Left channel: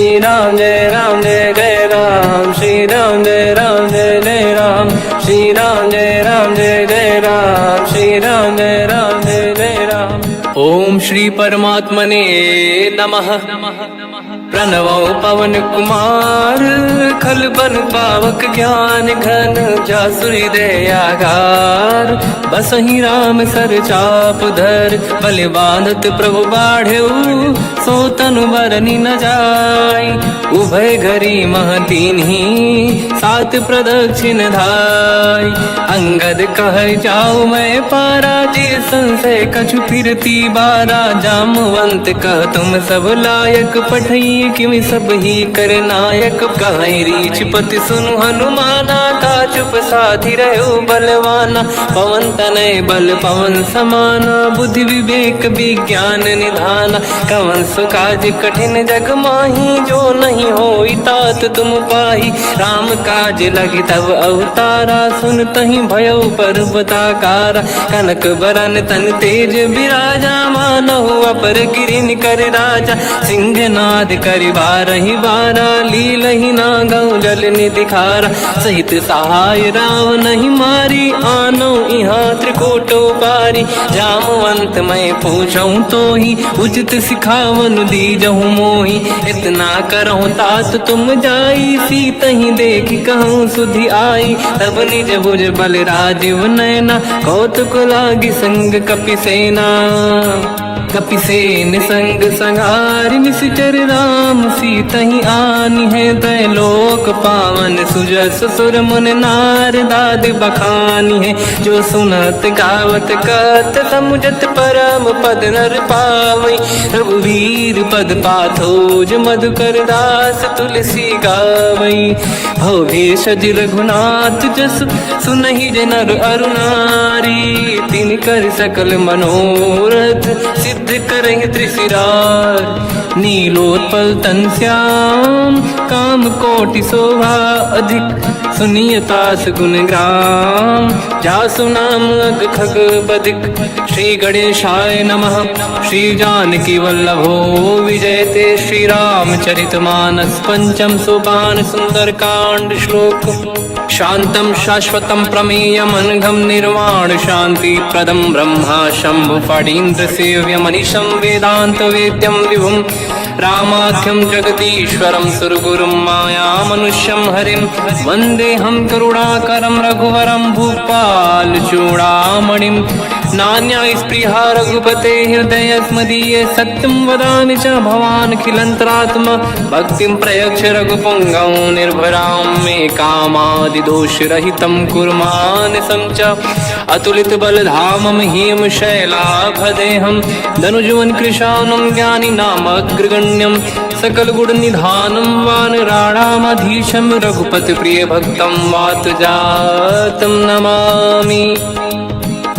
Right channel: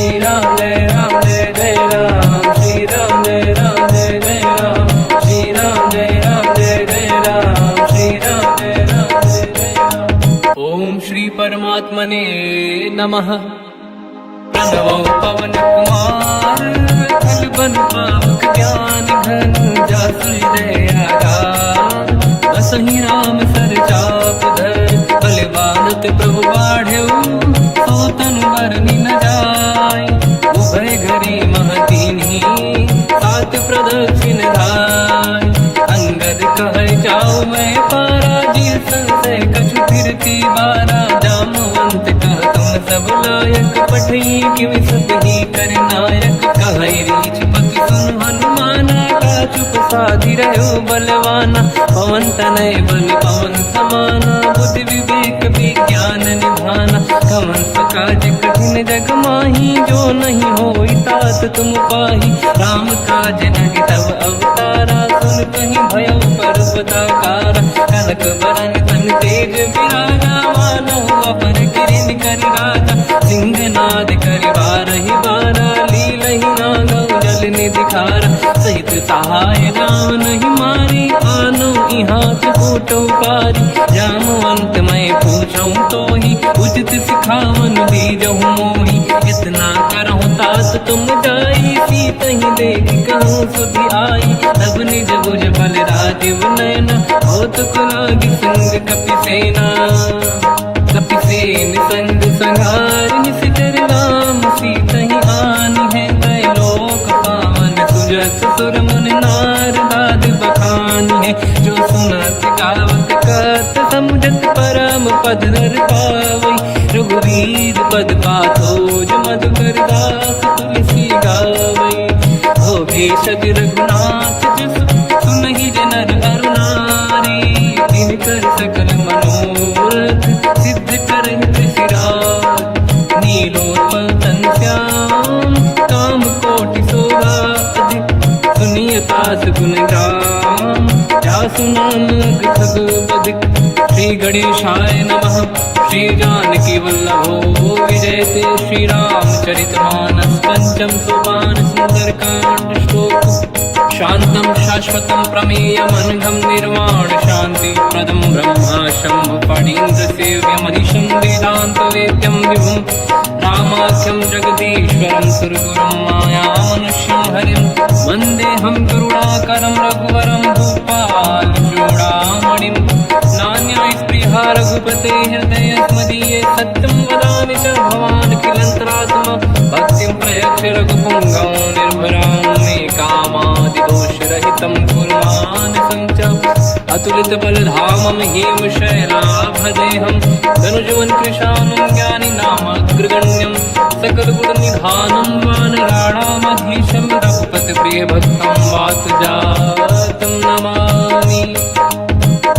श्री राम जय जय राम, श्री राम जय जय राम, श्री राम जय जय राम, श्री राम जय जय राम। ओम श्री परमात्मने नमः। प्रणवो पवन कुमार, खल बन पावक ज्ञान घन, जासुरी दयागार। बसहि राम सर चाप धर, बल बांधत प्रभु बाढ़ऊ, सो तनु बरनि न जाय। उभय घरी महतीन्ही, सात प्रदक्षिण धाय। अंगद कह जाओ मैं पारा, जी संशय कछु फिरती बारा। जामवंत कह तुम सब लायक, पठई किमि सब ही कर नायक। कहै रीछ पति सुनु हनुमाना, काचुप साधि रहो बलवाना। पवन तनय बल पवन समाना, बुद्धि विवेक विज्ञान निधाना। कवन सो काज कठिन जग माही, जो नहीं होई तात तुम पाही। राम काज लगे तब अवतारा, सुन तहि भयो पर्वताकारा। कनक बरन तन तेज विराजा, मानहु अपर किरिन कर राजा। सिंहनाद करि बारहि बारा, लीलहि नागौ जल निधि खारा। सहित सहाय राम नहीं मारी, आनो इहाँ त्रिकोटौ पारी। जामवंत मैं पूछऊँ तोहि, उचित सिखावन दीजहु मोहि। इतना करहु तात तुम जाई, सीतहि देखि कहूँ सुधि आई। तब निज भुज बल राजीव नयना, कौतुक लागी संग कपिसेना। कपिसेन संग संहार, निशिचर राम सीतहि आनी है। दैलोक पावन सुजस सुर मुन नार, दाद बखानी है। जो सुनत गावत कहत, समुझत परम पद नर पावै। रघुवीर पद पाथोज, मधुकर दास तुलसी गावै। भोगेशज रघुनाथ जस, सुनहि जनर अरु नारी। तिन कर सकल मनोरथ, सिद्ध करहि त्रिशिरार। नीलोत्पल तन श्याम, काम कोटि शोभा अधिक। सुनिय तास गुण ग्राम, जासु नाम अग खग बदिक। श्री गणेशाय नमः। श्री जानकी वल्लभो विजयते, श्री रामचरित मानस। पंचम सोपान सुंदर कांड श्लोक। शांतं शाश्वतं प्रमेयमनघं, निर्वाण शांति प्रदं ब्रह्मा शंभु। फणीन्द्र सेव्यमनिशं, वेदांत वेद्यं विभुं। रामाख्यं जगदीश्वरं, सुरगुरुं मायामनुष्यं हरिं। वन्देऽहं करुणाकरं रघुवरं, भूपाल चूडामणिं। नान्यास्पृहा रघुपते हृदयस्मदीये, सत्यं वदामि च भवानखिलन्तरात्मा। भक्तिं प्रयच्छ रघुपुङ्गं, निर्भरां मे कामादिदोषरहितं कुर्मानसं च। अतुलित बलधामं हेमशैलाभदेहं, धनुजवन कृशानं ज्ञानी नामग्रगण्यं। सकल गुण निधानं वानराणामधीशं, रघुपति प्रिय भक्तं वातजातं नमामि।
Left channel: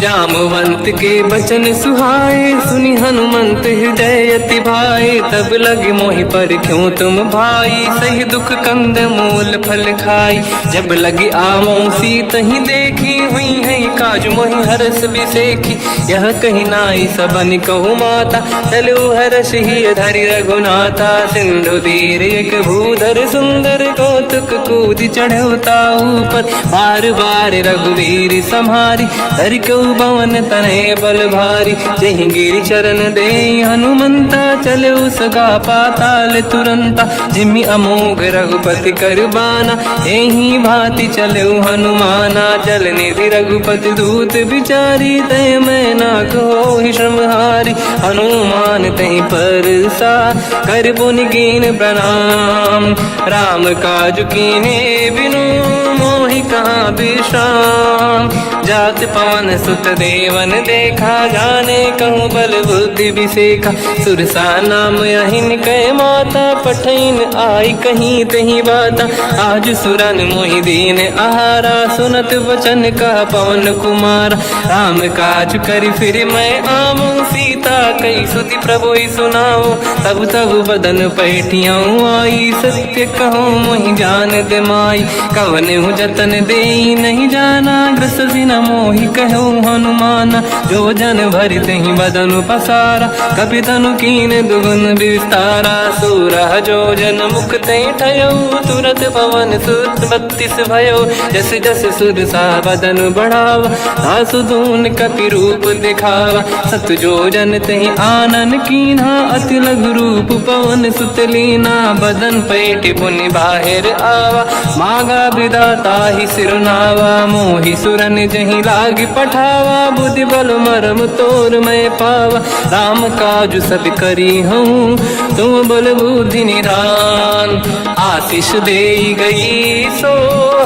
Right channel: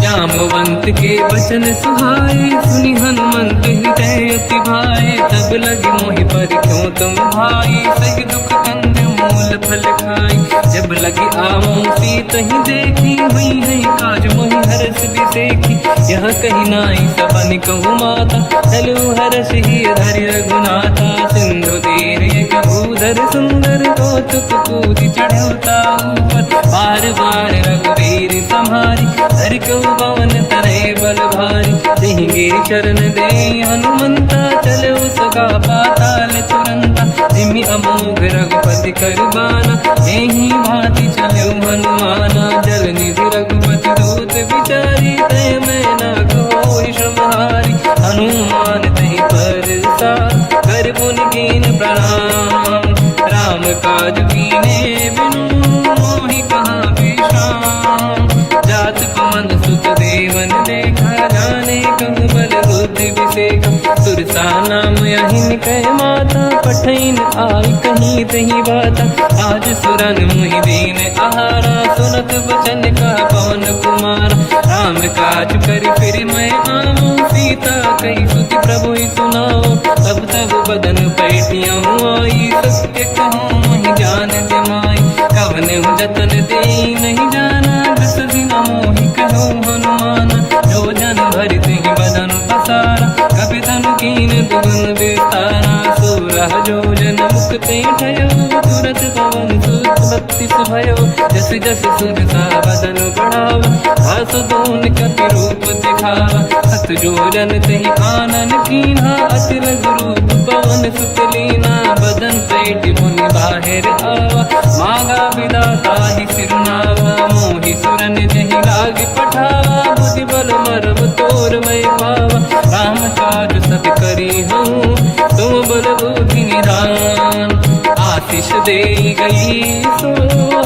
जामवंत के बचन सुहाए, सुनि हनुमंत हृदय अति भाए। तब लगे मोहि पर क्यों तुम भाई, सही दुख कंद मूल फल खाई। जब लगी आवों सीतहि देखी, हुई है काज मोहि हरस बिसेखी। यह कही नाई सबन कहु माता, चलु हरष ही धरि रघुनाथा। सिंधु तीर एक भूधर सुंदर, कौतुक कूदि चढ़ऊ ताऊ पर। बार बार रघुवीर सम्हारी, धरि कहु पवन तनय बल भारी। जहि गिरि चरण दे हनुमंता, चलो सगा पाताल तुरंता। जिमि अमोघ रघुपति कर बाना, एहि भांति चलो हनुमाना। जल निधि रघुपति दूत बिचारी, तय मैं ना कोहि श्रमहारी। हनुमान तहि परसा, कर पुनि कीन प्रणाम। राम काज कीन्हे बिनु, मोहि कहाँ विश्राम। जात पवन सुत देवन देखा, जाने कहूँ बल बुद्धि विसेखा। सुरसा नाम यहिन कै माता, पठैन आई कहीं तही बाता। आज सुरन मोहि दीन आहारा, सुनत वचन कह पवन कुमार। राम काज करि फिर मैं आवूं, सीता कई सुति प्रभु ही सुनाओ। तब तब बदन पैठियाँ आई, सत्य कहो मोहि जान दे माई। कवन हूँ जतन दे नहीं जाना, बिससी न मोहि कहो हनुमान। जो जन भरते ही बदन पसारा, कपि तनु कीन दुगुन विस्तारा। सूरह जो जन मुक्त भयो, तुरत पवन सुत 32 भयो। जस जस सुर सा बदन बढ़ावा, आसुदून कपि रूप दिखावा। सत जो जन तहि आनन कीन्हा, अति लघु रूप पवन सुत लीना। बदन पैठ पुनि बाहिर आवा, मागा विदाता ही सिरुनावा। मोहि सुरन जहि लाग पठावा, बुद्धि बल मरम तोर मैं पावा। राम काज सब करी हूँ, तुम बल बुद्धि निधान। आशीष दे गई सो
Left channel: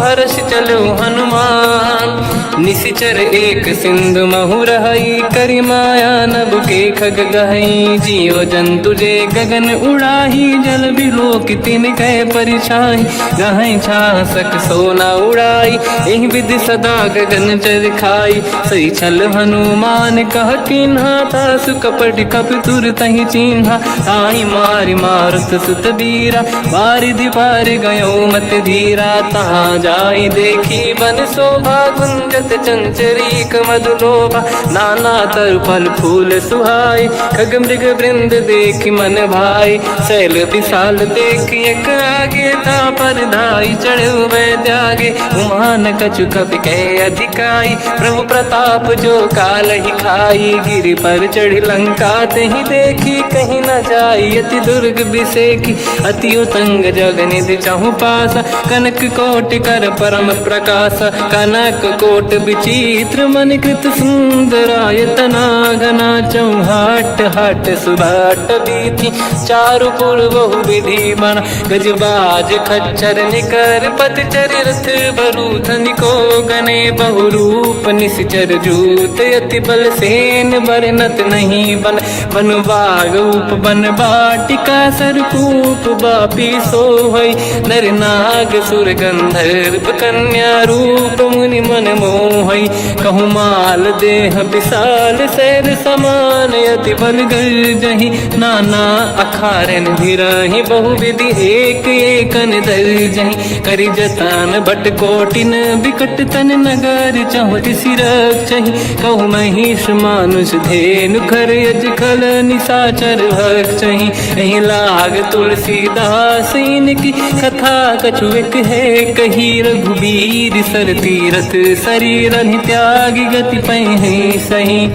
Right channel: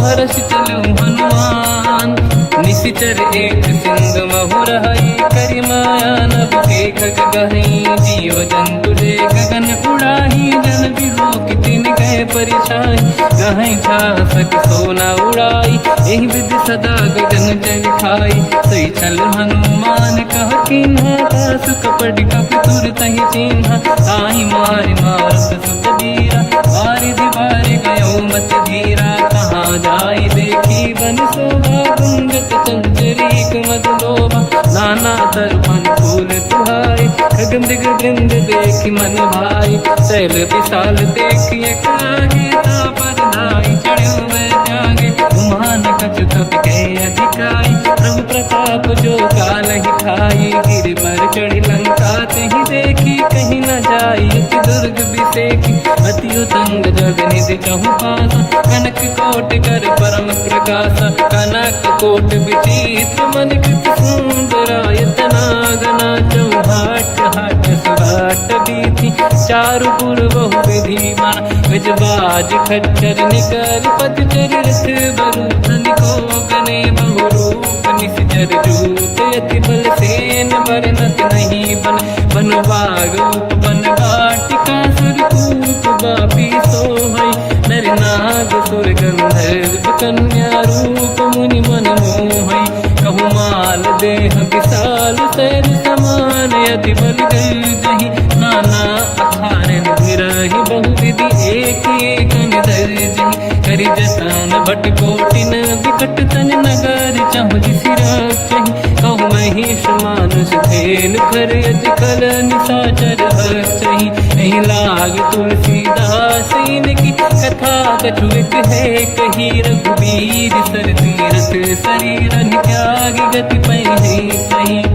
हर्ष चलो हनुमान। निशिचर एक सिंधु महु रहई, करि माया नभ के खग गहई। जीव जंतु जे गगन उड़ाही, जल बिलोक तिन कह परिछाई। गहई छासक सोना उड़ाई, एहि विधि सदा गगन चर खाई। सही छल हनुमान कह किन्हा, तासु कपट कप तुर तहि चिन्हा। आई मारि मारत सुत बीरा, बारिधि पार गयो मत धीरा। तहाँ जाई देखी बन शोभा, गुंजत चंचरीक मधुलोभा। नाना तरु फल फूल सुहाई, खग मृग वृंद देखि मन भाई। शैल विशाल देखि एक आगे, तापर धाई चढ़ु मैं त्यागे। उमान कछु कपि कह अधिकाई, प्रभु प्रताप जो काल ही खाई। गिरि पर चढ़ी लंका तहि देखी, कहीं न जाई अति दुर्ग बिसेकी। अति उतंग जग निधि चहु पासा, कनक कोट कर परम प्रकाश। कनक कोट विचित्र मन कृत सुंदरायतना। घना चौहाट हाट सुभाट बीथी, चारु पुर बहु विधि बना। गजबाज खच्चर निकर पतचर, रथ बरु धनिको गने बहु रूप। निशिचर जूत अति बल सेन, बरनत नहीं बन। बन बाग उप बन बाटिका, सरकूप बापी सोहई। नर नाग सुर गंधर्व कन्या, रूप मुनि मन मोहई। कहु माल देह विशाल, शैर समान अति बल गर्जहि। नाना अखारन भिरहि, बहु विधि एक एकन दर्जहि। करि जतन भट कोटिन, बिकट तन नगर चहु जिसि रक्षहि। कहु महिष मानुष धेनु, खर यज खल निशाचर भक्षहि। एहि लाग तुलसीदास इनकी, कथा कछु एक है कही। रघुबीर सर तीरथ शरीर त्यागी, गति पहि सही।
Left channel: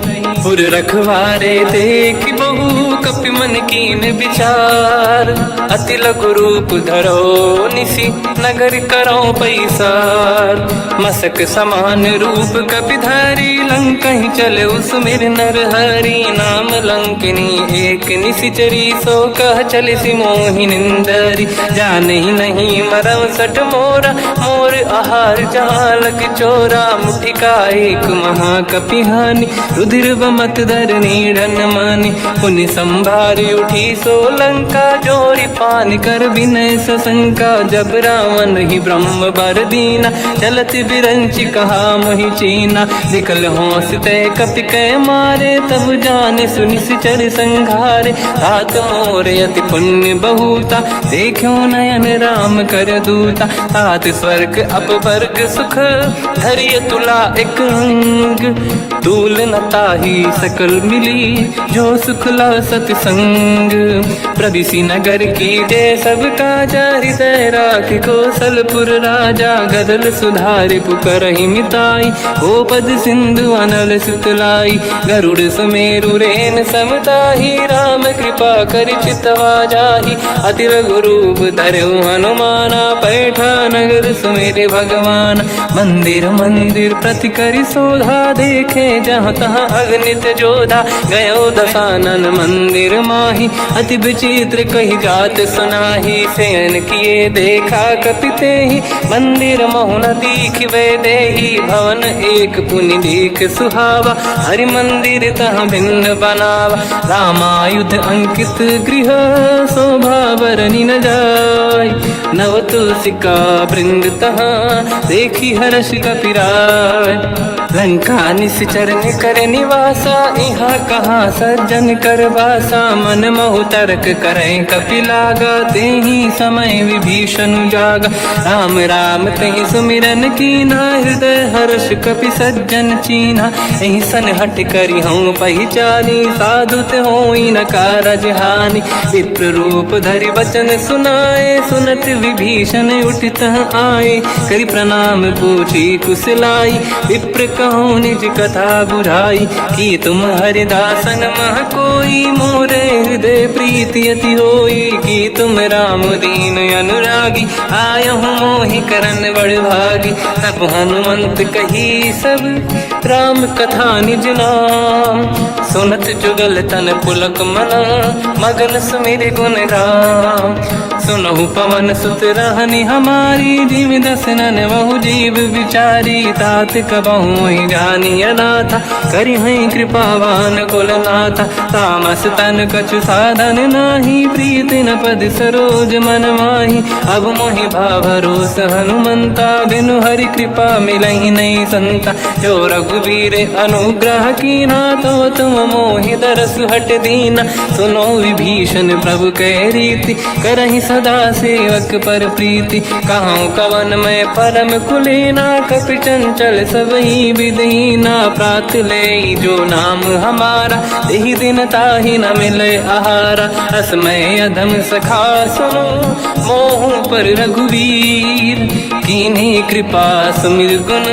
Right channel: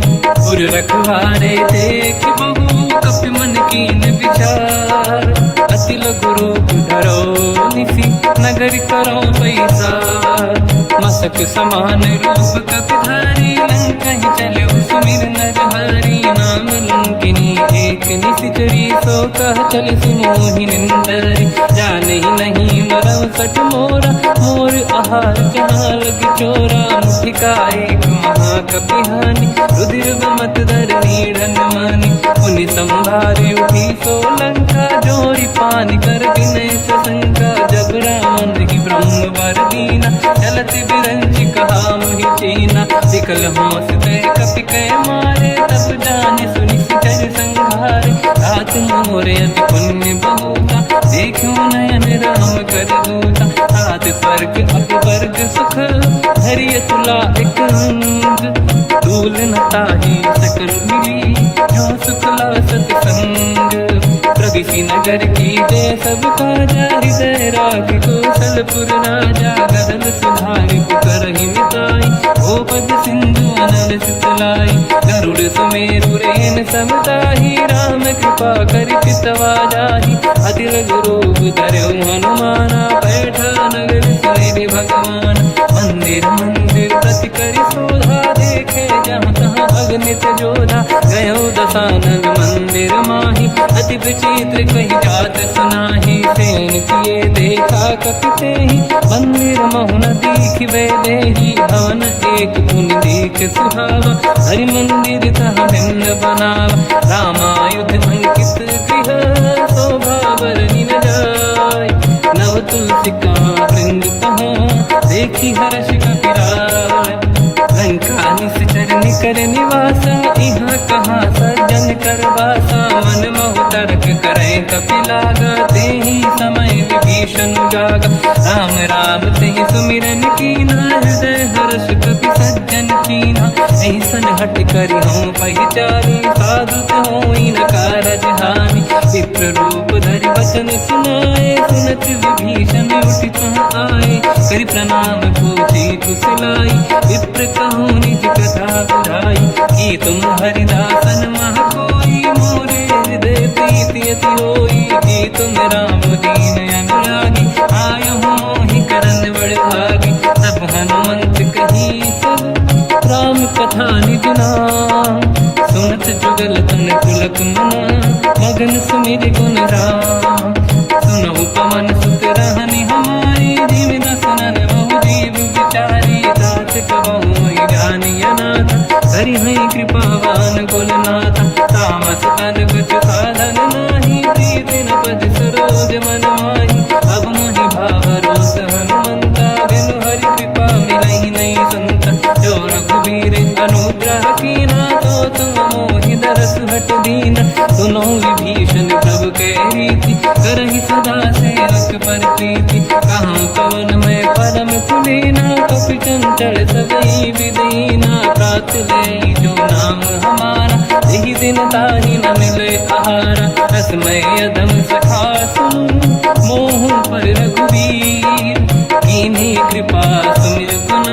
पुर रखवारे देखि बहु, कपि मन कीन विचार। अति लघु रूप धरो निसी, नगर करो पैसार। मसक समान रूप कपि धारी, लंका ही चले उसमें नर हरि। नाम लंकिनी एक निशिचरी, सो कह चले सि मोहि निंदरी। जान ही नहीं मरव सठ मोरा, मोर आहार जालक चोरा। मुठिका एक महाकपि हानि, रुधिर बमत धर नीढ़न मानि। पुनि संभारी उठी सो लंका, जोरी पान कर विनय सशंका। जब रावण ही ब्रह्म बर दीना, चलत बिरंचि कहा मोहि चीना। निकल होश तय कपि कै मारे, तब जानि सुनि सिचर संघारे। हाथ मोरे अति पुण्य बहुता, देखो नयन राम कर दूता। हाथ स्वर्ग अपवर्ग सुख, धरिय तुला एक अंग। तूल न ताहि सकल मिली, जो सुख ला सत संग। प्रदिशि नगर की जय सब काजा, हृदय राख कौशलपुर राजा। गदल सुधारि पुकरहि मिताई, ओ पद सिंधु अनल सुतलाई। गरुड़ सुमेरु रेन समताहि, राम कृपा करि चितवा जाहि। अति लघु रूप धरौ हनुमाना, पैठा नगर सुमेरे भगवान। मंदिर मंदिर प्रति करि शोधा, देखे जहाँ तहाँ अगणित जोधा। गयो दशानन मंदिर माहि, अति विचित्र कही जात सुनाहि। शयन किए देखा कपि तेहि, मंदिर महु न दीखिबे देहि। भवन एक पुनि दीख सुहावा, हरि मंदिर तहाँ भिन्न बनावा। रामायुध अंकित गृह, शोभा बरनि न जाय। नव तुलसिका वृंद तहाँ, देखी हर्ष कपि राय। लंका निश्चर कर निवासा, यहाँ कहाँ सज्जन कर वासा। मन महु तर्क करें कपिलागा, तेहि समय विभीषण जागा। राम राम तेहि सुमिरन कीना, हृदय हर्ष कपि सज्जन चीना। एहि सन हट करि हूँ पहिचानी, साधु होई न कारज हानि। विप्र रूप धरि वचन सुनाए, सुनत विभीषण उठित आए। करि प्रणाम पूछी कुशलाई, विप्र कहूँ निज कथा बुराई। कि तुम हरिदासन मह कोई, मोरे हृदय प्रीति अति होई। कि तुम राम दीन अनुरागी, आयहु मोहि करन बड़ भागी। तब हनुमंत कही सब राम कथा निज नाम, सुनत जुगल तन पुलक मना, मगन सुमिर गुण राम। सुनहु पवन सुत रहनि हमारी, जीव दसनन महु जीव विचारी। तात कबहु जानी अनाथा, करि हई कृपावान कुलनाथा। तामस तन कछु साधन नाही, प्रीति न पद सरोज मन माही। अब मोहि भावरोस हनुमंता, बिनु हरि कृपा मिलहि नहीं संता। जो रघुवीर अनुग्रह कीना, तो तुम मोहि दरस हट दीना। सुनो विभीषण प्रभु के रीति, करहि सदा सेवक पर प्रीति। कहूँ कवन मैं परम कुलीना, कपि चंचल सबहि विदहीना। प्रात ले जो नाम हमारा, तेहि दिन ताहि न मिले आहारा। रसमय अधम सखा सुनो, मोह पर रघुवीर। कीन्ही कृपा सुमिर गुण,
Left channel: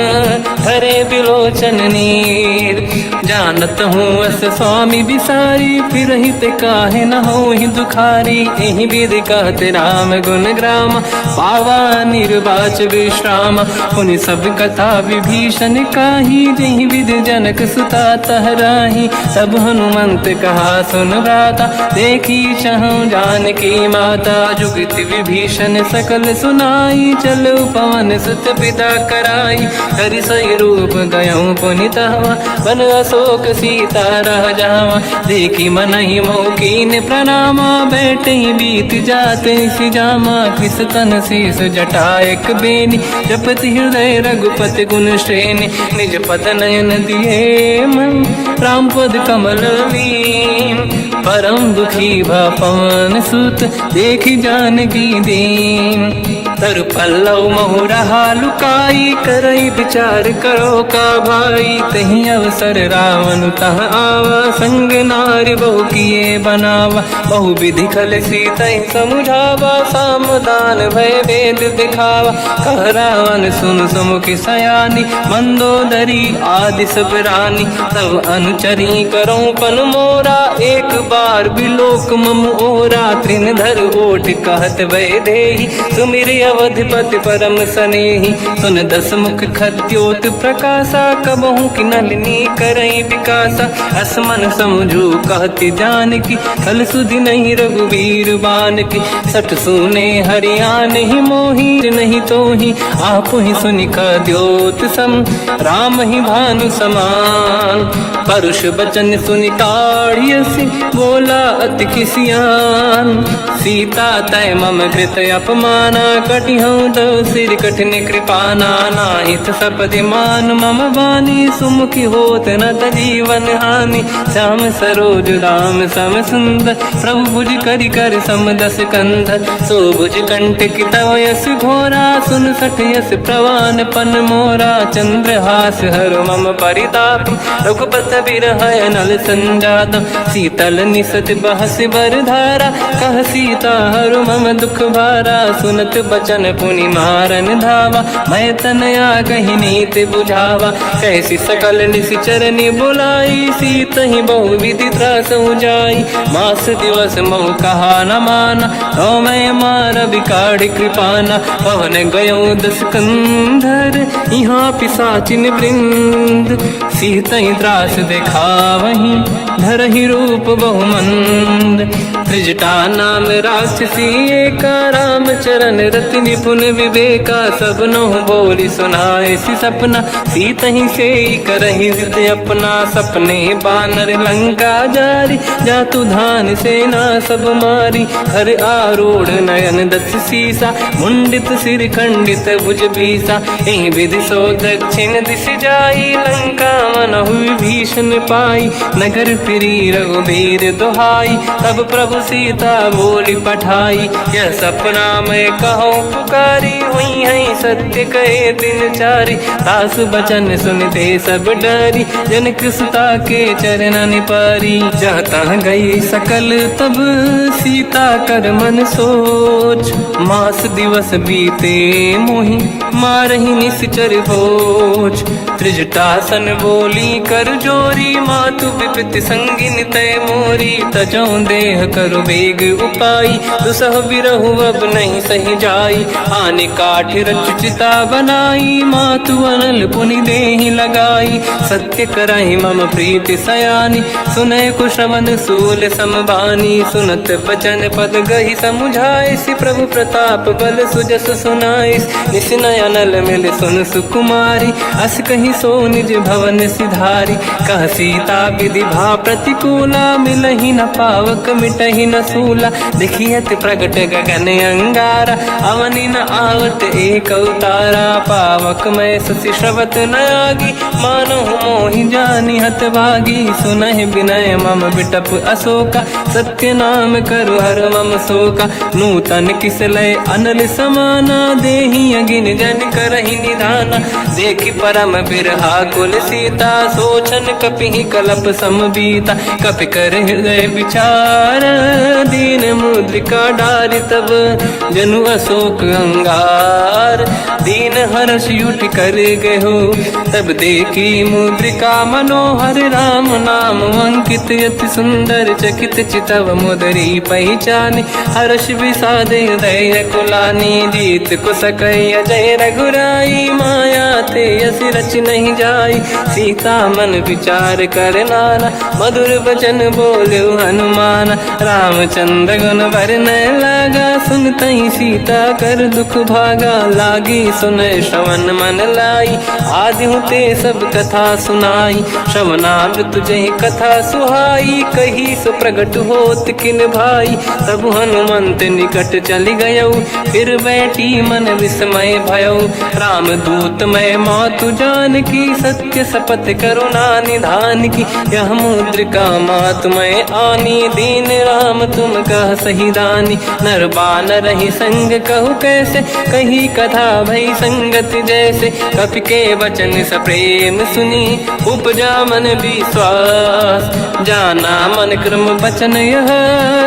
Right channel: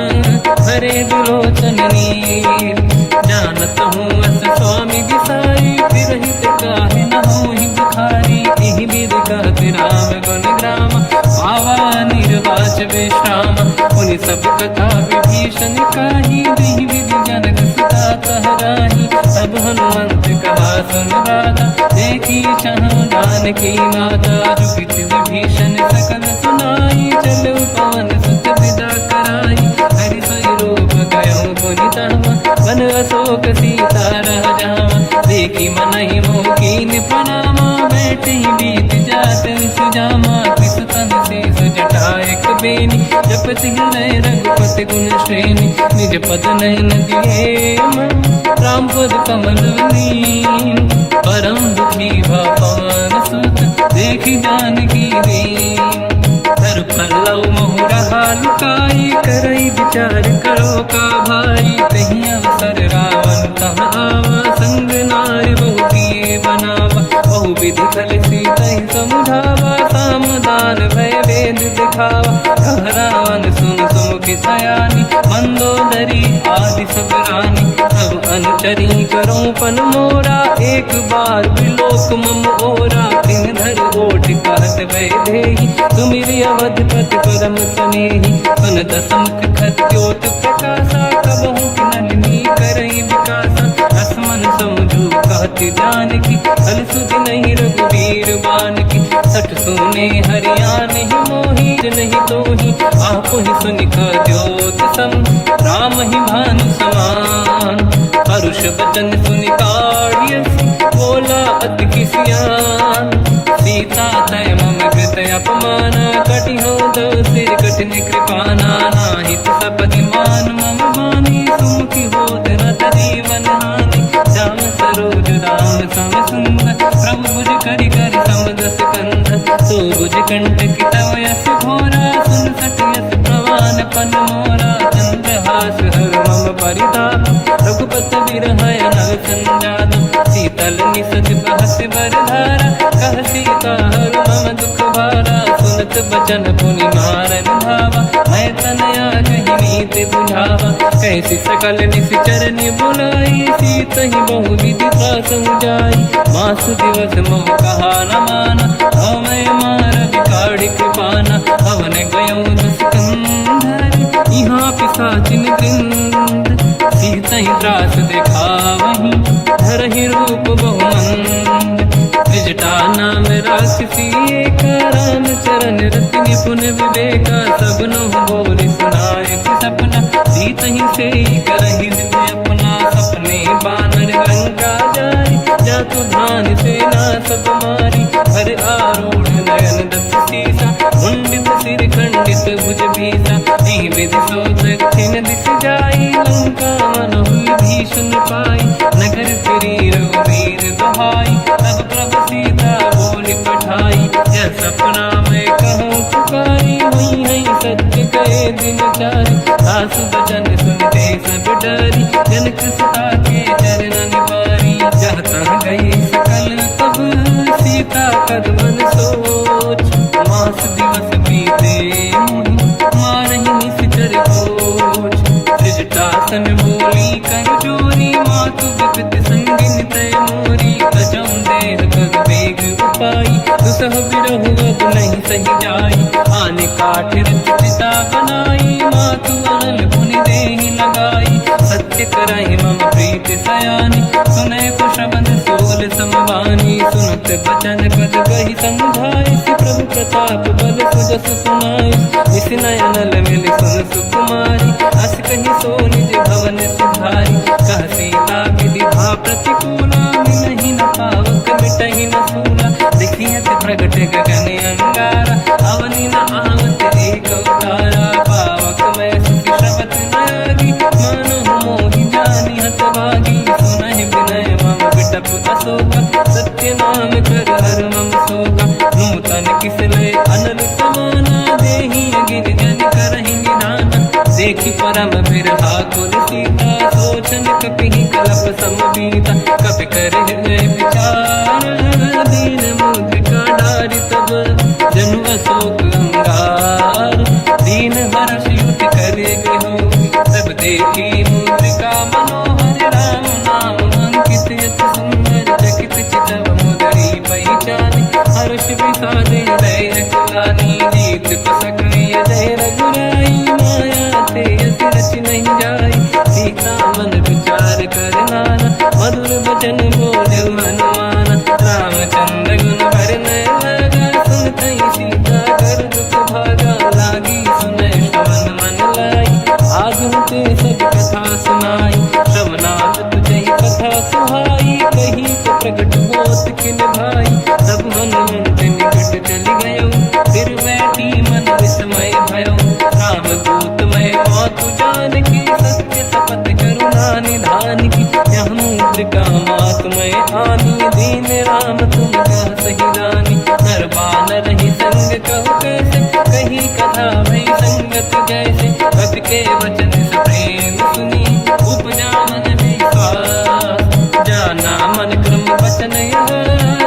हरे बिलोचन नीर। जानत हूँ अस स्वामी बिसाई, फिर हित काहे न हो ही दुखारी। एहि विधि कहते राम गुण ग्राम, पावा निर्वाच विश्राम। पुनि सब कथा विभीषण काही, जेहि विधि जनक सुता तहराही। तब हनुमंत कहा सुन राता, देखी चहु जानकी माता। जुगति विभीषण सकल सुनाई, चलो पवन सुत पिता कराई। हरि सही रूप गयो पुनि तहवा, बन अशोक सीता रह जावा। देखी मनहि मोह कीन प्रणामा, बैठे बीत जाते सिजामा। किस तन शीस जटा एक बेनी, जपति हृदय रघुपति गुण श्रेणी। निज पद नयन दिए मन, राम पद कमल लीन। परम दुखी भा पवन सुत, देखी जानकी दीन। तर पल्लव महु रहा लुकाई, करई विचार करो का भाई। तहि अवसर रावण तह आवा, संग नारी बहु किए बनावा। बहु विधि खल सीतहि समुझावा, सामदान भय वेद दिखावा। कह रावण सुन सुमुख सयानी, मंदोदरी आदि सब रानी। सब अनुचरी करो पन मोरा, एक बार बिलोक मम ओरा। तृण धर ओठ कहत भय देहि, सुमिर अवधपति परम सनेहि। सुन दस मुख खद्योत प्रकाशा, कबहु कि नलिनी करई विकासा। असमन समझू कहति जानकी, खल सुधि नहीं रघुवीर बानकी। सठ सुने हरियाण ही मोहि, नहीं तोहि आपु ही सुनि खद्योत सम। राम ही भानु समान, परुष बचन सुनि ताड़ियसि, बोला अति किसियान। सीता तय मम कृत अपमाना, कटिहउँ दो सिर कठिन कृपाना। नाहित सपदि मान मम बानी, सुमुखी होत न जीवन हानि। श्याम सरोज राम सम सुंदर, प्रभु भुज करि कर समदस कंध। सो भुज कंठ की तव यस घोरा, सुन सठ यस प्रवान पन मोरा। चंद्रहास हर मम परिताप, रघुपत बिरह नल संजात। शीतल निसत बहस बरधारा, कह सीता हर मम दुख भारा। सुनत बचन पुनि मारन धावा, मैं तनया कही नीति बुझावा। कैसी सकल निशिचरनि बुलाई, सीतहि बहु विधि त्रास जाई। मास दिवस महु कहा न माना, तो मैं मार बिकाढ़ कृपाना। पवन गयो दस कंधर, यहाँ पिशाचिन वृंद। सीतहि त्रास दिखावहीं, धरहि रूप बहुमंद। त्रिजटा नाम राक्षसी एका, राम चरण रति निपुण विवेका, सब नहुँ बोली सुनाए सि सपना, सीत ही से करहि जिद अपना, सपने बानर लंका जारी, जातु धान सेना सब मारी, हर आरूढ़ नयन दस सीसा, मुंडित सिर खंडित भुज बीसा, एहि विधि सो दक्षिण दिश जाई, लंका मनहु विभीषण पाई, नगर फिरी रघुबीर दुहाई, तब प्रभु सीता बोली पठाई, यह सपना मैं कहूँ पुकारी, हुई है सत्य कहे दिन चारी, सास बचन सुनते सब डरी, जनक सुता के चरण पारी, जाता गई सकल तब सीता कर मन सोच, मास दिवस बीते मोहि मारहि निश्चर होच, त्रिजटासन बोली कर जोरी, मातु विपति संगिन तय मोरी, तजौ देह कर वेग उपाई, दुसह बिरहु अब नहीं सही जाई, आने काठ रच चिता बनाई, मातु अनल पुनि देहि लगाई, सत्य करहि मम प्रीति सयानी, सुनय कुशवन सूल समबानी, सुनत बचन पद गहि समुझाए, सि प्रभु प्रताप बल सुजस सुनाइस, निस नयनल मिल सुन सुकुमारी, अस कहि सो निज भवन सिधारी, कह सीता विधि भा प्रतिकूला, मिलहि न पावक मिटहि न सूला, देखियत प्रगट गगन अंगारा, अवनि न आवत एक अवतारा, पावक मैं ससि श्रवत न आगी, मानो मोहि जानि हत भागी, सुनहि विनय मम बिटप अशोका, सत्य नाम कर हर मम शोका, नूतन किस लय अनल समाना, देहि अगिन जन करहि निधाना, देखि परम बिरहा कुल सीता, सोचन कपिहि कलप समबीता, कपि कर हृदय विचार, दीन मुद्रिका डारि तब जनु अशोक अंगार, दीन हर्ष युट कर गयो, तब देखी मुद्रिका मनोहर, राम नाम अंकित अति सुंदर, चकित चितव मुदरी पहचानी, हर्ष विषाद हृदय कुलानी, जीत कुश कहि जय रघुराई, माया ते यस रच नहीं जाई, सीता मन विचार कर नाना, मधुर बचन बोले हनुमान, रामचंद्र गुण वरनय लगा, सुनतहि सीता कर दुख भागा, लागी सुनय श्रवण मन लाई, आज होते सब कथा सुनाई, श्रवणाग तुझे कथा सुहाई, कही से प्रगट होत किन भाई, तब हनुमंत निकट चली गयो, फिर बैठी मन विस्मय भयो, राम दूत मैं मातु जान की, सत्य शपथ करुणा निधान की, यह मुद्रिका मातु मैं आनी, दीन राम तुम कह सही दानी, नर बानर ही संग कहु कैसे, कही कथा भई संगत जैसे, कपि के वचन सप्रेम सुनी, उपजा मन विश्वास, जाना मन क्रम वचन यह,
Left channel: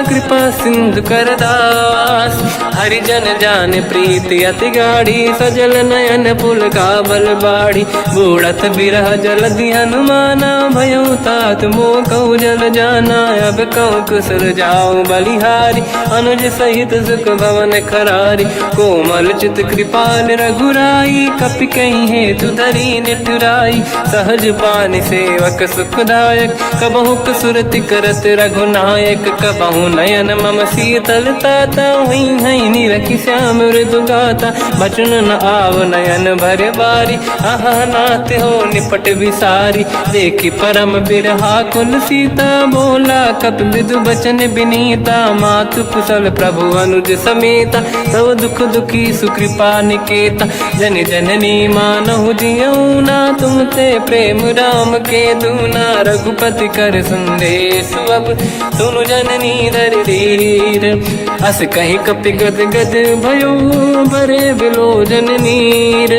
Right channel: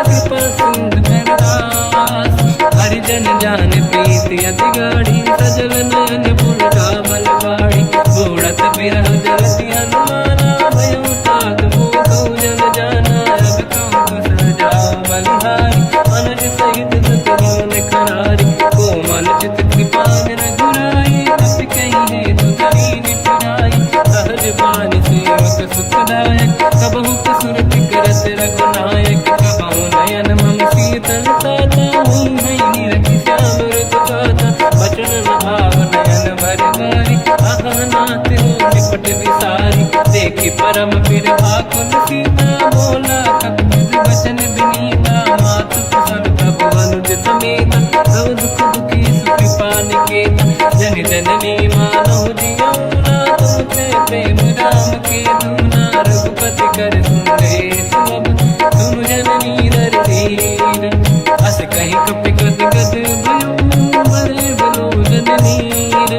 कृपा सिंधु कर दास, हरिजन जान प्रीति अति गाढ़ी, सजल नयन पुल का बल बाढ़ी, बूढ़त बिरह जलधि हनुमाना, भयो तात मोह कहु जल जाना, अब कहु कुशल जाओ बलिहारी, अनुज सहित सुख भवन खरारी, कोमल चित कृपाल रघुराई, कपि कहीं हेतु धरी निठुराई, सहज पानि सेवक सुखदायक, कबहु कसुरति करत रघुनायक, कबहु नयन मम शीतल ताता, हुई है निरखि श्याम मृदु गाता, बचन न आव नयन भर बारी, आहा नाथ हो निपट विसारी, देखि परम बिरहा कुल सीता, बोला कप मृदु बचन विनीता, मातु कुशल प्रभु अनुज समेता, सब दुख दुखी सुकृपा निकेता, जन जननी मानहु जियौना, तुम ते प्रेम राम के दूना, रघुपति कर संदेश अब सुनु जननी दर धीर, अस कहि कपि गद गद भयो, बरे बिलोचन नीर,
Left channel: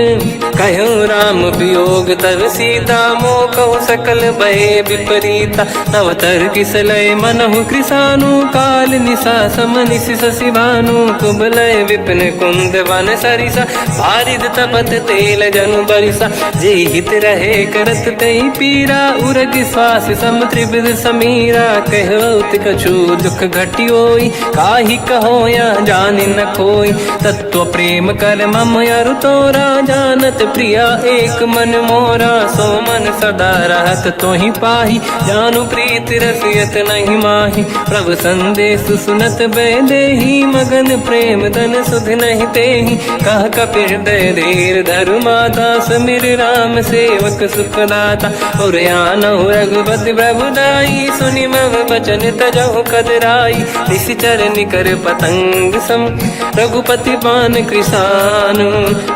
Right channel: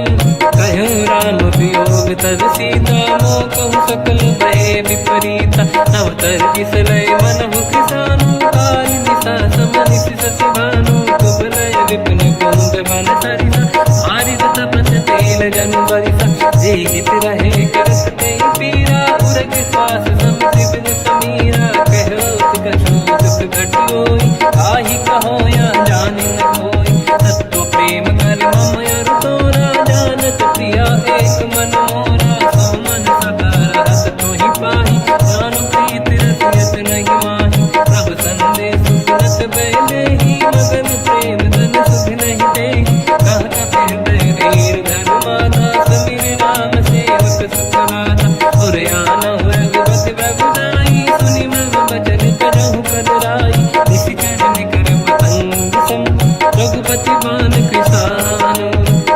कहो राम वियोग तब सीता, मोह कहु सकल भय विपरीता, तव तर किस लय मनहु कृसानु, काल निशा समनिस शशि भानु, कुबलय विपिन कुंद वन सरिसा, बारिद तपत तेल जनु बरिसा, जे हित रहे करत ते पीरा, उरग श्वास सम त्रिविध समीरा, कहत कछु दुख घटियोई, काहि कह हो या जानी न खोई। तत्व प्रेम कर मम अरु तोरा, जानत प्रिया एक मन मोरा। सो मन सदा रहत तो ही पाही, जानु प्रीत रसियत नहीं माही। प्रभु संदेश सुनत बेदेही, मगन प्रेम धन सुध नहीं तेही। कह कपि हृदय धीर धरु माता, समिर राम सेवक सुखदाता। और आनहु रघुपति प्रभु दाई, सुनि मम बचन तजहु कदराई। निशिचर निकर पतंग सम, रघुपति बान कृसानु।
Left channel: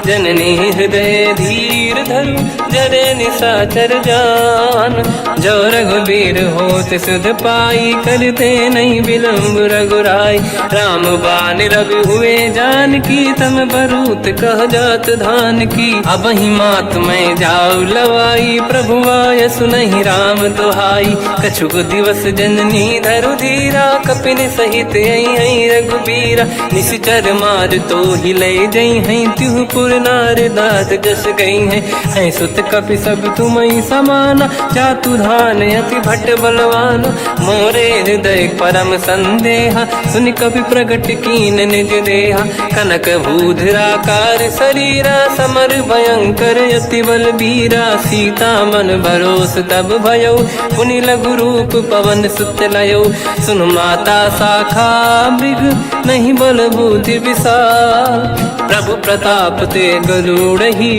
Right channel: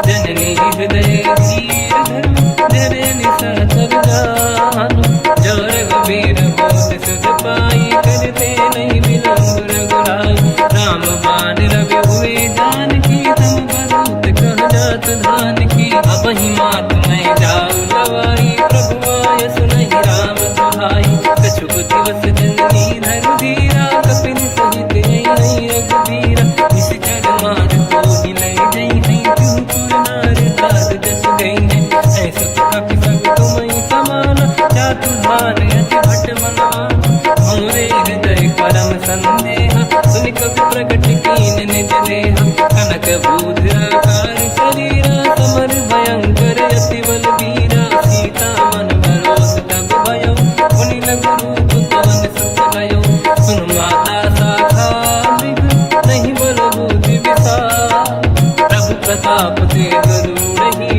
जननी हृदय धीर धरु, जरे निशाचर जान। जो रघुबीर होत सुध पाई, करते नहीं विलम्ब रघुराई। राम बान रघु हुए जानकी, तम बरूत कह जात धान की। अब ही मात मैं जाऊ लवाई, प्रभु आय सुनहि राम दोहाई। कछुक दिवस जननी धरु धीरा, कपिन सहित आई रघुबीरा। निशिचर मार तो ही ले जई हैं, तिहु पुर नार दात जस गई हैं। सुत कपि सब तुमहि समाना, चातु धान अति भट बलवाना। मोरे हृदय परम संदेहा, सुनि कपि प्रगट कीन निज देहा। कनक भूधराकार शरीरा, समर भयंकर अति बलबीरा। सीता मन भरोस तब भयो, पुनि लघु रूप पवन सुत लयो। सुन माता शाखा मृग, नहीं बल बुद्धि विशाल। प्रभु प्रताप ते गरुड़हि,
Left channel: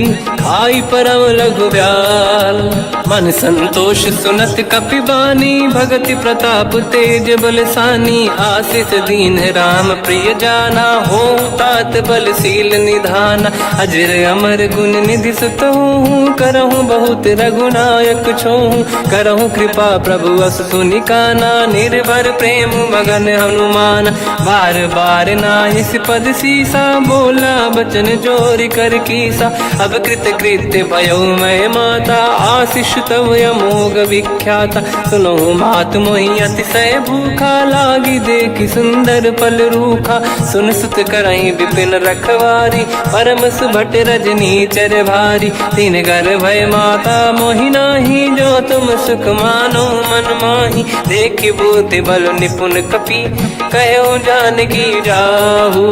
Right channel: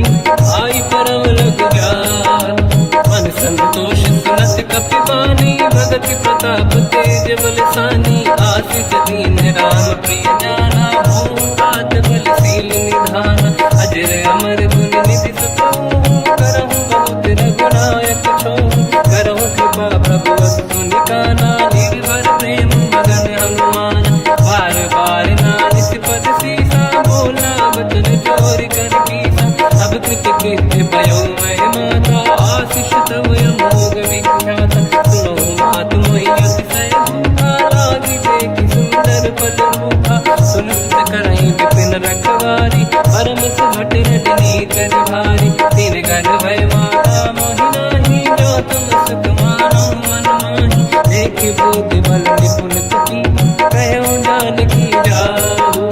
आई परम लघुब्याल। मन संतोष सुनत कपि बानी, भगति प्रताप तेज बलसानी। आशीष दीन राम प्रिय जाना, हो तात बलशील निधाना। अजर अमर गुण निधि सुतहु, करहु बहुत रघुनायक छोहु। करहु कृपा प्रभु अस सुनि काना, निर्भर प्रेम मगन हनुमान। बार बार नाहिस पद सीसा, बोला बचन जोरि कर कीसा। अब कृत कृत्य भयो मैं माता, आशीष तव अमोघ विख्याता। सुनो मात मोहि अतिशय भूखा, लागी देखि सुंदर फल रूखा। सुन सुत करहि विपिन रखवारी, परम सुभट रजनी चर भारी। तीन घर भय माता मोहि नाही, जो तुम सुख मानो मन माही। देखि बुद्धि बल निपुण कपि, कहो जानकी जाहू।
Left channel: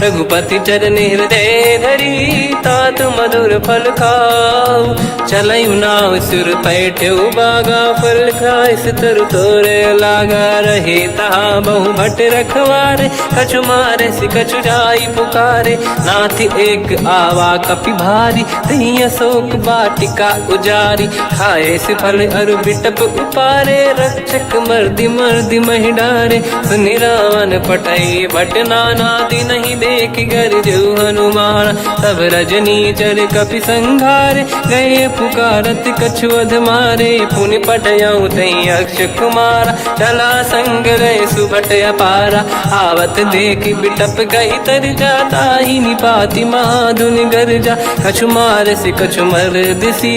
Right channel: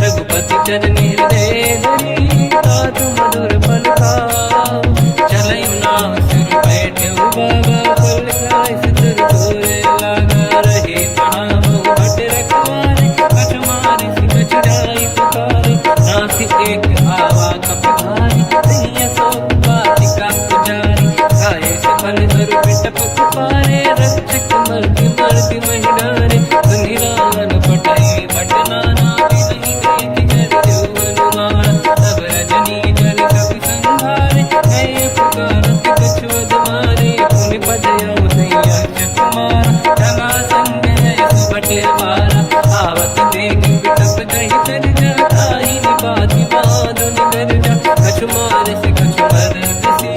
रघुपति चरण हृदय धरी, तात मधुर फल खाऊ। चलयु नाव सुर पैठ्यउ बागा, फल खाय सितर तोरे लागा। रहे तहाँ बहु भट रखवारे, कछु मारे सि कछु जाई पुकारे। नाथ एक आवा कपि भारी, तहीं अशोक वाटिका उजारी। खाए से फल अरु बिटप उपारे, रक्षक मर्दि मर्दि महि डारे। सुनि रावण पटई भट नाना, नहीं देख कर जो हनुमान। तब रजनी चर कपि संघारे, गए पुकारत कछु अध मारे। पुनि पटयउ तहीं अक्ष कुमारा, चला संग रहे सुभट अपारा। आवत देखि बिटप गई तर जाता, ही निपाति माधुनि गरजा। कछु मार से कछु मर दिसी,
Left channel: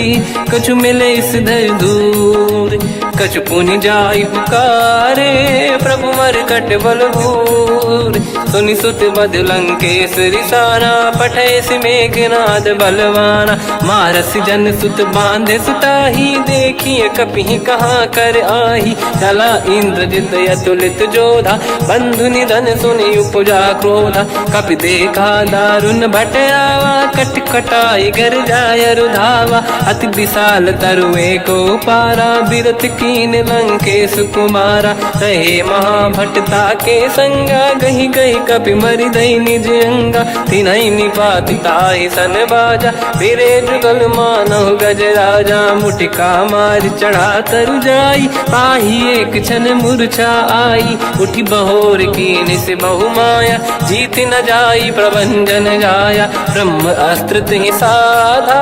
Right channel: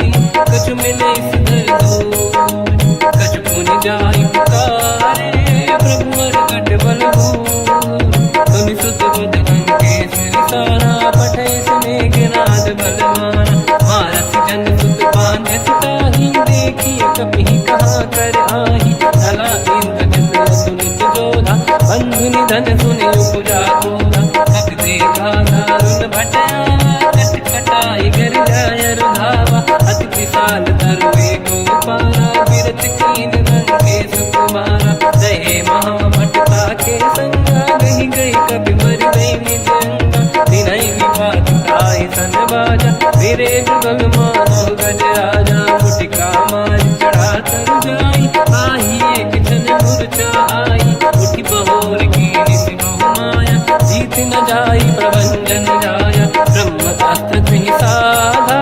कछु मिले सिधर दूर। कछु पुनि जाई पुकारे, प्रभु मरकट बल भूर। सुनि सुत बद लंकेश रिसाना, पठय सि मेघनाद बलवाना। मारस जन सुत बांधे सुताही, देखिए कपि कहाँ कर आही। चला इंद्रजित अतुलित जोधा, बंधु निधन सुनि उपजा क्रोधा। कपि देखा दारुण भट आवा, कट कटाई गर जाय रुधावा। अति विशाल तरुए को पारा, बिरत कीन लंकेश कुमारा। रहे महाभटता के संगा, गही गई कपि मरि दई निज अंगा। तिन्हि निपाति ताहि सन बाजा, फिरे जुगल मानव गज राजा। मुटिका मार चढ़ा तर जाई, पाही एक क्षण मूर्छा आई। उठी बहोर कीन से बहु माया, जीत न जाई प्रभंजन जाया। ब्रह्म अस्त्र तिहि साधा,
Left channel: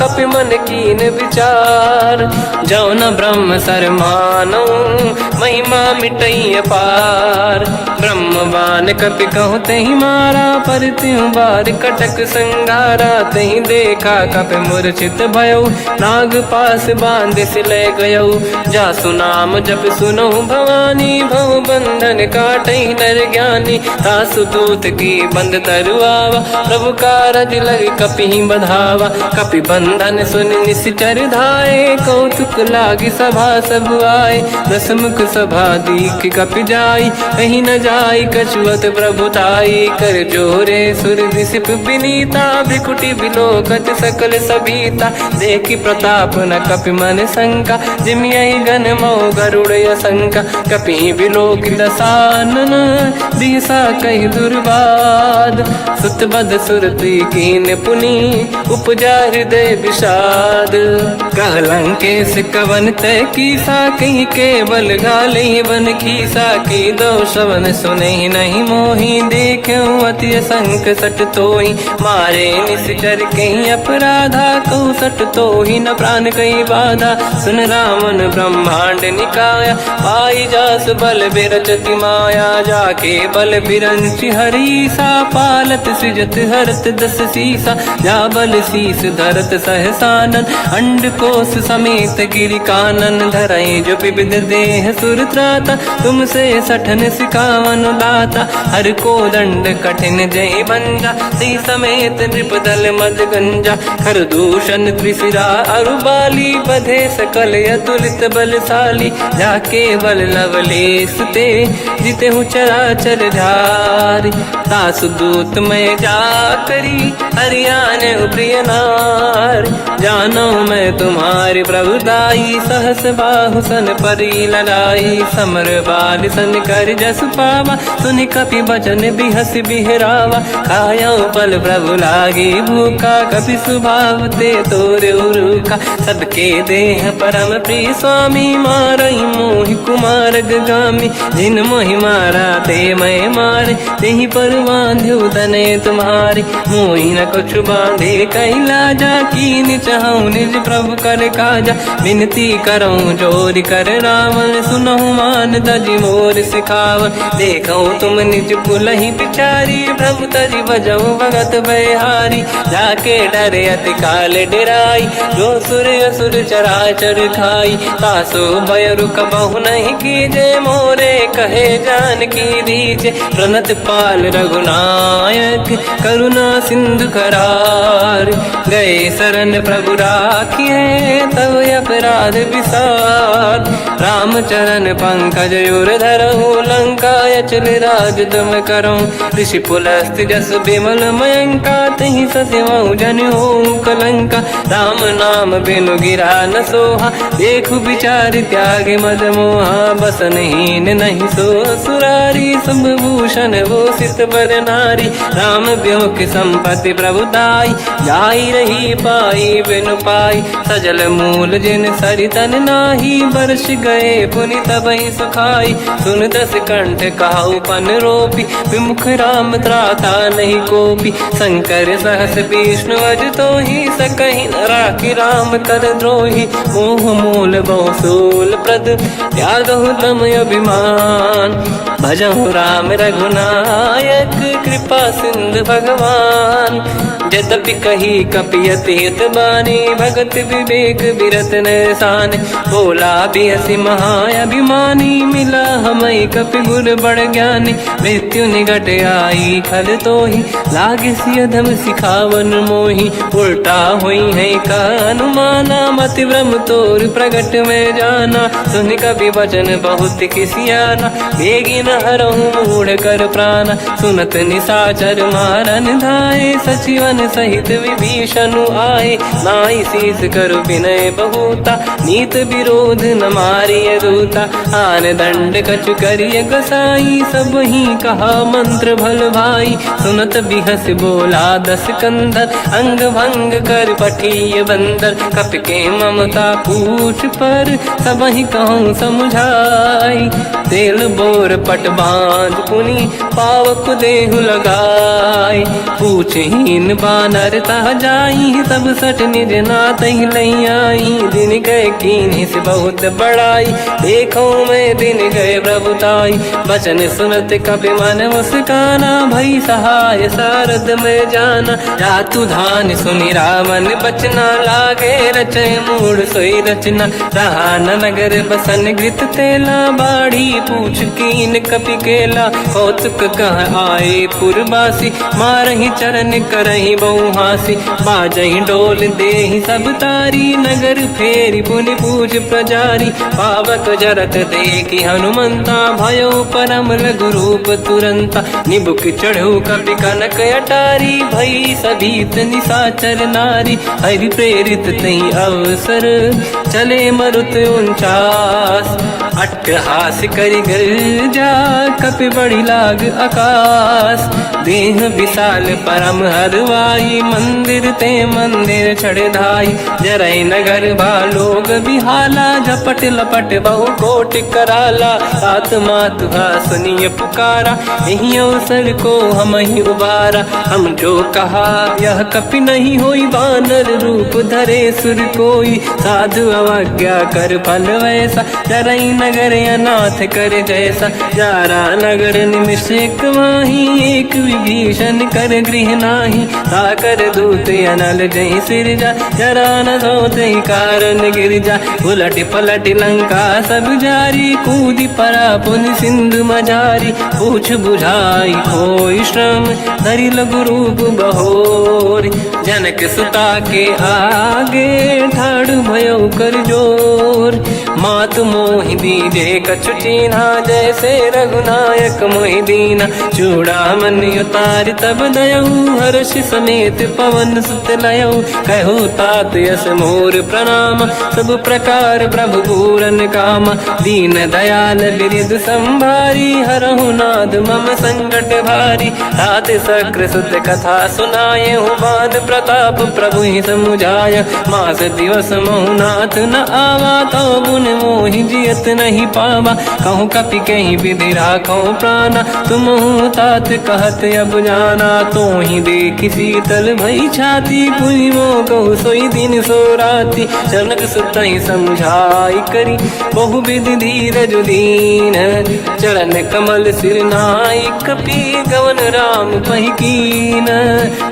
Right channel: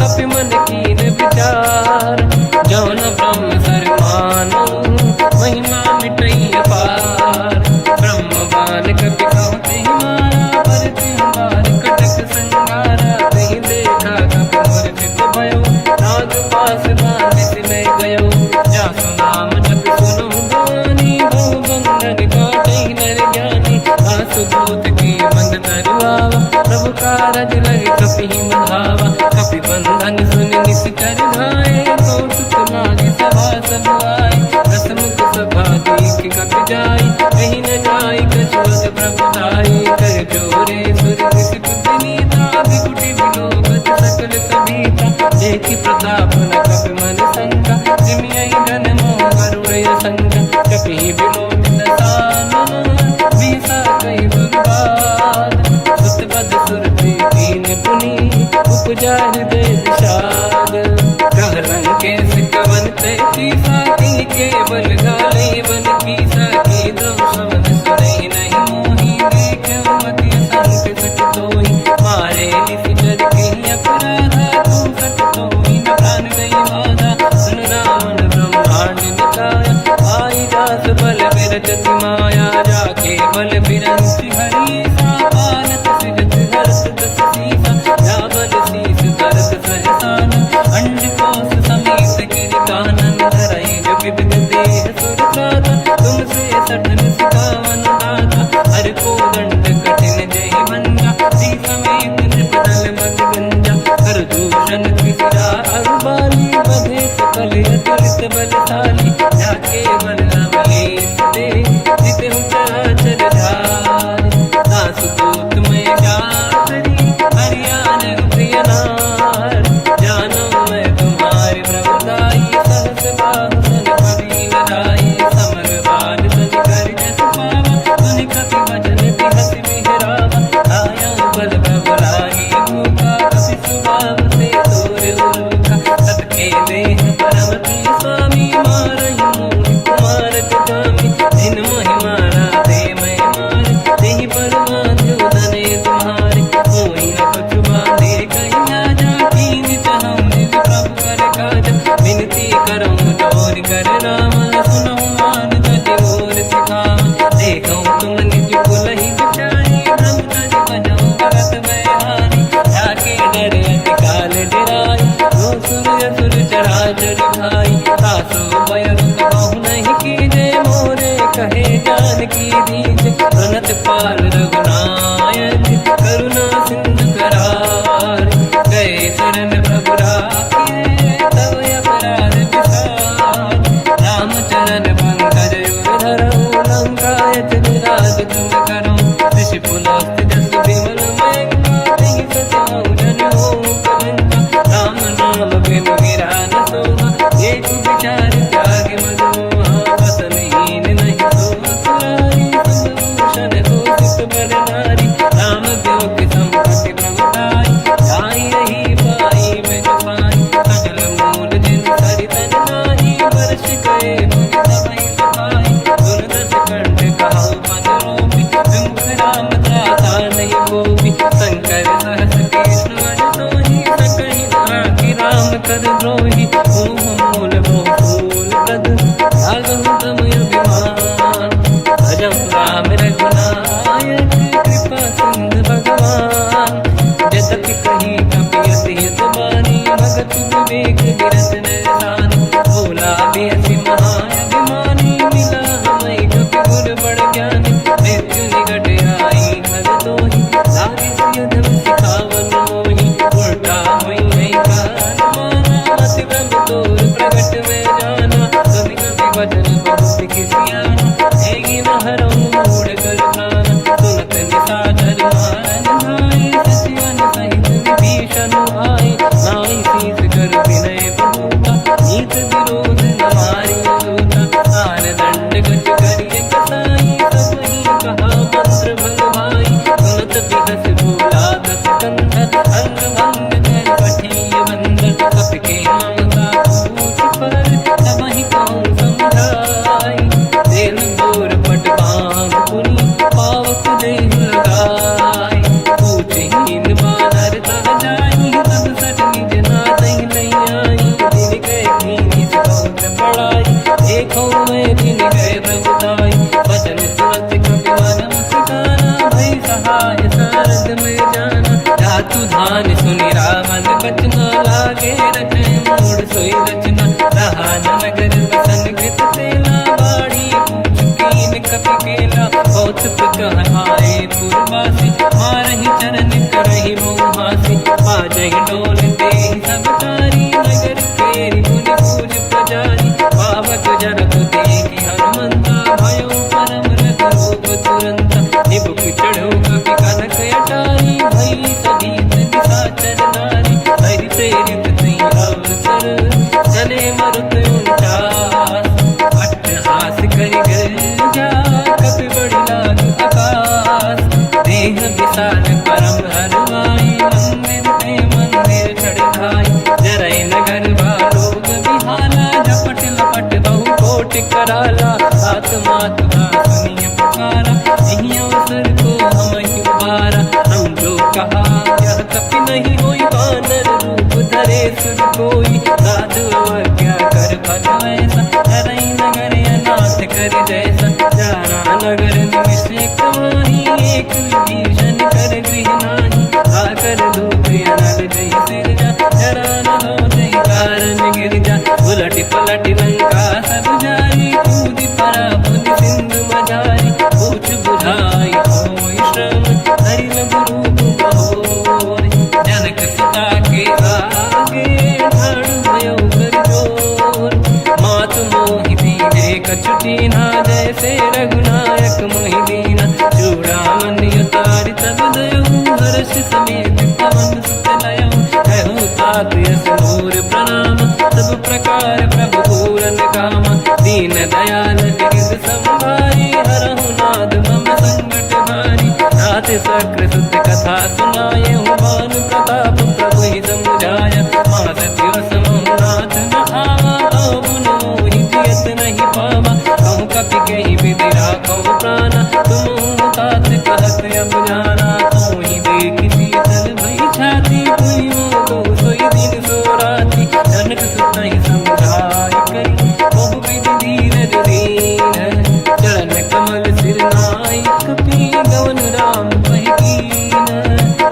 कपि मन कीन विचार। जो न ब्रह्म सर मानो, महिमा मिटई अपार। ब्रह्म बान कपि कहु तहि मारा, पर त्यों बार कटक संगारा। तहि देखा कपि मूर्छित भयो, नाग पास बांध सिले गयो। जासु नाम जप सुनो भवानी, भव बंधन काटहि नर ज्ञानी। दासु दूत की बंद तरुआवा, प्रभु कारज लग कपि बधावा। कपि बंधन सुन निश्चर धाये, कौतुक लागी सभा सब आए। दसमुख सभा दीख कपि जाई, कहीं न जाई कछुअत प्रभुताई कर जोरे सुर विसिप विनीता भ्रिकुटी विलोकत सकल सबीता देखी प्रताप न कपि मन शंका जिमियहि गण मो गरुड़ शंका कपि विलोकित सानन दिशा कहि दुर्वाद सुत बद सुरति कीन पुनि उपजा हृदय विषाद कहलंके सिकवन तय कीसा कहीं केवल गाले बन कीसा की दो शवन सुने नहीं मोही देखे अति संक सट तोही मारे निश्चर कहीं अपराधा तो सट तोही न प्राण कहीं बाधा सुन रावण ब्रह्मांड निकाया पाई जास बल बिरचति माया जाके बल बिरंचि हरीसा पालत सिजत हरत दस सीसा जा बल शीस धरत सहसानन अंड कोश समेत गिरि कानन धरई जो विविध देह सुर त्राता तुमसे सठन सिखावन दाता हर को दंड कठिन जय बंजा सी समेत नृपदल मद गंजा हर दूषण त्रिशिरा अरुबाली बधे सकल अतुलित बलशाली जाके बल लवलेस ते जिते हूँ चराचर धारी दास दूत में जा करी हरियाण प्रिय नार जानो मैं तुम्हारी प्रभुताई सहस बाहु सन परी लड़ाई समर बाल सन कर जस पावा सुनि कपि बचन बिहस बिहरावा खायो बल प्रभु लागी भूखा कपि स्वभाव ते तोरे उरुखा सबके देह परम प्रिय स्वामी मारई मोहि कुमार गामी जिन मोहि मारा ते मैं मारे तेहि पर बांधु तने तुम्हारी मोहि न कुछ बांधे कैला जा कीन चाहूं निज प्रभु कर काजा विनती करऊं जोर कर रावण सुनहु मान तज मोर सिखावन देखो तुम निज कुल ही बिचारी प्रभु तज बजऊ भगत बहारी जाके डरे अति काल डराई जो सुर असुर चराचर खाई तासो भय रुक बहु नहीं कीजे मोरे कहे जान की दीजे प्रणत पाल रघुनायक करुणा सिंधु करार गए शरण प्रभु राखिए तव अपराध विसार रामचरण पंकज युर धरहु लंका अचल राज तुम करऊं ऋषि पुलस्त जस विमल मयंका तहि ससेवऊं जन हो कलंका राम नाम बिनु गिरा न सोहा देखु विचार त्याग मद मोहा बसनहीन नहीं सो सुरारी शुभभूषण हो सित बर नारी राम ब्योह की संपत्ति प्रभुताई जाई रही पाई बिनु पाई सजल मूल जिन सरितन नाही वर्ष गए पुनि तबहि सुखाई सुन दस कंठ कहाऊ पन रोपी विमुख राम त्राता नहीं कोपी शंकर सहस विष्णु अज तो ही सकहि न राखि राम कर द्रोही मोह मूल बहु सूल प्रद त्यागहु तम अभिमान भजहु राम रघुनायक कृपा सिंधु भगवान यद्यपि कही कपियति हित बानी भगत विवेक विरत निशान बोला बिहसी महाअभिमानी मिला हमें कपि गुर बड़ ज्ञानी मृत्यु निकट आई खल तो ही लागे सियधम सिखावन मोही उल्टा हुई है का अनुमाना मति ब्रह्म तोर प्रगट में जाना सुन कभी वचन बहुत किसियाना बेगी न हरहु मूढ़ कर प्राण सुनत निशाचर मारन धाये सचिवन सहित विभीषण आए नाई शीस कर विनय बहुता नीत विरोध न मारिय दूता आन दंड कछु करिय कसाई सब ही कहा मंत्र भल भाई सुनत बिहस बोला दस कंधर अंग भंग कर पठिय बंदर कप के ममता पूछ पर सब ही कहूँ समझाई तेल बोर पट बांध पुनि पावक देहु लगाई पूछहीन बानर ता जाई तब सट निज नाथ ही लई आई दिन गए कीनी से बहुत बड़ाई देखो मैं दिन गए प्रभुताई बचन सुनत कपि मन मुस्काना भई सहाय सारद में जाना जातु धान सुनि रावण बचना लागे रचे मूड सोई रचना रहा न नगर बसन गृत तेला बाड़ी पूछ कीन कपि केला कौतुक कह आए पुरवासी मारही चरण करही बहु हासी बाजही डोल देहि सब तारी नगर फेरी पुनि पूज प्रजारी पावक जरत देखी हनुमंता भयो परम लघु रूप तुरंता निबुक चढ़ो कपि कनक अटारी भई सभीत निशाचर नारी हरि प्रेरित तई अवसर चले मरुत 49 अट्टहास करि गर्जा कपि बड़ी लाग आकाश देह विशाल परम हरवाई मंदिर ते मंदिर चढ़ धाई जरई नगर बालोग बिहाला झपट लपट बहु कोट कराला सात मात सुनिय पुकारा यही अवसर को हम ही उबारा हम जो कहा यह कपि नहीं होई वानर रूप धरे सुर कोई साधु अवज्ञा कर फल वैसा जरई नगर अनाथ कर जैसा जारा नगर निमिषेक माही एक विभीषण कर गृह नाही आकर दूत अनल जय सिरजा जरा न सोते कारण गिरजा उलट पलट लंका सब जारी कूदी परा पुन सिंधु मजारी पूछ बुझाई कोई श्रम हरि लघु रूप बहोरी जनक सुता के आगे ठाड़ भयो कर जोर मात मोहि दीजे कछु चीन्हा जैसे रघुनायक मोहि दीना चूड़ामन उतार तब दयऊ हर्ष समेत पवन सुत लयऊ कहो तात यस मोर प्रणाम सब प्रकार प्रभु पूरन काम दीन दयाल गिरिध संभारी हरहु नाद मम संकट भारी तात सक्र सुत कथा सुनाये हुमान प्रताप प्रभु ही समुझाय मास दिवस महु नाथ न आवा तो गुण मोहि जियत नहीं पावा कहूँ कपि कहीं विधि राखो प्राणा तुम तात कहत अब जाना तो ही देखी शीतल भई छाती पुनि मोह सोई दिन सो राती जनक सुत ही समझाई करी बहु विधि धीरज दीन चरण कमल सिर नाई कपि गवन राम पहि कीन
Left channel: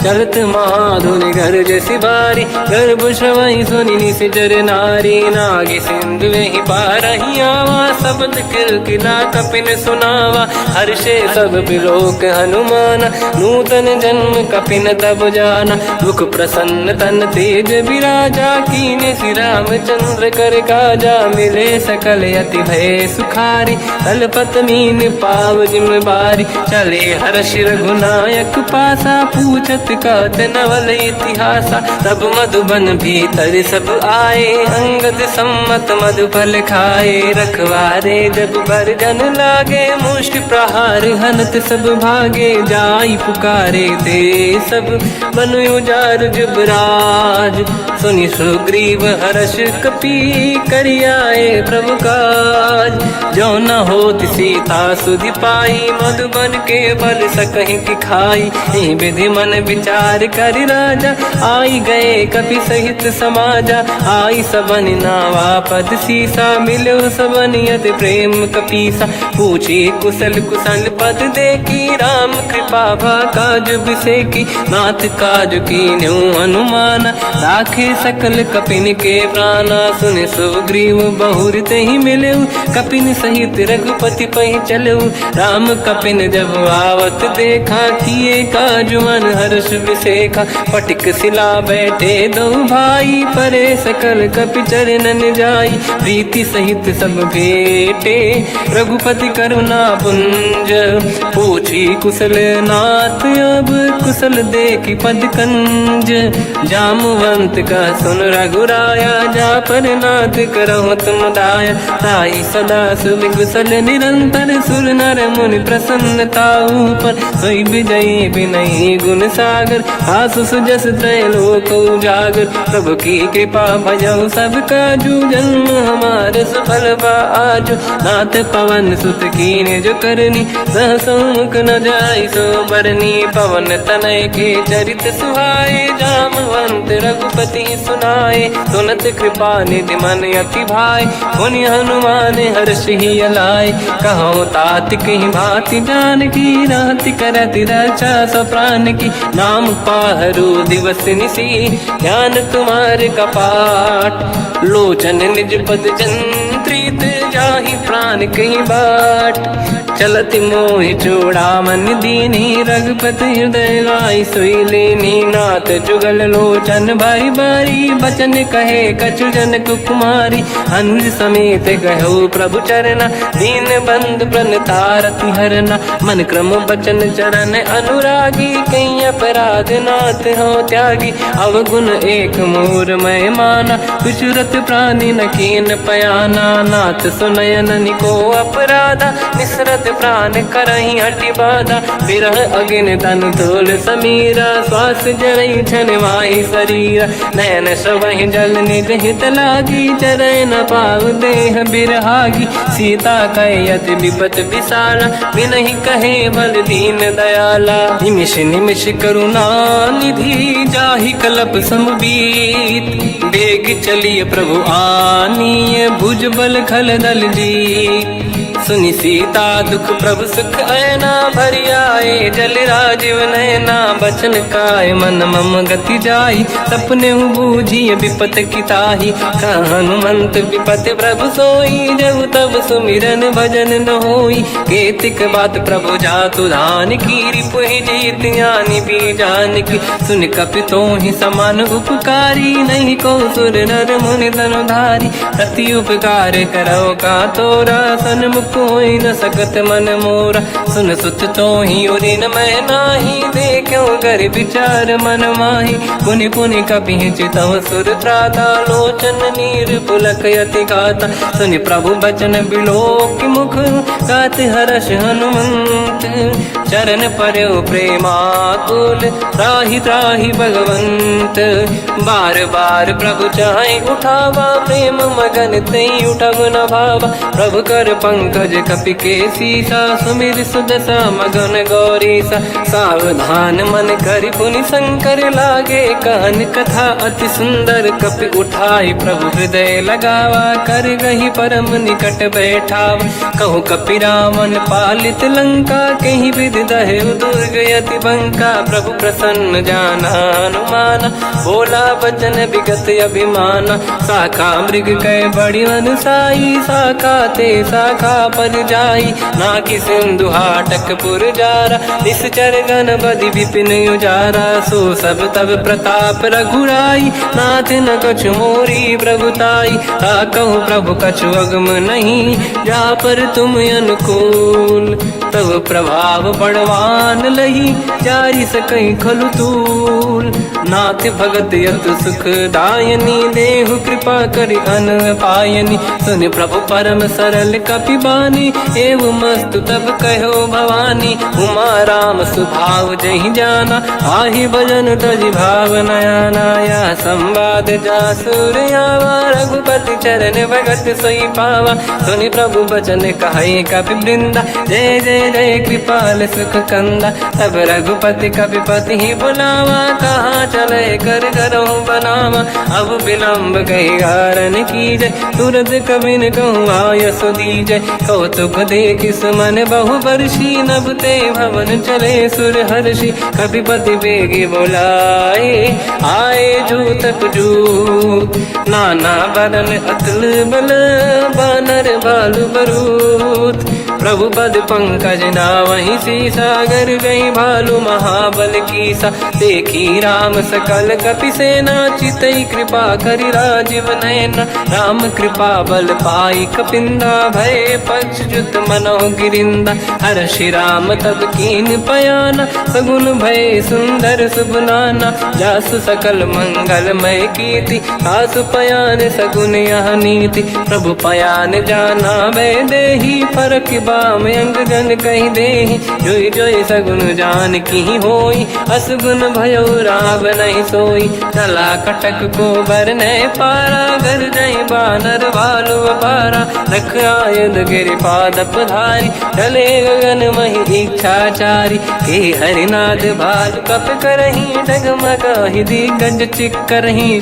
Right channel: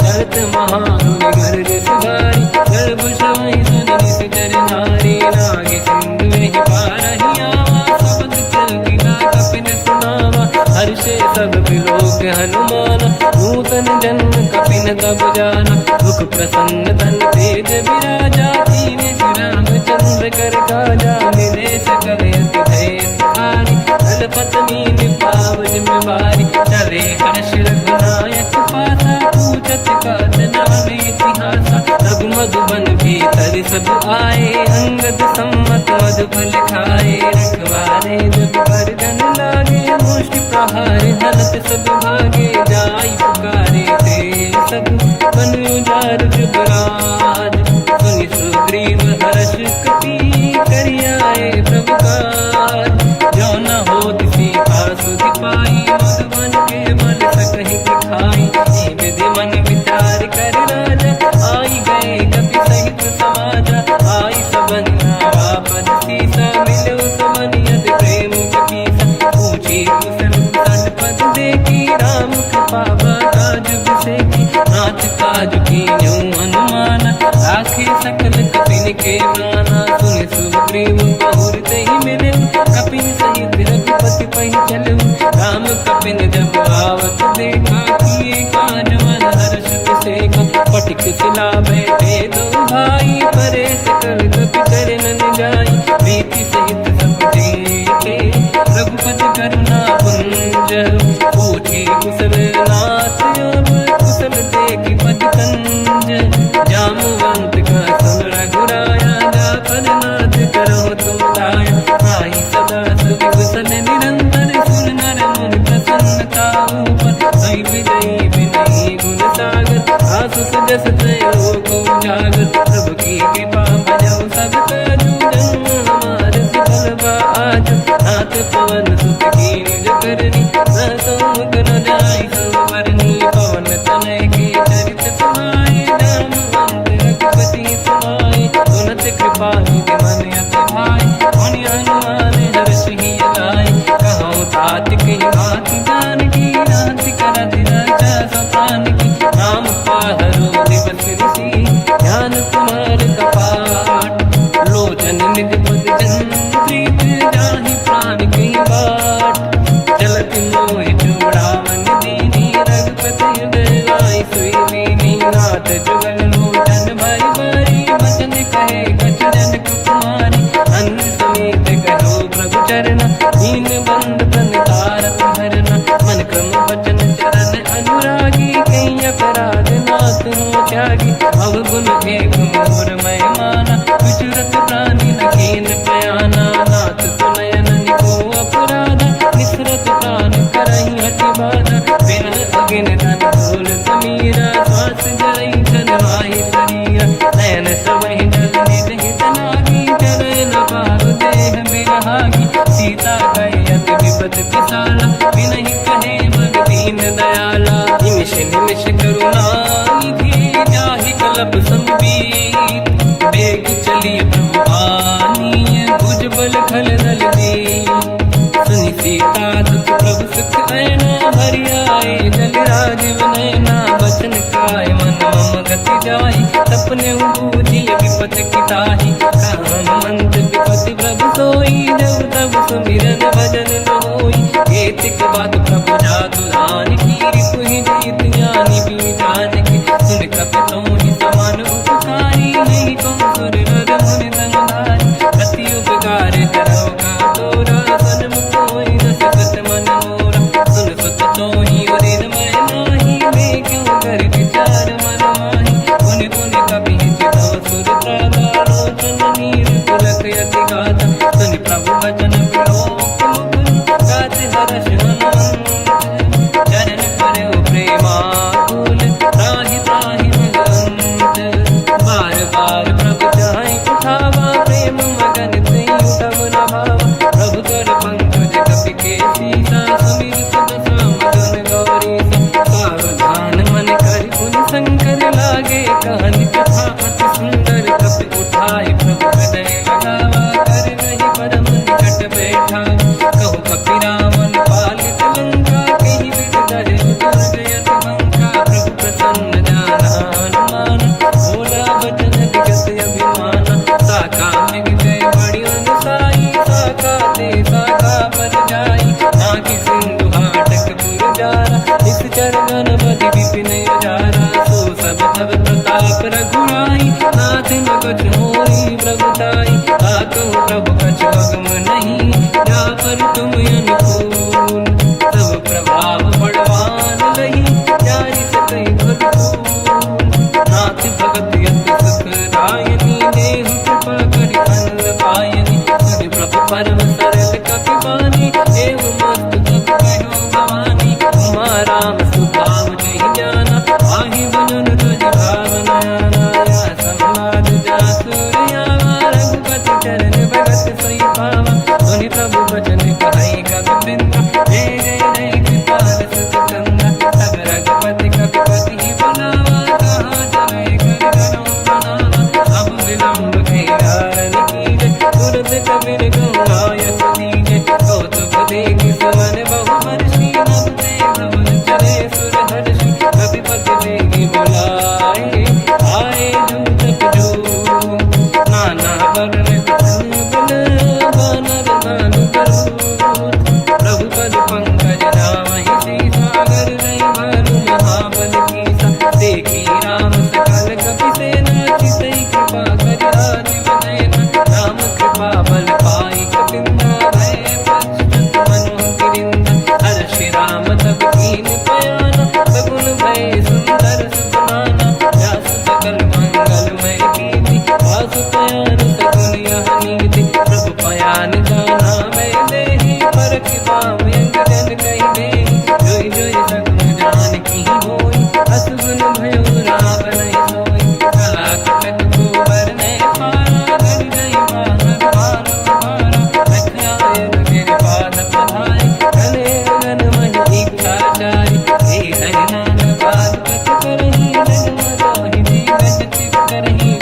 चलत महाधुनि घर जैसी बारी गर्भ श्रवई सुनि निशिचर नारी नागे सिंधु ही पारही आवा शब्द कीर्तिना कपिन सुनावा हर्षे सब बिलोक हनुमान नूतन जन्म कपिन तब जाना दुख प्रसन्न तन तेज विराजा कीने श्री रामचंद्र कर काजा मिले सकल अति भय सुखारी तलपत मीन पाव जिम बारी चले हर्ष रघुनायक पासा पूछत कात नवल इतिहासा तब मधुबन भीतर सब आए अंगद सम्मत मधुफल खाए रखवारे जब पर जन लागे मुष्टि प्रहार हनत सब भागे जाई पुकारे ते सब बन उजार जुबराज सुनि सुग्रीव हर्ष कपि करियाए प्रभु काज जो न होत सीता सुधि पाई मधुबन के बल सकहि दिखाई हे विधि मन विचार कर राजा आई गए कपि सहित समाजा आई सबन नावा पद सीसा मिलो सबन यद प्रेम कपीसा पूछे कुशल कुशल पद देखी राम कृपा काज बिसेकी नाथ काज की न्यू हनुमान राखे सकल कपिन के प्राणा सुन सुग्रीव बहुर ही मिले कपिन सहित रघुपति पहि चलऊ राम कपिन जब आवत देखा किए काज मन हर्ष विसेखा पटिक सिला बैठे दो भाई परे सकल कपि चरणन जाई प्रीति सहित सब बेटे रघुपति करुणा पुंज पूछी कुशल नाथ अब कुशल देखी पद कंज जामवंत का सुन रघुराया जा पर नाथ करो तुम दाया ताई सदा सुविकुशल निरंतर सुर नर मुनि प्रसन्नता ऊपर सोई विजयी विनयी गुण सागर आसु सुजस त्रैलोक उजागर प्रभु की कृपा भजऊ सब काजू जन्म हमार सफल बा आज नाथ पवन सुत कीने जो करनी सहसो मुख न जाय सो बरनी पवन तनय के चरित सुहाए जामवंत रघुपति सुनाए सुनत कृपा निधि मन अति भाई मुनि हनुमान हर्ष ही अलाय कहो तात कहीं भांति जान की रात करत रक्षा सप्राण की नाम पाहरो दिवस निसी ध्यान तुम्हारे कपाट लोचन निज पद चंद्रित जाहि प्राण कहीं बाट। चलत मोहि चूड़ामन दीनी रघुपति हृदय लाई सोई लेनी। नाथ जुगल लोचन भाई बारी बचन कहे कछु जन कुमारी। अंध समेत कहो प्रभु चरना दीन बंद प्रणतारति हरना। मन क्रम बचन चरण अनुरागी कहीं अपराध नाथ हो त्यागी। अवगुण एक मोर मैं माना विचुरत प्राणी न कीन पयाना। नाथ सुनयन निको अपराधा निसरत प्राण करही हटि बाधा। विरह अगिन तन तोल समीरा श्वास जरई छनवाही शरीरा। नयन सबहि जल निज हित लागी चरय न पाव देह बिरहागी। सीता कहे अति विपत विसाला बिनहि कहे बल दीन दयाला। निमिष निमिष करुणा निधि जाहि कलप समबीत। बेग चलिए प्रभु आनीय भुज बल खल दल जी। सुनि सीता दुख प्रभु सुख ऐना भरि आए। जल राजीव नैना बचन काय मन मम गति जाई। सपने बूझिए विपत किताही हनुमंत विपत प्रभु सोई। जब तब सुमिरन भजन न होई। केतिक बात प्रभु जातु धान की रिपुहि जीत ज्ञानी बीजान की। सुन कपि तोहि समान उपकारी नहीं को सुर नर मुनि धनुधारी। अति उपकार करो का तोरा सन्मुख कोई न सकत मन मोरा। सुन सुत तोहि उदिन मैं नाही देखो कर विचार मन माही। पुनि पुनि कपि चितव सुर त्राता लोचन नीर पुलक यति गाता। सुनि प्रभु बचन बिलोक मुख गात हर्ष हनुमंत। चरण पर्यो प्रेमाकुल त्राहि त्राहि भगवंत। बार बार प्रभु चाहे उठावा प्रेम मगन ते उठब न भावा। प्रभु कर पंकज कपि के सीसा सुमिर सुदशा मगन गौरीसा। सावधान मन करि पुनि शंकर लागे कान कथा अति सुंदर। कपि उठाई प्रभु हृदय लगावा कर गही परम निकट बैठावा। कहु कपि रावण पालित लंका कहीं विधि दहे दुर्ग यति बंका। प्रभु प्रसन्न जाना हनुमाना बोला बचन विगत अभिमाना। शाखा मृग कह बड़ी अनुसाई शाखा ते शाखा पर जाई। नाकि सिंधु हाटक पुर जारा निश्चर गण बदि विपिन उजारा। सो सब तब प्रताप रघुराई नाथ न कछु मोरी प्रभुताई। कहु प्रभु कछु अगम नहीं जा पर तुम अनुकूल। प्रभु प्रभाव बड़वान लही जारी सकई खलु तूल। नाथ भगत यत सुख दायनी देहु कृपा करि अन पायनी। सुनि प्रभु परम सरल कपि बानी एवं मस्तु तब कहो भवानी। उमा राम सुभाव जहि जाना आहि भजन तज भाव नयाना। या संवाद जासुर आवा रघुपति चरण भगत सोई पावा। सुनि प्रभु बचन कहे कपि वृंदा जय जय जय कृपाल सुख कंदा। तब रघुपति कपिपति ही बनावा कहाँ चले कर करो बनावा। अब विलम्ब कही कारण कीजय तुरंत कबिन कहूँ आयस दीजय। कौतुक देख सुमन बहु वर्षी नभ ते भवन चले सुर हर्षि। कपिपति बेगी बुलाए आए जूतक जूत। नाना बदल अतल बल बानर बालु बरूत। प्रभु पद पंकज नावहि सीसा गर गई भालू महाबल कीसा। देखी राम सकल कपि सेना चितई कृपा करि राजीव नयना। राम कृपा बल पाई कपिंदा भय पक्षजुत मनो गिरिंदा। हर्षि राम तब कीन पयाना सगुन भय सुंदर सुबलाना। जासु सकल मंगलमय कीर्ति आसु पयान सगुन यह नीति। प्रभु पयान जाना भय देहि फरक बाम अंग गन कही देहि। जोई जोई सगुन जान की होई असगुन भयो राव नहीं सोई। तला कटक को बर नहीं पारा घर जय बानर भालू पारा। रख आयन गिरि पाद पधारी चले गगन मही इच्छाचारी। हे हरिनाथ भाल कप करही डगमगाहि दिग्गज चिक्करही।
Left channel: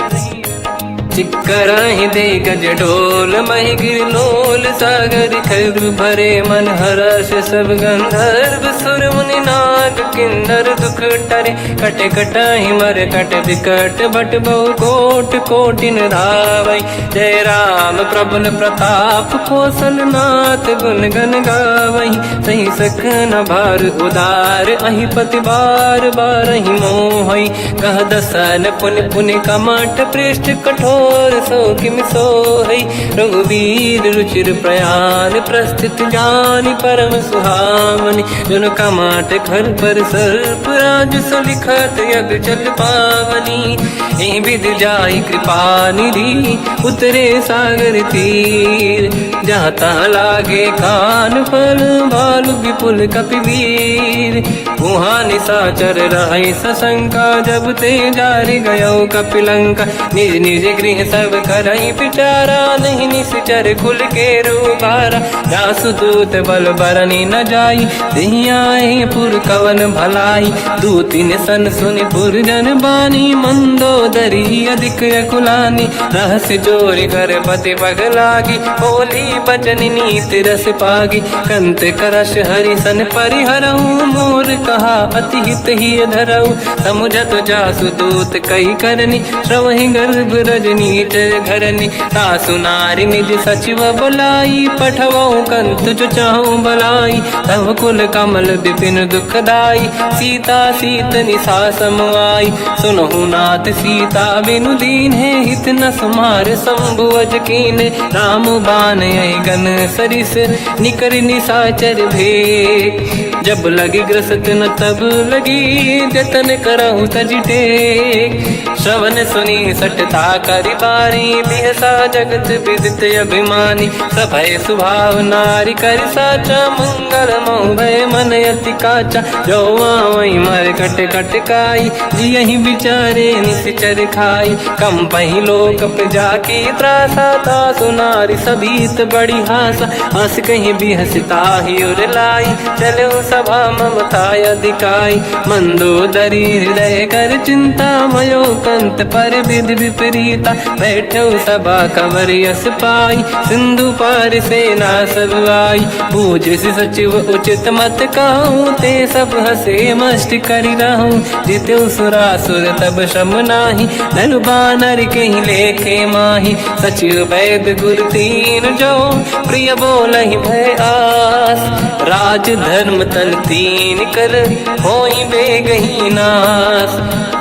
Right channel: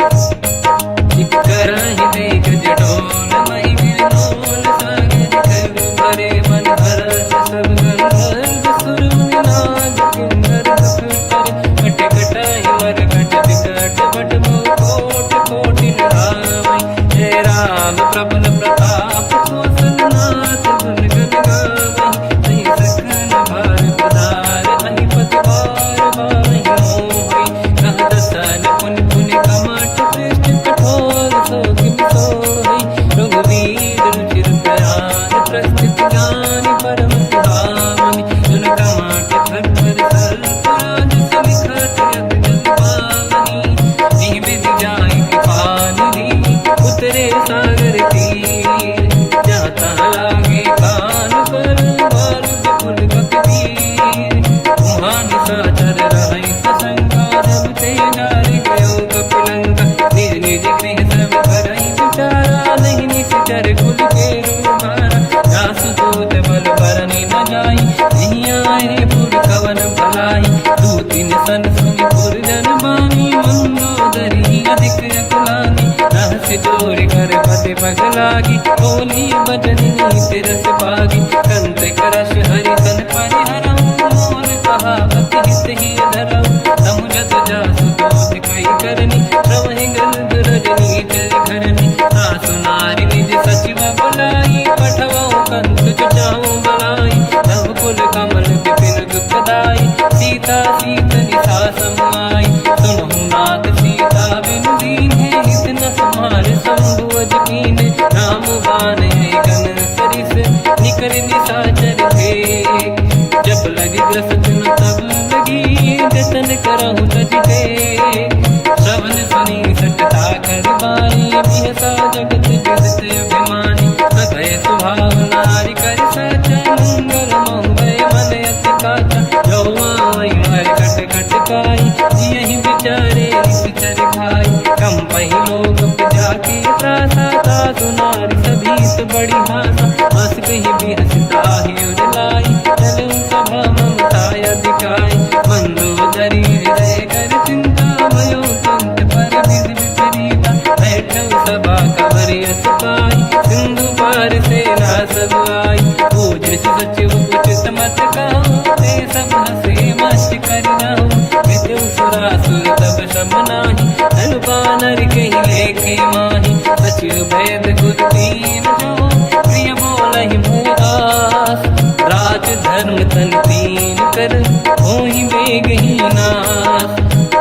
चिक्करहि दिग्गज डोल मही गिरलोल सागर खर भरे मन हर्ष सब गंधर्व सुर मुनि नाग किन्नर दुख टरे कट कटाई मर कट विकट भट बहु कोट कोटिन रावई। जय राम प्रबल प्रताप कोसन नाथ गुण गण गावई। सही सखन भार उदार अहि पति बार बार ही मोहई। कह दसन पुन पुन कमठ पृष्ठ कठोर सो किम सोहई। रघुवीर रुचिर प्रयाण प्रस्थित ज्ञानी परम सुहामनि। जुन कमठ खर पर सर्प राज सविखत यग जल पावनी। एहि विध जाहि कृपा निधि उतरे सागर तीर। जाता लागे कान फल भालु विपुल कपिवीर। वहाँ निशाचर राय सशंका जब ते जारि गयो कपिलंका। निज निज गृह सब करई विचारा नहीं निश्चर कुल के रूबारा। जासु दूत बल बरनी न जाई दिहियाए पुर कवन भलाई। दूतिन सन सुनि पुर जन बानी मंदोदरी अधिक अकुलानी। रहस्य जोरी कर पति पगलागी बोली बचन नीत रस पागी। कंत करश हरि सन परिहरऊँ मोर कहा अति हित ही धरऊ। समुझत जासु दूत कई करनी श्रवहि गर्भ रजनी जय धरनी। सासु नारी निज सचिव बुलाई पठवऊ कंत जो चाहूँ बलाई। तब कुल कमल विपिन दुखदाई सीता सीत निशा समाई। सुनहु नाथ सीता बिनु दीन है हित न समार संभुवज कीन। राम बान गन सरिस निकर निशाचर भेद। जब लगी ग्रसत न तब लगी जतन करहु तज टेक। श्रवण सुनी सटता करि बारी बिहसा जगत विदित अभिमानी। सभय स्वभाव नारी कर साचा मंगल मोह भय मन अति काचा। जो आवई मर कट कट काई यही विचारे निश्चर खाई। कम पही लोक प्रजा की त्रासा तासु नारी सभीत बड़ी हासा। हंस कहीं बिहसता ही उर लाई चलो सभा ममता अधिकाई। मंदोदरी हृदय कर चिंता भयो कंत पर विधि विपरीता। बैठो सभा कंवर यस पाई सिंधु पार सेना सब आई। पूज सचिव उचित मत कहूँ ते सब हसे मस्त करि रहूँ। जित्यो सुरासुर तब शम नाही धनु बानर कहीं लेखे माही। सचिव वैद गुरु तीन जो प्रिय बोलहि भय आस। राज धर्म तल तीन कर होई बेगही नास।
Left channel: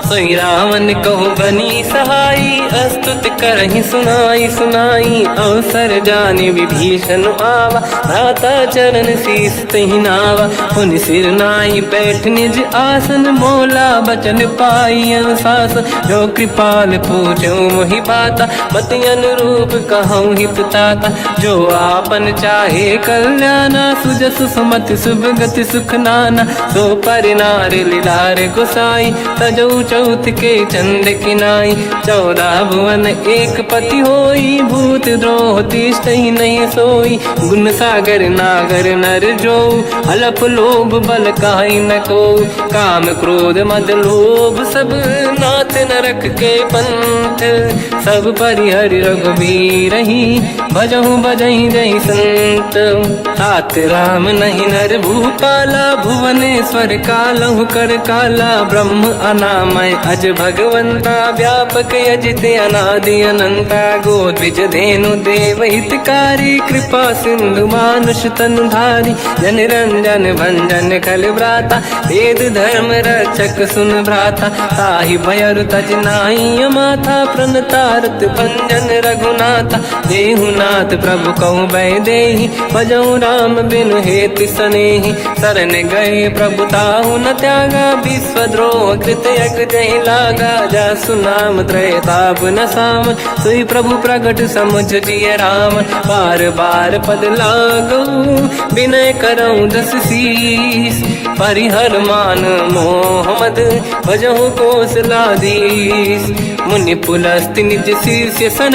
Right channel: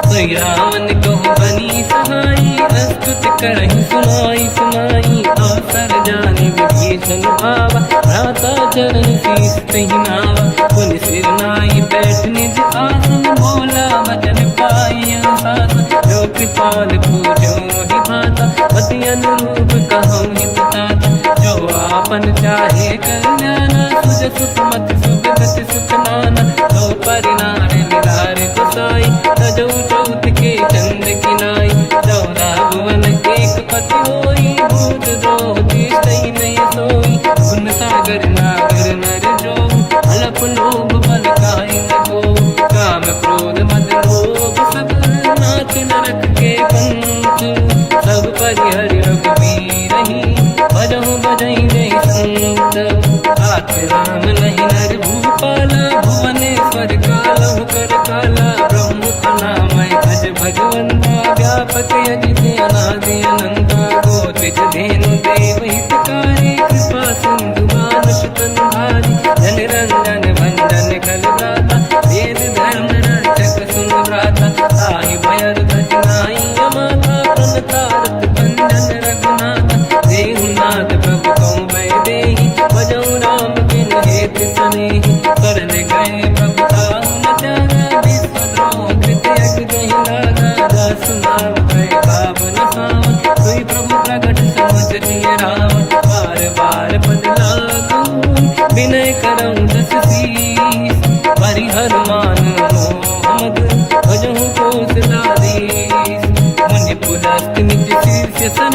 सोई रावण कहु बनी सहाई अस्तुत करहि सुनाई सुनाई। अवसर जाने विभीषण आवा भ्राता चरण शीस तहि नावा। पुन सिर नाई बैठ निज आसन मोला बचन पाई अनुशासन। जो कृपाल पूछो मोहि बाता पति अनुरूप कहूँ ही पुताता। जो आपन चाहे कल्याणा सुजस सुमत सुभगति सुख नाना। तो पर नारी लीलार गोसाई तजौ चौथ के चंद किनाई। 14 भुवन एक पति होई भूत द्रोह तिष्ठ ही नहीं सोई। गुण सागर नागर नर जो हलफ लोभ बल काई न को। काम क्रोध मद लोभ सब नाथ नरक के पंथ। सब परिहर रघुवीर ही भजहु बजहि जय संत। हाथ राम नहीं नर भूपाला भुवनेश्वर कालहु कर काला। ब्रह्म अनामय अज भगवंता व्यापक यजित अनादि अनंता। गोद्विज धेनु देव हितकारी कृपा सिंधु मानुष तनुधारी। जन रंजन भंजन कल व्राता वेद धर्म रक्षक सुन भ्राता। ताहि भयर तज नाहि अमाथा प्रणतारत भंजन रघुनाथा। जेहु नाथ प्रभु कहु भय देहि भजहु राम बिनु हेतु सनेहि। शरण गए प्रभु ताहु न त्यागा विश्वद्रोह कृत यक जहि लागा। जासु नाम त्रयताप न साम सोई प्रभु प्रगट समुझ जिय राम। बार बार पद लागू विनय करऊँ दस शीस। परिहर मान मोह मद भजहु कौशलाधीश। मुनि पुलस्त्य निज शीर्ष सन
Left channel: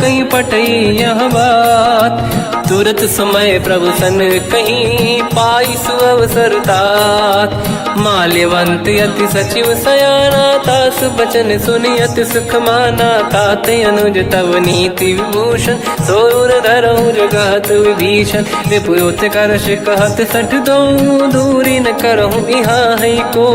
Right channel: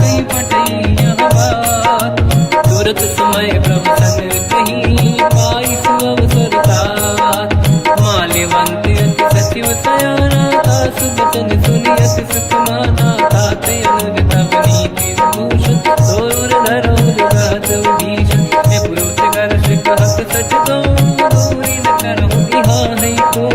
कहीं पटई यह बात। तुरत समय प्रभु सन कहीं पाई सुअवसर तात। माल्यवंत अति सचिव सयाना तास बचन सुनि अति सुख माना। ताते अनुज तव नीति विभूषण सोर धरऊँ जगत विभीषण। विपुत करश कहत सठ दो दूरी न करहु इहा है को।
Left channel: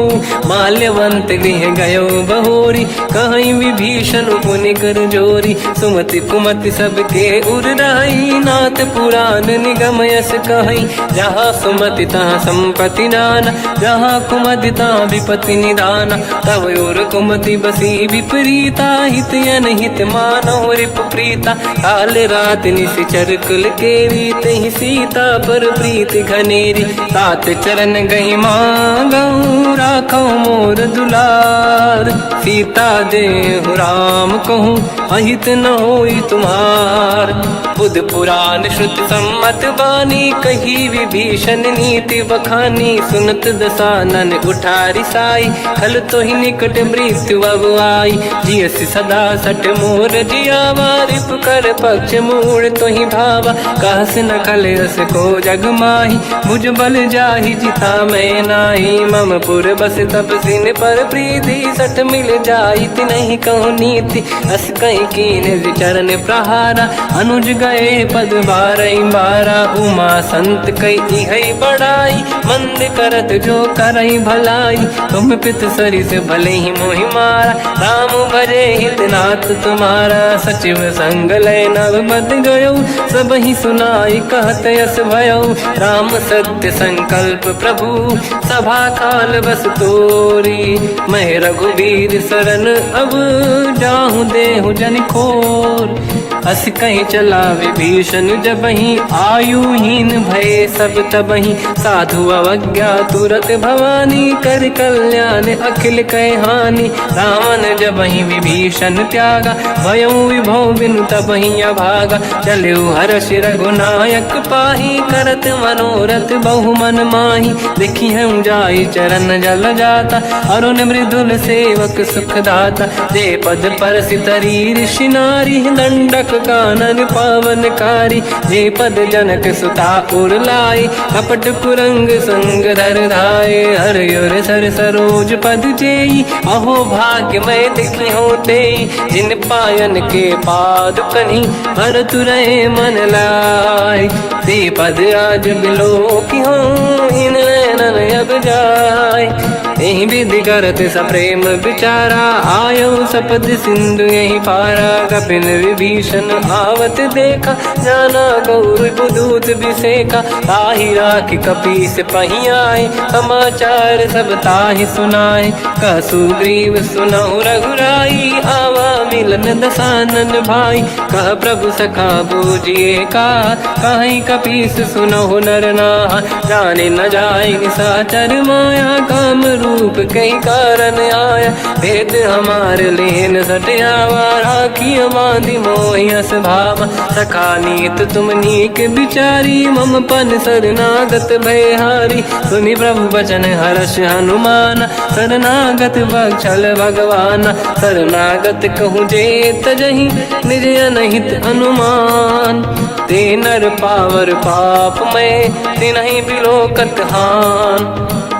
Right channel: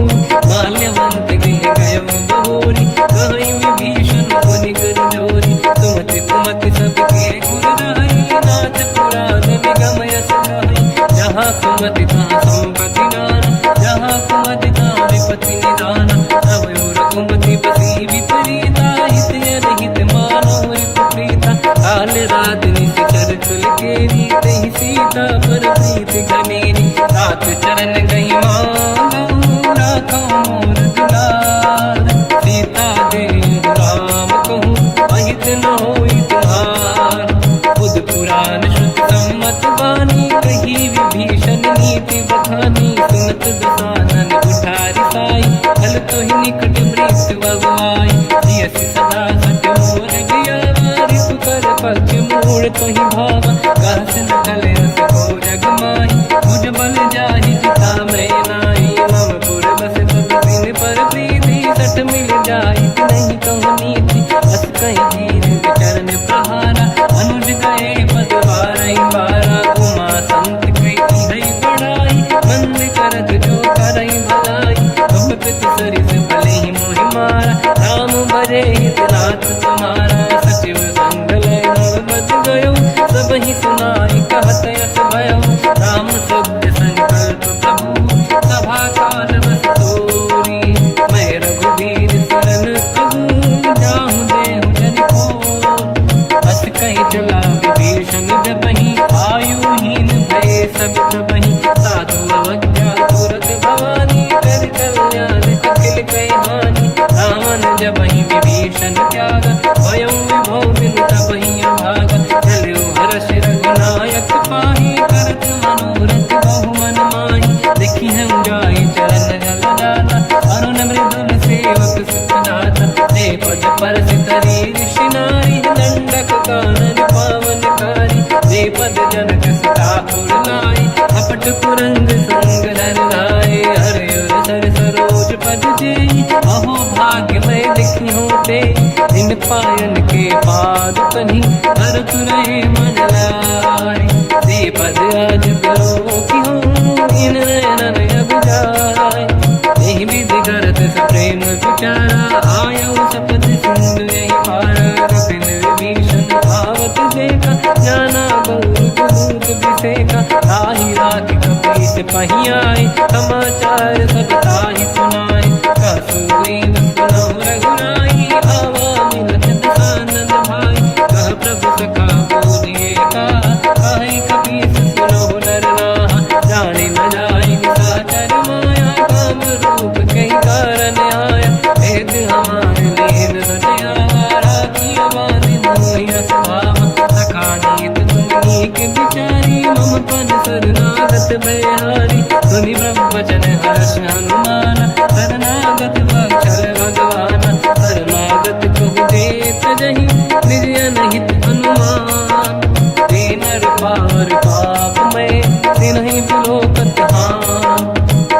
माल्यवंत गृह गयो बहोरी, कहीं विभीषण पुनि कर जोरी। सुमति कुमति सब ते उरराई, नाथ पुराण निगम यस कहीं। जहाँ सुमति तहाँ संपत्ति नाना, जहाँ कुमति तहाँ विपत्ति निदाना। तव और कुमति बसी विपरीता, हित अनहित मानव रिप प्रीता। काल रात निश्चर कुल केरी, तहि सीता पर प्रीत घनेरी। तात चरण गही मांगऊ, राखो मोर दुलार। सीता देहु राम कहूँ, अहित न होई तुम्हार। बुध पुराण श्रुत सम्मत बानी, कही विभीषण नीति बखानी। सुनत दसानन उठारी साई, खल तो ही निकट मृत्यु अब आई। जियस सदा सट मोर जियावा, रिप कर पक्ष मूड़ तो ही भावा। कहस न खल रस को जग माही, भुज बल जाहि जिता मैं नाई। मम पुर बस तब सिन पर प्रीति, सत मिल जाई नहीं कहूँ नीति। अस कहीं कीन विचरण प्रहारा, अनुज गए पद बारई बारा। उमा संत कई है बड़ाई, मंद करत जो करई भलाई। तुम पित सरिस भले ही मोहि मारा, राम भजे हित नाथ तुम्हारा। सचिव संग लय नव बद गयो, सब ही सुनाई कहत यस भयो। राम सत्य संकल्प प्रभु, सभा काल बस तोरी। मैं रघुवीर शरण अब, जाहु देहु जन खोर। अस कहीं चला विभीषण जबहि, आयुहीन भये सब तबहि। साधु अवज्ञा तुरत भवानी, कर कल्याण अखिल कह हानि। रावण जबहि विभीषण त्यागा, भयउ विभव बिनु तबहि अभागा। चलु हर्ष रघुनायक पाहि, करत मनोरथ बहु मन माहि। देखी हम जाई चरण जल जाता, अरुण मृदुल सेवक सुख दाता। जय पद परस तरी ऋषि नारी, दंडक कानन पावनकारी। जे पद जनक सुता उर लाई, कपट कुरंग संग धर धाय। हर युर सर सरोज पद जेई, अहो भाग्य मैं देखी होते। जिन पायन के पाद कन्ही, हर तुरहे मन लाई। ते पद आज बिलो की हो, इन नैनन अब जाय। यही विधि करत सप्रेम विचारा, आयो सपद सिंधु यही पारा। कपिन विभीषण आवत देखा, जाना गौर दूत विसेका। ताहि राखी कपीस पही आए, समाचार सब ताहि सुनाए। कह सुग्रीव सुनहु रघुराई, आवा मिलन दसानन भाई। कह प्रभु सखा पूजिए का, कहीं कपीस सुनहु नर नाहा। जाने न जाए साचर माया, काम रूप कई कारण आया। भेद हमार लेन सटियावा, राखी बांधी मोहि अस भावा। सखा नीत तुम नीक बिचारी, मम पन शरणागत भयहारी। सुनि ब्रह्म वचन हर्ष हनुमान, शरणागत बक्षल भगवान। शरणागत कहूँ जे तजहि, निज अनहित अनुमान। ते नर पावर पाप में, तिन्हि बिलोकत हान।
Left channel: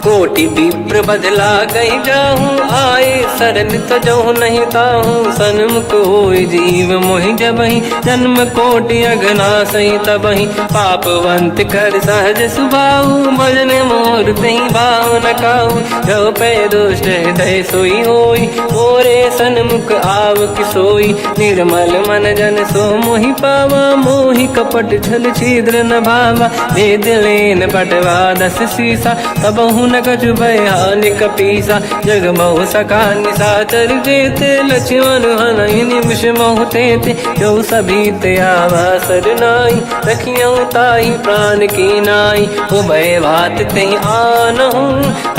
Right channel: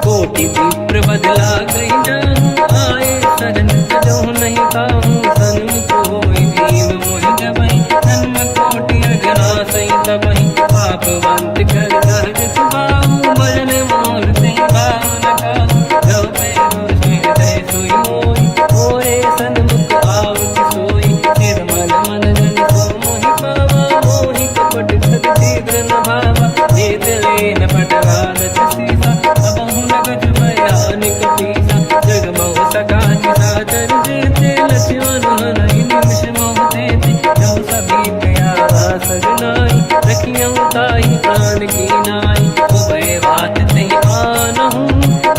कोटि विप्र बदला गई जाऊँ, आए शरण तजो नहीं ताऊँ। सन्मुख होय जीव मोहि जबहि, जन्म कोटि अगना सही तबहि। पापवंत कर सहज सुभाऊ, भजन मोर तहि भाव न काऊ। जो पे दुष्ट हृदय सोई होई, मोरे सन्मुख आव किसोई। निर्मल मन जन सो मोहि पावा, मोहि कपट छल छिद्र न भावा। वेद लेन पटवा दस सीसा, तबहु न कछु भयानि कपीसा। जग बहु सका निशाचर जेते, लक्ष्मण हनहि निमिष मोहु तेते। जो सभी ते आवा सरनाई, रखियौ ताहि प्राण की नाई। उभय बात ते आनहु,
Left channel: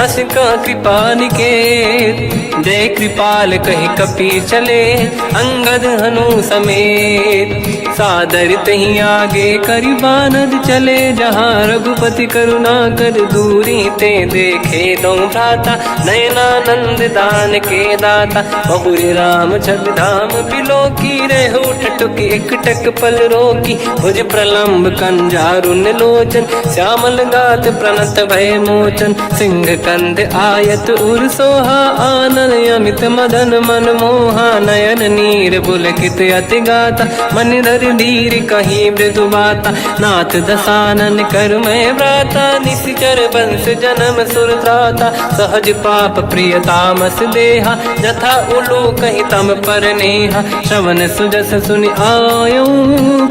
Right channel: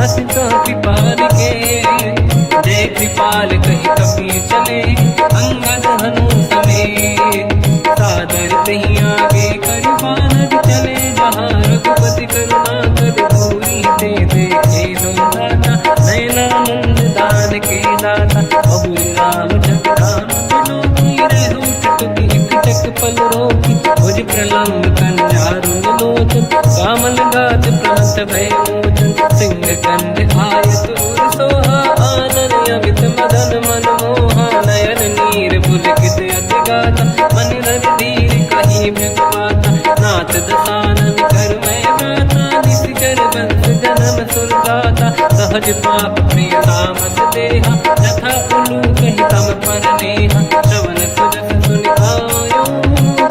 अस का कृपा निकेत। जय कृपाल कहि कपी चले, अंगद हनु समेत। सादर तहि आगे करि बानर चले, जहाँ रघुपति करुणा कर दूरी ते देखे। दो भ्राता नयनानंद दान के दाता, बहु राम जग धाम बिलोकी। धीरे उठ टुक एक टक पल रोकी, भुज प्रलम्ब कंजारुन लोचन, श्यामल गात प्रणत भय मोचन, सिंह कंद आयत उर सोहा, आनन अमित मदन मन मोहा, नयन नीर पुलकित अति गाता, मन धर धीर कहीं मृदु बाता, नाथ दसानन कर मैं व्राता, निशिचर वंश जन्म सुरताता, सहज पाप प्रिय तामस देहा, जथा उलू कहीं तम पर नेहा, श्रवण सुजस सुनि आयो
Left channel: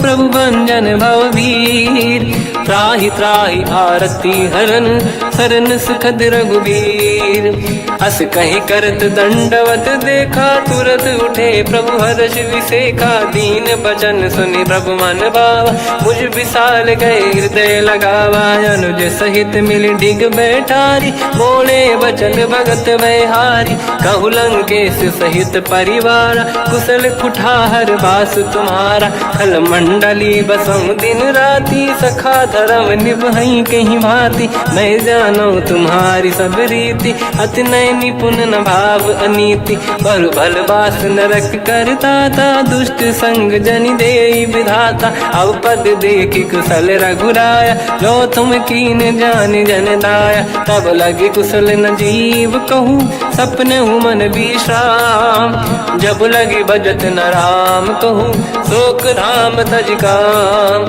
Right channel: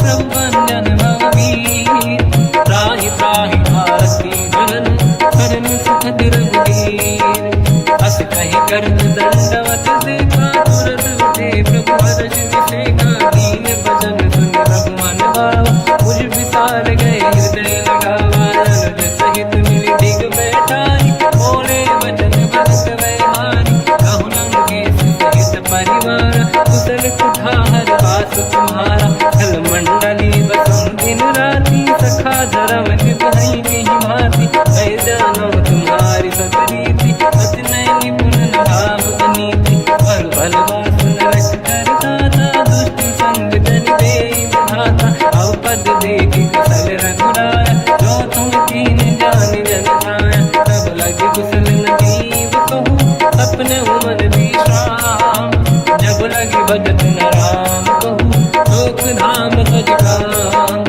प्रभु भंजन भवभीर, त्राहि त्राहि आरती हरन शरण सुखद रघुवीर, अस कहीं करत दंडवत देखा, तुरत उठे प्रभु हर्ष विसेखा, दीन बचन सुनि प्रभु मन भावा, मुझ विशाल गए हृदय लगावा, अनुज सहित मिल डिग बैठारी, बोले बचन भगत वैहारी, कहु लंकेश सहित परिवार, कुशल कुठार बास तुम्हारा, खल मंडली बसम दिन राती, सखा धर्म निभई कहीं भांति, मैं जानो तुम्हारी सब रीति, अति नय निपुण न भाव अनीति, बल भल बास नरक करता था, दुष्ट संग जन दे विधाता, अब पद देखि कुशल रघुराया, जो तुम कीन जान जन दाया, तब लगे कुशल न जीव कहूँ, सपने मन विश्राम, जब लगे भजत न राम कहूँ, शोक धाम तज काम,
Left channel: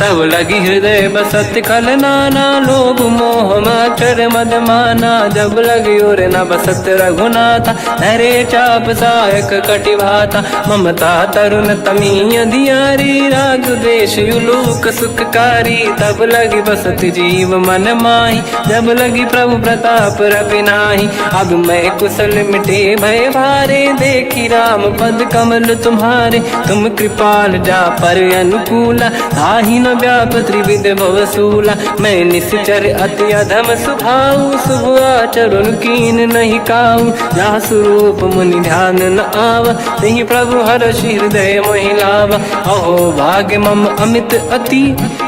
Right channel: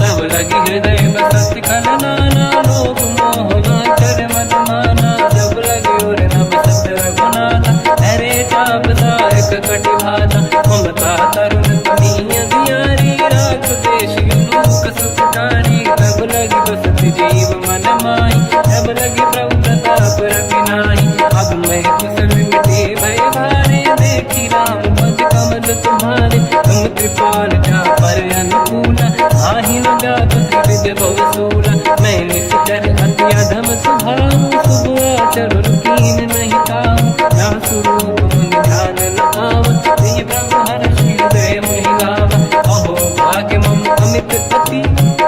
तब लगी हृदय बसत खल नाना, लोभ मोह मच्छर मद माना, जब लगी और न बसत रघुनाथा, हरे चाप सायक कटिभाता, ममता तरुण तमीय दियारी, राग द्वेष युलूक सुखकारी, तब लगी बसत जीव मन माही, जब लगी प्रभु प्रताप रवि नाही, अब मैं कुशल मिटे भय भारे, देखी राम पद कमल तुम्हारे, तुम कृपाल जा पर अनुकूला, ताहि न व्याप त्रिविध भवसूला, मैं निश्चर अति अधम स्वभाव, शुभ आचरण कीन नहीं काऊ, जहाँ स्वरूप मुनि ध्यान न आव, नहीं प्रभु हर्ष हृदय महिलावा, अहो भाग्य मम अमित अति,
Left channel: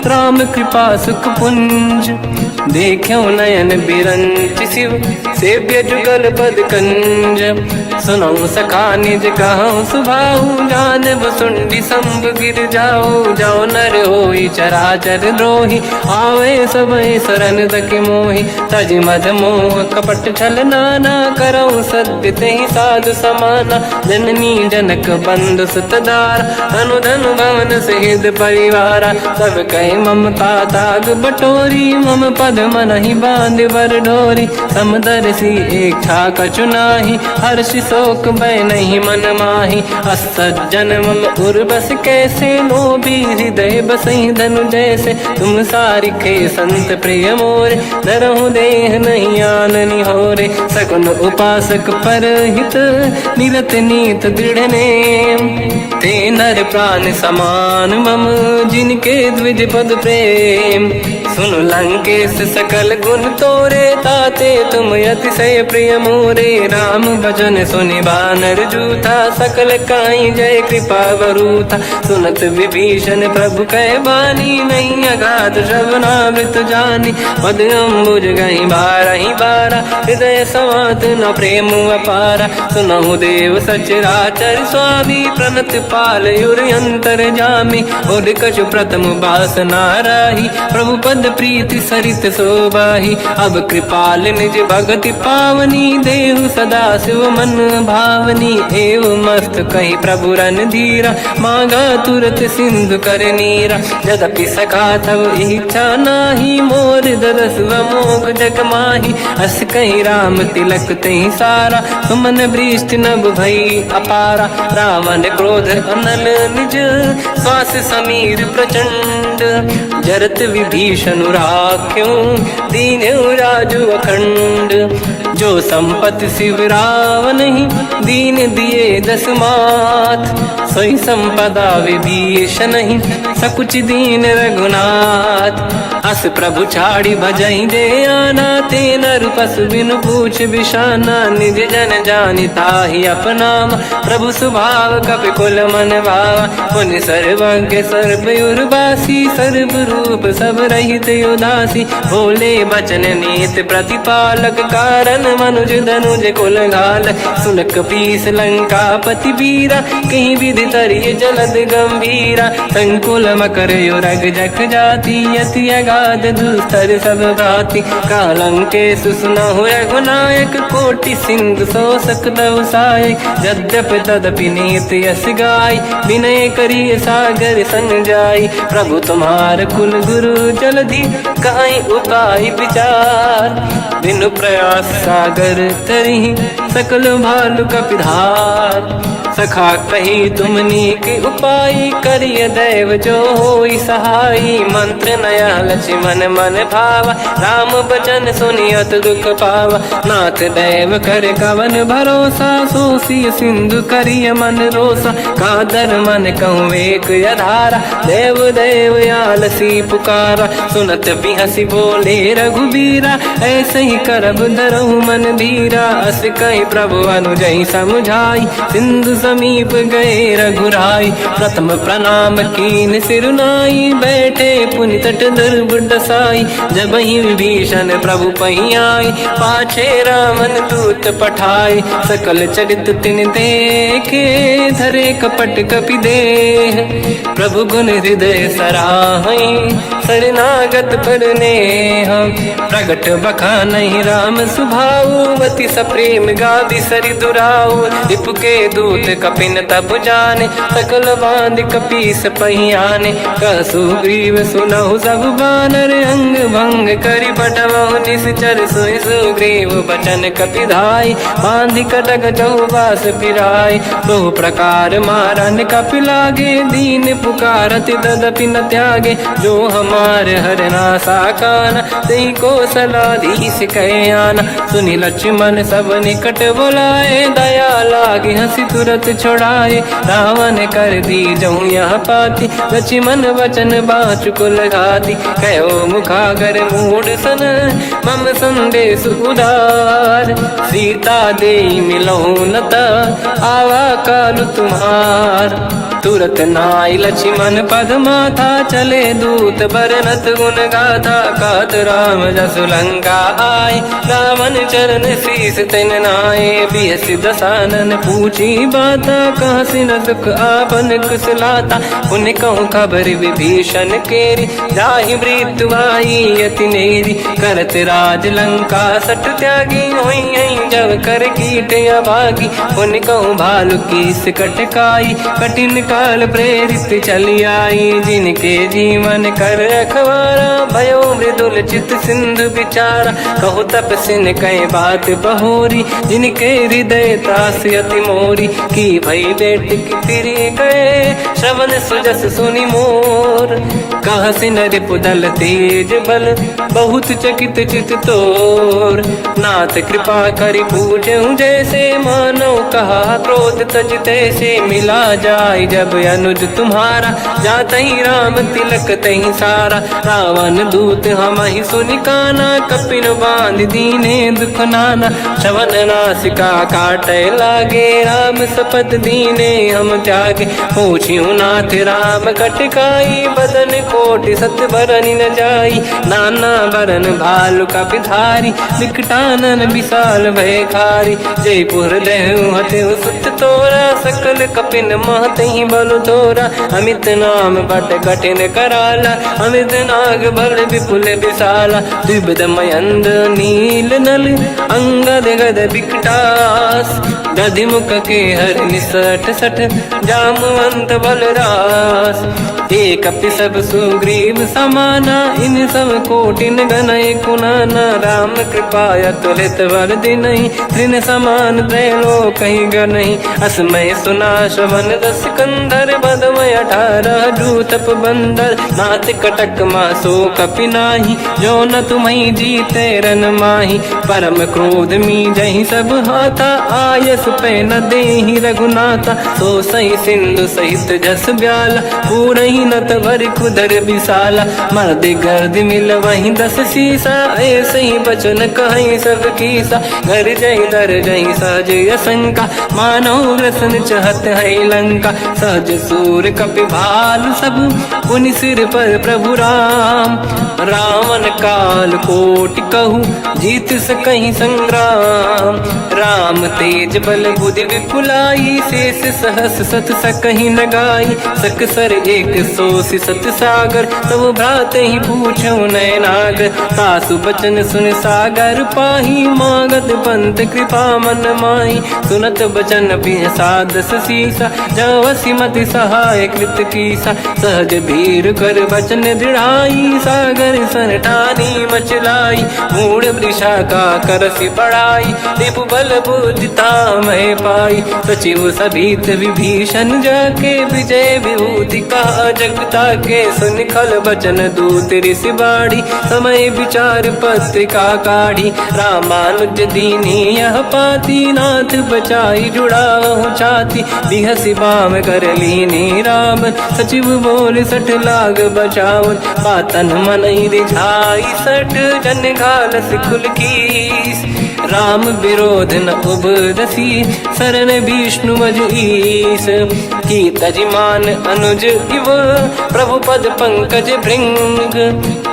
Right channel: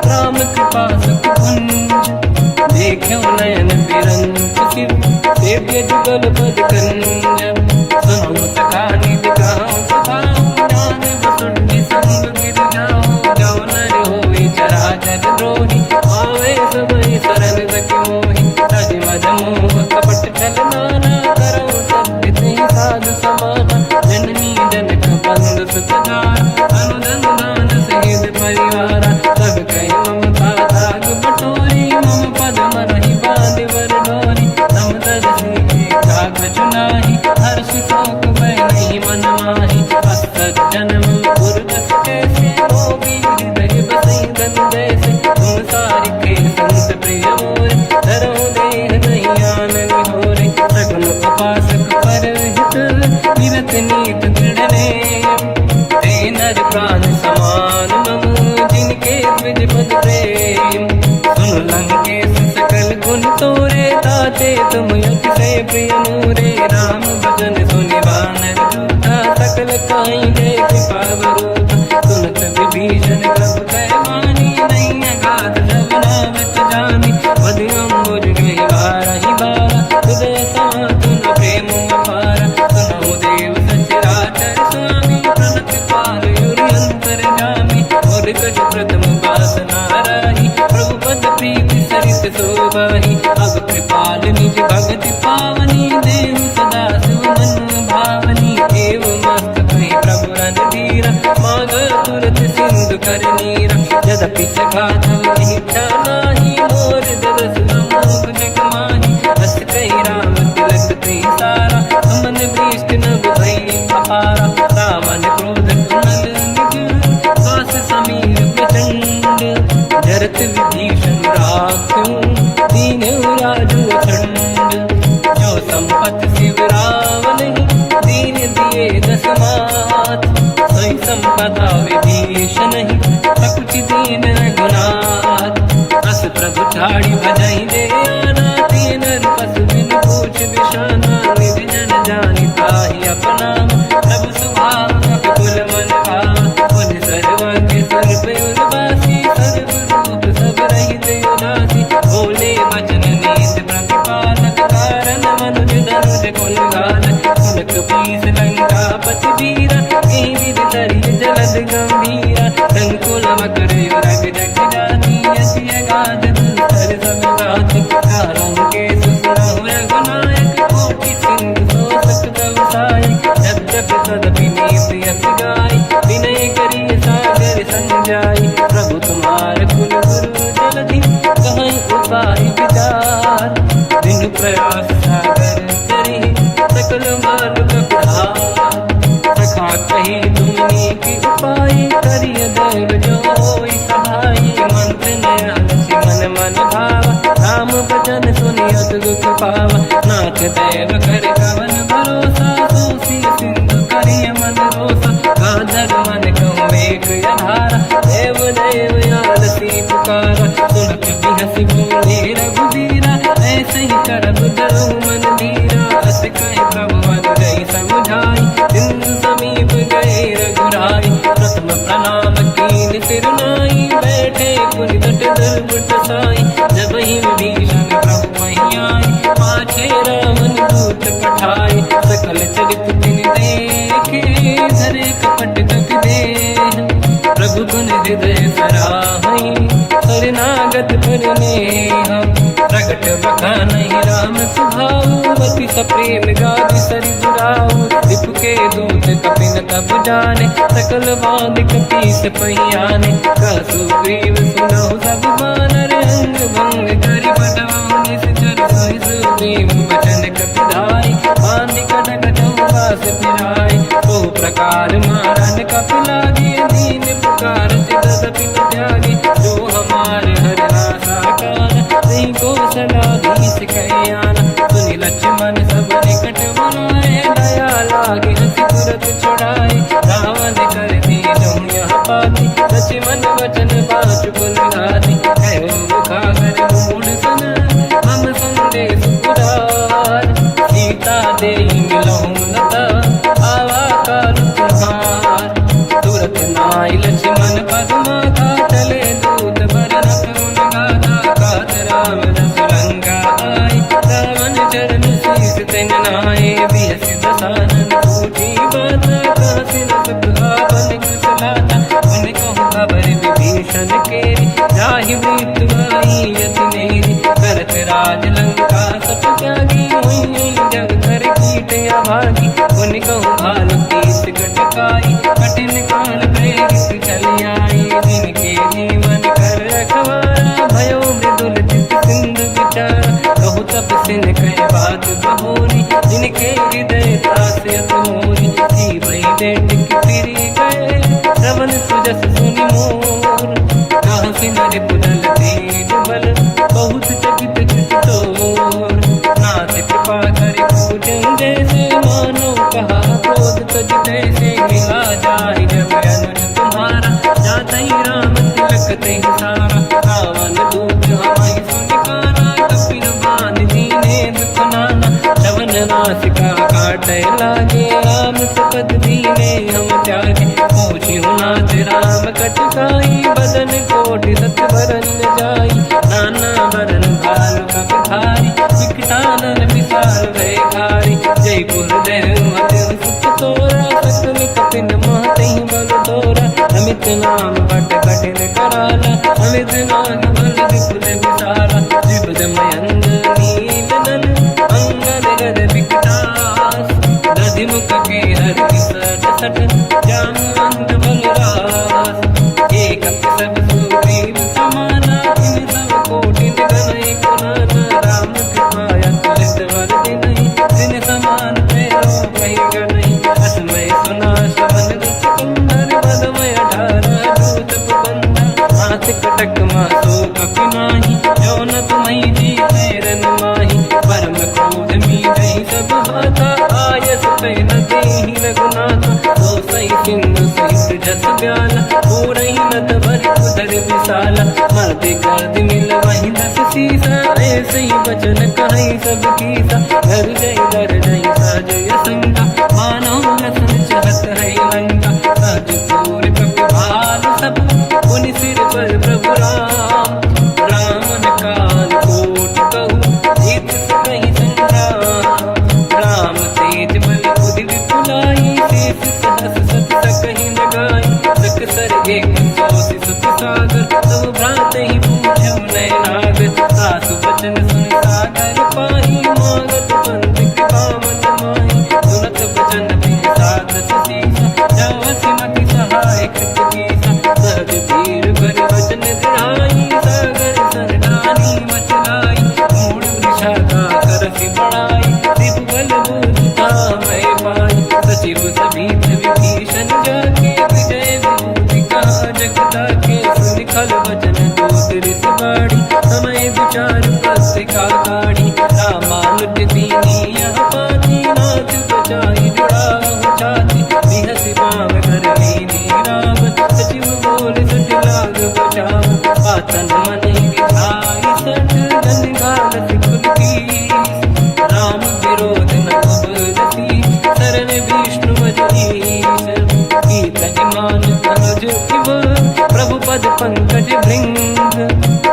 राम कृपा सुख पुंज, देखो नयन बिरंच शिव, सेव्य जुगल पद कंज, सुनऊ सखा निज कहूँ सुभाऊ, जान बसुंडी संग गिर जाओ, जाओ नर होई चराचर द्रोही, आवे सबई शरण दक मोहि, तज मद मोह कपट छल नाना, करऊँ सत्य तेहि साधु समाना, जननी जनक बंधु सुतदारा, अनुधन भवन सहित परिवारा, सब कहे ममता ताग बटोरी, मम पद मन ही बांध बर डोरी, समदर्शी इच्छा कछु नाही, हर्ष शोक भय नहीं मन माही, असज्जन मम उर्वश कैसे, लोभी हृदय बसई धनु जैसे, तुम सारिखे संत प्रिय मोरे, धरहु देह नहीं आननि होरे, सगुन उपासक पर हित, निरत नीत दृढ़ नेम, ते नर प्राण समान मम, जिनके द्विज पद प्रेम, सुन लंकेश सकल गुण तोरे, ताते तुम अतिशय प्रिय मोरे, राम भजन सुनि बानर जूथा, सकल काई जय कृपा वरूथा, सुनत विभीषण प्रभु कह बानी, नहीं अगाध श्रवणामृत जानी, पद अम्बुज गई बारहि बारा, हृदय समात न प्रेम अपारा, सुनहु देव सचराचर स्वामी, प्रणत पाल युरि अंतर जामी, और कछु प्रथम बास नाराही, प्रभु पद प्रीति सरित शोभाही, अब कृपाल निज भगति पावनी, देहु सदा शिव मन भावनी, एव मस्त कहीं प्रभु रन धीरा, मांगा तुरत सिंधु कर नीरा, जदपि सखा तब इच्छा नाही, मोर दरस मोग जग माही, अस कहीं राम तिलक तेहि सारा, सुमन वृष्टि नभ भई अपारा, रावण क्रोध अनल निज, श्वास समीर प्रचंड, जरत विभीषण राख्यों, दीन राजु अखंड, जो संपत शिव रावण ही, दीन दिए दस मात, सोई संपदा विभीषण ही, सकुच दीन रघुनाथ, दास प्रभु छाड़ी भजई दे आना, ते नर पशु बिनु पूछ बिशाना, निज जन जानि ताहि अपनाम, प्रभु स्वभाव कपि कुल मन भावा, मुनि सर्वज्ञ सर्व उर्वासी, सर्व रूप सब रहित उदासी, भोले बचन नीत प्रतिपालक, कारण मनुज धनुज कुल घाल, सुन कपीस लंका पति वीरा, कहीं विधि तरिय जलद गंभीरा, संकुल मकर युरग जख जाति, अति अगाध दुस्तर सब घाति, कालंके सुसना हुए गुनायक, कोटि सिंह सो सकदव सायक, यद्यप तदपि नीत यस गाय, विनय करिय सागर संग जाई, प्रभु तुम्हार कुल गुरु जलधि, कहीं उपाय विचार, बिनु प्रयास सागर तरी, सकल भालु कपिधार, सखा कही तुमनी के उपाय, करिय दैव जो होई सहाई, मंत्र नया लक्ष्मण मन भावा, राम बचन सुनियत दुख पावा, नाथ दैव कर कवन भरोसा, सोसी सिंधु करिय मन रोसा, कादर मन कहूँ एक अधारा, देव देव आलसी पुकारा, सुनत बिहसी बोले रघुबीरा, ऐसे ही करब धरहु मन धीरा, अस कहीं प्रभु अनुजई समझाई, सिंधु समीप गए रघुराई, प्रथम प्रणाम कीन सिरनाई, बैठे पुनि तट दुर्बुड साई, जब ही विभीषण प्रभु पही आई, पाछे रामन दूत पठाई, सकल चरित तिन देखे, धरे कपट कपि देह, प्रभु गुण हृदय सराहई, शरणागत पर नेह, प्रगट बखानहि राम सुभाऊ, अति सप्रेम गादि सरि दुराऊ, रिपुके दूत कपिन तप जाने, सकल बांध कपीस पहियाने, कह सुग्रीव सुनहु सब बानर, अंग भंग करि पठवहु निश्चर, सोई सुग्रीव बचन कपिधाई, बांध कटक चौबास पिराई, तो प्रकार मारन कपि लागे, दीन पुकारत तदपि न त्यागे, जो हमार हरना साकाना, तेहि कौशलाधीश कहे आना, सुनि लक्ष्मण सब निकट बुलाए, दया लागे हंसी तुरत छोड़ाए, रावण कर दी जऊँ यह पाती, लक्ष्मण वचन बाँचु कुल घाती, कहो मुखागर मूढ़ सन, मम संदेश उदार, सीता देई मिलहु नता, आवा कालु तुम्हार, तुरत नाई लक्ष्मण पद माथा, चले दूत बरनत गुण गाथा, कहत राम जसु लंका आए, रावण चरण शीस तिन नाए, बिहस दसानन पूछी बाता, कहसी न सुख आपन कुशलाता, उन कहूँ खबर विभीषण केरी, जाहि मृत्यु आई यति नेरी, करत राज लंका सट त्यागी, होई जब कर कीट अभागी, उन कहूँ भालु कीस कटकाई, कठिन काल प्रेरित चली आई, जिनके जीवन कर रखवारा, भयो मृदुल चित सिंधु विचारा, कहु तपसिन कहे बात बहोरी, जिनके हृदय त्रास अति मोरी, की भई बेटी फिर गए, श्रवण सुजस सुनि मोर, कहसी नर पुदल तेज बल, बहुत चकित चित तोर, नाथ कृपा करि पूजहु जैसे, मानो कहा क्रोध तज तैसे, मिला जाय जब अनुज तुम्हारा, जातहि राम तिलक तहि सारा, रावण दूत हमहि सुनि काना, कपिन बांध दीने दुख नाना, श्रवण नासिका काटे लागे, राम सपथ दीने हम त्यागे, पूछियो नाथ राम कटकाई, बदन कोटि सत बरनि न जाई, नाना बरन भालु कपिधारी, विकटानन विशाल भयखारी, जयपुर देहु हतेउ सुत तोरा, सकल कपिन महतहि बल तोरा, अमित नाम बट कठिन कराला, अमित नाग बल विपुल विशाला, द्विविध मयंद नील नल, अंगद गद विकटास, गधिमुख के हर निसट सट, जामवंत बलरास, एक कपि सब सुग्रीव समाना, इन सब कोटिन गनय कुनाना, राम कृपा त्वरित वर दिनहि, दिन समान त्रैलोक कहीं गनहि, असमय सुना श्रवण रस कंधर, बदमय 18 दूतप बंदर, नाथ कटक मासो कपि नाही, जो न तुम्हि जीते रन माही, परम क्रोध मी जहि सब हाथा, आयस पे न देहि रघुनाथा। तो सही सिंधु सहित जस ब्याला, पूरही नत भर कुदर विशाला। मर्द गर्द मिल वही 10 सीसा, ऐसे ही बचन कहीं सब कीसा। घर जय दर जय सहज असंका, मानो रसन चहत है लंका। सहज सूर कपि भाल सब, पुनि सिर पर प्रभु राम। रावण काल कोटि कहूँ, जीत सकहीं संग्राम। राम तेज बल बुद्धि विपुलाई, शेष सहस सत सकहीं न गाई। सकसर एक सोसी सत सागर, तब भ्रात ही पूछो नय नागर। सासु बचन सुन सागर पाही, मांगत पंत कृपा मन माही। सुनत बचन पिय साध सीसा, जावसी मति सहाय कृत कीसा। सहज धीर कर बचन दृढ़ाई, सागर सन ठानी मचलाई। मूढ़ वृषा का करसि बढ़ाई, देव बल बुद्धि तामय पाई। सचिव सभीत विभीषण जाके, विजय विभूति का जगता के। सुन खल बचन दूत ऋषि बाड़ी, समय विचार पत्रिका काढ़ी। रामानुज दीनी यह पाती, नाथ बचाई जुड़ाहु छाती। बिहसि बाम कर लीनी राम, सचिव बोल सठ लाग बचावन। पातन मन ही रिझाई सठ, जन घालस कुल कीस। राम विरोध न उपजसी, शरण विष्णु मजईस। की तजमान अनुज इव, प्रभु पद पंकज भृंग।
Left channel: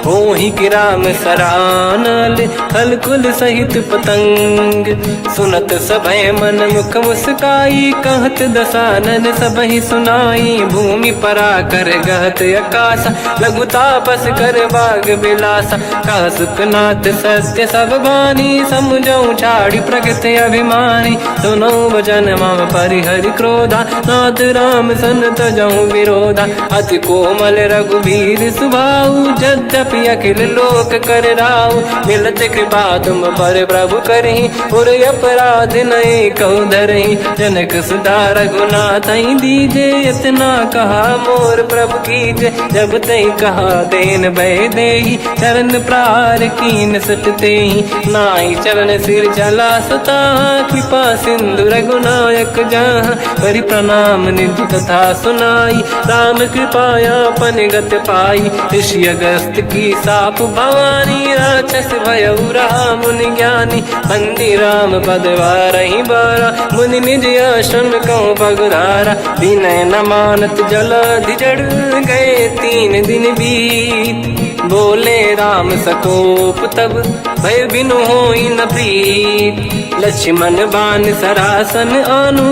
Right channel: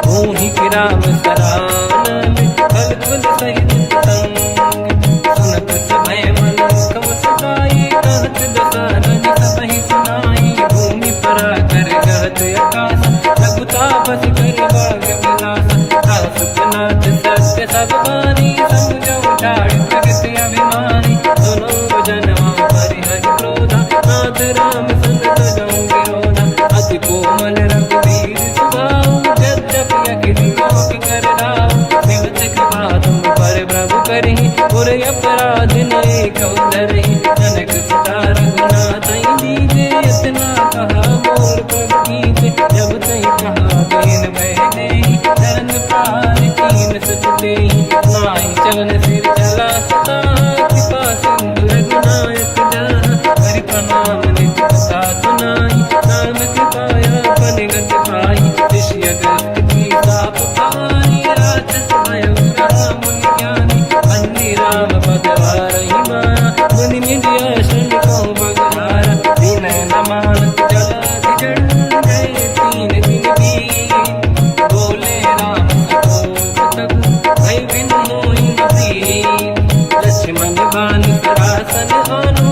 मोहि की राम सरानल, थल कुल सहित पतंग। सुनत सभय मन मुख मुस्काई, कहत दसानन सबहि सुनाई। भूमि परा कर गहत आकाशा, लघु तापस कर बाग बिलासा। कह सुखनाथ सत्य सब बानी, समझौ ठाड़ी प्रकृति अभिमानी। दोनों वचन मम परिहरि क्रोधा, नाथ राम सन तजौ विरोधा। अति कोमल रघुवीर सुभाऊ, यद्यपि अखिल लोक कर राऊ। मिलत कृपा तुम पर प्रभु करहि, पुर अपराध नये कहु धरहि। जनक सुता रघुनाथ दीजे, इतना कहा मोर प्रभु कीजे। जब तई कहा देन भय देहि, चरण प्रार कीन सट तेहि। नाई चरण सिर चला सता, कृपा सिंधु रघुनायक जहाँ। करि प्रणाम निज कथा सुनाई, राम कृपाया पन गत पाई। ऋषि अगस्त की साप भवानी, राक्षस भयउ रहा मुनि ज्ञानी। बंदी राम पद वारहि बारा, मुनि निज आश्रम कहु बगुधारा। विनय न मानत जलाधि जड़, गए 3 दिन बीत। बोले राम सकोप तब, भय बिनु होई न प्रीत। लक्ष्मण बाण सरासन आनु,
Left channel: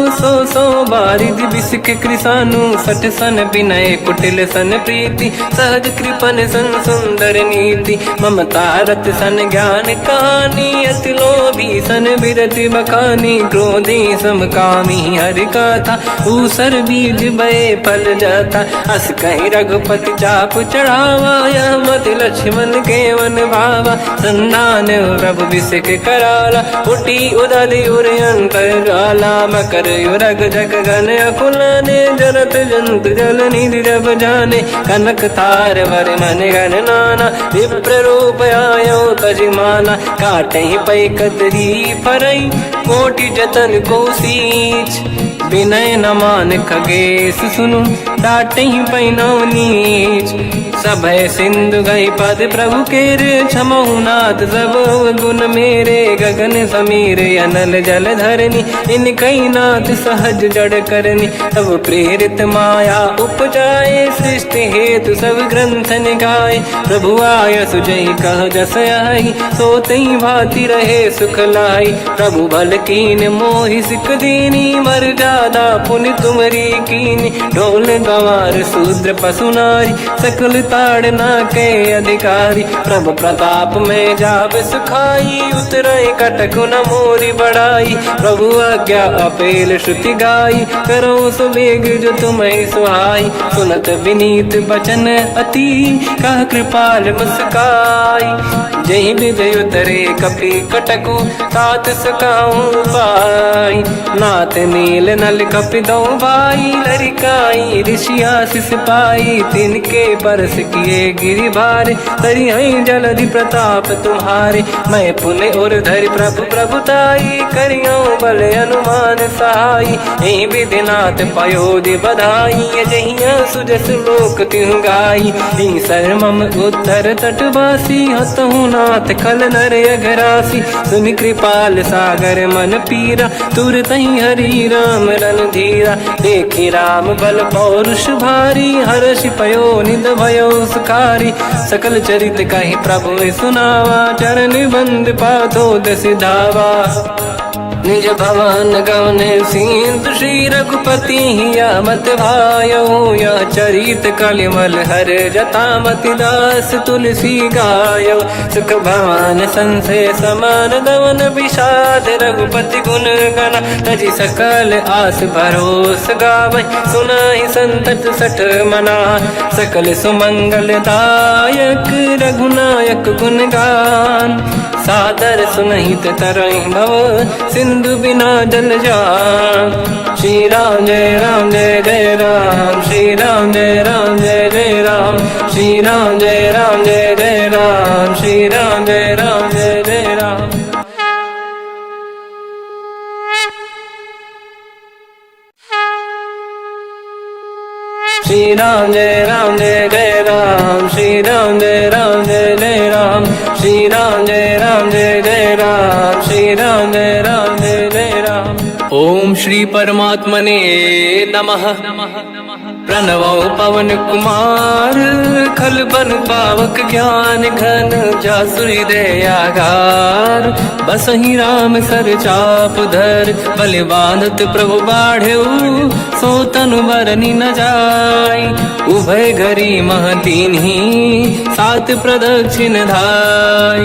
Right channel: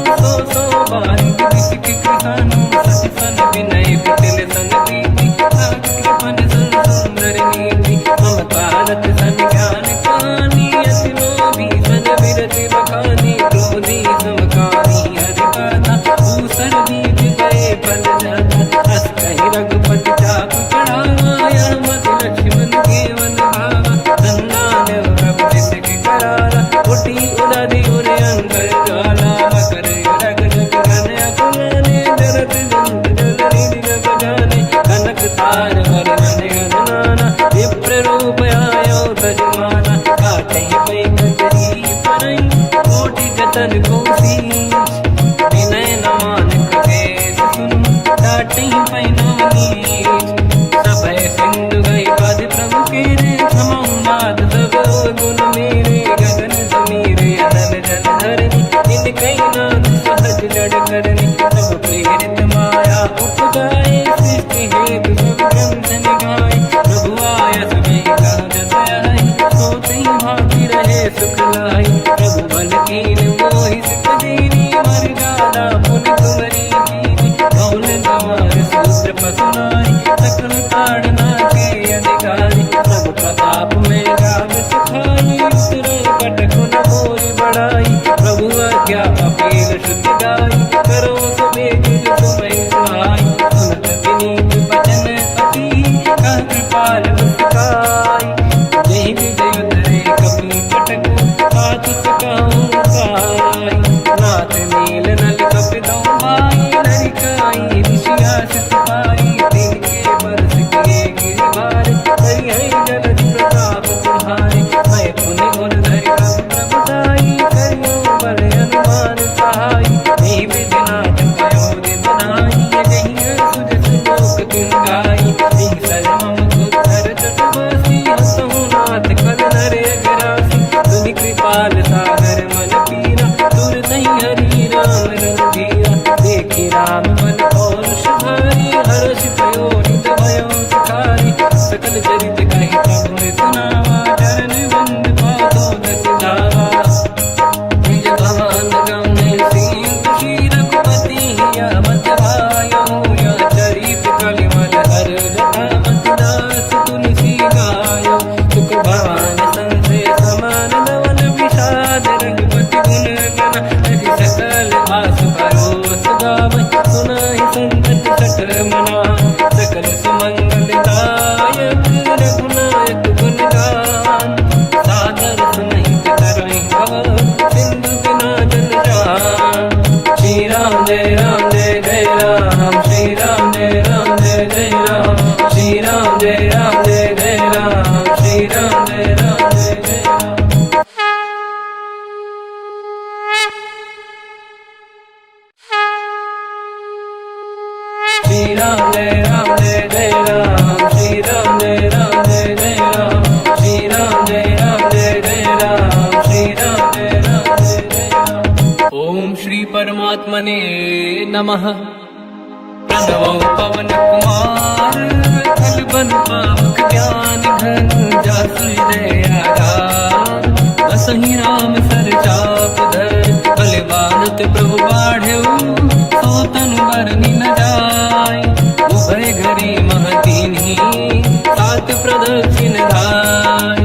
सो बारिद बिसिक कृसानु। सठ सन विनय कुटिल सन प्रीति, सहज कृपन सन सुंदर नीति। ममता रत सन ज्ञान कहानी, अति लोभी सन विरति बखानी। क्रोधी समकामी हरि कथा, ऊसर बीज बये फल जाता। अस कहीं रघुपति चाप चढ़ावा, यह मत लक्ष्मण के वन भावा। संधान रब विसिक कराला, उठी उदधि उर अंकर ज्वाला। मकर युरग जग गण अकुलाने, जरत जंत जल निधि जब जाने। कनक तार वर्णन गण नाना, विप्र रूप आयो तजमाना। काटे पै कतरी परई, कोटि जतन को सींच। विनय न मान खगेश सुनु, डांटे पैनो नीच। सभय सिंधु गई पद प्रभु केरे, क्षमहु नाथ सब गुण मेरे। गगन समीर अनल जल धरनी, इन कई नाथ सहज जड़ करनी। तब प्रेरित माया उपजाए, सृष्टि हेतु सब ग्रंथ निगाए। प्रभु आय सुजय कह जस आई, सोतई भांति रहे सुख लाई। प्रभु भल कीन मोहि सिख दीनी, मर जादा पुनि तुमरी कीनी। ढोल गंवार शूद्र पशु नारी, सकल ताड़ना के अधिकारी। प्रभु प्रताप में जाब सुखाई, उतरे कटक न मोरी बढ़ाई। प्रभु आज्ञा अपेल श्रुति गाई, करो सुबेग जो तुम्हें सुहाई। सुनत विनीत बचन अति, कह कृपाल मुस्काई। जय हृदय उतरे कपि कटकु, तात सकाऊं पाई। नाथ नील नल कपि दो भाई, लरिकाई ऋषि आशीष पाई। तिनके बरस किए गिरि भारे, तरि हई जलधि प्रताप तुम्हारे। मैं पुन उर धरि प्रभु प्रभुताई, करियो बल अनुमान सा। विधिनाथ पयोधि बधाई जहिया सुजस लोक तिहु गाई ईसर मम उत्तर तटवासी हसहु नाथ खल नर अघरासी तुम कृपाल सागर मन पीरा तुरत हरि राम रणधीरा देखि राम बल पौरुष भारी हर्ष पयो निध भयो सुखारी सकल चरित कहि प्रभु सुनावा चरण बंद पादो दस धावा निज भवन गवन सिंधु श्री रघुपति या मत भायो या चरित कलिमल हर जतामति दास तुलसी गायो सुख भवन संसे समान गवन विषाद रघुपति गुण गण तजि सकल आस भरोस गावै सुनाहि संतत सठ मना सकल सुमंगल दायक रघुनायक गुण गान सादर सुनहित तरंग भव सिंधु बिना जल जान श्री राम जय जय राम श्री राम जय जय राम श्री राम जय जय राम श्री राम जय जय राम श्री राम जय जय राम श्री राम जय जय राम श्री राम जय जय राम श्री राम जय जय राम। ओम श्री परमात्मने नमः। प्रणवो पवन कुमार खल बन पावक ज्ञान घन जासुरी दयागार बसहि राम सर चाप धर बलिवानत प्रभु बाढ़ऊ सो तनु मरनी न जाय उभय घरी महतीन्ही सात प्रदक्षिण धाय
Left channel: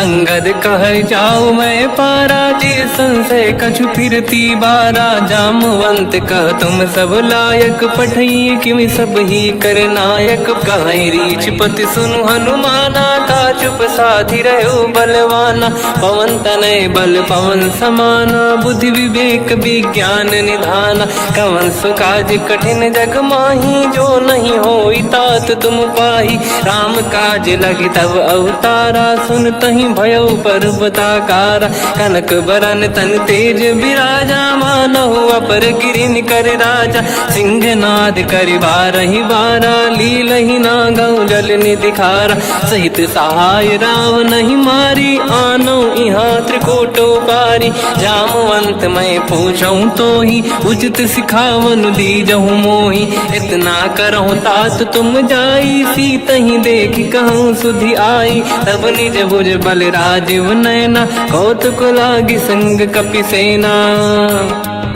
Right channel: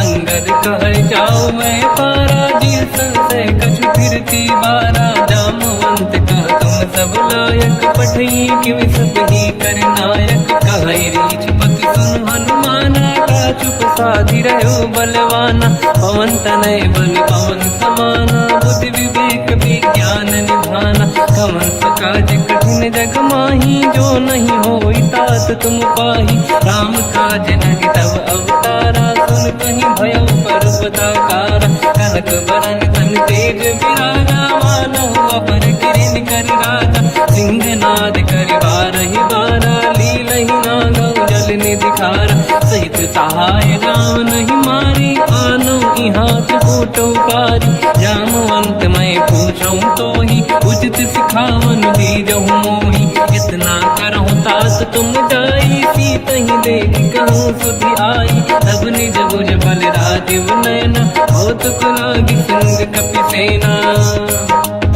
अंगद कह जाऊ मैं पारा जी संशय कछु फिरती बारा जामवंत कह तुम सब लायक पठई किमि सब ही कर नायक कहई रीछ पति सुनु हनुमाना का चुप साधि रहो बलवाना पवन तनय बल पवन समाना बुद्धि विवेक विज्ञान निधाना कवन सुकाज कठिन जग माही जो नहीं होई तात तुम पाही राम काज लगी तब अवतारा सुन तहि भयो पर्वताकारा कनक बरन तन तेज विराजा मानहु अपर गिरिन कर राजा सिंह नाद कर बारहि बारा लीलहि नागौ जल निधिखारा सहित सहाय राम नहीं मारी आनो इहाँ त्रिकोटो पारी जामवंत मैं पूछऊँ तो ही उचित सिखावन दीजहु मोही इतना करहु तात तुम जाई सीत ही देखी कहूँ सुधि आई तब निज भुज बल राजीव नैना कौतुक लागी संग कपिसेना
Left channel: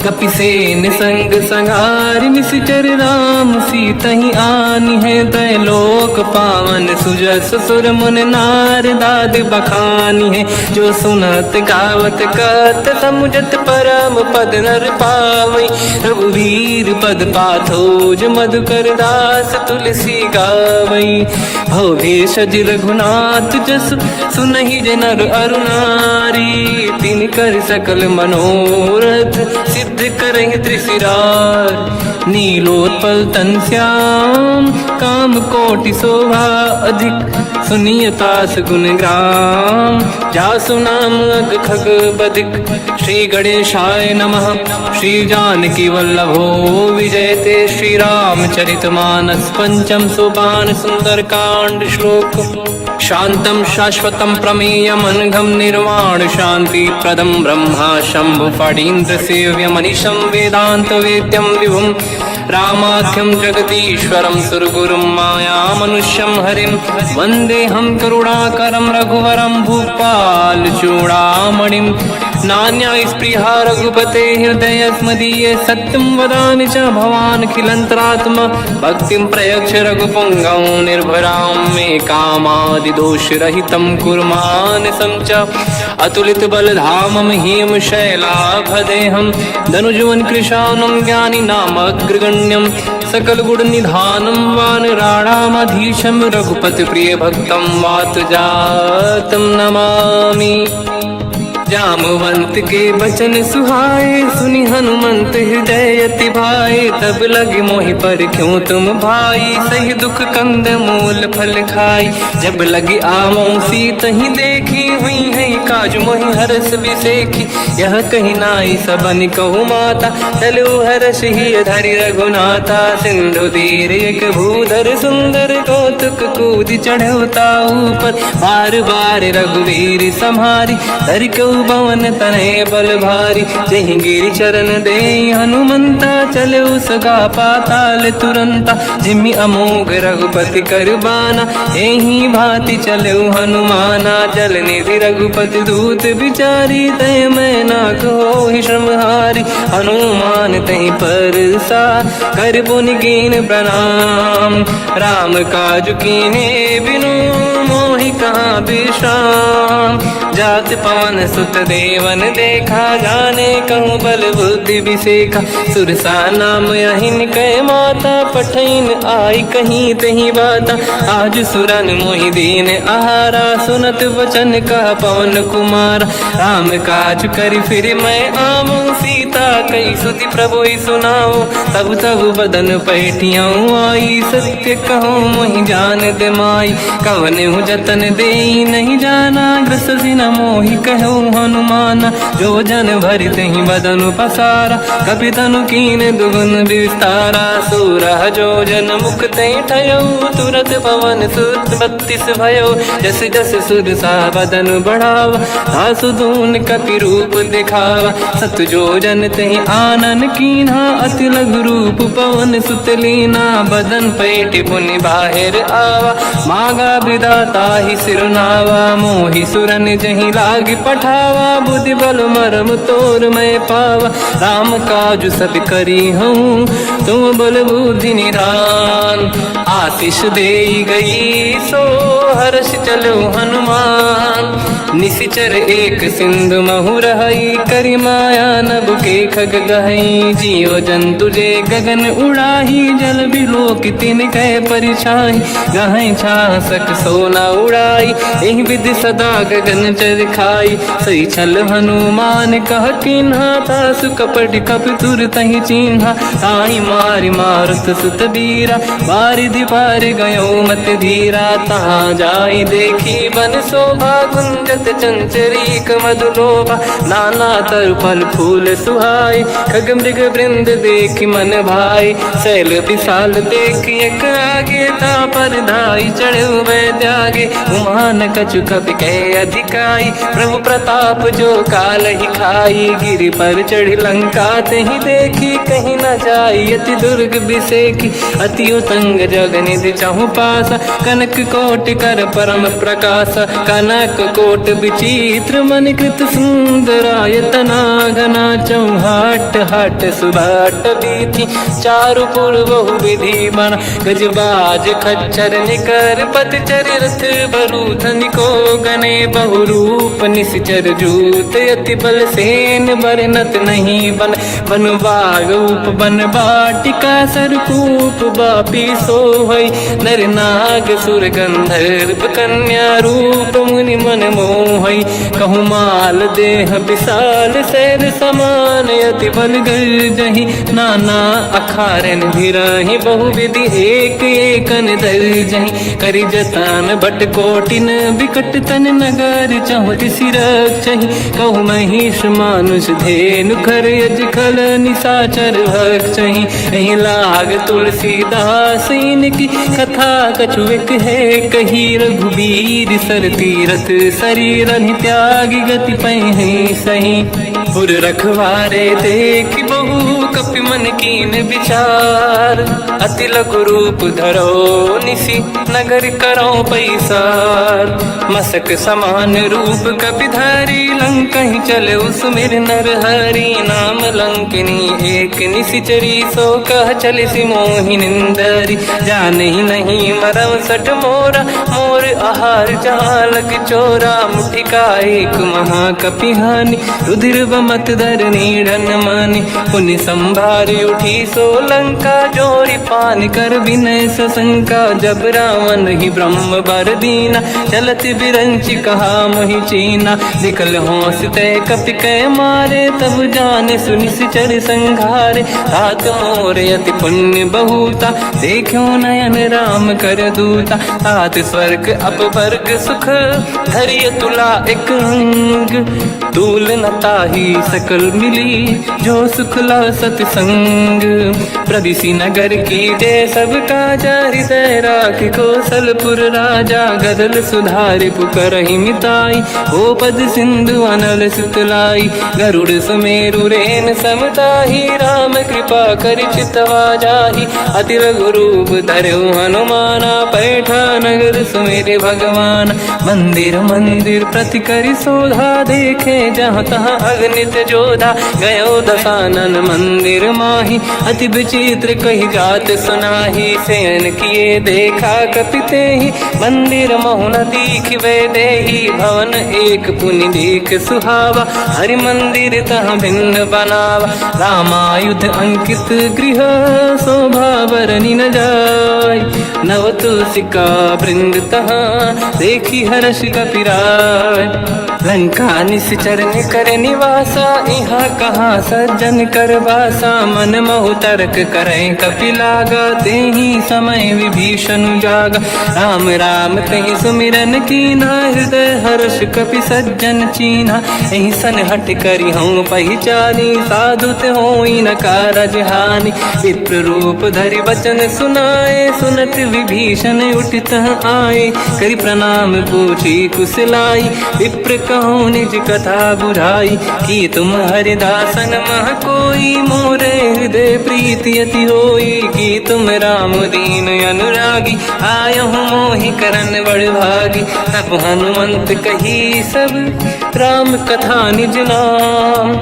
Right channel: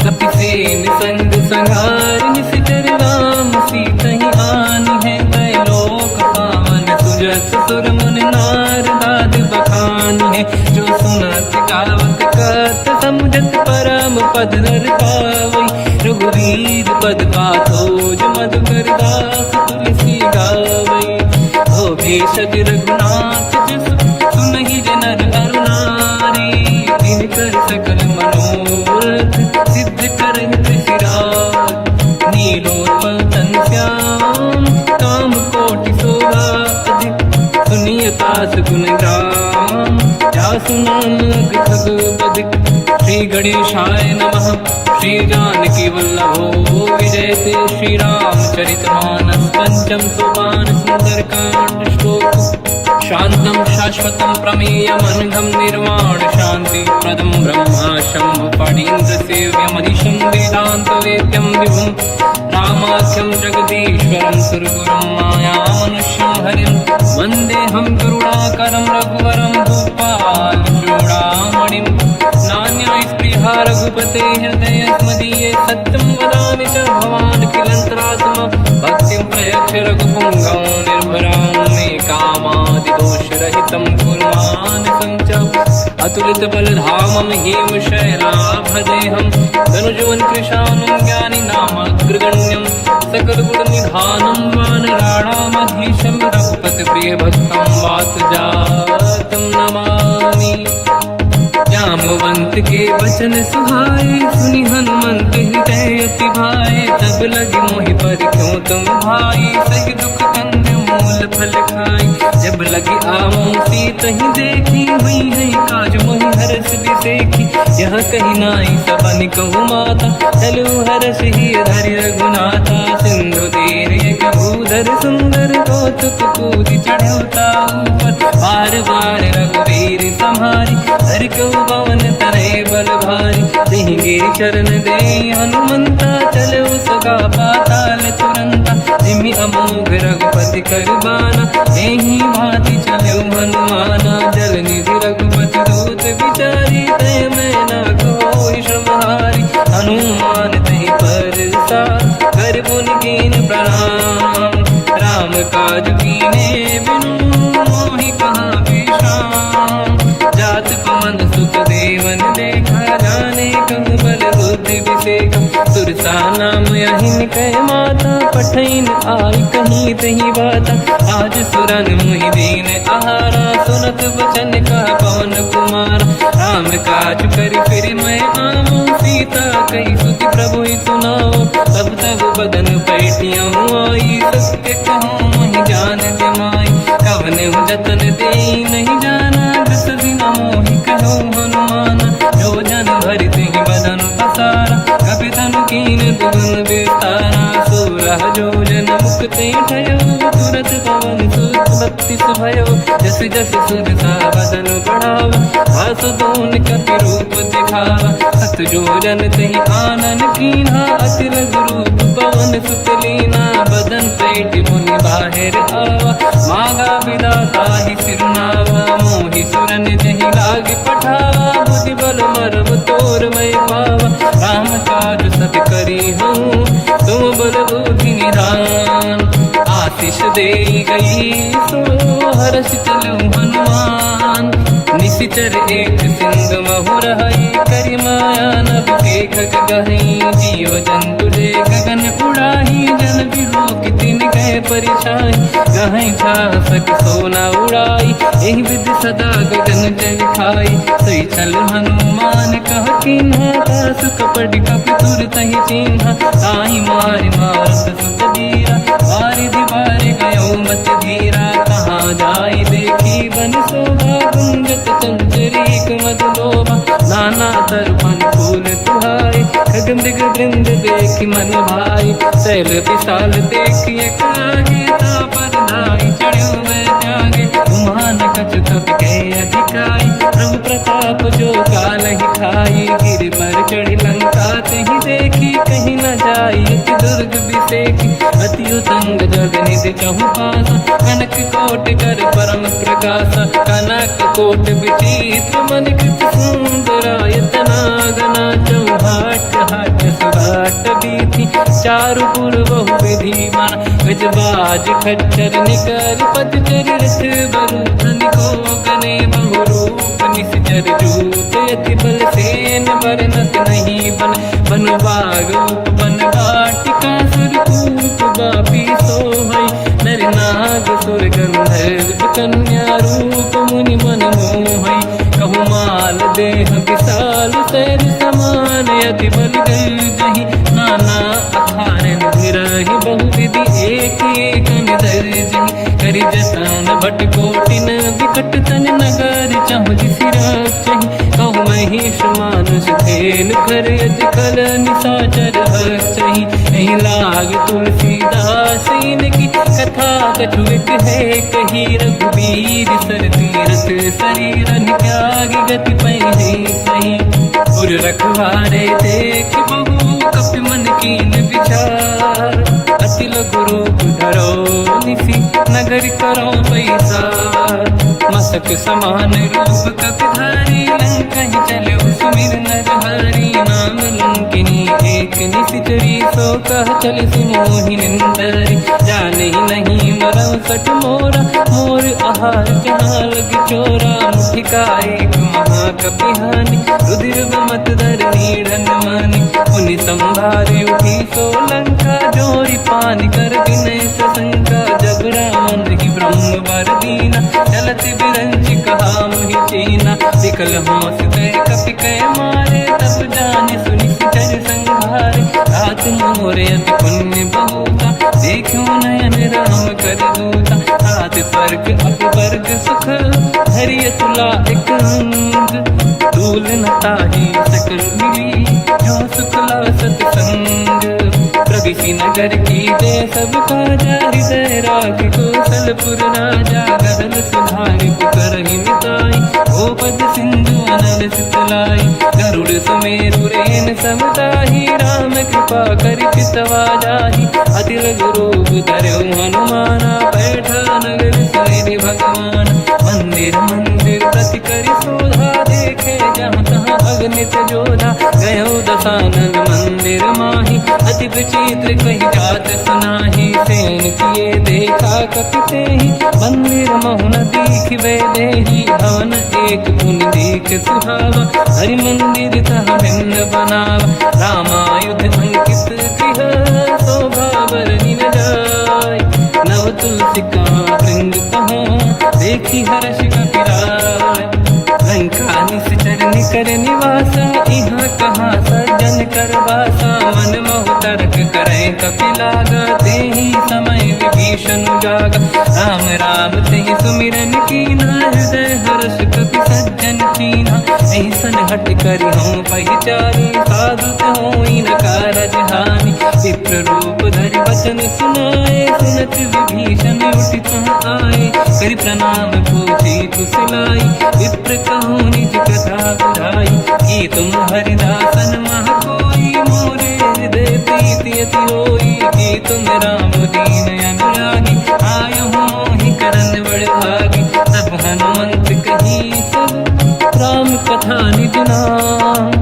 कपिसेन संग संहार निश्चर राम सीतहि आनी है दैलोक पावन सुजस सुर मुन नार दाद बखानी है जो सुनत गावत कत समुझत परम पद नर पावई रघुवीर पद पाथोज मधुकर दास तुलसी गावई भव भेषज रघुनाथ जस सुनहि जनर अरुणारी तिन कर सकल मनोरथ सिद्ध करेंगे त्रिशिरार नीलोत्पल तन श्याम काम कोटि शोभा अधिक सुनियतास गुण ग्राम जासु नाम अग खग बदिक श्री गणेशाय नमः श्री जानकी वल्लभो विजयते श्री रामचरित मानस पंचम सोपान सुंदर कांड श्लोक शांतं शाश्वतं प्रमेयमनघं निर्वाण शांति प्रदं ब्रह्मा शंभु फणीन्द्र सेव्य मनीषं वेदांत वेद्यं विभुं रामाख्यं जगदीश्वरं सुरगुरुं माया मनुष्यं हरिं वन्देऽहं करुणाकरं रघुवरं भूपाल चूडामणिं नान्या स्पृहा रघुपते हृदयस्मदीये सत्यं वदामि च भवान् खिलन्तरात्मा भक्तिं प्रयच्छ रघुपुङ्गौ निर्भरां मे कामादिदोषरहितं कुर्मानसं च अतुलितबलधामं हेमशैलाभदेहं धनुजवन् कृशानं ज्ञानिनामग्रगण्यं सकलगुणनिधानं वानराणामधीशं रघुपतिप्रियभक्तं वातजातं नमामि। जामवंत के बचन सुहाए, सुनि हनुमंत हृदय अति भाए। तब लगे मोहि पर क्यों तुम भाई, सही दुख कंद मूल फल खाई। जब लगी आवो सीत ही देखी, हुई है काज मोहि हरस बिसेखी। यह कही नाई सबन कहु माता, चलु हरष ही धरि रघुनाथा। सिंधु तीर एक भूधर सुंदर, कौतुक कूद चढ़ौता ऊपर। बार बार रघुवीर सम्हारी, धरि कहु पवन तनय बल भारी। जहि गिरि चरण दे हनुमंता, चले सगा पाताल तुरंता। जिमि अमोघ रघुपति कर बाना, एहि भांति चले हनुमाना। जल निधि रघुपति दूत बिचारी, तय मैं ना कोहि श्रमहारी। हनुमान तहि पर सार, कर पुनि कीन प्रणाम। राम काज कीन्हे बिनु, मोहि कहाँ विश्राम। जात पवन सुत देवन देखा, जाने कहूँ बल बुद्धि विसेखा। सुरसा नाम यहिन कै माता, पठैन आई कहीं तही बाता। आज सुरन मोहि दीन आहारा, सुनत वचन कहा पवन कुमार। राम काज करि फिर मैं आवूं, सीता कई सुति प्रभु सुनाओ। तब तब बदन पैठियाँ आई, सत्य कहो मोहि जान दे माई। कवन हूँ जतन दे नहीं जाना, बिसि न मोहि कहो हनुमाना। जो जन भरि तहि बदन पसारा, कपि तनु कीन दुगुन विस्तारा। सूरह जो जन मुख तहि ठयो, तुरत पवन सुत 32 भयो। जस जस सुरसा बदन बढ़ावा, आसुदून कपि रूप दिखावा। सत जो जन तहि आनन कीन्हा, अति लघु रूप पवन सुत लीना। बदन पैठ पुनि बाहिर आवा, मांगा विधाता ही सिरनावा। मोहि सुरन जहि लाग पठावा, बुद्धि बल मरम तोर मैं पावा। राम काज सब करी हूँ, तुम बल बुद्धि निधान। आशीष दे गई सो, हर्ष चलो हनुमान। निशिचर एक सिंधु महु रहई, करि माया नभ के खग गहई। जियो जंतु ले गगन उड़ाही, जल बिलोक तिन कह परिछाई। गहई छासक सोना उड़ाई, एहि विधि सदा गगन चर खाई। सही छल हनुमान कह कीन्हा, तासु कपट कपि तुर तहि चिन्हा। ताई मारि मारुत सुत बीरा, बारिधि पार गयो मत धीरा। तहाँ जाई देखी बन शोभा, कुंजत चंचरीक मधुलोभा। नाना तरु फल फूल सुहाई, खग मृग वृंद देखि मन भाई। शैल विशाल देखिए कागे, पर धाई चढ़े में त्यागे। उमान कछु कपि कह अधिकाई, प्रभु प्रताप जो काल ही खाई। गिरि पर चढ़ी लंका तहि देखी, कहीं न जाई अति दुर्ग बिसेखी। अति उत्तंग जग निधि चहु पासा, कनक कोट कर परम प्रकाशा। कनक कोट विचित्र मणिकृत सुंदरायतना घना। चौहाट हाट सुभाट बीथी, चारु पुर बहु विधि बना। गजबाज खच्चर निकर पतचर, रथ बरु धनिको गने। बहु रूप निश्चर जूत, अति बल सेन बरनत नहीं बल। बन बाग उप बन बाटिका, सरकूप बापी सोहई। नर नाग सुर गंधर्व कन्या, रूप मुनि मन मोहई। कहु माल देह विशाल, शैल समान अति बल गर्जहि। नाना अखारन भिरहि, बहु विधि एक एकन दर्जहि। करि जतन भट कोटिन, विकट तन नगर चहु दिसि रक्षहि। कहु महिष मानुष धेनु, खर अज खल निशाचर भक्षहि। एहि लाग तुलसीदास इनकी, कथा कछु एक है कही। रघुवीर सर तीरथ शरीर, त्याग गति पैहि सही। पुर रखवारे देख बहु, कपि मन कीन विचार। अति लघु रूप धरो निसी, नगर करो पैसार। मसक समान रूप कपि धरी, लंका ही चले सुमिर नर हरि। नाम लंकिनी एक निशिचरी सो कह चल सी मोहि निंदरी जाने ही नहीं मरम सट मोरा मोर आहार जहाँ लग चोरा मुठिका एक महाकपिहानी रुधिर बमत दर नीड़न मानी पुनि संभारी उठी सोलंका जोरी पान कर विनय सशंका जब रावण ही ब्रह्म बर दीना चलत बिरंच कहा मोहि चीना निकल होश तय कपि कै मारे तब जाने सुनि सिचर संघारे तात मोरे अति पुण्य बहुता देखो नयन राम कर दूता तात स्वर्ग अपवर्ग सुख धरिय तुला एक अंग तूल न ताहि सकल मिली जो सुख ला सतसंग प्रदिशि नगर की दे सब काजा हृदय राख कौशलपुर राजा गदल सुधारि पुकरहि मिताई ओ पद सिंधु अनल सुतलाई गरुड़ सुमेरु रेन समताहि राम कृपा कर चितवा जाहि अति रघु रूप धरऊ हनुमाना पैठा नगर सुमेरे भगवान मंदिर मंदिर प्रति करि शोधा देखे जहाँ तहाँ अगणित जोधा गयो दशानन मंदिर माही अति विचित्र कही जात सुनाही सेन किए देखा कपिते ही मंदिर महु न दीखिबे देही भवन एक पुनि एक सुहावा हरि मंदिर तहाँ भिन्न बनावा रामायुध अंकित गृह शोभा बरनि न जाय नव तुलसिका वृंद तहाँ देखी हर्ष कपिराय लंका निश्चर कर निवासा यहाँ कहाँ सज्जन कर वासा मन महु तर्क करें कपिलागा तेहि समय विभीषण जागा राम राम तेहि सुमिरन कीना हृदय हर्ष कपि सज्जन चीना एहि सन हट करि हूँ पहिचानी साधु होई न कारज हानि विप्र रूप धरि वचन सुनाए सुनत विभीषण उठित आए करि प्रणाम पूछी कुशलाई विप्र कहूँ निज कथा बुराई कि तुम हरिदासन मह कोई मोरे हृदय प्रीति अति होई कि तुम राम दीन अनुरागी आयहु मोहि करन बड़ भागी तब हनुमंत कही सब राम कथा निज नाम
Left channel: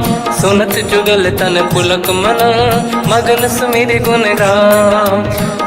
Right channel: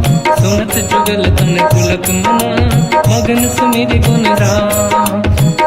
सुनत जुगल तन पुलक मना मगन सुमिर गुण राम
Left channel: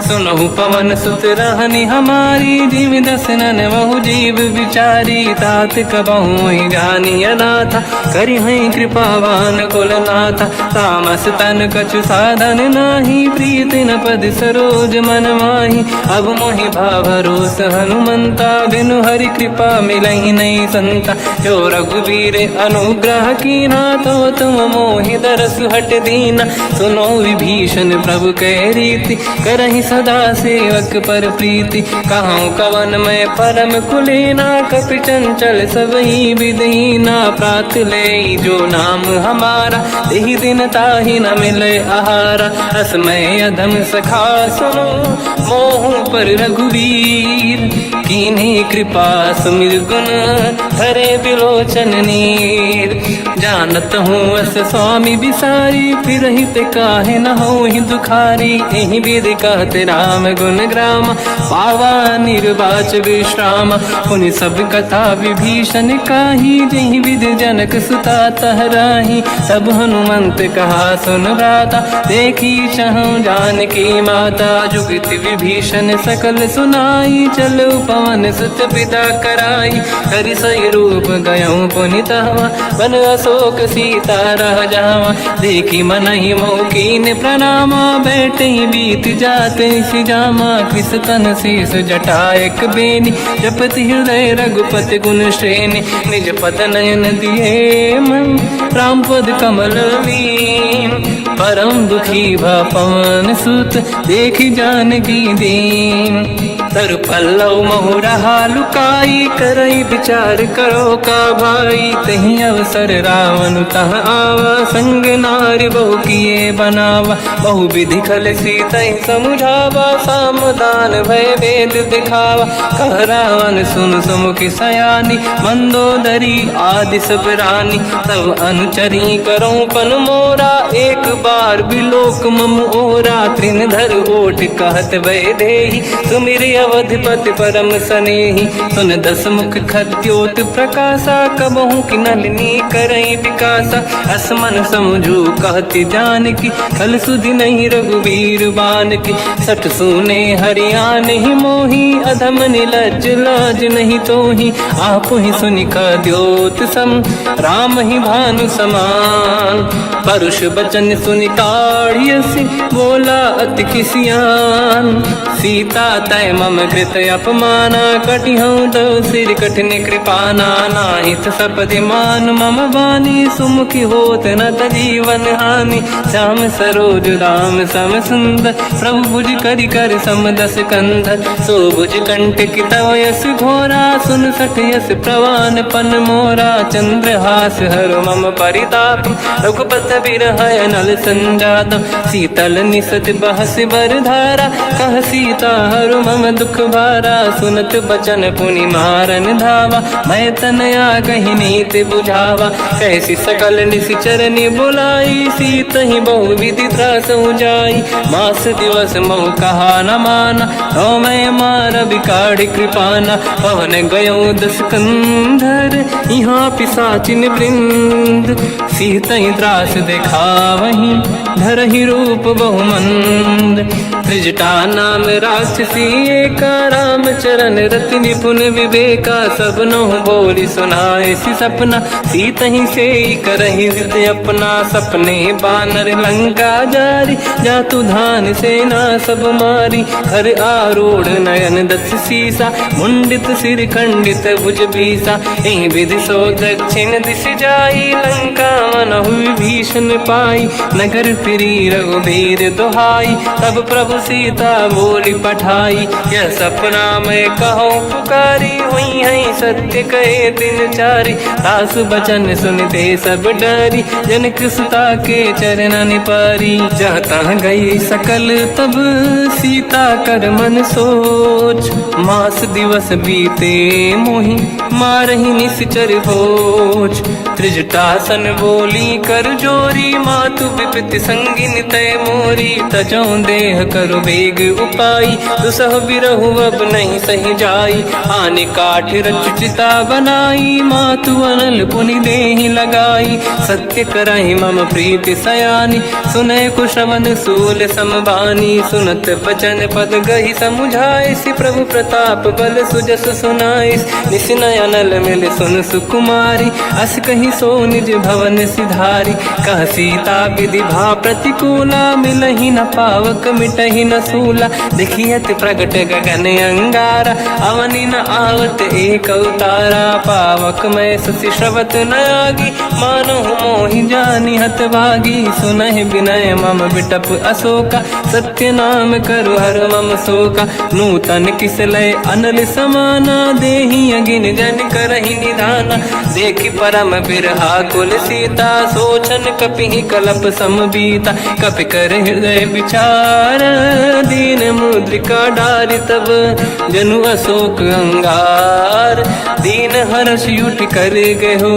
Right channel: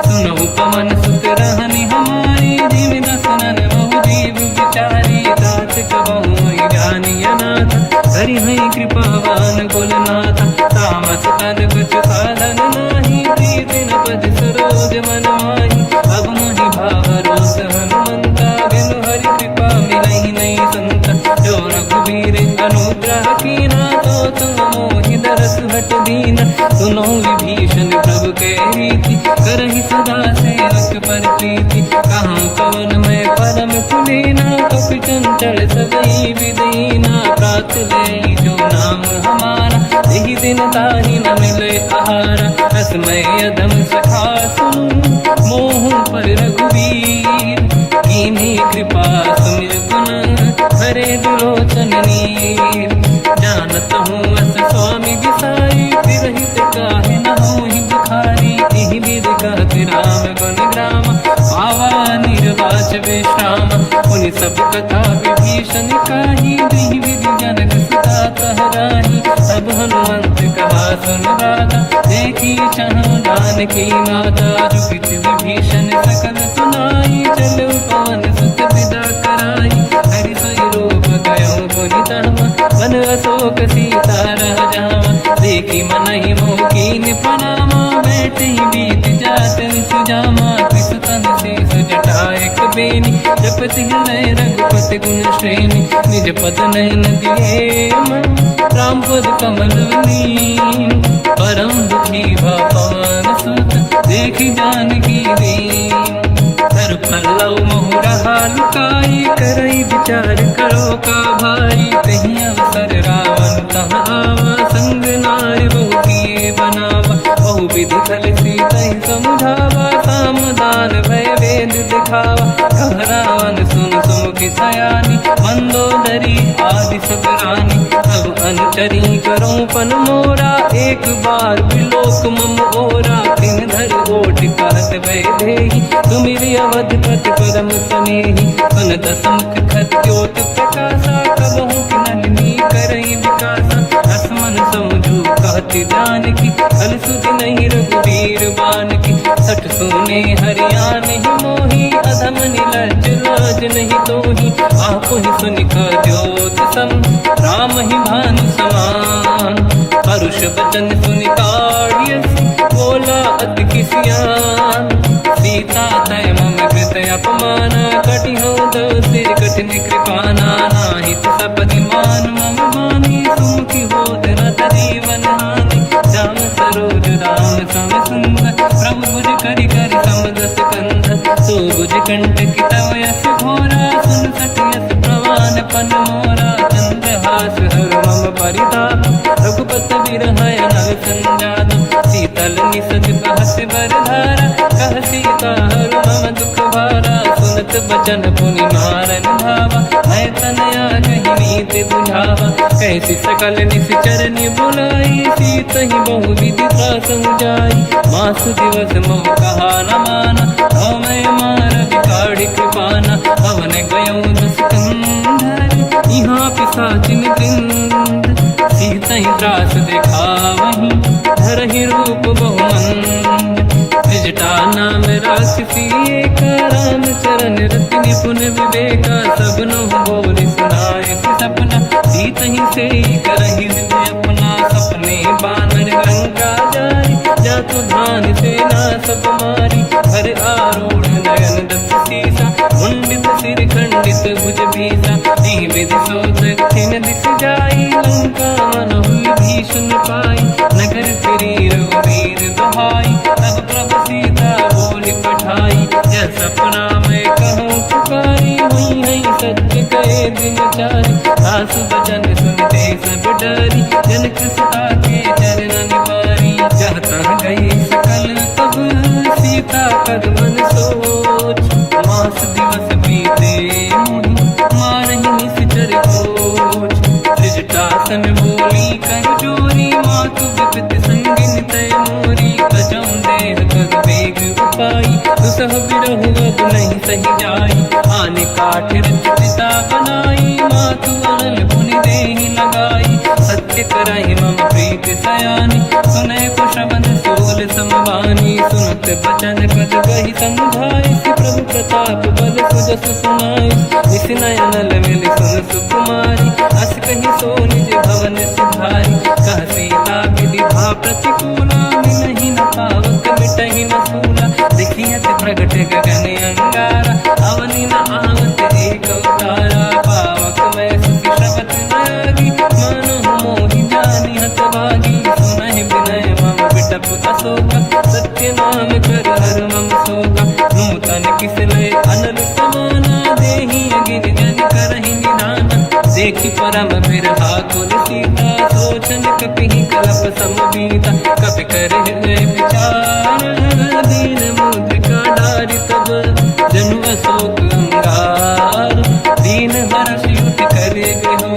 सुनहु पवन सुत रहनि हमारी जीव दसनन महु जीव विचारी तात कबहु जानी अनाथा करि हैं कृपावान कुलनाथा तामस तन कछु साधन नाही प्रीति न पद सरोज मन माही अब मोहि भावरोस हनुमंता बिनु हरि कृपा मिलहि नहीं संता जो रघुवीर अनुग्रह कीना तो तुम मोहि दरस हट दीना सुनो विभीषण प्रभु कै रीति करहि सदा सेवक पर प्रीति कहूँ कवन में परम कुलीना कपि चंचल सबही विदहीना प्रात ले जो नाम हमारा यही दिन ताहि न मिले आहारा रसमय अधम सखा सुनो मोह पर रघुवीर कीन्ही कृपा सुमिर गुण हरे विलोचन नीर जानत हूँ अस स्वामी बिसाई फिर हित काहे न हो ही दुखारी यही विधि कहते राम गुण ग्राम पावा निर्वाच विश्राम उन सब कथा विभीषण काही यही विधि जनक सुता तहराही सब हनुमंत कहा सुन राता देखी चाहूं जानकी माता जुगत विभीषण सकल सुनाई चलो पवन सुत पिता कराई हरि सही रूप गयो पुनितवा बन अशोक सीता रह जावा देखी मन ही मौकीन प्रणामा बैठे बीत जाते सिजामा किस तन शीस जटायक बेनी जपति हृदय रघुपति गुण श्रेणी निज पद नयन दिए मन राम पद कमल लीन परम दुखी भा पवन सुत देखी जानकी दीन तर पल्लव मोहरा लुकाई करई विचार करो का भाई तही अवसर रावण तह आवा संग नारी बहु किए बनावा बहु विधि खल सीतहि समुझावा, सामदान भय वेद दिखावा। कह रावण सुन सुमुखि सयानी, मंदोदरी आदि सब रानी। तब अनुचरी करऊं पन मोरा, एक बार बिलोक मम ओरा। तृणधर ओट कहत वैदेही, सुमिर अवधपति परम सनेही। सुन दस मुख खद्योत प्रकाशा, कबहू की नलिनी करई विकासा। असमन समझू कहती जानकी, खल सुधि नहीं रघुवीर बान की। सठ सुने हरियाण ही मोही, अधम निलज्ज लाज नहीं तोही। आप ही सुनि खद्योत सम, राम ही भानु समान। परुष बचन सुनि ताड़ियसि, बोला अति किसियान। सीता तय मम कृत अपमाना, कटिहऊँ दो सिर कठिन कृपाना। नाहित सपदि मान मम बानी, सुमुखी होत न जीवन हानि। श्याम सरोज राम सम सुंदर, प्रभु भुज करि कर सम दस कंधर। सो भुज कंठ की तव यस घोरा, सुन सठ यस प्रवान पन मोरा। चंद्रहास हर मम परिताप, रघुपत बिरहय नल संजात। शीतल निसज बहस बर धारा, कह सीता हर मम दुख भारा। सुनत बचन पुनि मारन धावा, मैं तनया कहि नीति बुझावा। कैसी सकल निशिचरनि बुलाई, सीत ही बहु विधि त्रास जाई। मास दिवस मोह कहा न माना, तो मैं मार बिकाढ़ कृपाना। पवन गयो दस कंधर, यहाँ पिशाचिन वृंद। सीत ही त्रास दिखावहीं, धरहि रूप बहुमंद। त्रिजटा नाम राक्षसी एका, राम चरण रति निपुण विवेका। सब नहुँ बोली सुनाए सि सपना, सीत ही से करहि हृदय अपना। सपने बानर लंका जारी, जातु धान सेना सब मारी। हर आरूढ़ नयन दस सीसा, मुंडित सिर खंडित भुज बीसा। एहि विधि सो दक्षिण दिश जाई, लंका मनहु भीषण पाई। नगर फिरी रघुवीर दुहाई, तब प्रभु सीता बोली पठाई। यह सपना मैं कहूँ पुकारी, हुई है सत्य कहे दिन चारी। सासु बचन सुनते सब डरी, जनक सुता के चरण पारी। जाता गई सकल तब सीता कर मन सोच, मास दिवस बीते मोहि मारहि निश्चर होच। त्रिजटासन बोली कर जोरी, मातु विपति संगिन तय मोरी। तजौ देह कर वेग उपाई, दुसह बिरहु अब नहीं सही जाई। आने काठ रचिता बनाई, मातु अनल पुनि देहि लगाई। सत्य करहि मम प्रीति सयानी, सुनय कुशवन सूल समबानी। सुनत बचन पद गहि समुझाए, सि प्रभु प्रताप बल सुजस सुनाइस। निस नयनल मिल सुन सुकुमारी, अस कहि सो निज भवन सिधारी। कह सीता विधि भा प्रतिकूला, मिलहि न पावक मिटहि न सूला। देखियत प्रगट गगन अंगारा, अवनि न आवत एक अवतारा। पावक मैं ससि श्रवत न आगी, मानहु मोहि जानि हतभागी। सुनहि विनय मम बिटप अशोका, सत्य नाम करु हर मम शोका। नूतन किसलय अनल समाना, देहि अगिन जन करहि निधाना। देखि परम बिरहा कुल सीता, सोचन कपिहि कलप समबीता। कपि कर हृदय विचार, दीन मुद्रिका डारि तब जनु अशोक अंगार। दीन हर्ष युठ कर गयो,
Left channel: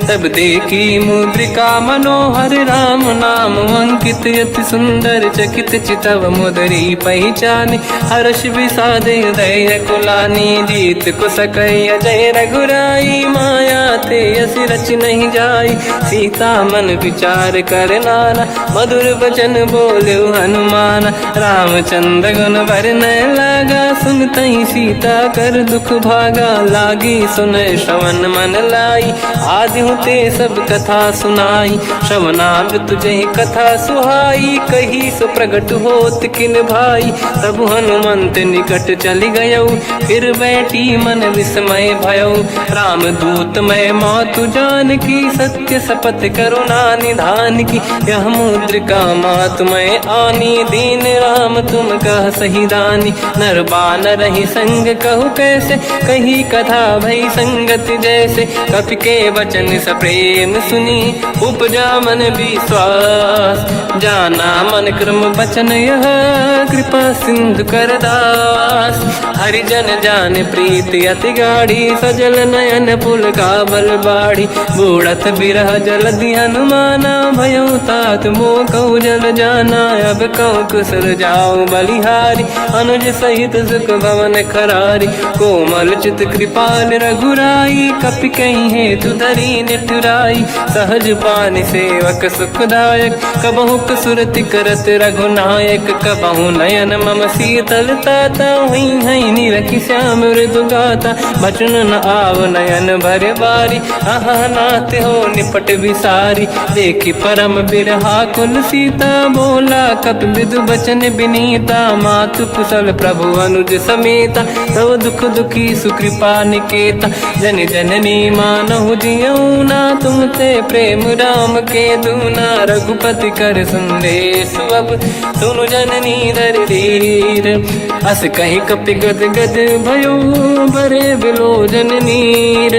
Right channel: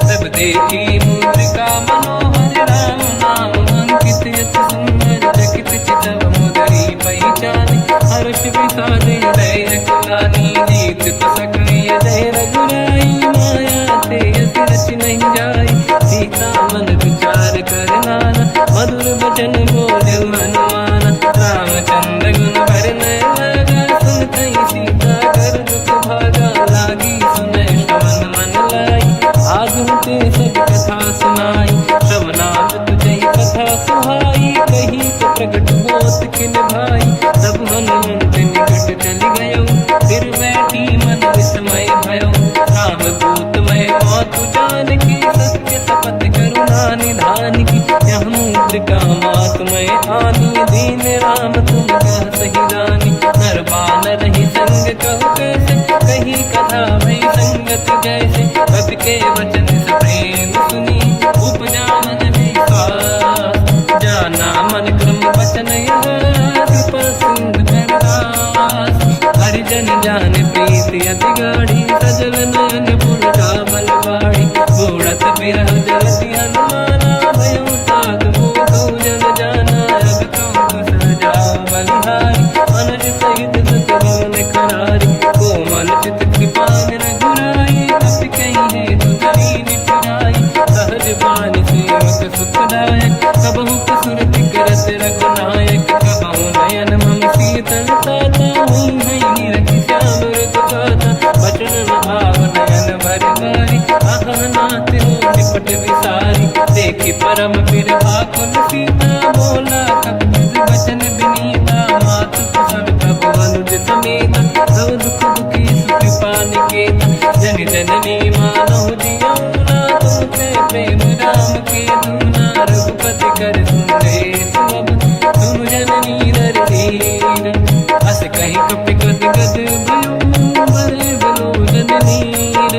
तब देखी मुद्रिका मनोहर। राम नाम अंकित अति सुंदर, चकित चितव मुदरी पहचान। हर्ष विषाद हृदय कुलानी, जीत कुसकय जय रघुराई। माया थे असि रच नहीं जाई, सीता मन विचार कर नाना। मधुर बचन बोले हनुमान, रामचंद्र गुण वर्णय लगा। सुनतहि सीता कर दुख भागा, लागी सुनय श्रवण मन लाई। आदि ते सब कथा सुनाई, श्रवणांग तुझे कथा सुहाई। कही सो प्रगट होत किन भाई, तब हनुमंत निकट चली गयो। फिर बैठी मन विस्मय भयो, राम दूत मैं मातु जान की। सत्य शपथ करुणा निधान की, यह मुद्रिका मातु मैं आनी। दीन राम तुम कह सही दानी, नर बानर ही संग कहु कैसे। कही कथा भई संगति जैसे, कपि के वचन सप्रेम सुनी। उपजा मन विश्वास, जाना मन क्रम बचन यह कृपा सिंधु कर दास। हरिजन जान प्रीति अति गाढ़ी सजल नयन पुल का बल बाड़ी। बूढ़त बिरह जल दी हनुमाना भयो तात मो कऊ जल जाना। अब कऊ कुसर जाओ बलिहारी अनुज सहित सुख भवन खरारी। कोमल चित कृपाल रघुराई कपि कहीं हेतु धरी निठुराई। सहज पानि सेवक सुखदायक कबहु सुरति करत रघुनायक। कबहु नयन मम शीतल ताता हुई हई निरखि श्याम मृदु गाता। बचन न आव नयन भर बारी आहा नाथ हो निपट विसारी। देखी परम बिरहा कुल सीता बोला कपि विदु बचन बिनीता। मातु कुशल प्रभु अनुज समेता सब दुख दुखी सुकृपा निकेता। जन जननी मानहु जियऊ ना तुम ते प्रेम राम के दूना। रघुपति कर संदेश अब सुनु जननी नर धीर। अस कहीं कपि गद गद भयो बरे बिलो जननीर।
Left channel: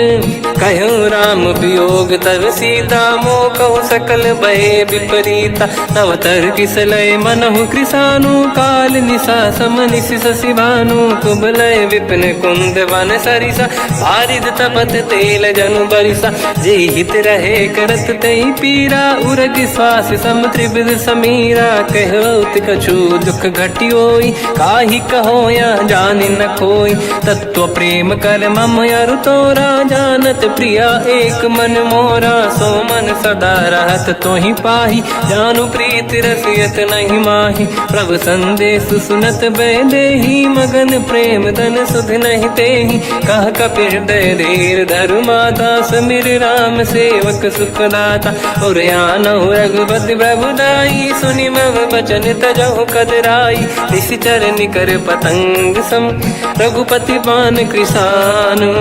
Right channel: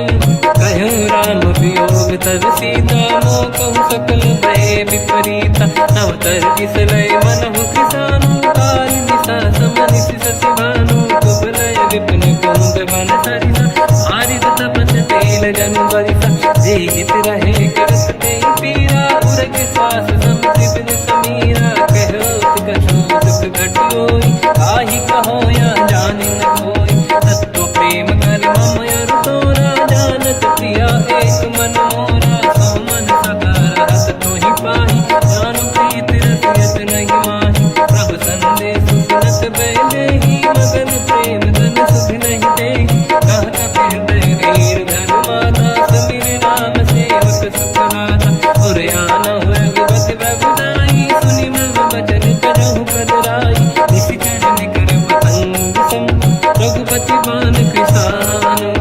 कहो राम वियोग तब सीता मो कहु सकल भय विपरीता। तव तर किसलय मनहु कृसानु काल निशा समनिश शशि भानु। कुबलय विपिन कुंद वन सरिसा भारिद तपत तेल जनु बरिसा। जे हित रहे करत ते पीरा उरग श्वास सम त्रिविध समीरा। कहत कछु दुख घटियोई काहि कहो या जानि न खोई। तत्व प्रेम कर मम अरु तोरा जानत प्रिया एक मन मोरा। सो मन सदा रहत तोहि पाहि जानु प्रीति रसियत नहीं माहि। प्रभु संदेश सुनत बैदेहि मगन प्रेम धन सुध नहीं तेहि। कह कपि हृदय धीर धरु माता समीर राम सेवक सुख दाता। और आनहु रघुपति प्रभु दाई सुनि मम बचन तजहु कदराई। निशिचर निकर पतंग सम रघुपति बान कृसानु।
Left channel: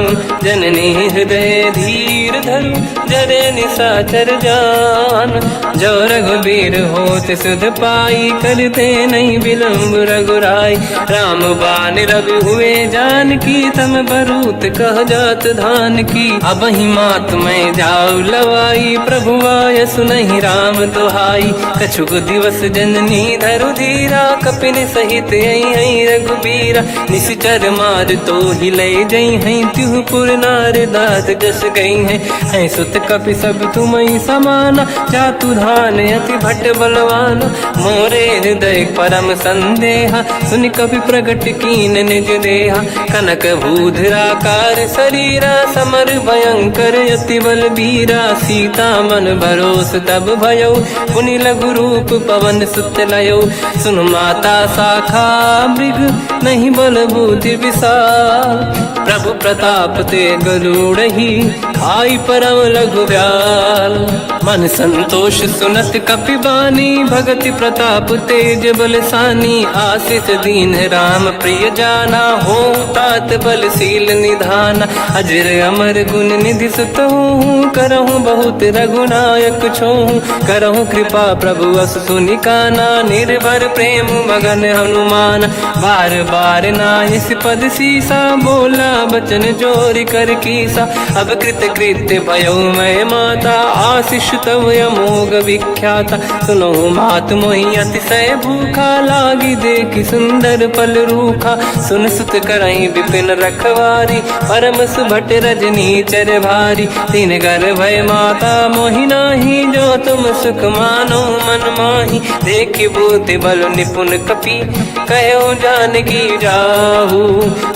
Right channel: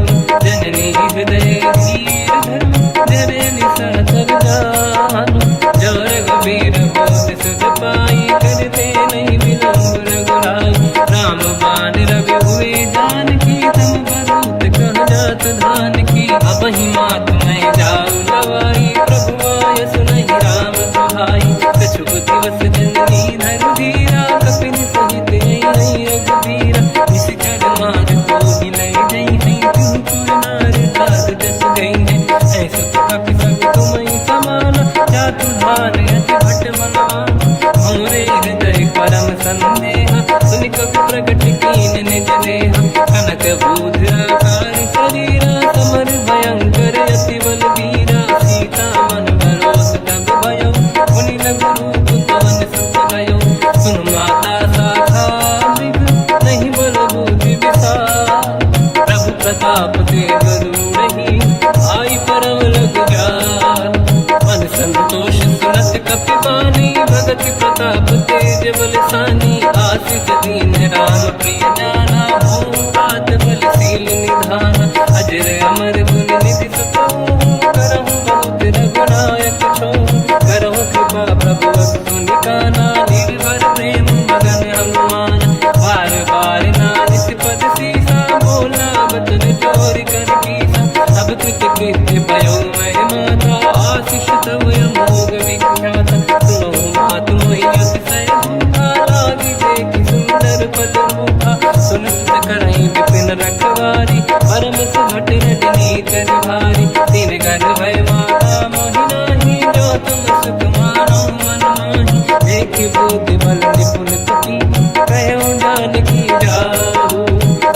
जननी हृदय धीर धरु जरे निशाचर जान। जो रघुबीर होत सुध पाई करते नहीं विलम्ब रघुराई। राम बान रघु हुए जान की तम बरूत कह जात धान की। अब ही मात में जाऊ लवाई प्रभु आय सुनहि राम दोहाई। कछुक दिवस जननी धरु धीरा कपिन सहित आई रघुबीरा। निशिचर मार तो ही ले जई हैं त्युपुर नार दाद जस गई हैं। सुत कपि सब तुमहि समाना जातु धान अति भट बलवान। मोरे हृदय परम संदेहा सुनि कपि प्रगट कीन निज देहा। कनक भूधराकार शरीरा समर भयंकर अति बलबीरा। सीता मन भरोस तब भयो पुनि लघु रूप पवन सुत लयो। सुन माता शाखा मृग नहीं बल बुद्धि विशाल। प्रभु प्रताप ते गरुड़हि आई परम लघु ब्याल। मन संतोष सुनत कपि बानी भगति प्रताप तेज बलसानी। आशीष दीन राम प्रिय जाना हो तात बलशील निधान। अजर अमर गुण निधि सुतहु करहु बहुत रघुनायक छोहु। करहु कृपा प्रभु अस सुनि काना निर्भर प्रेम मगन हनुमान। बार बार नायस पद सीसा बोला बचन जोरि कर कीसा। अब कृत कृत्य भयो मैं माता आशीष तव अमोघ विख्याता। सुनो मात मोहि अतिशय भूखा लागी देखि सुंदर फल रूखा। सुन सुत करहि विपिन रखवारी परम सुभट रजनी चर भारी। तीन घर भय माता मोहि नाही जो तुम सुख मानो मन माही। देखि बुद्धि बल निपुण कपि कहो जानकी जाहू।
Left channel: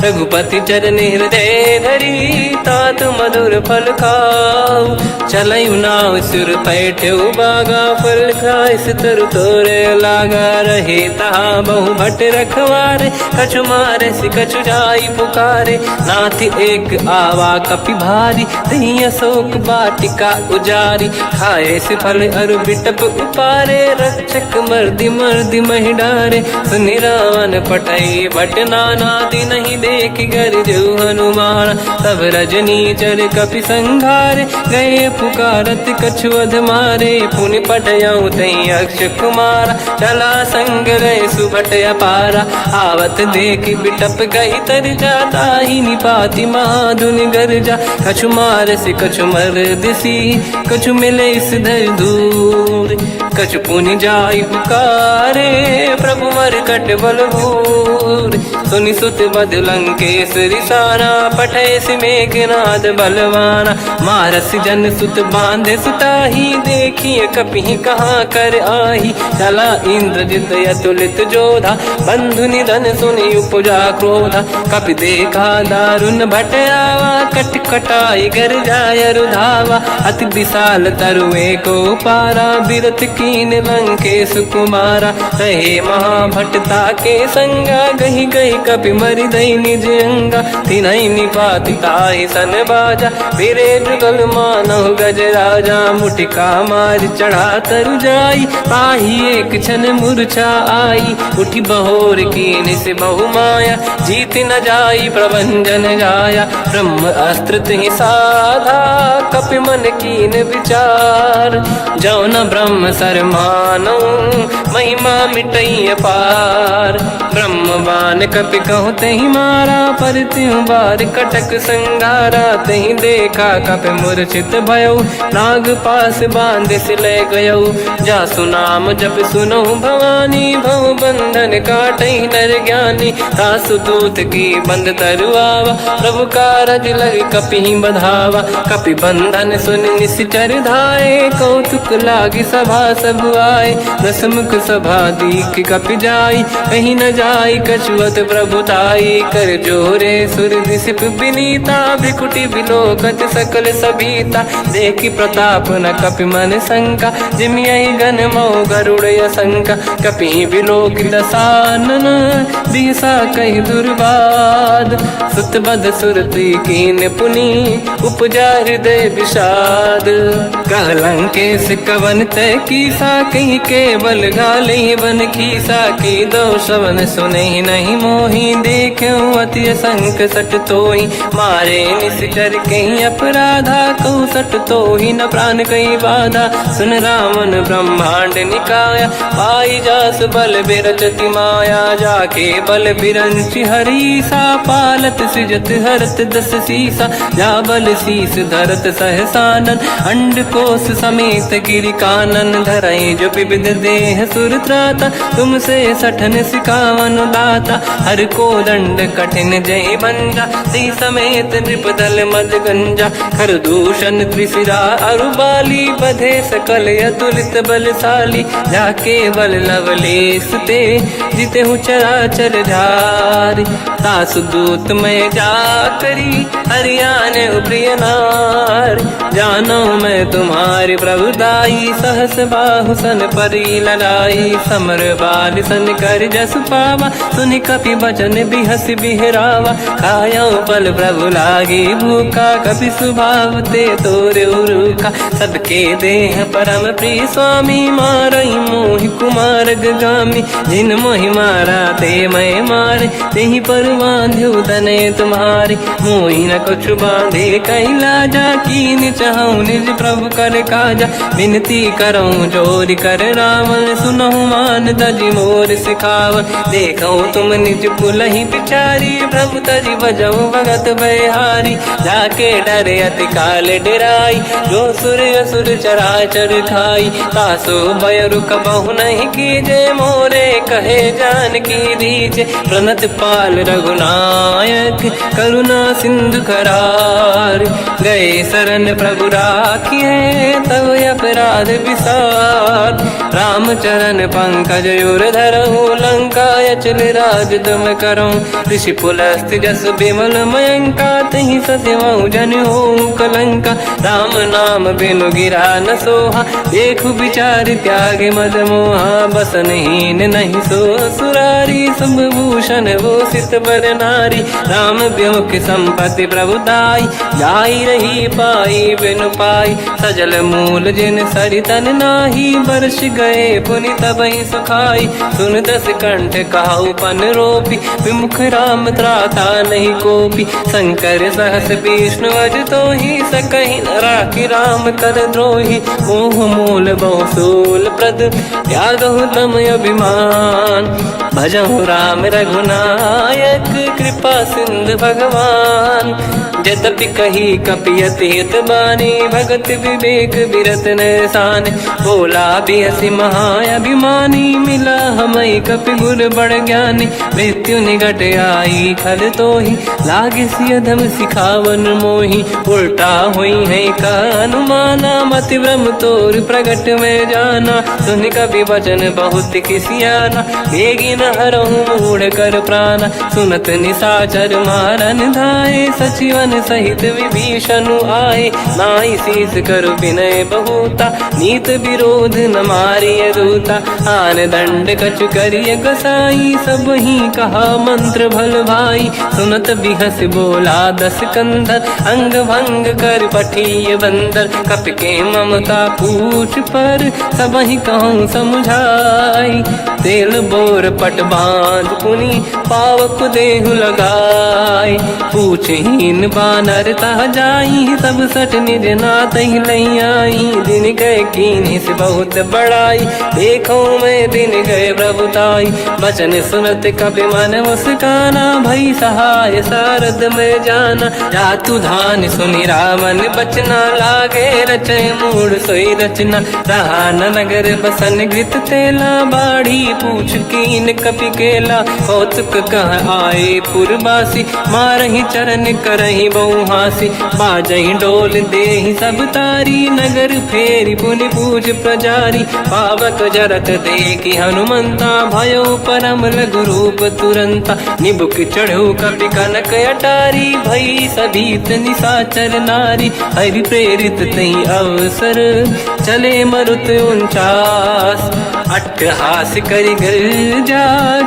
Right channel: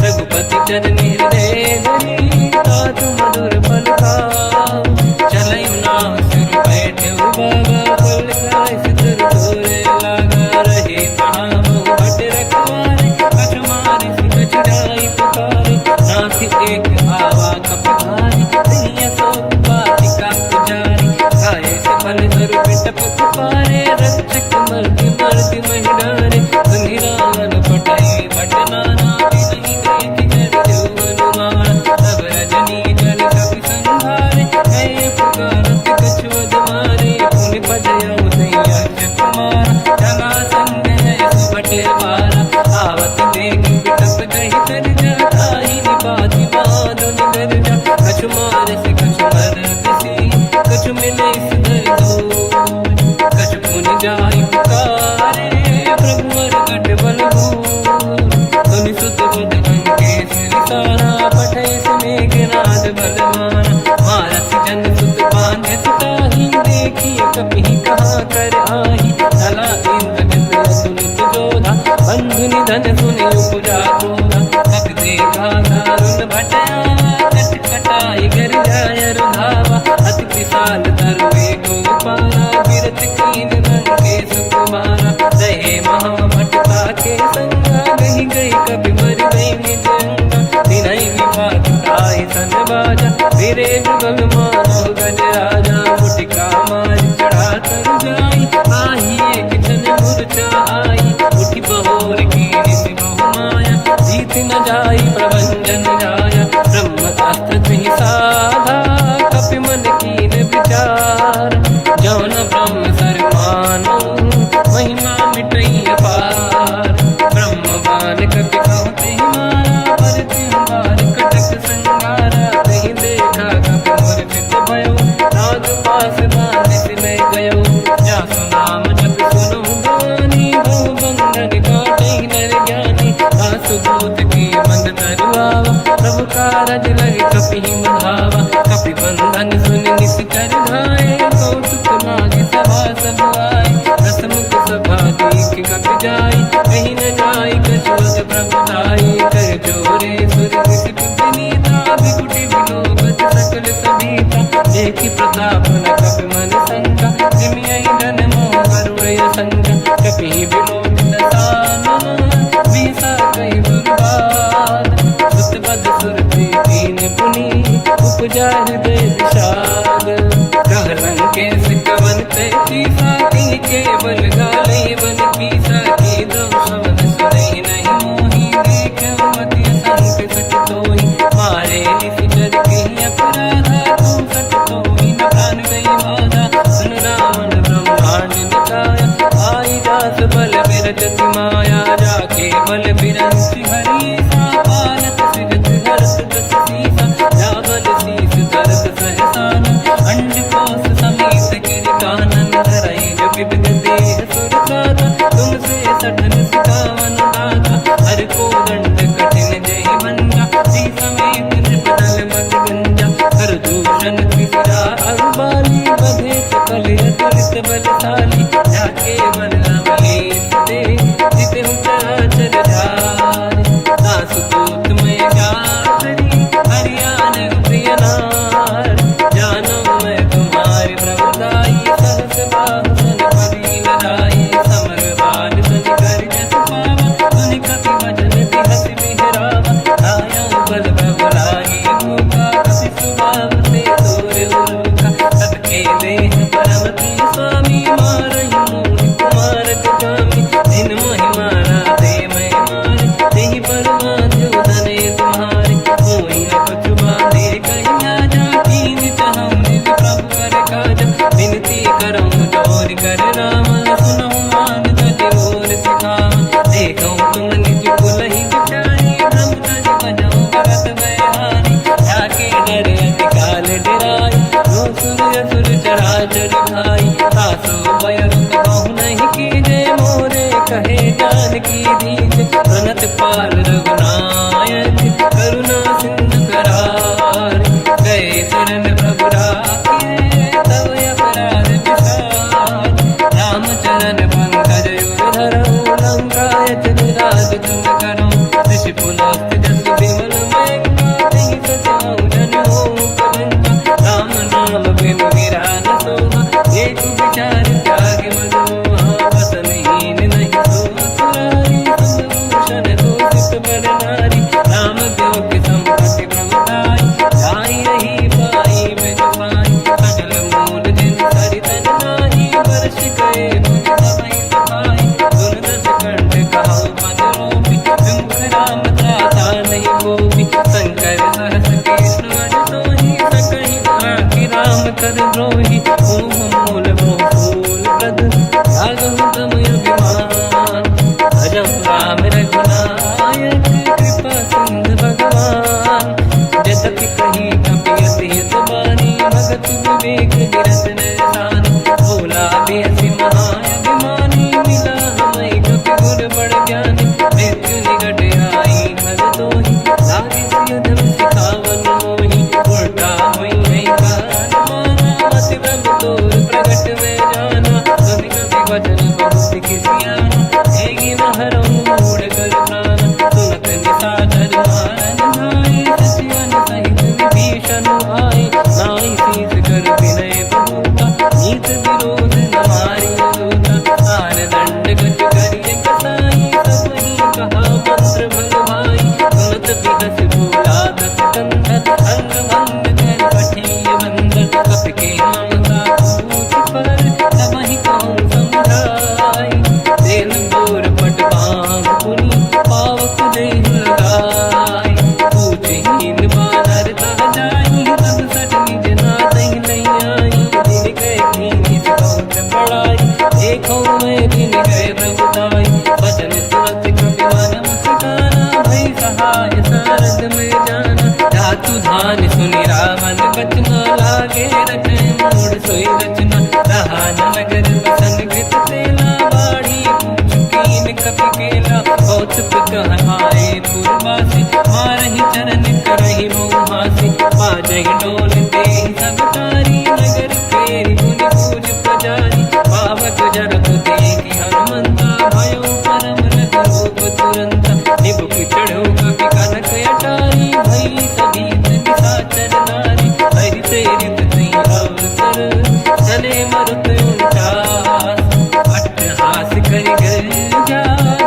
रघुपति चरण हृदय धरी तात मधुर फल खाऊ। चलऊ नाव सुर पैठ उबागा फल खाय सितर तोरे लागा। रहे तहाँ बहु भट रखवारे कछु मारे सि कछु जाई पुकारे। नाथ एक आवा कपि भारी दही अशोक वाटिका उजारी। खाए से फल अरु बिटप उपारे रक्षक मर्दि मर्दि महि डारे। सुनि रावण पटाई भट नाना दिन नहीं देख कर जो हनुमान। तब रजनी जल कपि संघारे गए पुकारत कछु अध मारे। पुनि पटयऊ तई अक्ष कुमार चला संग गए सुभट अपारा। आवत देखि बिटप गई तर जाता ही निपाति माधुन गर्जा। कछु मार से कछु मर दिसी कछु मिले इस धर दूर। कछ पुनि जाई पुकारे, प्रभु मरकट बलभूर। सुनि सुत बद लंकेश्वरी सारा, पठे सि मेघनाद बलवाना। मारस जन सुत बांधे सुताही, देखिए कपि कहाँ कर आही। चला इंद्रजित अतुलित जोधा, बंधु निधन सुनि उपजा क्रोधा। कपि देखा दारुण भट आवा, कट कटाई गर जाय रुधावा। अति विशाल तरुए को पारा, बिरत कीन लंकेश कुमारा। रहे महाभटता के संगा, गही गई कपि मरि दई निज अंगा। तिन्है निपात ताहि सन बाजा, फिरे जुगल मानव गज राजा। मुटिका मार चढ़ा तर जाई, आही एक क्षण मूर्छा आई। उठी बहोर कीन से बहु माया, जीत न जाई प्रभंजन जाया। ब्रह्म अस्त्र तिहि साधा, कपि मन कीन विचार। जो न ब्रह्म सर मानौ, महिमा मिटई अपार। ब्रह्म बान कपि कहु तहि मारा, पर तिहु बार कटक संगारा। तहि देखा कपि मूर्छित भयो, नाग पास बांध सिले गयो। जासु नाम जप सुनो भवानी, भव बंधन काटई नर ज्ञानी। दासु दूत की बंद तरुआवा, प्रभु कारज लग कपि बधावा। कपि बंधन सुनि निश्चर धाये, कौतुक लागी सभा सब आए। दसमुख सभा दीख कपि जाई, कहीं न जाई कछुअत प्रभु दाई। कर जोरे सुर दिसिप विनीता, बिकुटी बिलोकत सकल सबीता। देखी प्रताप न कपि मन शंका, जिमियहि गन मोह गरुड़ शंका। कपि बिलोक दसानन, दिशा कहि दुर्बाद। सुत बद सुरति कीन पुनि, उपजा हृदय विषाद। कह लंकेश कवन तय कीसा, कहीं केवल गाले बन कीसा। की दो श्रवण सुनहि नहीं मोहि, देखूं अति संक सट तोहि। मारे निश्चर कहीं अपराधा, कहूँ सट तोहि न प्राण कहीं बाधा। सुन रावण ब्रह्मांड निकाया, पाई जास बल बिरचति माया। जाके बल बिरंचि हरीसा, पालत सृजत हरत दस सीसा। जा बल शीस धरत सहसानन, अंड कोश समेत गिरि कानन। धरई जो विविध देह सुर त्राता, तुमसे सठन सिकावन दाता। हर को दंड कठिन जय भंजा, सी समेत नृपदल मद गंजा। हर दूषण त्रिशिरा अरुबाली, बधे सकल अतुलित बलशाली। जाके बल लवलेश ते, जितेहु चराचर धारी। दास दूत में जा करी, हरियाण प्रिय नार। जानो मैं तुम्हारी प्रभुताई, सहस बाहु सन परी लड़ाई। समर बाल सन कर जस पावा, सुनि कपि बचन बिहस बिहरावा। खायो बल प्रभु लागी भूखा, कपि स्वभाव ते तोरे उरुखा। सबके देह परम प्रिय स्वामी, मारई मोहि कुमार गगामी। जिन मोहि मारा ते मैं मारे, तेहि पर बांधु तने तुम्हारी। मोहि न कुछ बांधे कहीं लाजा, कीन चाहूं निज प्रभु कर काजा। विनती करऊं जोरि कर रावण, सुनहु मान तज मोर सिखाव। देखो तुम निज कुलहि बिचारी, प्रभु तज बजऊं भगत बयहारी। जाके डरे अति काल डराई, जो सुर असुर चराचर खाई। तासु भय रुक बहु नहीं कीजे, मोरे कहे जानकी दीजे। प्रणत पाल रघुनायक, करुणा सिंधु करार। गए शरण प्रभु राखिए, तब अपराध विसार। रामचरण पंकज उर धरऊं, लंका अचल राज तुम करऊं। ऋषि पुलस्त्य जस विमल मयंका, तहि सत्यवहु जन होऊं कलंका। राम नाम बिनु गिरा न सोहा, देखु विचार त्यागे मद मोहा। बसनहीन नहीं सो सुरारी, शुभ भूषण भूषित बर नारी। राम ब्योह की संपत्ति प्रभुताई, जाई रही पाई बिनु पाई। सजल मूल जिन सरितन नाही, बरस गए पुनि तबहि सुखाई। सुन दस कंठ कहाऊ पन रोपी, विमुख राम त्राता नहीं कोपी। शंकर सहस विष्णु अज तोहि, सकहि न राखि राम कर द्रोही। मोह मूल बहु सूल प्रद, त्यागहु तम अभिमान। भजहु राम रघुनायक, कृपा सिंधु भगवान। जय यद्यपि कही कपियत हित बानी, भगत विवेक बिरत निशान। बोला भी हसी महाअभिमानी, मिला हमें कपि गुर बड़ ज्ञानी। मृत्यु निकट आई खल तो ही, लागे सियधम सिखावन मोही। उल्टा हुई है का अनुमाना, मति ब्रह्म तोर प्रगट में जाना। सुन कभी वचन बहुत खिसियाना, भेगी न हरहु मूढ़ कर प्राण। सुनत निशाचर मारन धाये, सचिवन सहित विभीषण आए। नाई शीस कर विनय बहुता, नीत विरोध न मारिय दूता। आन दंड कछु करिय कसाई, सब ही कहा मंत्र भल भाई। सुनत बिहस बोला दस कंधर, अंग भंग कर पठिय बंदर। कपि के ममता पूछ पर, सब ही कहूँ समझाई। तेल बोर पट बांध पुनि, पावक देहु लगाई। पूछहीन बानर तह जाई, तब सट निज नाथ ही लई आई। दिन गए कीनी से बहुत बड़ाई, देखो मैं दिन गए प्रभुताई। बचन सुनत कपि मन मुस्काना, भई सहाय सारद में जाना। जातु धान सुनि रामन बचना, लागे रचय मूढ़ सोई रचना। रहा न नगर बसन घृत तेला, बाढ़ी पूछ कीन कपि केला। कौतुक कह आए पुरवासी, मारहि चरण करहि बहुहासी। बाजहि डोल देहि सब तारी, नगर फेरी पुनि पूछ प्रजारी। पावक जरत देखि हनुमंता, भयो परम लघु रूप तुरंता। निबुक चढ़ो कपि कनक अटारी, भई सभीत निशाचर नारी। हरि प्रेरित तई अवसर, चले मरुत 49। अट्टहास करि गर्जा,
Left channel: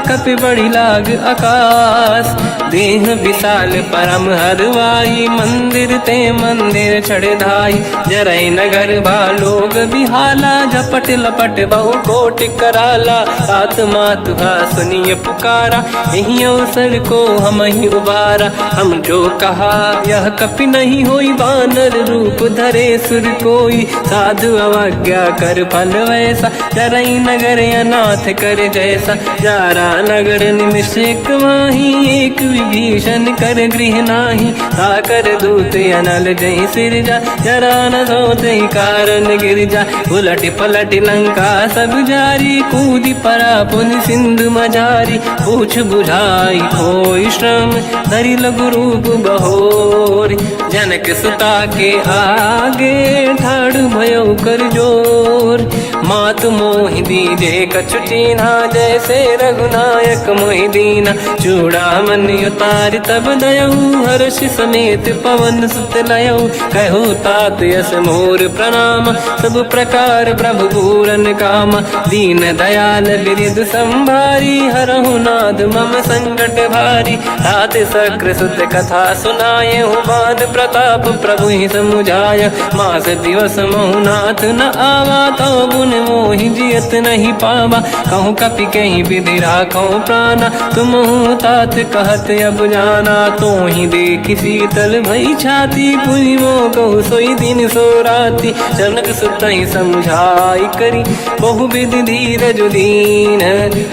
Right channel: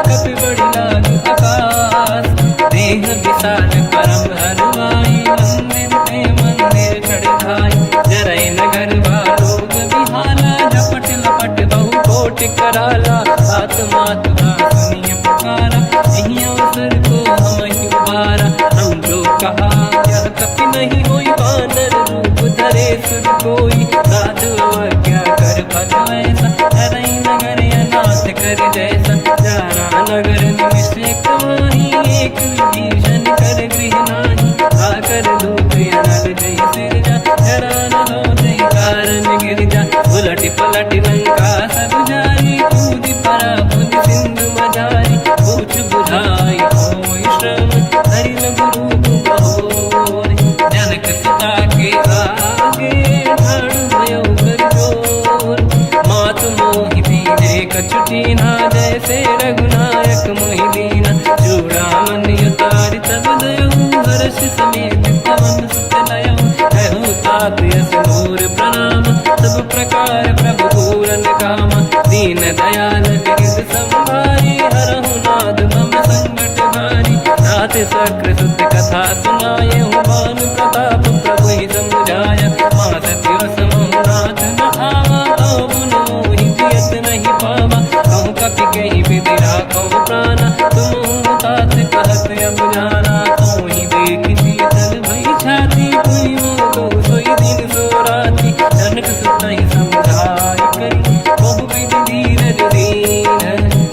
कपि बड़ी लाग आकाश। देह विशाल परम हरवाई, मंदिर ते मंदिर चढ़ धाई। जरई नगर बालोग बिहाला, झपट लपट बहु कोट कराला। बात मात सुनिय पुकारा, यही अवसर को हम ही उबारा। हम जो कहा यह कपि नहीं होई, बानर रूप धरे सुर कोई। साधु अवज्ञा कर फल वैसा, जरई नगर अनाथ कर जैसा। जारा नगर निमिषेक माही, एक विभीषण कर गृह नाही। आकर दूत अनल जय सिरजा, जरा न सोते कारण गिरजा। उलट पलट लंका सब जारी, कूदी परा पुनि सिंधु मजारी। पूछ बुझाई कोई श्रम, धरि लघु रूप बहोरी। जनक सुता के आगे, ठाड़ भयो कर जोर। मात मोहि दीजे कछु कीन्हा, जैसे रघुनायक मोहि दीना। चूड़ामणि उतारि तब दयऊ, हर्ष समेत पवन सुत लयऊ। कहु तात यस मोर प्रणाम, सब प्रकार प्रभु पूरन काम। दीन दयाल गिरिध संभारी, हरहु नाद मम संकट भारी। तात सक्र सुत कथा सुनाए, हुमान प्रताप प्रभु ही समुझाय। मास दिवस महु नाथ न आवा, तौ गुण मोहि जियत नहीं पावा। कहूँ कपि कहीं विधि राखो प्राणा, तुम तात कहत अब जाना। तो ही देखि शीतल भई छाती, पुनि मोह कहु सोई दिन सो राति। जनक सुत ही समझाई करी, बहु विधि धीरज दीन।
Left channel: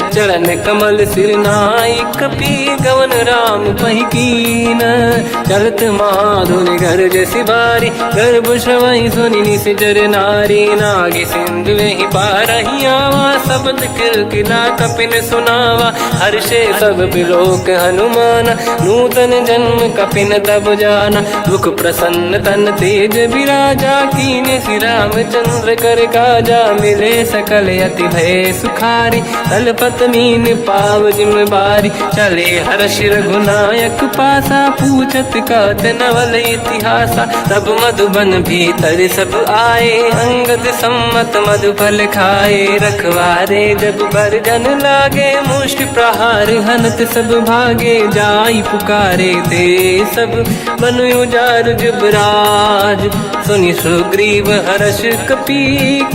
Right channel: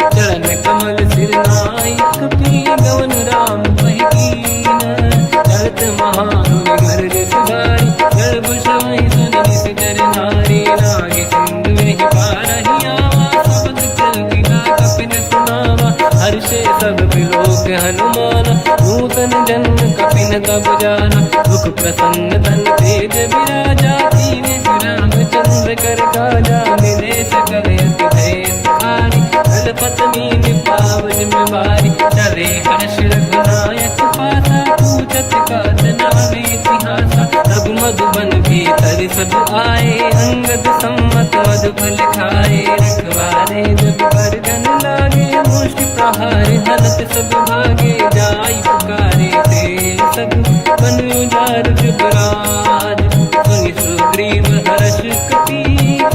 चरण कमल सिर नाई, कपि गवन राम पहि कीन। चलत महाधुनि गर्ज सिबारी, गर्भ श्रवई सुनि निशिचर नारी। नागे सिंधु ही पारहि आवा, शब्द कीर्तिना कपिन सुनावा। हर्षे सब बिलोक हनुमाना, नूतन जन्म कपिन तब जाना। मुख प्रसन्न तन तेज विराजा, कीने श्री रामचंद्र कर काजा। मिले सकल अति भय सुखारी, तलपत मीन पाव जिम बारी। चले हर्ष रघुनायक पासा, पूछत कात नवल इतिहासा। तब मधुबन भीतर सब आए, अंगद सम्मत मधुफल खाए। रखवारे जब पर जन लागे, मुष्ट प्रहार हनत सब भागे। जाई पुकारे ते सब, बन उजार जुबराज। सुनि सुग्रीव हर्ष कपि,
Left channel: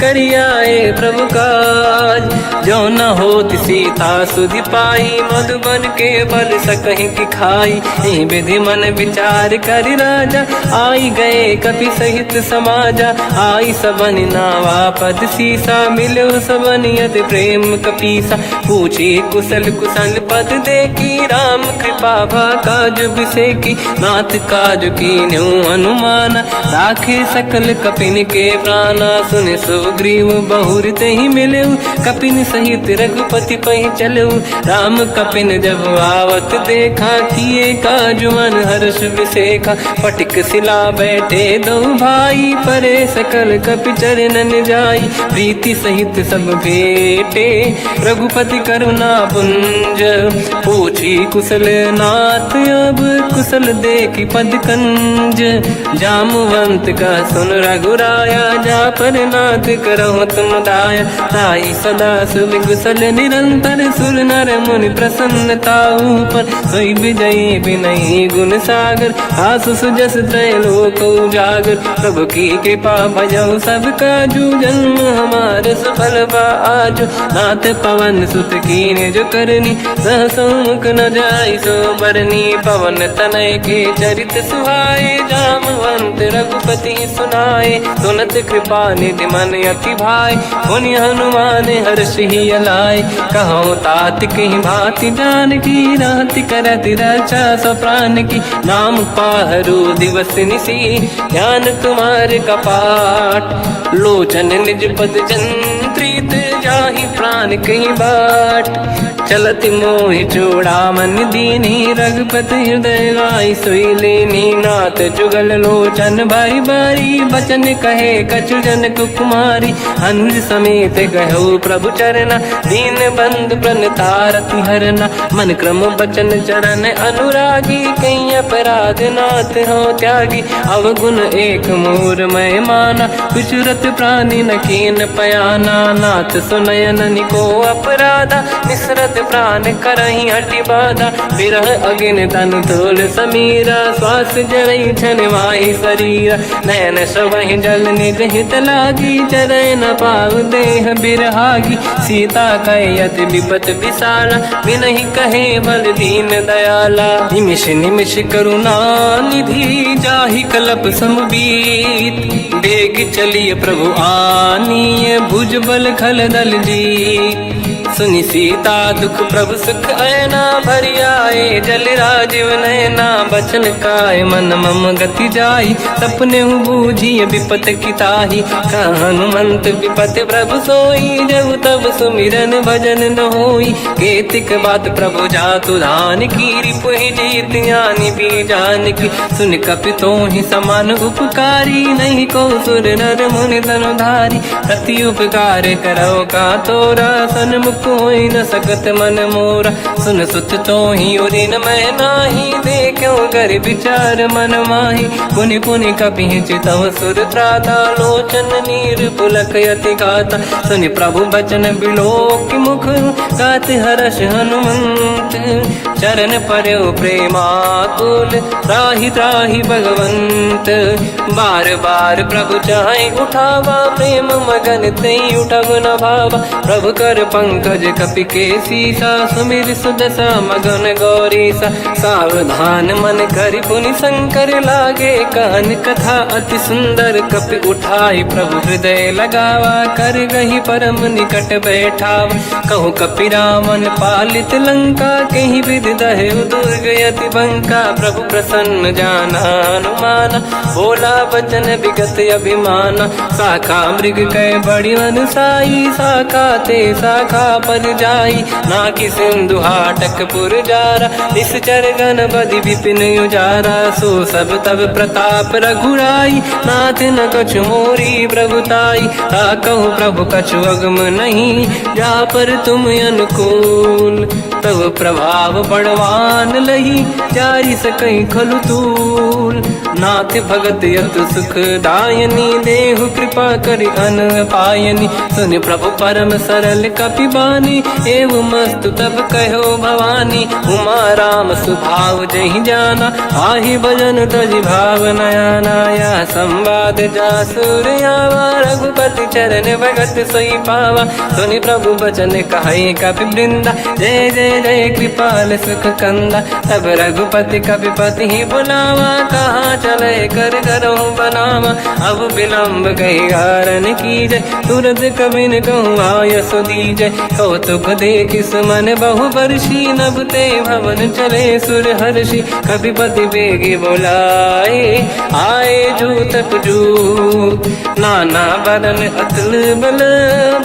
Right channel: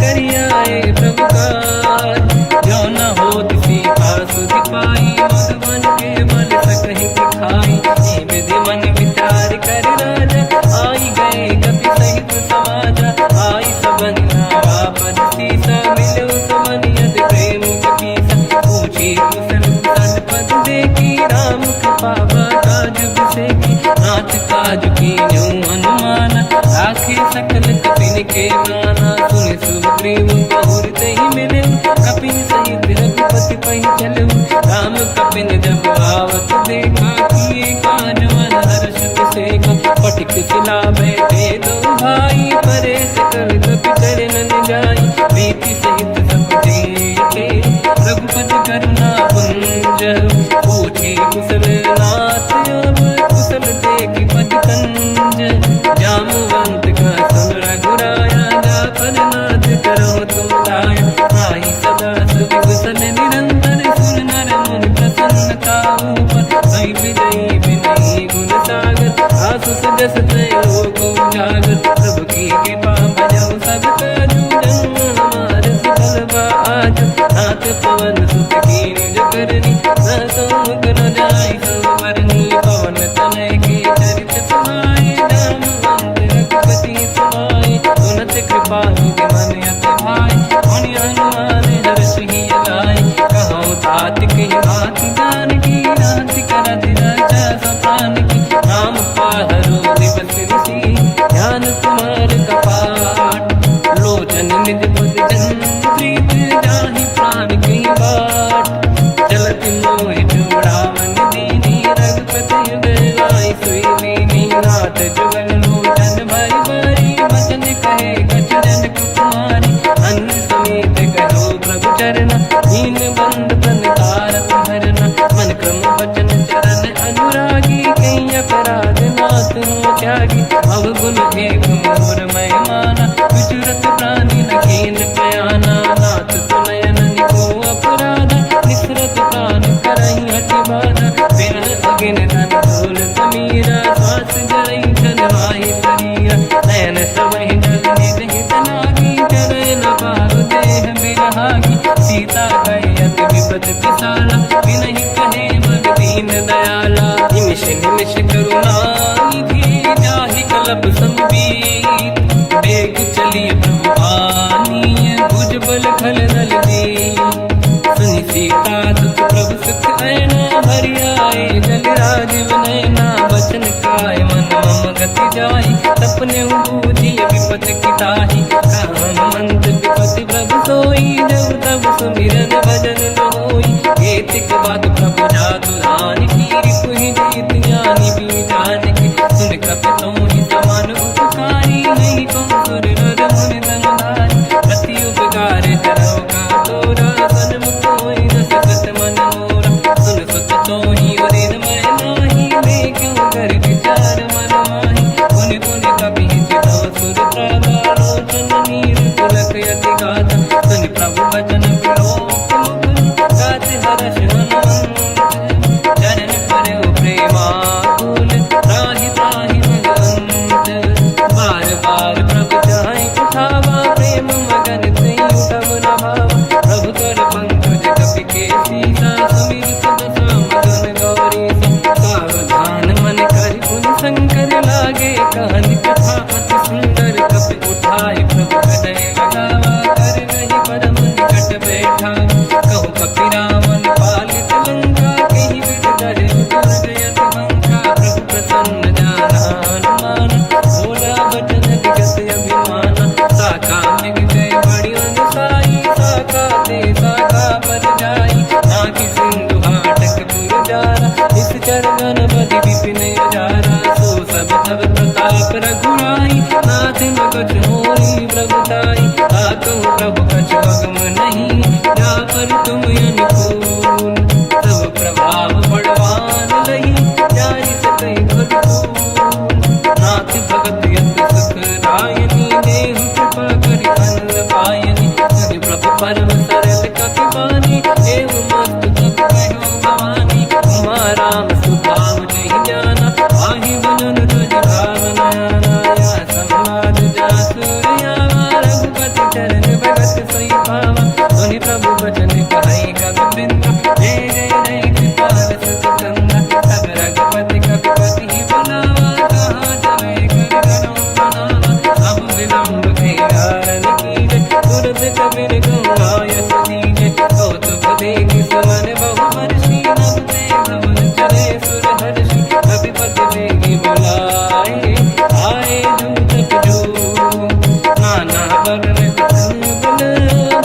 करियाए प्रभु काज। जो न होत सीता सुधि पाई, मधुबन के बल सकहि दिखाई। ए विधि मन विचार कर राजा, आई गए कपि सहित समाजा। आई सबन नावा पद सीसा, मिलो सबन यद प्रेम कपीसा। पूछी कुशल कुशल पद देखी, राम कृपा काज बिसेकी, नाथ काज की न्यू अनुमान, राखे सकल कपिन के प्राणा, सुन सुग्रीव बहुर ते ही मिले, कपिन सहित रघुपति पहि चलऊ, राम कपिन जब आवत देखा, किए काज मन हर्ष बिसेखा, पटिक सिला बैठे दो भाई, परे सकल कपि चरणन जाई, प्रीति सहित सब बेटे, रघुपति करुणा पुंज, पूछी कुशल नाथ अब कुशल देखी पद कंज, जामवंत का सुन रघुराया, जा पर नाथ करहु तुम दाया, ताई सदा सुविकुशल निरंतर, सुर नर मुनि प्रसन्नता ऊपर, सोई विजयी विनयी गुण सागर, आसु सुजस त्रैलोक उजागर, प्रभु की कृपा भजऊ सब काजू, जन्म हमार सफल बा आज, नाथ पवन सुत की निज करनी, सहसोमुख न जाय सो मरनी, पवन तनय के चरित सुहाए, जामवंत रघुपति सुनाए, सुनत कृपा निधि मन अति भाई, मुनि हनुमान हर्षि अलाए, कहो तात कहीं भांति जान की, राति करति रक्षा सब प्राण की, नाम पाहरो दिवस निसी, ध्यान तुम्हारे कपाट, लोचन निज पद जंत्रित, जाहि प्राण कहीं बाट, चलत मोहि चूड़ामन दीनी, रघुपति हृदय आई सोई लेनी, नाथ जुगल लोचन भाई बारी, बचन कहे कछु जन कुमारी, अंज समेत कहो प्रभु चरना, दीन बंधु प्रणितारत हरना, मन क्रम बचन चरण अनुरागी, कहीं अपराध नाथ हो त्यागी, अवगुण एक मोर मैं माना, विचुरत प्राणी न कीन पयाना, नाथ सुनयन निको अपराधा, निसरत प्राण करही हटि बाधा, विरह अगिन तन तोल समीरा, श्वास जरई छनवाई शरीरा, नयन सबहि जल निज हित लागी, चरय न पाव देह बिरहागी, सीता कहे अति विपत विसाला, विनहि कहे बल दीन दयाला, निमिष निमिष करुणा निधि, जाहि कलप समबीत, बेग चलिए प्रभु आनीय, भुज बल खल दल जी, सुनि सीता दुख प्रभु सुख ऐना, भरि आए जल राजीव नैना, बचन काय मन मम गति जाई, सपने बूझी विपत किताही, हनुमंत विपत प्रभु सोई, जब तब सुमिरन भजन न होई, केतिक बात प्रभु जातु धान की, रिपुहि जीत ज्ञानी बीजान की, सुन कपि तोहि समान उपकारी, नहीं को सुर नर मुनि तनुधारी, अति उपकार करो का तोरा, सन्मुख होई न सकत मन मोरा, सुन सुत तोहि उदिन मैं नाही, देखो कर विचार मन माही, पुनि पुनि कपि चितव सुर त्राता, लोचन नीर पुलक यति गाता, सुनि प्रभु बचन बिलोक मुख, गाति हर्ष हनुमंत, चरण पर्यो प्रेमाकुल, त्राहि त्राहि भगवंत, बार बार प्रभु चाहे उठावा, प्रेम मगन ते उठब न भावा, प्रभु कर पंकज कपि के सीसा, सुमिर सुदशा मगन गौरीसा, सावधान मन करि पुनि शंकर लागे, कान कथा अति सुंदर, कपि उठाई प्रभु हृदय लगावा, कर गही परम निकट बैठावा, कहु कपि रामन पालित लंका, कहीं विधि दहे दुर्ग यति बंका, प्रभु प्रसन्न जाना अनुमाना, भोला बचन विगत अभिमाना, शाखा मृग कै बड़ी अनुसाई, शाखा ते शाखा पर जाई, नाकि सिंधु हाटक पुर जारा, इस चरगन बदि विपिन उजारा, सो सब तब प्रताप रघुराई, नाथ न कछु मोरी प्रभुताई, कहूँ प्रभु कछु अगम नहीं, जा पर तुम अनुकूल, तब प्रभाव बड़वान लही, जाई सकई खलु तूल, नाथ भगत यत सुख दायनी, देहु कृपा करि अन पायनी, सुन प्रभु परम सरल कपि बानी, एव मस्तु तब कहो भवानी, उमा राम सुभाव जहि जाना, आहि भजन तज भाव नयाना, या संवाद जासुर आवा, रघुपति चरण भगत सोई पावा, सुनि प्रभु बचन कहे कपि वृंदा, जय जय जय कृपाल सुख कंदा। तब रघुपति कविपति ही बनावा, कहाँ चले कर करो बनावा। अब विलम्ब कही कारण कीजय, तुरंत कबिन कहूँ आयस दीजय। कौतुक देख सुमन बहु वर्षी, नभ ते भवन चले सुर हर्षि। कविपति बेगी बुलाए, आए जूतक जूत। नाना बदन अतल बल,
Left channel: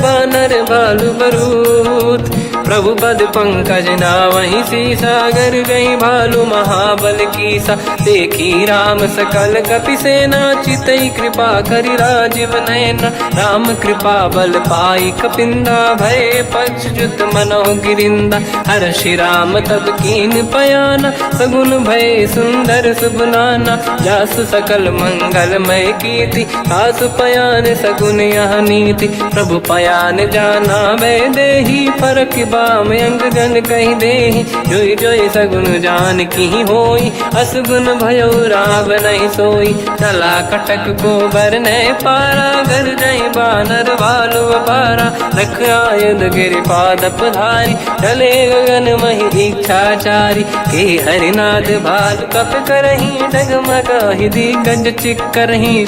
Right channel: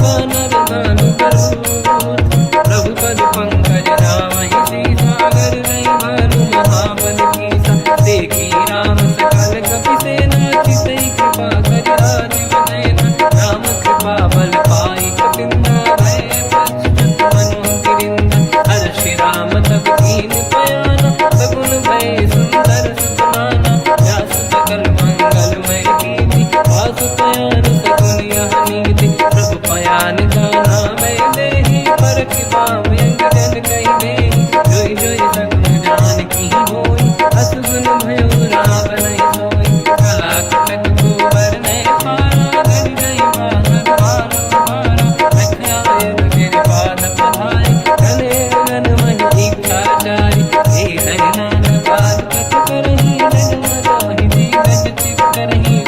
बानर भालु बरूत। प्रभु पद पंकज नावहि सीसा, गर गई भालु महाबल कीसा। देखी राम सकल कपि सेना, चितई कृपा करि राजीव नयन। राम कृपा बल पाई कपिंदा, भय पच्युत मनोह गिरिंदा। हर्षि राम तब कीन पयाना, सगुन भय सुंदर सुबलाना। जासु सकल मंगलमय कीर्ति, आसु पयान सगुन यह नीति। प्रभु पयान जाना मै देहि, परख बाम अंगगन कहि देहि। जोई जोई सगुन जान की होई, असगुन भयो राव नहीं सोई। चला कटक को बरने पारा, घर जय बानर भालु अपारा। लख आयन गिरिपाद पधारी, चले गगन महि इच्छाचारी। के हरिनाथ भाल कप करही, डगमगाहि दिग्गज चिक्करही।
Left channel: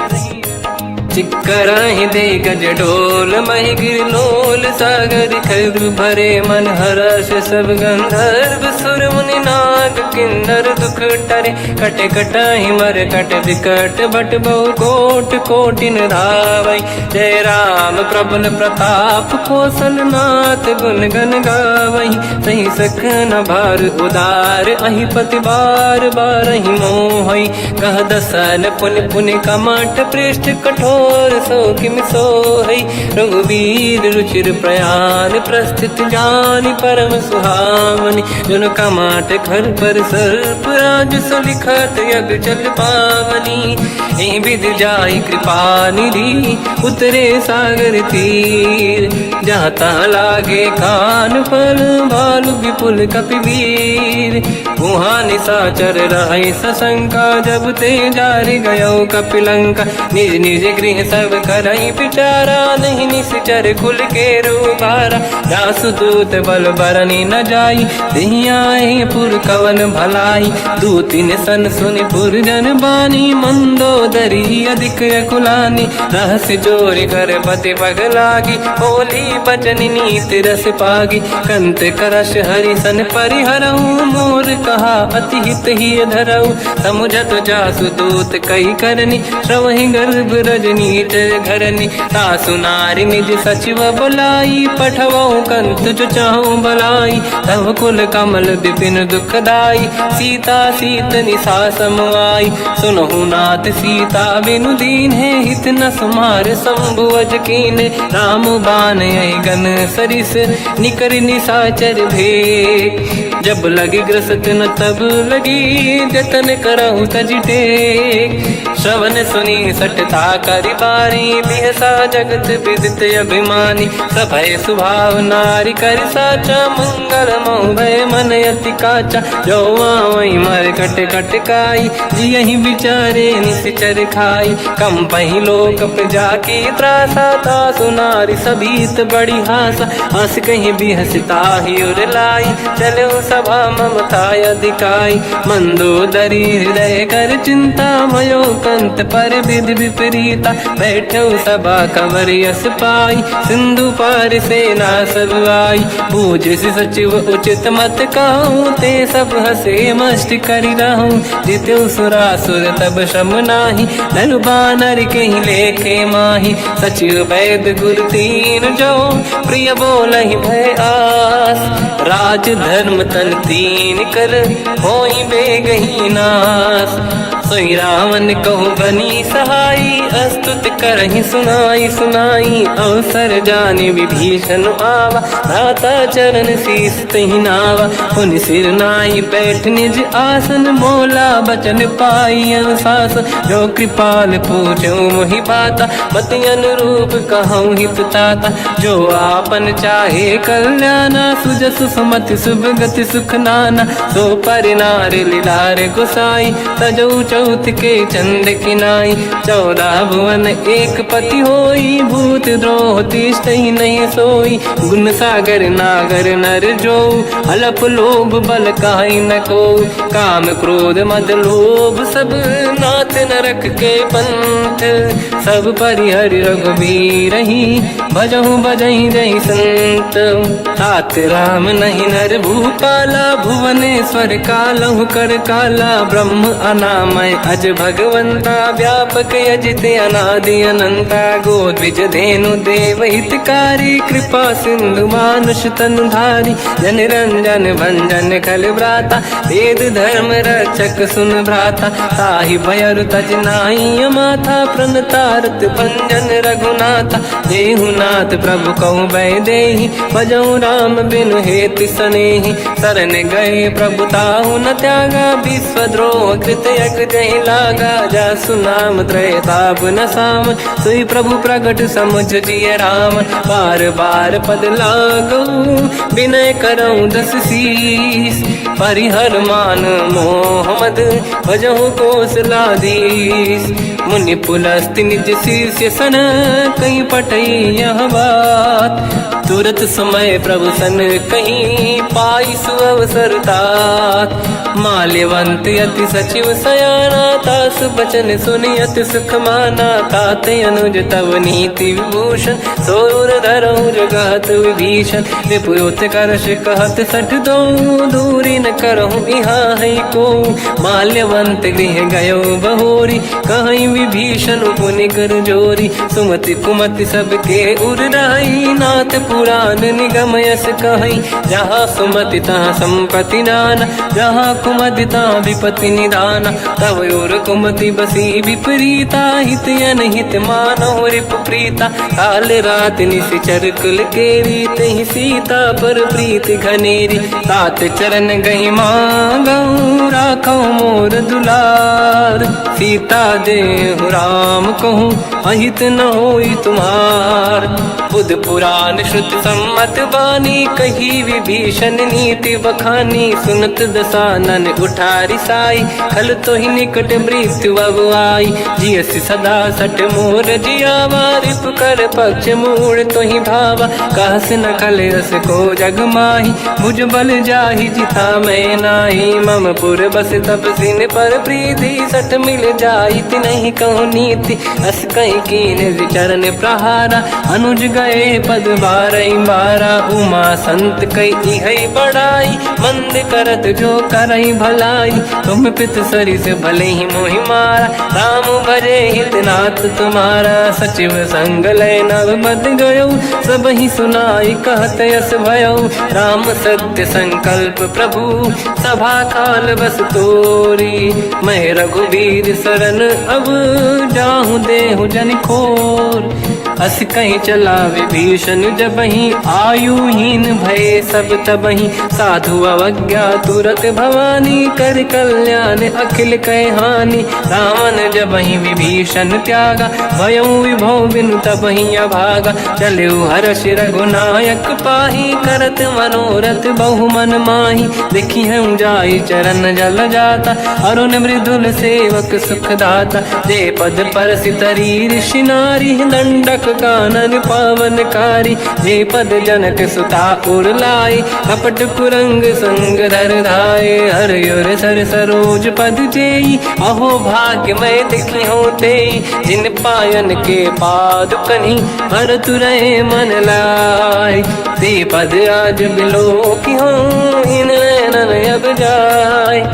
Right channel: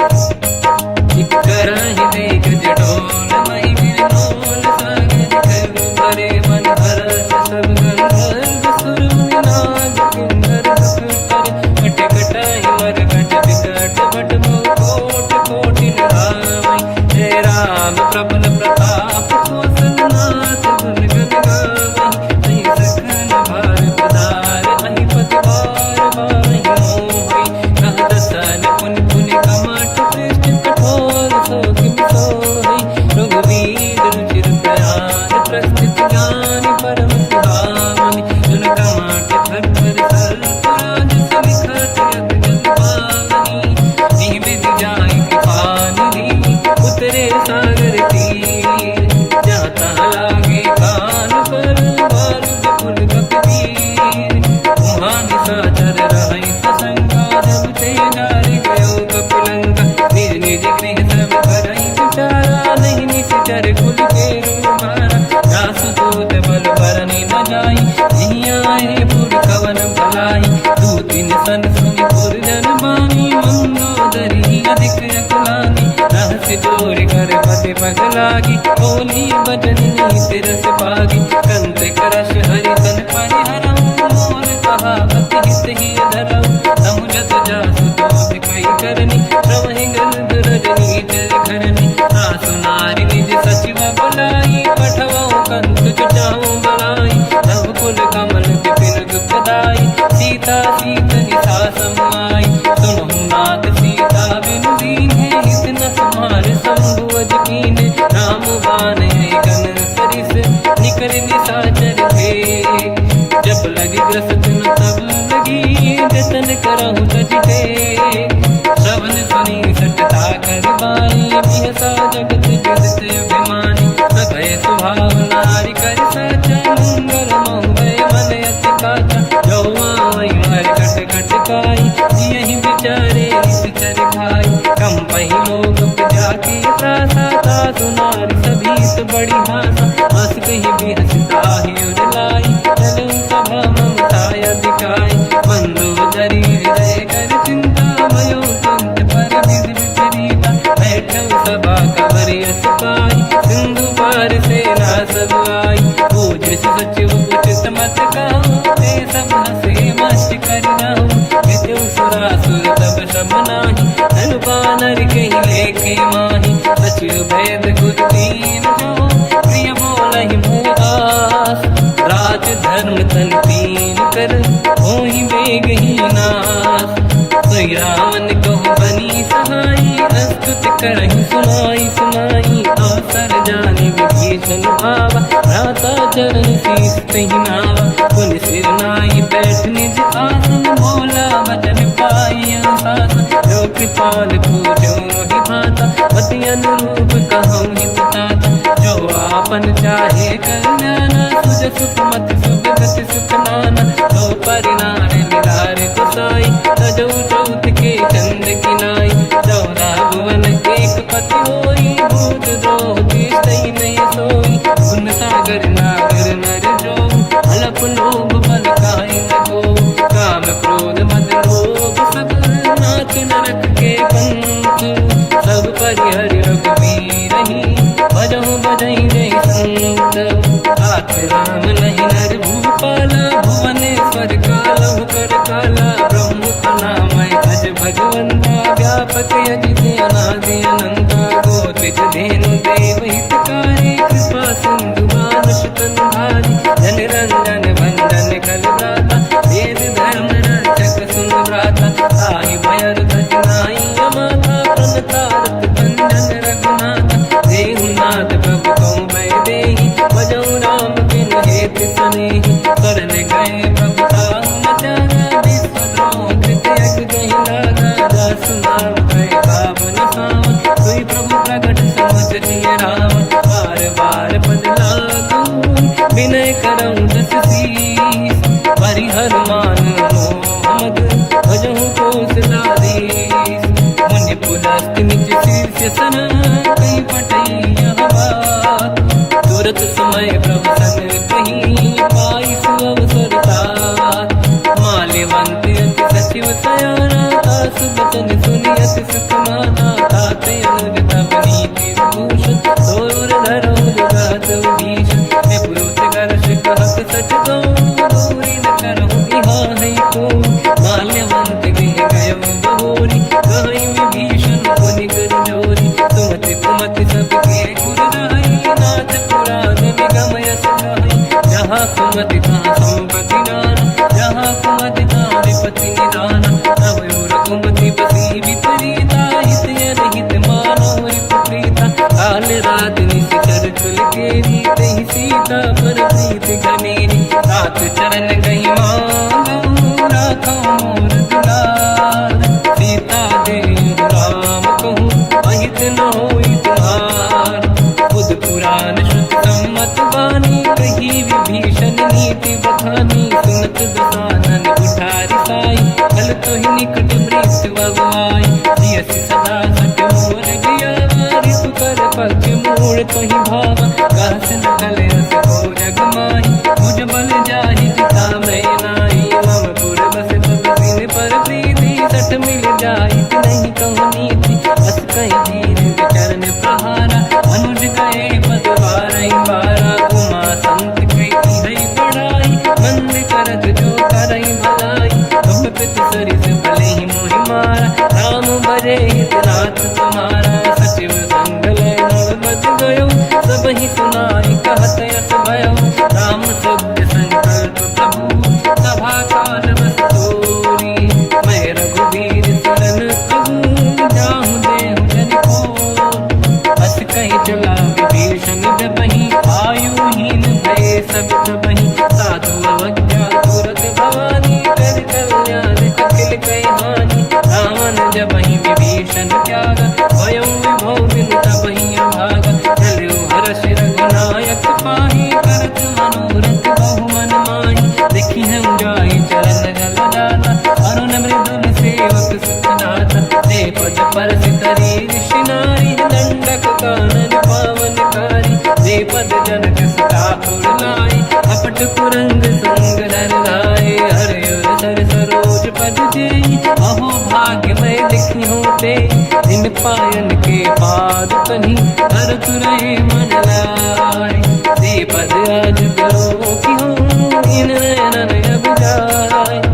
चिक्करहि दे गज डोल, महि गिरलोल सागर खरु भरे मन। हर्ष सब गंधर्व सुर मुनि नाग, किन्नर दुख टरे। कट कटाहि मर कट विकट, भट बहु कोट कोटिन धावै। जय राम प्रबल प्रताप, कोसल नाथ गुण गन गावै। सही सखन भार उदार, अहि पति बार बारहि मोहै। कह दसन पुन पुन कमठ, पृष्ठ कठोर सो किम सोहै। रघुवीर रुचिर प्रयाण, प्रस्थित ज्ञान परम सुहावनी। जुन कमाट घर पर सर्प राज, सविखत यग जल पावनी। एहि विधि जाहि कृपा निधि, उतरे सागर तीर। जाता लागे कान फल, भालु विपुल कपिवीर। वहाँ निशाचर रहै सशंका, जब ते जारि गयो कपिलंका। निज निज गृह सब करई विचारा, नहीं निश्चर कुल के रूबारा। जासु दूत बल बरनी न जाई, तिहि आए पुर कवन भलाई। दूतिन सन सुनि पुर जन बानी, मंदोदरी अधिक अकुलानी। रहस्य जोरि घर पति पगलागी, होली बचन नीति रस पागी। कंत करश हरि सन परिहरहु, मोर कहा अति हित ही धरऊ। समुझत जासु दूत कई करनी, श्रवहि गर्भ रजनी धरनी। सासु नारी निज सचिव बुलाई, पठवऊ कंत जो चाहूं बलाई। तब कुल कमल विपिन दुखदाई, सीता सीत निशा समाई। सुनहु नाथ सीता बिनु दीन है, हित न समार संभुवज कीन। राम बान गन सरिस, निकर निशाचर भे। जब लगी ग्रस्त न तब लगी, जतन करहु तज टेक। श्रवण सुनी सटता करि बारी, बिहसा जगत विदित अभिमानी। सभय स्वभाव नारी कर साचा, मंगल महु भय मन अति काचा। जो आवई मर कट कट काई, जियहि विचारे निश्चर खाई। कम पहि लोक जाके त्रासा, तासु नारी सभीत बड़ी हासा। हंस कहीं बिहसता ही उर लाई, चलो सभा ममता अधिकाई। मंदोदरी हृदय कर चिंता, भयो कंत पर विधि विपरीता। बैठो सभा कंवर यस पाई, सिंधु पार सेना सब आई। पूज सचिव उचित मत कहूँ, ते सब हसे मस्त करि रहूं। जित्यु सुरासुर तब शम नाही, धनु बानर कहीं लेखे माही। सचिव वैद गुरु तीन जो, प्रिय बोलहि भय आस। राज धर्म तन तीन कर, होई बेगहि नास। सोई रावण कहु बनी सहाई, अस्तुत करहि सुनाई सुनाई। अवसर जानि विभीषण आवा, धाता चरण शीस तहि नावा। पुनि सिर नाई बैठ निज आसन, मोला बचन पाई अनुशासन। जो कृपाल पूछो मोहि बाता, पति अनुरूप कहूँ हित ताता। जो आपन चाहे कल्याणा, सुजस सुमति शुभ गति सुख नाना। सो पर नारी लीलार गोसाई, तजौ चौथ के चंद किनाई। 14 भुवन एक पति होई, भूत द्रोह तिष्ठइ नहीं सोई। गुण सागर नागर नर जो, अलप लोभ बल काई न को, काम क्रोध मद लोभ सब नाथ नरक के पंथ। सब परिहर रघुवीर ही, भजहु भजहि जहि संत। हाथ राम नहीं नर भूपाला, भुवनेश्वर कालहु कर काला। ब्रह्म अनामय अज भगवंता, व्यापक अजित अनादि अनंता। गोद्विज धेनु देव हितकारी, कृपा सिंधु मानुष तनु धारी। जन रंजन भंजन खल व्राता, वेद धर्म रक्षक सुन भ्राता। ताहि भयर तज नाहि माथा, प्रणतारत भंजन रघुनाथा। देहु नाथ प्रभु कौ बै देहि, भजऊ राम बिन हेत सनेहि। शरण गए प्रभु ताहु न त्यागा, विश्वद्रोह कृत यज्ञ जहि लागा। जासु नाम त्रयताप न साम, सोई प्रभु प्रगट समुझ जिय राम। बार बार पद लागू, विनय करऊँ दस शीस। परिहर मान मोह मद, भजहु कौशलाधीश। मुनि पुलस्त्य निज शीर्ष सन, कहीं पटई यह बात। तुरत समय प्रभु सन कहीं, पाई सुअवसर तात। माल्यवंत अति सचिव सयाना, तास बचन सुनि अति सुख माना। ताते अनुज तव नीति विभूषण, सोर धरऊ जगत विभीषण। विपुत करश कहत सठ दो, दूरी न करहु इहा है को। माल्यवंत गृह गयो बहोरी, कहीं विभीषण पुनि कर जोरी। सुमति कुमति सबके उर रही, नाथ पुराण निगम यस कहीं। जहाँ सुमति तहाँ संपत्ति नाना, जहाँ कुमति तहाँ विपत्ति निदाना। तव और कुमति बसी विपरीता, हित अनहित मानव रिपु प्रीता। काल रात निशिचर कुल केरी, तहि सीता पर प्रीत घनेरी। तात चरण गहि मांगऊ, राखौ मोर दुलार। सीता देहु राम कहूँ, अहित न होई तुम्हार। बुध पुराण शुद्ध सम्मत बानी, कही विभीषण नीति बखानी। सुनत दसानन उठारी साई, खल तो ही निकट मृत्यु अब आई। जियसि सदा सट मोर जियावा, रिपु कर पक्ष मूड़ तो ही भावा। कहस न कल रस को जग माही, मुझ बल जाहि जिता मैं नाही। मम पुर बस तब सिन पर प्रीति, सत मिल जाई नहीं कहूँ नीति। अस कहीं कीन विचरण प्रहारा, अनुज गए पद बारई बारा। उमा संत कई है बड़ाई, मंद करत जो करई भलाई। तुम पित सरिस भले ही मोहि मारा, राम भजे हितनाथ तुम्हारा। सचिव संग लय नव बद गयो, सब ही सुनाई कहत यस भयो। राम सत्य संकल्प प्रभु, सभा काल बस तोरी। मैं रघुवीर शरण अब, जाहूँ देहु जन खोर। अस कहीं चला विभीषण जबहि, आयुहीन भये सब तबहि। साधु अवज्ञा तुरत भवानी, कर कल्याण अखिल कह हानि। रावण जबहि विभीषण त्यागा, भयउ विभव बिन तबहि अभागा। चलऊ हर्ष रघुनायक पाहि, करत मनोरथ बहु मन माहि। देखी हूँ जाई चरण जल जाता, अरुण मृदुल सेवक सुख दाता। जय पद परस तरी ऋषि नारी, दंडक कानन पावनकारी। जे पद जनक सुता उर लाई, अपट पुरंग संग धर धाय। हर सर सरोज पद जेई, अहो भाग्य मैं दिखी होते। जिन पायन के पाद कहीं, हर तुरय मन लाय। ते पद आज बिलो की हो, इन नैनन अब जाय।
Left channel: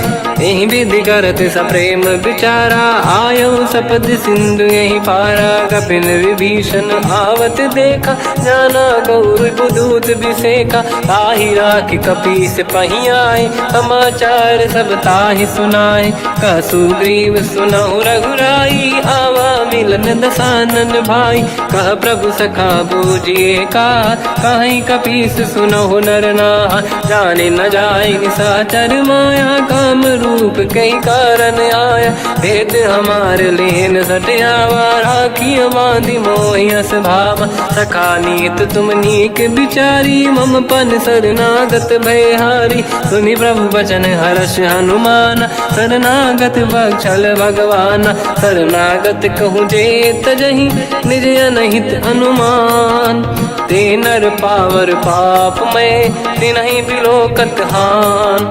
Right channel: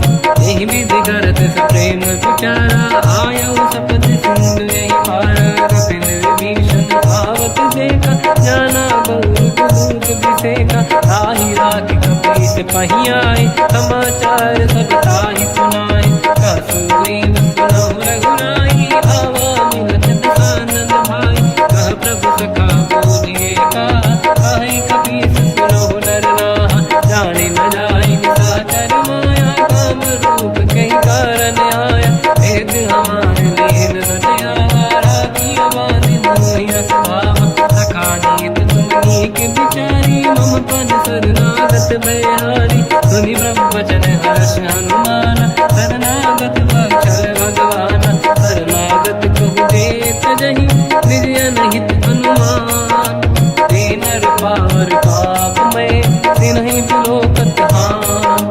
यही विधि करत सप्रेम विचारा, आयो सपद सिंधु यही पारा। कपिन विभीषण आवत देखा, जाना गौर दूत विसेका। ताहि राखि कपीस पहि आए, समाचार सब ताहि सुनाए। कह सुग्रीव सुनहु रघुराई, आवा मिलन दसानन भाई। कह प्रभु सखा पूजिए का, कहीं कपीस सुनहु नर नाहा। जाने न जाएगी साचर माया, काम रूप कई कारण आया। भेद हमारे लीन सटियावा, राखी बांधि मोहि अस भावा। सखा नीत तुम नीक बिचारी, मम पन शरणागत भयहारी। सुनि प्रभु वचन हर्ष हनुमाना, शरणागत बक्षल भगवाना। शरणागत कहूँ जे तजहि, निज अनहित हनुमान। ते नर पावर पाप में, तिन्हि बिलो ठोकत हान।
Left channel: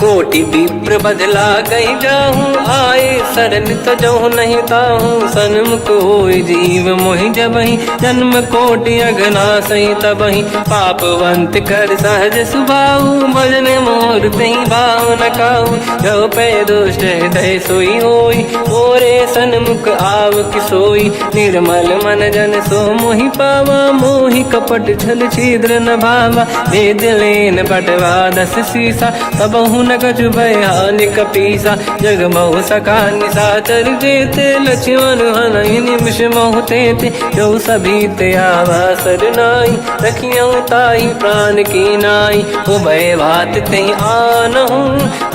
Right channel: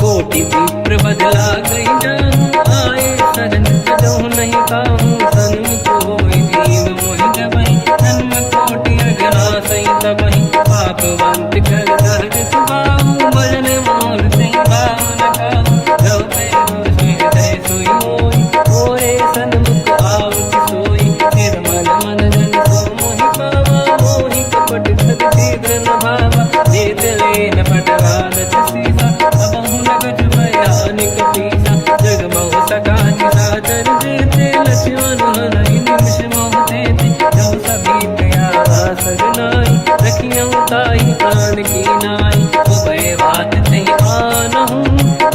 कोटि विप्र बदला गई जाऊं, आए शरण तजो नहीं ताऊं। सन्मुख होई जीव मोहि जबहि, जन्म कोटि अगना सही तबहि। पापवंत कर सहज सुभाऊ, भजन मोर सही भाव न काऊ। जो पे दुष्ट हृदय सोई होई, मोरे सन्मुख आव किसोई। निर्मल मन जन सो मोहि पावा, मोहि कपट छल छिद्र न भावा। वेद लेन बटवा दस सीसा, सबहु न कछु भयान कपीसा। जग महु सका निशाचर जेते, लक्ष्मण हनहि निमिष महु तेते। जो सभी ते आवा सरनाई, रखियौ ताहि प्राण की नाई। उभय बात ते आनहु,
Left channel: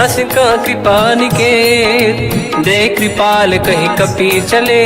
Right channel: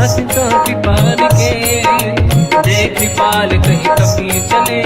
अस का कृपा निकेत। जय कृपाल कहि कपि चले,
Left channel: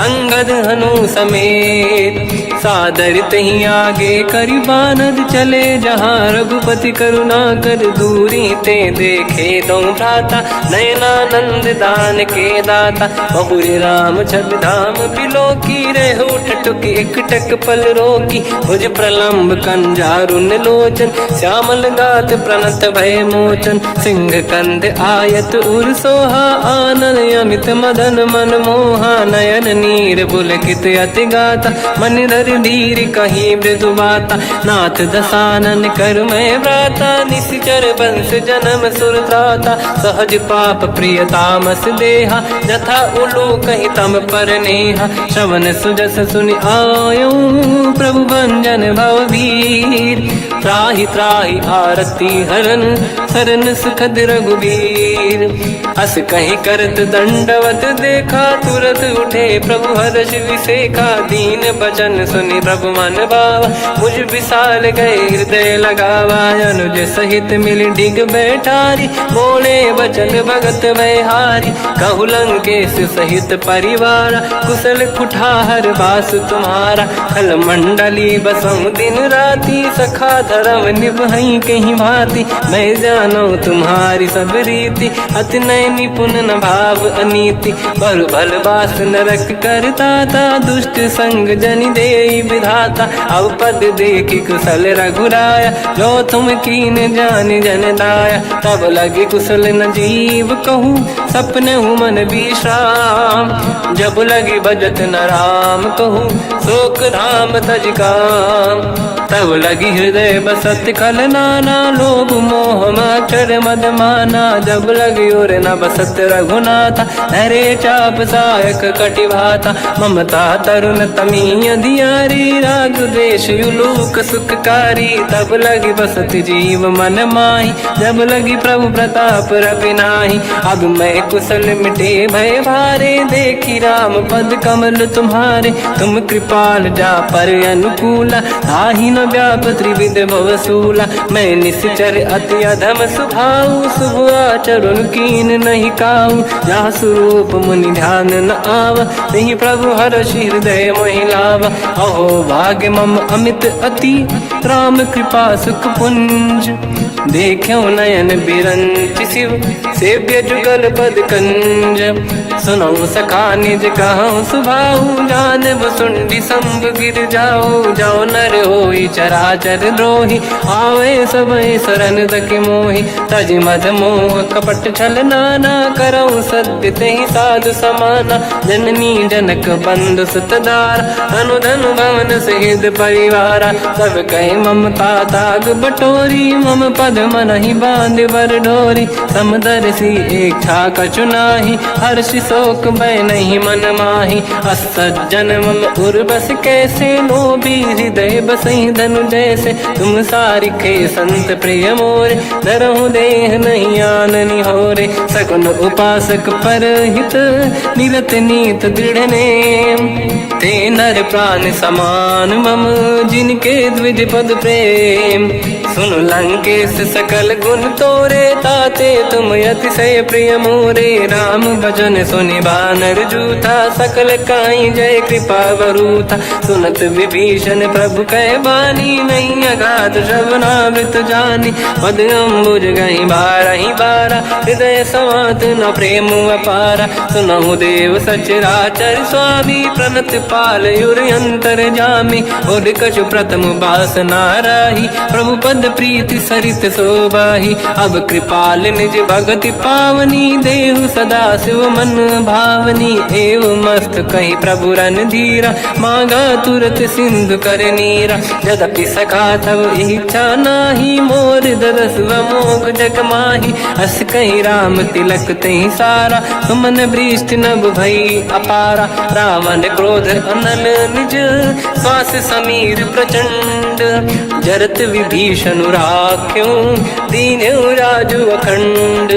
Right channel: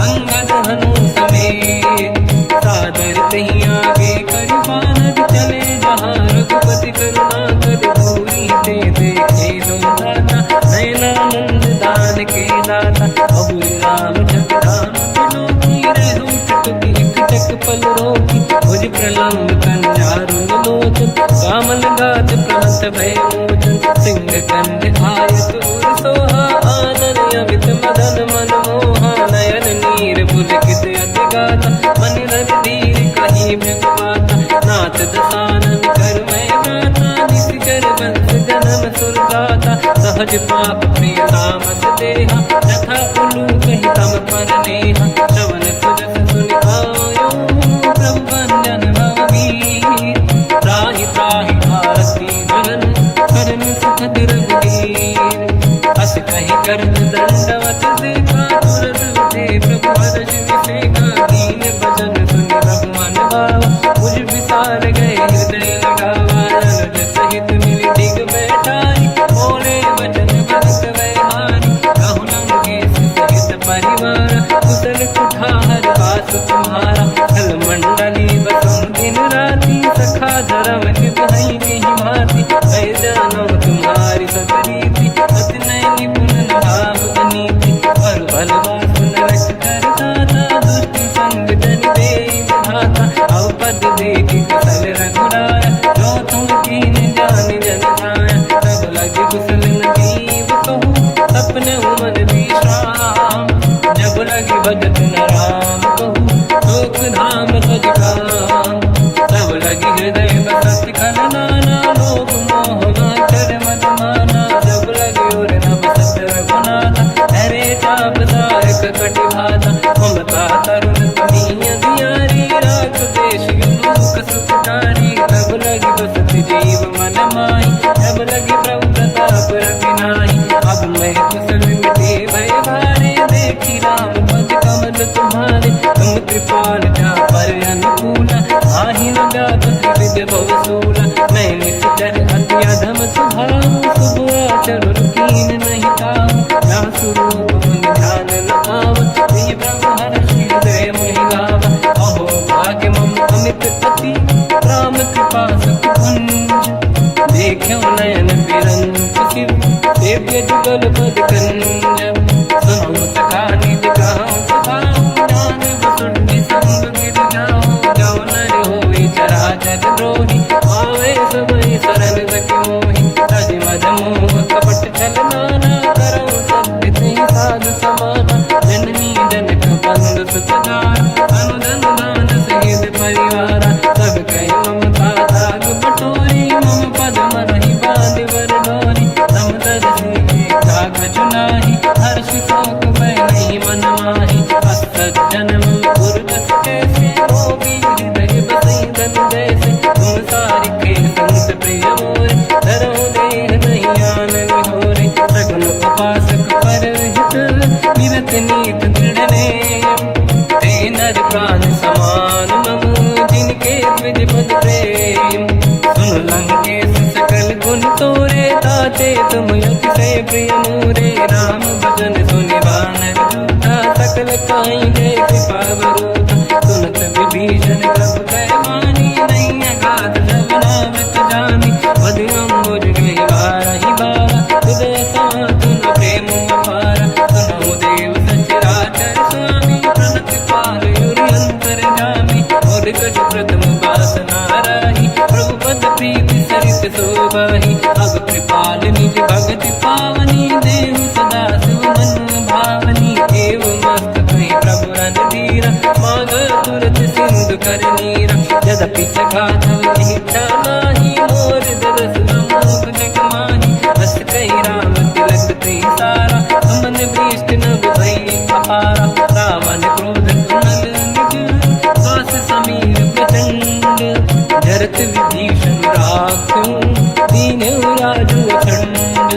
अंगद हनु समेत। सादर तही आगे करि बानर चले, जहाँ रघुपति करुणा कर दूरी ते देखे दो भ्राता। नयनानंद दान के दाता, बहुर राम छवि धाम बिलोकी। रेहु टुक एकटक पल रोकी, भुज प्रलम्ब कंजारुन लोचन। श्यामल गात प्रणत भय मोचन, सिंह कंद आयत उर सोहा। आनंद अमित मदन मन मोहा, नयन नीर पुलकित अति गाता। मन धर धीर कहीं मृदु माता, नाथ दसानन कर मैं व्राता। निश्चर वंश जन्म सुरदाता, सहज पाप प्रिय तामस देहा। जथा उलू कहीं तम पर नेहा, श्रवण सुजस सुनि आयो। प्रभु भंजन भवधीर, त्राहि त्राहि आरती हरन। शरण सुखद रघुवीर, अस कहीं करत दंडवत देखा। तुरत उठे प्रभु हर्ष विसेखा, दीन बचन सुनि प्रभु मन भावा। मुझ विशाल गए हृदय लगावा, अनुज सहित मिल डिग बैठारी। बोले बचन भगत बहारी, कहु लंकेश सहित परिवार। कुशल कुठार बास तुम्हारा, खल मंडली बसम दिन राती। सखा धर्म निभई कहीं भांति, मैं जानो तुम्हारी सब रीति। अति नय निपुण न भाव अनीति, बर भल बास नरक करता था। दुष्ट संग जन देई विधाता, अब पद देखि कुशल रघुराया। जो तुम कीन जान जन दाया, तब लगे कुशल न जीव कहूँ। सपने मन विश्राम, जब लगे भजत न राम कहूँ। शोक धाम तज काम, तब लगी हृदय बसत खल नाना। लोभ मोह मच्छर मद माना, जब लगी और न बसत रघुनाथा। हरे चाप सायक कटि भाता, ममता तरुण तमीय धियारी। राग द्वेष युलूक सुखकारी, तब लगी बसत जीव मन माही। जब लगी प्रभु प्रताप रवि नाही, अब मैं कुशल मिटे भय भारे। देखी राम पद कमल तुम्हारे, तुम कृपाल जा पर अनुकूला। आही न व्याप त्रिविध भवसूला, मैं निश्चर अति अधम स्वभाव। शुभ आचरण कीन नहीं काऊ, जहाँ स्वरूप मुनि ध्यान न आव। नहीं प्रभु हर्ष हृदय महिलावा, अहो भाग्य मम अमित अति। राम कृपा सुख पुंज, देखो नयन बिरंच शिव। सेव्य जुगल पद कंज, सुनो सखा निज कहूँ सुभाऊ। ज्ञान वसुंडी संग गिर जाओ, जाओ नर होई चराचर द्रोही। आवे सबई शरण दकि मोहि, तज मद मोह कपट छल नाना। करऊँ सत्य तेहि साधु समाना, जननी जनक बंधु सुतदार। अनुधन भवन सहित परिवारा, सब कहे ममता ताग बटोरी। मम पद मनहि बांध बर डोरी, समदर्शी इच्छा कछु नाही। हर्ष शोक मैं नहीं मन माही, असज्जन मम उर्वश कैसे। लोभी हृदय बसई धनु जैसे, तुम सारिखे संत प्रिय मोरे। धरहु देह नहीं आननि होरे, सगुन उपासक पर हित। निरत नीत दृढ़ नेम, ते नर प्राण समान मम। जिनके द्विज पद प्रेम, सुन लंकेश सकल गुण तोरे। ताते तुम अतिशय प्रिय मोरे, राम भजन सुनि बानर जूथा। सकल काई जय कृपा बरूथा, सुनत विभीषण प्रभु कह बानी। नहीं अगाध श्रवणामृत जानी, पद अम्बुज गई बारहि बारा। हृदय समात न प्रेम अपारा, सुनहु देव सचराचर स्वामी। प्रणत पाल युर अंतर जामी, और कछु प्रथम बास नाराही। प्रभु पद प्रीति सरित शोभाही। अब कृपाल निज भगति पावनी, देहु सदा शिव मन भावनी। एव मस्त कहीं प्रभु रणधीरा, मांगा तुरत सिंधु कर नीरा। यद्यपि सखा तब इच्छा नाही, मोर दरस मोग जग माही। अस कहीं राम तिलक तहीं सारा, सुमन वृष्टि नभ भई अपारा। रावण क्रोध अनल निज, श्वास समीर प्रचंड। जरत विभीषण राख्यो, दीन राजु अखंड।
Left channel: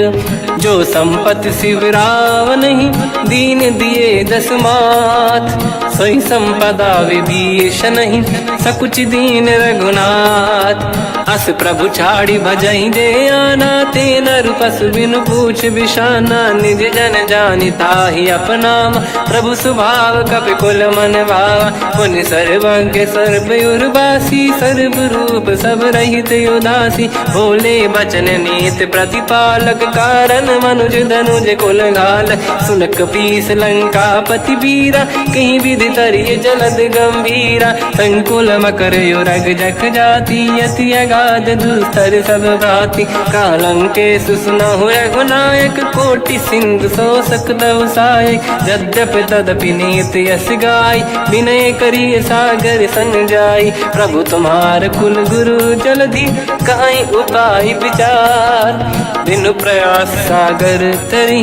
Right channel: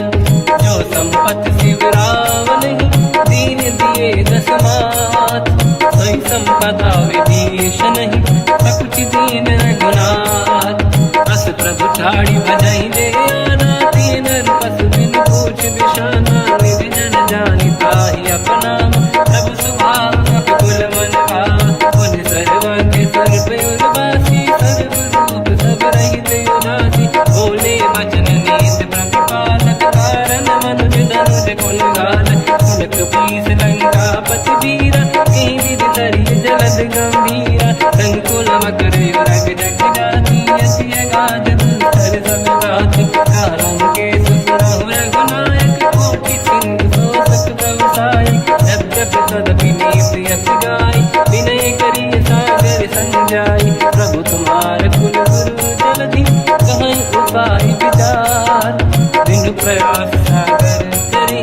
जो संपत शिव रावण ही, दीन दिए दस मात। सोई संपदा विभीषण ही, सकुच दीन रघुनाथ। अस प्रभु छाड़ी भजई जे आना, ते नर पशु बिनु पूछ बिशाना। निज जन जानि ताहि अपनाम, प्रभु स्वभाव कपि कुल मन भावा। मुनि सर्वज्ञ सर्व उर्वासी, सर्व रूप सब रहित उदासी। भोले बचन नीत प्रतिपालक, कारण मनुज धनुज कुल घालक। सुनक पीस लंका पति वीरा, कहीं विधि तरिय जलद गंभीरा। संकुल मकर युरग जख जाति, अति अगाध दुस्तर सब भाति। कालंकेश सुनहु रघुनायक, कोटि सिंधु सो सकदहु सहायक। यद्यपि तदपि नीत यस गाय, विनय करिय सागर संग जाई। प्रभु तुम्हार कुल गुरु जलधि, कहीं उपाय विचार। बिनु प्रयास सागर तरी,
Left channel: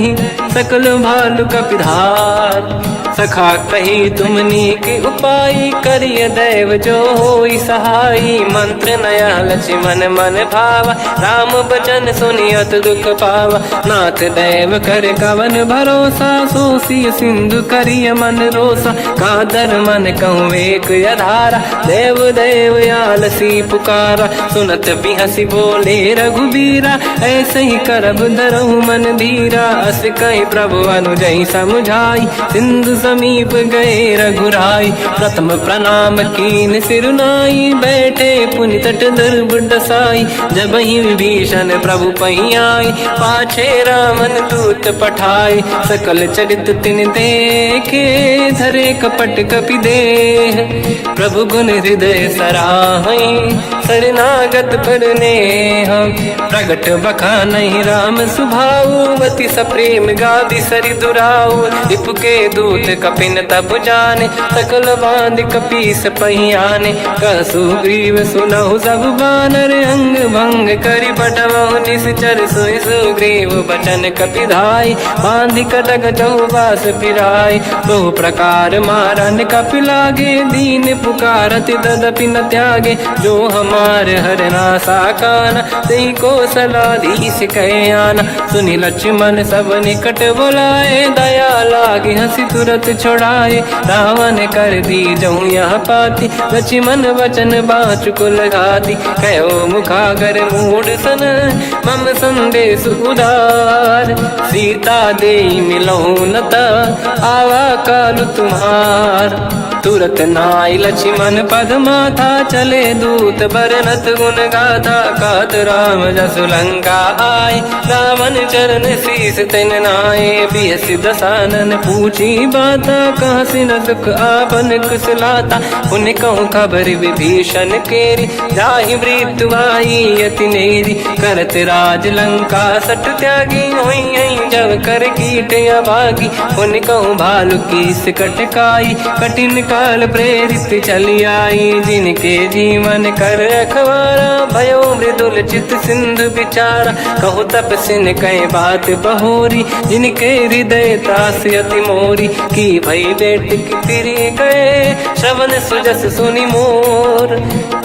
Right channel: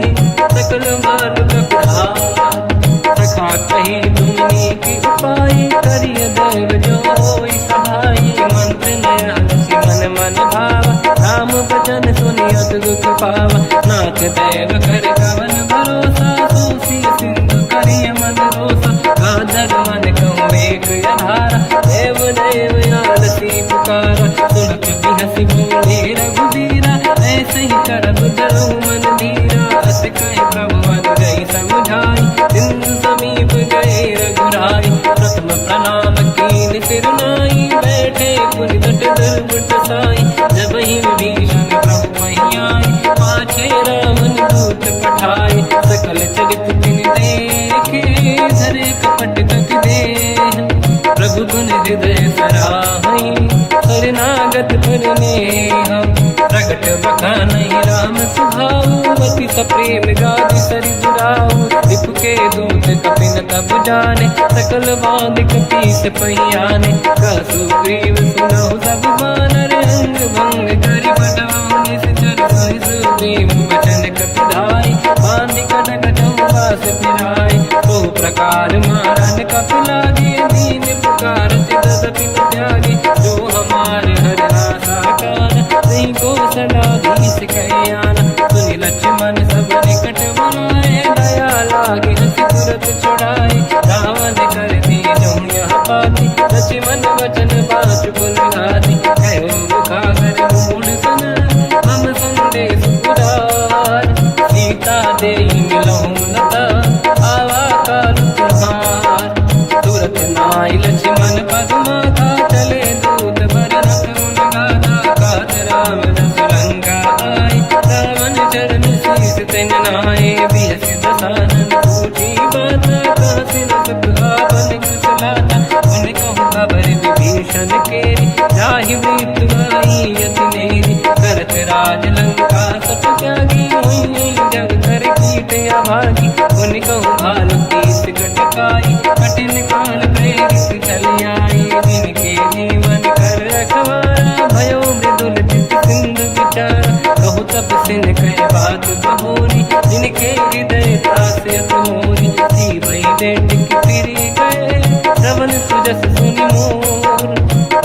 सकल भालु कपिधार। सखा कही तुमनी के उपाय, करिय दैव जो होई सहाई। मंत्र नया लक्ष्मण मन भावा, राम बचन सुनियत दुख पावा। नाथ दैव कर कवन भरोसा, सोसी सिंधु करिय मन रोसा। कादर मन कहूँ एक अधारा, देव देव आलसी पुकारा। सुनत भी हंसी बोले रघुबीरा, ऐसे ही करब धरहु मन धीरा। अस कहीं प्रभु अनुजई समझाई, सिंधु समीप गए रघुराई। प्रथम प्रणाम कीन सिरुनाई, बैठे पुनि तट दुर्ब दसाई। जब ही विभीषण प्रभु पही आई, पाछे रामन दूत पठाई। सकल चरित तिन देखे, धरे कपट कपि देह। प्रभु गुण हृदय सराहई, शरणागत पर नेह। प्रगट बखानहि राम सुभाऊ, अति सप्रेम गादि सरि दुराऊ। रिपु के दूत कपिन तब जाने, सकल बांध कपीस पहियाने। कहसु ग्रीव सुनहु सब बानर, अंग भंग करि बटवहु निश्चर। सोई सुग्रीव बचन कपिधाई, बांधि कटक चौबास पिराई। तो प्रकार मारन कपि लागे, दीन पुकारति तदपि न त्यागे। जो हमार हरना साकाना, तेहि को सलाधीश कहे आना। सुनि लक्ष्मण सब निकट बोलाए, दया लागे हंसी तुरत छोड़ाए। रावण कर दी जऊँ यह पाती, लक्ष्मण वचन बाचु कुल घाती। कहो मुखागर मूढ़ सन, मम संदेश उदार। सीता देई मिलहु नता, आवा कालु तुम्हार। तुरत नाई लक्ष्मण पद माथा, चले दूत बरनत गुण गाथा। कहत राम जसु लंका आए, रावण चरण शीस तन नाए। बियस दसानन पूछी बाता, कहसी न दुख आपन कुशलाता। उन कहूँ खबर विभीषण केरी, जाहि मृत्यु आई यति नेरी। करत राज लंका सट त्यागी, होई जब कर कीट अभागी। उन कहूँ भालु की सिकट काई, कठिन काल प्रेरित चली आई। जिनके जीवन कर रखवारा, भयो मृदुल चित सिंधु विचारा। कहु तपसिन कहे बात बहोरी, जिनके हृदय त्रास अति मोरी। की भई बेटी फिरी गए, श्रवण सुजस सुनि मोर।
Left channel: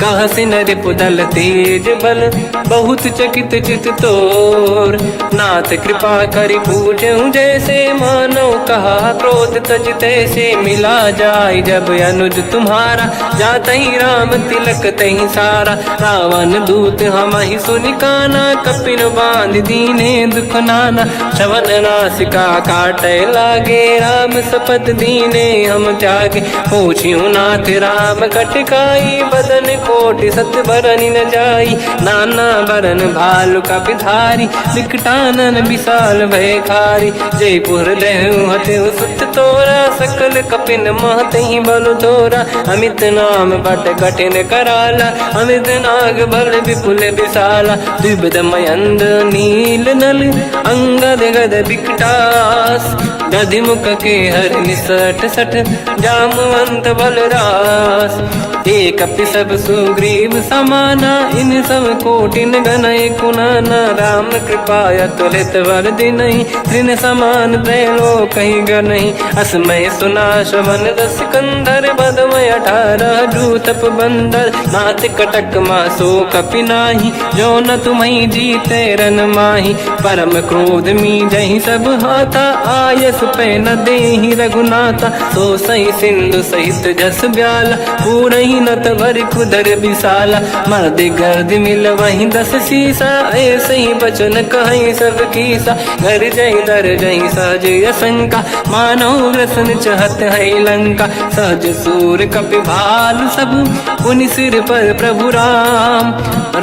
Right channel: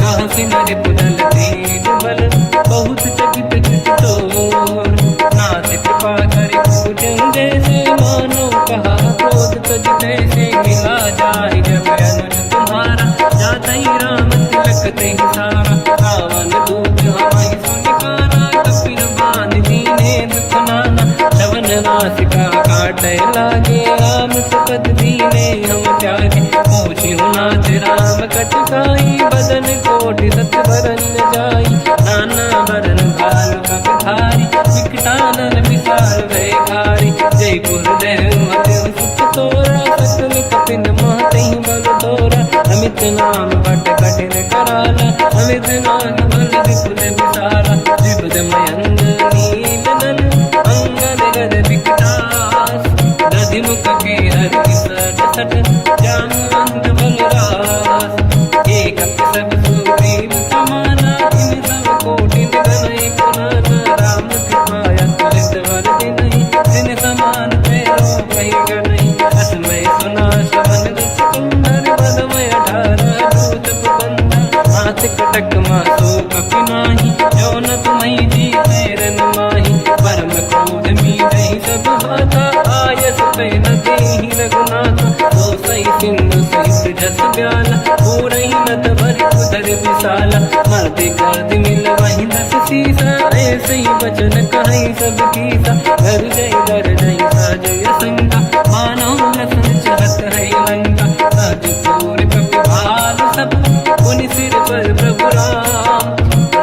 कहसी रिपु दल तेज बल, बहुत चकित चित तोर। नाथ कृपा करि पूजहु जैसे, मानो कहा क्रोध तज तैसे। मिला जाय जब अनुज तुम्हारा, जातहि राम तिलक तहि सारा। रावण दूत हमहि सुनि काना, कपिन बांध बल दीने दुख नाना। श्रवण नासिका काटे लागे राम सपत दीने हम त्यागे। पूछियो नाथ राम कटकाई बदन कोटि सत बरन न जाई। नाना बरन भालु का पिधारी विकटानन विशाल भयकारी। जयपुर देहु हतेउ सुत तोरा सकल कपिन महतहि बल तोरा। अमित नाम बट कठिन कराला अमित नाग बल विपुल विशाला। द्विविध मयंद नील नल अंगद गद विकटास। गधिमुख के हर निसट सठ जामवंत बलरास। एक सब सुग्रीव समाना इन सब कोटिन गनय कुनाना। राम कृपाया तुलित वर दिनहि दिन समान त्रैलो कहीं गनहि। असमय सुना श्रवण रस कंधर बदमय 18 जूतप बंदर। मात कटक मासो कपि नाही जो न तुम्हि जीते रन माही। परम क्रोध मी जहि सब हाथा आयस पे न देहि रघुनाथा। तो सही सिंधु सहित जस ब्याला पूरहि नत भर कुदर विशाला। मर्द गर्द मिल वहीं 10 सीसा ऐसे ही बचन कहीं सब कीसा। घर जय दर जय सहज असंका मानो ग्रसन चहत है लंका। सहज सूर कपि भाल सब पुनि सिर पर प्रभु राम।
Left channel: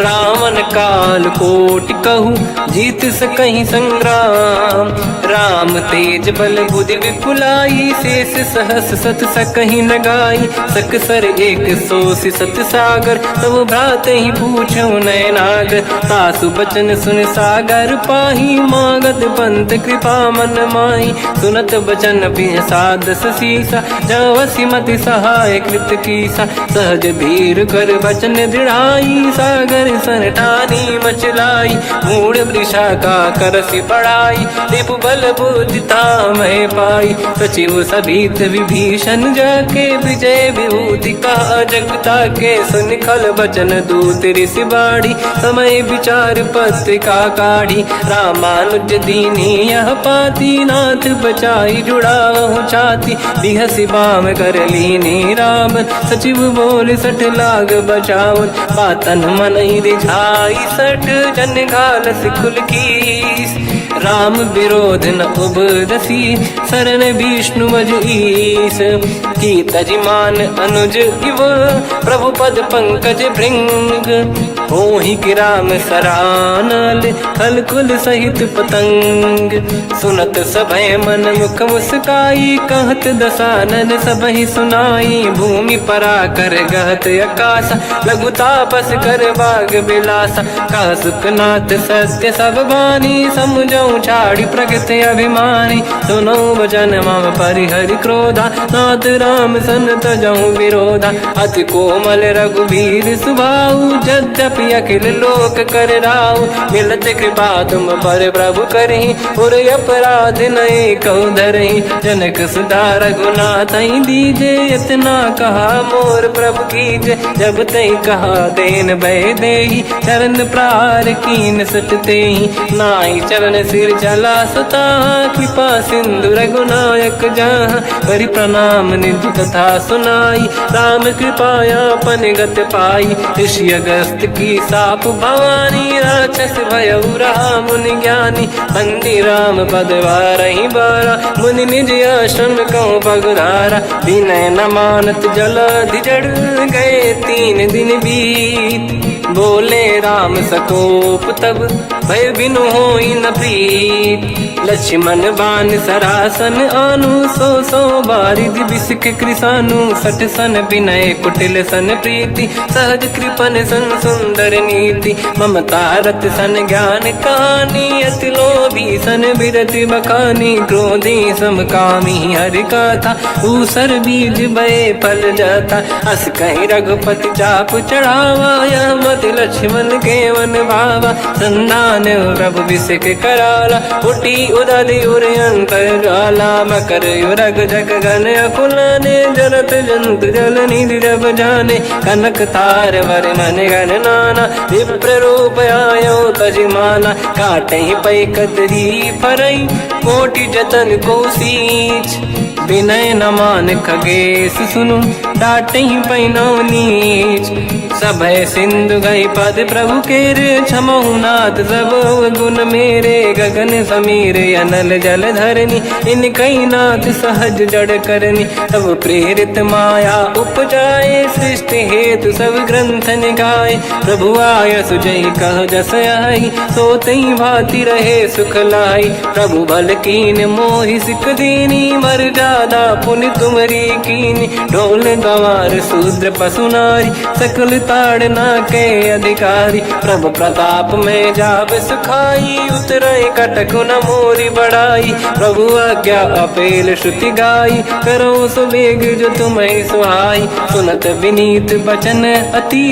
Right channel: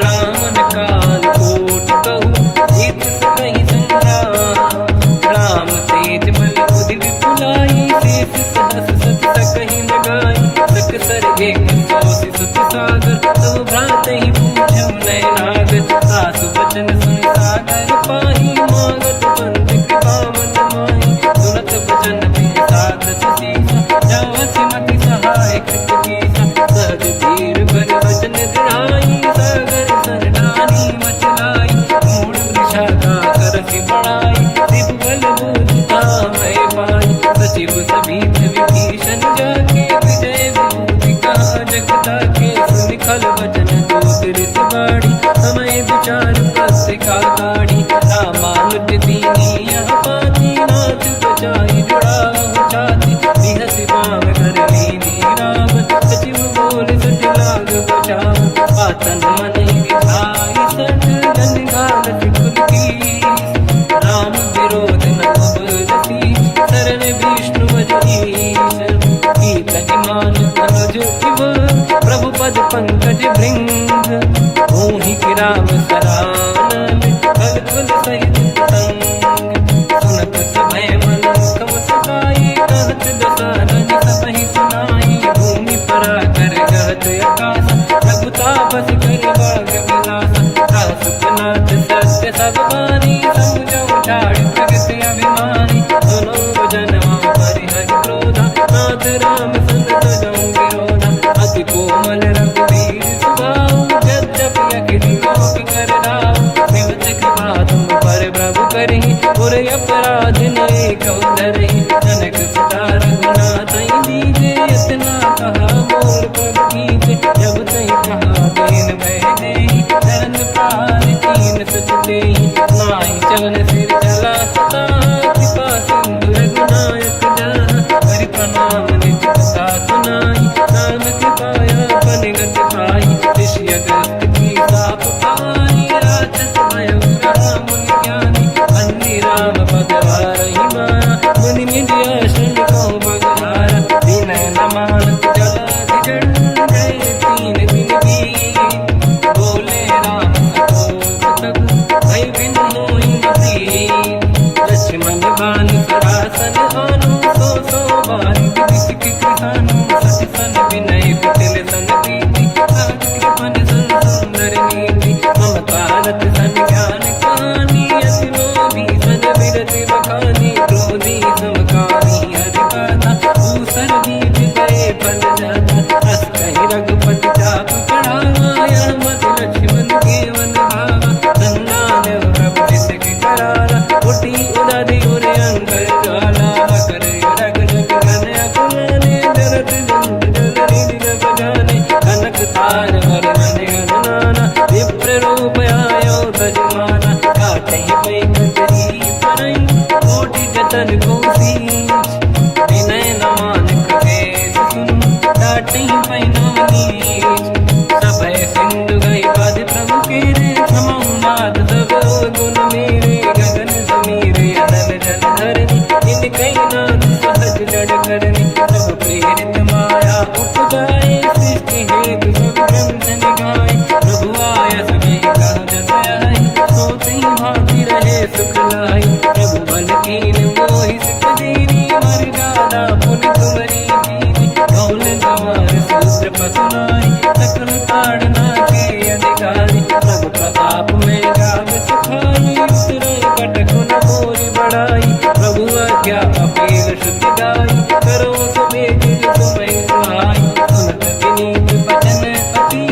रावण काल कोटि कहूँ जीत सकहि संग्राम। राम तेज बल बुद्धि विपुलाई शेष सहस सत सकहि न गाई। सक सर एक सोसि सत सागर तब भ्रात ही पूछो नयनाग। सासु बचन सुन सागर पाही मांगत पंत कृपा मन माही। सुनत बचन पिय सादस सीसा जवसी मति सहाय कृत कीसा। सहज धीर कर बचन दृढ़ाई सागर सन ठानी मचलाई। मूढ़ वृषा का करसि बढ़ाई रिपु बल बुद्धि तामय पाई। सचिव सभीत विभीषण जाके विजय विभूति कहा जगता के। सुन खल बचन दूत ऋषि बाड़ी समय विचार पत्रिका काढ़ी। रामानुज दीनी यह पाती नाथ बचाई जुड़ाहु छाती। बिहसि बाम कर लीनी राम सचिव बोल सठ लाग बचावन। पातन मन ही रिझाई सठ जन घाल सिकुल कीस। राम विरोध न उबरसी शरण विष्णु मज ईस। कीतजिमान अनुज इव प्रभु पद पंकज भृंग। मोहि गिराम सरानल कलकुल सहित पतंग। सुनत सभय मन मुख मुस्काई कहत दसानन सबहि सुनाई। भूमि परा कर गहत आकाश लघु तापस कर बाग बिलासा। कह सुखनाथ सत्य सब बानी समझौ छाड़ी प्रगति अभिमानी। सुनो भजन मम परिहरि क्रोधा नाथ राम सन तजहु विरोधा। अति कोमल रघुवीर सुभाऊ यद्यपि अखिल लोक कर राऊ। मिलत कृपा तुम पर प्रभु करहि पुर अपराध नये कहु धरहि। जनक सुता रघुनाथ दीजे इतना कहा मोर प्रभु कीजे। जब तई कहा देन भय देहि चरण प्रार कीन सट तेहि। नाई चरण सिर चला सता कृपा सिंधु रघुनायक जहाँ। करि प्रणाम निधि कथा सुनाई राम कृपाया पन गत पाई। ऋषि अगस्त की साप भवानी राक्षस भयउ रहा मुनि ज्ञानी। बंदी राम पद वारहि बारा मुनि निज आश्रम कहूँ पगुधारा। विनय न मानत जलाधि जड़ गए 3 दिन बीत। बोले राम सकोप तब भय बिनु होई न प्रीत। लक्ष्मण बान सरासन आनु सो बारिद बिसक कृसानु। सठ सन विनय कुटिल सन प्रीति सहज कृपन सन सुंदर नीति। ममता रत सन ज्ञान कहानी अति लोभी सन बिरति बखानी। क्रोधी समकामी हरि कथा ऊसर बीज बये फल जाता। अस कहीं रघुपति चाप चढ़ावा यह मत लक्ष्मण के वन भावा। संधान प्रभु बिसक कराला उठी उदधि उर अंकर ज्वाला। मकर युरग जग गण अकुलाने जरत जंत जल निधि जब जाने। कनक तार वर्णन गण नाना विप्र रूप आयो तजमाना। काटे पै कतरी परई कोटि जतन को सींच। विनय न मान खगेश सुनु डांटे पैनौ नीच। सभय सिंधु गई पद प्रभु केर क्षमहु ना नाथ सब गुण मेरे, गगन समीर अनल जल धरनी, इन कई नाथ सहज जड़ करनी। तब प्रेरित माया उपजाए, सृष्टि हेतु सब ग्रंथ निगाए। प्रभु आय सुजय कह जस आई, तो तई भांति रहे सुख लाई। प्रभु बल कीन मोहि सिख दीनी, मर जादा पुनि तुमरी कीनी। ढोल गंवार शूद्र पशु नारी, सकल ताड़ना के अधिकारी। प्रभु प्रताप में जाब सुखाई, उतरे कटक न मोरी बढ़ाई। प्रभु आज्ञा अपेल श्रुति गाई, करो सुबेग जो तुम्हें सुहाई। सुनत विनीत बचन अति,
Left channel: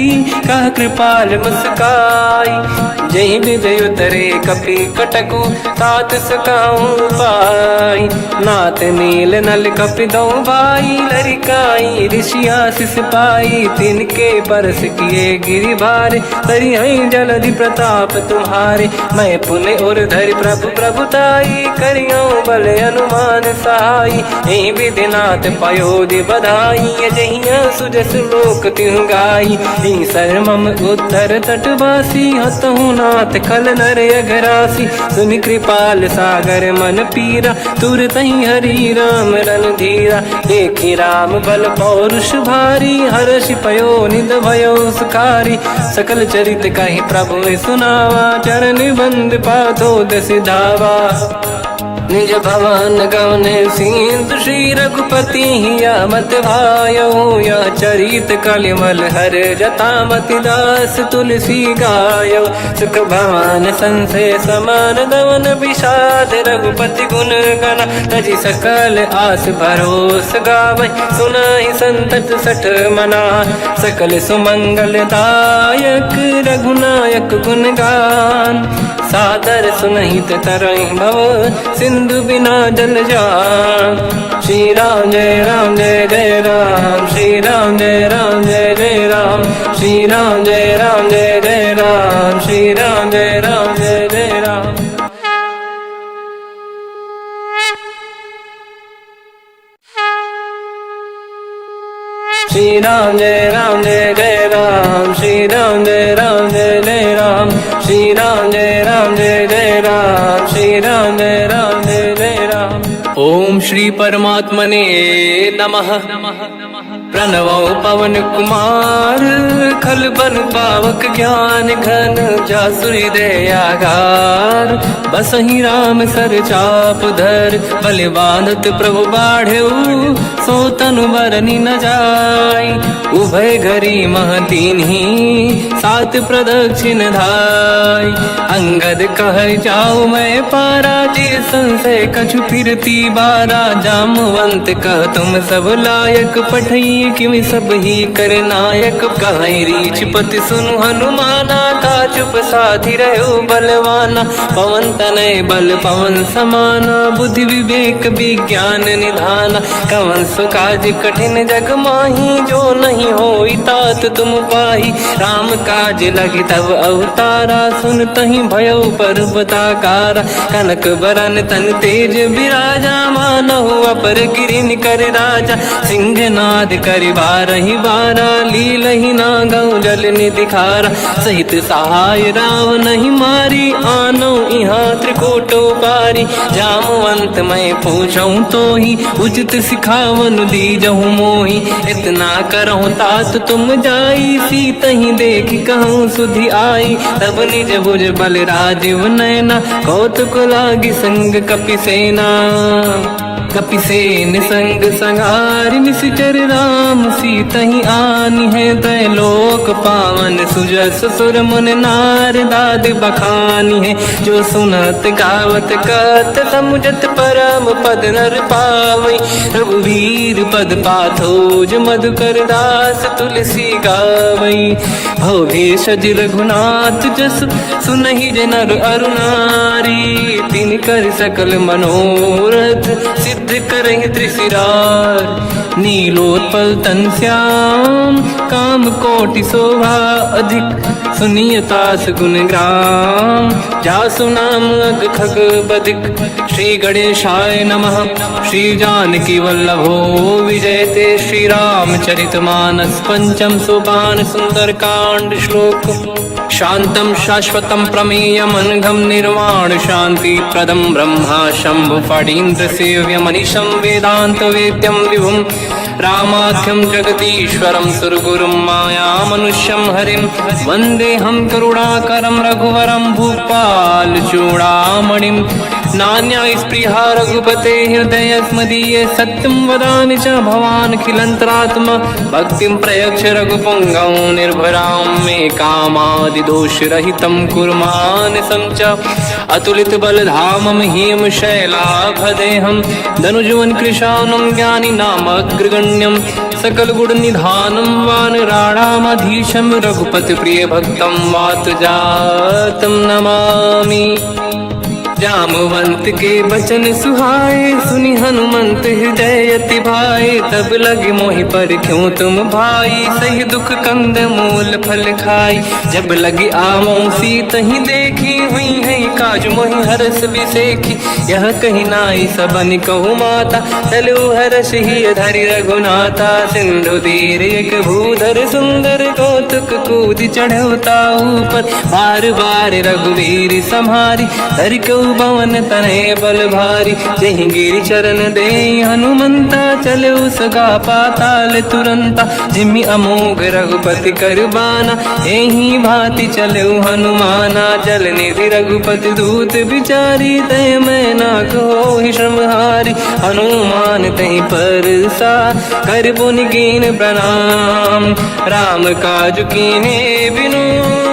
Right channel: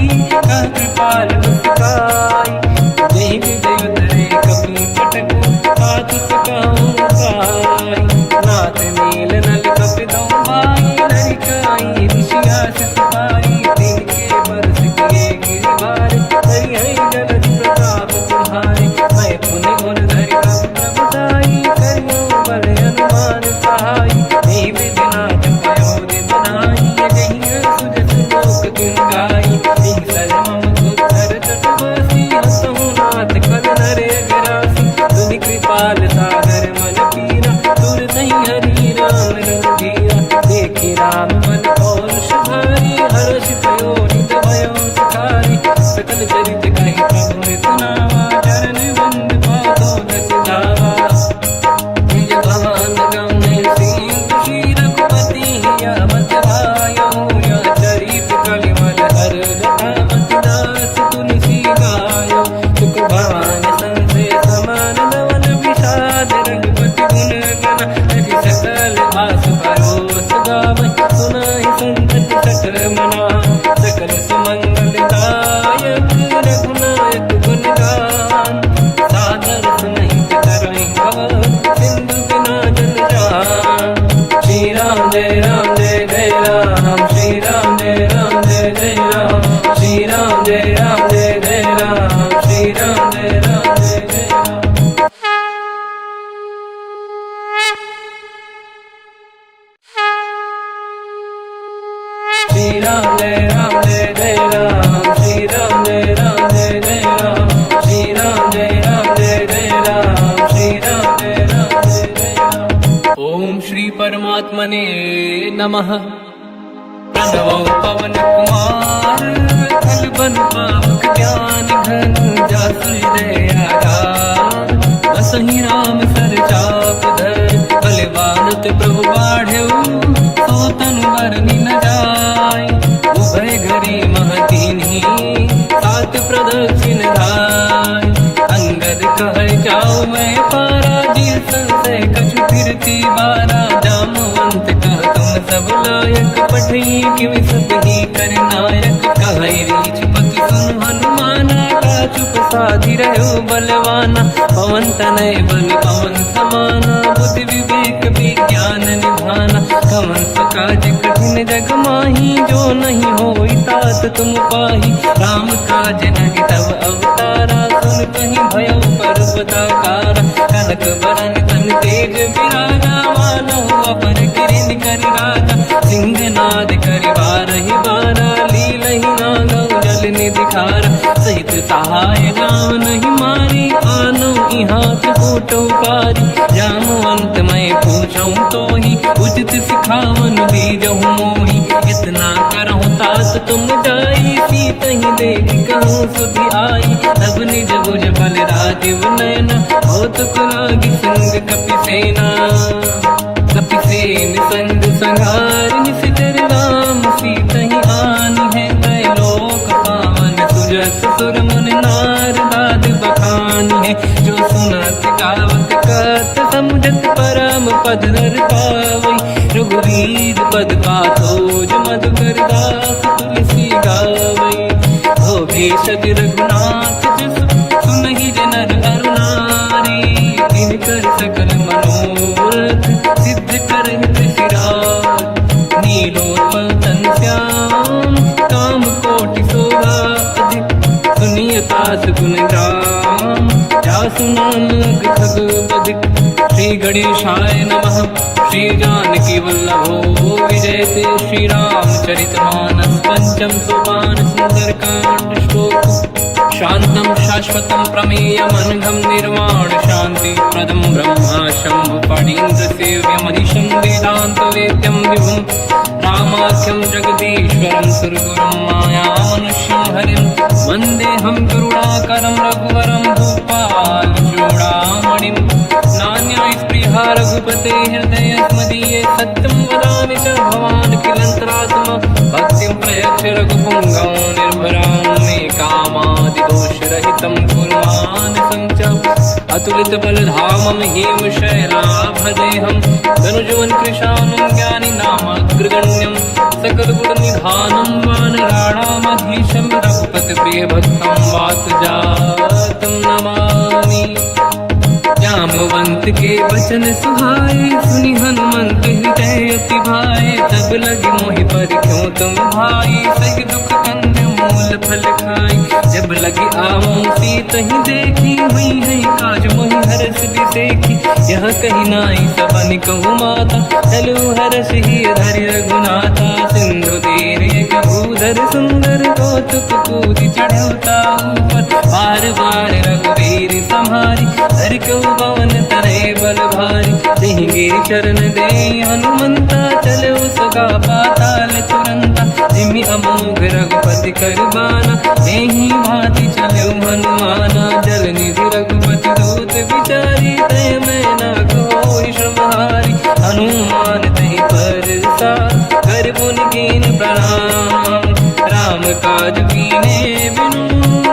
कह कृपाल मुस्काई। जय विजय उतरे कपि कटकु, तात सकाऊं पाई। नाथ नील नल कपि दौ भाई, लरिकाई ऋषि आशीष पाई। तिनके बरस किए गिरि भारे, तरि जलधि प्रताप तुम्हारे। मैं पुने और धरि प्रभु प्रभुताई, करियो बल अनुमान सहाई। यही विधिनाथ पयोधि बधाई, जहिया सुजस लोक तिहु गाई। सरमम उत्तर तटवासी, हतहु नाथ खल नर अघरासी। सुनि कृपाल सागर मन पीरा, तुरत ही हरि राम रणधीरा। देखि राम बल पौरुष भारी, हर्षि पयो निध भयो सुखारी। सकल चरित कहि प्रभु सुनावा, चरण बंद पादो दस धावा। निज भवन गवने सिंधु, श्री रघुपति हिया मत भायो। या चरित कलिमल हर जटामति, दास तुलसी गायो। सुख भवन संशय समान, दवन विषाद रघुपति गुण गण। तजि सकल आस भरोस गावै, सुनाहि संतत सठ मना। सकल सुमंगल दायक, रघुनायक गुण गान। सादर सुनहित तरंग भव, सिंधु बिना जल जान। श्री राम जय राम जय जय राम, श्री राम जय राम जय जय राम। श्री राम जय राम जय जय राम, श्री राम जय राम जय जय राम। श्री राम जय राम जय जय राम, श्री राम जय राम जय जय राम। श्री राम जय राम जय जय राम, श्री राम जय राम जय जय राम। ओम श्री परमात्मने नमः। प्रणवो पवन कुमार, खल बन पावक ज्ञान घन। जासु हृदय आगार, बसहि राम सर चाप धर। बलवानत प्रभु बाढ़ऊ, सो तनु बरनि न जाय। उभय घरी मह दीन्ही, सात प्रदक्षिण धाय। अंगद कह जाओ मैं पारा, जी संशय कछु फिरती बारा। जामवंत कह तुम सब लायक, पठई किमि सब ही कर नायक। कहीं रीछ पति सुनु हनुमाना, चुप साधि रहो बलवाना। पवन तनय बल पवन समाना, बुद्धि विवेक विज्ञान निधाना। कवन सो काज कठिन जग माही, जो नहीं होई तात तुम पाही। राम काज लगे तब अवतारा, सुन तहि भयो पर्वताकारा। कनक बरन तन तेज विराजा, मानहु अपर गिरिन कर राजा। सिंहनाद करि बारहि बारा, लीलहि नागौ जल निधि खारा। सहित सहाय राव नहीं मारी, आनो यहाँ त्रिकोटो पारी। जामवंत मैं पूछऊं तो ही, उचित सिखावन दीजहु मोही। इतना करहु तात तुम जाई, सीत ही देखी कहूँ सुधि आई। तब निज भुज बल राजीव नैना, कौतुक लागी संग कपि सेना। कपिसेन संग संगार, निश्चर राम सीतहि आनी है। दैलोक पावन सुजस सुर मुन नार, दाद बखानी है। जो सुनत गावत कत, समुझत परम पद नर पावै। रघुवीर पद पाथोज, मधुकर दास तुलसी गावै। भव भेषज रघुनाथ जस, सुनहि जनर अरु नारी। दिन कर सकल मनोरथ, सिद्ध करहि त्रिशिरार। नीलोत्पल तन श्याम, काम कोटि शोभा अधिक। सुनिय तास गुण ग्राम, जासु नाम अग खग बदिक। श्री गणेशाय नमः। श्री जानकी वल्लभो विजयते। श्री रामचरितमानस पंचम सोपान, सुंदर कांड श्लोक। शांतं शाश्वतं प्रमेयमनघं निर्वाण शांति प्रदं ब्रह्मा शंभु फणीन्द्र सेव्यमनिशं वेदांत वेद्यं विभुं रामाख्यं जगदीश्वरं सुरगुरुं मायामनुष्यं हरिं वन्देऽहं करुणाकरं रघुवरं भूपाल चूडामणिं नान्यायस्पृहा रघुपते हृदयस्मदीये सत्यं वदामि च भवान् खिलन्तरात्मा भक्तिं प्रयच्छ रघुपुङ्गं निर्भरां मे कामादिदोषरहितं कुर्मानसं च अतुलितबलधामं हेमशैलाभदेहं धनुजवन् कृशानं ज्ञानिनामग्रगण्यं सकलगुणनिधानं वानराणामधीशं रघुपतिप्रियभक्तं वातजातं नमामि। जामवंत के वचन सुहाए सुनि हनुमंत हृदय अति भाए तब लगे मोहि पर क्यों तुम भाई सही दुख कंद मूल फल खाई जब लगी आवों सीत ही देखी हुई है काज मोहि हरस बिसेखी यह कही नाई सबन कहु माता चलु हरस ही धरि रघुनाथा सिंधु तीर एक भूधर सुंदर कौतुक कूद चढ़ौता ऊपर बार बार रघुवीर सम्हारी धरि कऊ पवन तनय बल भारी जहि गिरि चरण दे हनुमंता चलो सगा पाताल तुरंता जिमि अमोघ रघुपति करबाना एहि भांति चलो हनुमाना जल निधि रघुपति दूत बिचारी तय मैं ना कोहि श्रमहारी हनुमान तहि परसा कर पुनि कीन प्रणाम राम काज कीने बिनु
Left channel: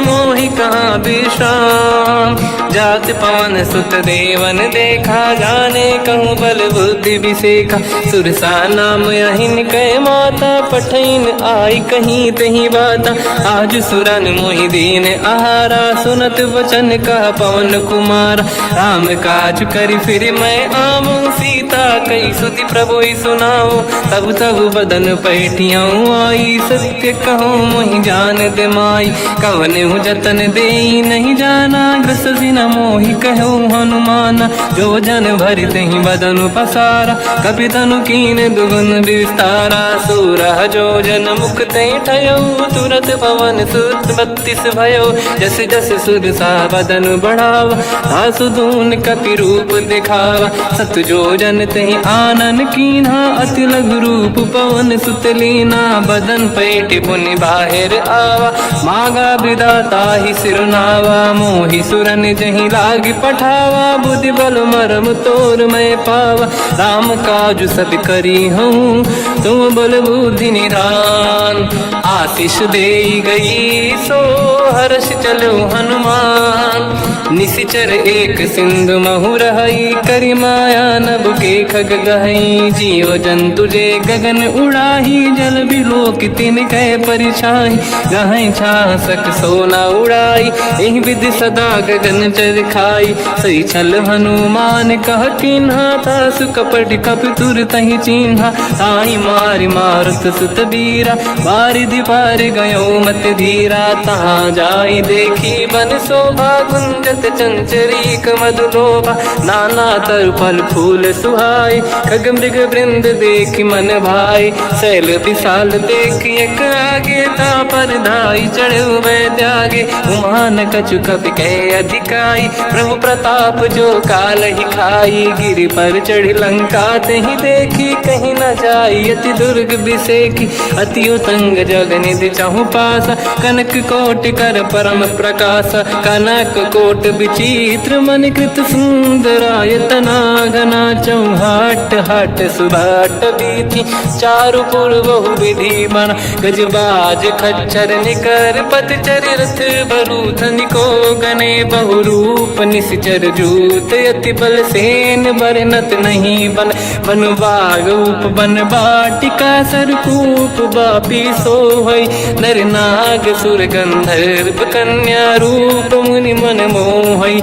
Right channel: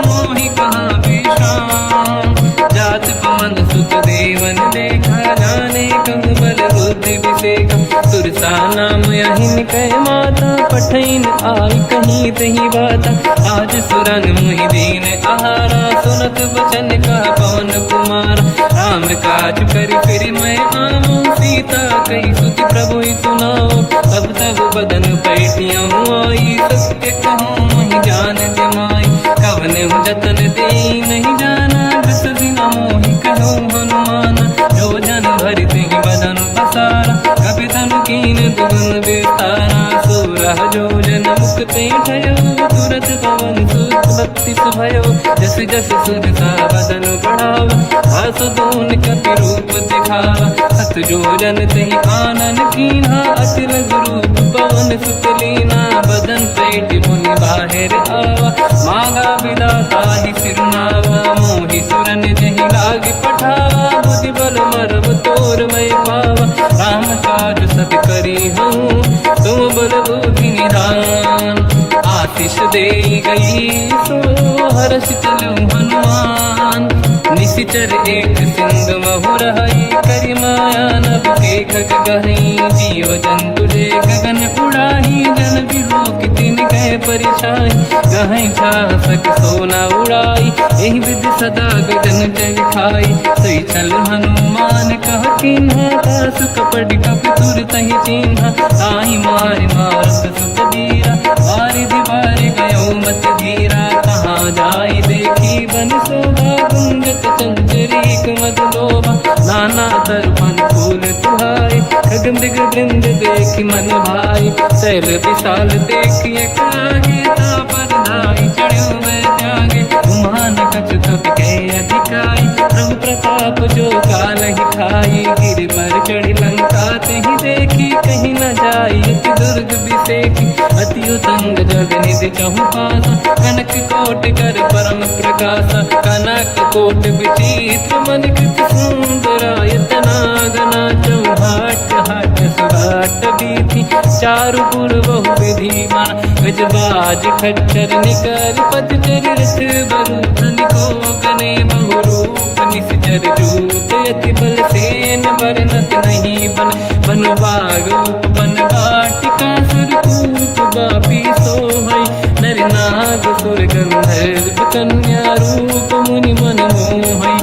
मोहि कहाँ विश्राम जात पवन सुत देवन देखा जाने कहूँ बल बुद्धि विसेखा सुरसा नाम यहिन कह माता पठैन आई कहीं तही बाता आज सुरन मोहि दीन आहारा सुनत वचन का पवन कुमार राम काज करि फिर मैं आऊँ सीता कई सुति प्रभु सुनाओ तब तब बदन पैठियाँ आई सत्य कहो मोहि जान दे माई कवन जतन दे नहीं जाना बसि न मोहि कहो हनुमान जो जन भरित ही बदन पसारा कपि तनु कीन दुगुन विस्तारा सूरह जो जन मुख ते ठयो तुरत पवन सुत 32 भयो जस जस सुध सा बदन बढ़ावा आसु दून कपि रूप दिखावा सत जो जन तहि आनन कीन्हा अति लघु रूप पवन सुत लीना बदन पैठ पुनि बाहिर आवा मागा विदाता ही सिरनावा मोहि सुरन जहि लाग पठावा बुद्धि बल मरम तोर मैं पावा राम काज सब करी हूँ तुम बल बुद्धि निधान आशीष दे गई सो हर्ष चलो हनुमान निशिचर एक सिंधु महु रहई करि माया नभ के खग गहई जीव जंतु जे गगन उड़ाही जल बिलोक तिन कह परिछाई गहई छासक सोना उड़ाई एहि विधि सदा गगन चर खाई सही छल हनुमान कह किन्हा तासु कपट कप तुर तहि चिन्हा ताहि मारि मारुत सुत बीरा बारिधि पार गयो मत धीरा तहाँ जाई देखी बन शोभा कुंजत चंचरीक मधुलोभा नाना तर फल फूल सुहाई खग मृग वृंद देख मन भाई शैल विशाल देखिए कागे पर धाई चढ़ो मैं त्यागे उमान कछु कपि कह अधिकाई प्रभु प्रताप जो काल ही खाई गिरि पर चढ़ लंका तहि देखी कहीं न जाई अति दुर्ग बिसेखी अति उतंग जग निधि चहु पासा कनक कोट कर परम प्रकाश कनक कोट विचित्र मन कृत सुंदरायतना घना चौहाट हाट सुभाट बीथी चारु पुर बहु विधि बन गजबाज खच्चर निकर पतचर रथ बरु धनिको गने बहु रूप निश्चर जूत अति बल सेन बरनत नहीं बल बन बाग उप बन बाटिका सरकूप बापी सोहई नर नाग सुर गंधर्व कन्या रूप मुनि मन मोहई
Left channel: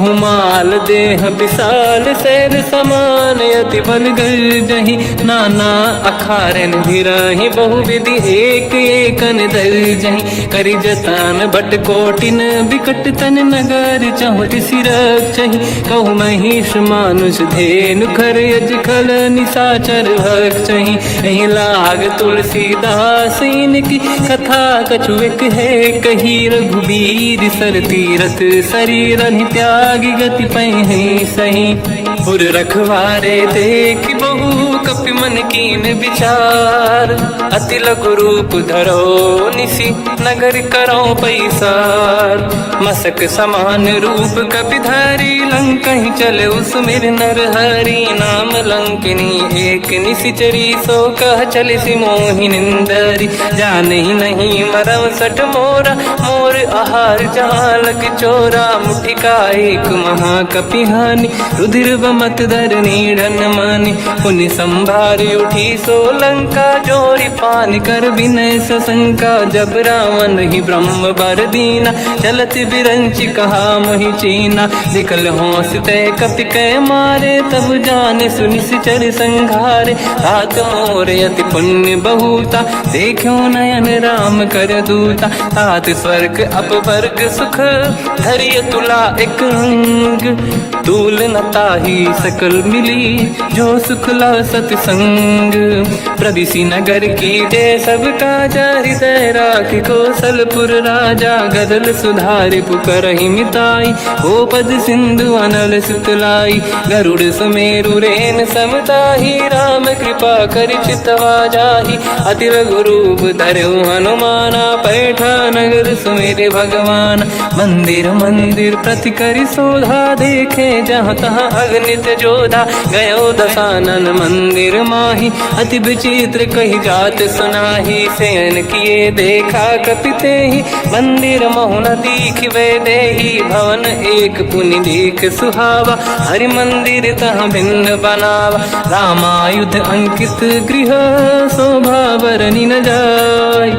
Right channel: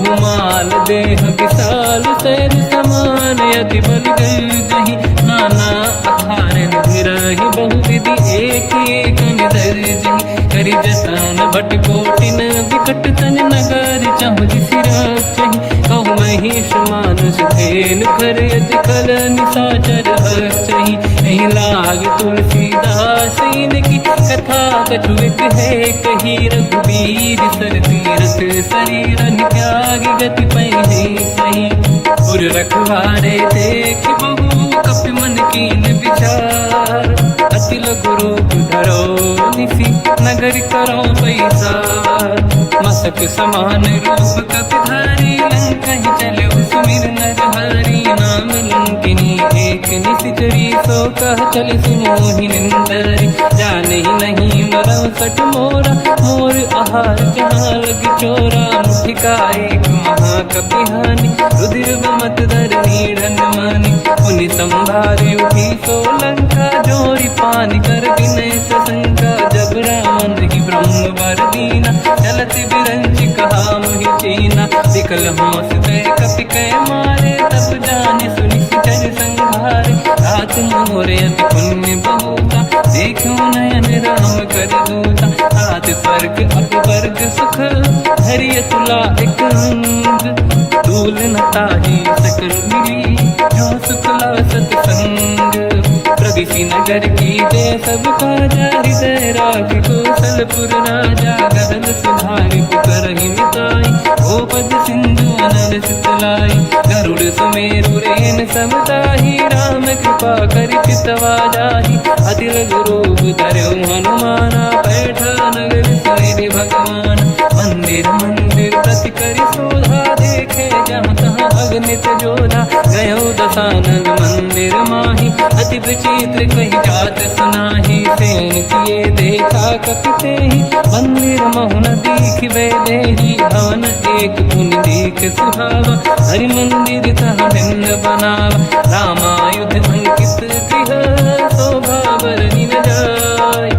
बहुमाल देह विशाल शैर समान यति बल गर्जहि नाना अखारन भिरहि बहुविधि एक एकन दर्जहि करि जतान भट कोटिन विकट तन नगर चहुज सिरक्षहि कहु महिष मानुष धेनु खर यज खल निशाचर भक्षहि नहीं लाग तुलसीदास इनकी कथा कछु एक है कही रघुबीर सर तीरथ शरीर त्यागी गति पहि सही उर रखवारे देख बहु कपि मन कीन विचार अति लघु रूप धरो निसी नगर करो पैसार मसक समान रूप कपि धरी लंका ही चले उसमें नर हरि नाम लंकिनी एक निशिचरी सो कह चले सि मोहि निंदरी जान ही नहीं मरम सट मोरा मोर आहार जालक चोरा मुठिका एक महाकपि हानि रुधिर बमत धर नीढ़न मानि पुनि संभारी उठी सोलंका जोरी पान कर विनय सशंका जब रावण ही ब्रह्म बर दीना चलत बिरंच कहा मोहि चीना निकल होश तय कपि कै मारे तब जाने सुनिश्चर संघारे तात मोरे अति पुण्य बहुता देखो नयन राम कर दूता तात स्वर्ग अपवर्ग सुख धरिय तुला एक रंग तूल न ताहि सकल मिली जो सुख ला सतसंग प्रदिशि नगर की जय सब काजा हृदय राख कौशलपुर राजा गदल सुधारि पुकरहि मिताई ओ पद सिंधु अनल सुतलाई गरुड़ सुमेरु रेन समताहि राम कृपा कर चितवा जाहि अति रघु रूप धरऊ हनुमाना पैठा नगर सुमेरे भगवान मंदिर मंदिर प्रति करि शोधा देखे जहाँ तहाँ अगणित जोधा गयो दशानन मंदिर माही अति विचित्र कही जात सुनाही शयन किए देखा कपिते ही मंदिर मोहन दीख वे देही भवन एक पुनि देख सुहावा हरि मंदिर तह भिन्न बनावा रामायुध अंकित गृह शोभा बरनि न जाय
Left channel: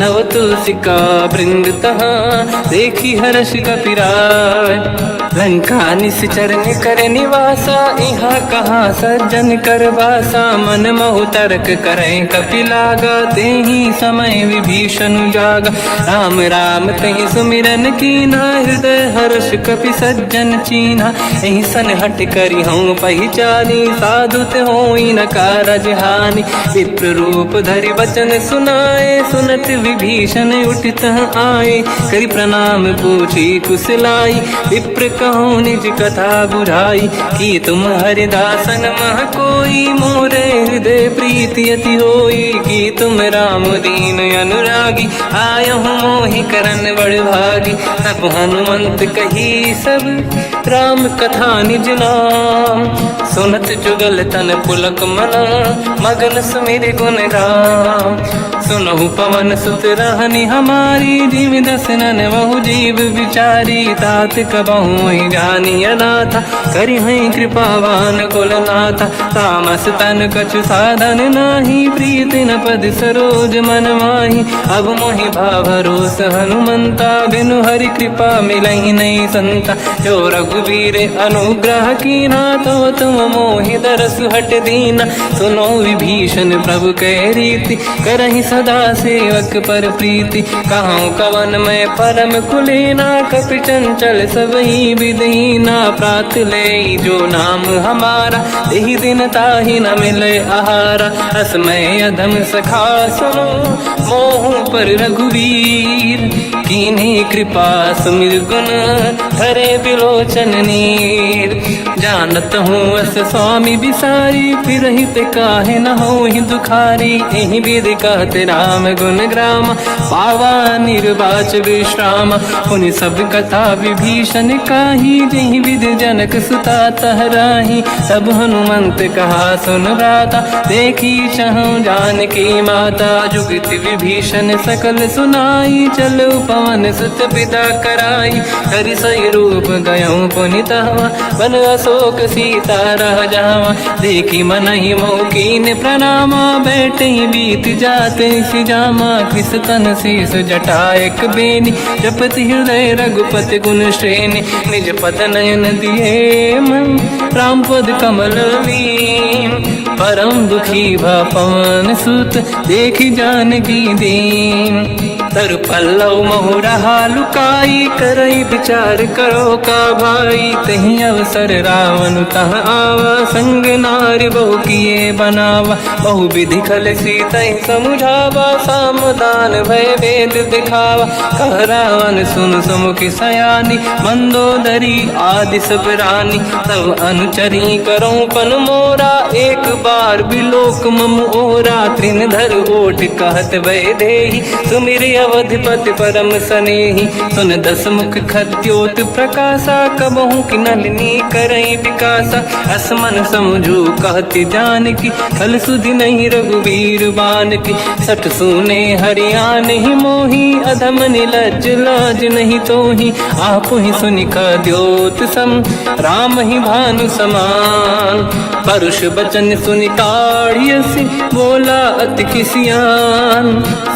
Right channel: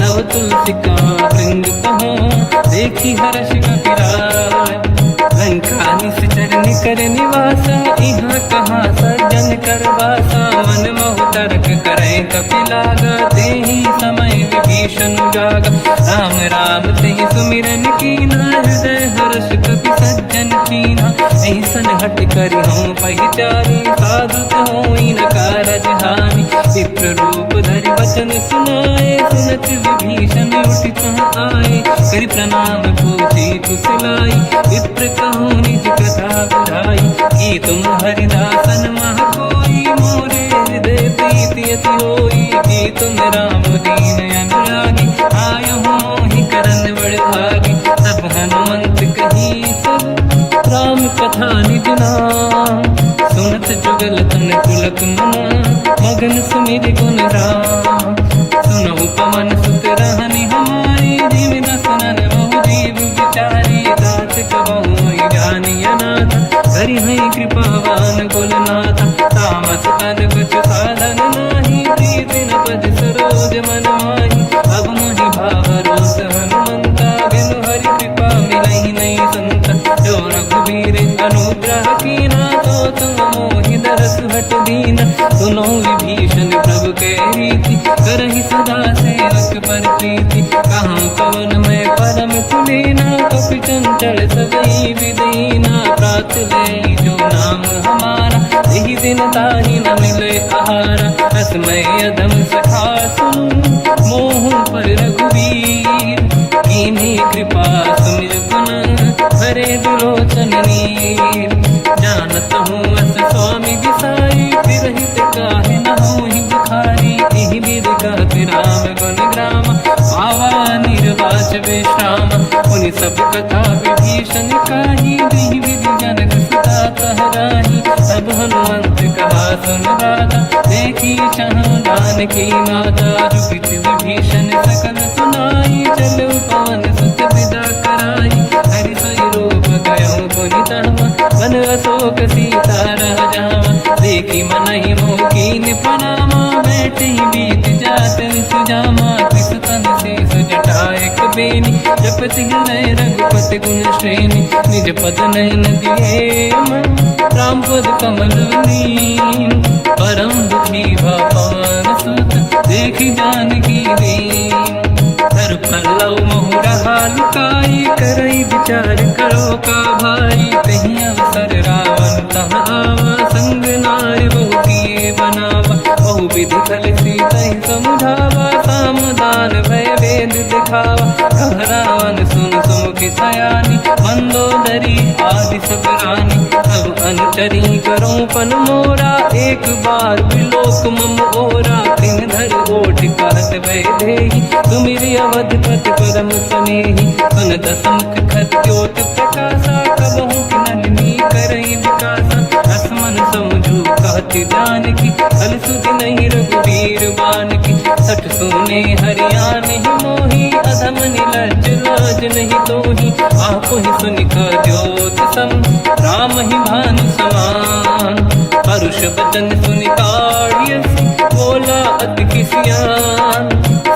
नव तुलसी का वृंद तहाँ देखी हर्ष कपिराय लंका निश्चर कर निवासा यहाँ कहाँ सज्जन कर वासा मन महु तर्क करें कपि लागा तेहि समय विभीषण जागा राम राम कहीं सुमिरन कीना हृदय हर्ष कपि सज्जन चीना ऐसन हट करि हूँ पहचानी साधुत होई न कारज हानि विप्र रूप धरि वचन सुनाए सुनत विभीषण उठित आए करि प्रणाम पूछी कुशलाई विप्र कहूँ निज कथा बुराई कि तुम हरिदासन मह कोई मोरे हृदय प्रीति अति होई कि तुम राम दीन अनुरागी आय हूँ मोहि करन बड़ भागी तब हनुमंत कही सब राम कथा निज नाम सुनत जुगल तन पुलक मना मगन सुमिर गुण राम सुनहु पवन सुत रहनी हमारी जीव दसनन बहु जीव विचारी तात कबहु जानी अनाथा करि हैं कृपावान कुलनाथा तामस तन कछु साधन नाही प्रीति न पद सरोज मन माही अब मोहि भाव रोष हनुमंता बिनु हरि कृपा मिलहि नहीं संता जो रघुवीर अनुग्रह कीना तो तुम मोहि दरस हट दीना सुनो विभीषण प्रभु के रीति करहि सदा सेवक पर प्रीति कहूँ कवन में परम कुलीना कपि चंचल सबही विदहीना प्रात ले जो नाम हमारा यही दिन ताहि न मिले आहारा रसमय अधम सखा सुनो मोह पर रघुवीर कीन्ही कृपा सुमिर गुण धरे बिलोचन नीर जानत हूँ अस स्वामी बिसारी फिर हित काहे न हो ही दुखारी यही विधि कहते राम गुण ग्राम पावा निर्वाच विश्राम उन सब कथा विभीषण काही यही विधि जनक सुता तहराही तब हनुमंत कहा सुन राता देखी चहु जानकी माता जुगत विभीषण सकल सुनाई चलो पवन सुत पिता कराई हरि सही रूप गयो पुनित वन अशोक सीता रह जावा। देखी मन ही मोकीन प्रणामा, बैठे ही बीत जाते सिजामा। किस तन शीस जटा एक बेनी, जपति हृदय रघुपति गुण श्रेणी। निज पद नयन दिए मन, राम पद कमल लीन। परम दुखी भा पवन सुत, देखी जानकी दीन। तर पल्लव महु रहा लुकाई, करई विचार करो का भाई। तही अवसर रावण तह आवा, संग नारी बहु किए बनावा। बहु विधि खल सीता समुझावा, सामदान भय वेद दिखावा। कह रावण सुन सुमुखी सयानी, मंदोदरी आदि सब रानी। तब अनुचरी करो पन मोरा, एक बार बिलोक मम ओरा। तृण धर ओठ कहत भय देहि, सुमिर अवधपति परम सनेहि। सुन दस मुख खद्योत प्रकाशा, कबहु की नलिनी करई विकासा। असमन समझू कहति जानकी, कल सुधि नहीं रघुवीर बानकी। सठ सुने हरियाण ही मोही, अधम निलज्ज लाज नहीं तोही। आप ही सुनि खद्योत सम, राम ही भानु समान। परुष बचन सुनि ताड़ियसि, बोला अति किसियान।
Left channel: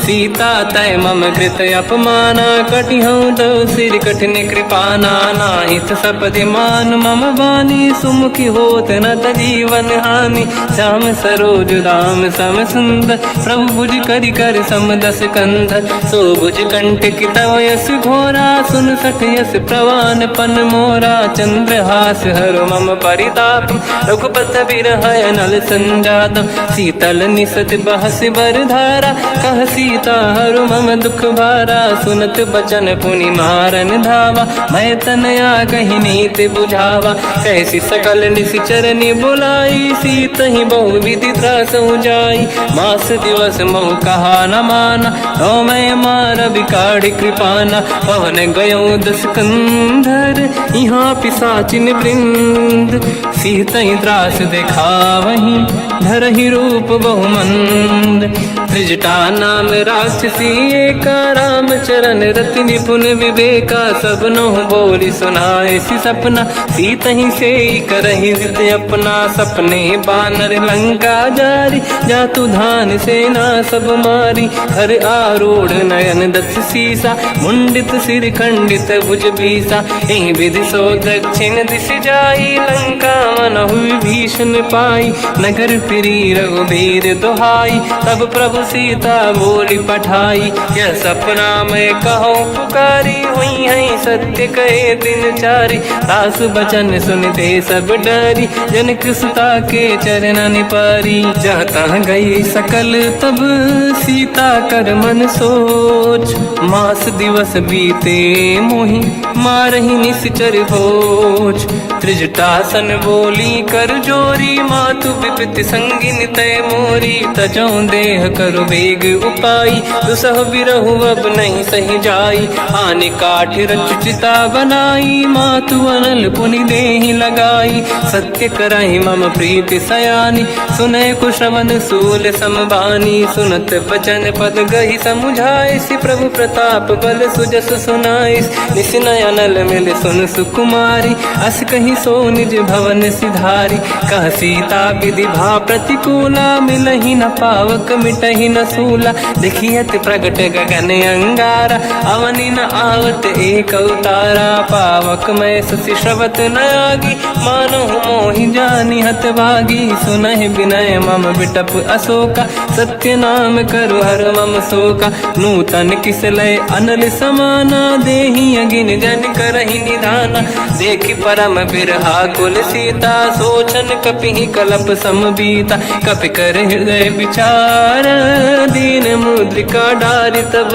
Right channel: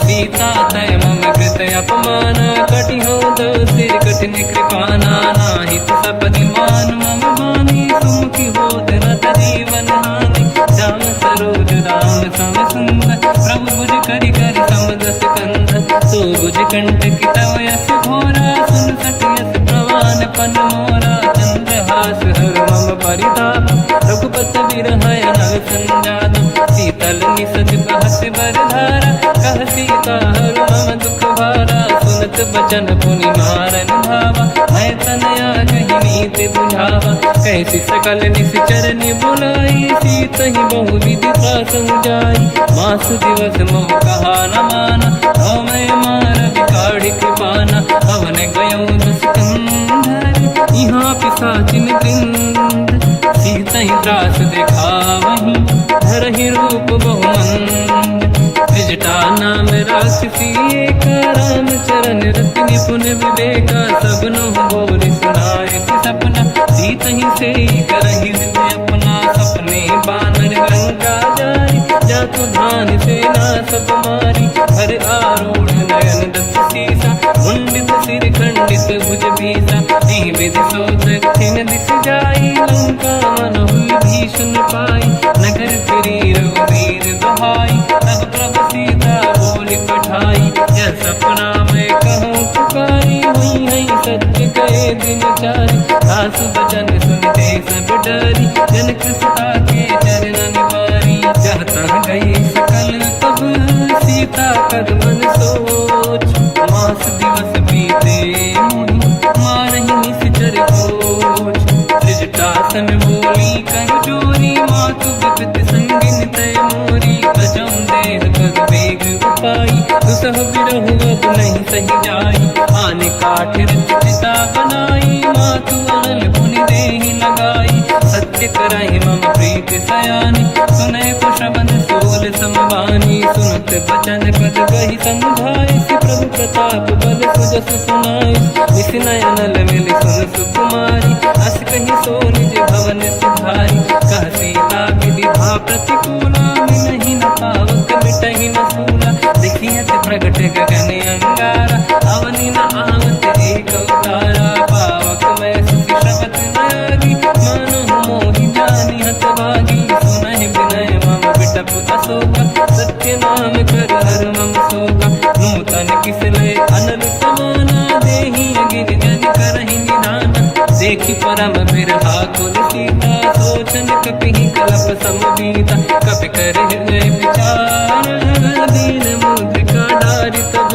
सीता तय मम कृत अपमाना, कटिहउँ दो सिर कठिन कृपाना। नाहित सपदि मान मम बानी, सुमुखी होत न जीवन हानि। श्याम सरोज राम सम सुंदर, प्रभु भुज करि कर सम दस कंधर। सो भुज कंठ की तव यस घोरा, सुन सठ यस प्रवान पन मोरा। चंद्रहास हर मम परिताप, रघुपत बिरहय नल संजात। शीतल निसत बहस बर धारा, कह सीता हर मम दुख भारा। सुनत बचन पुनि मारन धावा, मैं तनया कही नीति बुझावा। कैसी सकल निशिचर बुलाई, सीत ही बहु विधि त्रास जाई। मास दिवस महु कहा न माना, तो मैं मार बिकाढ़ कृपाना। पवन गयो दस कंधर, यहाँ पिशाचिन वृंद। सीत ही त्रास दिखावहीं, धरहि रूप बहुमंद। त्रिजटा नाम राक्षसी एका, राम चरण रति निपुण विवेका। सबनो बोली सुनाए सि सपना, सीत ही से करहि हृदय अपना। सपने बानर लंका जारी, जातु धान सेना सब मारी। हर आरूढ़ नयन दस सीसा, मुंडित सिर खंडित भुज बीसा। एहि विधि सो दक्षिण दिश जाई, लंका मन हुई भीषण पाई। नगर फिरी रघुबीर दुहाई, तब प्रभु सीता बोली पठाई। यह सपना मैं कहूँ पुकारी, हुई है सत्य कहे दिन चारी। सास बचन सुनते सब डरी, जनक सुता के चरण पारी। जहाँ तहाँ गई सकल तब सीता कर मन सोच। मास दिवस बीते मोहि, मारहि निश्चर भोज। त्रिजटासन बोली कर जोरी, मातु विपित संगिन तय मोरी। तजौ देह कर वेग उपाई, दुसह बिरहु अब नहीं सही जाई। आने काठ रचिता बनाई, मातु अनल पुनि देहि लगाई। सत्य करहि मम प्रीति सयानी, सुनय को श्रवण सूल समबानी। सुनत बचन पद गहि समुझाए, सि प्रभु प्रताप बल सुजस सुनाई। निसनय अनल मिल सुन सुकुमारी, अस कहि सो निज भवन सिधारी। कह सीता विधि भा प्रतिकूला, मिलहि न पावक मिटहि न सूला। देखियत प्रगट गगन अंगारा, अवनि न आवत एक अवतारा। पावक मैं शशि श्रवत न आगी, मानहु मोहि जानि हत भागी। सुनहि विनय मम विटप अशोका, सत्य नाम कर हर मम शोका। नूतन किसलय अनल समाना, देहि अगिन जन करहि निधाना। देखि परम बिरहा कुल सीता, सोचन कपिहि कलप समबीता। कपि कर हृदय विचार, दीन मुद्रिका डारि तब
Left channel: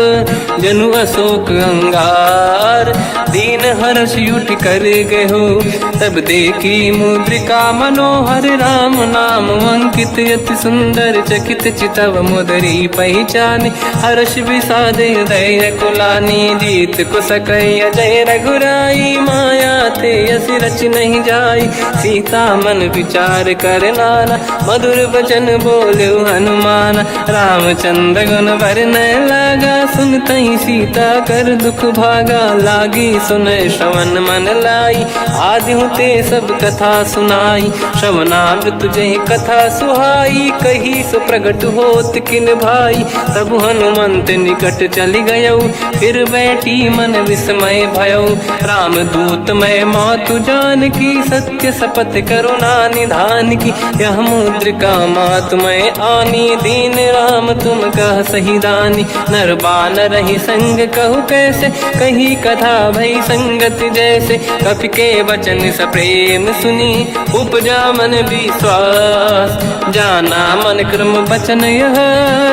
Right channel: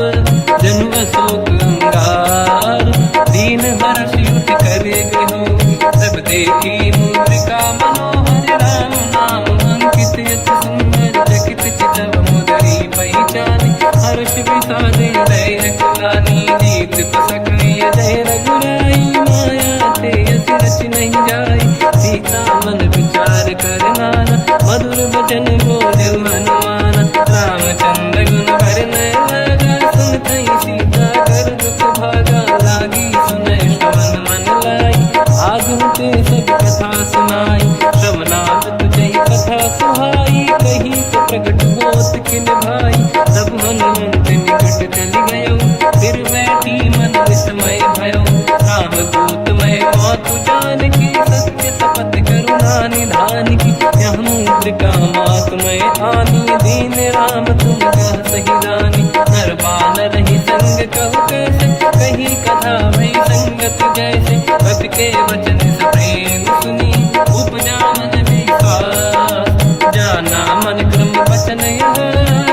जनु अशोक अंगार। दीन हर्ष युट कर गयो, तब देखी मुद्रिका मनोहर। राम नाम अंकित अति सुंदर, चकित चितव मुदरी पहचान। हर्ष विषाद हृदय कुलानी, जीत को सकय जय रघुराई। माया ते यस रच नहीं जाई। सीता मन विचार कर नाना, मधुर वचन बोले हनुमान। रामचंद्र गुण वरने लगा, सुनते ही सीता कर दुख भागा। लागी सुने श्रवण मन लाई, आदि होते सब कथा सुनाई। श्रवणाग तुझे कथा सुहाई, कही सो प्रगट होत किन भाई। तब हनुमंत निकट चली गयो, फिर बैठी मन विस्मय भयो। राम दूत मैं मातु जान की, सत्य शपथ करुणा निधान की। यह मुद्रिका मातु मैं आनी, दीन राम तुम कह सही दानी। नर बानर ही संग कहु कैसे, कही कथा भई संगत जैसे। कपि के वचन सप्रेम सुनी, उपजा मन विश्वास। जाना मन क्रम वचन यह,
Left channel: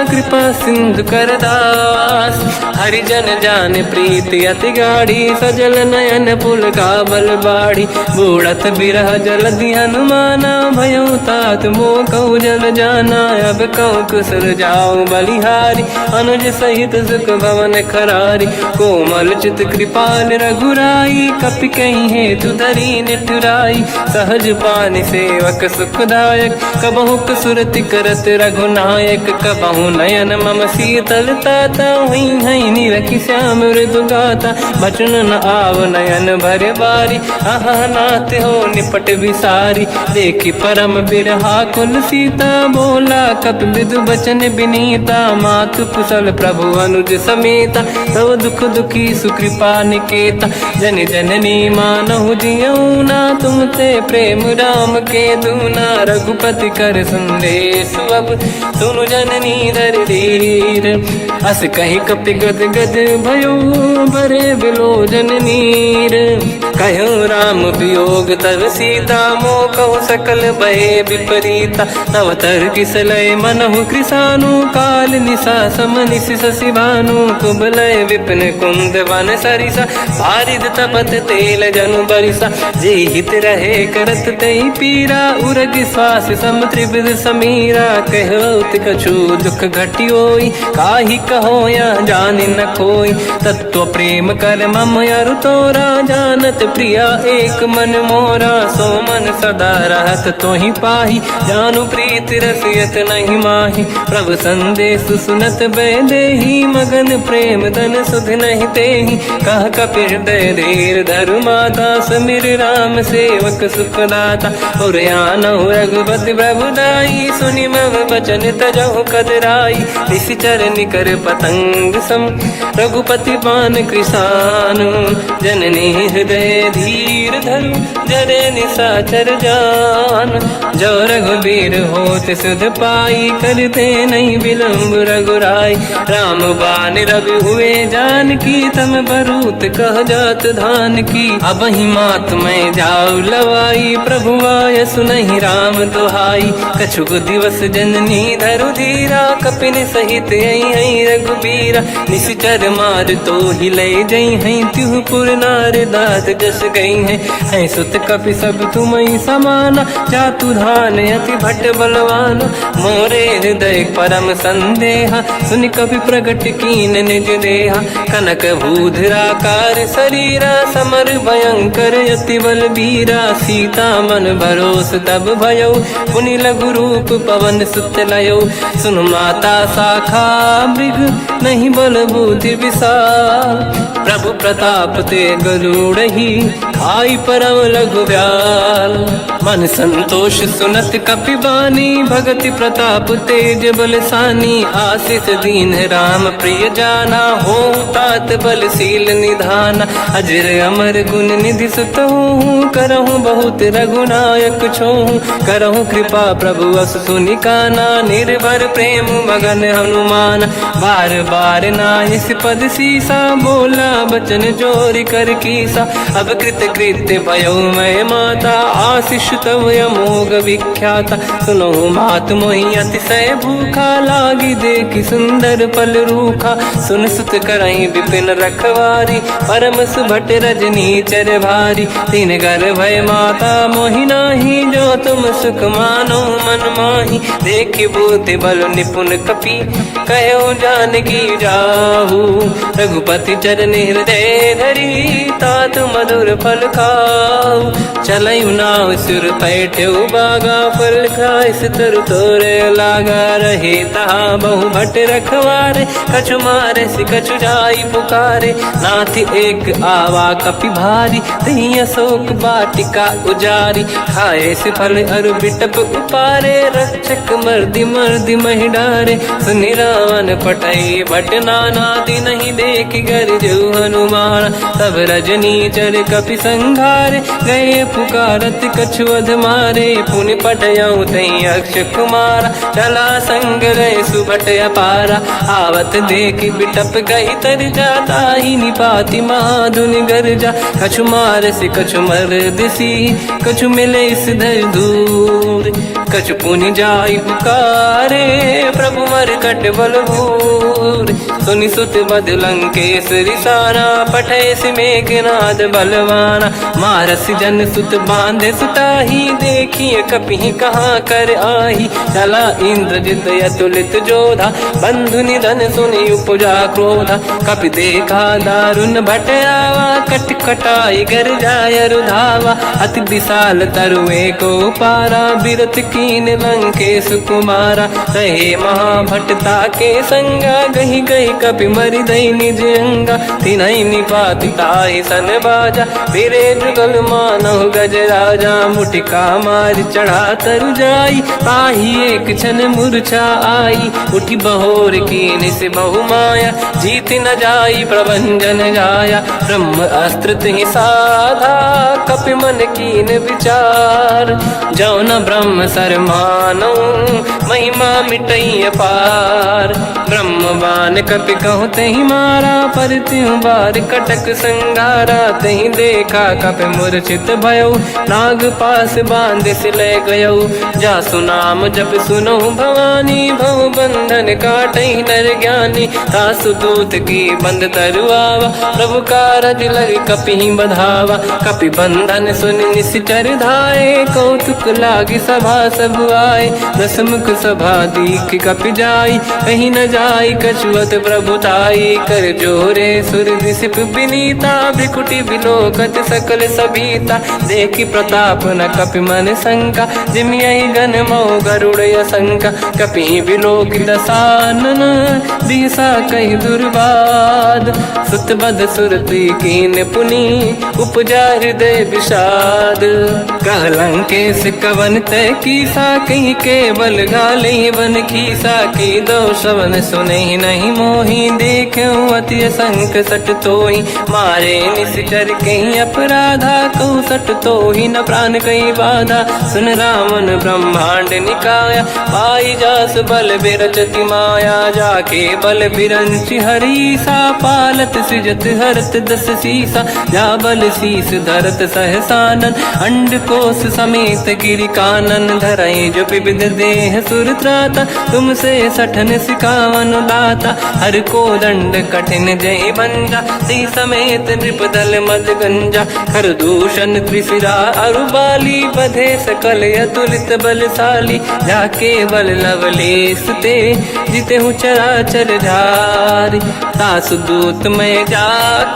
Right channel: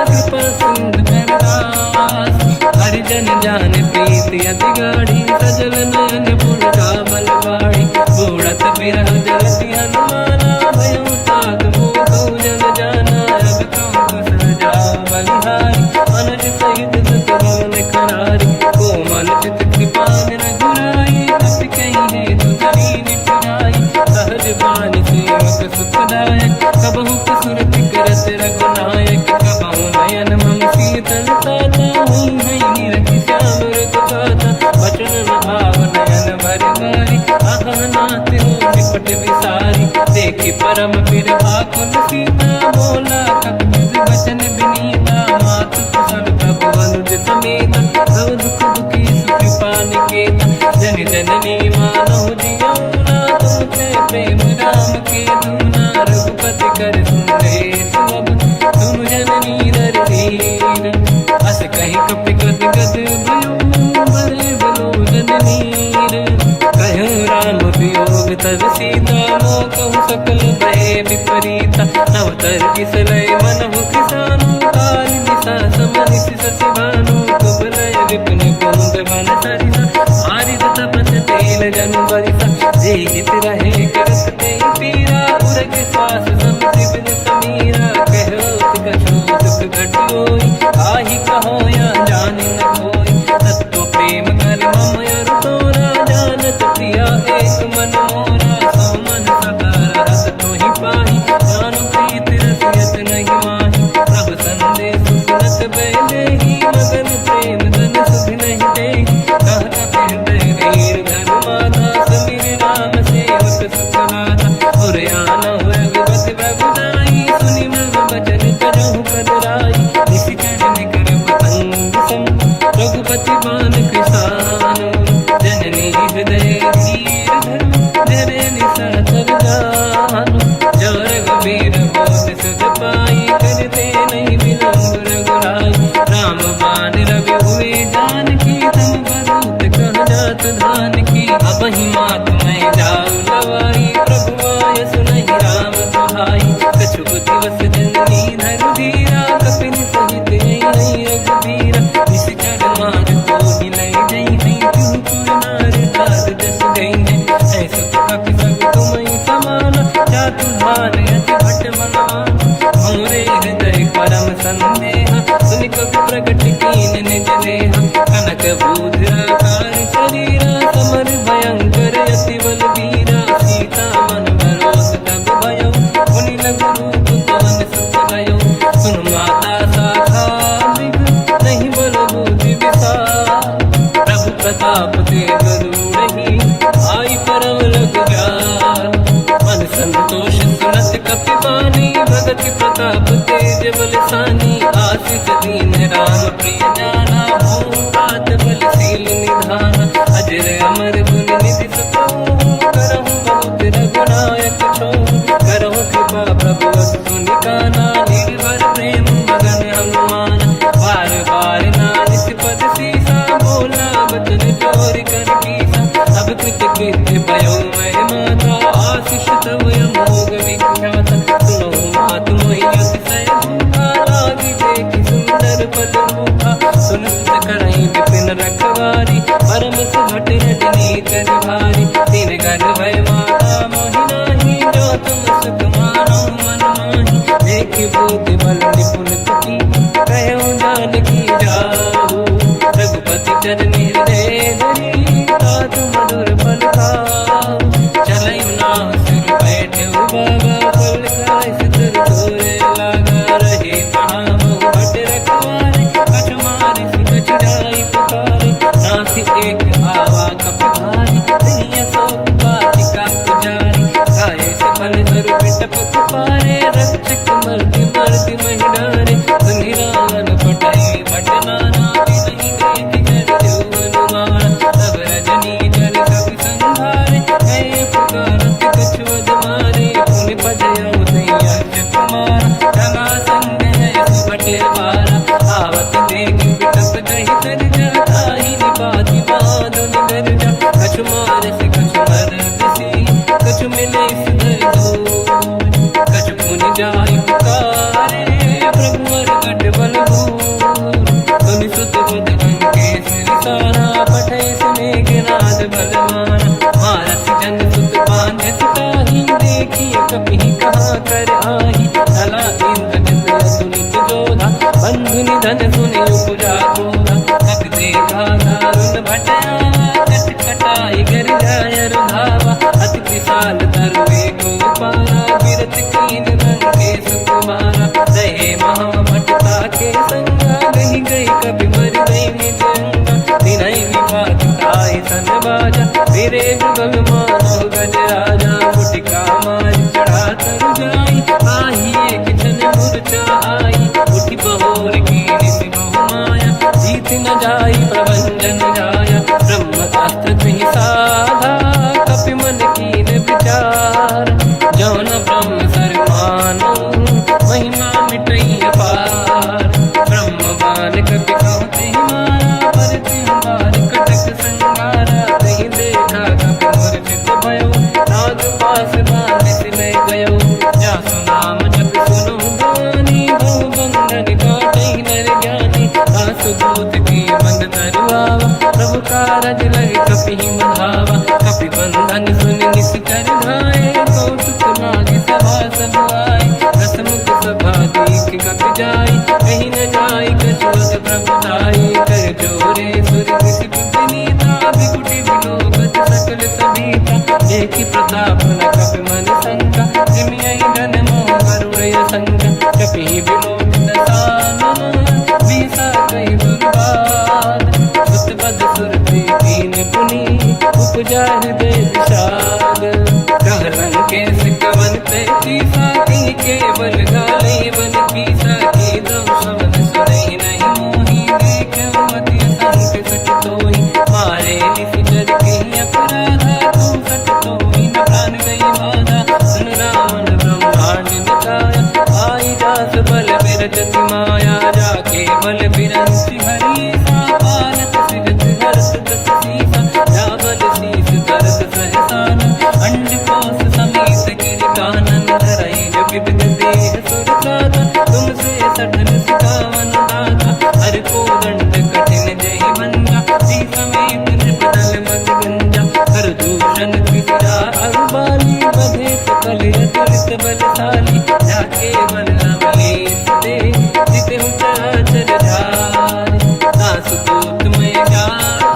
कृपा सिंधु कर दास। हरिजन जान प्रीति अति गाढ़ी, सजल नयन पुल का बल बाढ़ी। बूढ़त बिरह जलधि हनुमाना, भयो तात मोह कहु जल जाना। अब कहु कुशल जाओ बलिहारी, अनुज सहित सुख भवन खरारी। कोमल चित कृपाल रघुराई, कपि कहीं हेतु धरी निठुराई। सहज पानि सेवक सुखदायक, कबहु सुरति करत रघुनायक। कबहु नयन मम शीतल ताता, हई हई नीरखि श्याम मृदु गाता। बचन न आव नयन भर बारी, आहा नाथ हो निपट विसारी। देखी परम बिरहा कुल सीता, बोला कप विदु बचन बिनीता। मातु कुशल प्रभु अनुज समेता, सब दुख दुखी सुकृपा निकेता। जन जननी मानहु जियौना, तुम ते प्रेम राम के दूना। रघुपति कर संदेश अब, सुनु जननी दर धीर। अस कहीं कपि गद गद भयो, बरे बिलोचन नीर। कहूँ राम वियोग तब सीता, मोह कहु सकल भय विपरीता। नवतर किसलय मनहु कृसानु, काल निशा समनिश शशि भानु। कुबलय विपिन कुंद वन सरिसा, बारिद तपत तेल जनु बरिसा। जे हित रहे करत ते पीरा, उरग श्वास सम त्रिविध समीरा। कहत कछु दुख घटियोई, काहि कहो या जानि न खोई। तत्व प्रेम कर मम अरु तोरा, जानत प्रिया एक मन मोरा। सो मन सदा रहत तोहि पाहि, जानु प्रीत रसियत नहीं माहि। प्रभु संदेश सुनत बै देहि, मगन प्रेम धन सुध नहीं तेहि। कह कपि हृदय धीर धरु माता, समिर राम सेवक सुख दाता। और आनहु रघुपति प्रभु दाई, सुनि मम वचन तजहु कदराई। निश्चर निकर पतंग सम, रघुपति बान कृसानु। जननी हृदय धीर धरु, जरे निशाचर जान। जो रघुबीर होत सुध पाई, करते नहीं विलम्ब रघुराई। राम बान रघु हुए जान की, तम बरूत कह जात धान की। अब ही मात मैं जाऊ लवाई, प्रभु आय सुनहि राम दोहाई। कछुक दिवस जननी धरु धीरा, कपिन सहित आई रघुबीरा। निश्चर मार तो ही ले जई हैं, तिहु पुर नार दात जस गई हैं। सुत कपि सब तुमहि समाना, जातु धान अति भट बलवाना। मोरे हृदय परम संदेहा, सुनि कपि प्रगट कीन निज देहा। कनक भूधराकार शरीरा, समर भयंकर अति बलबीरा। सीता मन भरोस तब भयो, पुनि लघु रूप पवन सुत लयो। सुन माता शाखा मृग, नहीं बल बुद्धि विशाल। प्रभु प्रताप ते गरुड़हि, आई परम लघु दयाल। मन संतोष सुनत कपि बानी, भगति प्रताप तेज बलसानी। आशीष दीन राम प्रिय जाना, हो तात बलशील निधान। अजर अमर गुण निधि सुतहु, करहु बहुत रघुनायक छोहु। करहु कृपा प्रभु अस सुनि काना, निर्भर प्रेम मगन हनुमान। बार बार नाहिस पद सीसा, बोला बचन जोरि कर कीसा। अब कृत कृत्य भयो मैं माता, आशीष तव अमोघ विख्याता। सुनो मात मोहि अतिशय भूखा, लागी देखि सुंदर फल रूखा। सुन सुत करहि विपिन रखवारी, परम सुभट रजनी चर भारी। तीन घर भय माता मोहि नाही, जो तुम सुख मानो मन माही। देखि बुद्धि बल निपुण कपि, कहो जानकी जाहू। रघुपति चरण हृदय धरी, तात मधुर फल खाऊ। चल पाँव सुर पैठे बागा पल खाइस तर तोरे लागा रहे तहा बहु भट रखवारे कछु मारे से कछु जाई पुकारे नाथ एक आवा कपि भारी तही अशोक बाटिका उजारी खाए से फल हर बिटप उपारे रक्षक मर्दी मर्दी महि डारे सुनि रावण पटाई भट नानादि नहीं देख कर जो हनुमान तब रजनी चर कपि संघारे गए पुकारत कछुअध मारे पुन पटयऊ तई अक्ष कुमार चला संग रहे सुभट अपारा आवत देखी बिटप गई तर जाता ही निपाति महाधुनि गर्जा कछु मार से कछु मर दिसी कछु मिले सिधर दूर कछु पुनि जाई पुकारे प्रभु मर कट बलभूर सुनि सुत बद लंकेश रिसाना पठे से मेघनाद बलवाना मारस जन सुत बांधे सुताही देखिए कपि कहाँ कर आही चला इंद्रजित अतुलित जोधा बंधु निधन सुनि उपजा क्रोधा कपि देखा दारुण भट आवा कट कटाई गर जाय रुधावा अति विशाल तरुए को पारा बिरत कीन लंकेश कुमारा रहे महाभटता के संगा गही गई कपि मरि दई निज अंगा तिनहि निपाति ताहि सन बाजा फिरे जुगल मानव गज राजा मुटिका मार चढ़ा तर जाई पाही एक क्षण मूर्छा आई उठी बहोर कीन से बहु माया जीत न जाई प्रभंजन जाया ब्रह्म अस्त्र तिहि साधा कपि मन कीन विचार जो न ब्रह्म सर मानो महिमा मिटई अपार ब्रह्मवान कपि कहु तहि मारा पर त्यों बार कटक संगारा तहि देखा कपि मूर्छित भयो नाग पास बांध सिले गयो जासु नाम जप सुनो भवानी भव बंधन काटई नर ज्ञानी तासु दूत की बंद तरुआवा प्रभु कारज लग कपि बधावा कपि बंधन सुन निश्चर धाये कौतुक लागी सभा सब आए दसमुख सभा दीख कपि जाई कहीं न जाई कछुअत प्रभु दाई कर जोरे सुर दिसिप विनीता बिकुटी विलोकत सकल सबीता देखी प्रताप न कपि मन शंका जिमियहि गन मोह गरुड़ शंका कपि विलोक दसानन दिशा कहि दुर्वाद सुत बद सुरति कीन पुनि उपजा हृदय विषाद कहलंकेश कवन तय कीसा कहीं केवल गाले बन कीसा की दो शवन सुने नहीं मोही देखे अति संक सट तोही मारे निश्चर कहीं अपराधा तो सट तोही न प्राण कहीं बाधा सुन रावण ब्रह्मांड निकाया पाई जास बल बिरचति माया जाके बल बिरंच हरीसा पालत सृजत हरत दस सीसा जा बल शीस धरत सहसानन अंड कोश समेत गिरि कानन धरई जो विविध देह सुर त्राता तुमसे सठन सिकावन लाता हर को दंड कठिन जय बंजा सी समेत त्रिपदल मद गंजा हर दूषण त्रिशिरा अरुबाली बधे सकल अतुलित बलशाली जाके बल लवलेश ते जिते हूँ चराचर धारी सासु दूत में जा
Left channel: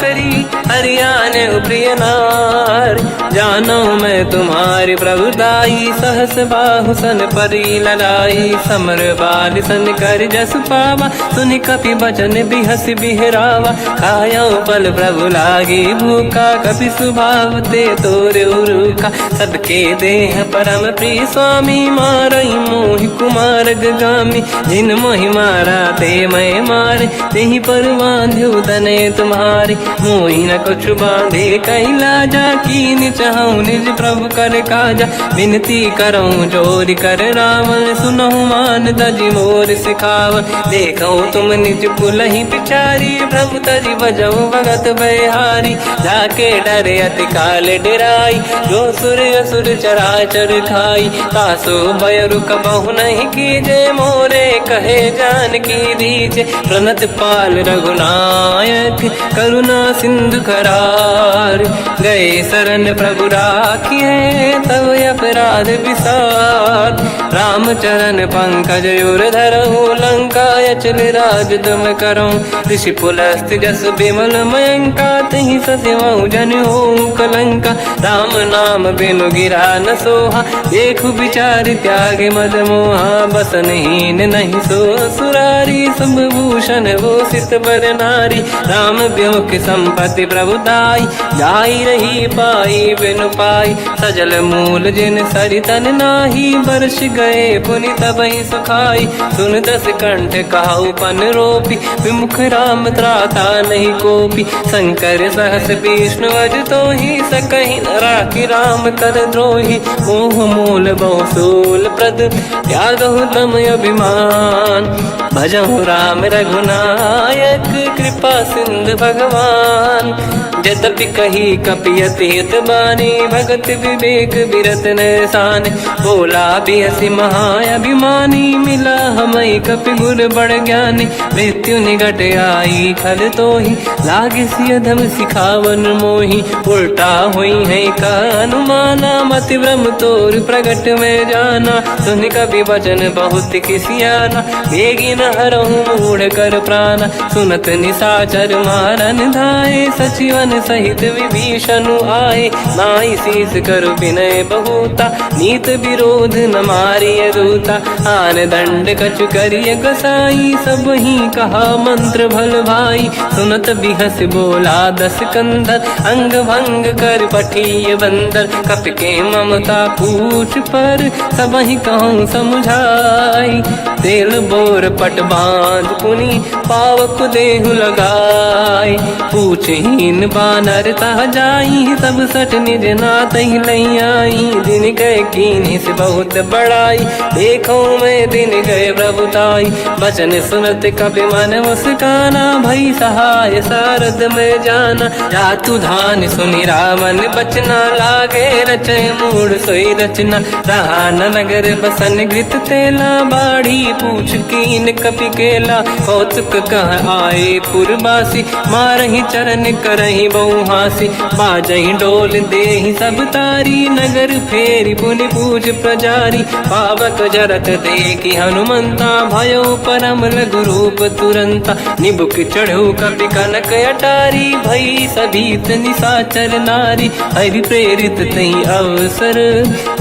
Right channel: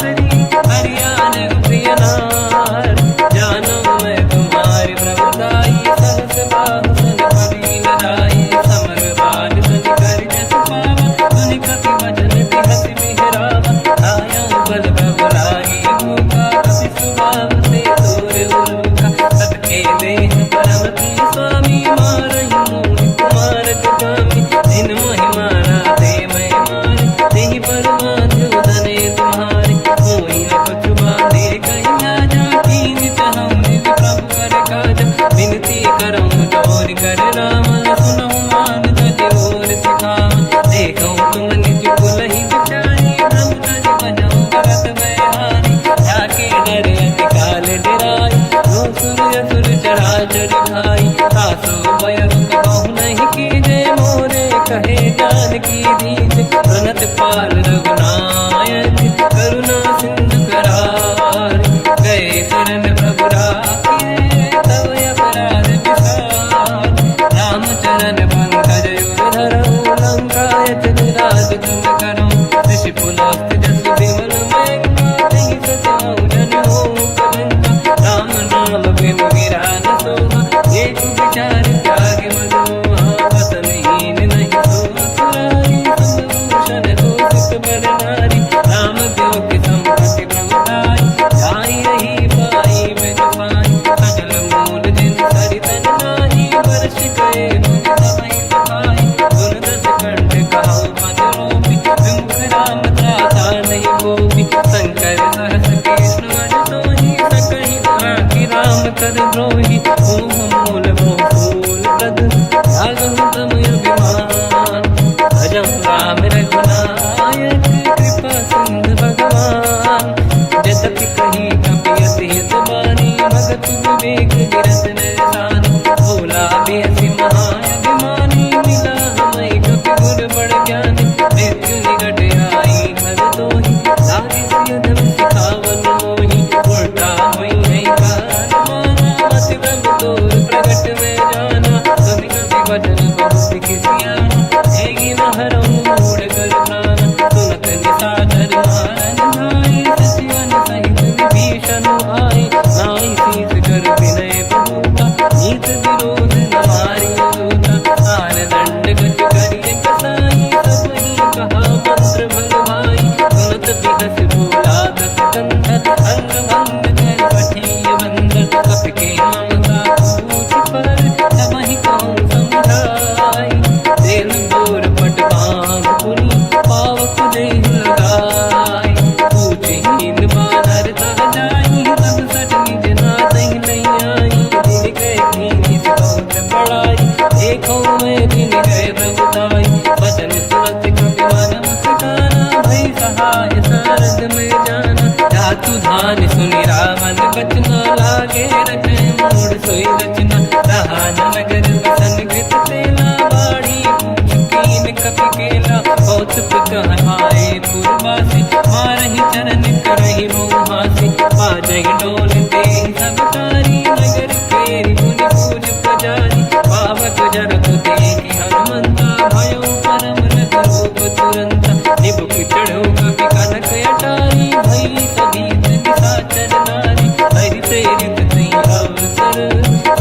करी हरियाने प्रिय नार जानो मैं तुम्हारी प्रभुताई सहस बाहु सन परी लड़ाई समर बाल सन कर जस पावा सुनि कपि बचन बिहस बिहरावा खायो बल प्रभु लागी भूखा कपि स्वभाव ते तोरे उरुखा सबके देह परम प्रिय स्वामी मारई मोहि कुमार गगामी जिन मोहि मारा ते मैं मारे तेहि पर बांध्यो दने तुम्हारी मोहि न कुछ बांधे कहीं लाजा कीन चाहूं निज प्रभु कर काजा विनती करऊं जोर कर रावण सुनहु मान तज मोर सिखावन देखो तुम निज कुल ही बिचारी प्रभु तज बजऊ भगत बहारी जाके डरे अति काल डराई जो सुर असुर चराचर खाई तासो भय रुक बहु नहीं कीजे मोरे कहे जान की दीजे प्रणत पाल रघुनायक करुणा सिंधु करार गए शरण प्रभु राखिए तब अपराध विसार रामचरण पंकज उर धरहु लंका चल राज तुम करऊं ऋषि पुलस्त जस विमल मयंका नहीं सत्यमऊ जन हो कलंका। राम नाम बिनु गिरा न सोहा, देख विचार त्यागे मद मोहा। बसनहीन नहीं सो सुरारी, शुभ भूषण हो सित बर नारी। राम ब्योम संपत्ति प्रभुताई, जाई रही पाई बिनु पाई। सजल मूल जिन सरितन नाही, वर्ष गए पुनि तबहि सुखाई। सुन दस कंठ कहाऊ पन रोपी, विमुख राम त्राता नहीं कोपी। शंकर सहस विष्णु अज तो ही, सकहि न राखि राम कर द्रोही। मोह मूल बहु सूल प्रद, त्यागहु तम अभिमान। भजहु राम रघुनायक, कृपा सिंधु भगवान। यद्यपि कही कपियति हित बानी, भगत विवेक बिरत निरसान। बोला बिहसि महाअभिमानी, मिला हमई कपि गुर बड़ ज्ञानी। मृत्यु निकट आई खल तोहि, लागे सिय धम सिखावन मोहि। उल्टा हुई है का अनुमाना, मति ब्रह्म तोर प्रगट में जाना। सुन कपि वचन बहुत खिसियाना, बेगी न हरहु मूढ़ कर प्राण। सुनत निशाचर मारन धाये, सचिवन सहित विभीषण आए। नाई शीस कर विनय बहुता, नीत विरोध न मारिय दूता। आन दंड कछु करिय कसाई, सब ही कहा मंत्र भल भाई। सुनत बिहस बोला दस कंदर, अंग भंग कर पठिय बंदर। कपि के ममता पूछ पर, सब ही कहूँ समझाई। तेल बोर पट बांध पुनि, पावक देहु लगाई। पूछहीन बानर तह जाई, तब सट निज नाथ ही लई आई। दिन गए कीनी से बहुत बड़ाई, देखो मैं दिन गए प्रभुताई। बचन सुनत कपि मन मुस्काना, भई सहाय सारद में जाना। जातु धान सुनि रामन बचना, लागे रचय मूढ़ सोई रचना। रहा न नगर बसन घृत तेला, बाढ़ी पूछ कीन कपि केला। कौतुक कह आए पुरवासी, मारहि चरण करहि बहु हासी। बाजहि डोल देहि सब तारी, नगर फेरि पुनि पूज प्रजारी। पावक जरत देखि हनुमंता, भयो परम रघुरूप तुरंता। निबुक चढ़ो कपि कनक अटारी, भई सभीत निशाचर नारी। हरि प्रेरित तई अवसर,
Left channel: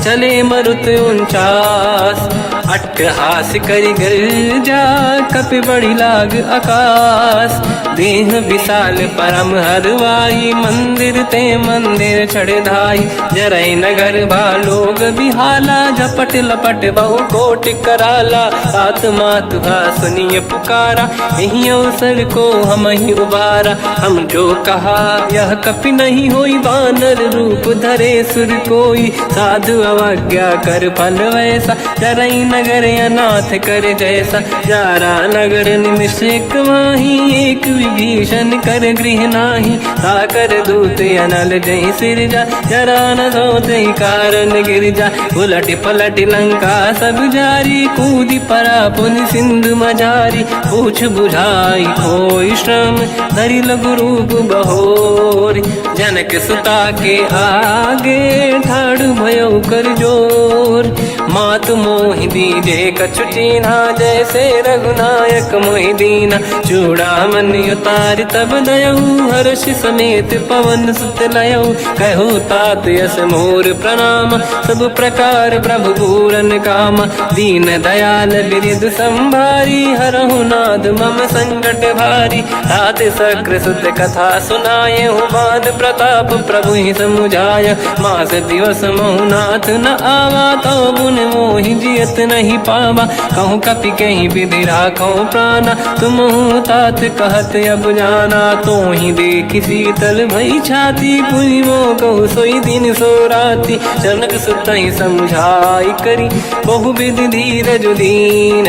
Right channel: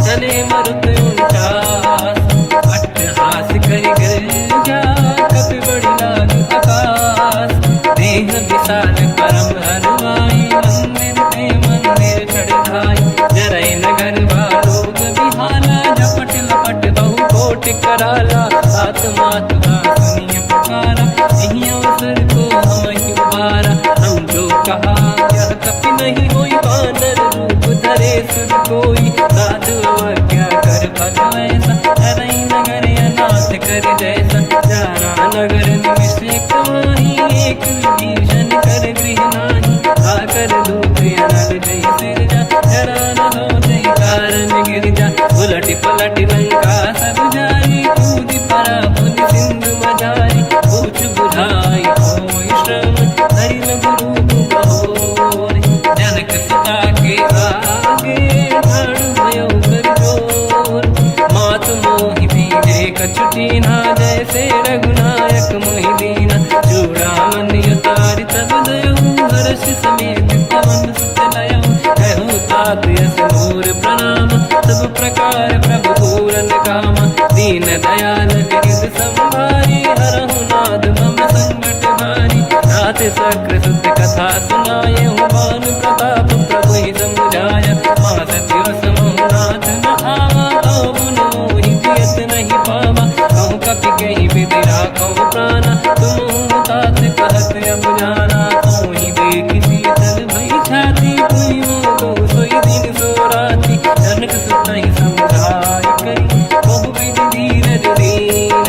चले मरुत 49। अट्टहास करि गर्जा, कपि बड़ी लाग आकाश। देह विशाल परम हरवाई, मंदिर ते मंदिर चढ़ धाई। जरई नगर बालोग बिहाला, झपट लपट बहु कोट कराला। आत्मात सुनिय पुकारा, यही अवसर को हम ही उबारा। हम जो कहा यह कपि नहीं होई, वानर रूप धरे सुर कोई। साधु अवज्ञा कर फल वैसा, जरई नगर अनाथ कर जैसा। जारा नगर निमिष कमाही, एक विभीषण कर गृह नाही। ताकर दूत अनल जय सिरजा, जरा न सोते कारण गिर जा। उलट पलट लंका सब जारी, कूदी परा पुनि सिंधु मजारी। पूछ बुझाई कोई श्रम, धरि लघु रूप बहोरी। जनक सुता के आगे, ठाड़ भयो कर जोर। मात मोहि दीजे कछु टीन्हा, जैसे रघुनायक मोहि दीना। चूड़ामणि उतारि तब दयऊ, हर्ष समेत पवन सुत लयऊ। कहु तात यस मोर प्रणाम, सब प्रकार प्रभु पूरन काम। दीन दयाल गिरिधु संभारी, हरहु नाद मम संकट भारी। तात सकृ सुत कथा सुनाए, हुमान प्रताप प्रभु ही समुझाय। मास दिवस महु नाथ न आवा, तो गुण मोहि जियत नहीं पावा। कहूँ कपि कहीं विधि राखो प्राणा, तुम तात कहत अब जाना। तो ही देखि शीतल भई छाती, पुनि मोह कहु सोई दिन सो राति। जनक सुत ही समझाई करी, बहु विधि धीरज दीन।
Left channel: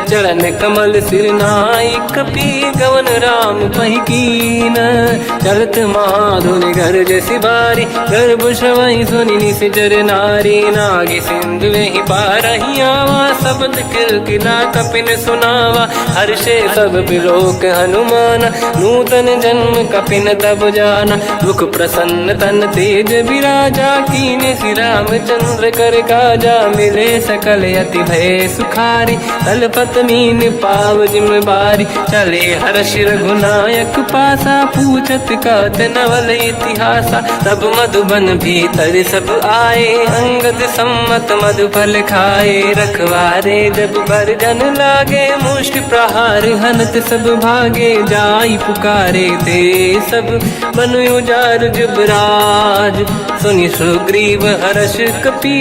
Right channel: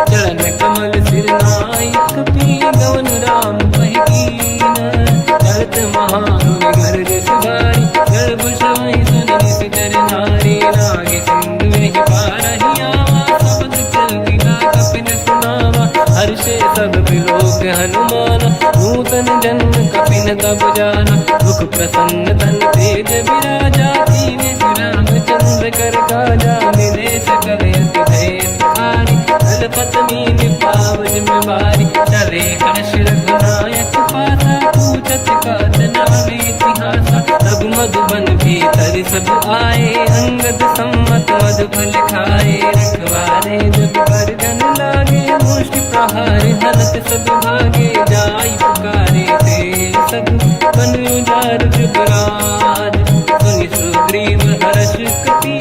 चरण कमल सिर नाई, कपि गवन राम पहि कीन। चलत महाधुनि गर्ज सिबारी, गर्भ श्रवहि सुनि निशिचर नारी। नागे सिंधु में कृपा रही आवा, शब्द कीर्तिना कपिन सुनावा। हर्षे सब बिलोक हनुमान, नूतन जन्म कपिन तब जाना। दुख प्रसन्न तन तेज विराजा, कीने श्री रामचंद्र कर काजा। मिले सकल यति भय सुखारी, तलपत मीन पाव जिम्मेवारी। चले हर्ष रघुनायक पासा, पूछत कात नवल इतिहासा। तब मधुबन भीतर सब आए, अंगद सम्मत मधुफल खाए। रखवारे जब पर जन लागे, मुष्टि प्रहार हनत सब भागे। जाई पुकारे ते सब बन उजार जुबराज। सुनि सुग्रीव हर्ष कपि,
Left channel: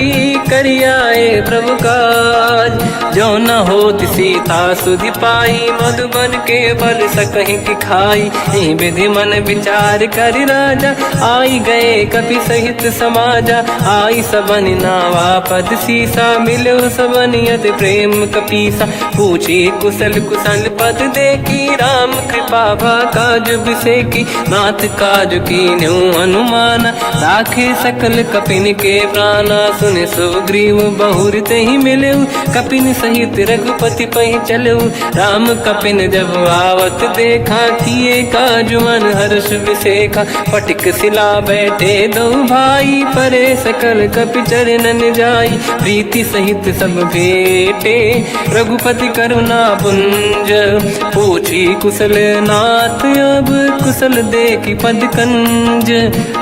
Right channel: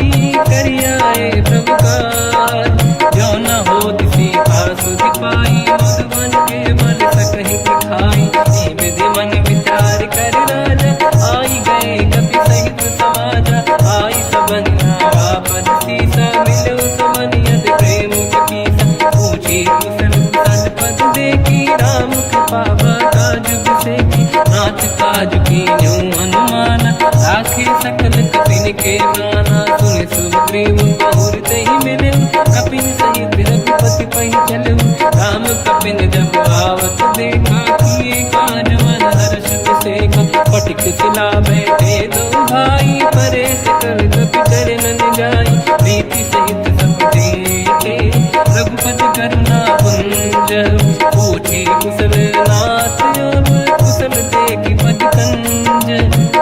करियाए प्रभु काज। जो न होत सीता सुधि पाई, मधुबन के बल सकहि खाई। हे विधि मन विचार कर राजा, आई गए कपि सहित समाजा। आई सबन नावा पद सीसा, मिलो सबन यत प्रेम कपीसा। पूछी कुशल कुशल पद देखी, राम कृपा काज बिसेकी। नाथ काज कीन्यो हनुमाना, राखे सकल कपिन के प्राणा। सुन सुग्रीव बहुर तहि मिलऊ, कपिन सहित रघुपति पहि चलऊ। राम कपिन जब आवत देखा, किए काज मन हर्ष बिसेखा। फटिक सिला बैठे दो भाई, परे सकल कपि चरणन जाई। प्रीति सहित सब भेटे, रघुपति करुणा पुंज। पूछी कुशल नाथ अब, कुशल देखी पद कंज।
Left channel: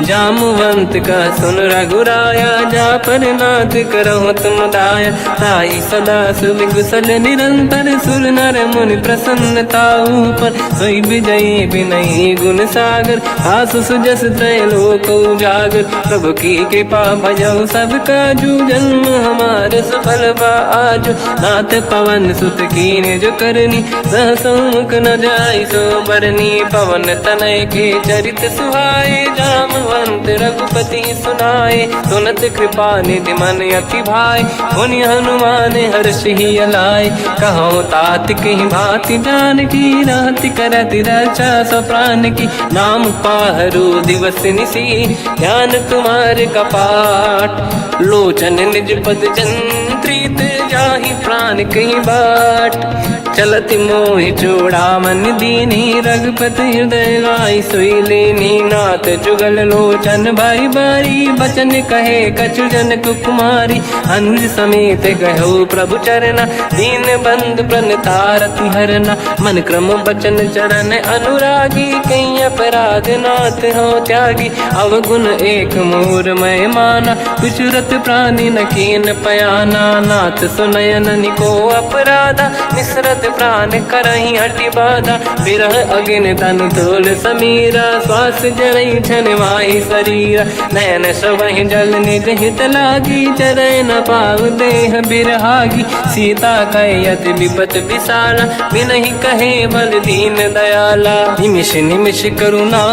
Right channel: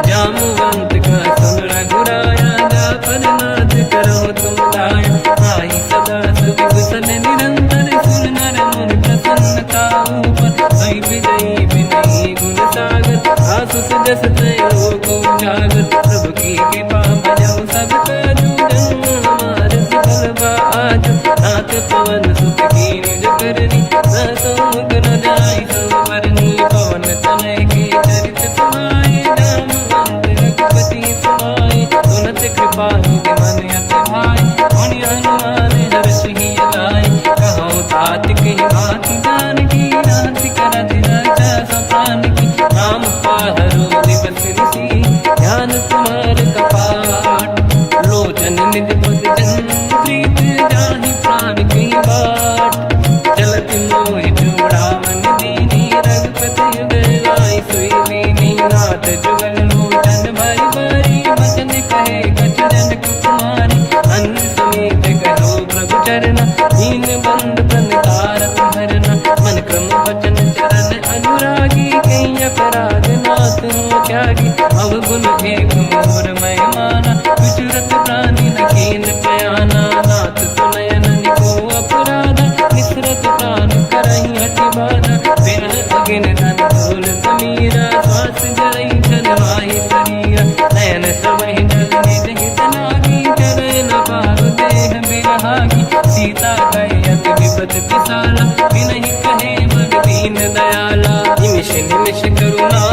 जामवंत का सुन रघुराया, जा पर नाथ करहु तुम दाया। ताई सदा सुविकुशल निरंतर, सुर नर मुनि प्रसन्नता ऊपर। सोई विजयी विनयी गुण सागर, आसु सुजस त्रैलोक उजागर। प्रभु की कृपा भजऊ सब काजू, जन्म हमार सफल आज। नाथ पवन सुत कीन्ह जो करनी, सहसो मुख न जाय सो बरनी। पवन तनय के चरित सुहाए, जामवंत रघुपति सुनाए। सुनत कृपा निधि मन अति भाई, मुनि हनुमान हर्ष ही अलाय। कहो तात कही भांति जान की, राति करति रक्षा सब प्राण की। नाम पाहरो दिवस निसी, ध्यान तुम्हारे कपाट। लोचन निज पद जंत्रित, जाहि प्राण कहीं बाट। चलत मोहि चूड़ामन दीनी, रघुपति हृदय लाई सोई लेनी। नाथ जुगल लोचन भाई बारी, बचन कहे कछु जन कुमारी। अंज समेत कहो प्रभु चरना, दीन बंधु प्रणितारत हरना। मन क्रम बचन चरण अनुरागी, कहीं अपराध नाथ हो त्यागी। अवगुण एक मोर मैं माना, विचुरत प्राणी न कीन पयाना। नाथ सुनयन निको अपराधा, निसरत प्राण करही हटि बाधा। विरह अग्नि तन तोल समीरा, श्वास जरई छन वाहि शरीरा। नयन सबहि जल निज हित लागी, चरय न पाव देह बिरहागी। सीता कहि अति विपत विसाला, बिनहि कहे बल दीन दयाला। निमिष निमिष करुणा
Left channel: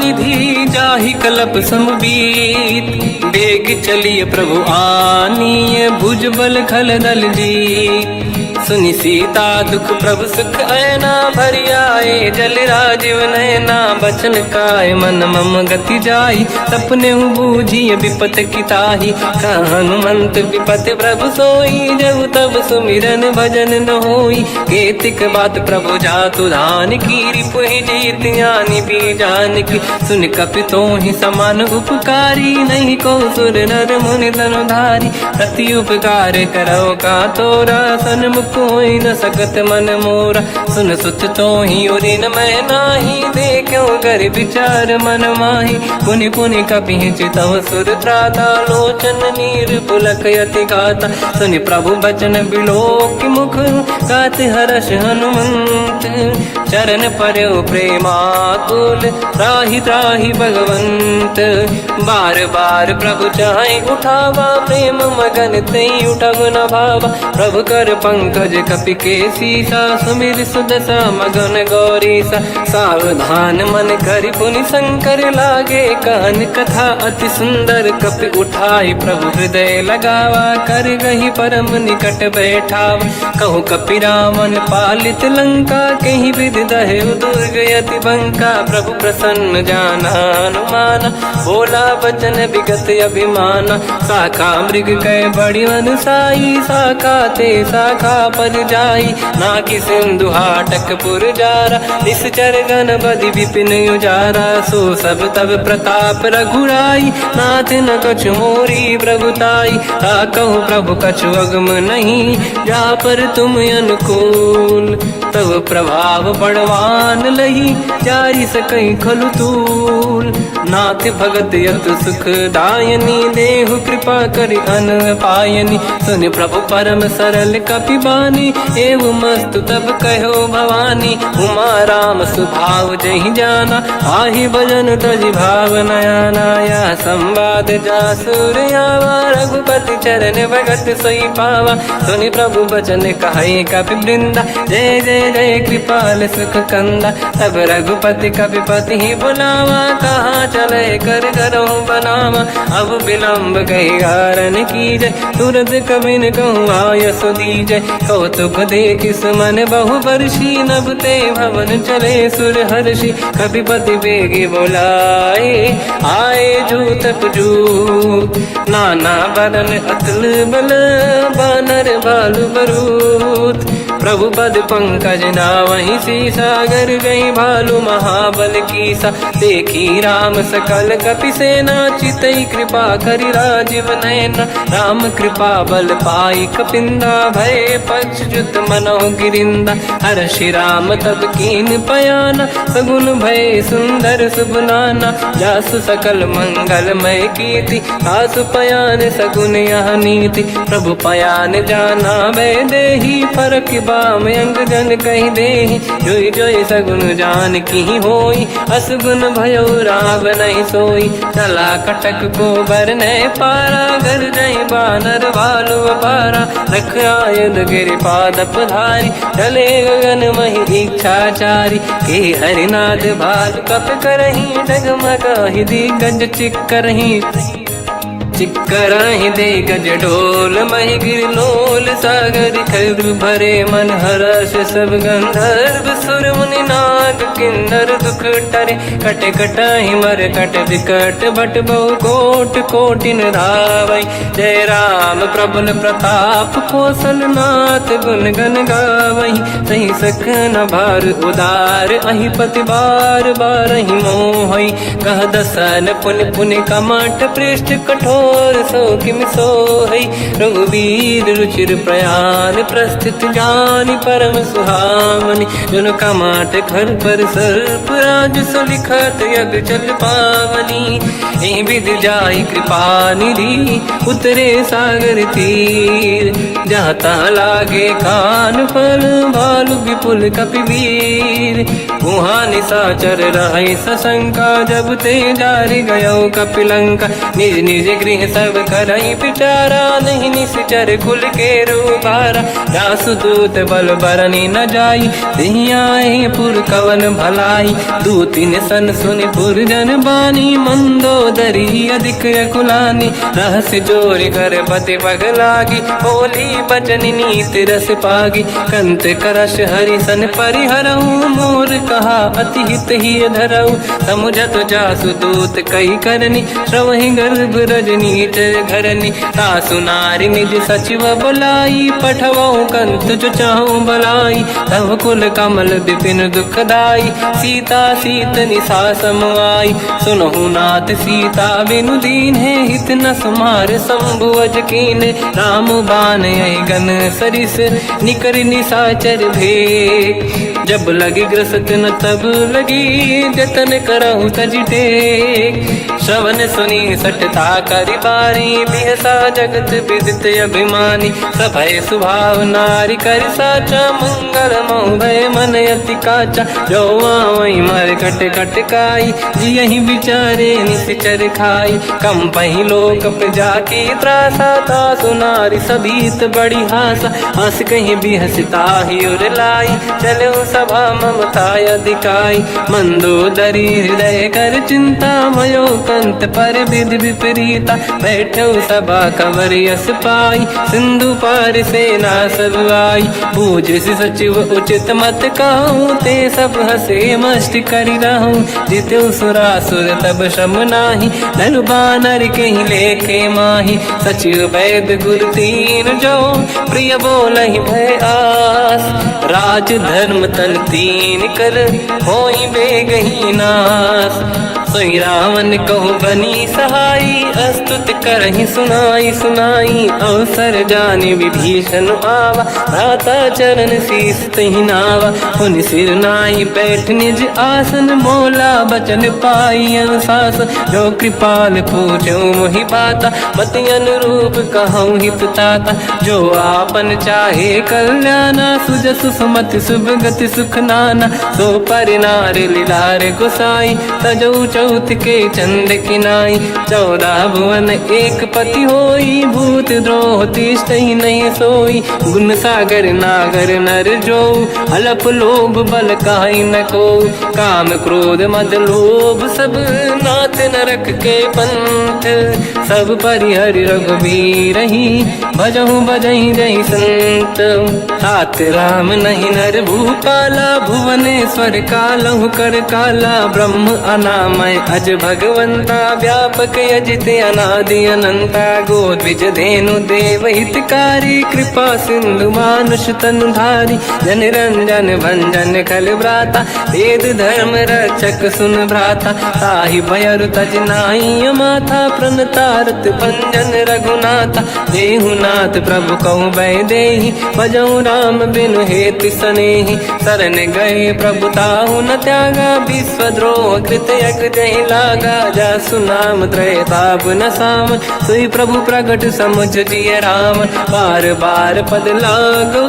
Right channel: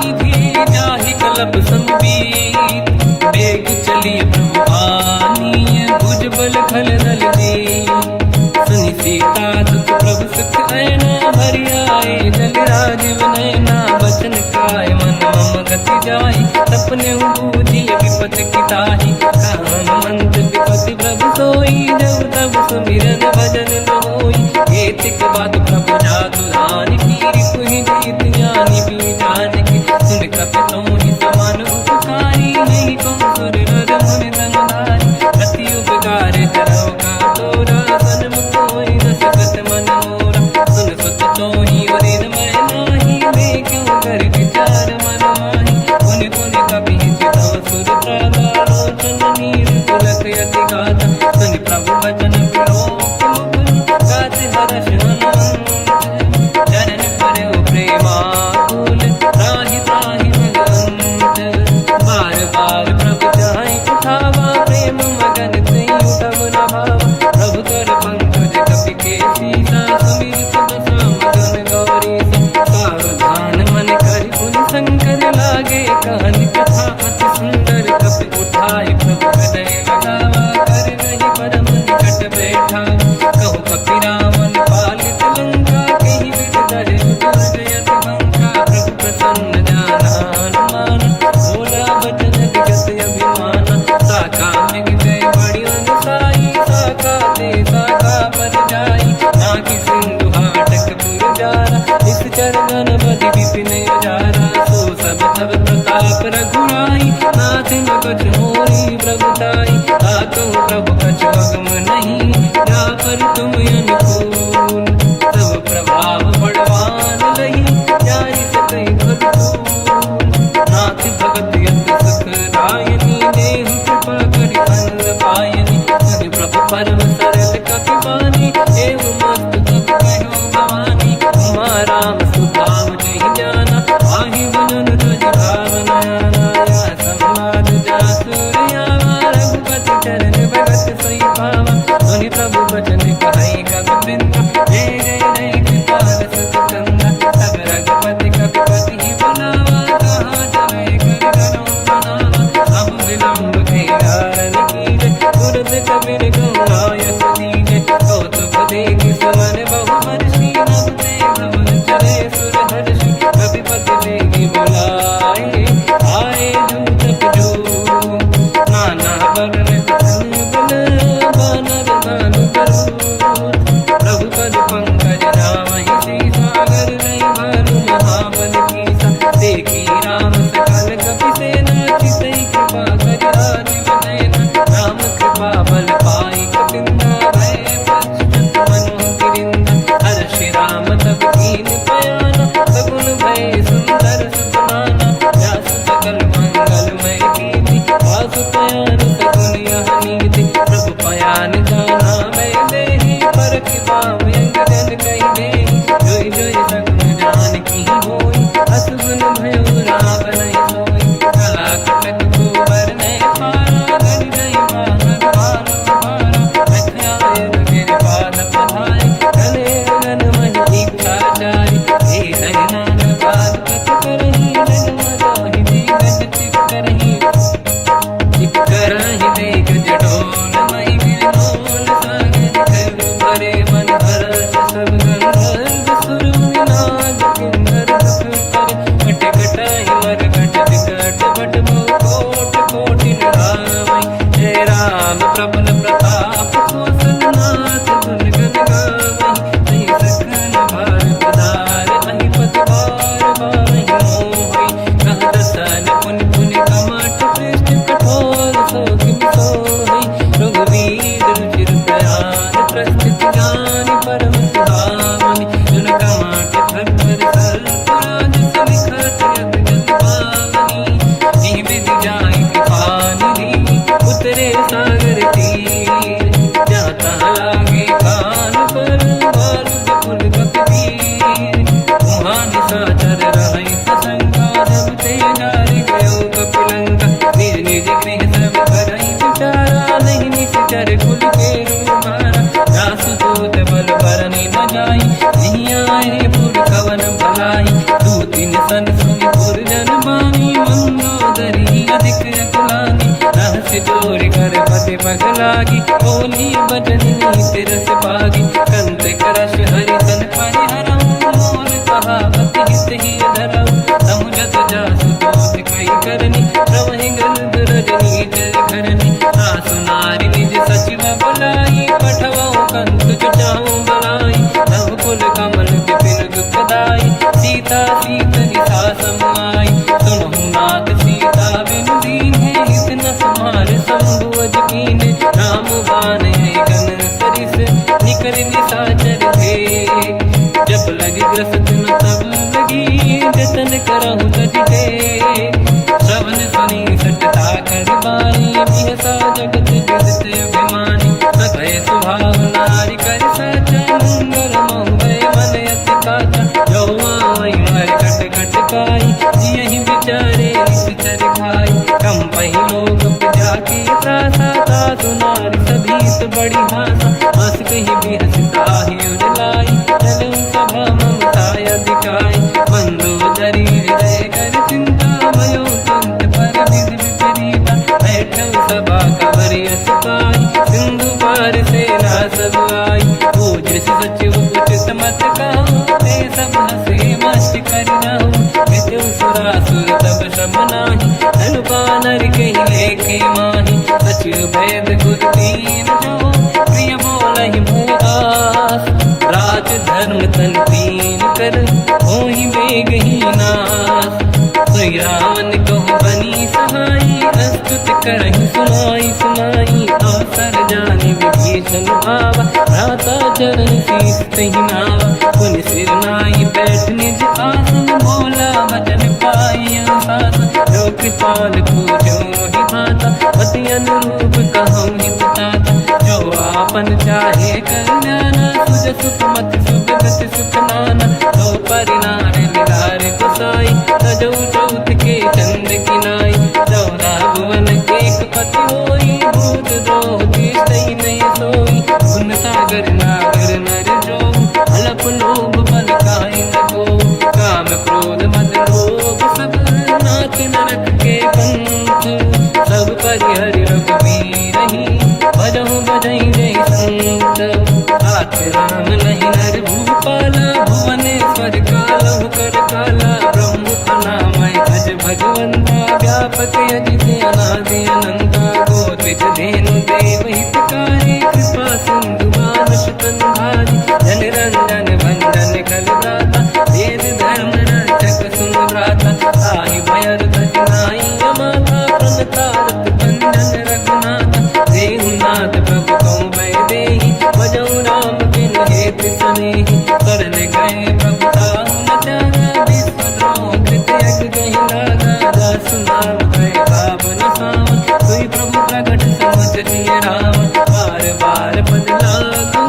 निधि, जाहि कलप समबीत। बेग चलिए प्रभु आनीय, भुज बल खल दल जी। सुनि सीता दुख प्रभु सुख ऐना, भरि आए जल राजीव नैना। बचन काय मन मम गति जाई, सपने बूझिय विपत किताही। हनुमंत विपत प्रभु सोई, जब तब सुमिरन भजन न होई। केतिक बात प्रभु जातु धान की, रिपुहि जीत ज्ञानी भी जानकी। सुन कपि तोहि समान उपकारी, नहीं को सुर नर मुनि तनुधारी। प्रति उपकार करौ का तोरा, सन्मुख कोई न सकत मन मोरा। सुन सुत तोहि उरिन मैं नाही, देखो कर विचार मन माही। पुनि पुनि कपि चितव सुर त्राता, लोचन नीर पुलक यति गाता। सुनि प्रभु बचन बिलोक मुख, गाति हर्ष हनुमंत। चरण पर्यो प्रेमाकुल, त्राहि त्राहि भगवंत। बार बार प्रभु चाहे उठावा, प्रेम मगन ते उठब न भावा। प्रभु कर पंकज भज कपि के सीसा, सुमिर सुदशा मगन गौरीसा। सावधान मन करि पुनि शंकर लागे, कहन कथा अति सुंदर कपि उठाई। प्रभु हृदय लगावा, कर गही परम निकट बैठावा। कहु कपि रावण पालित लंका, कहीं विधि दहे दुर्ग यति बंका। प्रभु प्रसन्न ज्ञान अनुमाना, बोला वचन विगत अभिमाना। शाखा मृग कै बड़ी अनुसाई, शाखा ते शाखा पर जाई। नाकि सिंधु हाटक पुर जारा, निश्चर गण बधि विपिन उजारा। सो सब तब प्रताप रघुराई, नाथ न कछु मोरी प्रभुताई। कहूँ प्रभु कछु अगम नहीं, जा पर तुम अनुकूल। तब प्रभाव बड़वान लही, जारी सकई खलु तूल। नाथ भगत यत सुख दायनी, देहु कृपा करि अन पायनी। सुन प्रभु परम सरल कपि बानी, एव मस्तु तब कहो भवानी। उमा राम सुभाव जहि जाना, आहि भजन तजि भाव नयाना। या संवाद जासुर आवा, रघुपति चरण भगत सोई पावा। सुनि प्रभु बचन कहे कपि वृंदा, जय जय जय कृपाल सुख कंदा। तब रघुपति कपि पति ही बनावा, कहाँ चले कर धरऊं बनावा। अब विलम्ब कही कारण कीजय, तुरत कबिन कहूँ आयस दीजय। कौतुक देखि सुमन बहु वर्षी, नभ ते भवन चले सुर हर्षि। कपिपति बेगी बोलाए, आए जूतक जूत। नाना बदन अतल बल, बानर बालु बरूत। प्रभु पद पंकज नावहि सीसा, गर गई भालु महाबल कीसा। देखी राम सकल कपि सेना, चितई कृपा करि राजीव नयन। राम कृपा बल पाई कपिंदा, भय पंचजुत मनोह गिरिंदा। हर्षि राम तब कीन पयाना, सगुन भय सुंदर सुबनाना। जासु सकल मंगलमय कीर्ति, आसु पयान सगुन यह नीति। प्रभु पयान जाना भय देहि, फरक बाम अंग जन कहि देहि। जोई जोई सगुन जान की होई, असगुन भयो राग नहीं सोई। चला कटक को बरने पारा, घर जय बानर बालु अपारा। लख आयन गिरिपाद पधारी, चले गगन महि इच्छाचारी। हे हरिनाथ भालु कप करही, डगमगाहि दिग्गज चिक्करही। चिक्करहि दिग्गज ढोल, महि गिरलोल सागर। खर भरे मन हर्ष सब गंधर्व, सुर मुनि नाग किन्नर दुख टरे। कट कटाहि मर कट विकट, भट बहु कोट कोटिन रावै। जय राम प्रबल प्रताप, कौशल नाथ गुण गण गावै। सही सकन भार उदार, अहि पति बार बार ही मोहै। कह दसन पुन पुन कमठ, पृष्ठ कठोर सो किम सोहै। रघुवीर रुचिर प्रयाण, प्रस्थित ज्ञान परम सुहावनी। जुन कमाट घर पर सर्प, राज सलिखत यग जल पावनी। एहि विधि जाहि कृपा निधि, उतरे सागर तीर। जाता लागे कान फल, भालु विपुल कपि वीर। वहाँ निशाचर रहै सशंका, जब ते जारि गयो कपि लंका। निज निज गृह सब करई विचारा, नहीं निश्चर कुल के रूबारा। जासु दूत बल बरनी न जाई, देहि आए पुर कवन भलाई। दूतिन सन सुनि पुर जन बानी, मंदोदरी अधिक अकुलानी। रहस्य जोरि कर पति पगलागी, होली बचनि नीति रस पागी। कंत करश हरि सन परिहरहु, मोर कहा अति हित ही धरऊ। समुझत जासु दूत कई करनी, श्रवहि गर्भ रजनी धरनी। सासु नारी निज सचिव बुलाई, पठवऊ कंत जो चाहूं बलाई। तब कुल कमल विपिन दुखदाई, सीता सीत निशा समाई। सुनहु नाथ सीता बिनु दीन है, हित न समार शंभु अज कीन। राम बान गन सरिस, निकर निशाचर भेद। जब लगी ग्रस्त न तब लगी, जतन करहु तज टेक। श्रवण सुनी सटता करि बारी, बिहसा जगत विदित अभिमानी। सभय स्वभाव नारी कर साचा, मंगल मऊ भय मन अति काचा। जो आवई मर कट कट काई, जियहि विचारे निश्चर खाई। कम पही लोक जाके त्रासा, तासु नारी सबीत बड़ी हासा हंस कहीं भी हंसता ही उड़ लाई चलो सभा ममताया दिखाई मंदोदरी हृदय कर चिंता मयो पंत पर विधि विपरीता बैठो सभा कंवरियस पाई सिंधु पार सेना सब आई पूज सचिव उचित मत कहूँ ते सब हंसे मस्त करी रहूँ जिते सुरासुर तब शम नाही धनु बानर के ही लेखे माही सचिव वैद गुरु तीन जो प्रिय बोल ही भय आस राज धर्म तन तीन कर हो ही बेगही नास सोई रावण कहूँ बनी सहाई अस्तुत करहि सुनाई सुनाई अवसर जाने विभीषण आवा भ्राता चरण शीस तहि नावा पुनि सिर नाई बैठ निज आसन मोला बचन पाई अनुशास जो कृपाल पूजो मोहि पाता मति अनुरूप कहूँ हित ताता जो आपन चाहे कल्याणा सुजसु सुमति शुभ गति सुख नाना सो पर नारी लीलार गोसाई तजौ चौथ के चंद किनाई 14 भुवन एक पति होई भूत द्रोह तिष्ठई नहीं सोई गुण सागर नागर नर जो अलप लोभ बल काहि न को काम क्रोध मद लोभ सब नाथ नरक के पंथ सब परिहरि रघुबीर ही भजहु बजहि जहि संत हाथ राम नहीं नर भूपाला भुवनेश्वर कालहु कर काला ब्रह्म अनामय अज भगवंता व्यापक यजित अनादि अनंता गोद्विज धेनु देव हितकारी कृपा सिंधु मानुष तनु धारी जन रंजन भंजन कल व्राता वेद धर्म रक्षक सुन भ्राता ताहि भयर तज नाहि माथा प्रणतारत भंजन रघुनाथा जेहु नाथ प्रभु कहु बै देहि भजहु राम बिनु हेतु सनेहि शरण गए प्रभु ताहु न त्यागा विश्वद्रोह कृत यक जहि लागा जासु नाम त्रयताप न साम सोई प्रभु प्रगट समुझ जिय राम बार बार पद लागू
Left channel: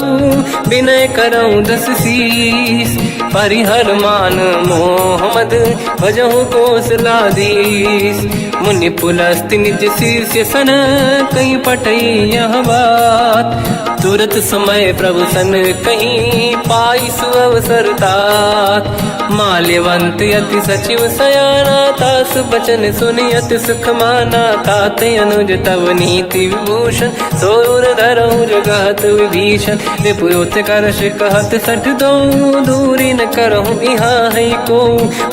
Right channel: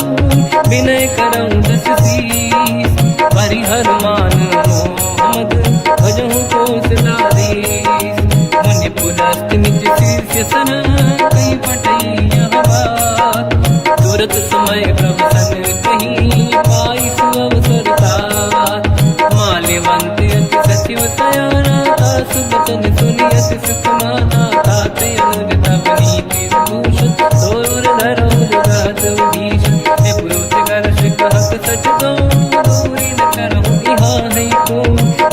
विनय करऊँ दस शीस परिहर मान मोहम्मद भजहु कौशलाधीश मुनि पुलस्ति निज शीर्ष सन कहीं पटई यह बात तुरत समय प्रभु सन कहीं पाई सुअवसर तात माल्यवंत अति सचिव सयाना तास बचन सुनियत सुख माना ताते अनुज तव नीति विभूषण सोर धरऊ जगत विभीषण विपुत करश कहत सठ दो दूरी न करहु यहाँ है को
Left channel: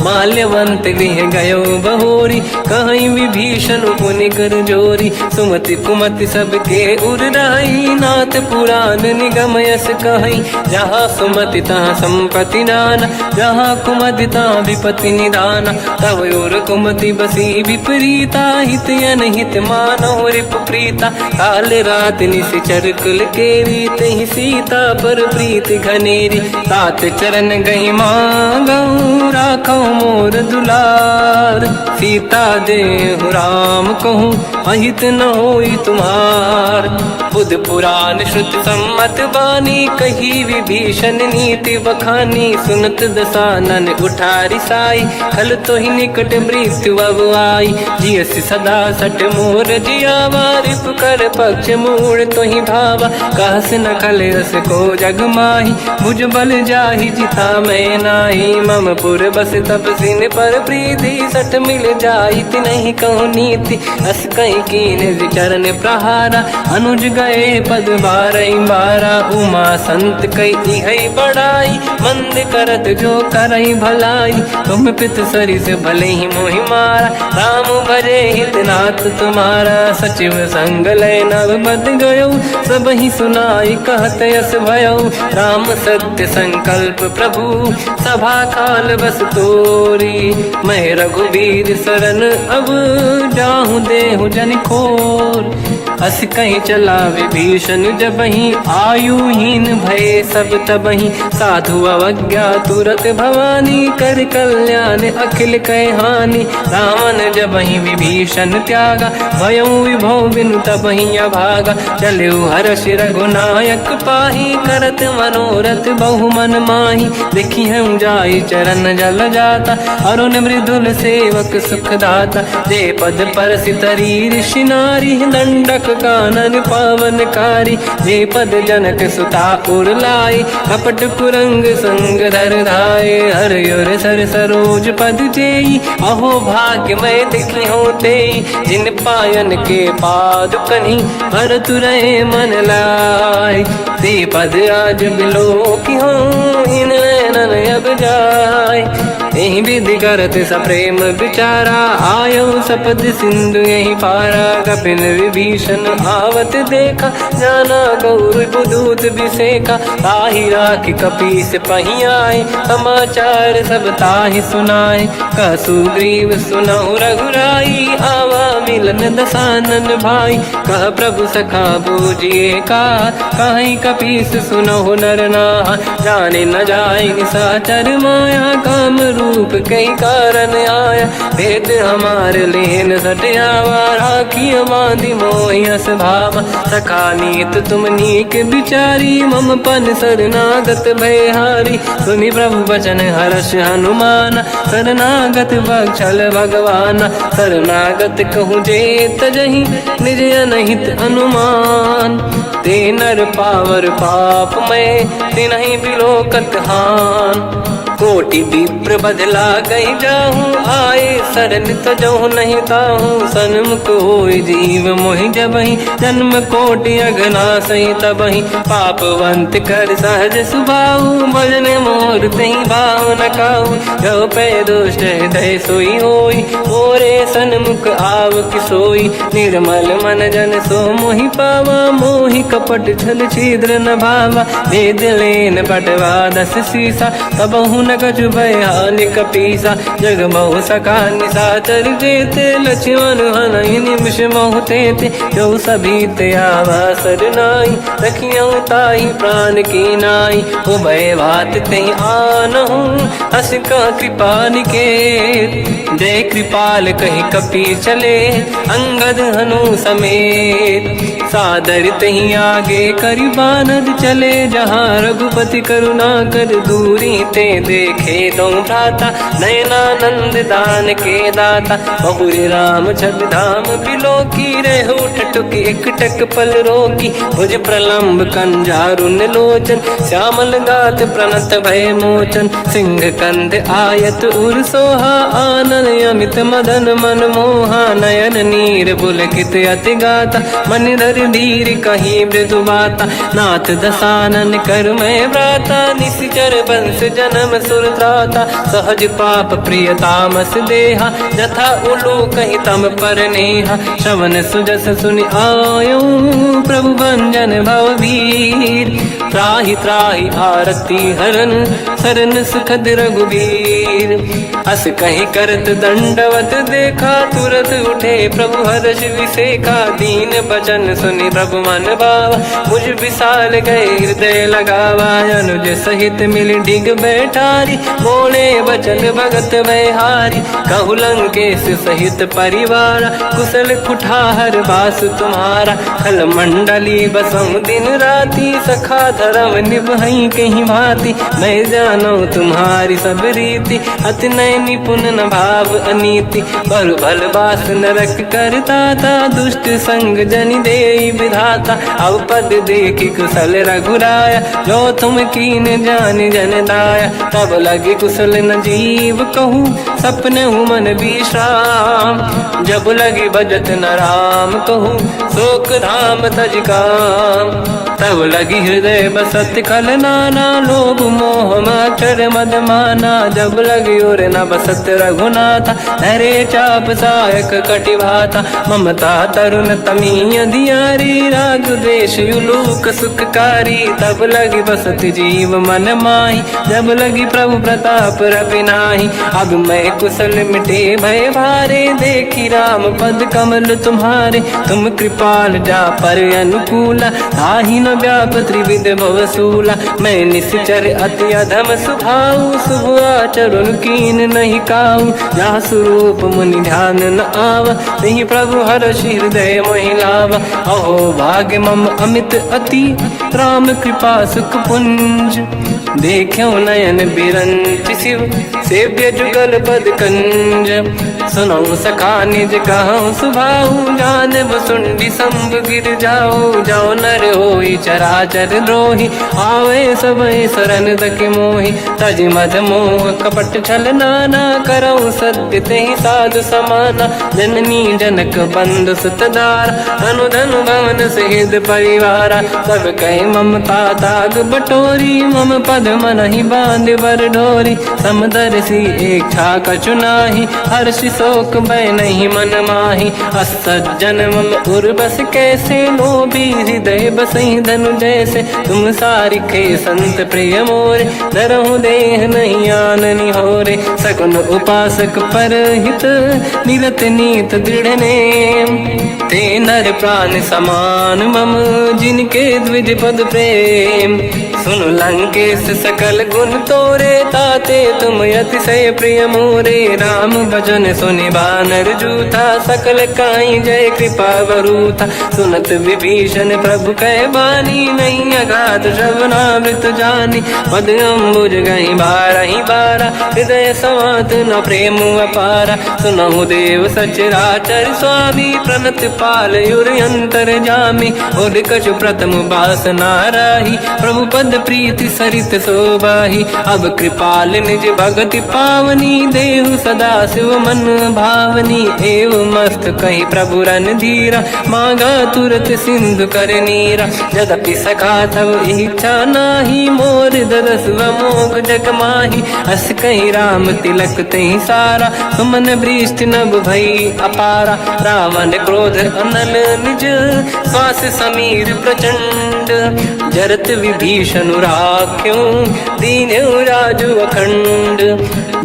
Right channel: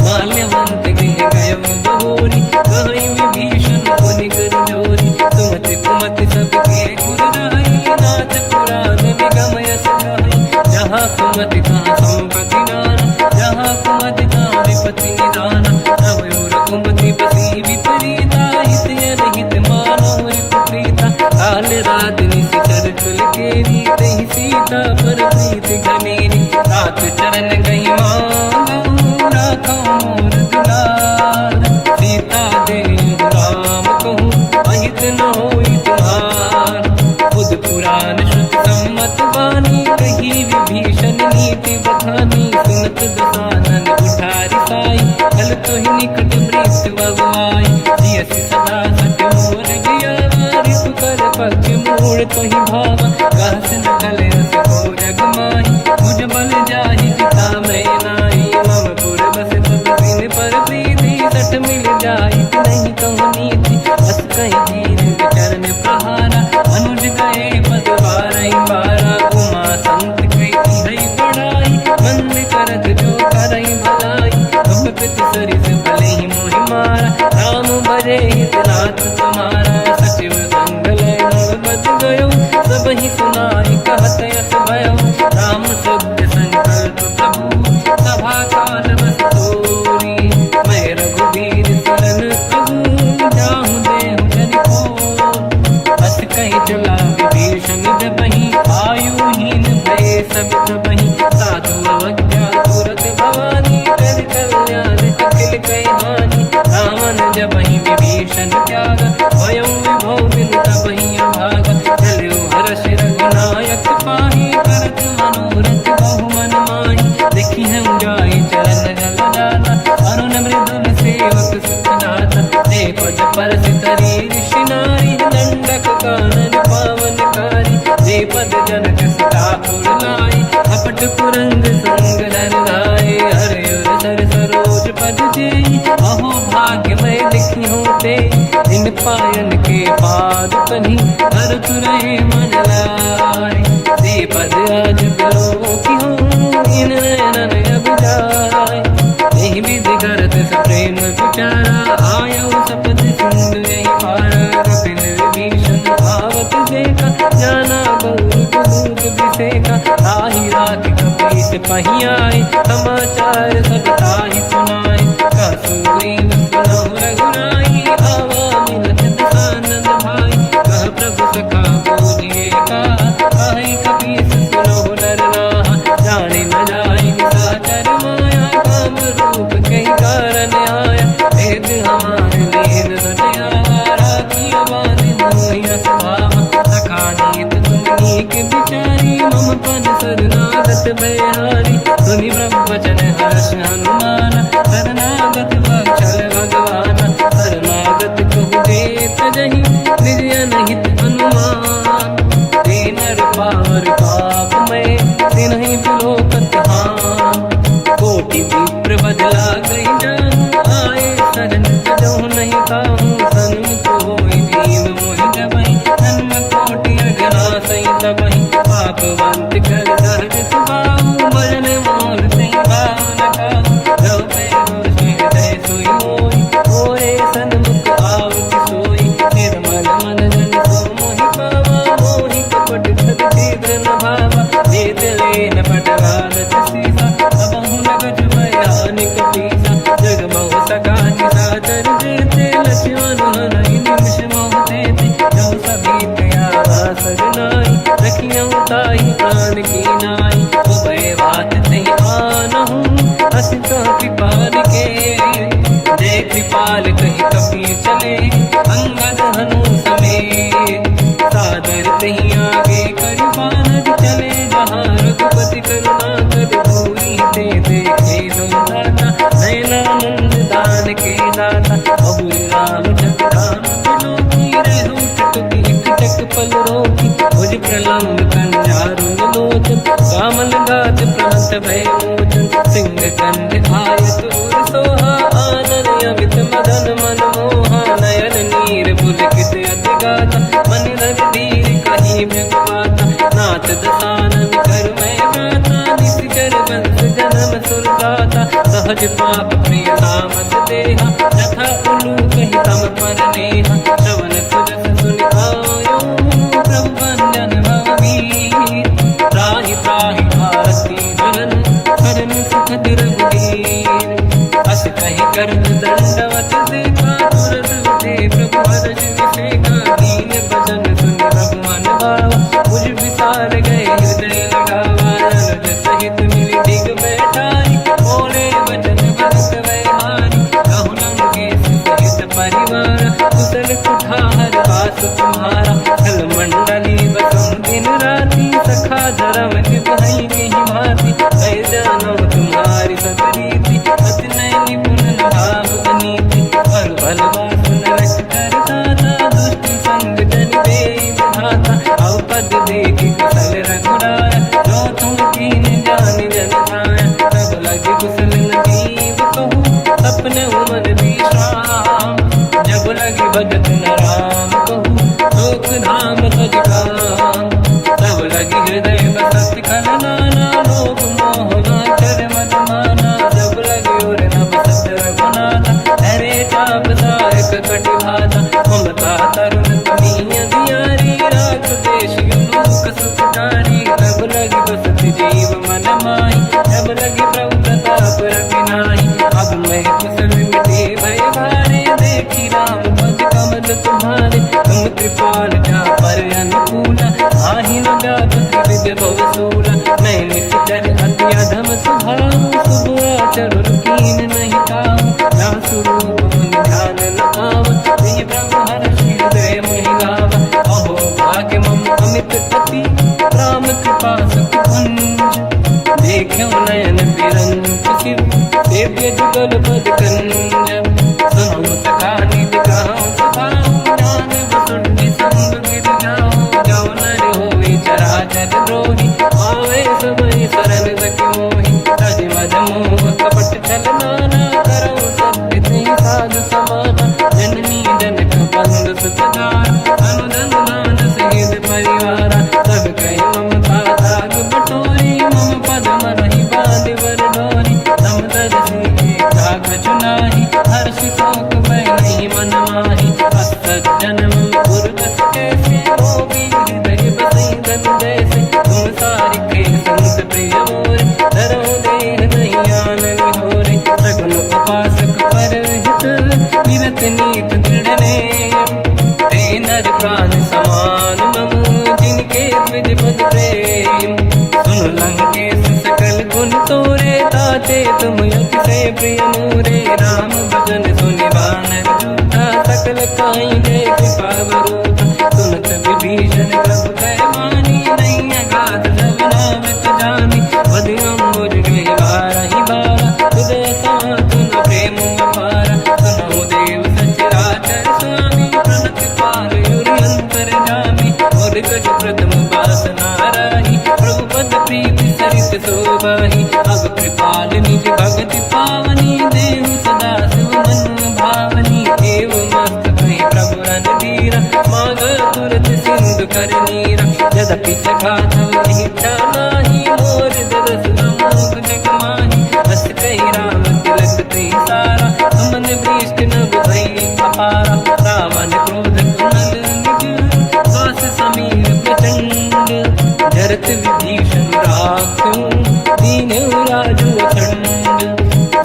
माल्यवंत गृह गयो बहोरी कहीं विभीषण पुनि कर जोरी सुमति कुमति सबके उड़ाई नाथ पुराण निगम यस कहीं जहाँ सुमति तहाँ संपत्ति नाना जहाँ कुमति तहाँ विपत्ति निदाना तव और कुमति बसी विपरीता हित अनहित मानव रिप प्रीता काल रात निशिचर कुल केरी तहि सीता पर प्रीत घनेरी तात चरण गही मांगऊ राखो मोर दुलार सीता देहु राम कहूँ अहित न होई तुम्हार बुध पुराण श्रुत सम्मत बानी कही विभीषण नीति बखानी सुनत दसानन उठारी साई खल तो ही निकट मृत्यु अब आई जियस सदा सट मोर जियावा रिप कर पक्ष मूड़ तो ही भावा कहस न कल रस को जग माही भुज बल जाहि जिता मैं नाई मम पुर बस तब सिन पर प्रीति सत मिल जाई नहीं कहूँ नीति अस कहीं कीन विचरण प्रहारा अनुज गए पद बारई बारा उमा संत कई है बड़ाई मंद करत जो करई भलाई तुम पित सरी से भले ही मोहि मारा राम भजे हित नाथ तुम्हारा सचिव संग लय नव बद गयो सब ही सुनाई कहत यस भयो राम सत्य संकल्प प्रभु सभा काल बस तोरी मैं रघुवीर शरण अब जाहूँ देहु जन खोर अस कहीं चला विभीषण जबहि आयुहीन भये सब तबहि साधु अवज्ञा तुरत भवानी कर कल्याण अखिल कह हानि रावण जबहि विभीषण त्यागा भयउ विभव बिन तबहि अभागा चलऊ हर्ष रघुनायक पाहि करत मनोरथ बहु मन माहि देखी हूँ जाई चरण जल जाता अरुण मृदुल सेवक सुख दाता जे पद पर सितरी ऋषि नारी दंडक कानन पावनकारी। जे पद जनक सुता उरलाई अपट कुरंग संग धर धाय। हर युर सर सरोज पद जेई अहो भाग्य मैं देखी होते। जिन पायन के पाद कहीं हर तुरे मन लाय। ते पद आज बिलो की हो इन नैनन अब जाय। यही विधि करत सप्रेम विचारा आयो सपद सिंधु यही पारा। कपिन विभीषण आवत देखा जाना गौर दूत विसेका। ताहि राखी कपीस पही आए समाचार सब ताहि सुनाए। कह सुग्रीव सुनहु रघुराई आवा मिलन दसानन भाई। कह प्रभु सखा पूजिए का काहि कपीस सुनहु नर नाहा। जाने न जाएगी साचर माया काम रूप कई कारण आया। भेद हमार लेन सटयावा राखी बांधि मोहियस भावा। सखा नीत तुम नीक विचारी मम पन शरणागत भयहारी। सुनि प्रभु वचन हर्ष हनुमान शरणागत वत्सल भगवान। शरणागत कहूँ जे तजहि निज अनहित अनुमान। ते नर पावर पाप में तिन्हि बिलोकत हान। कोटि विप्र बदला गई जाऊँ आए शरण तजहु नहीं ताहूँ। सन्मुख होय जीव मोहि जबहि जन्म कोटि अगना सही तबहि। पापवंत कर सहज सुभाऊ भजन मोर तहि भाव न काहू। जो पे दुष्ट हृदय सोई होई मोरे सन्मुख आव कि सोई। निर्मल मन जन सो मोहि पावा मोहि कपट छल छिद्र न भावा। भेद लेन बटवा दस सीसा तबहु न कछु भयानि कपीसा। जग महु सका निशाचर जेते लक्ष्मण हनहि निमिष महु तेते। जो सभी ते आवा सरनाई रखियौ ताहि प्राण की नाई। उभय बात ते आनहु हस कह कृपा निकेत। जय कृपाल कहि कपी चले अंगद हनु समेत। सादर तही आगे करि बानर चले जहाँ रघुपति करुणा कर दूरी ते देखे दो दाता। नयनानंद दान के दाता बहुरी राम जग धाम बिलो की रेहु टटुक एक टक पल रोकी। भुज प्रलम्ब कंजारुन लोचन श्यामल गात प्रणत भय मोचन। सिंह कंद आयत उर सोहा आनन अमित मदन मन मोहा। नयन नीर पुलकित अति गाता मन धर धीर कहीं मृदु बाता। नाथ दसानन कर मैं व्राता निश्चर वंश जन्म सुरताता। सहज पाप प्रिय तामस देहा जथा उलू कहीं तम पर नेहा। श्रवण सुजस सुनि आयो प्रभु भंजन भवभीर। त्राहि त्राहि आरती हरन शरण सुखद रघुवीर। अस कहीं करत दंडवत देखा तुरत उठे प्रभु हर्ष विसेका। दीन भजन सुनि प्रभु मन भावा मुझ विशाल गए हृदय लगावा। अनुज सहित मिल डिग बैठारी बोले बचन भगत बहारी। कहु लंकेश सहित परिवार कुशल कुठार बास तुम्हारा। खल मंडली बसहु दिन राति सखा धर्म निभहि कहीं भांति। मैं जानो तुम्हारी सब रीति अति नय निपुण न भाव अनीति। पर भल बास नरक करता था दुष्ट संग जन देई विधाता। अब पद देखी कुशल रघुराया जो तुम कीन जान जन दाया। तब लगे कुशल न जीव कहूँ सपने मन विश्राम। जब लगे भजत न राम कहूँ शोक धाम तज काम। तब लगी हृदय बसत खल नाना लोभ मोह मचर मद माना। जब लगी और न बसत रघुनाथा हरे चाप सायक कटिभाता। ममता तरुण तमी अधियारी राग देश युलोक सुखकारी। तब लगी बसत जीव मन माही जब लगी प्रभु प्रताप रविनाही। अब मैं कुशल मिटे भय भारे देखी राम पद कमल तुम्हारे। तुम कृपाल जा पर अनुकूला ताहि न व्याप त्रिविध भवसूला। मैं निश्चर अति अधम स्वभाव शुभ आचरण कीन नहीं काऊ। जहाँ स्वरूप मुनि ध्यान न आवा नहीं प्रभु हर्ष हृदय महिलावा। अहो भाग्य मम अमित अति राम कृपा सुख पुंज। देखो नयन बिरंच शिव सेव्य जुगल पद कंजम। सुनो सखा निज कहूँ सुभाऊ ज्ञान वसुंडी संग गिर जाओ। जाओ नर होई चराचर द्रोही आवे सबई शरण दके मोहि। तज मद मोह कपट छल नाना करऊ सत्य तेहि साधु समाना। जननी जनक बंधु सुतदार अनुधन भवन सहित परिवारा। सब कहे ममता ताग बटोरी मम पद मनहि बांध बर डोरी। समदर्शी इच्छा कछु नाही हर्षि शोक भय नहीं मन माही। असज्जन मम उर बस कैसे लोभी हृदय बसई धनु जैसे। तुम सारिखे संत प्रिय मोरे धरहु देह नहीं आननि होरे। सगुन उपासक पर हित निरत नीत दृढ़ नेम। ते नर प्राण समान मम जिनके द्विज पद प्रेम। सुन लंकेश सकल गुण तोरे ताते तुम अतिशय प्रिय मोरे। राम भजन सुनि बानर जूथा सकल काई जय कृपा वरूथा। सुनत विभीषण प्रभु कह बानी नहीं अगाध श्रवणामृत जानी। पद अम्बुज गई बारहि बारा हृदय समात न प्रेम अपारा। सुनहु देव सचराचर स्वामी प्रणत पाल युर अंतर जामी। और कछु प्रथम बास नाराही प्रभु पद प्रीति सरित शोभाही। अब कृपाल निज भगति पावनी देहु सदा शिव मन भावनी। एव मस्त कहीं प्रभु रन धीरा मांगा तुरत सिंधु कर नीरा। जगति सखा तब इच्छा नाही मोर दरस मोग जग माही। हस कहीं राम तिलक तही सारा सुमन वृष्ट नभ भई अपारा। रावण क्रोध अनल निज श्वास समीर प्रचंड। जरत विभीषण राख्यों दीन्यु राजु अखंड।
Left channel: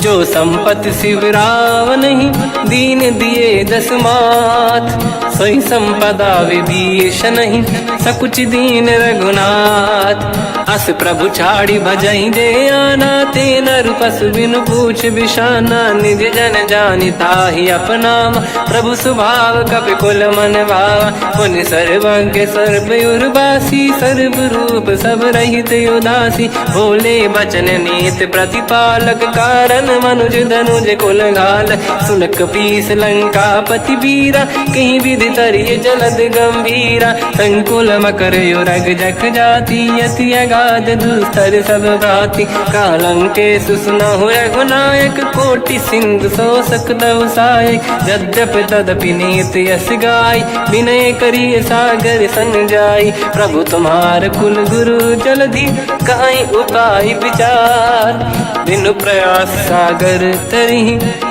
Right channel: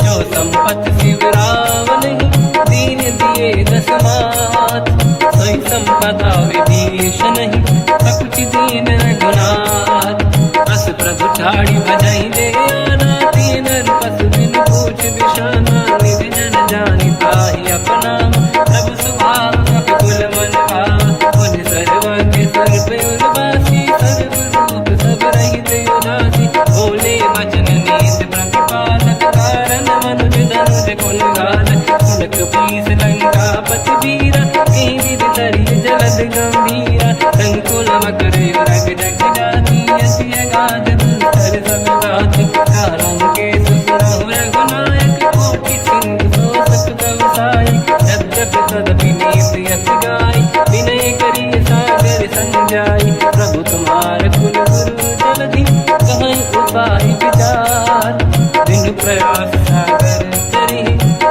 जो संपत शिव रावण ही दीन दिए दस मात। सोई संपदा विभीषण ही सकुच दीन रघुनाथ। अस प्रभु छाड़ी भजई जे आना। ते नर पसु बिनु पूछ बिशाना। निज जन जानि ताहि अपनावा प्रभु स्वभाव कपि कुल मन भावा। मुनि सर्वज्ञ सर्व उर्वासी सर्व रूप सब रहित उदासी। भोले बचन नीत प्रतिपालक कारण मनुज धनुज कुल घाल। सुन कपीस लंका पति वीरा कहीं विधि तरिय जलद गंभीरा। संकुल मकर युरग जख जाति अति अगाध दुस्तर सब भाति। कालंकेश सुनहु रघुनायक कोटि सिंह सो सकदव सहायक। यद्यप तदपि नीत यस गाय विनय करिय सागर संजाई। प्रभु तुम्हार कुल गुरु जलधि कहीं उपाय विचार। बिनु प्रयास सागर तरी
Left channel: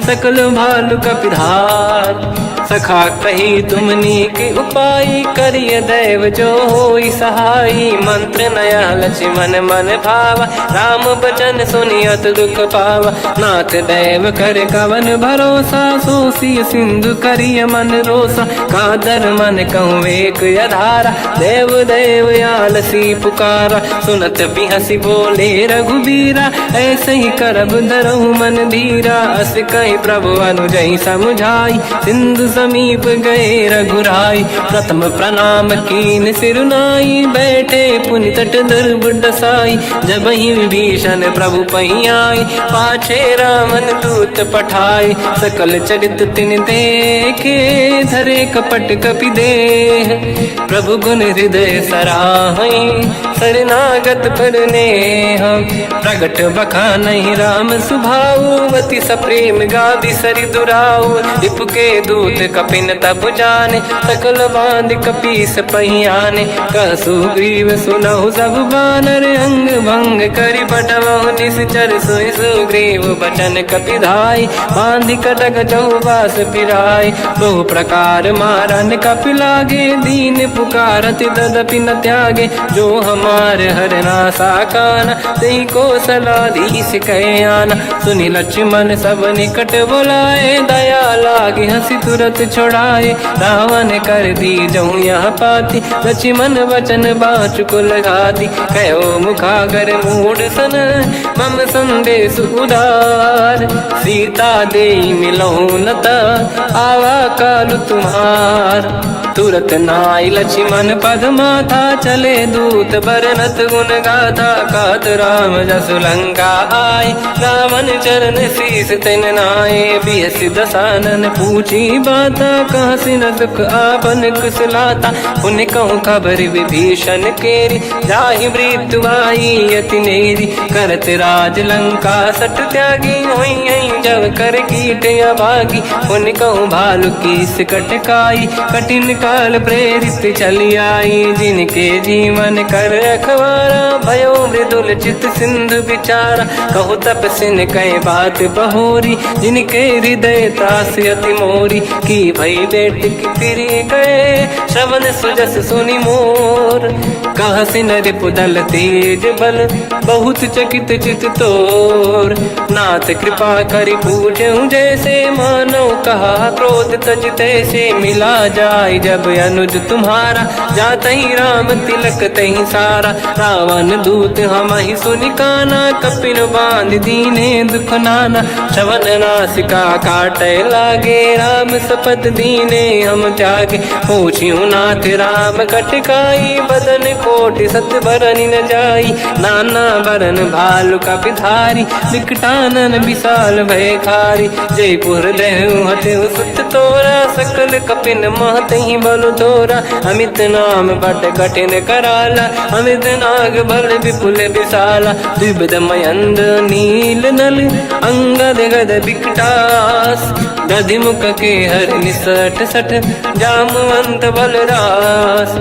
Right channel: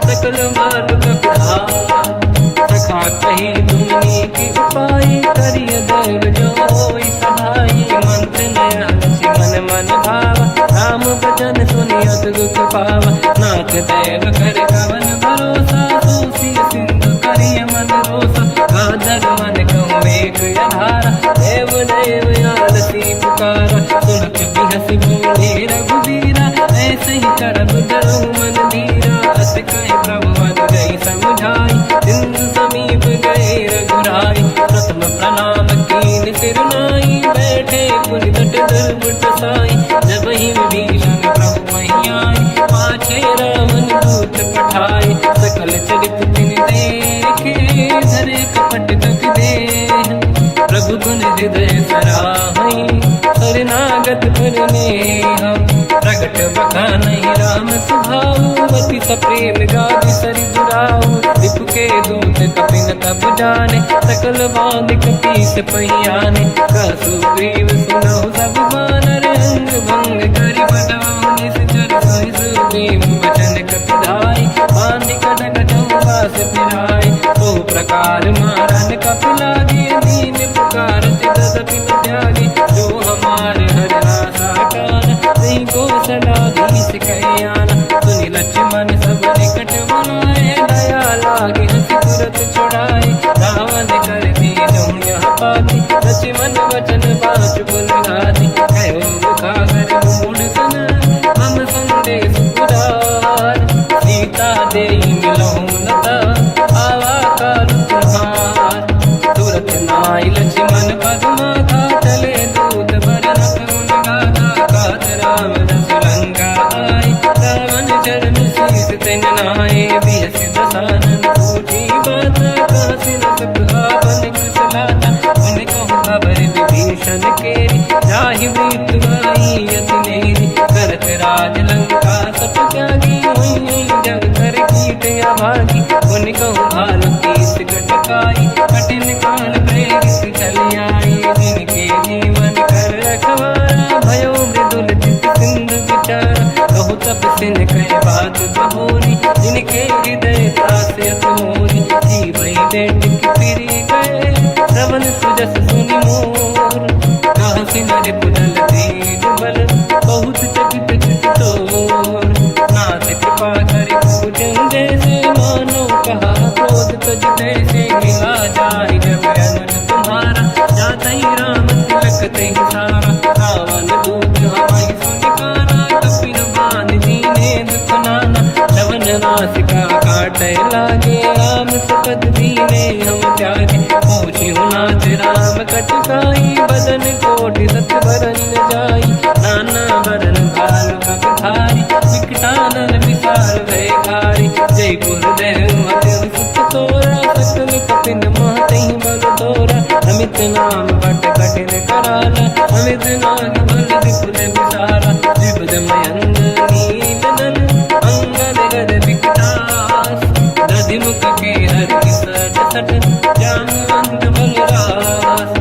सकल भालु कपिधार। सखा कही तुमनी के उपाय करिय दैव जो होई सहाई। मंत्र नया लक्ष्मण मन भावा राम बचन सुनियत दुख पावा। नाथ दैव कर कवन भरोसा सोसी सिंधु करिय मन रोसा। कादर मन कहूँ एक अधारा देव देव आलसी पुकारा। सुनत बिहसी बोले रघुबीरा ऐसे ही करब धरहु मन धीरा। अस कही प्रभु अनुजई समझाई सिंधु समीप गए रघुराई। प्रथम प्रणाम कीन सिरुनाई बैठे पुनि तट दुर्बुड साई। जब ही विभीषण प्रभु पही आई पाछे रामन दूत पठाई। सकल चरित तिन देखे धरे कपट कपि देह। प्रभु गुण हृदय सराहई शरणागत पर नेह। प्रगट बखानहि राम सुभाऊ अति सप्रेम गादि सरि दुराऊ। रिपु के दूत कपिन तब जाने सकल बांध कपीस पही आने। कह सुग्रीव सुनहु सब बानर अंग भंग करि बटवहु निश्चर। सोई सुग्रीव बचन कपि धाई बांध कटक चौबास पिराई। तो प्रकार मारन कपि लागे दीन पुकारति तदपि न त्यागे। जो हमार हरना साकाना तेहि कौशलाधीश कहे आना। सुनि लक्ष्मण सब निकट बोलाए दया लागे हंसी तुरत छोड़ाए। रावण कर दी जऊँ यहाँ पाती लक्ष्मण वचन बाचुकुल घाती। कहो मुखागर मूढ़ सन मम संदेश उदार। सीता दे मिलहु नता आवा काल तुम्हार। तुरत नाई लक्ष्मण पद माथा चले दूत बरनत गुण गाथा कहत राम जसु लंका आई रावण चरण शीस तिन नाये बिहस दसानन पूछी बाता कहसी न दुख आपन कुशलाता उन कहूँ खबर विभीषण केरी जाहि मृत्यु आई यति नेरी करत राज लंका सट त्यागी हुई जब कर कीट अभागी उन कहूँ भालू कीस कटकाई कठिन काल प्रेरित चली आई जिनके जीवन कर रखवारा भयो मृदुल चित सिंधु विचारा कहो तपसिन कह बात बहोरी जिनके हृदय त्रास अति मोरी की भई बेटी फिरी गए श्रवण सुजस सुनि मोर कहसी नर पुदल तेज बल बहुत चकित चित तोर नाथ कृपा करि पूजहु जैसे मानो कहा क्रोध तज तैसे मिला जाय जब अनुज तुम्हारा जातहि राम तिलक तहि सारा रावण दूत हमहि सुनि काना कपिन बांध दीने दुख नाना श्रवण नासिका काटे लागे राम सपथ दीने हम त्यागे पूछियो नाथ राम कटकाई बदन कोटि सत बरन न जाई नाना बरन भालु का पिधारी विकटानन विशाल भय खारी जयपुर देहु हतेउ सुत तोरा सकल कपिन महतहि बल तोरा अमित नाम बट कठिन कराला अमित नाग बल विपुल विशाला द्विविध मयंद नील नल अंगद गद विकटास गधिमुख के हरि सठ सठ जामवंत बलरास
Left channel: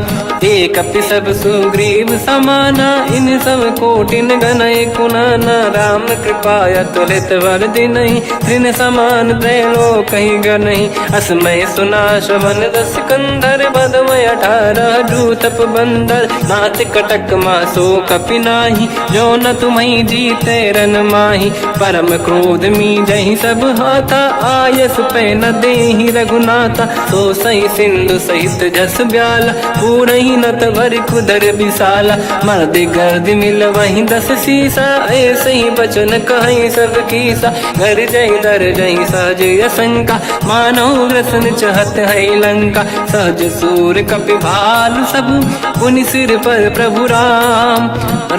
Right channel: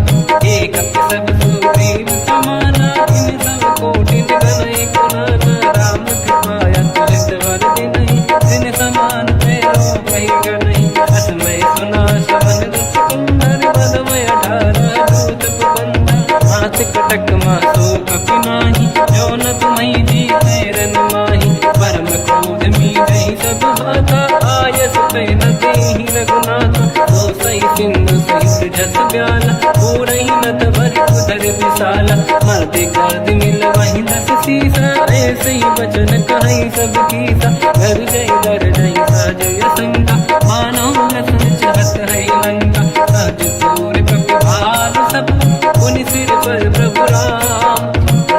एक सब सुग्रीव समाना इन सब कोटिन गनय कुनाना राम कृपाया तुलित वर दिनहि दिन समान त्रैलो कहीं गनहि असमय सुना श्रवण दस कंधर बदमय 18 दूतप बंदर नाथ कटक मासो कपिनाही जो न तुम्हि जीते रन माही परम क्रोध मी जहि सब हाथा आयस पे न देहि रघुनाथा तो सही सिंधु सहित जस ब्याला पूरहि नत भरि कुदर विशाला मर्द गर्द मिल वहीं 10 सीसा ऐसे ही बचन कहीं सब कीसा घर जय दर गई सहज असंका मानो रसन चहत है लंका सहज सूर कपि भालु सब पुनि सिर पर प्रभु राम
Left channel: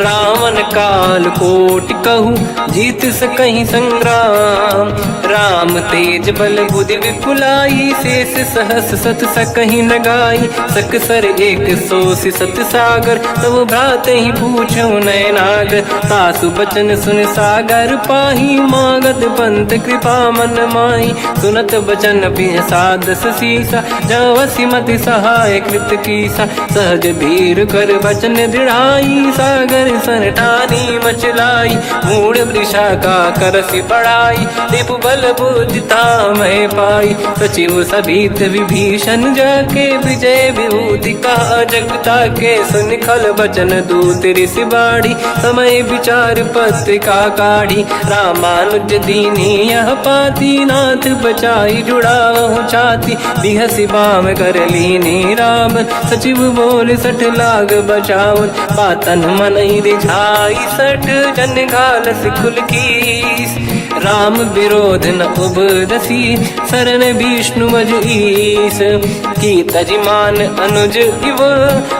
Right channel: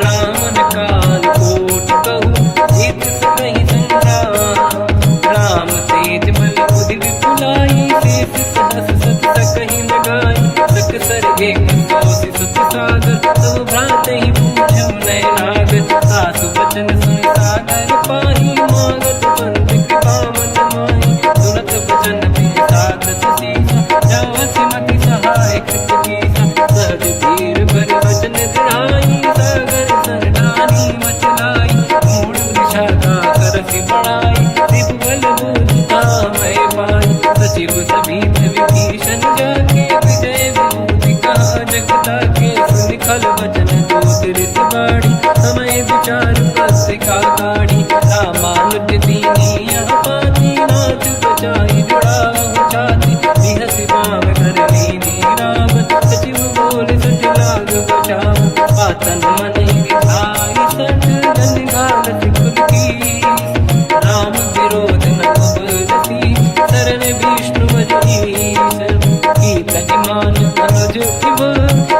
रावण काल कोटि कहूँ जीत सकहि संग्राम राम तेज बल बुद्धि विपुलाई शेष सहस सत सकहि न गाई सकसर एक सोसी सत सागर तब भ्रात ही पूछो नयनाग सासु बचन सुन सागर पाही मागत पंत कृपा मन माही सुनत बचन पिय साध सीसा जवसी मति सहाय कृत कीसा सहज धीर कर बचन दृढ़ाई सागर सर ठानी मचलाई मूड वृषा का करसि बढ़ाई दिप बल बुझता मैं पाई सचिव सभीत विभीषण जाके विजय विभूति का जगता के सुन खल बचन दूत ऋषि बाड़ी समय विचार पत्रिका काढ़ी रामानुज दीनी यह पाती नाथ बचाई जुड़ा छाती बिहसी बाम कर लीनी राम सचिव बोल 60 लाग बचावन पातन मन ही रिझाई 60 जन घाल सिकुल कीस राम विरोध न उपदसी शरण विष्णु मजईस की तजमान अनुज इव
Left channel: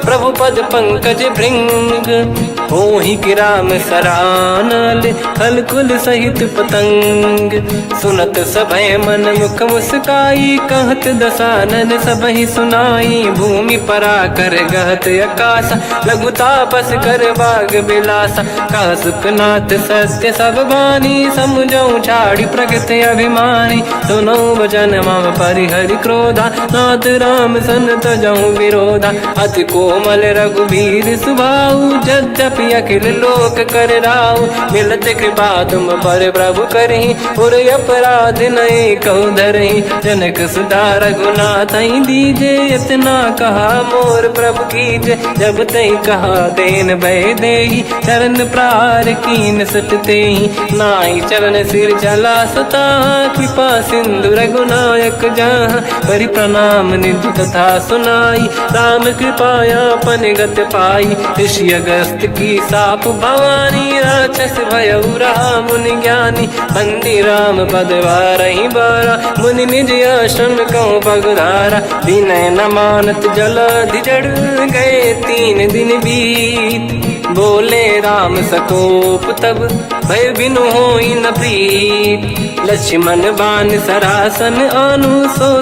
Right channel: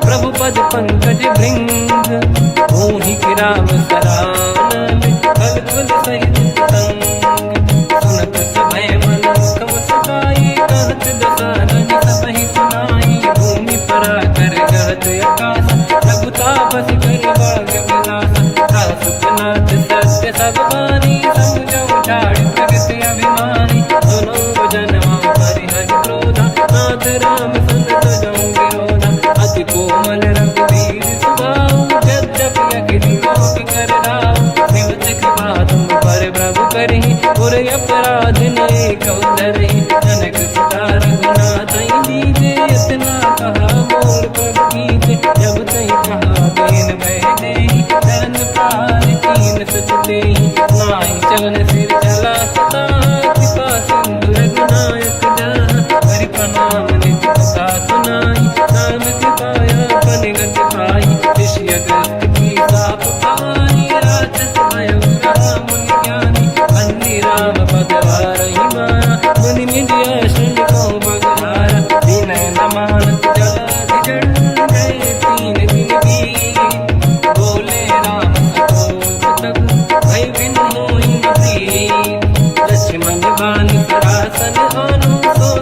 प्रभु पद पंकज भृंग मोहि की राम सरानल हलकुल सहित पतंग सुनत सभय मन मुख मुस्काई कहत दसानन सबहि सुनाई भूमि परा कर गहत आकाश लघु तापस कर बाग बिलासा कह सुखनाथ सत्य सब बानी समझौ छाड़ी प्रगति अभिमानी सुनो वचन मम परिहरि क्रोधा नाथ राम सनत जाऊं विरोधा अति कोमल रघुवीर सुबाऊ यद्यपि अखिल लोक कर राऊ मिलत कृपा तुम पर प्रभु करहि पुर अपराध नए कहु धरहि जनक सुता रघुनाथ दीजे इतना कहा मोर प्रभु कीजे जब तई कहा देन भय देहि चरण प्रार कीन सत तेहि नाहि चरण सिर चला सता कृपा सिंधु रघुनायक जहाँ करि प्रणाम निधि कथा सुनाई राम कृपाया पन गत पाई ऋषि अगस्त की साप भवानी राक्षस भयउ रहा मुनि ज्ञानी बंदी राम पद वारहि बारा मुनि निज आश्रम कहूँ पगधारा विनय न मानत जलधि जड़ गए 3 दिन बीत बोले राम सकोप तब भय बिनु होई न प्रीत लक्ष्मण बाण सरासन आनु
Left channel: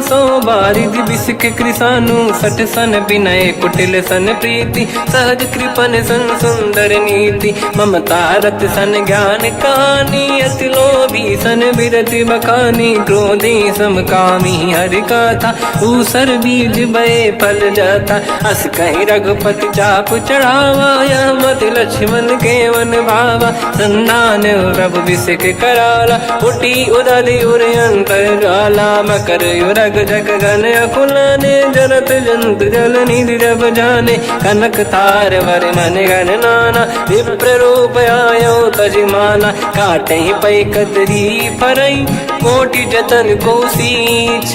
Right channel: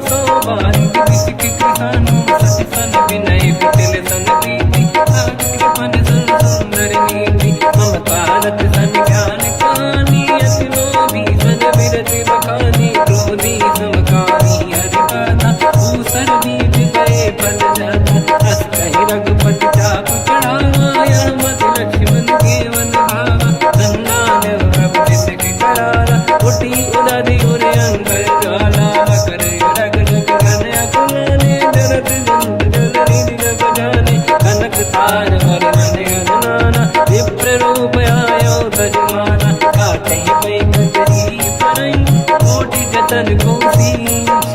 सो बारिद बिसक कृसानु सठ सन विनय कुटिल सन प्रीति सहज कृपन सन सुंदर नीति ममता रत सन ज्ञान कहानी अति लोभी सन बिरत बखानी क्रोधी समकामी हरि कथा ऊसर बीज बये फल जाता अस कहीं रघुपति चाप चढ़ावा यह मत लक्ष्मण के वन भावा संधान प्रभु बिसक कराला उठी उदधि उरे अंतर ज्वाला मकर युरग जग गण अकुलाने जरत जंत जल निधि जब जाने कनक तार वर्णन गण नाना विप्र रूप आयो तजमाना काटे पै कतरी परई कोटि जतन को सींच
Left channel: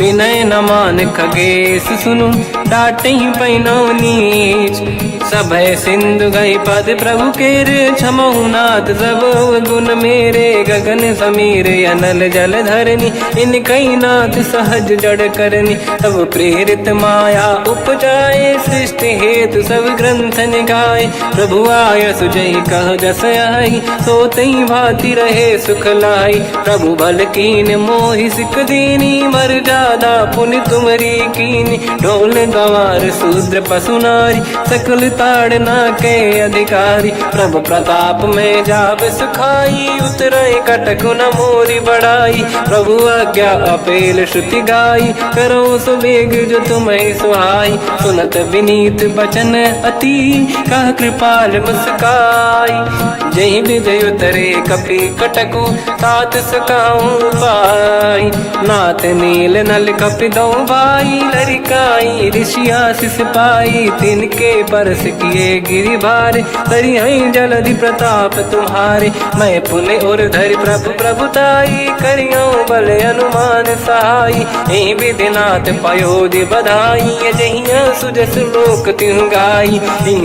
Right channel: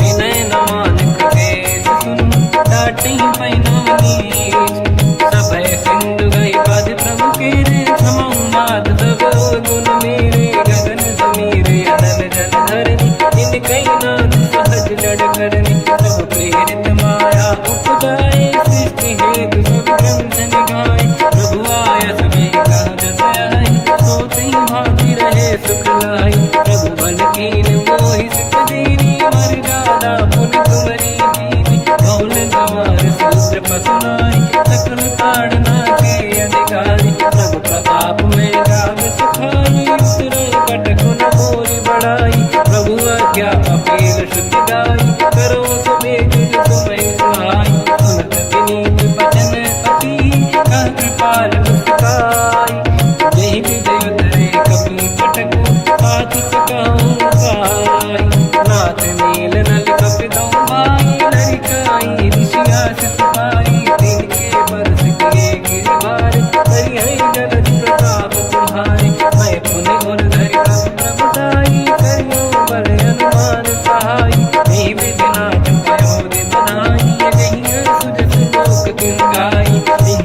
विनय न मान खगेश सुनु डाटे पैनो नीच सभय सिंधु गई पद प्रभु केरे क्षमऊ नाथ सब गुण मेरे गगन समीर अनल जल धरनी इन कई नाथ सहज जड़ करनी तब प्रेरित माया उपजाए सृष्टि हेतु सब ग्रंथ निगाए प्रभु आय सुजय कह जस आई सोतई भांति रहे सुख लाई प्रभु भल कीन मोहि सिख दीनी मर जादा पुनि तुमरी कीनी ढोल गवार शूद्र पशु नारी सकल ताड़ना के अधिकारी प्रभु प्रताप में जाब सुखाई उतरे कटक न मोरी बढ़ाई प्रभु आज्ञा अपेल श्रुति गाई करो सुबेग जो तुम्हें सुहाई सुनत विनीत बचन अति कह कृपाल मुस्काई जय विदय उतरे कपि कटकु तात सकाऊं पाई नाथ नील नल कपि दो भाई लड़काई ऋषि आशीष पाई तिनके परस किए गिरि भारे दरियाई जलधि प्रताप तुम्हारे मैं पुने और धरि प्रभु प्रभुताई करियो बल अनुमान सहाई यही विधिनाथ पयोधि बधाई जहिया सुजस लोक तिहु गाई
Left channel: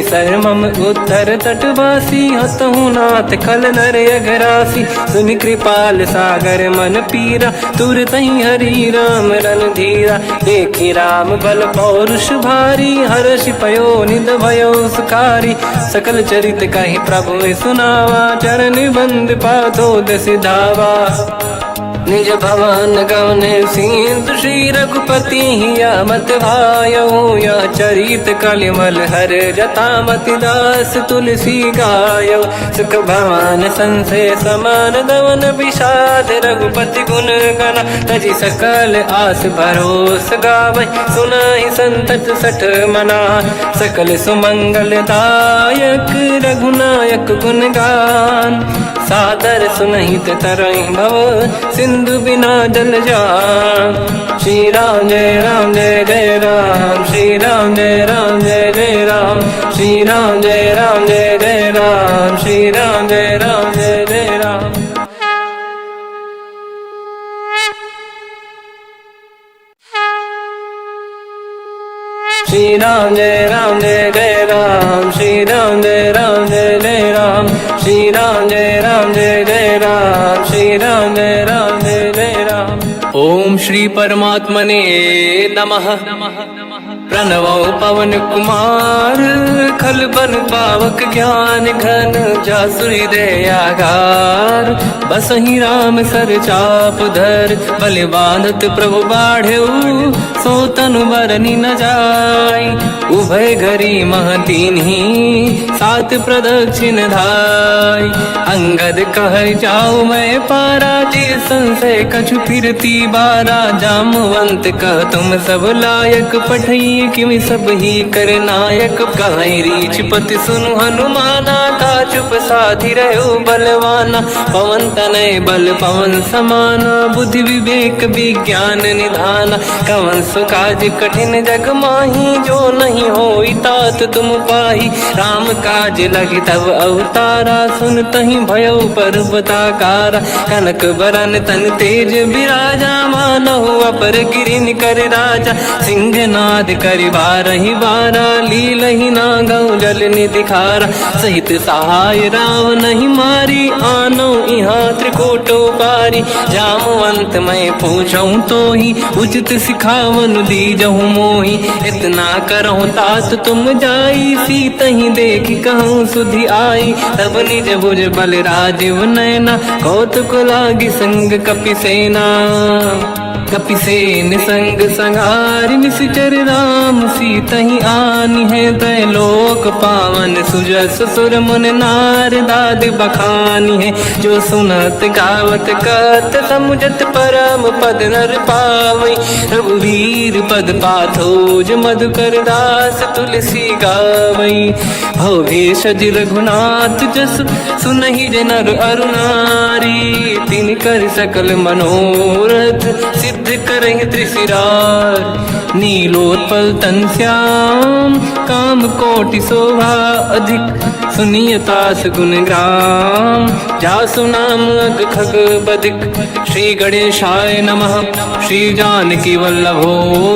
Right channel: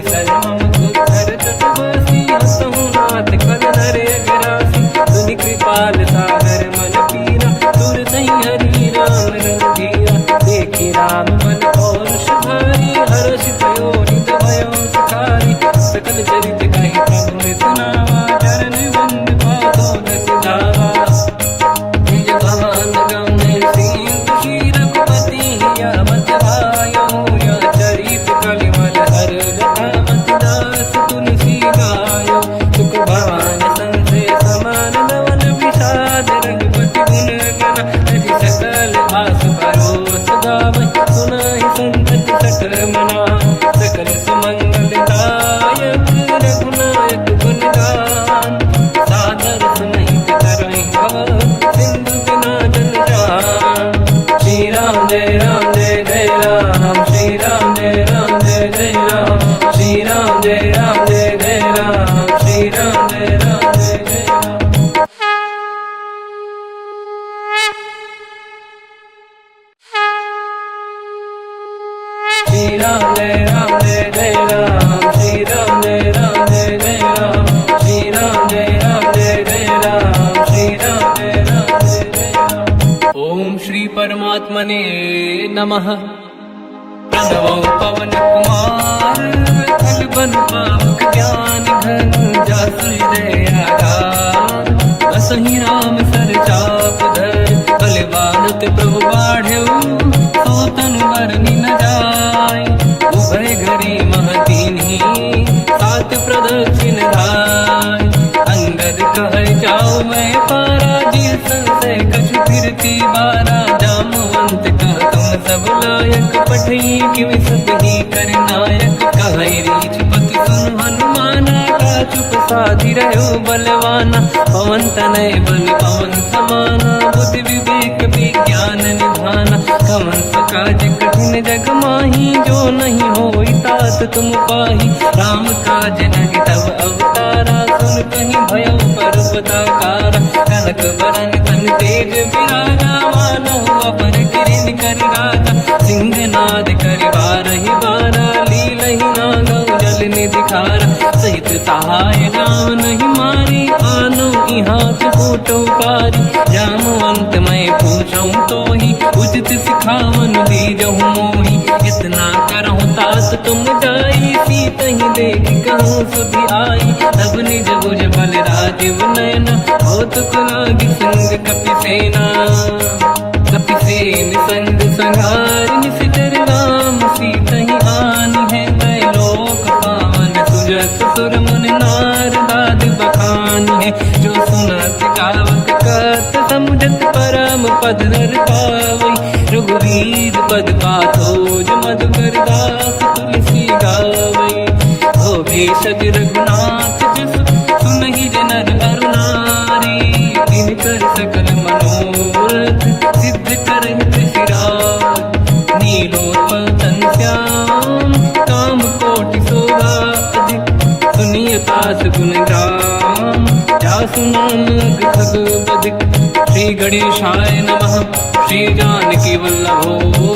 सर मम उत्तर तटवासी हसहु नाथ खल नर अघरासी सुनि कृपाल सागर मन पीरा तुरत ही हरि राम रन धीरा देखि राम बल पौरुष भारी हर्ष पयो निध भयो सुखारी सकल चरित कहि प्रभु सुनावा चरण बंद पाथो दस धावा निज भवन गवन सिंधु श्री रघुपति हिया मत भायो या चरित कलिमल हर जथा मति दास तुलसी गायो सुख भवन संशय समान दवन विषाद रघुपति गुण गण तजि सकल आस भरोस गावै सुनाहि संतत सठ मना सकल सुमंगल दायक रघुनायक गुण गान सादर सुनहित तरंग भव सिंधु बिना जल जान श्री राम जय जय राम श्री राम जय जय राम श्री राम जय जय राम श्री राम जय जय राम श्री राम जय जय राम श्री राम जय जय राम श्री राम जय जय राम श्री राम जय जय राम। ओम श्री परमात्मने नमः। प्रणवो पवन कुमार खल बन पावक ज्ञान घन जासुरी दयागार बसहि राम सर चाप धर बल बांधत प्रभु बाढ़ऊ सो तनु बरनी न जाय उभय घरी महतीन ही सात प्रदक्षिण धाय अंगद कह जाओ मैं पारा जी संशय कछु फिरती बारा जामवंत कह तुम सब लायक पठई किमि सब ही कर नायक कह रीछ पति सुनु हनुमाना चुप साधि रहो बलवाना। पवन तनय बल पवन समाना, बुद्धि विवेक विज्ञान निधाना। कवन सो काज कठिन जग माही, जो नहीं होई तात तुम पाही। राम काज लगे तब अवतारा, सुनतहि भयउ पर्वताकारा। कनक बरन तन तेज बिराजा, मानहु अपर गिरिन कर राजा। सिंहनाद करि बारहि बारा, लीलहि नागौ जल निधिखारा। सहित सहाय रावणहि मारी, आनो इहाँ त्रिकोटौ पारी। जामवंत मैं पूछऊँ तोहि, उचित सिखावन दीजहु मोहि। इतना करहु तात तुम जाई, सीतहि देखि कहूँ सुधि आई। तब निज भुज बल राजीव नैना, कौतुक लागी संग कपिसेना। कपिसेन संग संहारि निशिचर राम, सीतहि आनि है दैलोक पावन। सुजस सुर मुन नार दाद बखानी है, जो सुनत गावत कहत समुझत परम पद नर पावई। रघुवीर पद पाथोज मधुकर दास तुलसी गावई। हो भेषज रघुनाथ जस, सुनहि जनर अरु नारी। तिन कर सकल मनोरथ, सिद्ध करहि त्रिशिराज। नीलोत्पल तन श्याम, काम कोटि शोभा अधिक। सुनियतास गुण ग्राम, जासु नाम अग खग बदिक। श्री गणेशाय नमः, श्री जानकी वल्लभो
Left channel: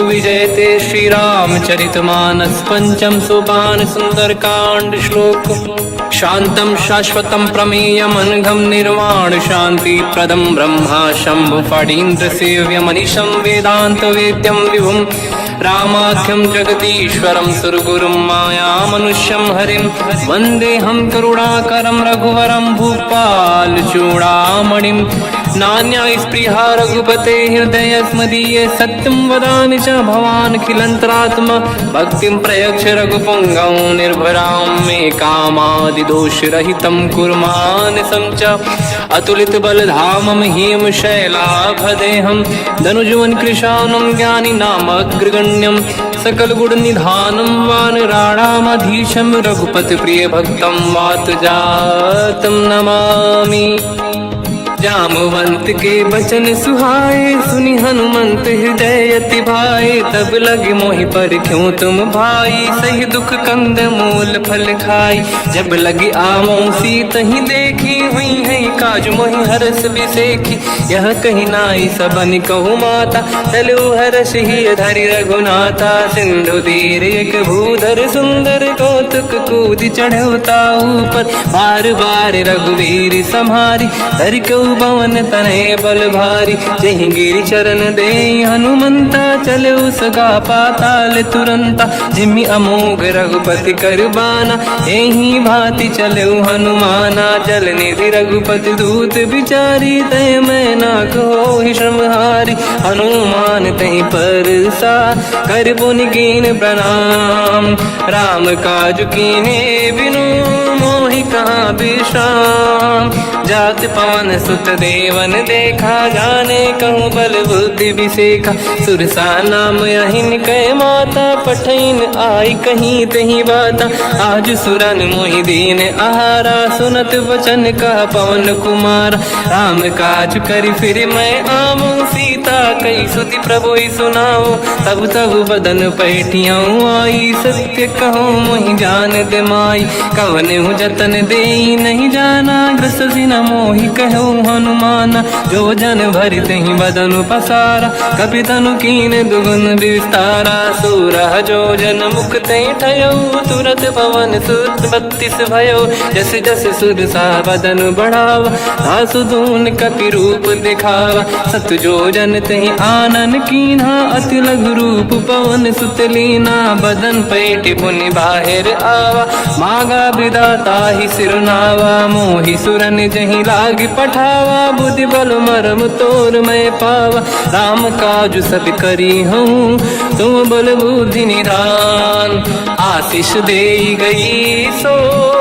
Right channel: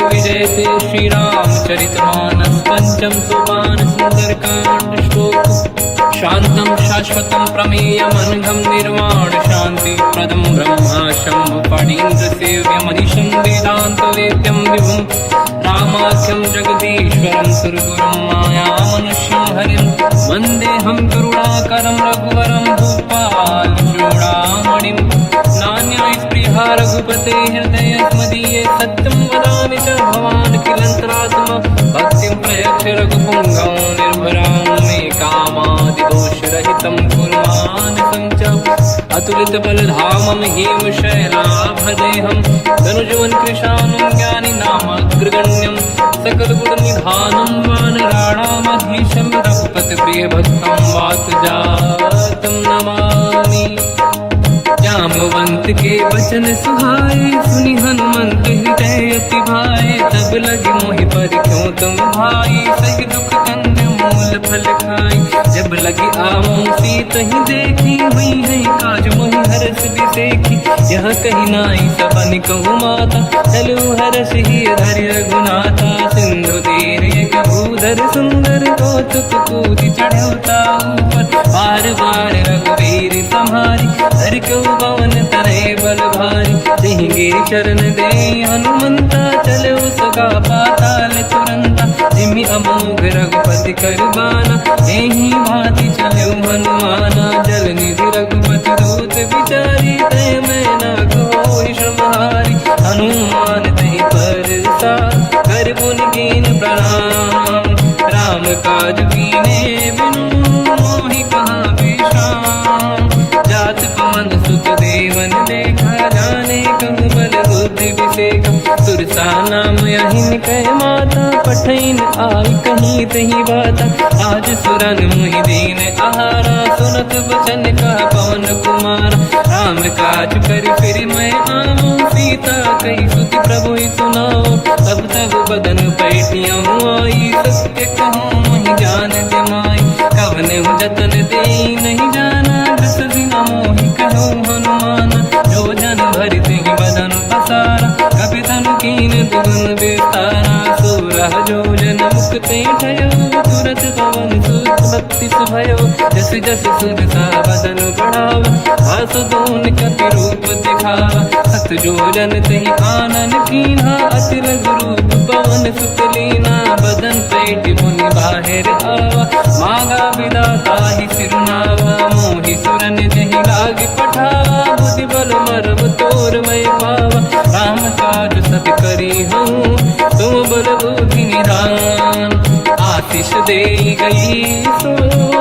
विजयते। श्री रामचरित मानस पंचम सोपान, सुंदर कांड श्लोक। शांतं शाश्वतं प्रमेयमनघं, निर्वाण शांति प्रदं ब्रह्मा शंभु फणीन्द्र सेव्यमनिशं। वेदांत वेद्यं विभुं रामाख्यं जगदीश्वरं, सुरगुरुं मायामनुष्यं हरिं। वन्देऽहं करुणाकरं रघुवरं, भूपाल चूडामणिं। नान्यास्पृहा रघुपते हृदयस्मदीये, सत्यं वदामि च भवानखिलन्तरात्मा। भक्तिं प्रयच्छ रघुपुङ्गं, निर्भरां मे कामादिदोषरहितं कुर्मानिसं च। अतुलित बलधामं हेमशैलाभदेहं, धनुजवन कृशानं ज्ञानी नामग्रगण्यं। सकल गुण निधानं वानराणामधीशं, रघुपति प्रिय भक्तं वात जातं नमामि। जामवंत के बचन सुहाए, सुनि हनुमंत हृदय अति भाए। तब लगे मोहि पर क्यों तुम भाई, सही दुख कंद मूल फल खाई। जब लगे आवों सीतहि देखी, हुई है काज मोहि हरस बिसेखी। यह कही नाई सबन कहु माता, चलु हरष ही धरि रघुनाथा। सिंधु तीर एक भूधर सुंदर, कौतुक कूदि चढ़ौता ऊपर। बार बार रघुवीर सम्हारी, धरि कऊ पवन तनय बल भारी। जहि गिरि चरण दे हनुमंता, चले सगा पाताल तुरंता। जिमि अमोघ रघुपति कर बाना, एहि भांति चले हनुमाना। जल निधि रघुपति दूत बिचारी, तय मैं ना कोहि श्रमहारी। हनुमान तहि परसा, कर पुनि कीन प्रणाम। राम काज कीन्हे बिनु, मोहि कहाँ विश्राम। जात पवन सुत देवन देखा, जाने कहूँ बल बुद्धि विसेखा। सुरसा नाम यहिन कै माता, पठैन आई कहीं तही बाता। आज सुरन मोहि दीन आहारा, सुनत वचन कहा पवन कुमारा। राम काज करि फिर मैं आवूं, सीता कई सुति प्रभु सुनाओ। तब तब बदन पैठियाँ आई, सत्य कहो मोहि जान दे माई। कवन हूँ जतन दे नहीं जाना, दस दिन मोहि कहो हनुमाना। जो जन भरि तहि बदन पसारा, कपि तनु कीन दुगुन विस्तारा। सूरह जो जन मुख ते ठयो, तुरत पवन सुत 32 भयो। जस जस सुरसा बदन बढ़ावा, आसु दून कपि रूप दिखावा। सत जो जन तहि आनन कीन्हा, अति लघु रूप पवन सुत लीना। बदन पैठ पुनि बाहिर आवा, मागा विधाता ही सिरनावा। मोहि सुरन जहि लाग पठावा, बुद्धि बल मरम तोर मैं पावा। राम काज सब करी हूँ, तुम बल बुद्धि निधान। आशीष दे गई सो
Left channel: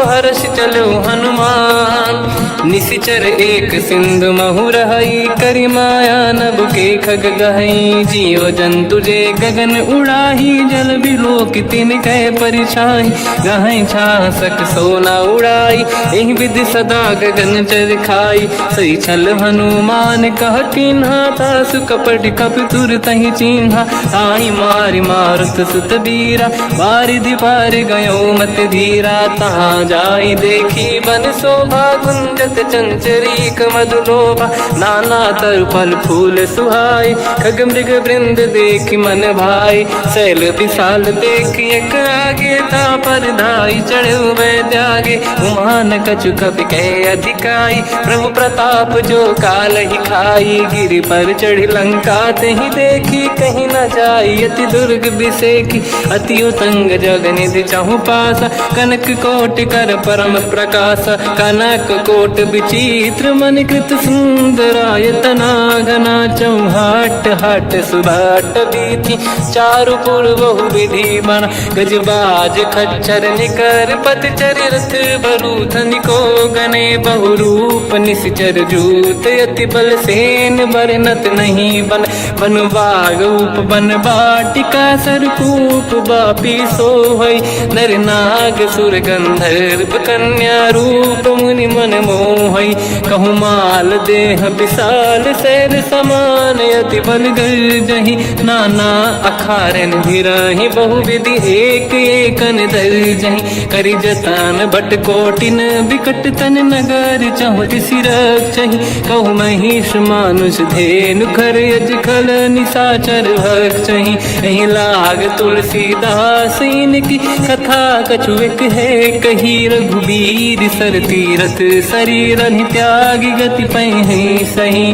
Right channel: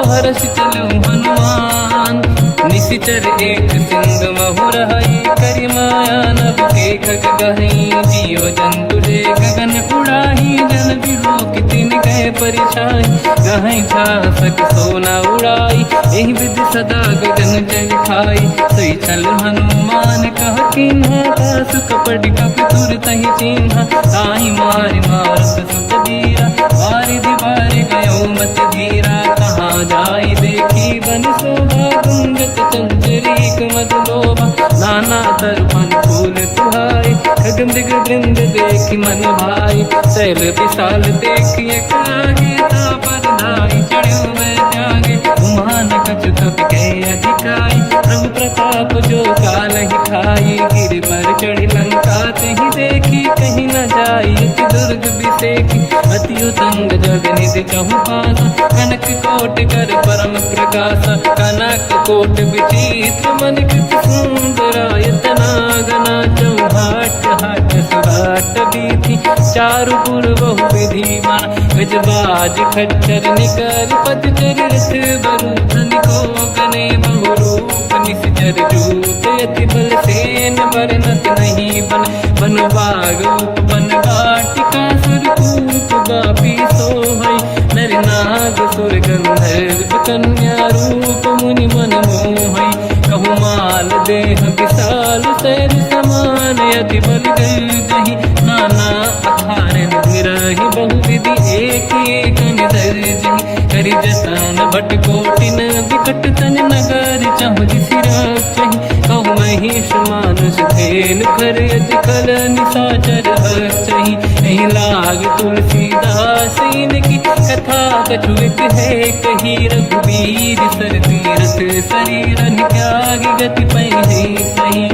हर्ष चलो हनुमान, निशिचर एक सिंधु महु रहई, करि माया नभ के खग गहई। जीव जंतु जे गगन उड़ाही, जल बिलोक तिन कह परिछाई। गहई छासक सोना उड़ाई, एहि विधि सदा गगन चर खाई। सही छल हनुमान कह किन्हा, तासु कपट कपि तुर तहि चिन्हा। आई मारि मारुत सुत बीरा, बारिधि पार गयो मत धीरा। तहाँ जाई देखी बन शोभा, कुंजत चंचरीक मधुलोभा। नाना तरु फल फूल सुहाई, खग मृग वृंद देखि मन भाई। शैल विशाल देखि एक आगे, पर धाई चढ़ो में त्यागे। उमान कछु कपि कह अधिकाई, प्रभु प्रताप जो काल ही खाई। गिरि पर चढ़ी लंका तहि देखी, कहीं न जाई अति दुर्ग बिसेकी। अति उतंग जग निधि चहु पासा, कनक कोट कर परम प्रकाश। कनक कोट विचित्र मन कृत सुंदरायतना घना। चौहाट हाट सुभाट बीथी, चारु पुर बहु विधि बना। गजबाज खच्चर निकर पतचर, रथ बरु धनिको गने बहु रूप। निशिचर जूत अति बल सेन, बरनत नहीं बन। बन बाग उप बन बाटिका, सरकूप बापी सोहई। नर नाग सुर गंधर्व कन्या, रूप मुनि मन मोहई। कहु माल देह विशाल, शैल समान अति बल गर्जहि। नाना अखारन भिरहि, बहु विधि एक एकन दर्जहि। करि जतन भट कोटिन, विकट तन नगर चहु जिसि रक्षहि। कहु महिष मानुष धेनु, खर यज खल निशाचर भक्षहि। एहि लाग तुलसीदास इनकी, कथा कछु एक है कही। रघुबीर सर तीरथ शरीर, त्यागी गति पहि सही।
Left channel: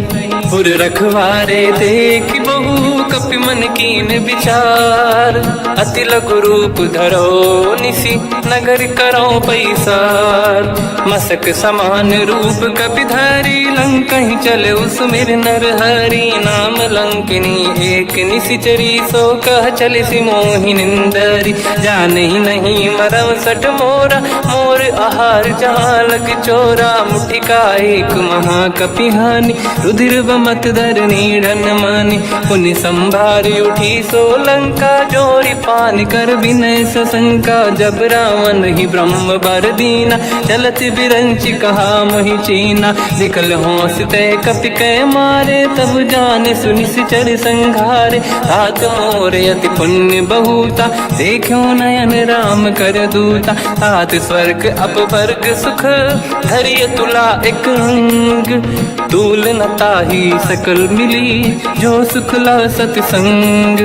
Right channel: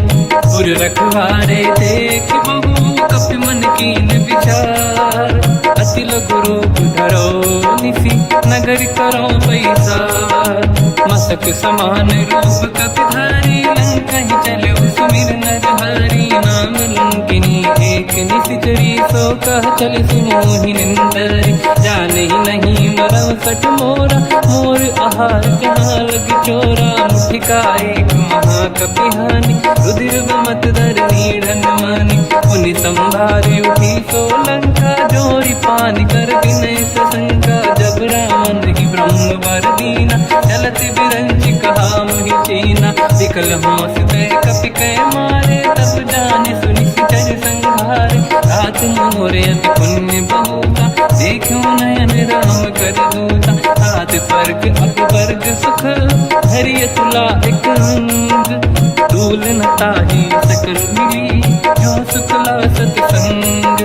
उर रखवारे देख बहु, कपि मन कीन विचार। अति लघु रूप धरो निसी, नगर करो पैसार। मसक समान रूप कपि धरी, लंकहि चले सुमिर नर हरि। नाम लंकिनी एक निशिचरी, सो कह चले सि मोहि निंदरी। जानहि नहीं मरम सट मोरा, मोर आहार जहाँ लग चोरा। मुठिका एक महाकपि हानि, रुधिर बमत धरनी ढन मानि। पुनि संभारी उठी सो लंका, जोरी पान कर विनय सशंका। जब रावण ही ब्रह्म बर दीना, चलत बिरंच कहा मोहि चीना। निकल होश तय कपि कै मारे, तब जाने सुनि सिचर संघारे। तात मोरे अति पुण्य बहुता, देखो नयन राम कर दूता। तात स्वर्ग अपवर्ग सुख, धरिय तुला एक अंग। दूल न ताहि सकल मिली, जो सुखला सतसंग।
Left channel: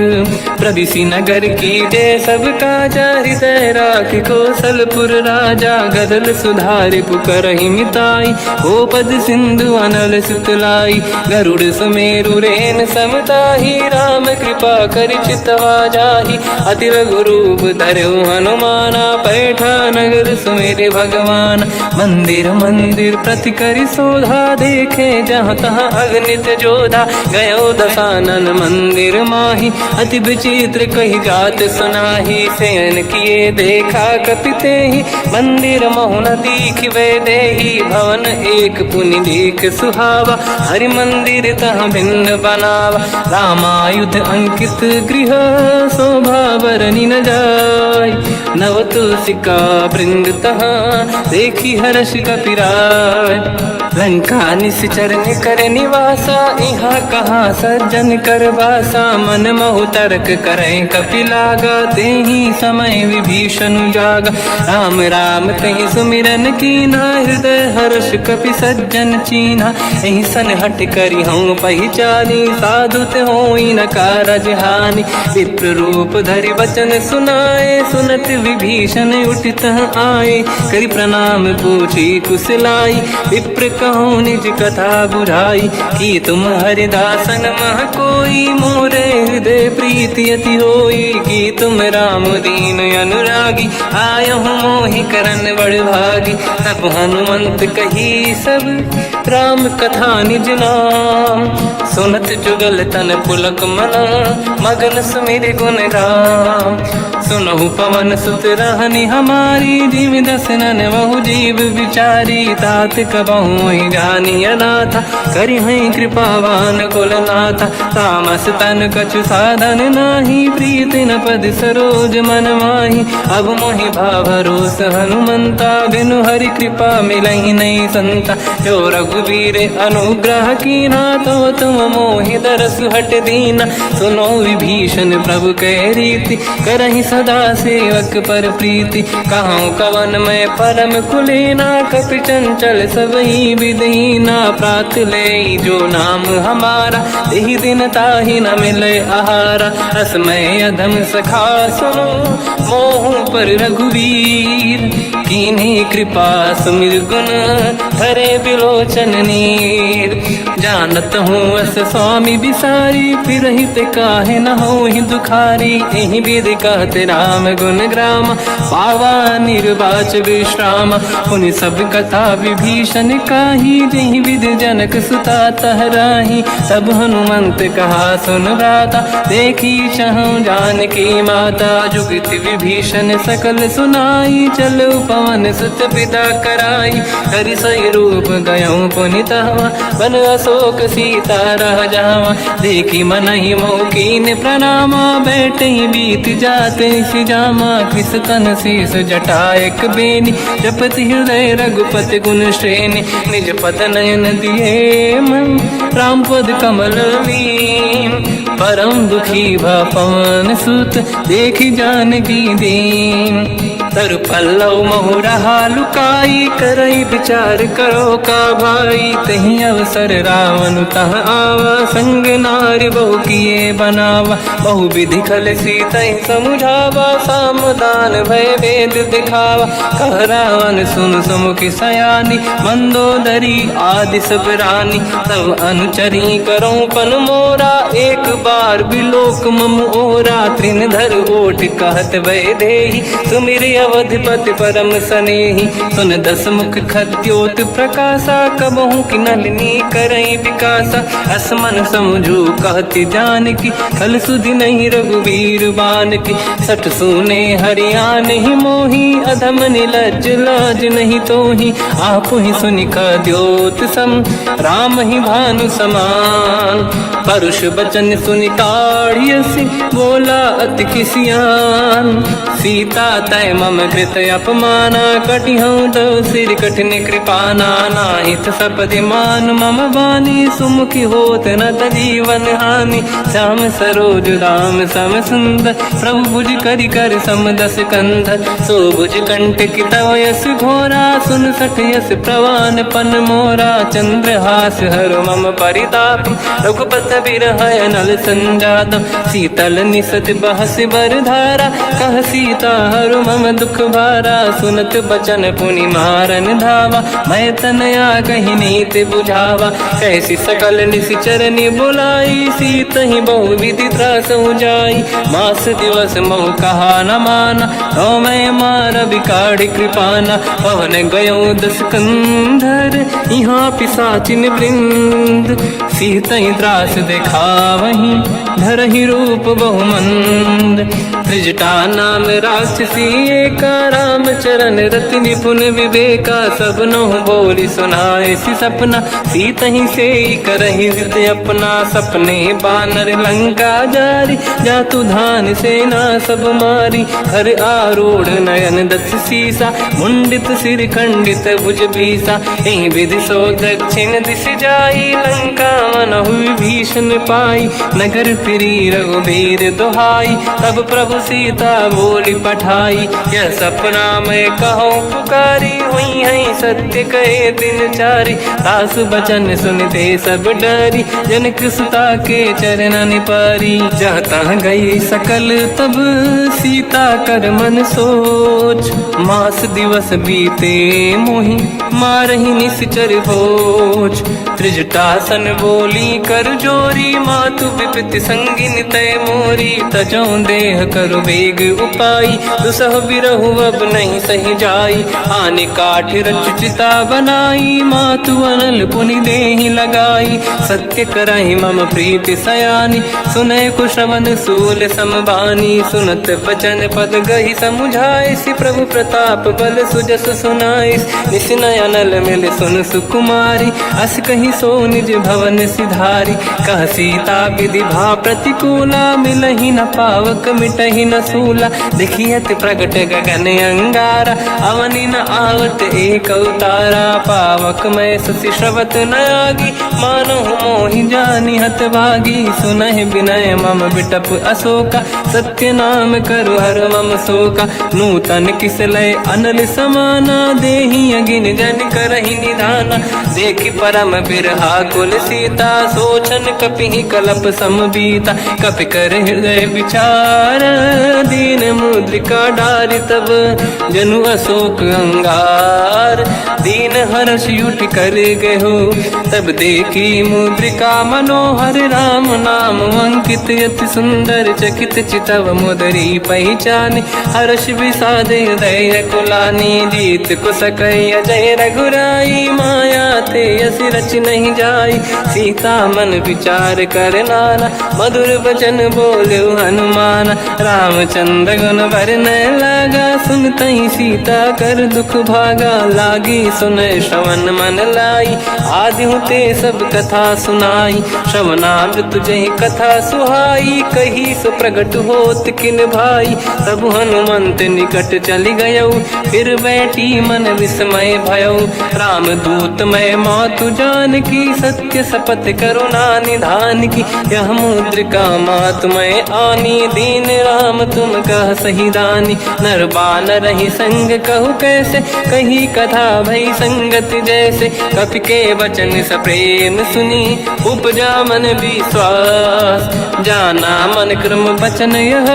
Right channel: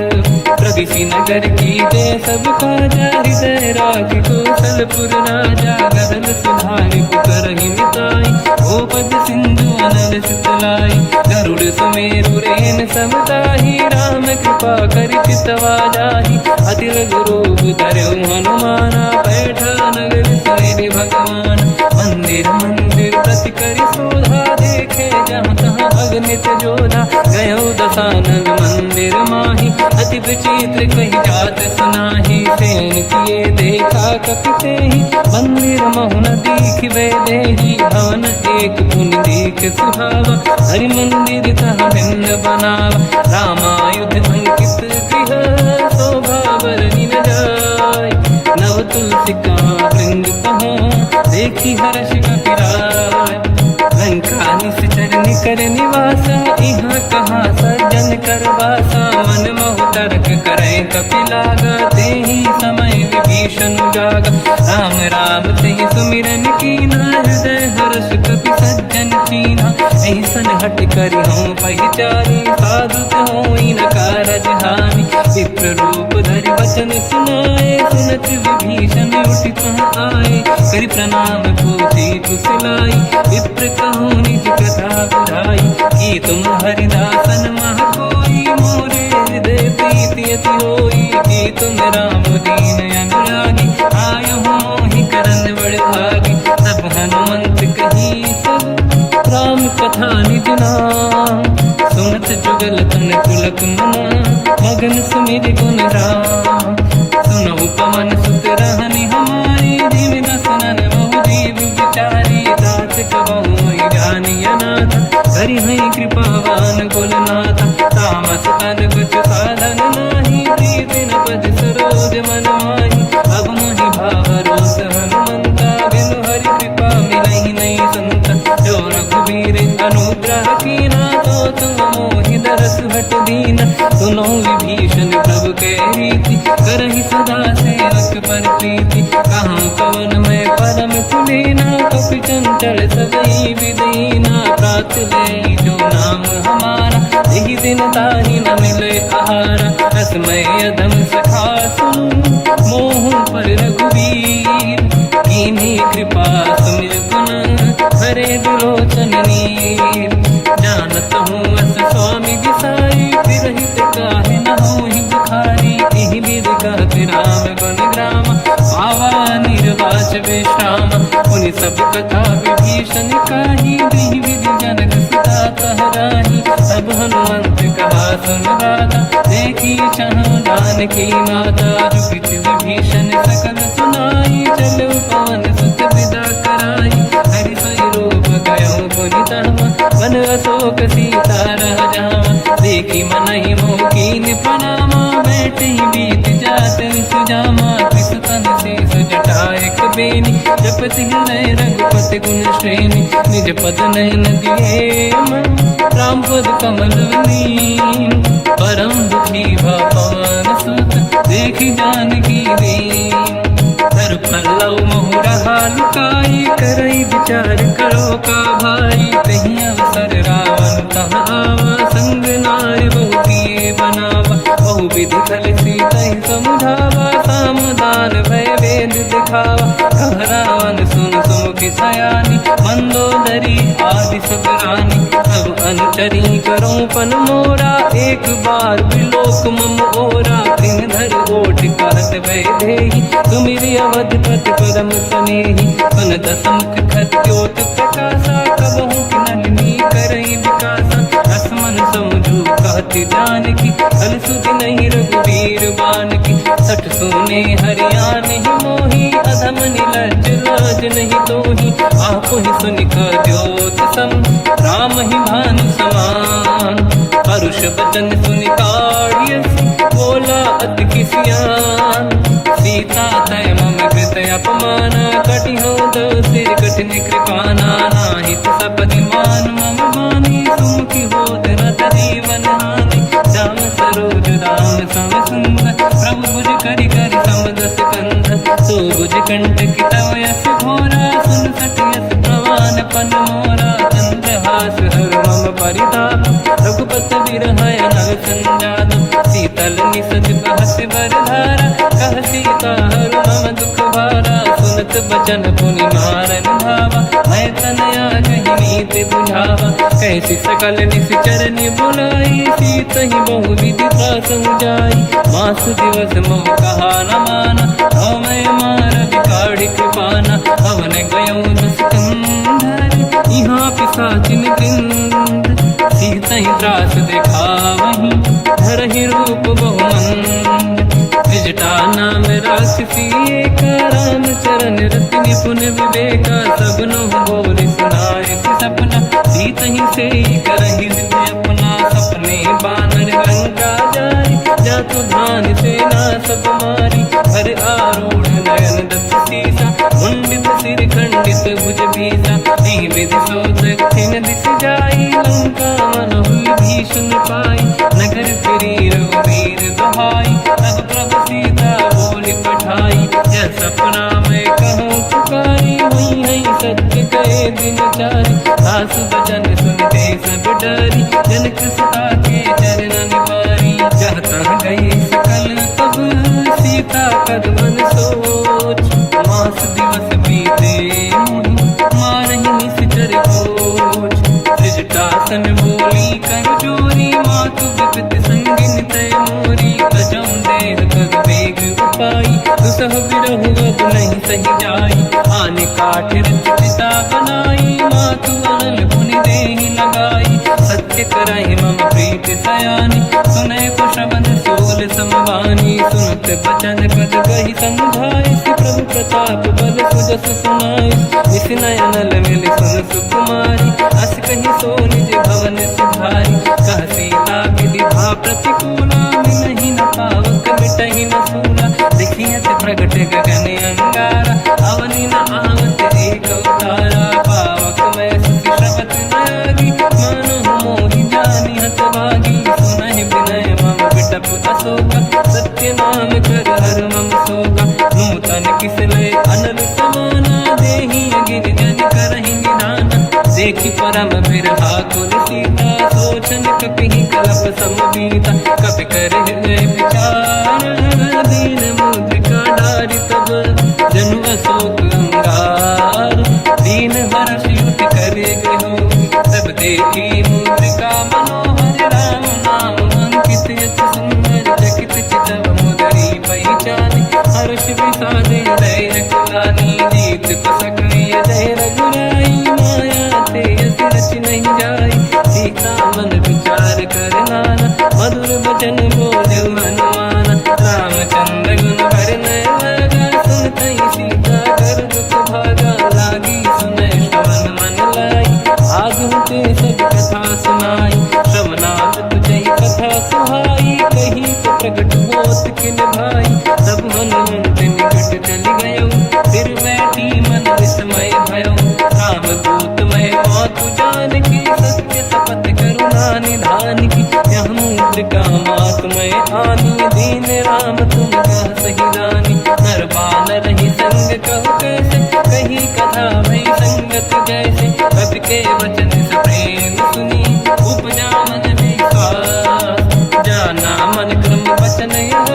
प्रदिशि नगर की जय सब काजा, हृदय राख कौशलपुर राजा। गदल सुधार पुकरहि मिताई, ओ पद सिंधु अनल सुतलाई। गरुड़ सुमेरु रेन समताहि, राम कृपा करि चितवा जाहि। अति लघु रूप धरौ हनुमाना, पैठा नगर सुमेरि भगवान। मंदिर मंदिर प्रति करि शोधा, देखे जहाँ तहाँ अगणित जोधा। गयो दशानन मंदिर माहि, अति विचित्र कही जात सुनाहि। शयन किए देखा कपि तेहि, मंदिर महु न दीखिबे देहि। भवन एक पुनि एक सुहावा, हरि मंदिर तहाँ भिन्न बनावा। रामायुध अंकित गृह, शोभा बरनि न जाय। नव तुलसिका वृंद तहाँ, देखी हर्ष कपि राय। लंका निशिचर कर निवासा, यहाँ कहाँ सज्जन कर वासा। मन महु तर्क करें कपि लागा, तेहि समय विभीषण जागा। राम राम कहीं सुमिरन कीना, हृदय हर्ष कपि सज्जन चीना। एहि सन हट करि हूँ पहिचानी, साधु होई न कारज हानि। विप्र रूप धरि वचन सुनाए, सुनत विभीषण उठित आए। करि प्रणाम पूछी कुशलाई, विप्र कहूँ निज कथा बुराई। कि तुम हरिदासन मह कोई, मोरे हृदय प्रीति अति होई। कि तुम राम दीन अनुरागी, आयहु मोहि करन बड़ भागी। तब हनुमंत कही सब, राम कथा निज नाम। सुनत जुगल तन पुलक मना, मगन सुमिर गुण राम। सुनहु पवन सुत रहनि हमारी, जीव दसनन महु जीव विचार। विचारी तात कबहु जानी अनाथा करि हैं कृपावान कुलनाथा तामस तन कछु साधन नाही प्रीत न पद सरोज मन माही अब मोहि भावरोस हनुमंता बिनु हरि कृपा मिलहि नहीं संता जो रघुवीर अनुग्रह कीना तो तुम मोहि दरस हट दीना सुनो विभीषण प्रभु के रीति करहि सदा सेवक पर प्रीति कहूँ कवन में परम कुलीना कपि चंचल सबई विदहीना प्रात ले जो नाम हमारा यही दिन ताहि न मिले आहारा रसमय अधम सखा सुनो मोह पर रघुवीर कीन्ही कृपा सुमिर गुण हरे बिलोचन नीर जानत हूँ अस स्वामी बिसारी फिर हित काहे न हो ही दुखारी यही विधि कहते राम गुण ग्राम पावा निर्वाच विश्राम उन सब कथा विभीषण काही यही विधि जनक सुता तहराही सब हनुमंत कहा सुन राता देखी चहु जानकी माता जुगत विभीषण सकल सुनाई चलो पवन सुत पिता कराई हरि सही रूप गयो पुनितवा बन अशोक सीता रह जावा देखी मन ही मोकीन प्रणामा बैठ ही बीत जाते सिजामा किस तन शीस जटायक बेनी जपति हृदय रघुपति गुण श्रेणी निज पद नयन दिए मन राम पद कमल लीन परम दुखी भा पवन सुत देखी जानकी दीन तर पल्लव महु रहा लुकाई करई विचार करो का भाई तही अवसर रावण तह आवा संग नारी बहु किए बनावा बहु विधि खल सीता समुझावा सामदान भय वेद दिखावा कह रावण सुन सुमुख सयानी मंदोदरी आदि सब रानी सब अनुचरी करो पन मोरा एक बार बिलोक मम ओरा त्रिन धर ओट कहत वह देही सुमिर अवधिपति परम सनेही सुन दस मुख खद्योत प्रकाशा कबहू कि नलिनी करई विकासा असमन समझू कहती जानकी कल सुधि नहीं रघुवीर बान की सठ सुने हरियाण ही मोही अधम निलज लाज नहीं तो ही आप ही सुनि द्योत सम राम ही भानु समान परुष बचन सुनि ताड़ियसि बोला अति खिसियान सीता तय मम कृत अपमाना कटिहूँ दो सिर कठिन कृपाना नाहित सपदि मान मम बानी सुमुखी होत न जीवन हानि श्याम सरोज राम सम सुंदर प्रभु भुज करि कर समदस कंध सो भुज कंठ की तव यस घोरा सुन सठ यस प्रवान पन मोरा चंद्रहास हर मम परिताप रघुपत बिरह नल संजात शीतल निसत बहस बर धारा कह सीता हर मम दुख भारा सुनत बचन पुनि मारन धावा मैं तनया कही नीति बुझावा कैसी सकल निश्चरनी बुलाई सीत ही बहु विधि त्रास जाई मास दिवस मोह कहा न माना तो मैं मार बिकाड़ी कृपाना पवन गयो दस कंधर यहाँ पिशाचिन वृंद सीत ही त्रास दिखावही धर ही रूप बहुमंद त्रिजटा नाम राक्षसी एका राम चरण रति निपुण विवेका सब नो बोली सुनाए सी सपना सीत ही से करही हृदय अपना सपने बानर लंका जारी जातु धान सेना सब मारी हर आरूढ़ नयन दस सीसा मुंडित सिर खंडित भुज बीसा यही विधि सो दक्षिण दिश जाई लंका मन हुई भीषण पाई नगर फिरी रघुवीर दुहाई तब प्रभु सीता बोली पठाई यह सपना मैं कहो पुकारी हुई है सत्य कहे दिन चारी सास बचन सुनते सब डरी जनक सुता के चरण पारी जाता गई सकल तब सीता कर मन सोच मास दिवस बीते मोहि मारहि निश्चर होच त्रिजटासन बोली कर जोरी मातु विपति संगिन तय मोरी तजो देह कर वेग उपाई दुसह बिरहु अब नहीं सही जाई आने काठ रच चिता बनाई, मातु अनल पुनि देहि लगाई। सत्य कराई मम प्रीति सयानी, सुनै को श्रवण सोल समबानी। सुनत बचन पद गहि समुझाए, सि प्रभु प्रताप बल सुजस सुनाई। निसनय अनल मिल सुन सुकुमारी, अस कहि सो निज भवन सिधारी। कह सीता विधि भा प्रतिकूला, मिलहि न पावक मिटहि न सूला। देखियत प्रगट गगन अंगारा, अवनि न आवत एक अवतारा। पावक मैं ससि श्रवत न आगी, मानो मोहि जानि हत भागी। सुनहि विनय मम बिटप अशोका, सत्य नाम कर हर मम शोका। नूतन किस लय अनल समाना, देहि अगिन जन करहि निधाना। देखि परम बिरहा कुल सीता, सोचन कपिहि कलप समबीता। कपि कर हृदय विचार, दीन मुद्रिका डारि तब जनु अशोक अंगार। दीन हर्ष युट कर गेहो, तब देखी मुद्रिका मनोहर। राम नाम अंकित अति सुंदर, चकित चितव मुदरी पहचान। हर्ष विषाद हृदय कुलानी, जीत को सकय जय रघुराई। माया ते यस रच नहीं जाई, सीता मन विचार कर नाना। मधुर बचन बोले हनुमान, रामचंद्र गुण वरनै लगा। सुनतहि सीता कर दुख भागा, लागी सुनय श्रवण मन लाई। आदि होते सब कथा सुनाई, श्रवणाद तुझे कथा सुहाई। कही से प्रगट होत किन भाई, तब हनुमंत निकट चली गयो। फिर बैठी मन विस्मय भयो, राम दूत मैं मातु जानकी। सत्य शपथ करुणा निधान की, यह मुद्रिका मातु मैं आनी। दीन राम तुम कह सही दानी, नर बानर ही संग कहु कैसे। कही कथा भई संगत जैसे, कपि के वचन सप्रेम सुनी। उपजा मन विश्वास, जाना मन क्रम वचन यह।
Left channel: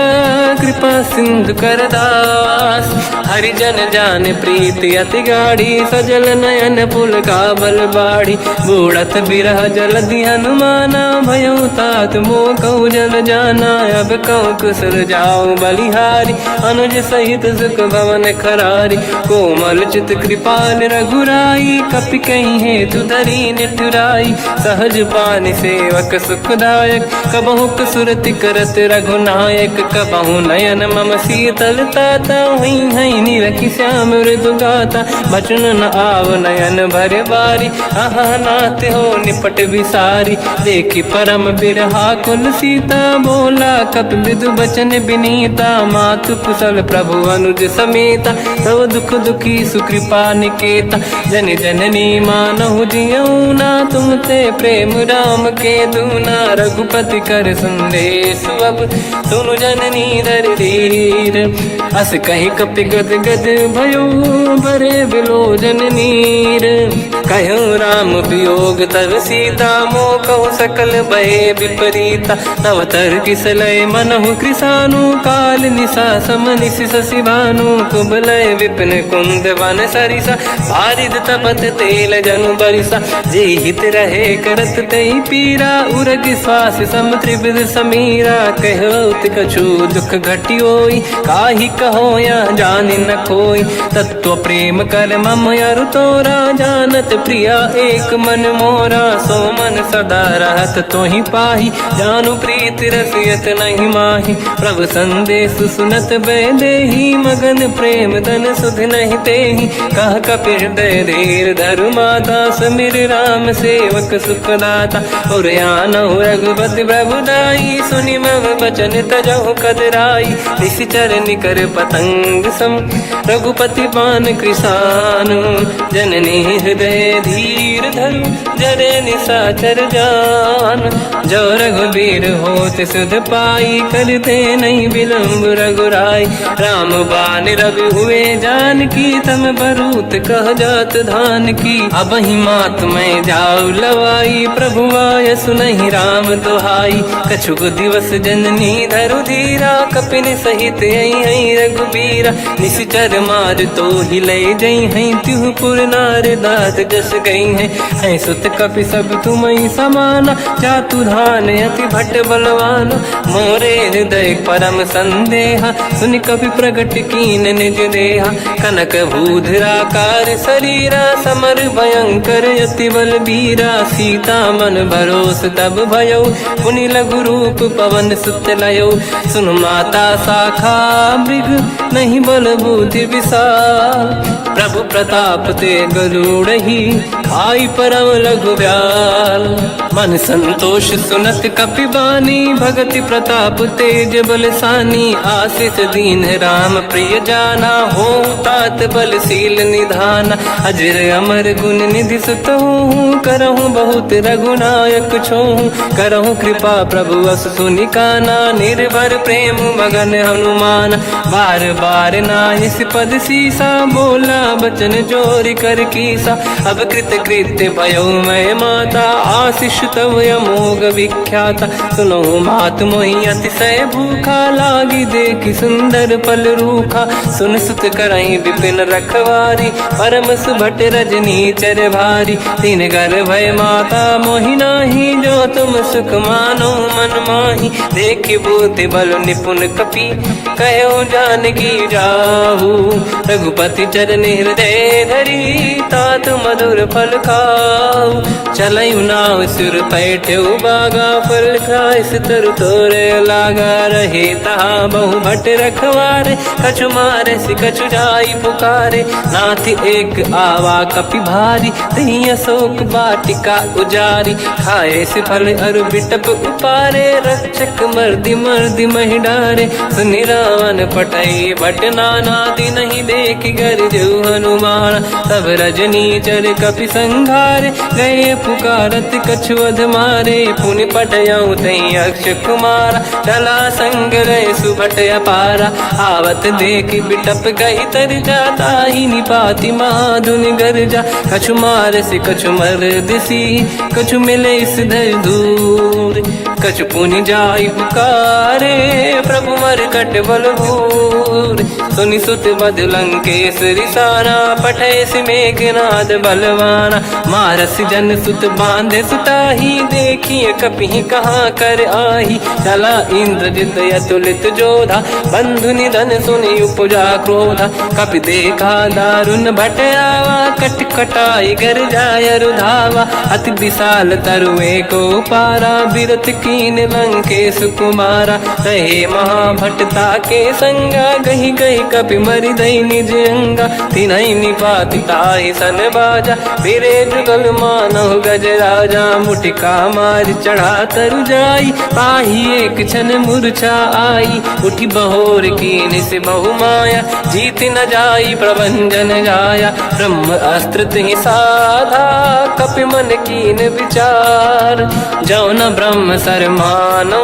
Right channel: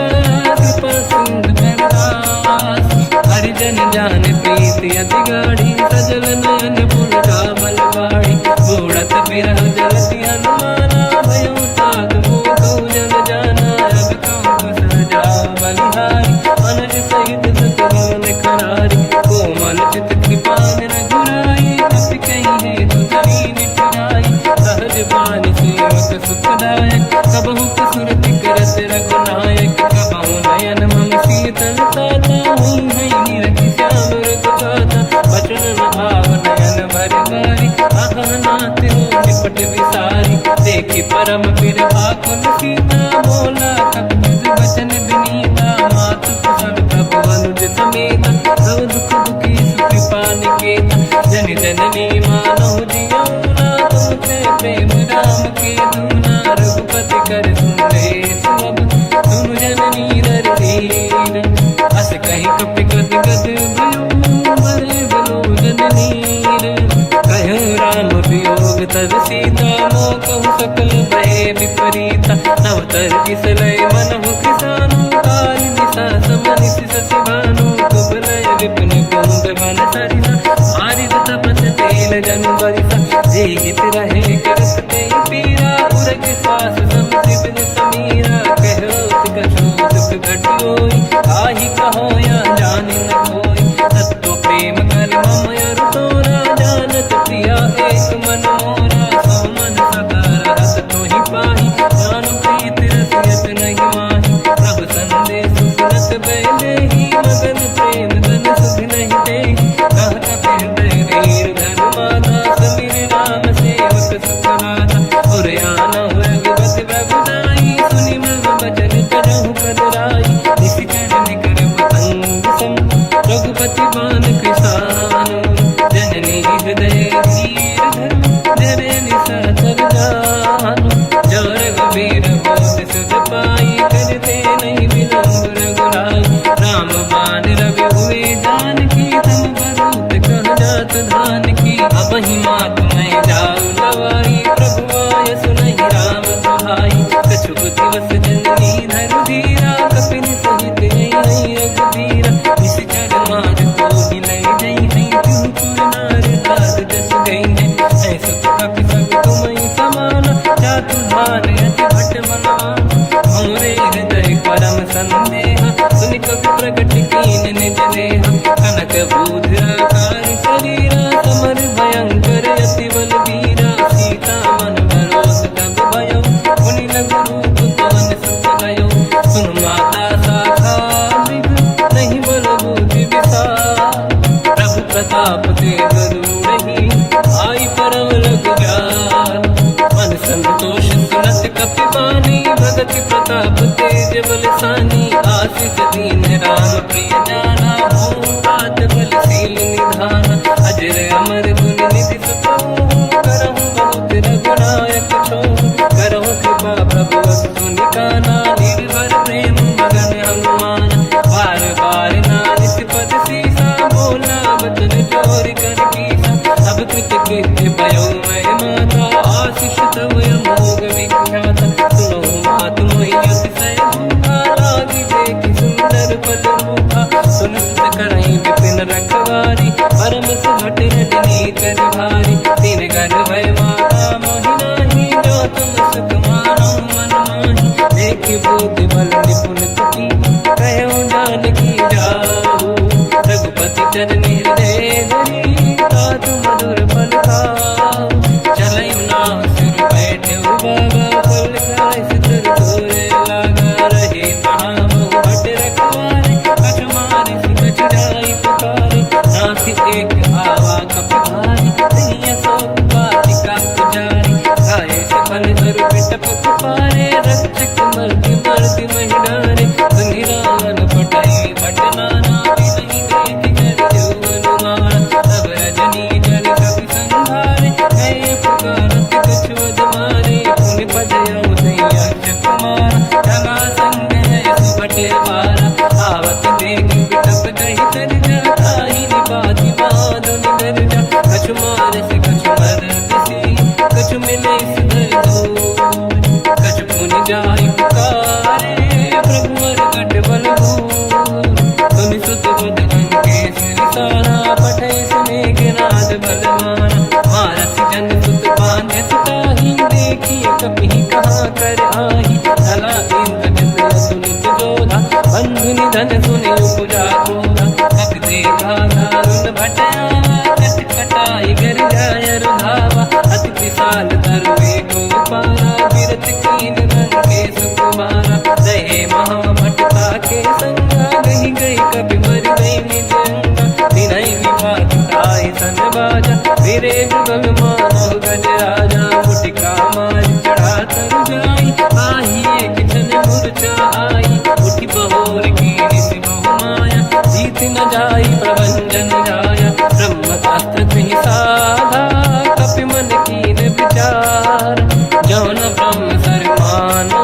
कृपा सिंधु कर दास, हरिजन जान प्रीति अति गाढ़ी। सजल नयन पुल का बल बाढ़ी, बूढ़त बिरह जलधि हनुमाना। भयो तात मोह कहु जल जाना, अब कहु कुशल जाओ बलिहारी। अनुज सहित सुख भवन खरारी, कोमल चित कृपाल रघुराई। कपि कहीं हेतु धरी निठुराई, सहज पानि सेवक सुखदायक। कबहु सुरति करत रघुनायक, कबहु नयन मम शीतल ताता। हई हई निरखि श्याम मृदु गाता, बचन न आव नयन भर बारी। आहा नाथ हो निपट विसारी, देखि परम बिरहा कुल सीता। बोला कपि मृदु बचन विनीता, मातु कुशल प्रभु अनुज समेता। सब दुख दुखी सुकृपा निकेता, जन जननी मानहु जियौना। तुम ते प्रेम राम के दूना, रघुपति कर संदेश अब सुनु जननी दर धीर। अस कहि कपि गद गद भयो, बरे बिलोचन नीर। कहो राम वियोग तब सीता, मोह कहु सकल भय विपरीता। तव तर किस लय मनहु कृसानु, काल निशा समनिश शशि भानु। कुबलय विपिन कुंद वन सरिसा, बारिद तपत तेल जनु बरिसा। जे हित रहे करत ते पीरा, उरग श्वास सम त्रिविध समीरा। कहत कछु दुख घटियोई, काहि कहो या जानि न खोई। तत्व प्रेम कर मम अरु तोरा, जानत प्रिया एक मन मोरा। सो मन सदा रहत तोहि पाहि, जानु प्रीति रसियत नहीं माहि। प्रभु संदेश सुनत भय देहि, मगन प्रेम धन सुध नहीं तेहि। कह कपि हृदय धीर धरु माता, समिर राम सेवक सुखदाता। और आनहु रघुपति प्रभु दाई, सुनि मम वचन तजहु कदराई। निश्चर निकर पतंग सम, रघुपति बान कृसानु। जननी हृदय धीर धरु, जरे निशाचर जान। जो रघुबीर होत सुध पाई, करते नहीं विलम्ब रघुराई। राम बान रघु हुए जानकी, तम बरूत कह जात धान की। अब ही मात मैं जाऊ लवाई, प्रभु आय सुनहि राम दोहाई। कछुक दिवस जननी धरु धीरा, कपिन सहित आई रघुबीरा। निश्चर मार तो हिलई जई हैं, तिहु पुर नार दात जस गई हैं। सुत कपि सब तुमहि समाना, चातु धान अति भट बलवाना। मोरे हृदय परम संदेहा, सुनि कपि प्रगट कीन निज देहा। कनक भूधराकार शरीरा, कर अति बलबीरा, सीता मन भरोस तब भयो, मुनि लघु रूप पवन सुत लयो। सुन माता शाखा मृग नहीं बल बुद्धि विशाल, प्रभु प्रताप ते गरुड़हि आई परम लघुब्याल। मन संतोष सुनत कपिबानी, भगति प्रताप तेज बलसानी। आशीष दीन राम प्रिय जाना, हो तात बलशील निधान। अजर अमर गुण निधि सुतहु, करहु बहुत रघुनायक छोहु। करहु कृपा प्रभु अस सुनि काना, निर्भर प्रेम मगन हनुमान। बार बार नाहिस पद सीसा, बोला बचन जोरि कर कीसा। अब कृत कृत्य भयो मैं माता, आशीष तव अमोघ विख्याता। सुनो मात मोहि अतिशय भूखा, लागी देखि सुंदर फल रूखा। सुन सुत करहि विपिन रखवारी, परम सुभट रजनी चर भारी। तीन घर भय माता मोहि नाही, जो तुम सुख मानो मन माही। देखि बुद्धि बल निपुण कपि, कहो जानकी जाहू। रघुपति चरण हृदय धरी, तात मधुर फल खाऊ। चलयु नाव सुर पैठ्यउ बागा, फल खाय सितर तोरे लागा। रहे तहाँ बहु भट रखवारे, कछु मारे सि कछु जाई पुकारे। नाथ एक आवा कपि भारी, तहीं अशोक वाटिका उजारी। खाए से फल अरु बिटप उपारे, रक्षक मर्दि मर्दि महि डारे। सुनि रावण पटई भट नाना, नहीं देखि घर जो हनुमान। तब रजनी चर कपि संघारे, गए पुकारत कछु अध मारे। पुनि पटयउ तहीं अक्ष कुमारा, चला संग रहे सुभट अपारा। आवत देखि बिटप गई तर जाता, ही निपाति माधुनि गर्जा। कछु मार से कछु मर दिसी, कछु मिले सिधर दूर। कछु पुनि जाई पुकारे, प्रभु मरकट बल भूर। सुनि सुत बद लंकेश्वरी सारा, पठय से मेघनाद बलवाना। मारस जन सुत बांधे सुताही, देखिए कपि कहाँ कर आही। चला इंद्रजित अतुलित जोधा, बंधु निधन सुनि उपजा क्रोधा। कपि देखा दारुण भट आवा, कट कटाई गर जाय रुधावा। अति विशाल तरुए को पारा, बिरत कीन लंकेश कुमारा। रहे महाभटता के संगा, गही गई कपि मरि दई निज अंगा। तिन्हि निपाति ताहि सन बाजा, फिरे जुगल मानव गज राजा। मुटिका मार चढ़ा तर जाई, पाही एक क्षण मूर्छा आई। उठी बहोर कीन से बहु माया, जीत न जाई प्रभंजन जाया। ब्रह्म अस्त्र तिहि साधा, कपि मन कीन विचार। जो न ब्रह्म सर मानो,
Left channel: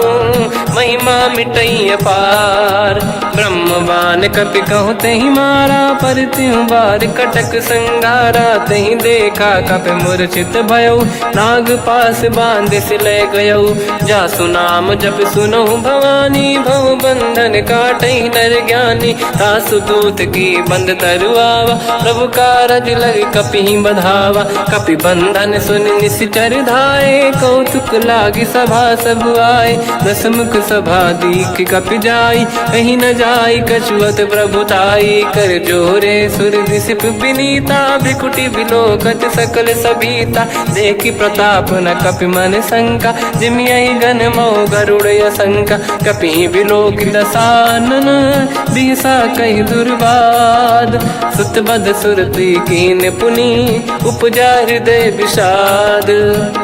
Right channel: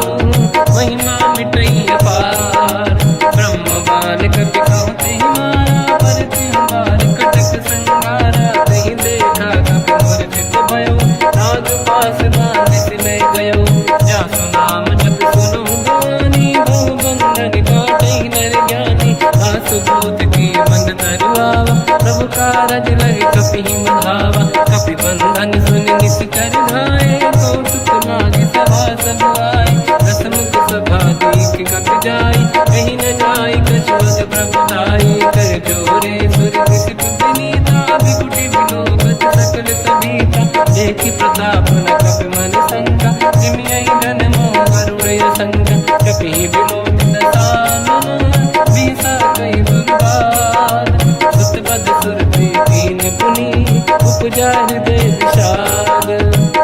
महिमा मिटई अपार। ब्रह्म बान कपि कहु तहि मारा, पर त्यों बार कटक संगारा। तहि देखा कपि मूर्छित भयो, नाग पास बांध सिलय गयो। जासु नाम जप सुनो भवानी, भव बंधन काटहि नर ज्ञानी। दासु दूत की बंद तरुआवा, प्रभु कारज लग कपि बधावा। कपि बंधन सुनि निश्चर धाये, कौतुक लागी सभा सब आए। दसमुख सभा दीख कपि जाई, कहीं न जाई कछुअत प्रभुताई। कर जोरे सुर दिसिप विनीता, भ्रिकुटि विलोकत सकल सबीता। देखि प्रताप न कपि मन शंका, जिमियहि जन मोह गरुड़ असंका। कपि विलोकित दसानन, बिहसा कहि दुर्वाद। सुत बद सुरति कीन पुनि, उपजा हृदय विषाद।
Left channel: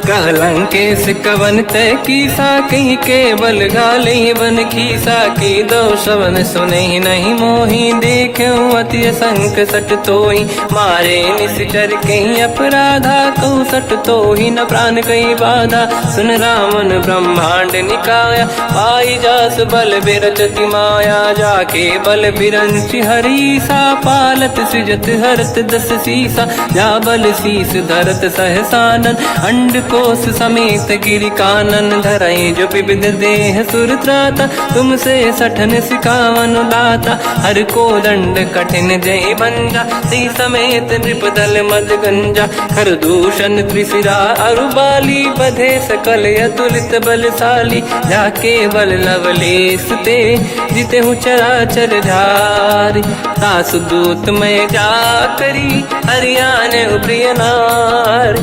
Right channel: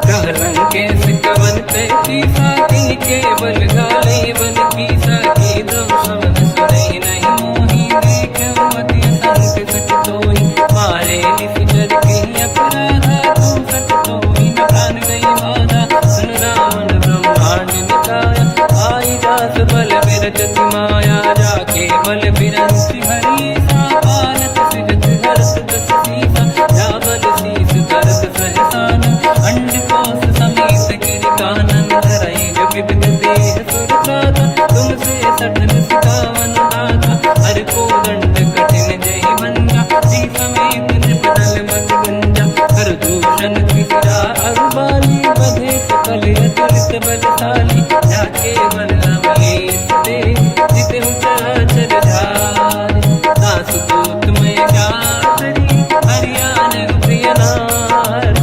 कह लंकेश कवन तय कीसा, कहीं केवल गाली बन कीसा। की दो शवन सुनहि नहीं मोहि, देखऊं अति संक सट तोहि। मारे निश्चर कहीं अपराधा, तो सट तोहि न प्राण कहीं बाधा। सुन रावण ब्रह्मांड निकाया, पाई जास बल बिरचति माया। जाके बल बिरंचि हरीसा, पालत सृजत हरत दस सीसा। जा बल शीस धरत सहसानन, अंड कोश समेत गिरि कानन। धरहि जो विविध देह सुर त्राता, तुमसे सठन सिकावन दाता। हर को दंड कठिन जय भंजा, सी समेत नृपदल मद गंजा। हर दूषण त्रिशिरा अरुबाली, बधे सकल अतुलित बलशाली। जाके बल लवलेश ते, जितेहु चराचर धारि। दास दूत मैं जा करी, हरियाण प्रिय नार।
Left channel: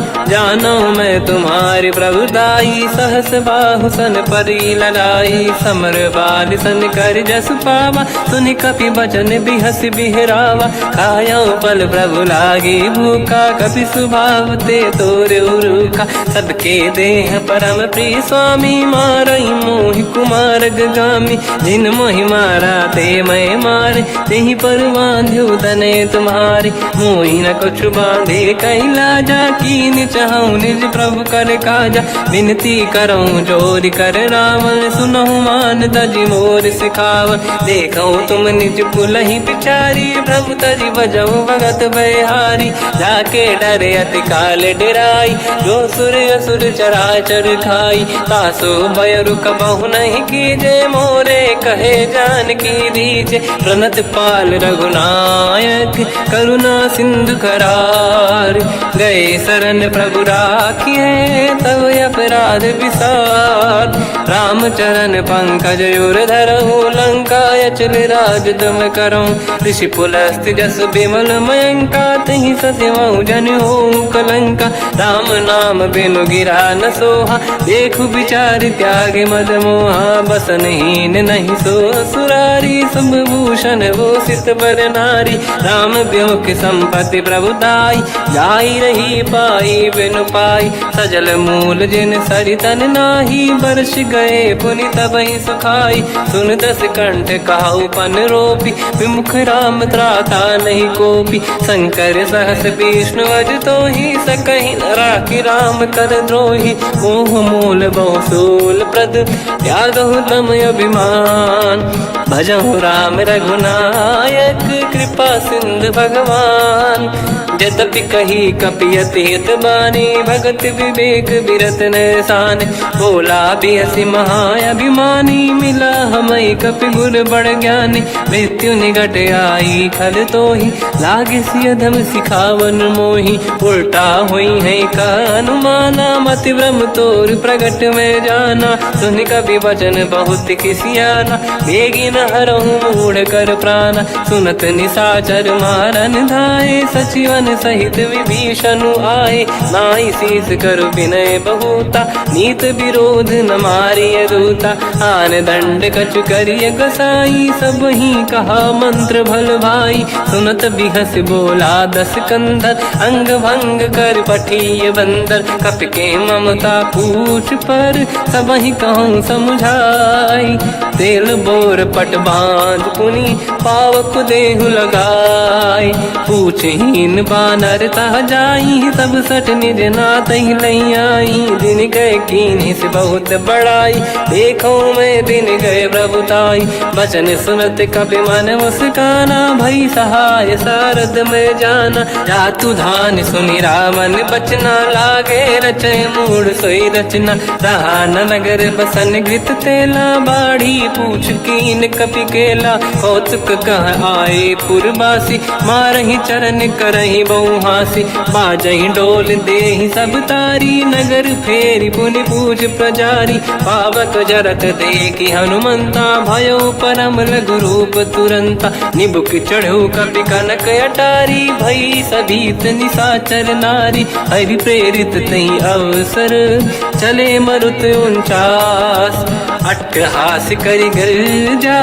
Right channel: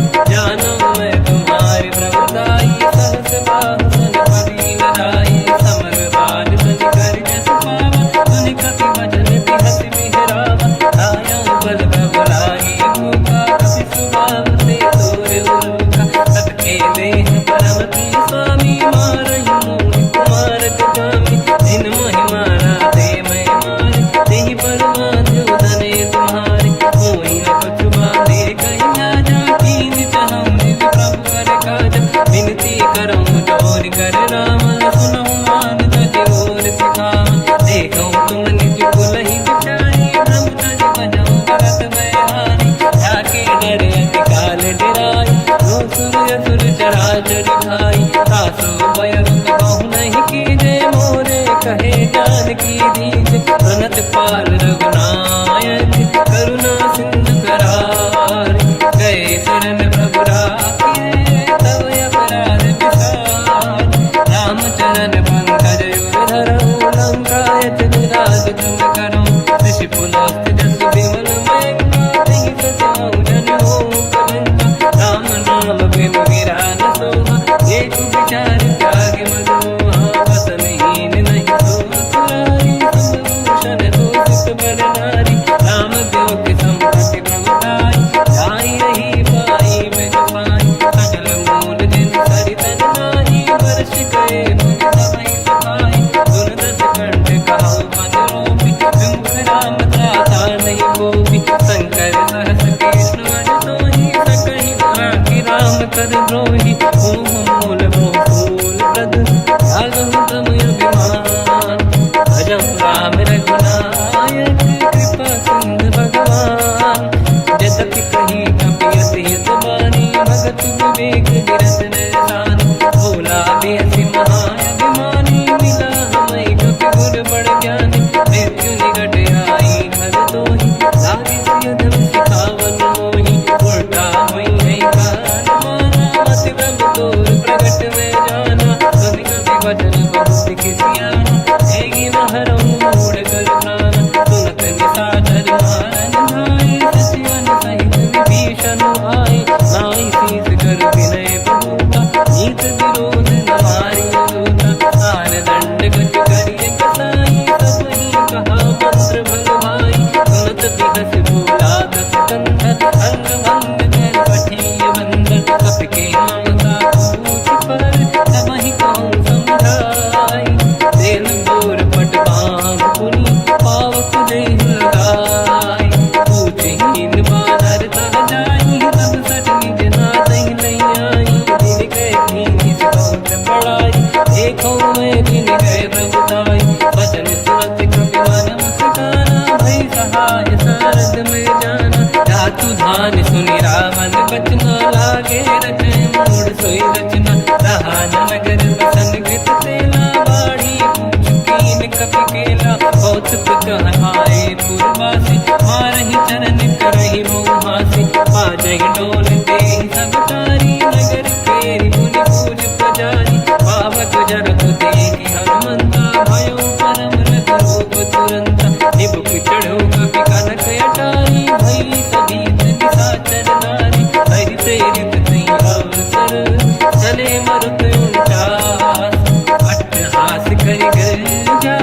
तुम्हारी प्रभुताई, सहस बाहु सन परी लड़ाई, समर बाल सन कर जस पावा, सुनि कपि बचन बिहस बिहरावा, खायो बल प्रभु लागी भूखा, कपि स्वभाव ते तोरे उरुखा, सबके देह परम प्रिय स्वामी, मारई मोहि कुमार गगामी, जिन मोहि मारा ते मैं मारे, तेहि पर बांधु तने तुम्हारी, मोहि न कुछ बांधे कैला जा, कीन चाहूं निज प्रभु कर काजा, विनती करऊं जोर कर रावण, सुनहु मान तज मोर सिखावन, देखो तुम निज कुल ही बिचारी, प्रभु तज बजाऊं भगत बहारी, जाके डरे अति काल डराई, जो सुर असुर चराचर खाई, तासु भय रुक बहु नहीं कीजे, मोरे कहे जान की दीजे, प्रणत पाल रघुनायक, करुणा सिंधु करार, गए शरण प्रभु राखिए, तब अपराध विसार, रामचरण पंकज उर धरहु, लंका अचल राज तुम करऊं, ऋषि पुलस्त जस विमल मयंका, तिहि ससेवऊं जन हो कलंका, राम नाम बिनु गिरा न सोहा, देखु विचार त्याग मद मोहा, बसनहीन नहीं सो सुरारी, शुभ भूषण भूषित बर नारी, राम ब्यों की संपत्ति प्रभुताई, जाई रही पाई बिनु पाई, सजल मूल जिन सरितन नाही, बरस गए पुनि तबहि सुखाई, सुन दस कंठ कहाऊ पन रोपी, विमुख राम त्राता नहीं कोपी, शंकर सहस विष्णु अज तोहि, सकहि न राखि राम कर द्रोही, मोह मूल बहु सूल प्रद, त्यागहु तम अभिमान, भजहु राम रघुनायक, कृपा सिंधु भगवान, यद्यपि कही कपि अति हित बानी, भगत विवेक विरत निशान, बोला बिहसि महाअभिमानी, मिला हमई कपि गुर बड़ ज्ञानी, मृत्यु निकट आई खल तोहि, लागे सियधम सिखावन मोहि, उल्टा हुई है का अनुमाना, मति भ्रम तोर प्रगट में जाना, सुनि कपि वचन बहुत खिसियाना, बेगी न हरहु मूढ़ कर प्राण, सुनत निशाचर मारन धाये, सचिवन सहित विभीषण आए, नाई शीस कर विनय बहुता, नीत विरोध न मारिय दूता, आन दंड कछु करिय गसाई, सब ही कहा मंत्र भल भाई, सुनत बिहस बोला दस कंधर, अंग भंग कर पठिय बंदर, कपि के ममता पूछ पर, सब ही कहूँ समझाई, तेल बोर पट बांध पुनि, पावक देहु लगाई, पूछहीन बानर तह जाई, तब सट निज नाथ ही लई आई, दिन गए कीन्ही से बहुत बड़ाई, देखो मैं दिन गए प्रभुताई, बचन सुनत कपि मन मुस्काना, भई सहाय सारद में जाना, जातु धान सुनि रावण बचना, लागे रचे मूढ़ सोई रचना, रहा न नगर बसन घृत तेला, बाढ़ी पूछ कीन कपि केला, कौतुक कह आए पुरवासी, मारहि चरण करहि बहु हासी, बाजहि डोल देहि सब तारी, नगर फेरी पुनि पूज प्रजारी, पावक जरत देखि हनुमंता, भयो परम लघु रूप तुरंता, निबुक चढ़ो कपि कनक अटारी, भई सभीत निशाचर नारी, हरि प्रेरित तहि अवसर, चले मरुत 49, अट्टहास करि गर्जा,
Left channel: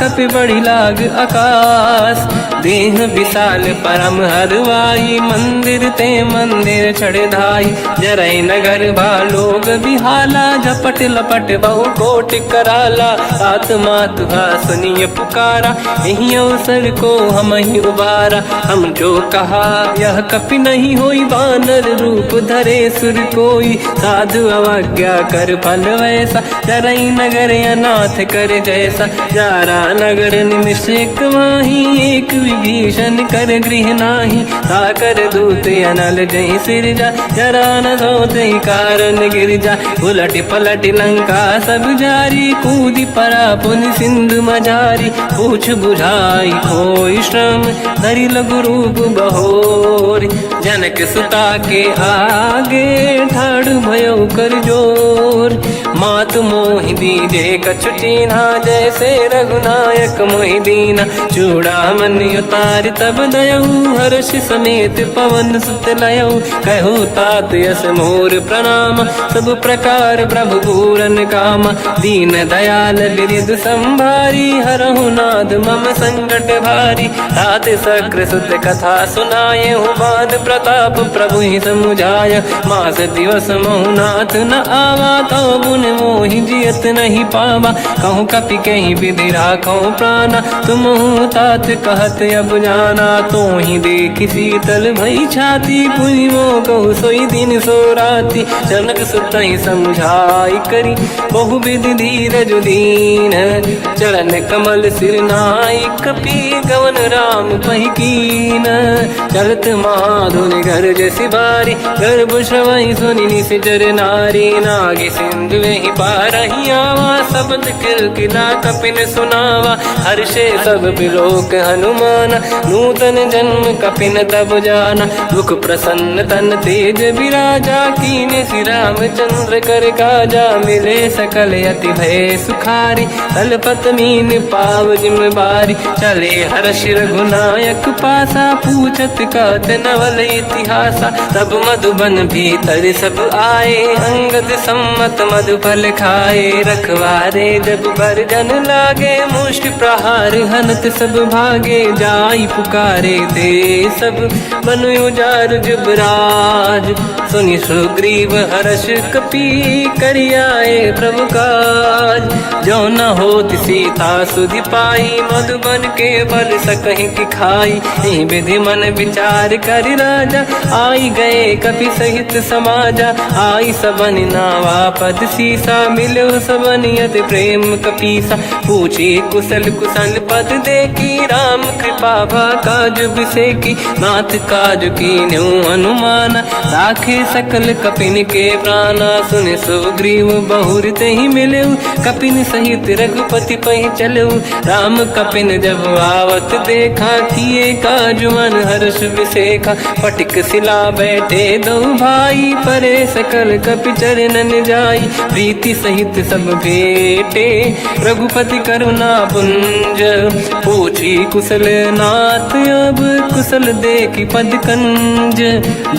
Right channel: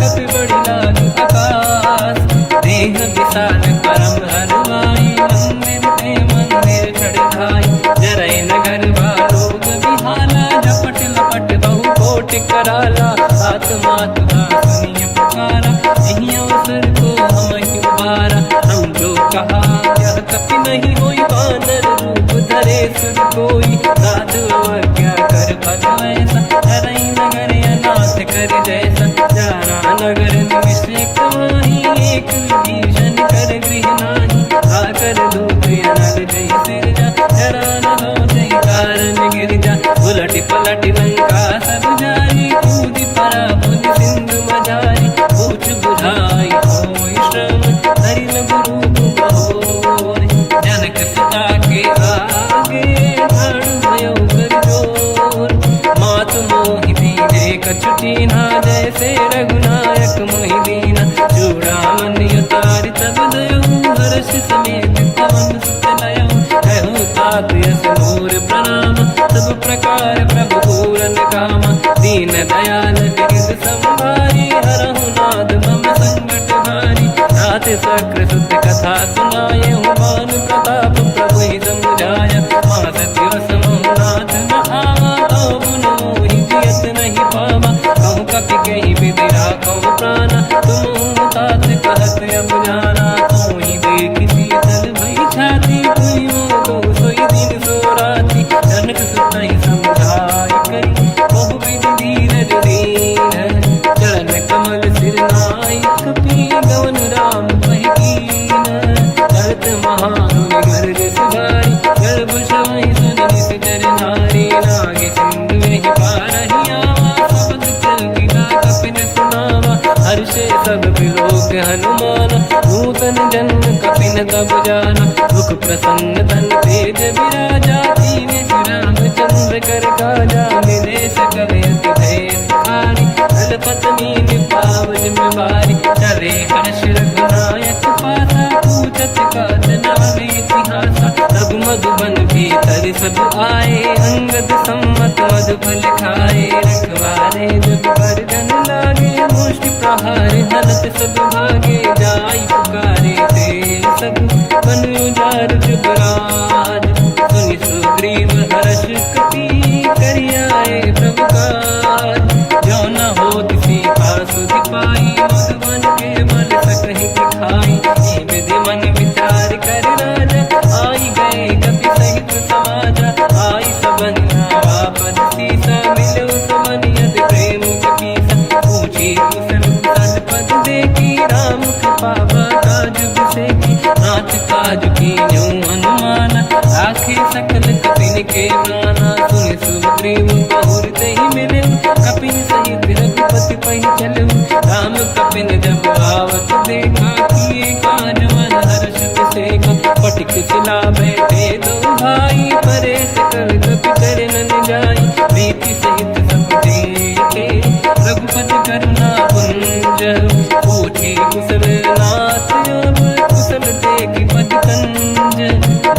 कपि बड़ी लाग आकाश, देह विशाल परम हरवाई, मंदिर ते मंदिर चढ़ धाई, जरई नगर बालोग बिहाला, झपट लपट बहु कोटि कराला, आत्मा तुहा सुनिय पुकारा, यही अवसर को हम ही उबारा, हम जो कहा यह कपि नहीं होई, वानर रूप धरे सुर कोई, साधु अवज्ञा कर फल वैसा, जरई नगर अनाथ कर जैसा, जारा नगर निमिषक माही, एक विभीषण कर गृह नाही, आकर दूत अनल जय सिरजा, जरा न सोते कारण गिर जा, उलट पलट लंका सब जारी, कूदी परा पुनि सिंधु मझारी, पूछ बुझाई कोई श्रम, धरि लघु रूप बहोरी, जनक सुता के आगे ठाड़ भयो कर जोर, मात मोहि दीजे कछु चीन्हा, जैसे रघुनायक मोहि दीना। चूड़ामन उतार तब दयऊ, हर्ष समेत पवन सुत लयऊ। कहूँ तात यस मोर प्रणाम, सब प्रकार प्रभु पूरन काम। दीन दयाल गिरिध संभारी, हरहु नाद मम संकट भारी। तात सक्र सुत कथा सुनाए, हुमान प्रताप प्रभु ही समुझाय। मास दिवस महु नाथ न आवा, कहो गुण मोहि जियत नहीं पावा। कहूँ कपि कहीं विधि राखो प्राणा, तुम तात कहत अब जाना। तो ही देखी शीतल भई छाती, पुनि मोह कहु सोई दिन सो राति। जनक सुत ही समझाई करी, बहुविध धीरज दीन। चरण कमल सिर नाई, कपि गवन राम पहि कीन। चलत महाधुनि गर्ज सिबारी, गर्भ श्रवहि सुनि निशिचर नारी। नागे सिंधु वहि पारहि आवा, शब्द कीर्तिना कपिन सुनावा। हर्षे सब बिलोक हनुमान, नूतन जन्म कपिन तब जाना। मुख प्रसन्न तन तेज विराजा, कीने श्री रामचंद्र कर काजा। मिले सकल अति भय सुखारी, तलपत मीन पाव जिम बारी। चले हर्ष रघुनायक पासा, पूछत कात नवल इतिहासा। तब मधुबन भीतर सब आए, अंगद सम्मत मधुफल खाए। रखवारे जब पर जन लागे, मुष्टि प्रहार हनत सब भागे। जाई पुकारे ते सब, बन उजार जुबराज। सुनि सुग्रीव हर्ष कपि, करियाए प्रभु काज। जो न होत सीता सुधि पाई, मधुबन के बल सकहि दिखाई। विधि मन विचार कर राजा, आई गए कपि सहित समाजा। आई सबन नावा पद सीसा, मिलो सबन यत प्रेम कपीसा। पूछी कुशल कुशल पद देखी, राम कृपा काज बिसेकी। नाथ काज कीन्यो अनुमान, राखे सकल कपिन के प्राणा। सुन सुग्रीव बहुर ही मिलऊ, कपिन सहित रघुपति पहि चलऊ। राम कपिन जब आवत देखा, किए काज मन हर्ष विसेखा। फटिक सिला बैठे दो भाई, परे सकल कपि चरणन जाई। प्रीति सहित सब बेटे, रघुपति करुणा पुंज। पूछी कुशल नाथ अब, कुशल देखी पद कंज।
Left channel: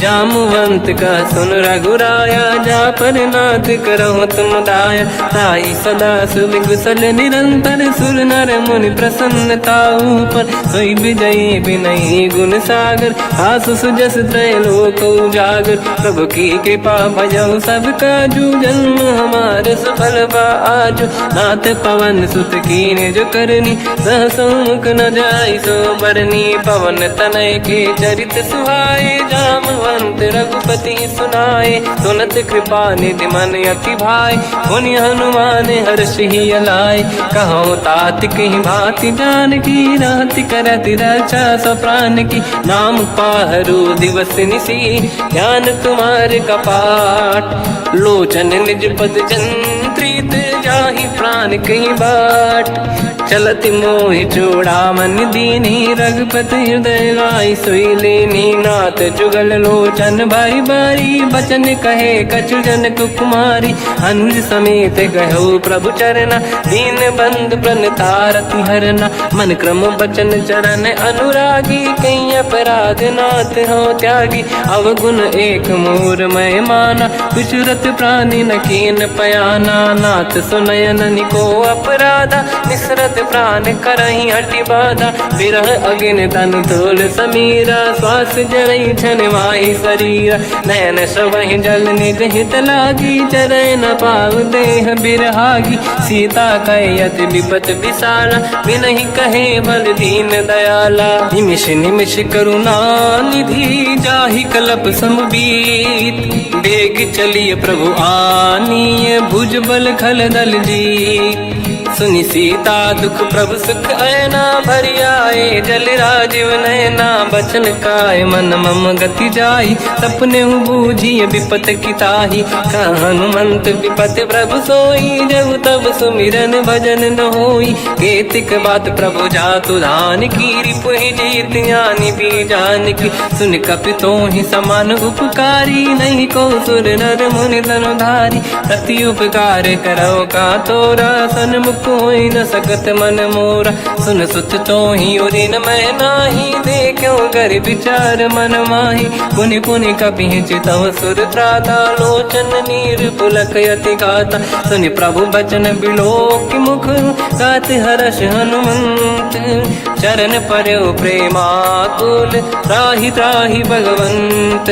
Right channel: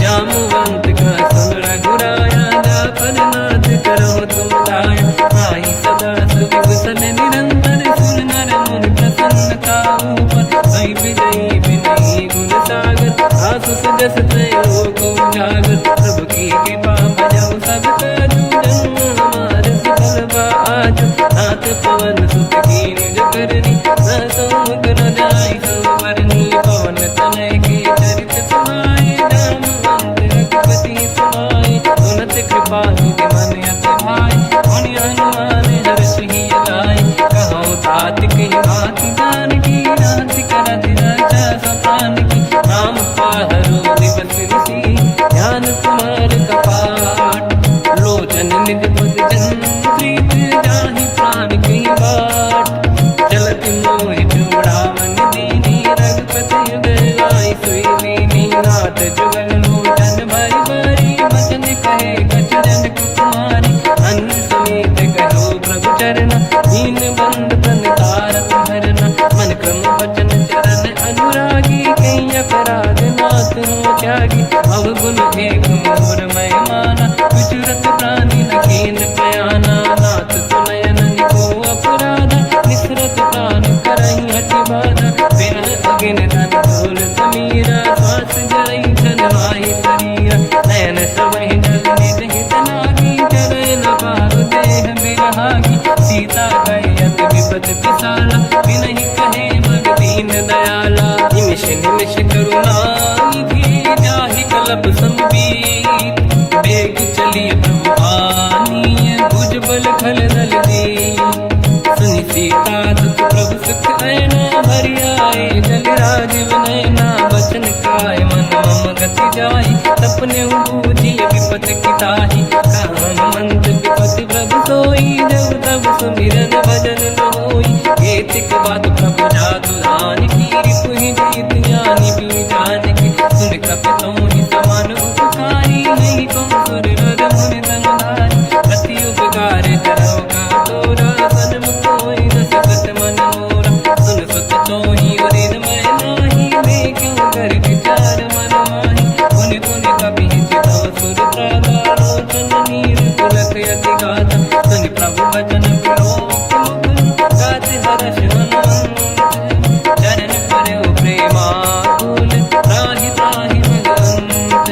जामवंत का सुन रघुराया, जा पर नाथ करहु तुम दाया। ताई सदा सुविकुशल निरंतर, सुर नर मुनि प्रसन्नता ऊपर। सोई विजयी विनयी गुण सागर, आसु सुजस त्रैलोक उजागर। प्रभु की कृपा भजऊ सब काजू, जन्म हमार सफल बा आजु। नाथ पवन सुत कीन्ह जो करनी, सहसो मुख न जाय सो बरनी। पवन तनय के चरित सुहाए, जामवंत रघुपति सुनाए। सुनत कृपा निधि मन अति भाई, मुनि हनुमान हर्ष ही अलाय। कहो तात कहीं भांति जान की, रात करत रक्षा सप्रान की। नाम पाहरो दिवस निसी, ज्ञान तुम्हारे कपाट। लोचन निज पद चंद्रित, जाहि प्राण कहीं बाट। चलत मोहि चूड़ामन दीनी, रघुपति हृदय लाई सोई लेनी। नाथ जुगल लोचन भारी भारी, बचन कहे कछु जन कुमारी। अंज समेत कहो प्रभु चरना, दीन बंद प्रणतारति हरना। मन क्रम बचन चरण अनुरागी, कहीं अपराध नाथ हो त्यागी। अवगुण एक मोर मैं माना, विचुरत प्राणी न कीन पयाना। नाथ सुनयन निको अपराधा, मिश्रत प्राण करही हटि बाधा। विरह अग्नि तन तोल समीरा, श्वास जरई छनवाही शरीरा। नयन सबहि जल निज हित लागी, चरय न पाव देह बिरहागी। सीता कहि अति विपत विसाला, बिनहि कहे बल दीन दयाला। निमिष निमिष करुणा निधि, जाहि कलप समबीत। बेग चलिए प्रभु आनीय, भुज बल खल दल जी। सुनि सीता दुख प्रभु सुख ऐना भरि आए, जल राजीव नैना बचन काय, मन मम गति जाई, सपने हूँ बूझी विपत की ताही, हनुमंत विपत प्रभु सोई, जब तब सुमिरन भजन न होई, केतिक बात प्रभु जातु धान की, रिपुहि जीत ज्ञानी दी जानकी, सुन कपि तोहि समान उपकारी, नहीं को सुर नर मुनि धनुधारी, अति उपकार करौ का तोरा, सन्मुख होई न सकत मन मोरा, सुन सुत तोहि उरि न मैं नाही, देखो कर विचार मन माही, पुनि पुनि कपि चितव सुर त्राता, लोचन नीर पुलक यति गाता, सुनि प्रभु बचन बिलोक मुख, गाति हर्ष हनुमंत, चरण पर्यो प्रेमाकुल, त्राहि त्राहि भगवंत,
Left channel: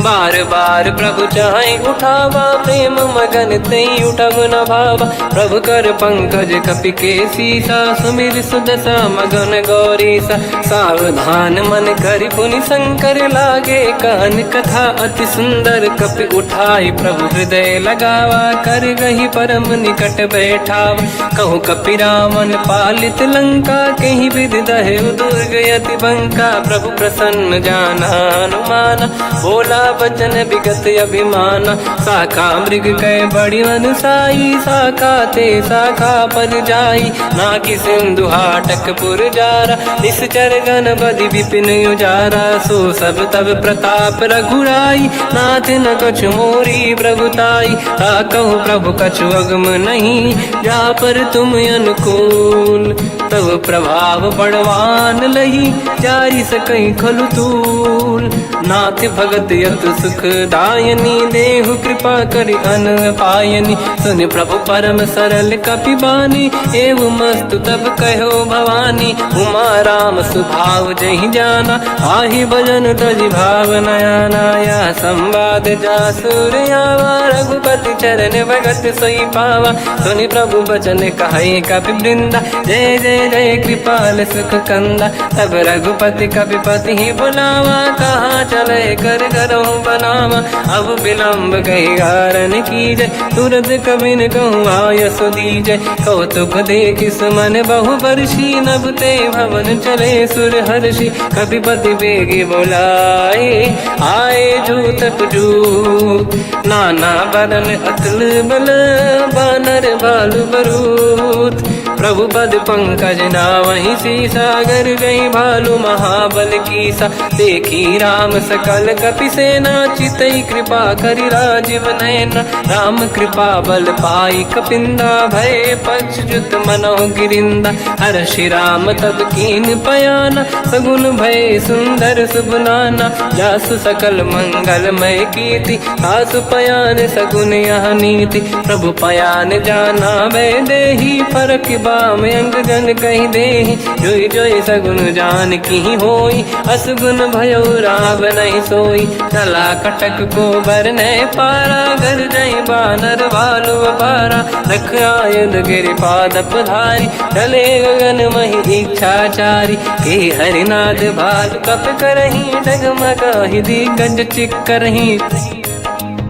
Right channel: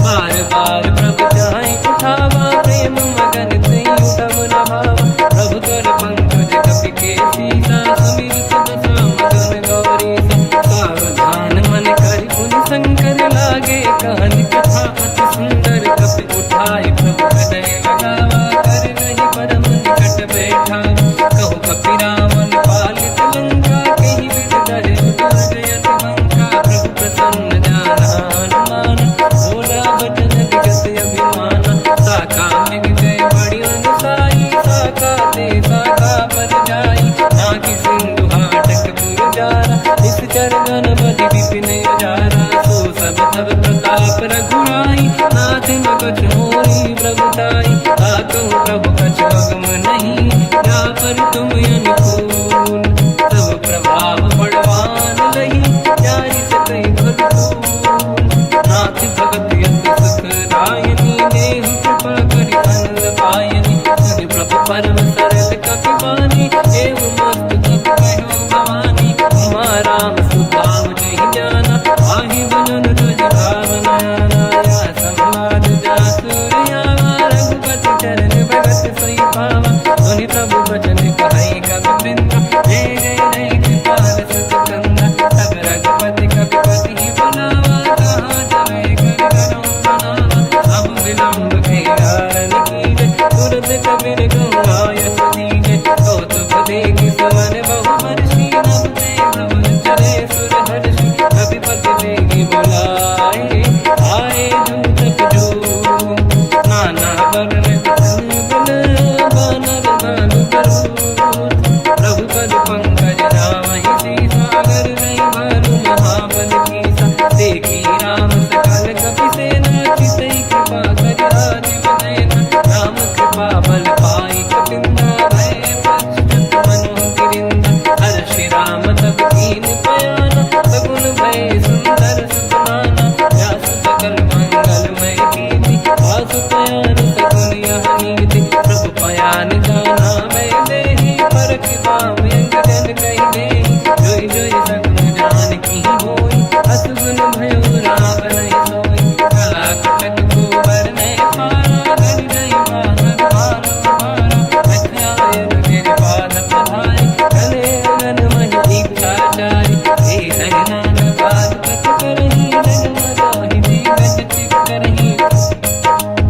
बार बार प्रभु चाहे उठावा, प्रेम मगन ते उठब न भावा, प्रभु कर पंकज कपि के सीसा, सुमिर सुदशा मगन गौरीसा, सावधान मन करि पुनि शंकर लागे, कान कथा अति सुंदर कपि उठाई, प्रभु हृदय लगावा, कर गही परम निकट बैठावा, कहु कपि रावण पालित लंका, कहीं विधि दहे दुर्ग यति बंका, प्रभु प्रसन्न ज्ञानानुमाना, बोला वचन विगत अभिमाना, शाखा मृग कह बड़ी मन साई, शाखा ते शाखा पर जाई, नाकि सिंधु हाटक पुर जारा, निश्चर गण बदि विपिन उजारा, सो सब तब प्रताप रघुराई, नाथ न कछु मोरी प्रभुताई, कहु प्रभु कछु अगम नहीं, जा पर तुम अनुकूल, प्रभु प्रभाव बड़वान लही, जाई सकई खलु तूल, नाथ भगत यत सुख दायनी, देहु कृपा करि अन पायनी, सुनि प्रभु परम सरल कपि बानी, एव मस्तु तब कहो भवानी, उमा राम सुभाव जहि जाना, आहि भजन तजि भाव नयाना, या संवाद जासुर आवा, रघुपति चरण भगत सोई पावा, सुनि प्रभु बचन कहे कपि वृंदा, जय जय जय कृपाल सुख कंदा, तब रघुपति कपि पति ही बनावा, कहाँ चले कर करहु बनावा, अब विलम्ब कही कारण कीजय, तुरत कबिन कहूँ आयस दीजय, कौतुक देख सुमन बहु वर्षी, नभ ते भवन चले सुर हर्षि, कपिपति बेगी बुलाए, आए जूतक जूत, नाना बदल अकल बल, बानर भालु बरूत, प्रभु पद पंकज नावहि सीसा, गर गई भालू महाबल कीसा, देखी राम सकल कपि सेना, चितई कृपा करि राजीव नयना, राम कृपा बल पाई कपिंदा, भय पश्चात मनो गिरिंदा, हर्षि राम तब कीन पयाना, सगुन भय सुंदर सुबलाना, जासु सकल मंगलमय कीर्ति, आसु पयान सगुन यह नीति, प्रभु पयान जाना भय देहि, फरक बाम अंग गन कहि देहि, जोई जोई सगुन जान की होई, असगुन भयो राव नहीं सोई, चला कटक को बर नहीं पारा, घर जय बानर भालु पारा, रख आयल गिरिपाद पधारी, चले गगन महि इच्छाचारी, हे हरिनाथ भालु कप करही, डगमगाहि दिग्गज चिक्करही,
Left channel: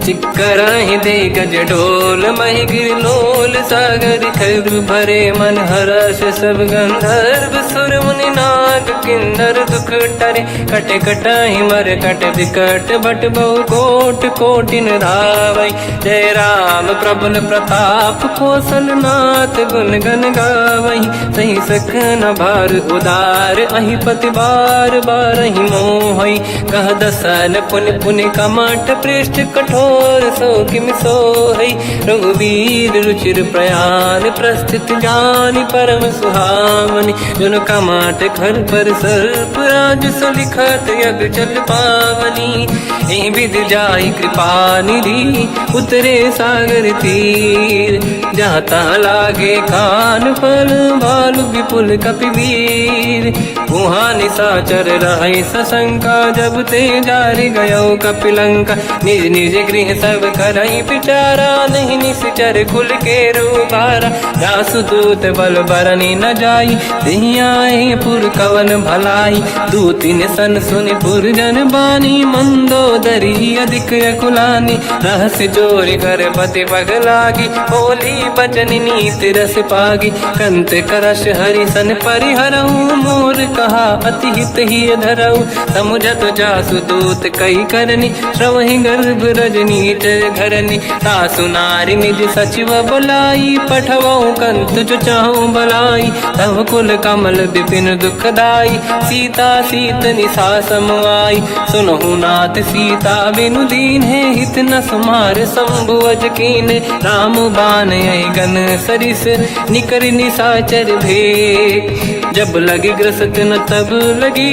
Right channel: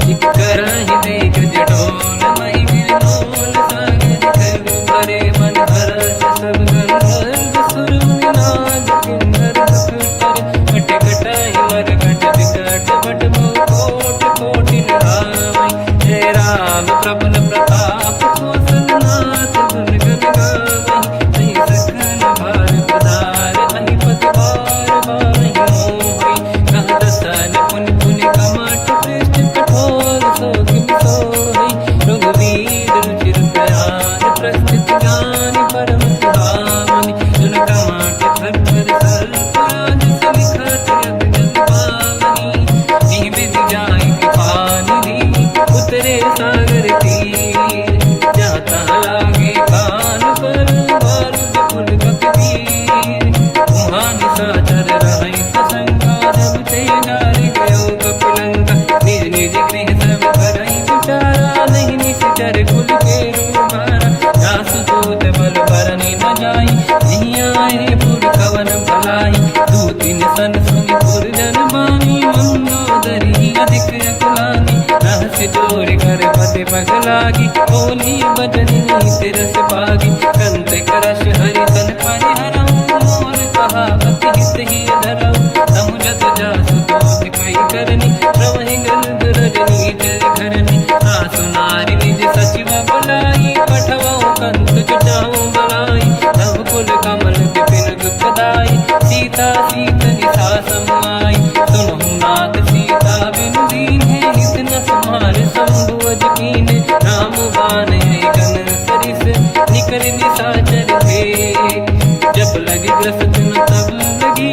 चिक्करहि दिग्गज डोल, महि गिरलोल सागर खरु भरे, मन हर्ष सब गंधर्व सुर मुनि नाग किन्नर दुख टरे, कट कटाहि मर कट विकट भट बहु कोट कोटि निरावै, जय राम प्रबल प्रताप कोसन नाथ, गुण गन गावै, सही सखन भार उदार, अहि पति बार बारहि मोहै, कह दसन पुन पुन कमठ पृष्ठ कठोर, सो किम सोहै, रघुवीर रुचिर प्रयाण, प्रस्थित ज्ञानी परम सुहावनी, जुन कमाट खर पर सर्प राज, सविखत यग जल पावनी, एहि विधि जाहि कृपा निधि, उतरे सागर तीर, जाता लागे कान फल, भालु विपुल कपि वीर, उहाँ निशाचर रहे सशंका, जब ते जारि गयो कपिलंका, निज निज गृह सब करहि विचारा, नहीं निश्चर कुल के रूबारा, जासु दूत बल बरनी न जाई, दिहियाहि पुर कवन भलाई, दूतिन सन सुनि पुर जन बानी, मंदोदरी ही अधिक अकुलानी, रहस्य जोरी कर पति पगलागी, बोली बचन नीत रस पागी, कंत करश हरि सन परिहरऊ, मोर कहा अति हित ही धरऊ, समुझत जासु दूत कई करनी, श्रवहि गर्भ रजनी जय धरनी, सासु नारी निज सचिव बुलाई, पठवऊ कंत जो चाहू बलाई, तब कुल कमल विपिन दुखदाई, सीता सीत निशा समाई, सुनहु नाथ सीता बिनु दीन है, हित न समार शंभुअज कीन, राम बान यही गन सरिस, निकर निशाचर भेद, जब लगी ग्रस्त न तब लगी,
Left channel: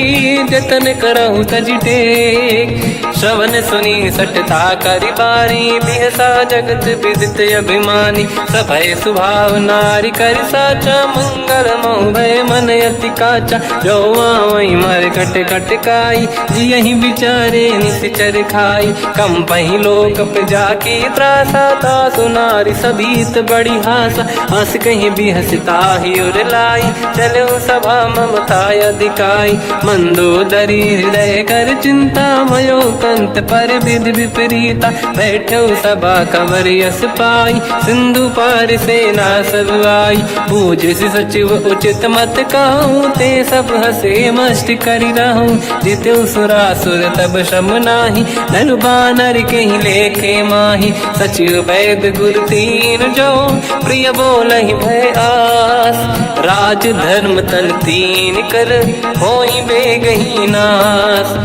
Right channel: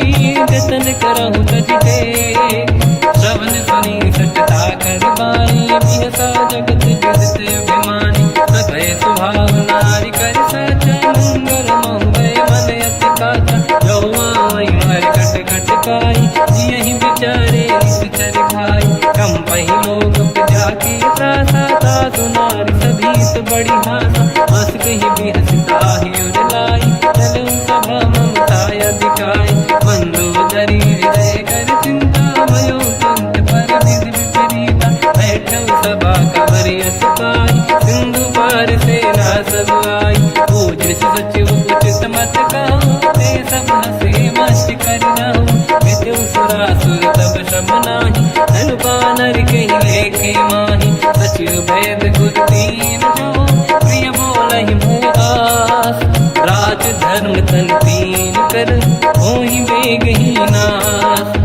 जतन करहु तज टेक, श्रवण सुनी सटता करि बारी, बिहसा जगत विदित अभिमानी, सभय स्वभाव नारी कर साचा, मंगल मऊ भय मन अति काचा, जो आई मर कट कट काई, यही विचारे निश्चर खाई, कम पही लोक प्रजा की त्रासा, तासु नारी सभीत बड़ी हासा, हंस कहीं भी हंसता ही उर लाई, चलो सभा ममता अधिकाई, मंदोदरी हृदय कर चिंता, भयो कंत पर विधि विपरीता, बैठो सभा कंवर यस पाई, सिंधु पार सेना सब आई, पूज सचिव उचित मत कहूँ, ते सब हसे मस्त करि रहूं, जिते सुरासुर तब शम नाही, धनु बानर कहीं लेखे माही, सचिव वैद गुरु तीन जो, प्रिय बोलहि भय आस, राज धर्म तल तीन कर, होई बेगही नास,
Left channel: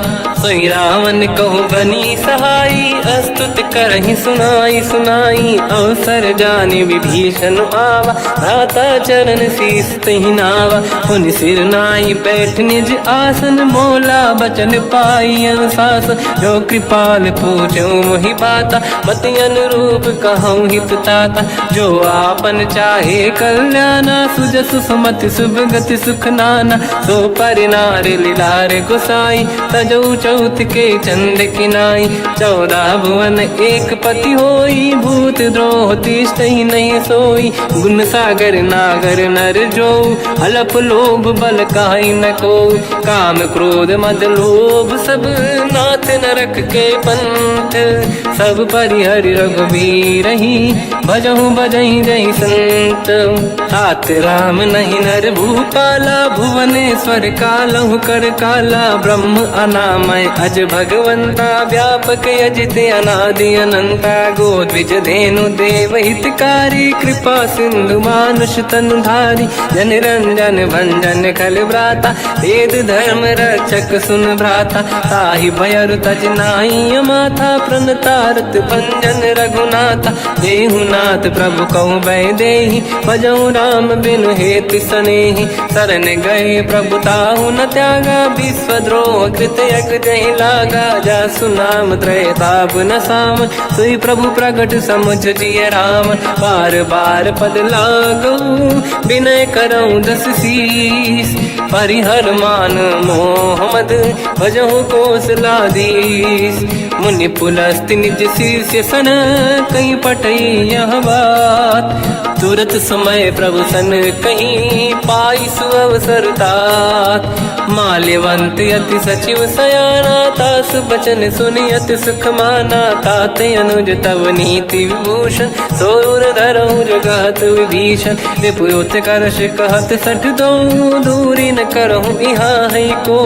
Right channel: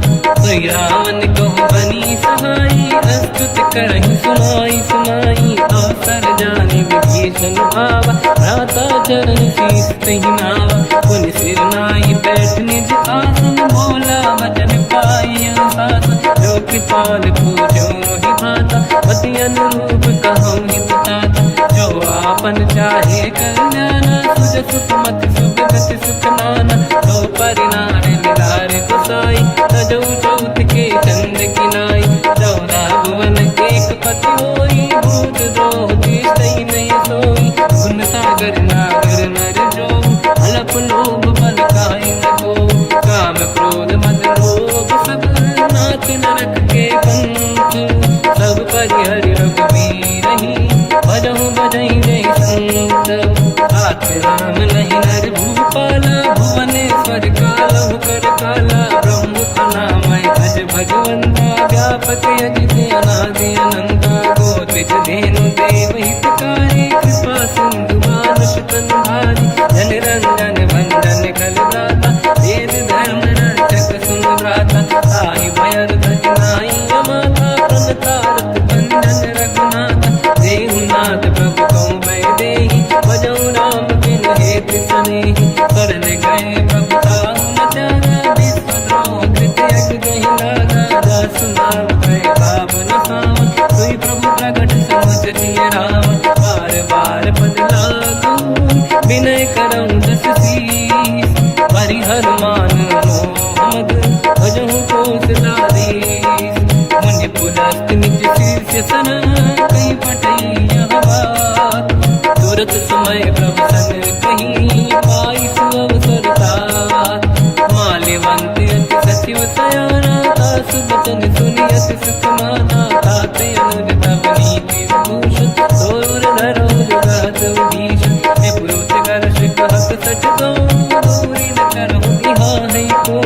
सोई रावण कहु बनी सहाई, अस्तुत करहि सुनाई सुनाई, अवसर जाने विभीषण आवा, भ्राता चरण शीस तहि नावा, पुन सिर नाई बैठ निज आसन, मोला बचन पाई अनुशासन, जो कृपाल पूछो मोहि बाता, पति अनुरूप कहूँ हित ताता, जो आपन चाहे कल्याणा, सुजसु सुमति सुभगति सुख नाना, सो पर नारी लीलार गोसाई, तजौ चौथ के चंद किनाई, 14 भुवन एक पति होई, भूत द्रोह तिष्ठहि नहीं सोई, गुण सागर नागर नर जो, हलफ लोभ बल काई न को, काम क्रोध मद लोभ सब, नाथ नरक के पंथ, सब परिहरि रघुबीर ही, भजहु बजहि जय संत, हाथ राम नहीं नर भूपाला, भुवनेश्वर कालहु कर काला, ब्रह्म अनामय अज भगवंता, व्यापक अजित अनादि अनंता, गोद्विज धेनु देव हितकारी, कृपा सिंधु मानुष तनुधारी, जन रंजन भंजन खल व्राता, वेद धर्म रक्षक सुन भ्राता, ताहि भयर तज नाहि अमाथा, प्रणतारत भंजन रघुनाथा, जेहुनाथ प्रभु कहु भय देहि, भजऊ राम बिन हेतु सनेहि, शरण गए प्रभु ताहु न त्यागा, विश्वद्रोह कृत यक जहि लागा, जासु नाम त्रयताप न साम, सोई प्रभु प्रगट समुझ जिय राम, बार बार पद लागू, विनय करऊँ दस शीस, परिहर मान मोह मद, भजहु कौशलाधीश, मुनि पुलस्त्य निज शीर्ष सन, कहीं पटई यह बात, तुरत समय प्रभु सन कहीं, पाई सुअवसर तात, माल्यवंत अति सचिव सयाना, तास बचन सुनि अति सुख माना, ताते अनुज तव नीति विभूषण, सोर धरऊ जगत विभीषण, निपुत करश कहत सठ दो, दूरी न करहु इहाँ है को,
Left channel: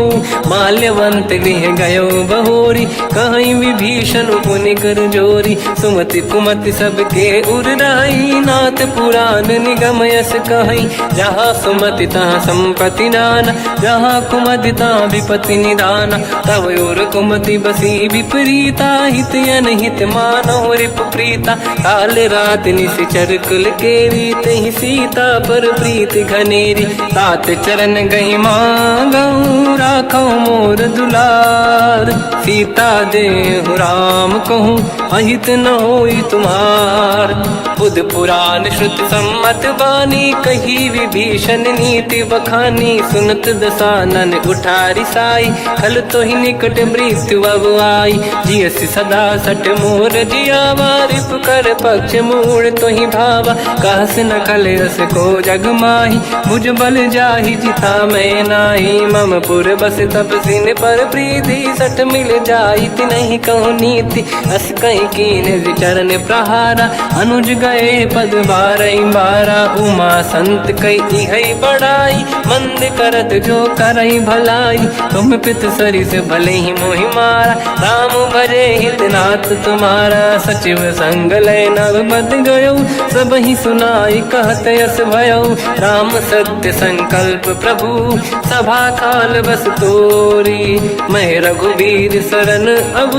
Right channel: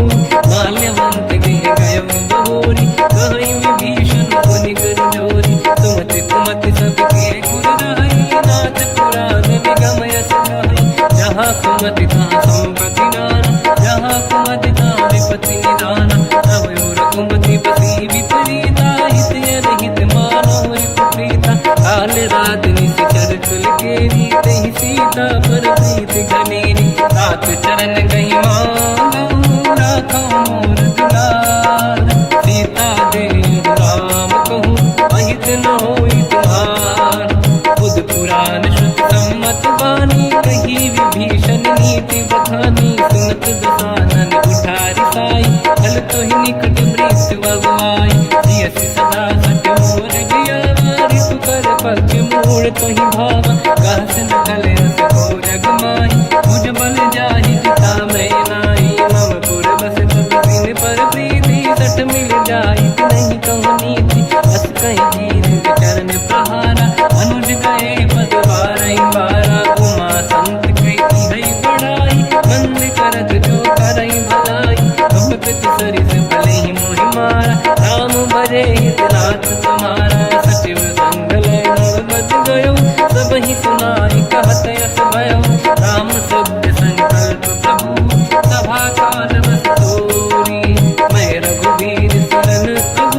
माल्यवंत गृह गयो बहोरी, कहीं विभीषण पुनि कर जोरी, सुमति कुमति सबके उरनाई, नाथ पुराण निगम यस कहीं, जहाँ सुमति तहाँ संपत्ति नाना, जहाँ कुमति तहाँ विपत्ति निदाना, तव और कुमति बसी विपरीता, हित अनहित मानव रिप प्रीता, काल रात निश्चर कुल केरी, तहि सीता पर प्रीत घनेरी, तात चरण गई मांगऊ, राखो मोर दुलार, सीता देहु राम कहूँ, अहित न होई तुम्हार, बुध पुराण श्रुत सम्मत बानी, कही विभीषण नीति बखानी, सुनत दसानन उठारी साई, खल तो ही निकट मृत्यु अब आई, जियस सदा सट मोर जियावा, रिप कर पक्ष मूड़ तो ही भावा, कहस न कल रस को जग माही, बुझ बल जाहि जिता मैं नाई, मम पुर बस तब सिन पर प्रीति, सत मिल जाई नहीं कहूँ नीति, अस कहीं कीन विचरण प्रहारा, अनुज गए पद बारई बारा, उमा संत कई है बड़ाई, मंद करत जो करई भलाई, तुम पित सरिस भले ही मोहि मारा, राम भजे हितनाथ तुम्हारा, सचिव संग लय नव बद गयो, सब ही सुनाई कहत यस भयो, राम सत्य संकल्प प्रभु, सभा काल बस तोरी, मैं रघुवीर शरण अब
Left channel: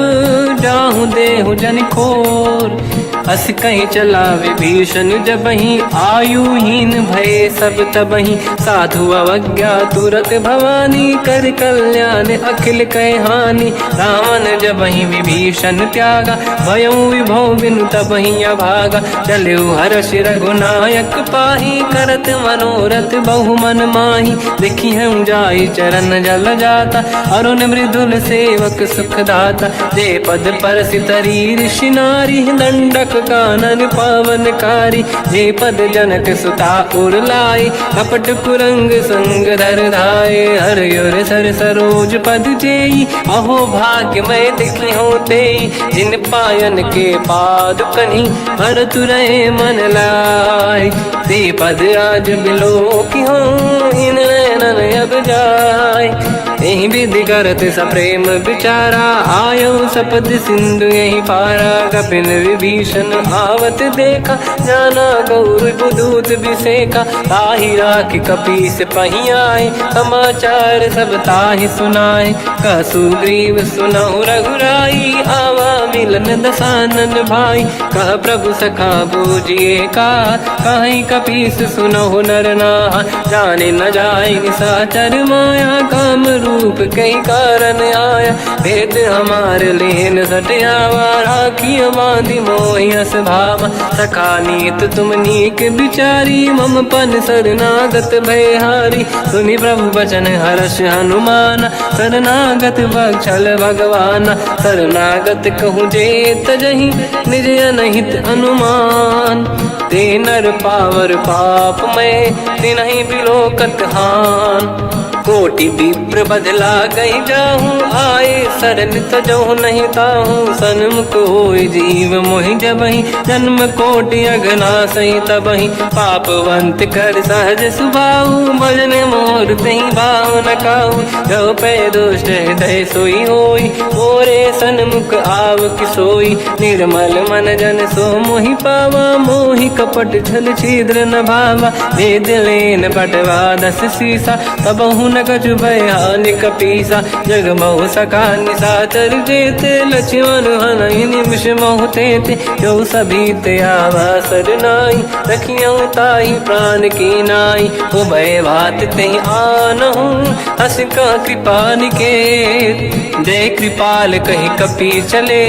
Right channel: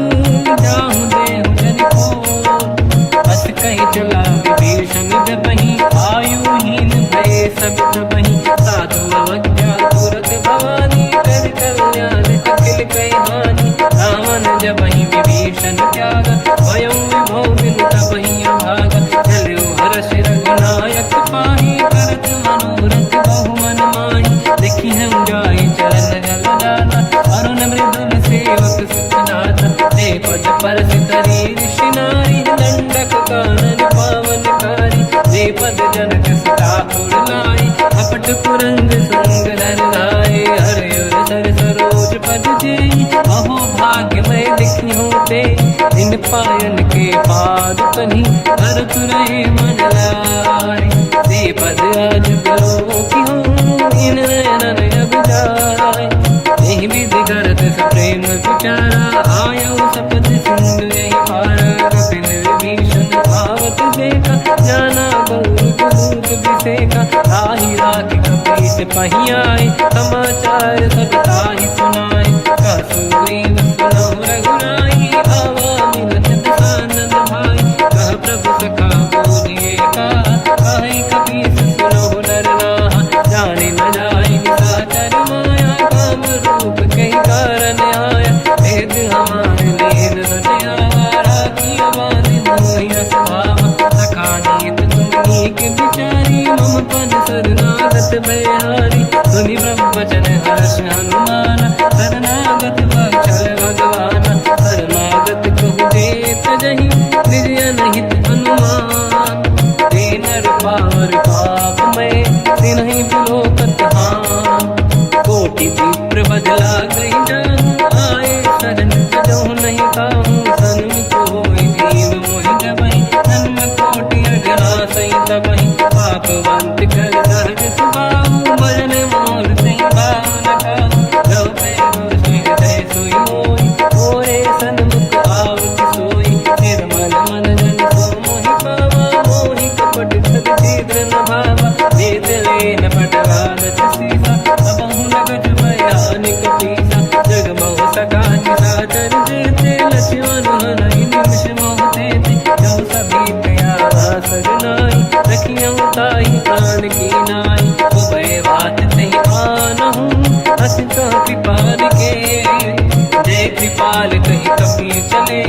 जाहूँ देहु जन खोर, अस कहीं चला विभीषण जबहि, आयुहीन भये सब तबहि, साधु अवज्ञा तुरत भवानी, कर कल्याण अखिल कह हानि, रावण जबहि विभीषण त्यागा, भयउ विभौ बिनु तबहि अभागा, चलु हर्ष रघुनायक पाहि, करत मनोरथ बहु मन माहि, देखि हम जाई चरण जल जाता, अरुण मृदुल सेवक सुख दाता, जय पद परसि तरी ऋषि नारी, दंडक कानन पावनकारी, जे पद जनक सुता उर लाई, कपट कुरंग संग धर धाय, हर सर सरोज पद जेई, अहो भाग्य मैं देखी होते, जिन पायन के पाद कन्ही, हर तुरहे मन लाई, ते पद आज बिलो की हो, इन नैनन अब जाय, यही विधि करत सप्रेम विचारा, आयो सपद सिंधु यही पारा, कपिन विभीषण आवत देखा, जाना गौर दूत विसेका, ताहि राखि कपीस पहि आए, समाचार सब ताहि सुनाए, कह सुग्रीव सुनहु रघुराई, आवा मिलन दसानन भाई, कह प्रभु सखा पूजिए का, कहीं कपीस सुनहु नर नाहा, जाने न जाए साचर माया, काम रूप कई कारण आया, भेद हमार लेन सटियावा, राखी बांधि मोहि अस भावा, सखा नीत तुम नीक बिचारी, मम पन शरणागत भयहारी, सुनि प्रभु वचन हर्ष हनुमान, शरणागत बक्षल भगवाना, शरणागत कहूँ जे तजहि, निज अनहित अनुमान, ते नर पावर पाप में, तिन्हि बिलोकत हान, कोटि विप्र बदला गई जाऊँ, आए शरण तजो नहीं ताहूँ, सन्मुख होय जीव मोहि जबहि, जन्म कोटि अगना सही तबहि, पापवंत कर सहज सुभाऊ, भजन मोर सही भाव न काहू, जो पे दुष्ट हृदय सोई होई, मोरे सन्मुख आव किसोई, निर्मल मन जन सो मोहि पावा, मोहि कपट छल छिद्र न भावा, वेद लेन पटवा दस सीसा, तबहु न कछु भयानि कपीसा, जग बहु सका निशाचर जेते, लक्ष्मण हनहि निमिष मोहु तेते, जो सभी ते आवा सरनाई, रखियौ ताहि प्राण की नाई, उभय बात ते आनहु, अस का कृपा निकेत, जय कृपाल कहि कपी चले,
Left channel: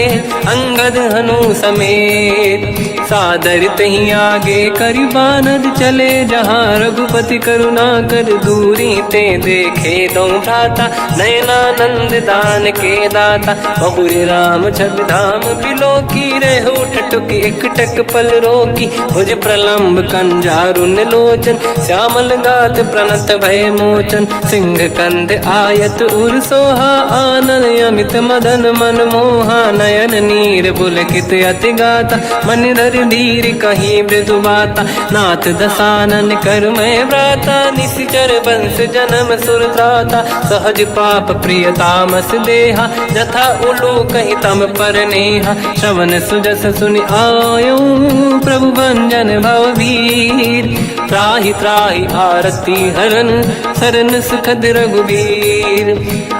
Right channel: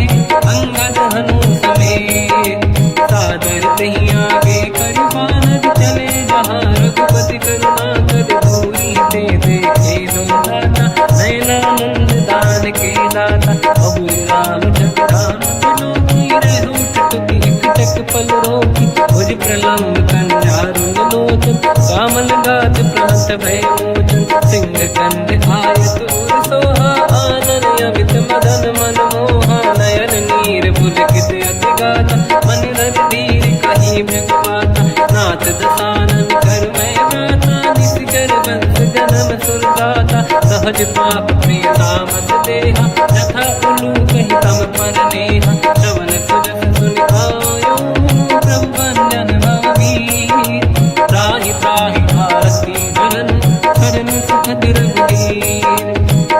अंगद हनु समेत, सादर तही आगे करि बानर चले, जहाँ रघुपति करुणा कर दूरी ते देखे दो दाता, नयनानंद दान के दाता, बहुज राम छग धाम बिलो की, रहु टुक एक टक पल रोकी, भुज प्रलम्ब कंजारुन लोचन, श्यामल गात प्रणत भय मोचन, सिंह कंद आयत उर सोहा, आनन अमित मदन मन मोहा, नयन नीर पुलकित अति गाता, मन धर धीर कहीं मृदु बाता, नाथ दसानन कर मैं व्राता, निश्चर वंश जन्म सुरदाता, सहज पाप प्रिय तामस देहा, जथा उलू कहीं तम पर नेहा, श्रवण सुजस सुनि आयो, प्रभु भंजन भवभीर, त्राहि त्राहि आरती हरन, शरण सुखद रघुवीर,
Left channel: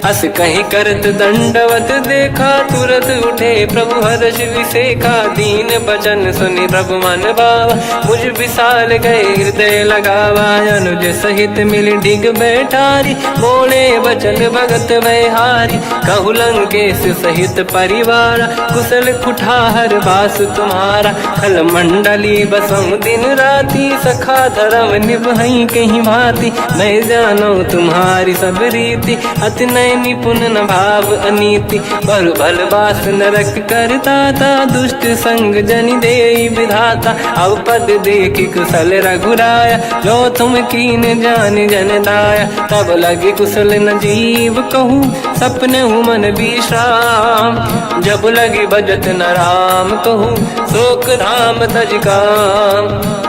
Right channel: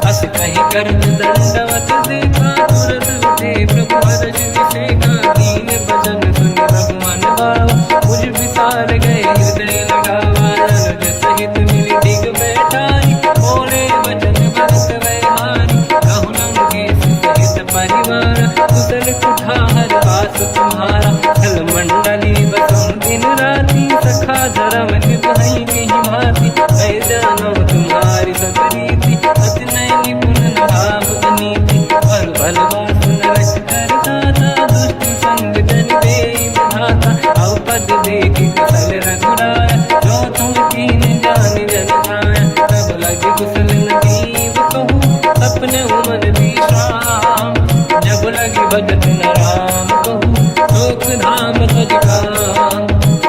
अस कहीं करत दंडवत देखा, तुरत उठे प्रभु हर्ष विसेका, दीन बचन सुनि प्रभु मन भावा, मुझ विशाल गए हृदय लगावा, अनुज सहित मिल डिग बैठारी, बोले बचन भगत वैहारी, कहु लंकेश सहित परिवार, कुशल कुठार बास तुम्हारा, खल मंडली बसम दिन राति, सखा धर्म निभई कहीं भांति, मैं जानो तुम्हारी सब रीति, अति नय निपुण न भाव अनीति, बल बल बास नर बालक करता था, दुष्ट संग जन दे विधाता। अब पद देखी कुशल रघुराया, जो तुम कीन जान जन दाया। तब लगी कुशल न जीव कहूँ, सपने मन विश्राम। जब लगी भजत न राम कहूँ, शोक धाम तज काम।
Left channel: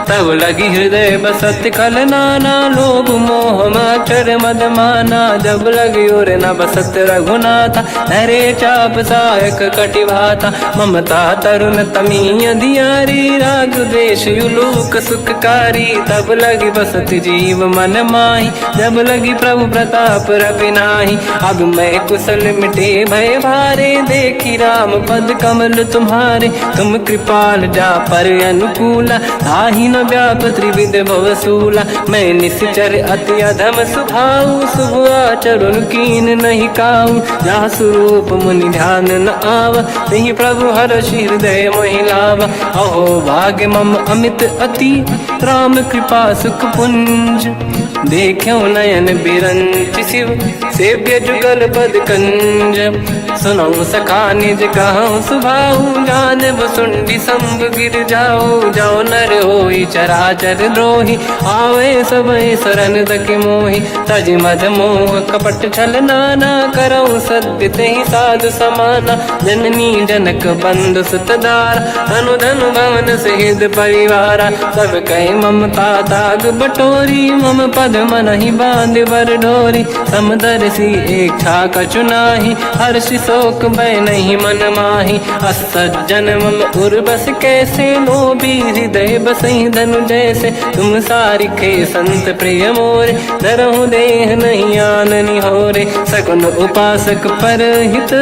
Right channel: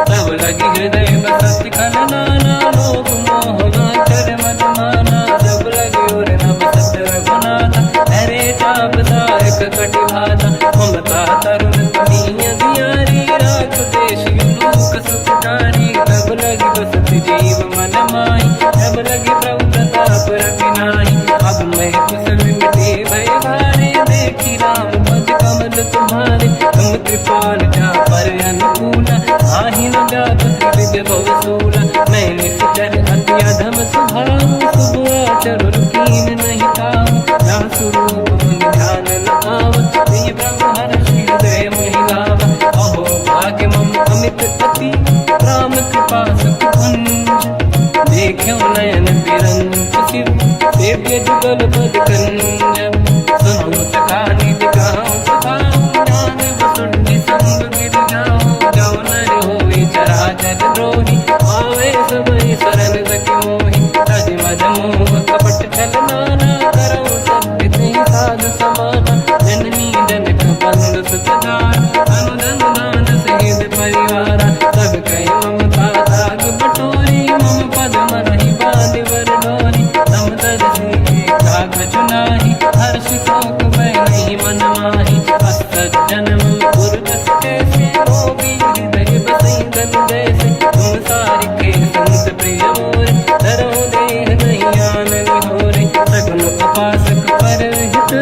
तब लगी हृदय बसत खल नाना, लोभ मोह मच्छर मद माना। जब लगी और न बसत रघुनाथा, हरे चाप सायक कटिभाता। ममता तरुण तमीय दियारी, राग द्वेष युलूक सुखकारी। तब लगी बसत जीव मन माही, जब लगी प्रभु प्रताप रवि नाही। अब मैं कुशल मिटे भय भारे, देखी राम पद कमल तुम्हारे। तुम कृपाल जा पर अनुकूला, ताहि न व्याप त्रिविध भवसूला। मैं निश्चर अति अधम स्वभाव, शुभ आचरण कीन नहीं काऊ। जहाँ स्वरूप मुनि ध्यान न आव, नहीं प्रभु हर्षि हृदय महिलाव। अहो भाग्य मम अमित अति, राम कृपा सुख पुंज। देख्यो नयन बिरंच शिव, सेव्य जुगल पद कंज। सुनऊ सखा निज कहूँ सुभाऊ, जान बसुंडी संग गिर जाओ। जाओ नर होई चराचर द्रोही, आवे सबई शरण दक मोहि। तज मद मोह कपट छल नाना, करऊँ सत्य तेहि साधु समाना। जननी जनक बंधु सुतदार, धनु धनु भवन सहित परिवारा। सब कहे ममता ताग बटोरी, मम पद मनहि बांध बर डोरी। समदर्शी इच्छा कछु नाही, हर्षि शोक भय नहीं मन माही। असज्जन मम उर बस कैसे, लोभी हृदय बसई धनु जैसे। तुम सारिखे संत प्रिय मोरे, धरहु देह नहीं आननि होरे। सगुन उपासक पर हित,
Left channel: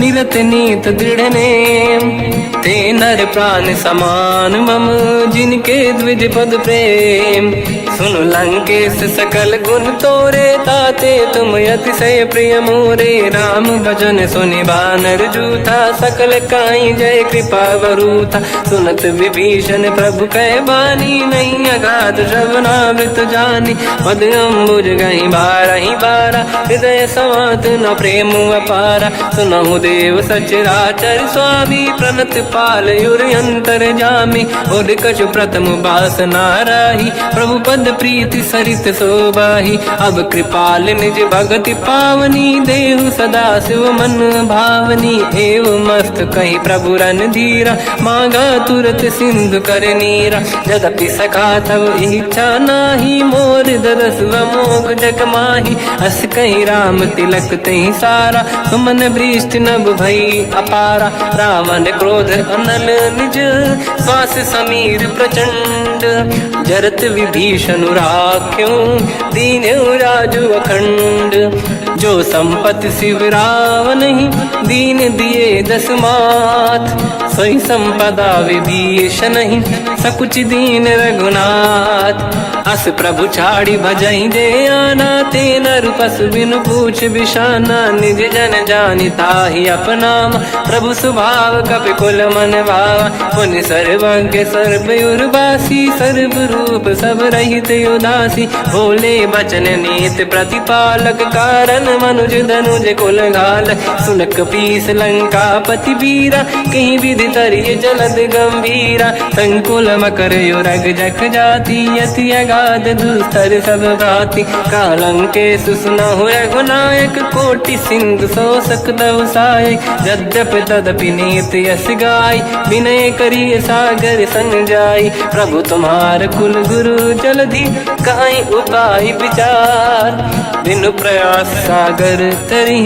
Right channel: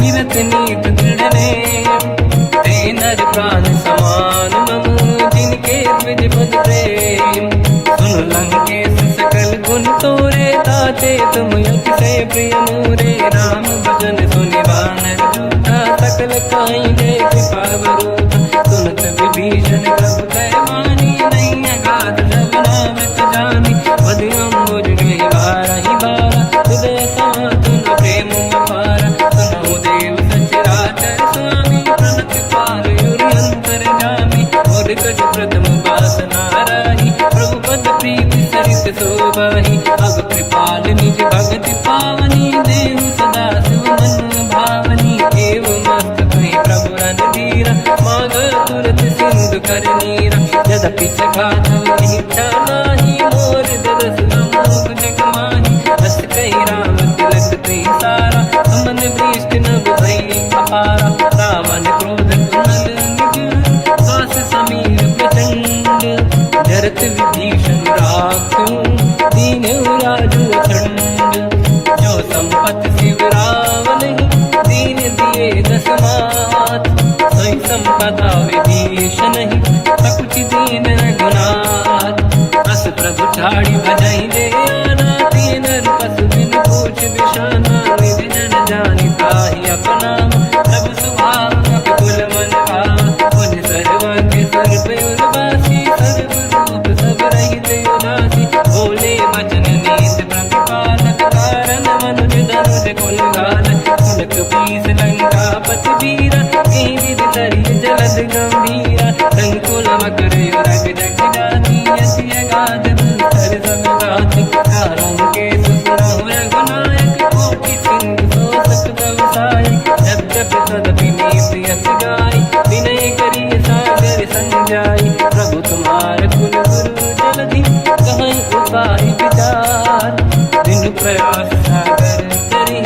निरत नीत दृढ़ नेम। ते नर प्राण समान मम, जिनके द्विज पद प्रेम। सुन लंकेश सकल गुण तोरे, ताते तुम अतिशय प्रिय मोरे। राम भजन सुनि बानर जूथा, सकल काई जय कृपा वरूथा। सुनत विभीषण प्रभु कह बानी, नहीं अगाध श्रवणामृत जानी। पद अम्बुज गई बारहि बारा, हृदय समात न प्रेम अपारा। सुनहु देव सचराचर स्वामी, प्रणत पाल युरि अंतर जामी। और कछु प्रथम बास नाराही, प्रभु पद प्रीति सरित शोभाही। अब कृपाल निज भगति पावनी, देहु सदा शिव मन भावनी। एव मस्त कहीं प्रभु रन धीरा, मांगा तुरत सिंधु कर नीरा। जगति सखा तब इच्छा नाही, मोर दरस मोग जग माही। हस कहीं राम तिलक तही सारा, सुमन वृष्टि नभ भई अपारा। रावण क्रोध अनल निज, श्वास समीर प्रचंड। जरत विभीषण राख्यों, दीन्हु राजु अखंड। जो संपत शिव रावण ही, दीन दिए दस मात। सोई संपदा विभीषण ही, सकुच दीन रघुनाथ। अस प्रभु छाड़ी भजई जे आना, ते नर पशु बिनु पूछ बिशाना। निज जन जानि ताहि अपनाम, प्रभु स्वभाव कपि कुल मन भावा। मुनि सर्वज्ञ सर्वयुर्वासी, सर्व रूप सब रहित उदासी। भोले बचन नीत प्रतिपालक, कारण मनुज धनुज कुल घाल। सुन कपीस लंका पति वीरा, कहीं विधि तरिय जलद गंभीरा। संकुल मकर युरग जख जाति, अति अगाध दुस्तर सब भाति। कालंके सुसना हुए गुनायक, कोटि सिंह सो सकदव सहायक। यद्यपि तदपि नीत यस गाय, विनय करिय सागर संजाई। प्रभु तुम्हार कुल गुरु जलधि, कहीं उपाय विचार। बिनु प्रयास सागर तरी,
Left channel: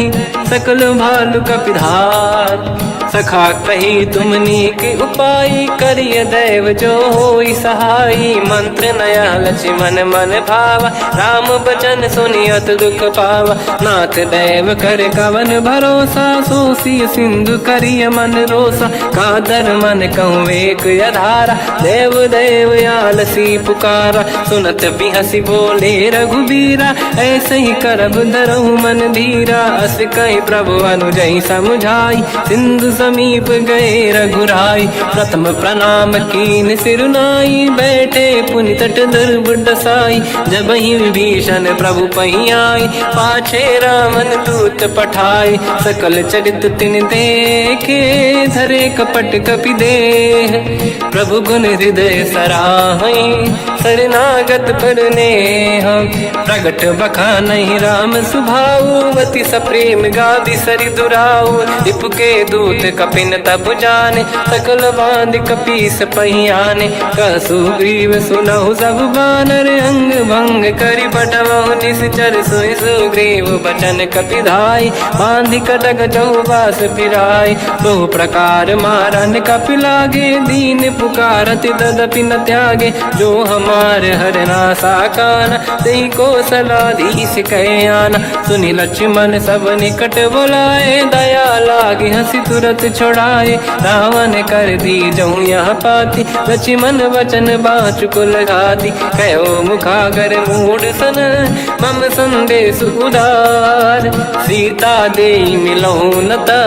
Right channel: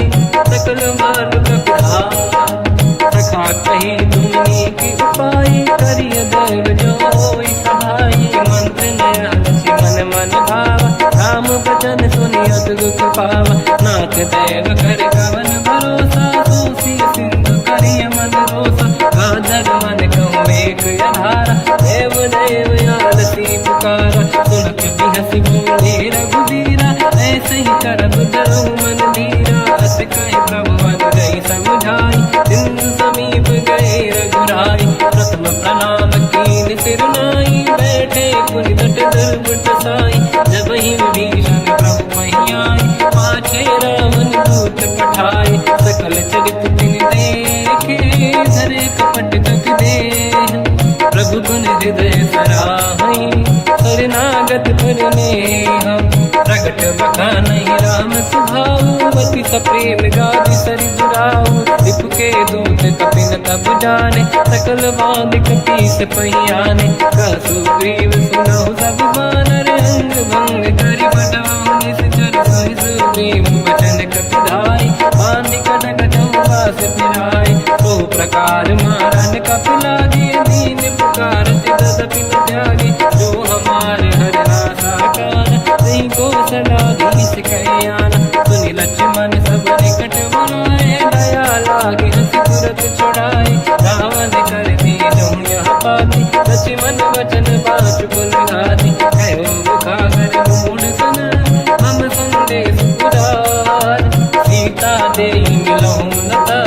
सकल भालु कपिधार। सखा कही तुमने के उपाय, करिय दैव जो होई सहाई। मंत्र नया लक्ष्मण मन भावा, राम भजन सुनियत दुख पावा। नाथ दैव कर कवन भरोसा, सोसी सिंधु करिय मन रोसा। कादर मन कहूँ एक अधारा, देव देव आलसी पुकारा। सुनत बिहसी बोले रघुबीरा, ऐसे ही करब धरहु मन धीरा। अस कहीं प्रभु अनुजई समझाई, सिंधु समीप गए रघुराई। प्रथम प्रणाम कीन सिरनाई, बैठे पुनि तट दुर्ग डसाई। जब ही विभीषण प्रभु पही आई, पाछे रामन दूत पठाई। सकल चरित तिन देखे, धरे कपट कपि देह। प्रभु गुण हृदय सराहई, शरणागत पर नेह। प्रगट बखानहि राम सुभाऊ, अति सप्रेम गादि सरि दुराऊ। रिपुके दूत कपिन तब जाने, सकल बांध कपीस पही आने। कह सुग्रीव सुनहु सब बानर, अंग भंग करि पठमहु निश्चर। सोई सुग्रीव बचन कपि धाई, बांधि कटक चौबास फिराई। तो प्रकार मारन कपि लागे, दीन पुकारत तदपि न त्यागे। जो हमार हरना साकाना, तेहि कौशलाधीश कहे आना। सुनि लक्ष्मण सब निकट बुलाए, दया लागे हंसी तुरत छुड़ाए। रावण कर दी जहु यह पाती, लक्ष्मण वचन बाचुकुल गाती। कहो मुखागर मूढ़ सन, मम संदेश उदार। सीता देहि मिलहु नता,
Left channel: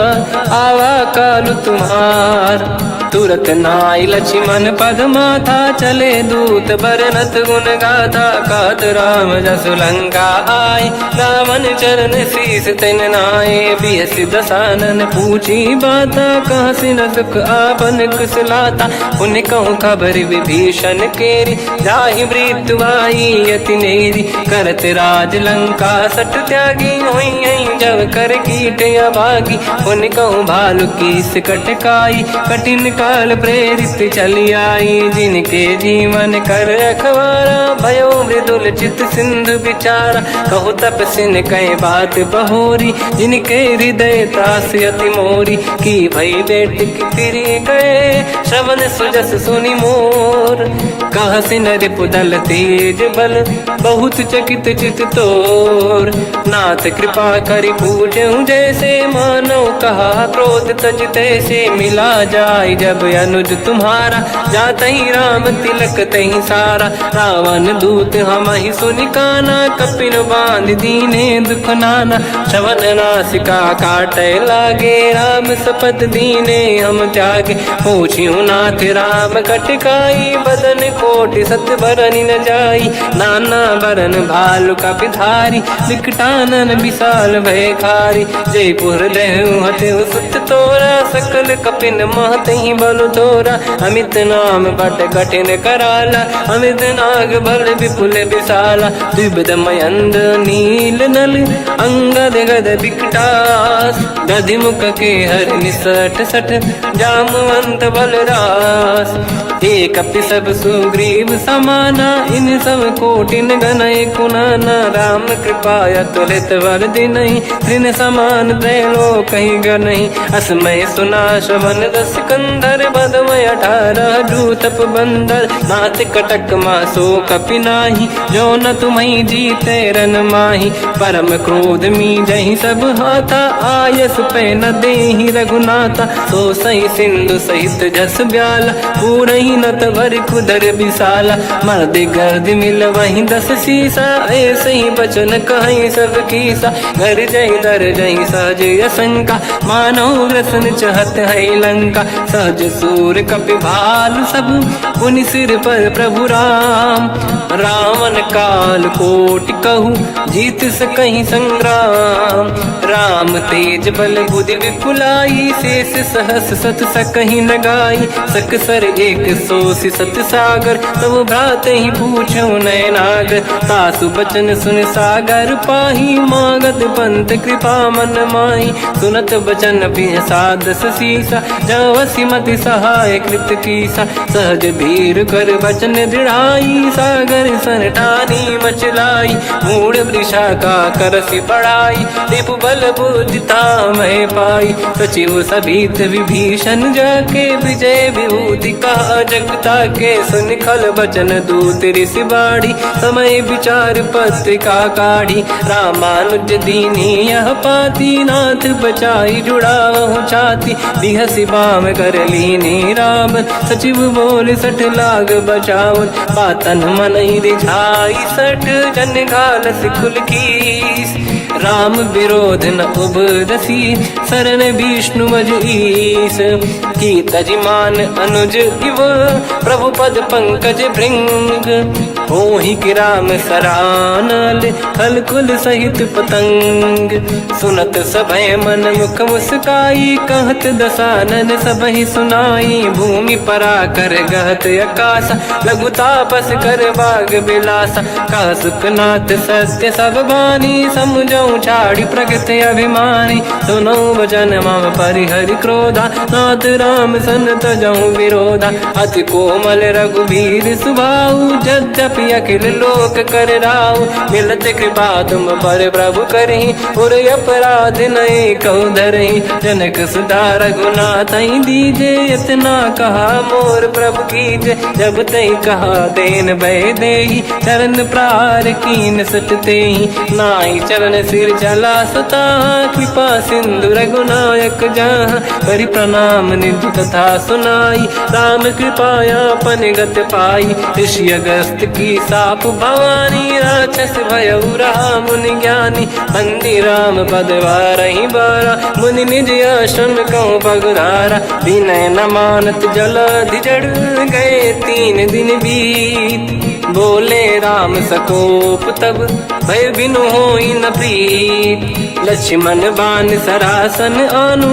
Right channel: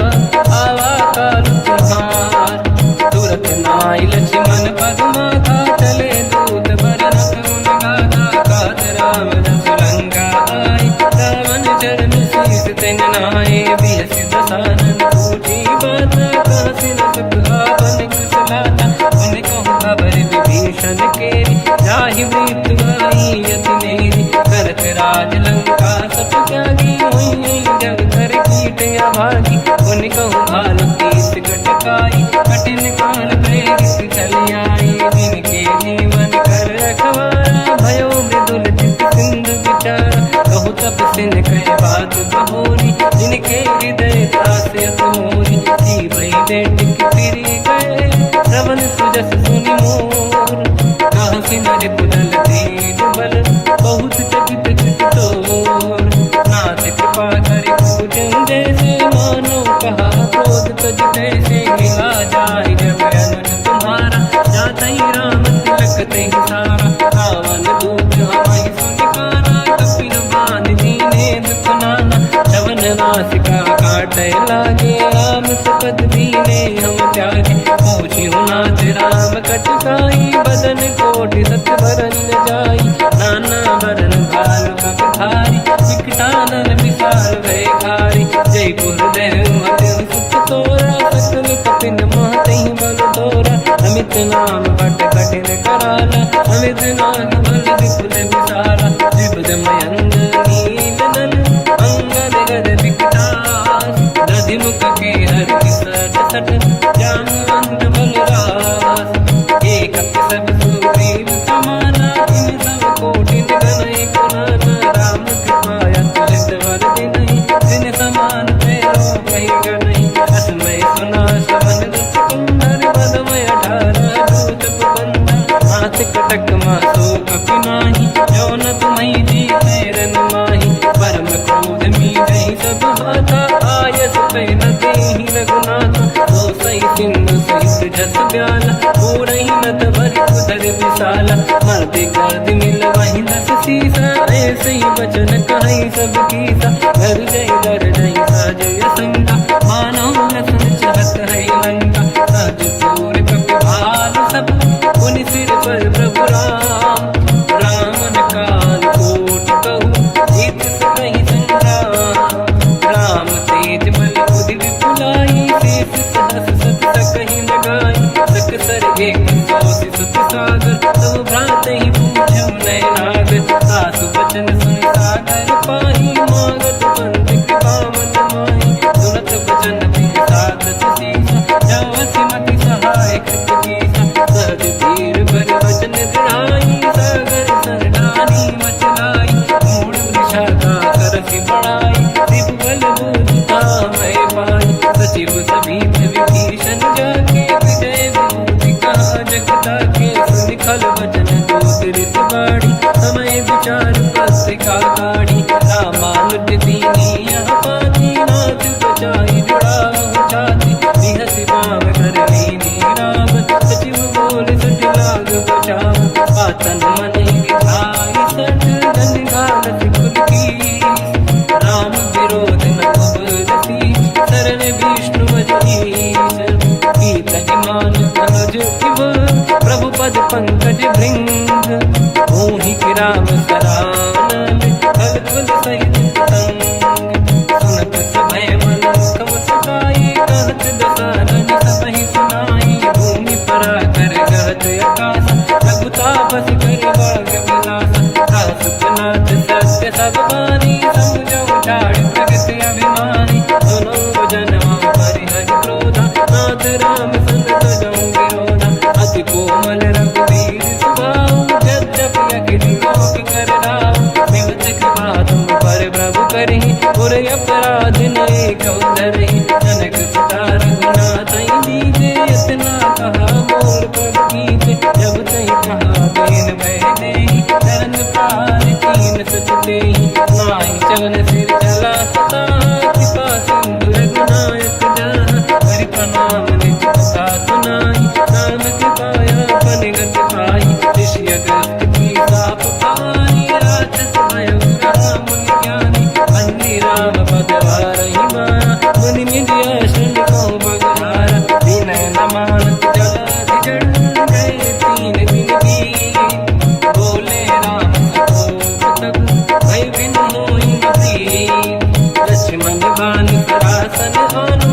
आवा कालु तुम्हार। तुरत नाई लक्ष्मण पद माथा, चले दूत बरनत गुण गाथा। कहत राम जसु लंका आए, रावण चरण शीस तिन नाए। बियसि दसानन पूछी बाता, कहसि न सुख आपन कुशलाता। पुनि कहूँ खबर विभीषण केरी, जाहि मृत्यु आई यति नेरी। करत राज लंका सट त्यागी, होई जब कर कीट अभागी। पुनि कहूँ भालु कीस कटकाई, कठिन काल प्रेरित चली आई। जिनके जीवन कर रखवारा, भयो मृदुल चित सिंधु विचारा। कहु तपसिन कहे बात बहोरी, जिनके हृदय त्रास अति मोरी। की भई बेटी फिरि गए, श्रवण सुजस सुनि मोर। कहसि नरिपुदल तेज बल, बहुत चकित चित तोर। नाथ कृपा करि पूजहु जैसे, मानो कहा क्रोध तज तैसे। मिला जाय जब अनुज तुम्हारा, जातहि राम तिलक तहि सारा। रावण दूत हमहि सुनि काना, कपिन बांध दीने दुख नाना। श्रवण नासिका काटै लागे, राम सपथ दीने हम त्यागे। पूछिहु नाथ राम कटकाई, बदन कोटि सत बरनि न जाई। नाना बरन भालु कपि धारी, विकटानन विशाल भय खारी। जयपुर देहु हतेहु सुत तोरा, सकल कपिन महतहि बल तोरा। अमित नाम बट कठिन कराला, अमित नाग बल विपुल विशाला। द्विविध मयंद नील नल, अंगद गद विकटास। गदिमुख के हर निसट सट, जामुवंत बलरास। एक कपि सब सुग्रीव समाना, इन सब कोटिन गनय कुनाना। राम कृपा तुलित वर दिनहि, दिन समान त्रैलोकहि गनहि। असमय सुना श्रवण रस कंधर, बदमय 18 दूतप बंदर। नाथ कटक मासो कपि नाही, जो न तुम्हि जीते रन माही। परम क्रोध मीजहि सब हाथा, आयस पे न देहि रघुनाथा। सो सही सिंधु सहित जस ब्याला, पूरहि नत भर कुदर विशाला। मर्द गर्द मिल वहीं 10 सीसा, ऐसे ही बचन कहीं सब कीसा। घर जय दर जय सहज असंका, मानो ग्रसन चहत है लंका। सहज सूर कपि भाल सब, पुनि सिर पर प्रभु राम। रावण काल कोटि कहूँ, जीत सकहि संग्राम। राम तेज बल बुद्धि विपुलाई, शेष सहस सत सकहि न गाई। सक सर एक सोसि सत सागर, प्रभु भ्रात ही पूछो नयनागर। सासु बचन सुन सागर पाही, मागत पंथ कृपा मन माही। सुनत बचन पिय सादस सीसा, जावसी मति सहाय कृत कीसा। सहज धीर कर बचन दृढ़ाई, सागर सन ठानी मचलाई। मूढ़ वृषा का करसि बढ़ाई, रिपु बल बुद्धि तामहि पाई। सचिव सभीत विभीषण जाके, विजय विभूति कहा जगता के। सुन खल बचन दूत ऋषि बाड़ी, समय विचार पत्रिका काढ़ी। रामानुज दीनी यह पाती, नाथ बचाई जुड़ाहु छाती। बिहसि बाम कर लीनी राम, सचिव बोल सठ लाग बचावन। पातन मन ही रिझाई सठ, जन घाल सिकुल कीस। राम विरोध न उबरसी, शरण विष्णु मज ईस। की तजमान अनुज इव, प्रभु पद पंकज भृंग। मोहि कि राम सरानल, हलकुल सहित पतंग। सुनत सभय मन मुख मुस्काई, कहत दसानन सबहि सुनाई। भूमि परा कर गहत आकाश, लघु तापस कर बाग बिलासा। कासुपनाथ सत्य सब बानी, समझऊ छाड़ी प्रगति अभिमानी। सुनो भजन मम परिहरि क्रोधा, नाथ राम सन तजऊ विरोधा। अति कोमल रघुवीर सुभाऊ, यद्यपि अखिल लोक कर राऊ। मिलत कृपा तुम पर प्रभु करहि, और अपराध नये कौ धरहि। जनक सुता रघुनाथ दीजे, इतना कहा मोर प्रभु कीजे। जब तई कहा देन भय देहि, चरण प्रार कीन सट तेहि। नाई चरण सिर चला सता, कृपा सिंधु रघुनायक जहाँ। करि प्रणाम निधि कथा सुनाई, राम कृपाया पन गत पाई। ऋषि अगस्त की साप भवानी, राक्षस भयउ रहा मुनि ज्ञानी। बंदी राम पद वारहि बारा, मुनि निज आश्रम कहु पगुधारा। विनय न मानत जलाधि जड़, गए 3 दिन बीत। बोले राम सकोप तब, भय बिनु होई न प्रीत। लक्ष्मण बान सरासन आनु,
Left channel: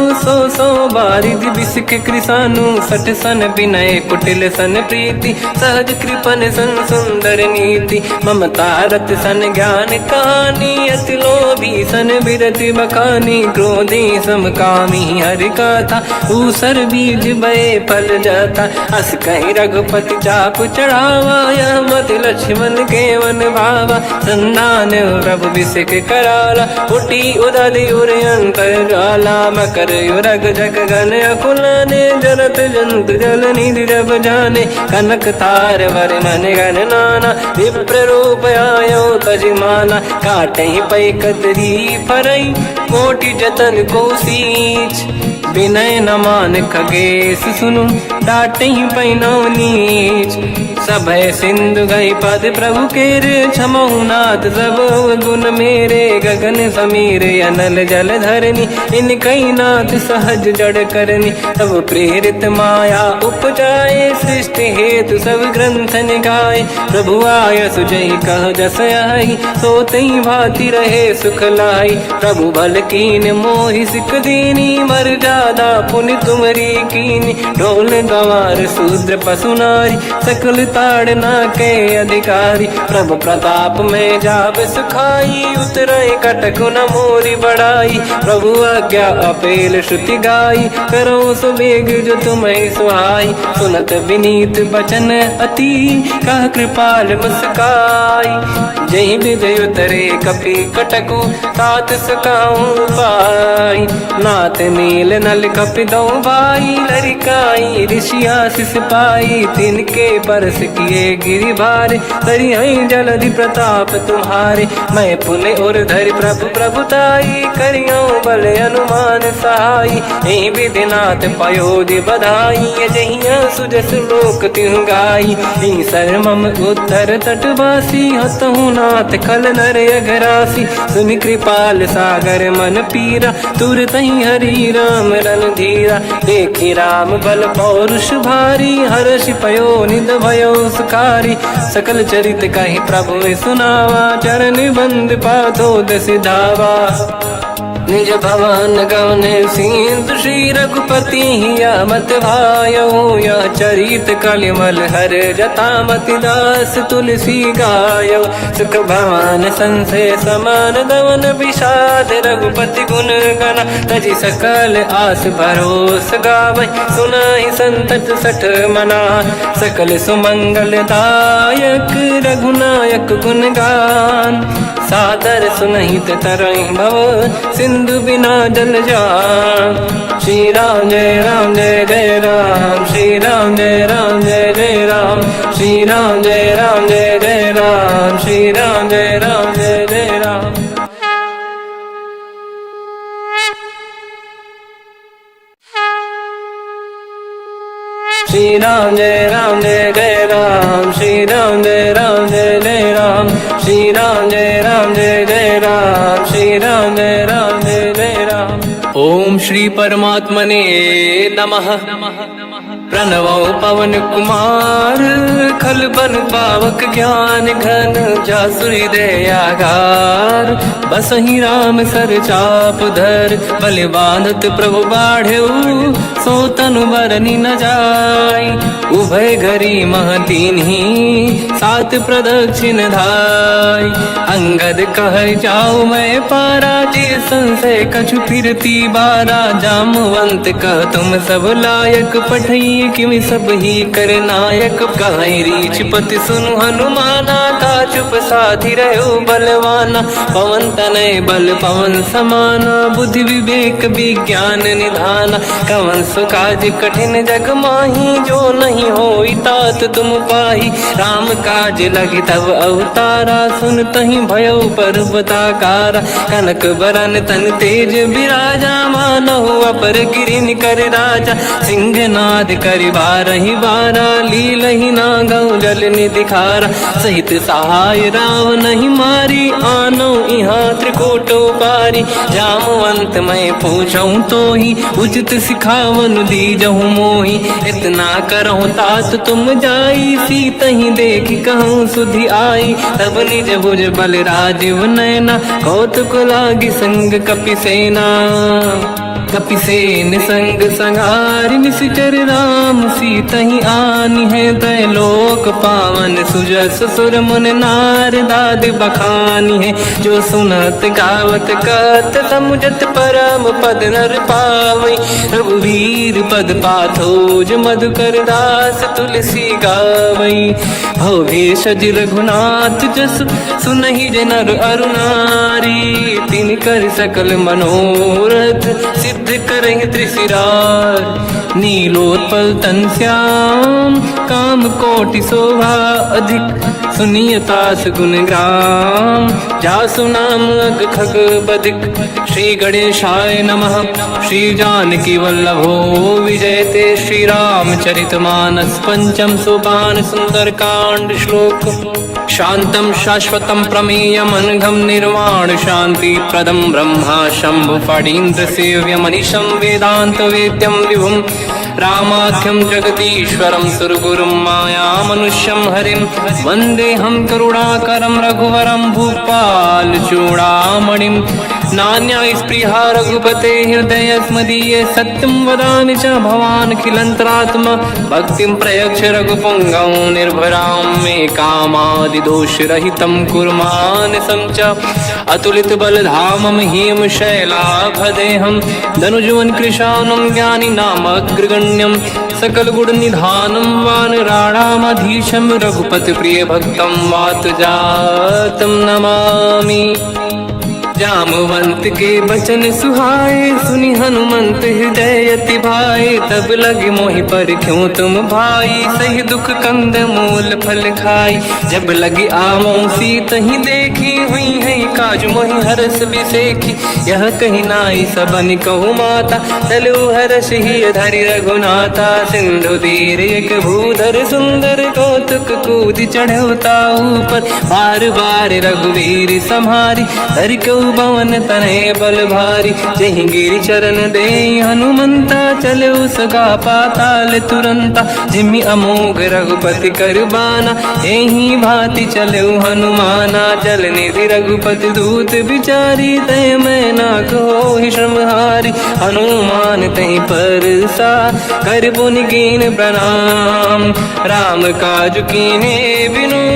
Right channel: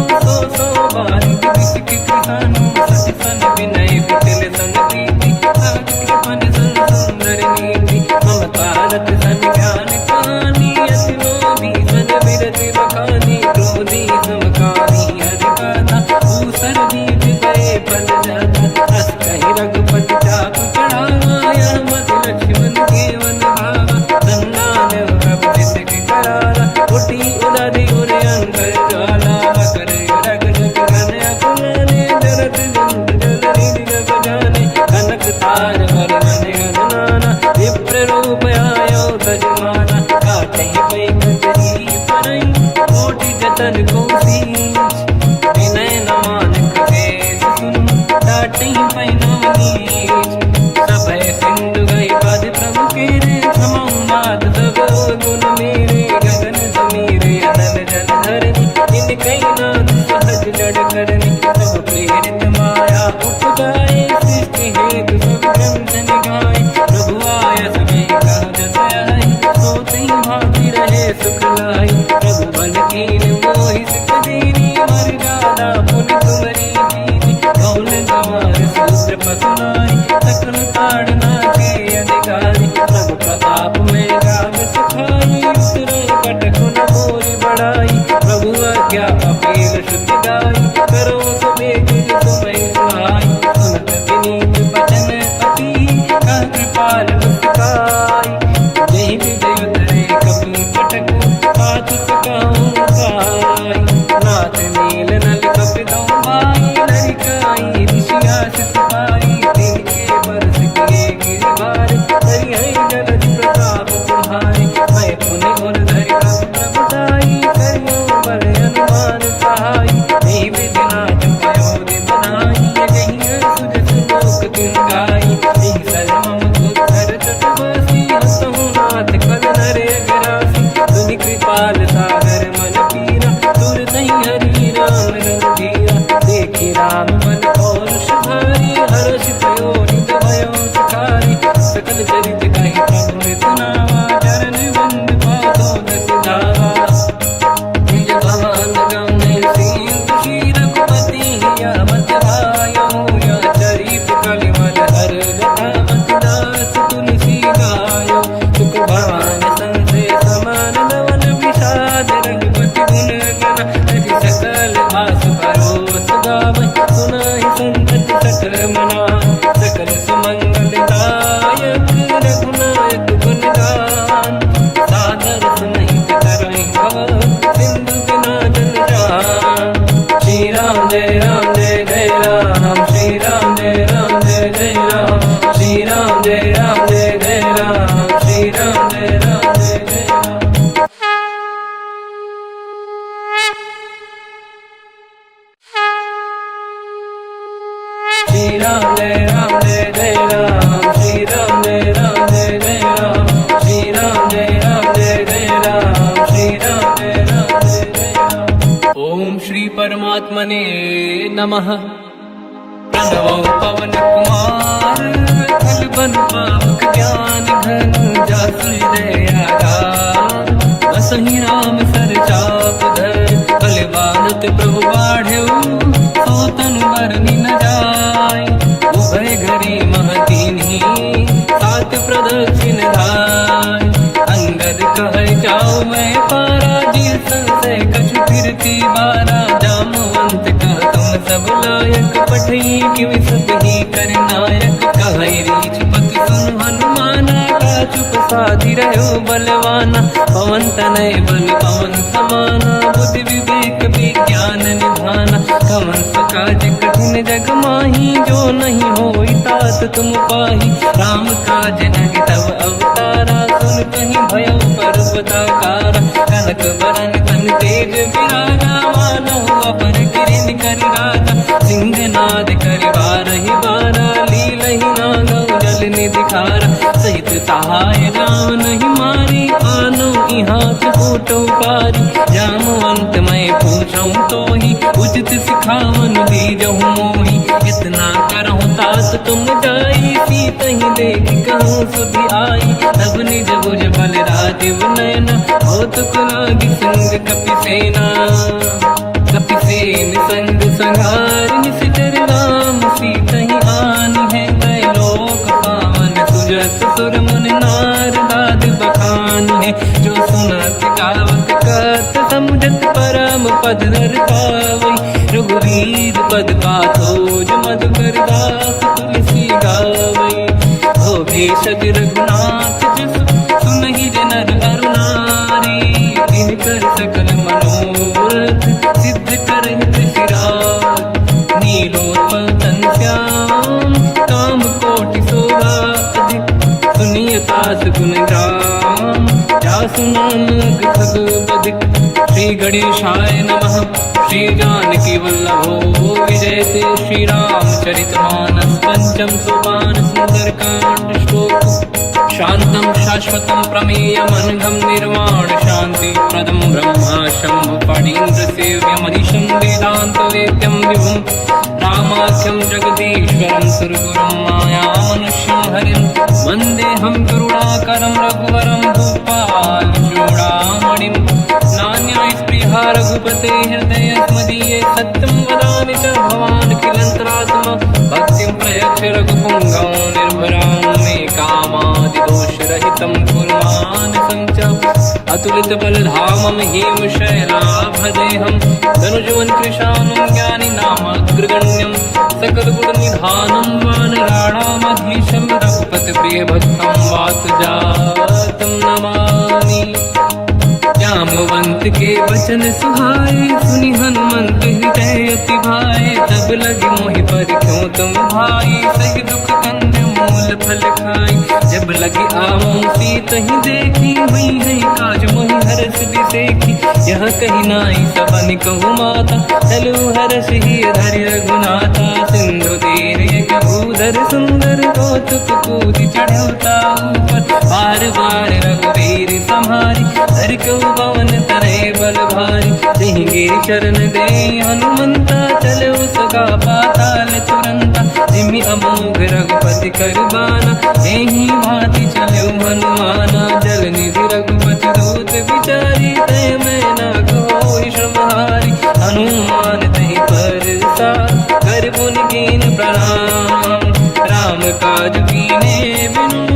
सो बारिद बिसिक कृसानु। सठ सन विनय कुटिल सन प्रीति, सहज कृपन सन सुंदर नीति। ममता रत सन ज्ञान कहानी, अति लोभी सन बिरति बखानी। क्रोधी समकामी हरि कथा, ऊसर बीज बये फल जाता। अस कहि रघुपति चाकु चढ़ावा, यह मत लक्ष्मण केवन भावा। संधान प्रभु बिसिक कराला, उठी उदधि उर अंकर ज्वाला। मकर युरग जग गण अकुलाने, जरत जंत जल निधि जब जाने। कनक तार वर्णन गण नाना, विप्र रूप आयो तजमाना। काटहि पै कतरी परई, कोटि जतन को सींच। विनय न मान खगेश सुनु, डांटहि पैनौ नीच। सभय सिंधु गई पद प्रभु केरे, क्षमहु नाथ सब गुण मेरे। गगन समीरे अनल जल धरनी, इनकई नाथ सहज जड़ करनी। तब प्रेरित माया उपजाए, सृष्टि हेतु सब ग्रंथ निगाए। प्रभु आय सुजई कह जस आई, सोतई भांति रहे सुख लाई। प्रभु भल कीन मोहि सिख दीनी, मर जादा पुनि तुमरी कीनी। ढोल गवार शूद्र पशु नारी, सकल ताड़ना के अधिकारी। प्रभु प्रताप में जाब सुखाई, उतरई कटक न मोरी बढ़ाई। प्रभु आज्ञा अपेल श्रुति गाई, करो सुबेग जो तुम्हें सुहाई। सुनत विनीत बचन अति, कह कृपाल मुस्काई। जय विदय उतरे कपि कटकु, तात सकाऊं पाई। नाथ नील नल कपि दौ भाई, लरिकाई ऋषि आशीष पाई। तिनके बरस किए गिरि भारे, तरि हई जलधि प्रताप तुम्हारे। मैं पुने और धरि प्रभु प्रभुताई, करियो बल अनुमान सहाई। यही विधिनाथ पयोधि बधाई, जहिया सुजस लोक तिहु गाई। सर मम उत्तर तटवासी, हसहु नाथ खल नर अघरासी। तुम कृपाल सागर मन पीरा, तुरतहि हरि राम रणधीरा। देखि राम बल पौरुष भारी, हर्ष पयो निध भयो सुखारी। सकल चरित कहि प्रभु में सुनावा, चरण बंद पादो दस धावा। निज भवन गवने सिंधु, श्री रघुपति हिया मत भायो। या चरित कलिमल हर जता, मति दास तुलसी गायो। सुख भवन संशय समान दवन, विषाद रघुपति गुण गण। तजि सकल आस भरोस गावै, सुनाहि संतत सठ मना। सकल सुमंगल दायक, रघुनायक गुण गान। सादर सुनहित तरंग भव, सिंधु बिना जल जान। श्री राम जय राम जय जय राम, श्री राम जय राम जय जय राम। श्री राम जय राम जय जय राम, श्री राम जय राम जय जय राम। श्री राम जय राम जय जय राम, श्री राम जय राम जय जय राम। श्री राम जय राम जय जय राम, श्री राम परमात्मने नमः। प्रणवो पवन कुमार खल बन पावक ज्ञान घन जासुरी दयागार। बसहि राम सर चाप धर बलिवानत प्रभु बाढ़ऊ सो तनु बरनी न जाय। उभय घरी महतीन्ही सात प्रदक्षिण धाय। अंगद कह जाओ मैं पारा जी संशय कछु फिरती बारा। जामवंत कह तुम सब लायक पठई किमि सब ही कर नायक। कहीं रीछ पति सुनु हनुमाना का चुप साधि रहो बलवाना। पवन तनय बल पवन समाना बुद्धि विवेक विज्ञान निधाना। कवन सो काज कठिन जग माही जो नहीं होई तात तुम पाही। राम काज लगे तब अवतारा सुन तहि भयो पर्वताकारा। कनक बरन तन तेज विराजा मानहु अपर गिरिन कर राजा। सिंहनाद करि बारहि बारा लीलहि नागौ जल निधिखारा। सहित सहाय राम नहीं मारी आनो इहाँ त्रिकोट पारी। जामवंत मैं पूछऊँ तो ही उचित सिखावन दीजहु मोही। इतना करहु तात तुम जाई सीतहि देखि कहूँ सुधि आई। तब निज भुज बल राजीव नैना कौतुक लागी संग कपिसेना। कपिसेन संग संहार निश्चर राम सीतहि आनी है। दैलोक पावन सुजस सुर मुन नार दाद बखानी है। जो सुनत गावत कहत समुझत परम पद नर पावै। रघुवीर पद पाथोज मधुकर दास तुलसी गावै। हो भेषज रघुनाथ जस सुनहि जनर अरुनारी। तिन कर सकल मनोरथ सिद्ध करहि त्रिशिरार। नीलोत्पल तन श्याम काम कोटि शोभा अधिक। सुनिय तास गुण ग्राम जासु नाम अग खग बदिक। श्री गणेशाय नमः। श्री जानकी वल्लभो विजयते। श्री रामचरित मानस पंचम सोपान सुंदर कांड श्लोक। शांतं शाश्वतं प्रमेयमनघं निर्वाण शांति प्रदं ब्रह्मा शंभु फणीन्द्र सेव्यमनिशं वेदांत वेद्यं विभुं। रामाख्यं जगदीश्वरं सुरगुरुं मायामनुष्यं हरिं। वन्देऽहं करुणाकरं रघुवरं भूपाल चूडामणिं। नान्या स्पृहा रघुपते हृदय स्मदीये। सत्यं वदामि च भवान् खिलन्तरात्मा। भक्तिं प्रयच्छ रघुपुङ्गं निर्भरां मे कामादि दोषरहितं कुर्मानसं च। अतुलित बलधामं हेमशैलाभदेहं। धनुजवन कृशानं ज्ञानी नामग्रगण्यं। सकल गुण निधानं वानराणामधीशं। रघुपति प्रिय भक्तं वातजातं नमामि। जामवंत के वचन सुहाए सुनि हनुमंत हृदय अति भाए। तब लगे मोहि पर क्यों तुम भाई सही दुख कंद मूल फल खाई। जब लगे आवों सीतहि देखी हुई है काज मोहि हरस बिसेखी। यह कही नाई सबन कहु माता चलु हरस ही धरि रघुनाथा। सिंधु तीर एक भूधर सुंदर कौतुक कूद चढ़ौता ऊपर। बार बार रघुवीर सम्हारी धरि कऊ पवन तनय बल भारी। जहि गिरि चरण दे हनुमंता चलो सगा पाताल तुरंता। जिमि अमोघ रघुपति कर बाना एहि भांति चलो हनुमाना। जल निधि रघुपति दूत बिचारी तय मैं ना कोहि श्रमहारी। हनुमान तहि परसा कर पुनि कीन प्रणाम। राम काज कीन्हे बिनु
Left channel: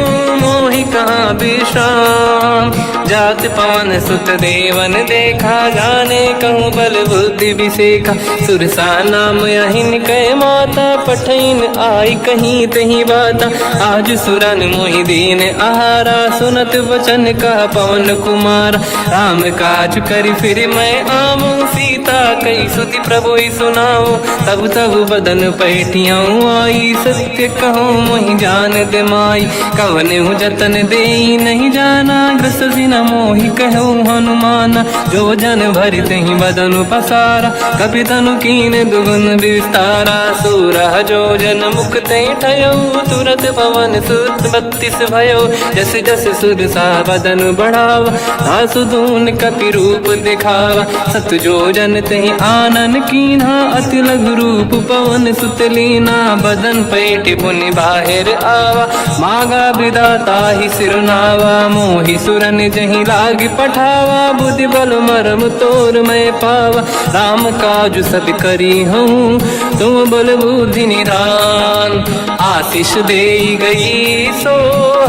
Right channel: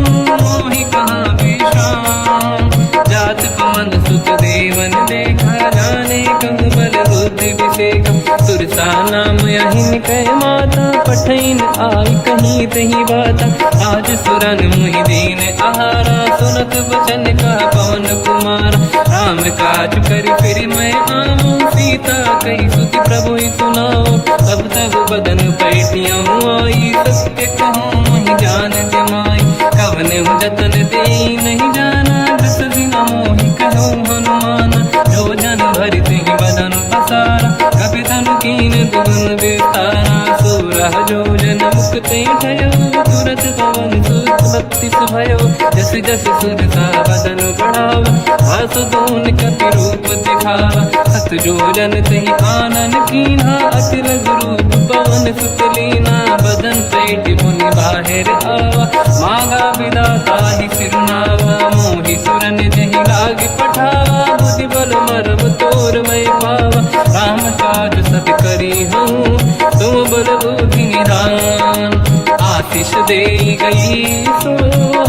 मोहि कहाँ विश्राम। जात पवन सुत देवन देखा जाने कहूँ बल बुद्धि विसेखा। सुरसा नाम यहिन कह माता पठैन आई कहीं तही बाता। आज सुरन मोहि दीन आहारा सुनत वचन कह पवन कुमार। राम काज करि फिर मैं आवूं सीता कई सुति प्रभु सुनाओ। तब तब बदन पैठियाँ आई सत्य कहो मोहि जान माई। कवन जतन दे नहीं जाना दस दिन मोहि कहो हनुमाना। जो जन भरित ही बदन पसारा कपि तनु कीन दुगुन विस्तारा। सो 16 जोजन मुक्त भयो तुरत पवन सुत 32 भयो जस जस सुरसा बदन बढ़ावा आसुदून कपि रूप दिखावा 7 जोजन तहि आनन कीन्हा अति लघु रूप पवन सुत लीना बदन पेट पुनि बाहिर आवा मागा विदाता ही सिरनावा मोहि सुरन जहि लाग पठावा बुद्धि बल मरम तोर मैं पावा राम काज सब करी हूँ तुम बल बुद्धि निधान आशीष दे गई सो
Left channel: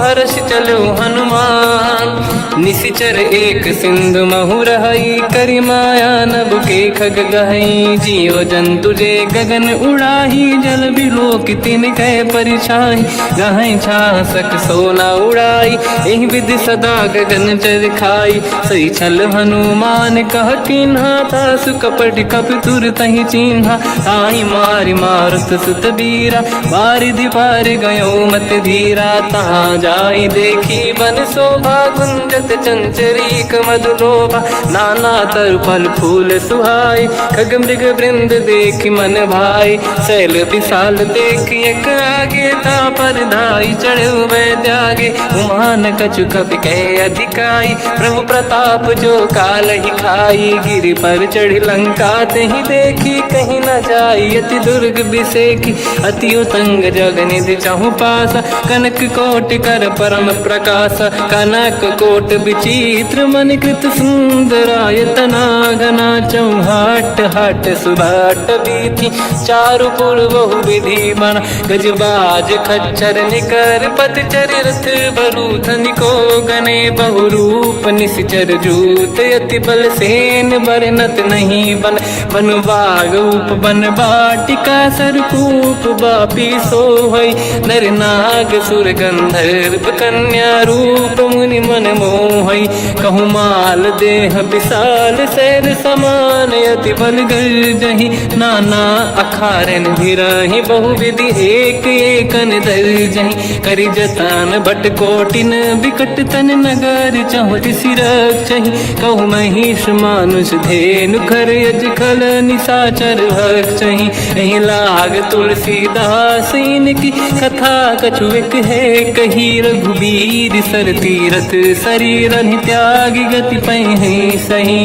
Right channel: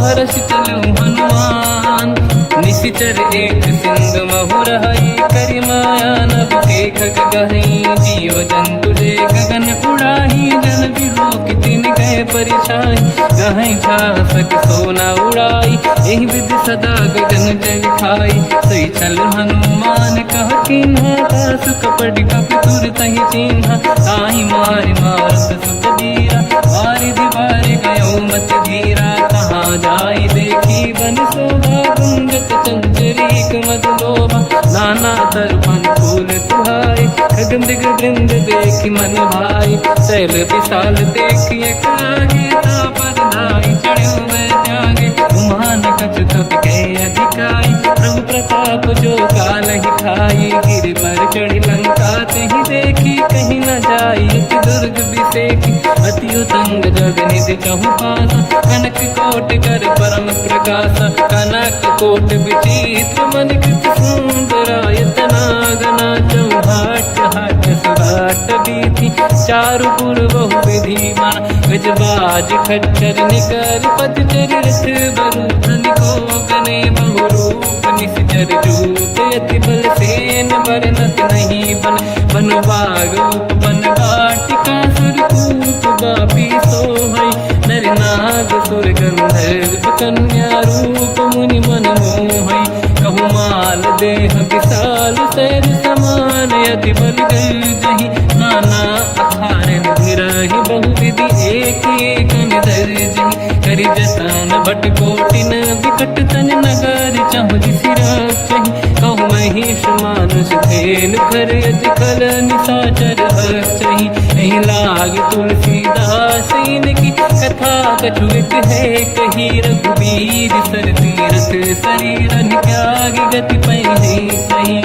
हर्ष चलो हनुमान निशिचर एक सिंधु महु रहई करि माया नभ के खग गहई जियो जंतु जे गगन उड़ाही जल बिलोक तिन कह परिछाई गहई छासक सोना उड़ाई एहि विधि सदा गगन चर खाई सही छल हनुमान कह किन्हा तासु कपट कप तुर तहि चिन्हा आई मारि मारुत सुत बीरा बारिधि पार गयो मत धीरा तहाँ जाई देखी बन शोभा गुंजत चंचरीक मधुलोभा नाना तरु फल फूल सुहाई खग मृग वृंद देख मन भाई शैल विशाल देखिए कागे पर धाई चढ़ो में त्यागे उमान कछु कपि के अधिकाई प्रभु प्रताप जो काल ही खाई गिरि पर चढ़ी लंका तहि देखी कहीं न जाई अति दुर्ग बिसेकी अति उतंग जग निधि चहु पासा कनक कोट कर परम प्रकाश कनक कोट विचित्र मन कृत सुंदरायतना घना चौहाट हाट सुभाट बीथी चारु पुर बहु विधि बन गजबाज खच्चर निकर पतचर रथ बरु धनिको गने बहु रूप निशिचर जूत अति बल सेन बरनत नहीं बन बन बाग उप बन बाटिका सरकूप बापी सोहई नर नाग सुर गंधर्व कन्या रूप मुनि मन मोहई कहु माल देह विशाल शैर समान अति बल गर्जहि नाना अखारन भिरहि बहु विधि एक एकन दर्जहि करि जतान भट कोटिन विकट तन नगर चहु सिरक्षहि कहु महिष मानुष धेनु खर यज खल निशाचर भक्षहि एहि लाग तुलसीदास इनकी कथा कछु एक है कही रघुबीर सर तीरथ शरीर त्याग गति पहि सही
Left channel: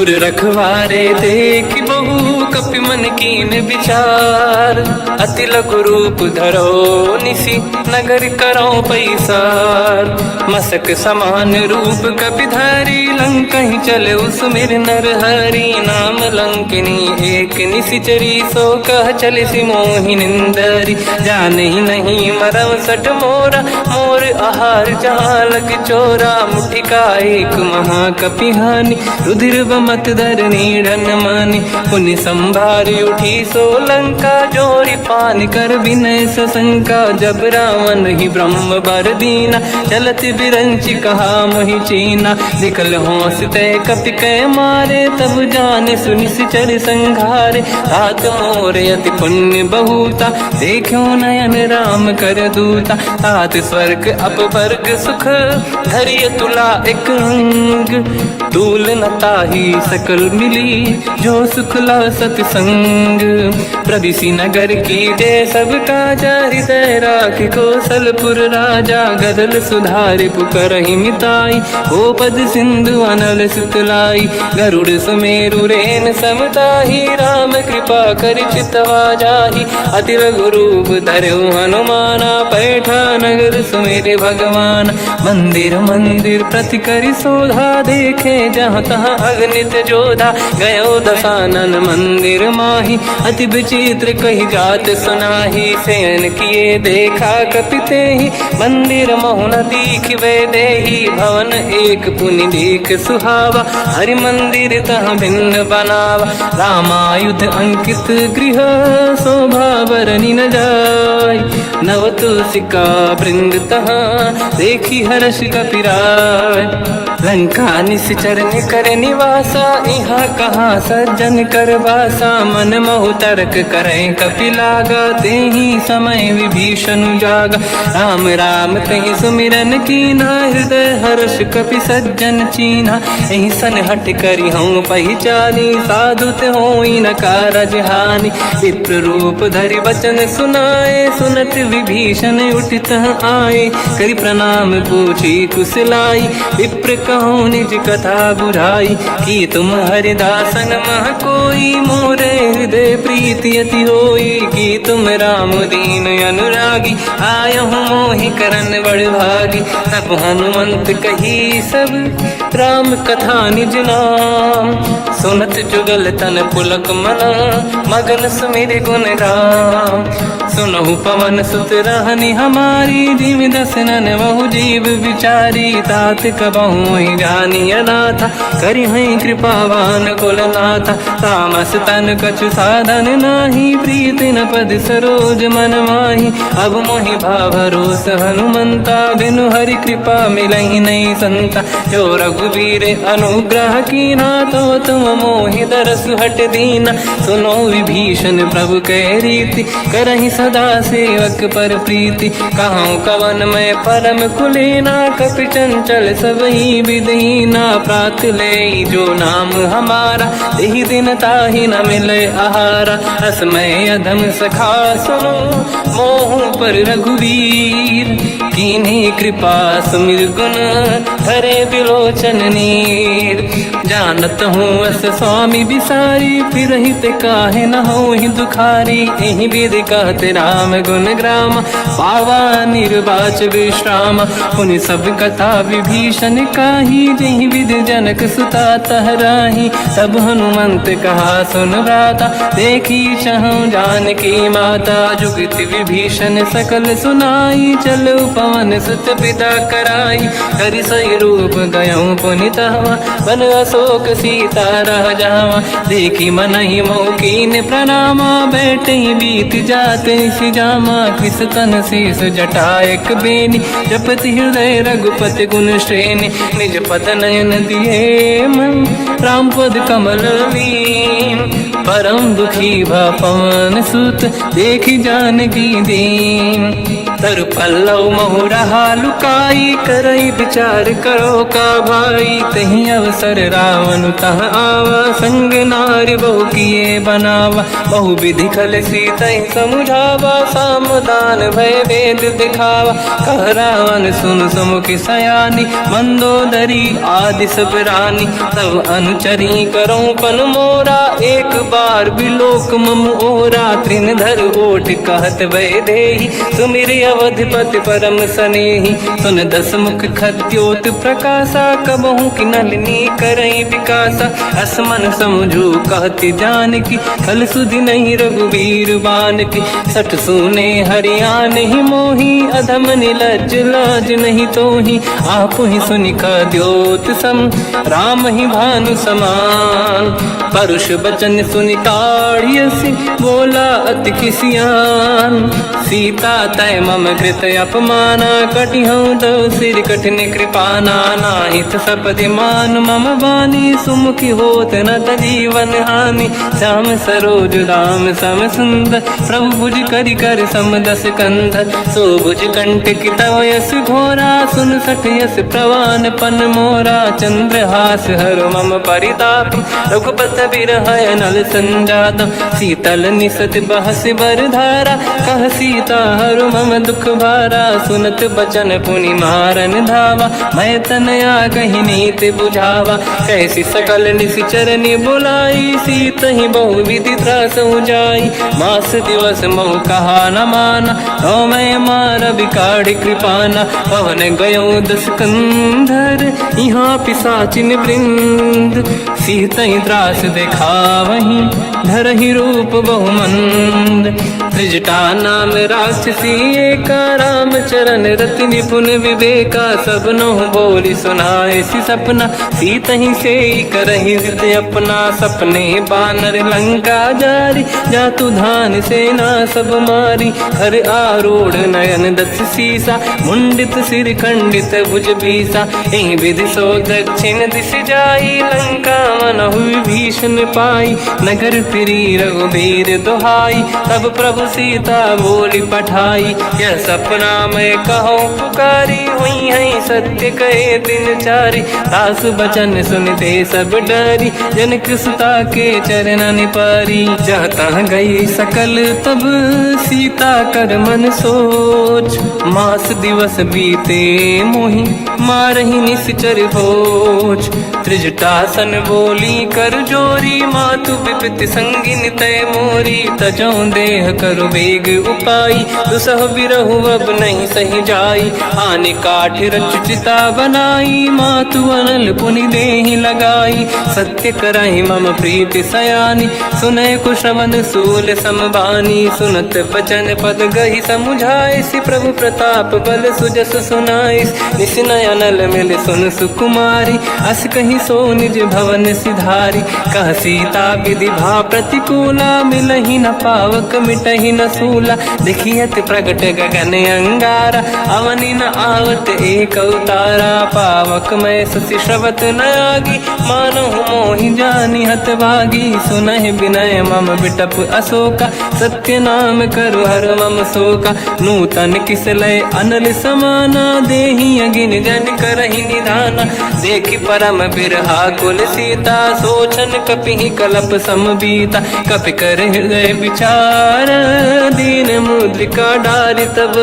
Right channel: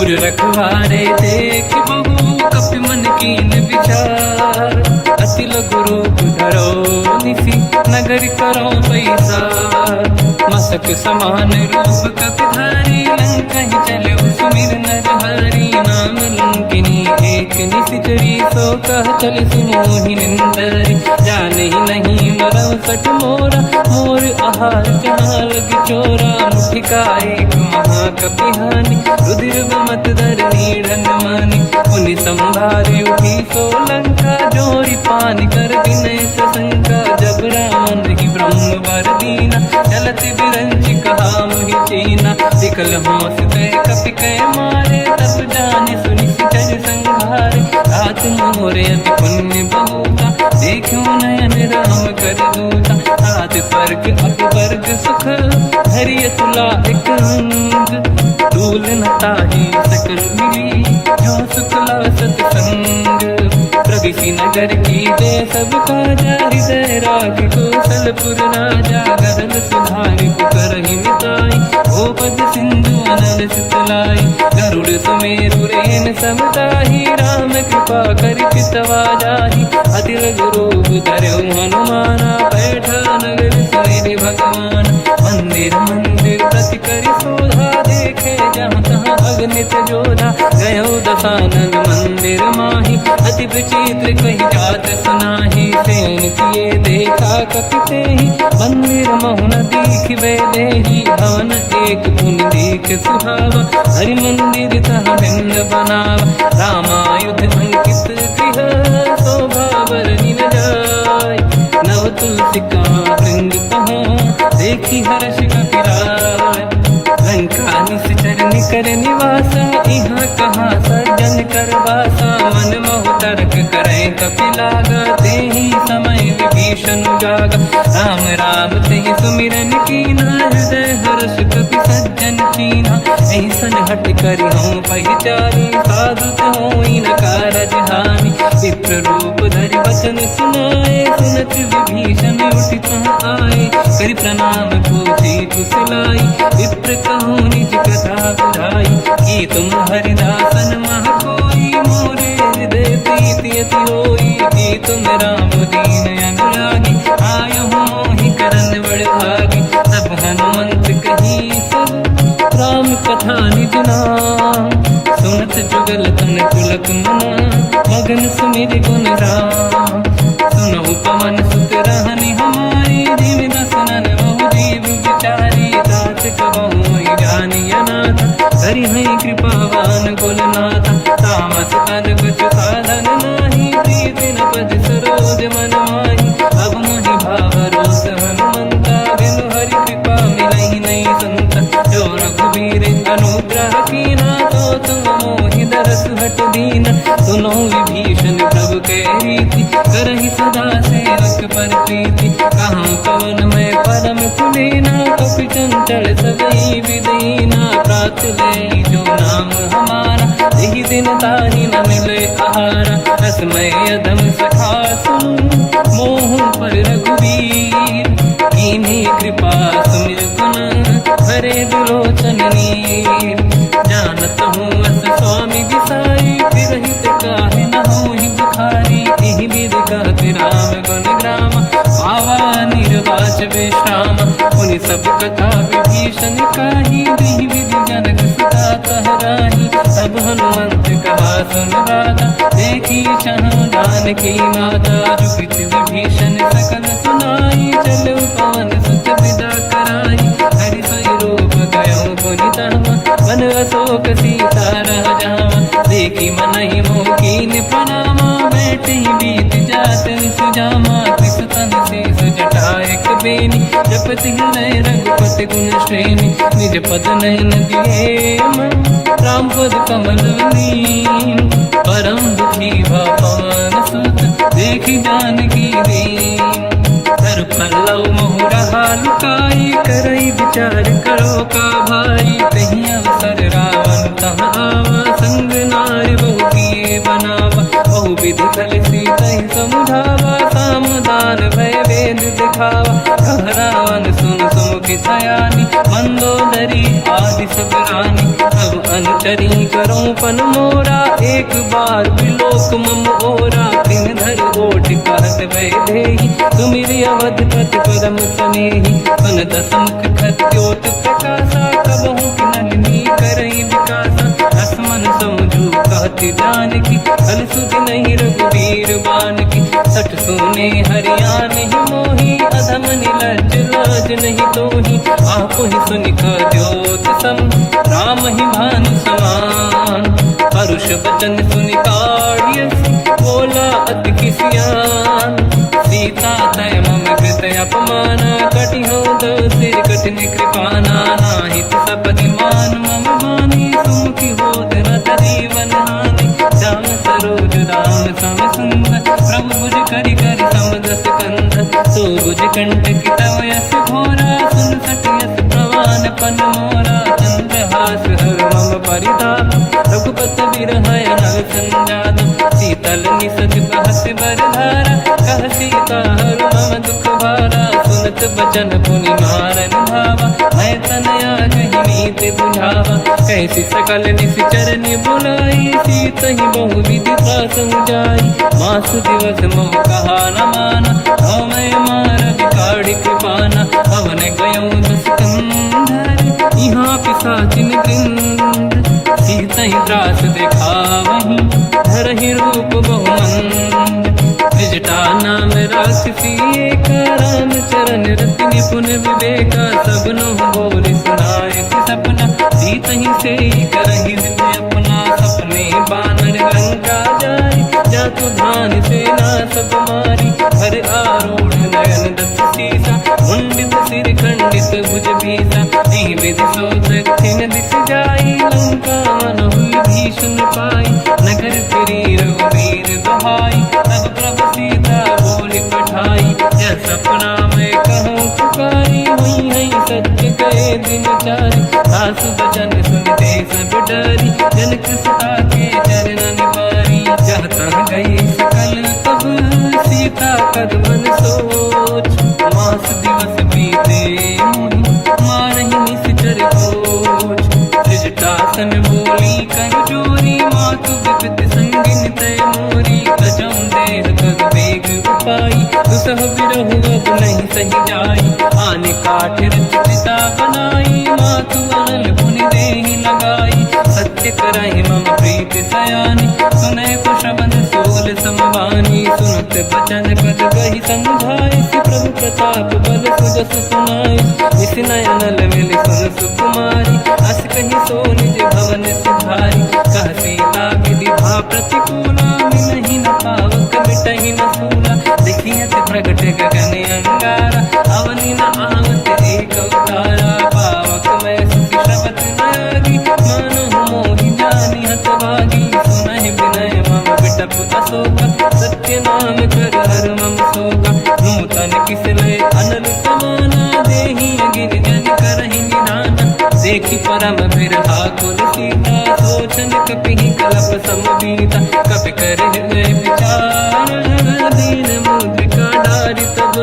उर रखवारे देख बहु कपि मन कीन विचार अति लघु रूप धरो निसी नगर करो पैसार मसक समान रूप कपि धारी लंका ही चले उसमेर नर हरि नाम लंकिनी एक निशिचरी सो कह चले सि मोहि निंदरी जान ही नहीं मरम सट मोरा मोर आहार जालक चोरा मुठिका एक महाकपि हानि रुधिर मत धर नीढ़न मानि पुनि संभारी उठी सो लंका जोरी पान कर विनय सशंका जब रावण ही ब्रह्म बर दीना चलत बिरंचि कहा मोहि चीना निकल होश तय कपि कै मारे तब जाने सुनिश्चर संघारे हाथ मोरे अति पुण्य बहुता देखो नयन राम कर दूता हाथ स्वर्ग अपवर्ग सुख धरिय तुला एक अंग तूल नताही सकल मिली जो सुखला सतसंग प्रदिशि नगर की जय सब काजा हृदय राख कौशलपुर राजा गदल सुधारि पुकरहि मिताई ओ पद सिंधु अनल सुतलाई गरुड़ सुमेरु रेन समताही राम कृपा कर चितवा जाहि अति रघु रूप धरौ हनुमाना पैठा नगर सुमेरे भगवान मंदिर मंदिर प्रति करि शोधा देखे जहाँ तहाँ अगणित जोधा गयो दशानन मंदिर माही अति विचित्र कही जात सुनाही शयन किए देखा कपिते ही मंदिर महुन दीख वे देही भवन एक पुनि देख सुहावा हरि मंदिर तह भिन्न बनावा रामायुध अंकित गृह शोभा बरनि न जाय नव तुलसी का वृंद तहाँ देखी हर्ष कपिराय। लंका निश्चर कर निवासा यहाँ कहाँ सज्जन कर वासा। मन महु तर्क करें कपिलागा तेहि समय विभीषण जागा। राम राम तेहि सुमिरन कीना हृदय हर्ष कपि सज्जन चीना। एहि सन हट करि हूँ पहिचानी साधु होई न कारज हानि। विप्र रूप धरि वचन सुनाए सुनत विभीषण उठित आए। करि प्रणाम पूछी कुशलाई विप्र कहूँ निज कथा बुराई। कि तुम हरिदासन मह कोई मोरे हृदय प्रीति अति होई। कि तुम राम दीन अनुरागी आयहु मोहि करन बड़ भागी। तब हनुमंत कही सब राम कथा निज नाम। सुनत जुगल तन पुलक मना मगन सुमिर गुण राम। सुनहु पवन सुत रहनी हमारी जीव दसनन बहु जीव विचारी। तात कबहु जानी अनाथा करि हई कृपावान कुलनाथा। तामस तन कछु साधन नाही प्रीति न पद सरोज मन माही। अब मोहि भावरोस हनुमंता बिनु हरि कृपा मिलहि नहीं संता। जो रघुवीर अनुग्रह कीना तो तुम मोहि दरस हट दीना। सुनो विभीषण प्रभु के रीति करहि सदा सेवक पर प्रीति। कहूँ कवन में परम कुलीना कपि चंचल सबही विदहीना। प्रात ले जो नाम हमारा यही दिन ताहि न मिले आहारा। रसमय अधम सखा सुनो मोह पर रघुवीर। कीन्ही कृपा सुमिर गुण धरे बिलोचन नीर। जानत हूँ अस स्वामी विसाई फिर हित काहे न हो ही दुखारी। एहि विधि कहते राम गुण ग्राम पावा निर्वाच विश्राम। उन सब कथा विभीषण काही यही विधि जनक सुता तहराही। तब हनुमंत कहा सुन राता देखी चहु जानकी माता। जुगति विभीषण सकल सुनाई चलो पवन सुत पिता कराई। हरि सही रूप गयो पुनितवा बन अशोक सीता रह जावा। देखी मनहि मोकीन प्रणामा बैठ ही बीत जाते सिजामा। किस तन शीस जटायक बेनी जपति हृदय रघुपति गुण श्रेणी। निज पद नयन दिए मन राम पद कमल लीन। परम दुखी भा पवन सुत देखी जानकी दीन। तर पल्लव महु रहा लुकाई करई विचार करो का भाई। तही अवसर रावण तह आवा संग नारी बहु किए बनावा। बहु विधि खल सीता समुझावा सामदान भय वेद दिखावा। कह रावण सुन सुमुख सयानी मंदोदरी आदि सब रानी। सब अनुचरी करो पन मोरा एक बार बिलोक मम ओरा। तृण धर ओठ कहत भय देहि सुमिर अवधपति परम सनेहि। सुन दस मुख खद्योत प्रकाशा कबहु कि नलिनी करई विकासा। असमन समझू कहति जानकी कल सुधि नहीं रघुवीर बानकी। सठ सुने हरियाण ही मोही अधम निलज्ज लाज नहीं तोही। आप ही सुनि द्योत सम राम ही भानु समान। परुष बचन सुनि ताड़ियसि बोला अति किसियान। सीता तय मम कृत अपमाना कटि हूँ दो सिर कठिन कृपाना। नाहित सपदि मान मम बानी सुमुखी होत न जीवन हानि। श्याम सरोज राम सम सुंदर प्रभु भुज करि कर समदस कंधर। सो भुज कंठ की तव यस घोरा सुन सठ यस प्रवान पन मोरा। चंद्रहास हर मम परिताप रघुपत बिरहय नल संजात। शीतल निसत बहस बर धारा कह सीता हर मम दुख भारा। सुनत बचन पुनि मारन धावा मैं तनया कही नीति बुझावा। कैसी सकल निशिचरनि बुलाई सीत ही बहु विधि त्रास जाई। मास दिवस मोह कहा न माना तो मैं मार बिकाढ़ कृपाना। पवन गयो दस कंधर यहाँ पिशाचिन वृंद। सीत ही त्रास देखा वहीं धर ही रूप बहुमंद। त्रिजटा नाम राक्षसी एका, राम चरण रति निपुण विवेका। सबनो बोली सुनाए सी सपना, सीत ही से करहि हृदय अपना। सपने बानर लंका जारी, जातु धान सेना सब मारी। हर आरूढ़ नयन दस सीसा, मुंडित सिर खंडित भुज बीसा। एहि विधि सो दक्षिण दिश जाई, लंका मनहु विभीषण पाई। नगर फिरी रघुबीर दुहाई, तब प्रभु सीता बोली पठाई। यह सपना मैं कहो पुकारी, हुई है सत्य कहे दिन चारी। सास बचन सुनते सब डरी, जनक सुता के चरण पारी। जहाँ गई सकल तब सीता कर मन सोच, मास दिवस बीते मोहि मारहि निश्चर होच। त्रिजटासन बोली कर जोरी, मातु विपति संगिन तय मोरी। तजौ देह कर वेग उपाई, दुसह बिरहु अब नहीं सही जाई। आने काठ रचिता बनाई, मातु अनल पुनि देहि लगाई। सत्य करहि मम प्रीति सयानी, सुनय को श्रवण सोल समबानी। सुनत बचन पद गहि समुझाए, सि प्रभु प्रताप बल सुजस सुनाई। निसनय अनल मिल सुन सुकुमारी, अस कहि सो निज भवन सिधारी। कह सीता विधि भा प्रतिकूला, मिलहि न पावक मिटहि न सूला। देखियत प्रगट गगन अंगारा, अवनि न आवत एक अवतारा। पावक मैं शशि श्रवत नागी, मानहु मोहि जानि हतभागी। सुनहि विनय मम बिटप अशोका, सत्य नाम कर हर मम शोका। नूतन किसलय अनल समाना, देहि अगिन जन करहि निधाना। देखि परम बिरहा कुल सीता, सोचन कपिहि कलप समबीता। कपि कर हृदय विचार, दीन मुद्रिका डारि तब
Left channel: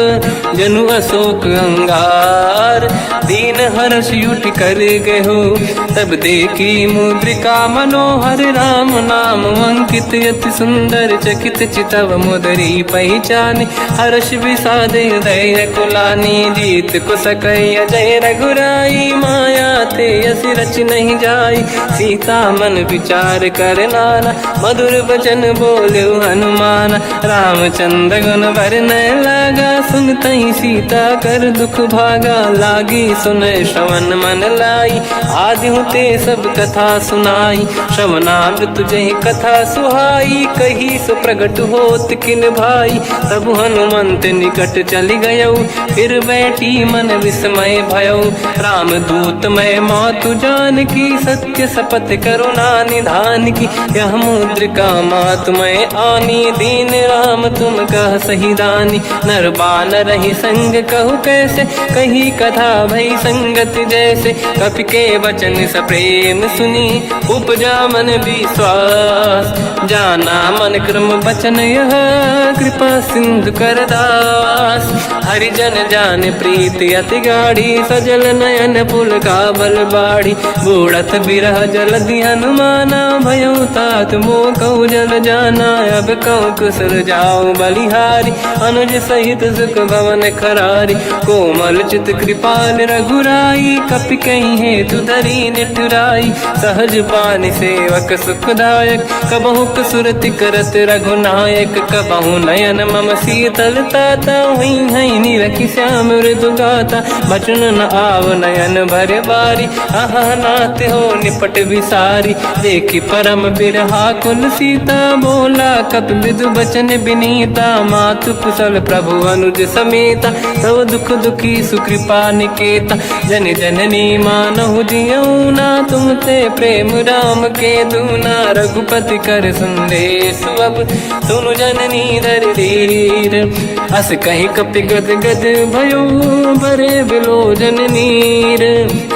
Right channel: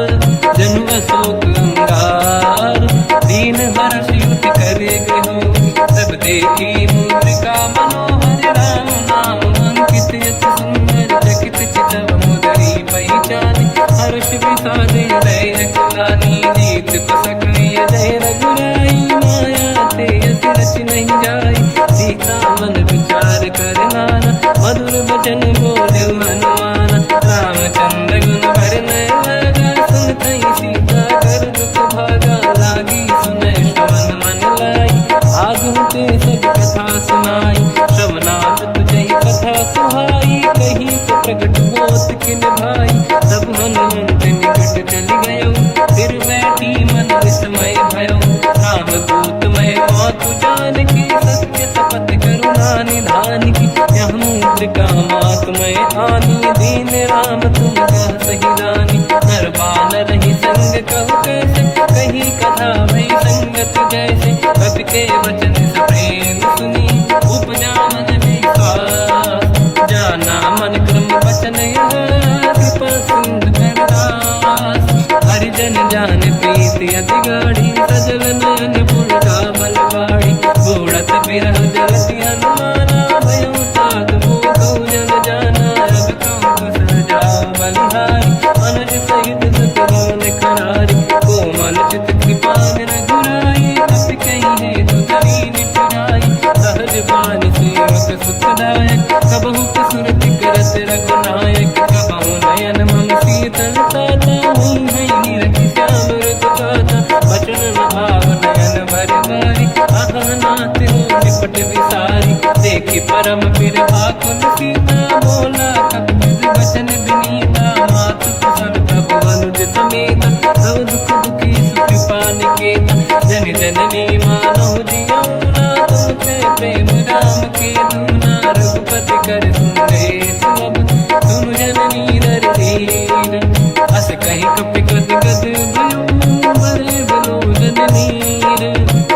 जनु अशोक अंगार। दीन हर्ष युति कर गहो, तब देखी मुद्रिका मनोहर। राम नाम अंकित अति सुंदर, चकित चितव मुदरी पहचान। हर्ष विषाद हृदय कुलानी, जीत को सकय जय रघुराई। माया ते असि रच नहीं जाई, सीता मन विचार कर नाना। मधुर बचन बोले हनुमान, रामचंद्र गुण वर्णय लगा। सुनतहि सीता कर दुख भागा, लागी सुनय श्रवण मन लाई। आदि होते सब कथा सुनाई, श्रवणांग तुझे कथा सुहाई। कही से प्रगट होत किन भाई, तब हनुमंत निकट चली गयो। फिर बैठी मन विस्मय भयो, राम दूत मैं मातु जान की। सत्य शपथ करुणा निधान की, यह मुद्रिका मातु मैं आनी। दीन राम तुम कह सही दानी, नर बानर ही संग कहु कैसे। कही कथा भई संगति जैसे, कपि के वचन सप्रेम सुनी। उपजा मन विश्वास, जाना मन क्रम वचन यह। कृपा सिंधु कर दास, हरिजन जान प्रीति अति गाढ़ी। सजल नयन पुल का बल बाढ़ी, बूढ़त बिरह जलधि हनुमाना। भयो तात मो कहु जल जाना, अब कहु कुशल जाओ बलिहारी। अनुज सहित सुख भवन खरारी, कोमल चित कृपाल रघुराई। कपि कहीं हेतु धरी निठुराई, सहज पानि सेवक सुखदायक। कबहु सुरति करत रघुनायक, कबहु नयन मम शीतलता। हुई है निरखि श्याम मृदु गाता, बचन न आव नयन भर बारी। आहा नाथ हो निपट विसारी, देखि परम बिरहा कुल सीता। बोला कप विदु बचन बिनीता, मातु कुशल प्रभु अनुज समेता। सब दुख दुखी सुकृपा निकेता, जन जननी मानहु जियौना। तुम ते प्रेम राम के दूना, रघुपति कर संदेश अब सुनु जननी दर धीर। अस कहीं कपि गद गद भयो, बरे बिलोचन नीर।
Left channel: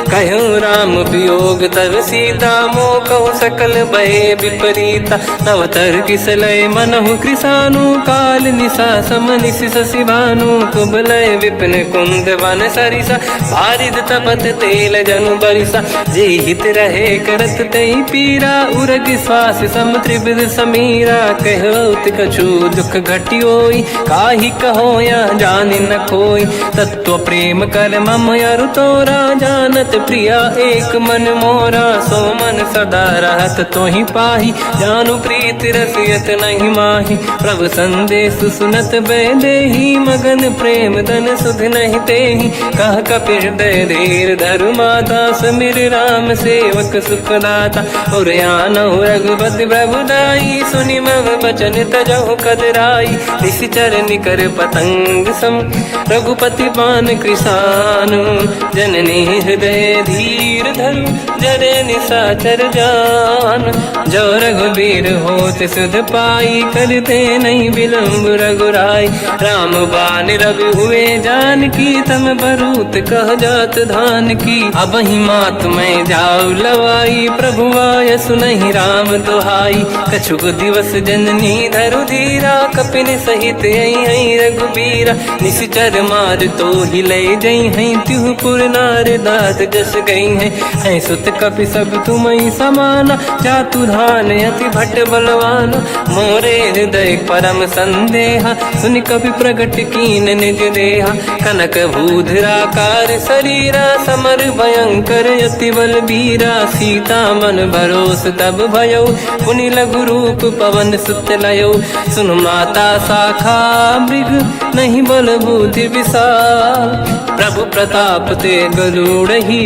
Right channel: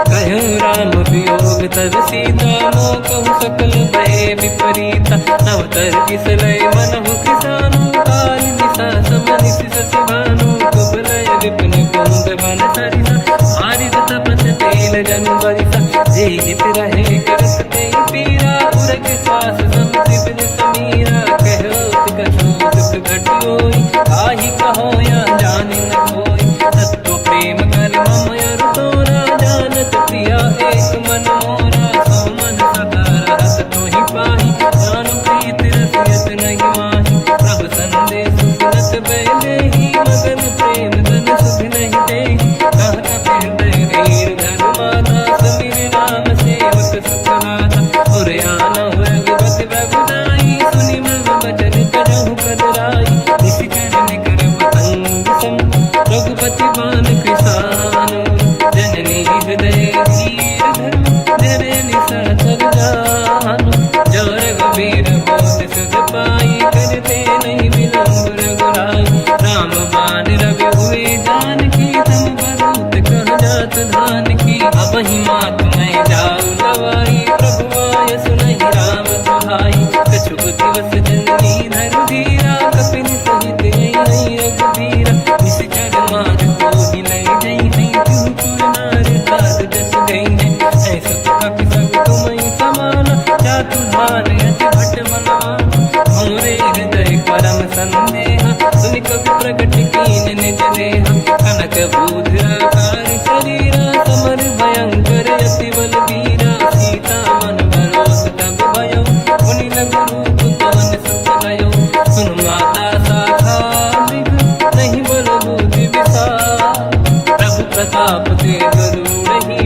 कहो राम वियोग तब सीता, मोह कहु सकल भय विपरीता। तव तर किसलय मनहु कृसानु, काल निशा समनिशि शशि भानु। कुबलय विपिन कुंड वन सरिसा, बारिद तपत तेल जनु बरिसा। जे हित रहे करत ते पीरा, उरग श्वास सम त्रिविध समीरा। कहत कछु दुख घटियोई, काहि कहो या जानि न खोई। तत्व प्रेम कर मम अरु तोरा, जानत प्रिया एक मन मोरा। सो मन सदा रहत तोहि पाही, जानु प्रीत रसियत नहीं माही। प्रभु संदेश सुनत बैदेही, मगन प्रेम धन सुध नहीं तेहि। कह कपिल हृदय धीर धरु माता, समिर राम सेवक सुखदाता। और आनौ रघुपति प्रभुदाई, सुनि मम बचन तजहु कदराई। निश्चर निकर पतंग सम, रघुपति पान कृसानु। जननी हृदय धीर धरु, जरे निशाचर जान। जो रघुबीर होत सुध पाई, करते नहीं विलम्ब रघुराई। राम बान रघु हुए जानकी, तम बरूत कह जात धान की। अब ही मात मैं जाऊ लवाई, प्रभु आय सुनहि राम दुहाई। कछुक दिवस जननी धरु धीरा, कपिन सहित आई रघुबीरा। निश्चर मार तो हिले जई हैं, तिहुपुर नार दात जस गई हैं। सुत कपि सब तुमहि समाना, जातु धान अति भट बलवाना। मोरे हृदय परम संदेहा, सुनि कपि प्रगट कीन निज देहा। कनक भूधराकार शरीरा, समर भयंकर अति बलबीरा। सीता मन भरोस तब भयो, पुनि लघु रूप पवन सुत लयो। सुन माता शाखा मृग, नहीं बल बुद्धि विशाल। प्रभु प्रताप ते गरुड़हि,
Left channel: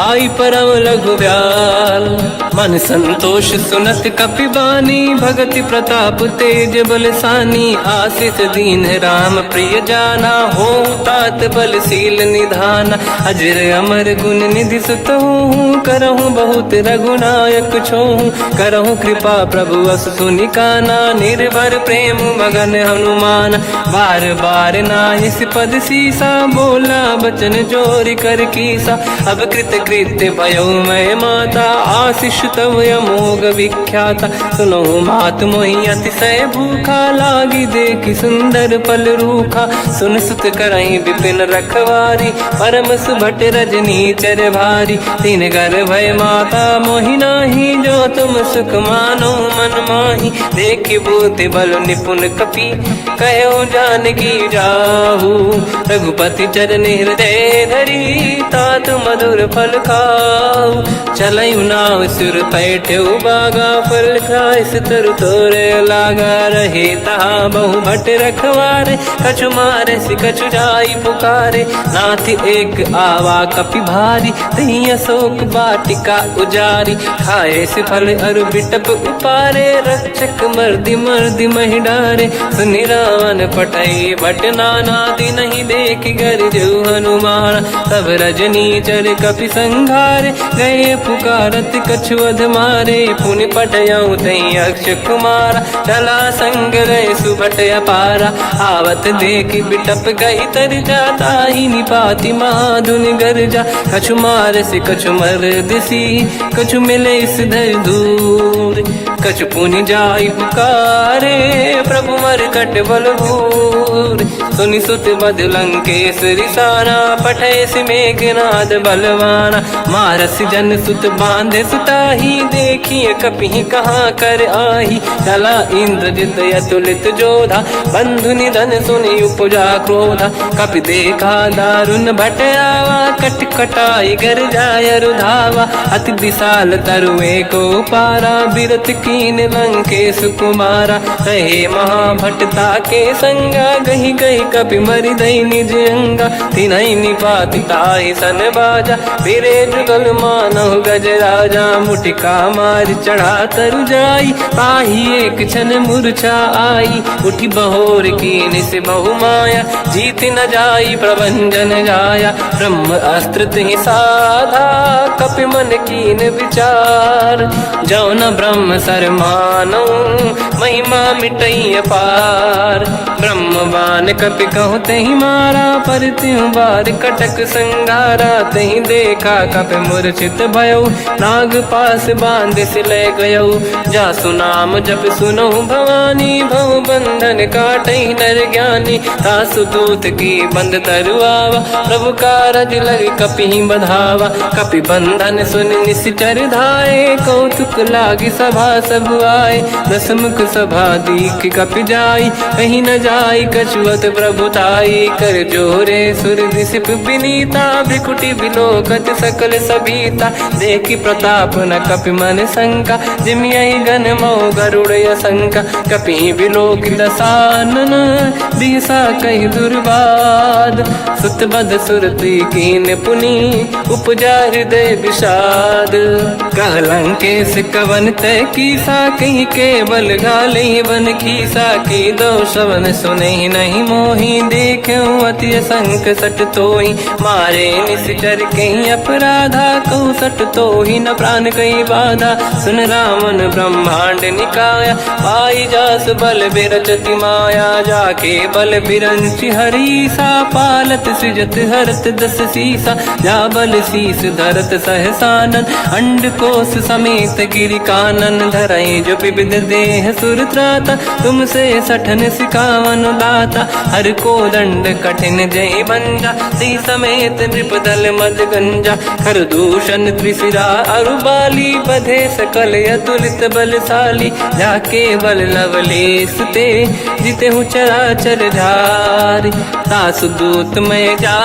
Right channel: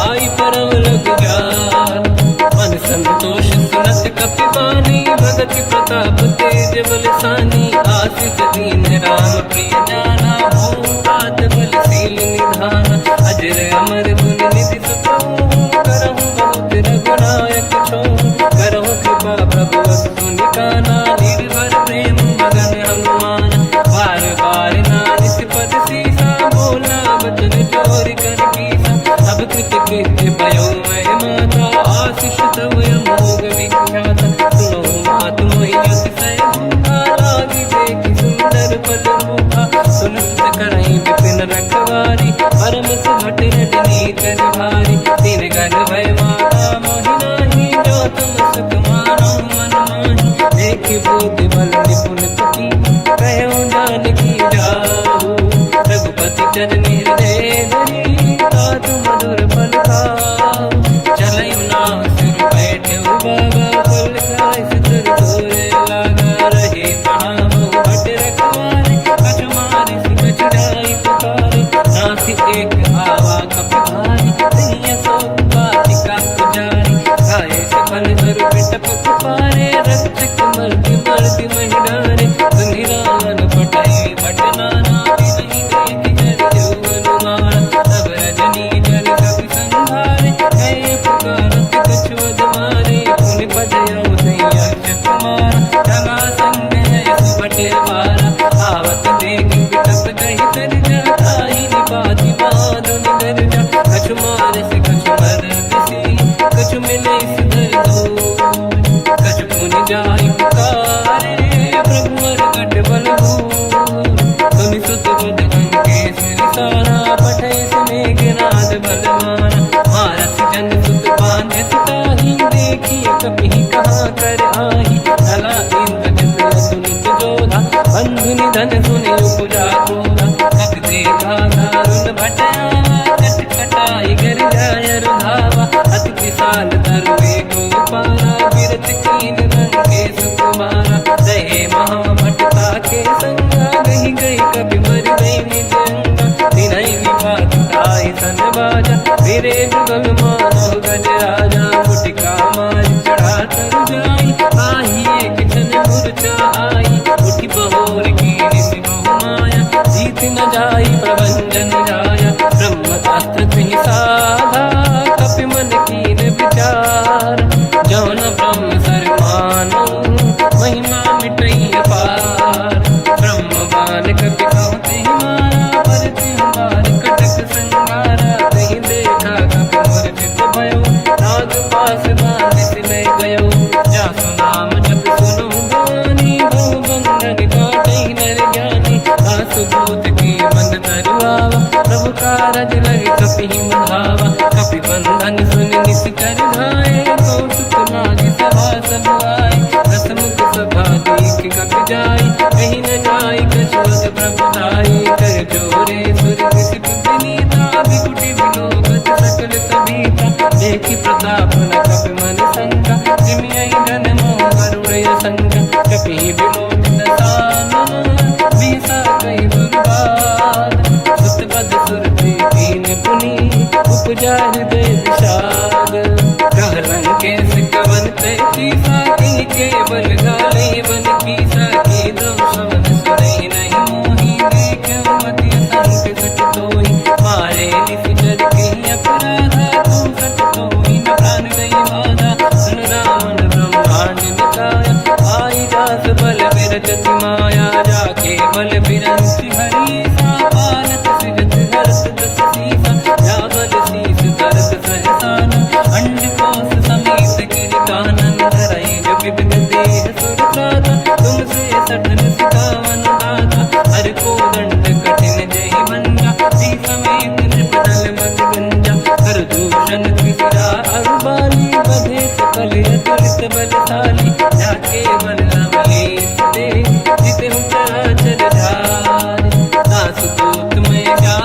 आई परम लघु दयाल। मन संतोष सुनत कपि बानी, भगति प्रताप तेज बलसानी। आशीष दीन राम प्रिय जाना, हो तात बलशील निधान। अजर अमर गुण निधि सुतहु, करहु बहुत रघुनायक छोहु। करहु कृपा प्रभु अस सुनि काना, निर्भर प्रेम मगन हनुमान। बार बार नाहिस पद सीसा, बोला बचन जोरि कर कीसा। अब कृत कृत्य भयो मैं माता, आशीष तव अमोघ विख्याता। सुनो मात मोहि अतिशय भूखा, लागी देखि सुंदर पल रूखा। सुन सुत करहि विपिन रखवारी, परम सुभट रजनी चर भारी। तीन घर भय माता मोहि नाही, जो तुम सुख मानो मन माही। देखि बुद्धि बल निपुण कपि, कहो जानकी जाहू। रघुपति चरण हृदय धरी, तात मधुर फल खाऊ। चलऊ नाव सुर पैठ्यौ बागा, फल खाय सितर तोरे लागा। रहे तहाँ बहु भट रखवारे, कछु मारे सि कछु जाई पुकारे। नाथ एक आवा कपि भारी, तहीं अशोक वाटिका उजारी। खाए से फल अरु बिटप उपारे, रक्षक मर्दि मर्दि महि डारे। सुनि रावण पटई भट नाना, नहीं देख कर जो हनुमान। तब रजनी चर कपि संघारे, गए पुकारत कछु अध मारे। पुनि पटयऊ तई अक्ष कुमारा, चला संग रहे सुभट अपारा। आवत देखि बिटप गई तरजा, ताहि निपाति महाधुनि गरजा। कछु मार से कछु मर दिसी, कछु मिले सिधर दूर। कछु पुनि जाई पुकारे, प्रभु मरकट बल भूर। सुनि सुत बद लंकेश रिसाना, पठय सि मेघनाद बलवाना। मारस जन सुत बांधे सुताही, देखिए कपि कहाँ कर आही। चला इंद्रजित अतुलित जोधा, बंधु निधन सुनि उपजा क्रोधा। कपि देखा दारुण भट आवा, कट कटाई गर जाय रुधावा। अति विशाल तरु एको पारा, बिरत कीन लंकेश कुमारा। रहे महाभटता के संगा, गही गही कपि मरि दई निज अंगा। तिन्हि निपाति ताहि सन बाजा, फिरे जुगल मानहु गज राजा। मुटिका मार चढ़ा तरु जाई, पाही एक क्षण मूर्छा आई। उठि बहोर कीन से बहु माया, जीत न जाई प्रभंजन जाया। ब्रह्म अस्त्र तिहि साधा, कपि मन कीन विचार। जो न ब्रह्म सर मानौ, महिमा मिटई अपार। ब्रह्म बान कपि कहु तहि मारा, पर त्यों बार कटक संगारा। तहि देखा कपि मूर्छित भयो, नाग पास बांध सिले गयो। जासु नाम जप सुनहु भवानी, भव बंधन काटई नर ज्ञानी। तासु पोत की बंद तरुआवा, प्रभु कारज लग कपि बढ़ावा। कपि बंधन सुन निश्चर धाये, कौतुक लागी सभा सब आए। दसमुख सभा दीख कपि जाई, कहीं न जाई कछुअत प्रभु ताई। कर जोरे सुर दिसिप विनीता, भ्रिकुटि विलोकत सकल सबीता। देखि प्रताप न कपि मन शंका, जिमियहि गण मोह गरुड़ असंका। कपि विलोक दसानन, दिशा कहि दुर्वाद। सुत बध सुर कीन पुनि, उपजा हृदय विषाद। कहलंकेश कवन तय कीसा, कहीं केवल गाले बन कीसा। की दो शवन सुने नहीं मोही, देखूं अति संक सट तोही। मारे निश्चर कहीं अपराधा, कहूँ सट तोही न प्राण कहीं बाधा। सुन रावण ब्रह्मांड निकाया, पाई जास बल बिरचति माया। जाके बल बिरंचि हरीसा, पालत सृजत हरत दस सीसा। जा बल शीस धरत सहसानन, अंड कोश समेत गिरि कानन। धरई जो विविध देह सुर त्राता, तुमसे सठन सिकावन लाता। हर को दंड कठिन जय भंजा, सी समेत नृपदल मद गंजा। हर दूषण त्रिशिरा अरुबाली, बधे सकल अतुलित बलशाली। जाके बल लवलेश ते, जिते हूँ चराचर धारी। दास दूत में जा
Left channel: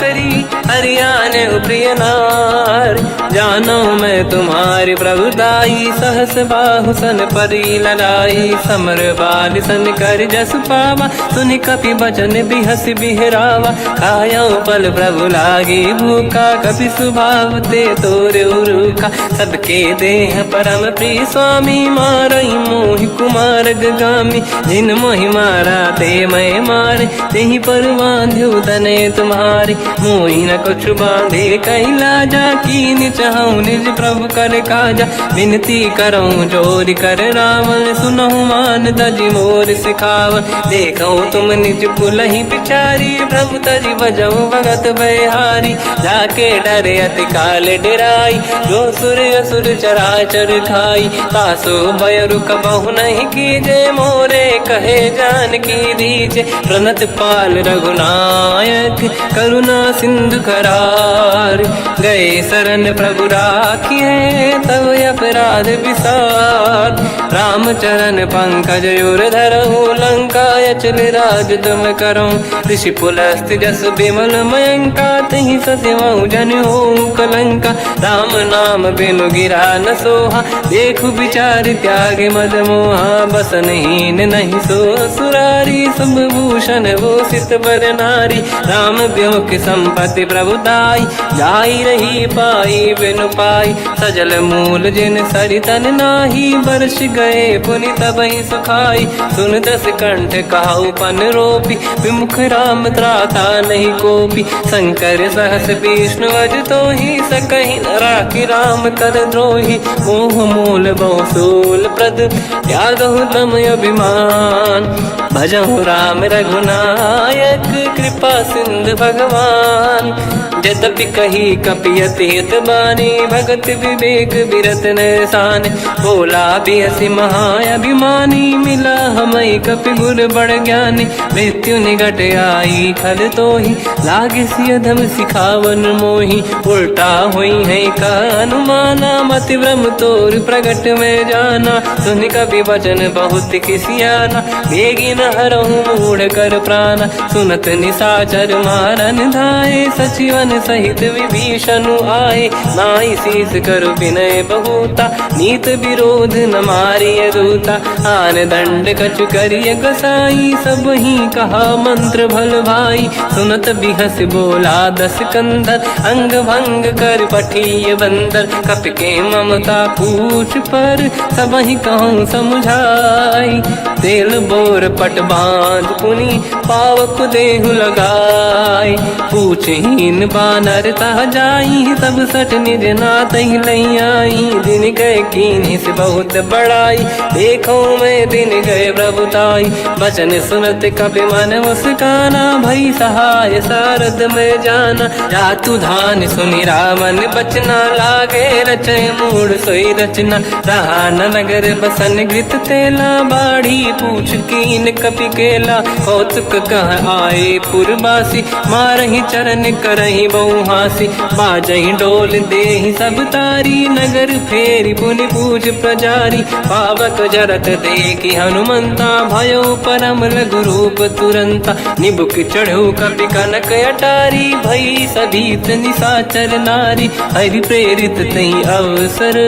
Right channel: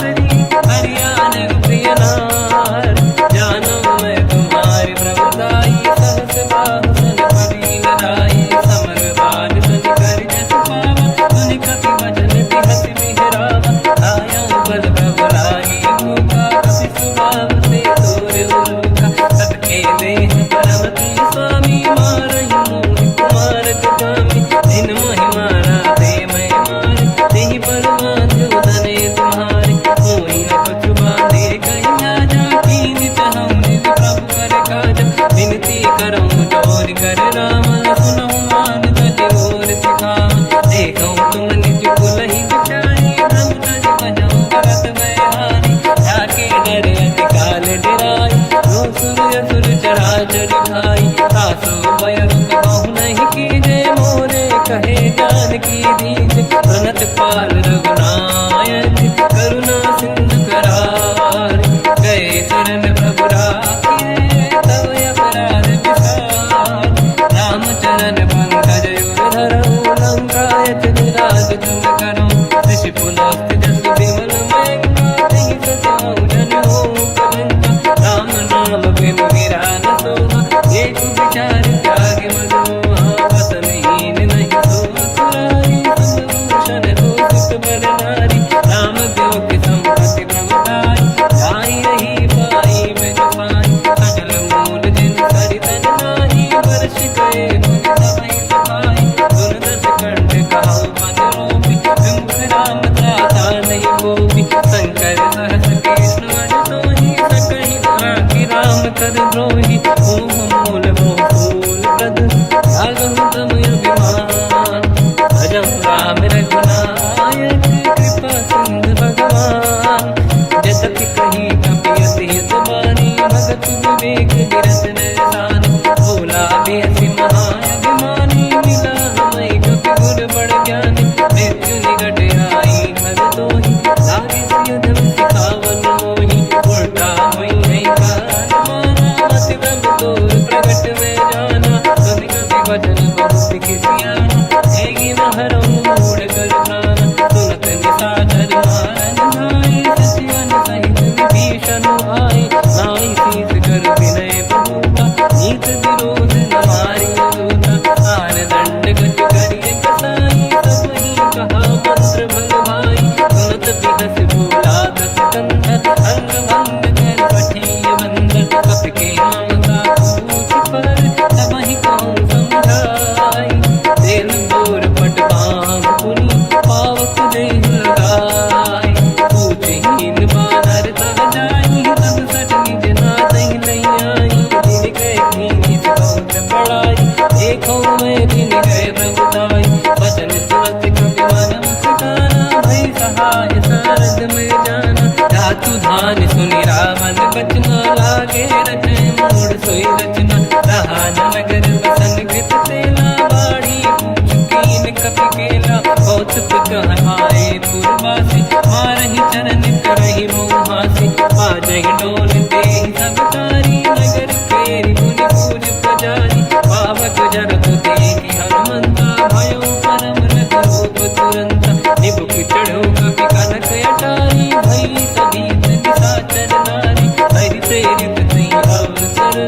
करी, हरियाण प्रिय नारी। जानो मैं तुम्हारी प्रभुताई, सहस बाहु सन परी लड़ाई। समर बाल सन कर जस पावा, सुनि कपि बचन बिहस बिहरावा। खायो बल प्रभु लागी भूखा, कपि स्वभाव ते तोरे उरुखा। सबके देह परम प्रिय स्वामी, मारई मोहि कुमार गगामी। जिन मोहि मारा ते मैं मारे, तेहि पर बांध्यो तने तुम्हारी। मोहि न कुछ बांधे कहीं लाजा, कीनि चाहूं निज प्रभु कर काजा। विनती करऊं जोरि कर रावण, सुनहु मान तज मोर सिखावन। देखो तुम निज कुलहि बिचारी, प्रभु तज बजऊं भगत बयहारी। जाके डरे अति काल डराई, जो सुर असुर चराचर खाई। तासो भय रुक बहु नहीं कीजे, मोरे कहे जान की दीजे। प्रणत पाल रघुनायक, करुणा सिंधु करार। गए शरण प्रभु राखिए, तब अपराध विसार। रामचरण पंकज उर धरऊं, लंका अचल राज तुम करऊं। ऋषि पुलस्त्य जस विमल मयंका, तिहि सत्यवं जन होऊं कलंका। राम नाम बिनु गिरा न सोहा, देखु विचार त्यागे मद मोहा। बसनहीन नहीं सो सुरारी, शुभ भूषण भूषित बर नारी। राम ब्योम संपत्ति प्रभुताई, जाई रही पाई बिनु पाई। सजल मूल जिन सरितन नाही, बरस गए पुनि तबहि सुखाई। सुन दस कंठ कहाऊ पन रोपी, विमुख राम त्राता नहीं कोपी। शंकर सहस विष्णु अज तोहि, सकहि न राखि राम कर द्रोही। मोह मूल बहु सूल प्रद, त्यागहु तम अभिमान। भजहु राम रघुनायक, कृपा सिंधु भगवान। यद्यपि कही कपि अति हित बानी, भगत विवेक बिरत निरसान। बोला बिहसि महाअभिमानी, मिला हमई कपि गुर बड़ ज्ञानी। मृत्यु निकट आई खल तोहि, लागे सिय धम सिखावन मोहि। उल्टा हुई है का अनुमाना, मति ब्रह्म तोर प्रगट में जाना। सुनि कपि भजन बहुत खिसियाना, बेगी न हरहु मूढ़ कर प्राण। सुनत निशाचर मारन धाये, सचिवन सहित विभीषण आए। नाई शीस कर विनय बहुता, नीत विरोध न मारिय दूता। आन दंड कछु करिय कसाई, सब ही कहा मंत्र भल भाई। सुनत बिहस बोला दस कंधर, अंग भंग कर पठिय बंदर। कपि के ममता पूछ पर, सब ही कहूँ समझाई। तेल बोर पट बांध पुनि, पावक देहु लगाई। पूछहीन बानर तह जाई, तब सठ निज नाथ लई आई। दिन गए कीनी से बहुत बड़ाई, देखो मैं दिन गए प्रभुताई। बचन सुनत कपि मन मुस्काना, भई सहाय शारद में जाना। या तू धान सुनि रावण बचना, लागे रचय मूड सोई रचना। रहा न नगर बसन गृत तेला, बाढ़ी पूछ कीन कपि केला। कौतुक कह आए पुरवासी, मारहि चरण करहि बहु हासी। बाजहि डोल देहि सब तारी, नगर फेरी पुनि पूज प्रजारी। पावत जरत देखि हनुमंता, भयो परम लघु रूप तुरंता। निबुक चढ़ो कपि कनक अटारी, भई सभीत निशाचर नारी। हरि प्रेरित तई अवसर,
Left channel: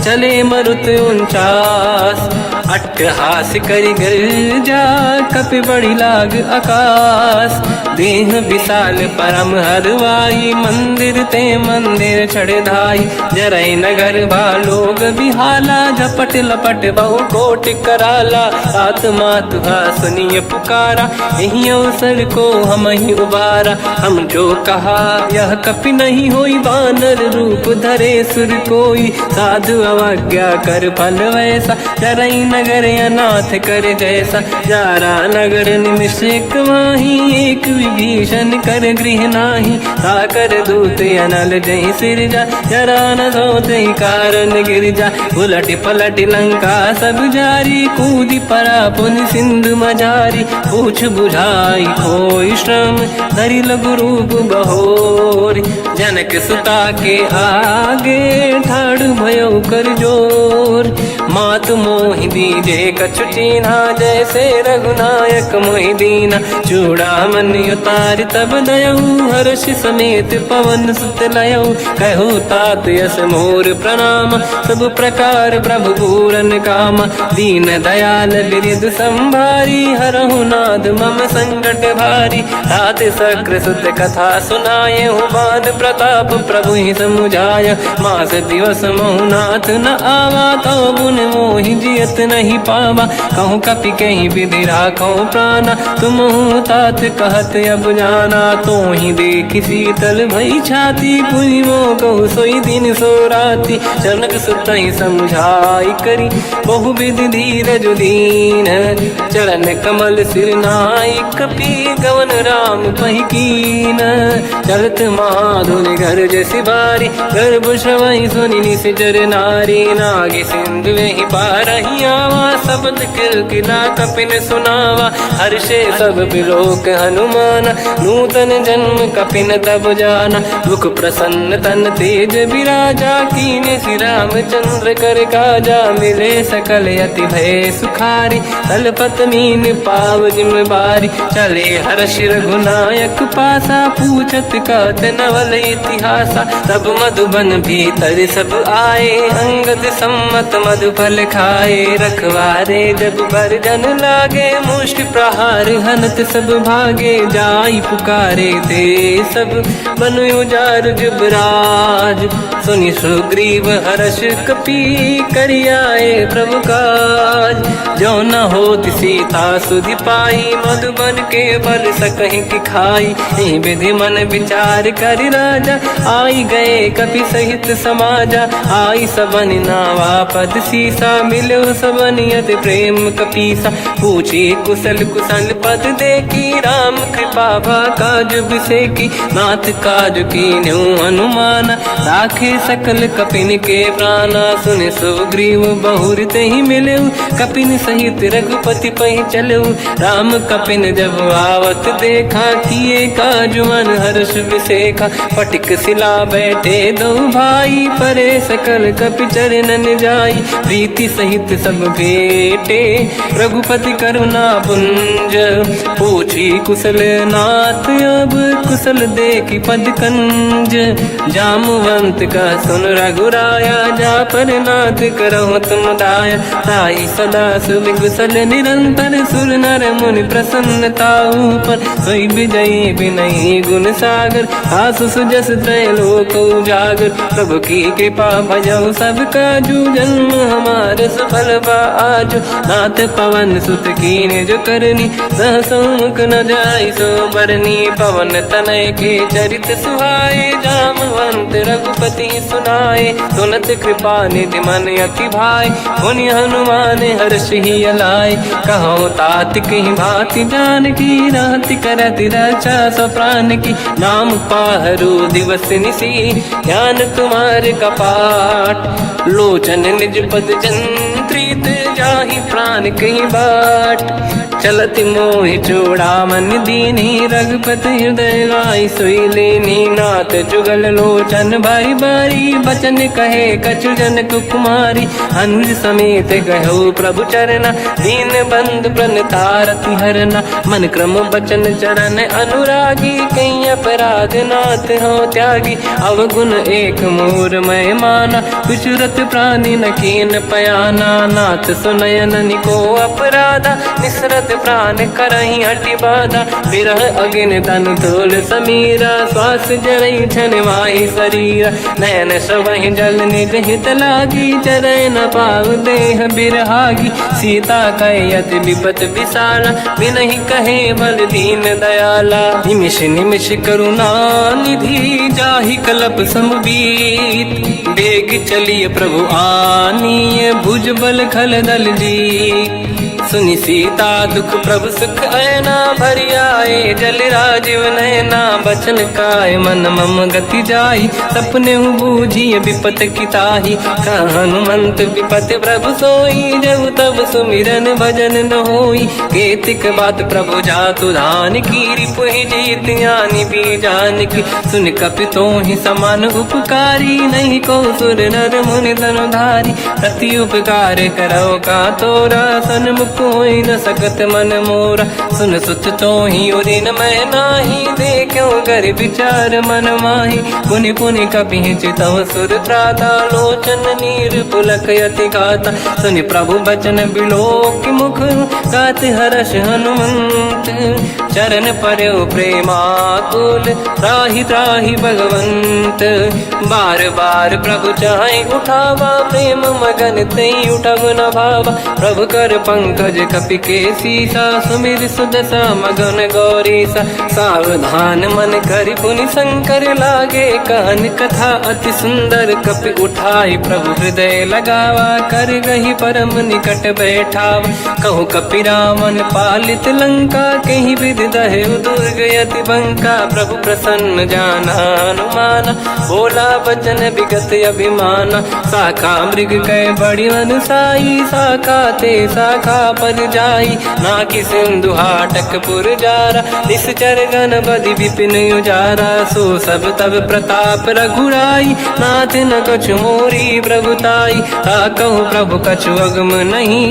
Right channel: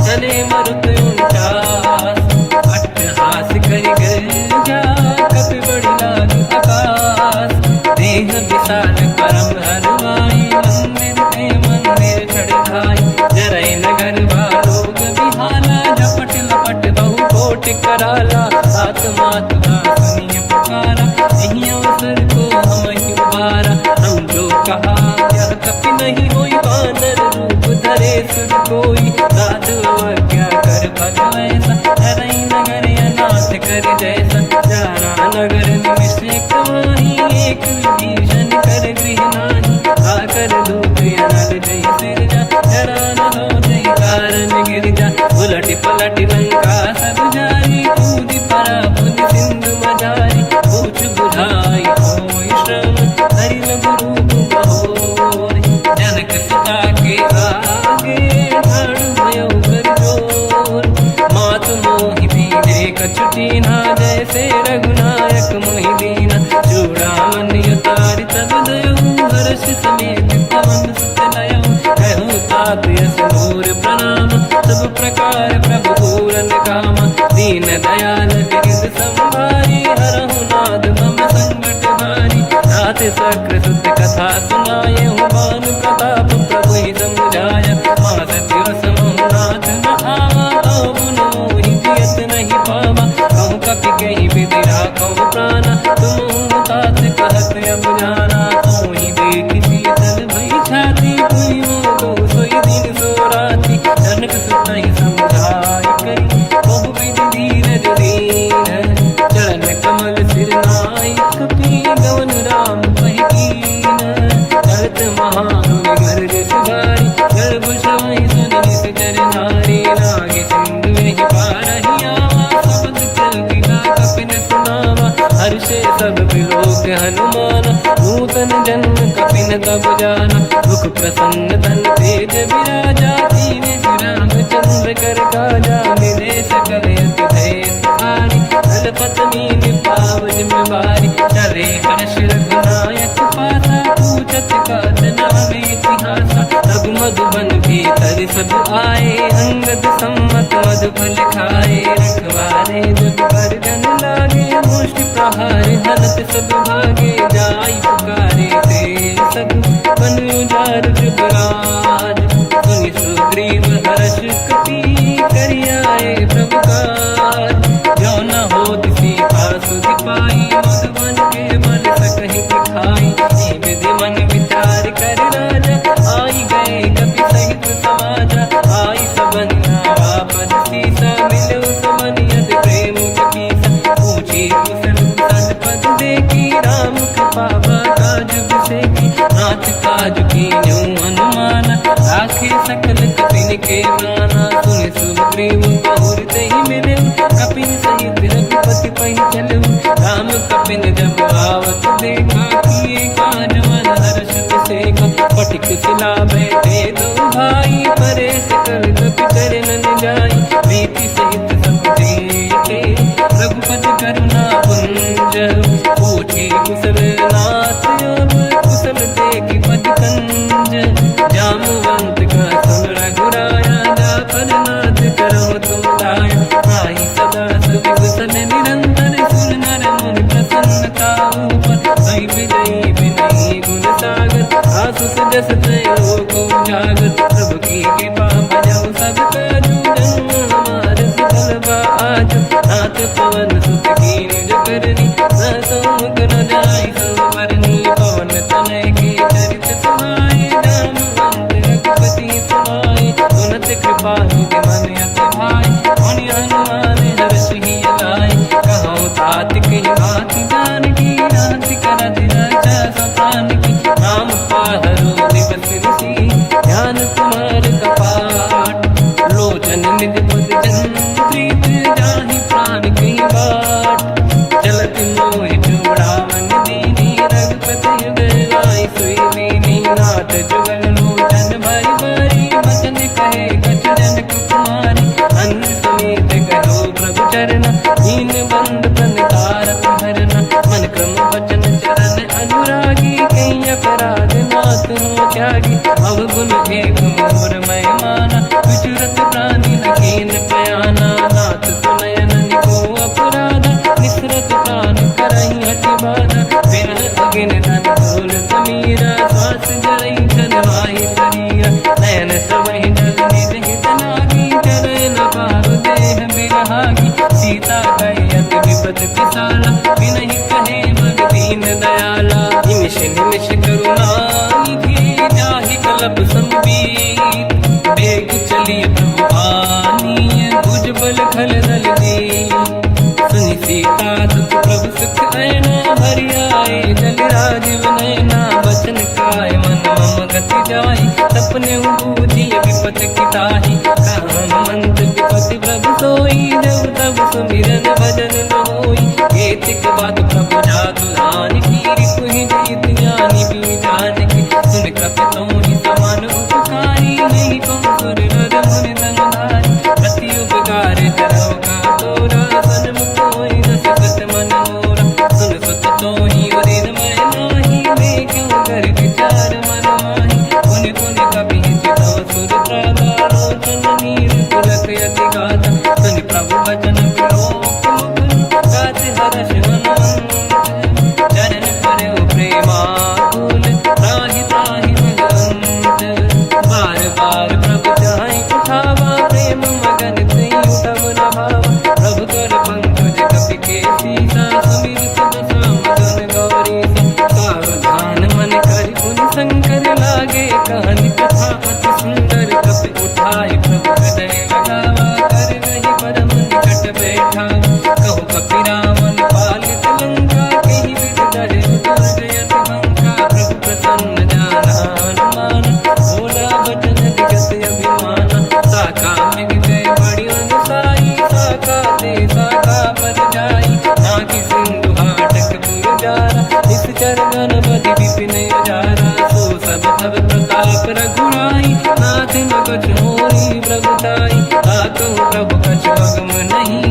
चले मरुत 49। अट्टहास करि गर्जा, कपि बड़ी लाग आकाश। देह विशाल परम हरवाई, मंदिर ते मंदिर चढ़ धाई। जरई नगर बालोग बिहाला, झपट लपट बहु कोट कराला। आत्मात सुनिय पुकारा, यही अवसर को हम ही उबारा। हम जो कहा यह कपि नहीं होई, वानर रूप धरे सुर कोई। साधु अवज्ञा कर फल वैसा, जरई नगर अनाथ कर जैसा। जारा नगर निमिषेक माही, एक विभीषण कर गृह नाही। आकर दूत अनल जय सिरजा, जरा न सोते कारण गिर जा। उलट पलट लंका सब जारी, कूदी परा पुन सिंधु मजारी। पूछ बुझाई कोई श्रम, हरि लघु रूप बहोरी। जनक सुता के आगे, ठाड़ भयो कर जोर। मात मोहि दीजे कछु चीन्हा, जैसे रघुनायक मोहि दीना। चूड़ामणि उतार तब दयऊ, हर्ष समेत पवन सुत लयऊ। कहु तात यस मोर प्रणाम, सब प्रकार प्रभु पूरन काम। दीन दयाल गिरिध संभारी, हरहु नाथ मम संकट भारी। तात सक्र सुत कथा सुनाए, बान प्रताप प्रभु ही समुझाय। मास दिवस महु नाथ न आवा, तो गुण मोहि जियत नहीं पावा। कहूँ कपि कहीं विधि राखो प्राणा, तुम तात कहत अब जाना। तो ही देखि शीतल भई छाती, पुनि मोह कहु सोई दिन सो राति। जनक सुत ही समझाई करी, बहु विधि धीरज दीन। चरण कमल सिर नाई, कपि गवन राम पहि कीन। चलत महाधुनि गरज सिबारी, गर्भ श्रवहि सुनि निशिचर नारी। नागे सिंधु ही पारहि आवा, शब्द कीर्तिना कपिन सुनावा। हर्षे सब बिलोक हनुमाना, नूतन जन्म कपिन तब जाना। दुख प्रसन्न तन तेज विराजा, कीने श्री रामचंद्र कर काजा। मिले सकल अति भय सुखारी, तलपत मीन पाव जिम बारी। चले हर्ष रघुनायक पासा, पूछत कात नवल इतिहासा। तब मधुबन भीतर सब आए, अंगद सम्मत मधुफल खाए। रखवारे जब बर जन लागे, मुष्टि प्रहार हनत सब भागे। जाई पुकारे ते सब, बन उजार जुबराज। सुनि सुग्रीव हर्ष कपि, करि आए प्रभु काज। जो न होत सीता सुधि पाई, मधुबन के बल सकहि कि खाई। हे विधि मन विचार कर राजा, आई गए कपि सहित समाजा। आई सबन नावा पद सीसा, मिलो सबन यति प्रेम कपीसा। पूछी कुशल कुशल पद देखी, राम कृपा काज बिसेकी। नाथ काज कीन्यो हनुमाना, राखे सकल कपिन के प्राणा। सुन सुग्रीव बहुर तहि मिलेऊ, कपिन सहित रघुपति पहि चलेऊ। राम कपिन जब आवत देखा, किए काज मन हर्ष बिसेखा। फटिक सिला बैठे दो भाई, परे सकल कपि चरणन जाई। प्रीति सहित सब बेटे, रघुपति करुणा पुंज। पूछी कुशल नाथ अब, कुशल देखि पद कंज। जामवंत का सुन रघुराया, जा पर नाथ करहु तुम दाया। ताई सदा सुविकुशल निरंतर, सुर नर मुनि प्रसन्नता ऊपर। सोई विजयी विनयी गुण सागर, आसु सुजस त्रैलोक उजागर। प्रभु की कृपा भजऊ सब काजू, जन्म हमार सफल बा आज। नाथ पवन सुत कीन्ह जो करनी, सहसो मुख न जाय सो बरनी पवन तनय के चरित सुहाए जामवंत रघुपति सुनाए सुनत कृपा निधि मन अति भाई मुनि हनुमान हर्ष ही अलाए कहो तात कहीं भांति जान की राति करति रक्षा सब प्राण की नाम पाहरो दिवस निसी ध्यान तुम्हारे कपाट लोचन निज पद जंत्रित जाहि प्राण कहीं बाट चलत मोहि चूड़ामन दीनी रघुपति हृदय गाय सोई लेनी नाथ जुगल लोचन भारी बारी बचन कहे कछु जन कुमारी अंज समेत कहो प्रभु चरना दीन बंधु प्रणितारत हरना मन क्रम बचन चरण अनुरागी कहीं अपराध नाथ हो त्यागी अवगुण एक मोर मैं माना विचुरत प्राणी न कीन पयाना नाथ सुनयन निको अपराधा निसरत प्राण करही हटि बाधा विरह अगिन तन तोल समीरा श्वास जरई छन वाही शरीरा नयन सवहि जल निज हित लागी चरय न पाव देह बिरहागी सीता कहे अति विपत विसाला बिनहि कहे बल दीन दयाला निमिष निमिष करुणा निधि जाहि कलप संबीत बेग चलिए प्रभु आनीय भुज बल खल दल जी सुनि सीता दुख प्रभु सुख ऐना भरि आए जल राजीव नैना बचन काय मन मम गति जाई सपने बूझिए विपत किताही हनुमंत विपत प्रभु सोई देव तब सुमिरन भजन न होई केतिक बात प्रभु जातु धान की रिपुहि जीत ज्ञानी भी जान की सुन कपितो ही समान उपकारी नहीं को सुर नर मुनि धनुधारी प्रति उपकार करो का तोरा सन्मुख कोई न सकत मन मोरा सुन सुत तो ही उदिन मैं नाही देखो कर विचार मन माही पुनि पुनि कपि चितव सुर त्राता लोचन नीर पुलक यति गाता सुनि प्रभु बचन बिलोक मुख गाति हर्ष हनुमंत चरण पर्यो प्रेमाकुल त्राहि त्राहि भगवंत बार बार प्रभु चाहे उठावा प्रेम मगन ते उठब न भावा प्रभु कर पंकज कपि के सीसा सुमिर सुदशा मगन गौरीसा सावधान मन करि पुनि शंकर लागे कहन कथा अति सुंदर कपि उठाई प्रभु हृदय लगावा कर गही परम निकट बैठावा कहु कपि रावण पालित लंका कहीं विधि दहे दुर्ग यति बंका प्रभु प्रसन्न जाना हनुमाना बोला बचन विगत अभिमाना शाखा मृग कै बड़ी अनुसाई शाखा ते शाखा पर जाई नाकि सिंधु हाटक पुर जारा निश्चर गण बदि विपिन उजारा सो सब तब प्रताप रघुराई नाथ न कछु मोरी प्रभुताई कहूँ प्रभु कछु अगम नहीं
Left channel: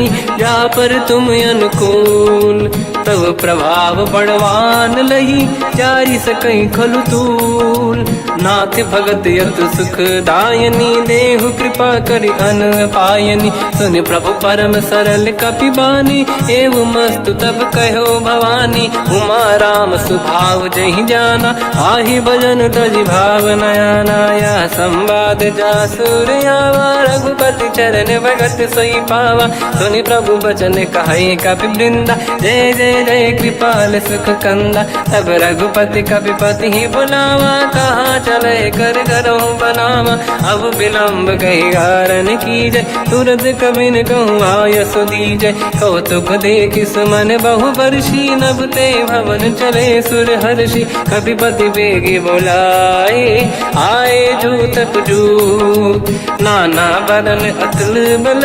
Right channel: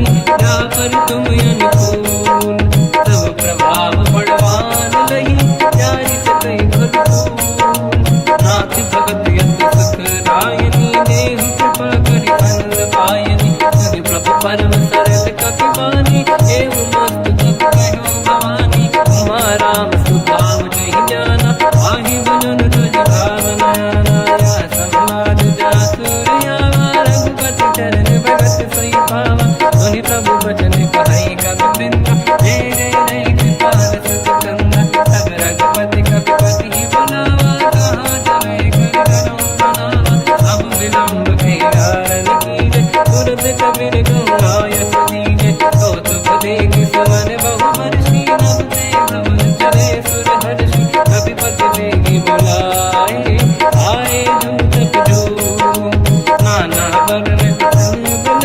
जा पर तुम अनुकूल तब प्रभाव बड़वान लही जारी सकई खलु तूल नाथ भगत यत सुख दायनी देहु कृपा करि अन पायनी सुन प्रभु परम सरल कपि बानी एव मस्तु तब कहो भवानी उमा राम सुभाव जहि जाना आहि भजन तज भाव नयाना या संवाद जासुर आवा रघुपति चरण भगत सोई पावा सुनि प्रभु बचन कहे कपि वृंदा जय जय जय कृपाल सुख कंदा तब रघुपति कपि पति ही बनावा कहाँ चले कर करो बनावा अब विलम्ब कही कारण कीजय तुरंत कबिन कहूँ आयस दीजय कौतुक देख सुमन बहु वर्षी नभ ते भवन चले सुर हर्षि कपिपति बेगी बोलाए आए जूतक जूत नाना बदन अतल बल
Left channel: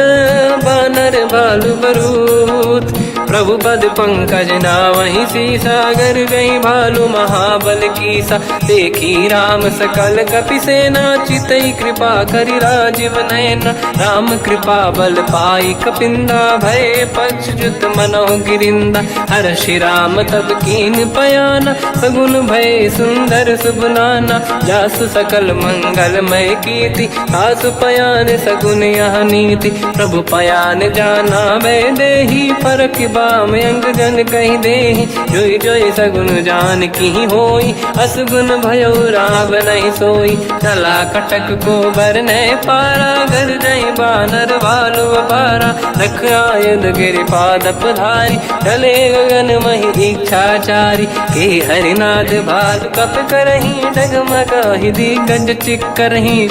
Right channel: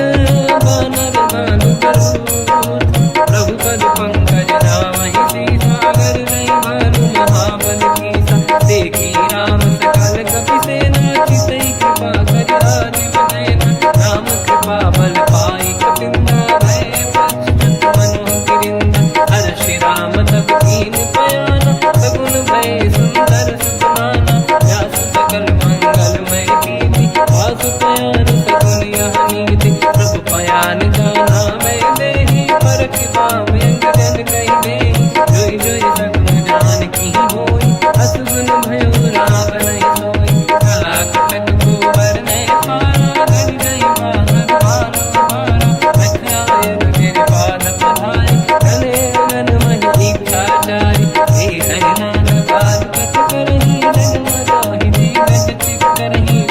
बानर बालु बरूत प्रभु पद पंकज नावहि सीसागर गई भालू महाबल कीसा देखी राम सकल कपि सेना चितई कृपा करि राजीव नयन राम कृपा बल पाई कपिंदा भय पंचजुत मनो गिरिंदा हर्षि राम तब कीन पयाना सगुन भय सुंदर सुबनाना जासु सकल मंगलमय कीर्ति आसु पयान सगुन यह नीति प्रभु पयान जाना मैं देही परख बाम अंग जन कही देही जोई जोई सगुन जान की ही होई, असगुन भयो राग नहीं सोई। चला कटक को बरने पारा, घर जई बानर बालु पारा। लख आयन गिरिपाद पधारी, चले गगन मही इच्छाचारी। के हरिनाद भाग कप करही, डगमगाहि दिग्गज चिक्करही।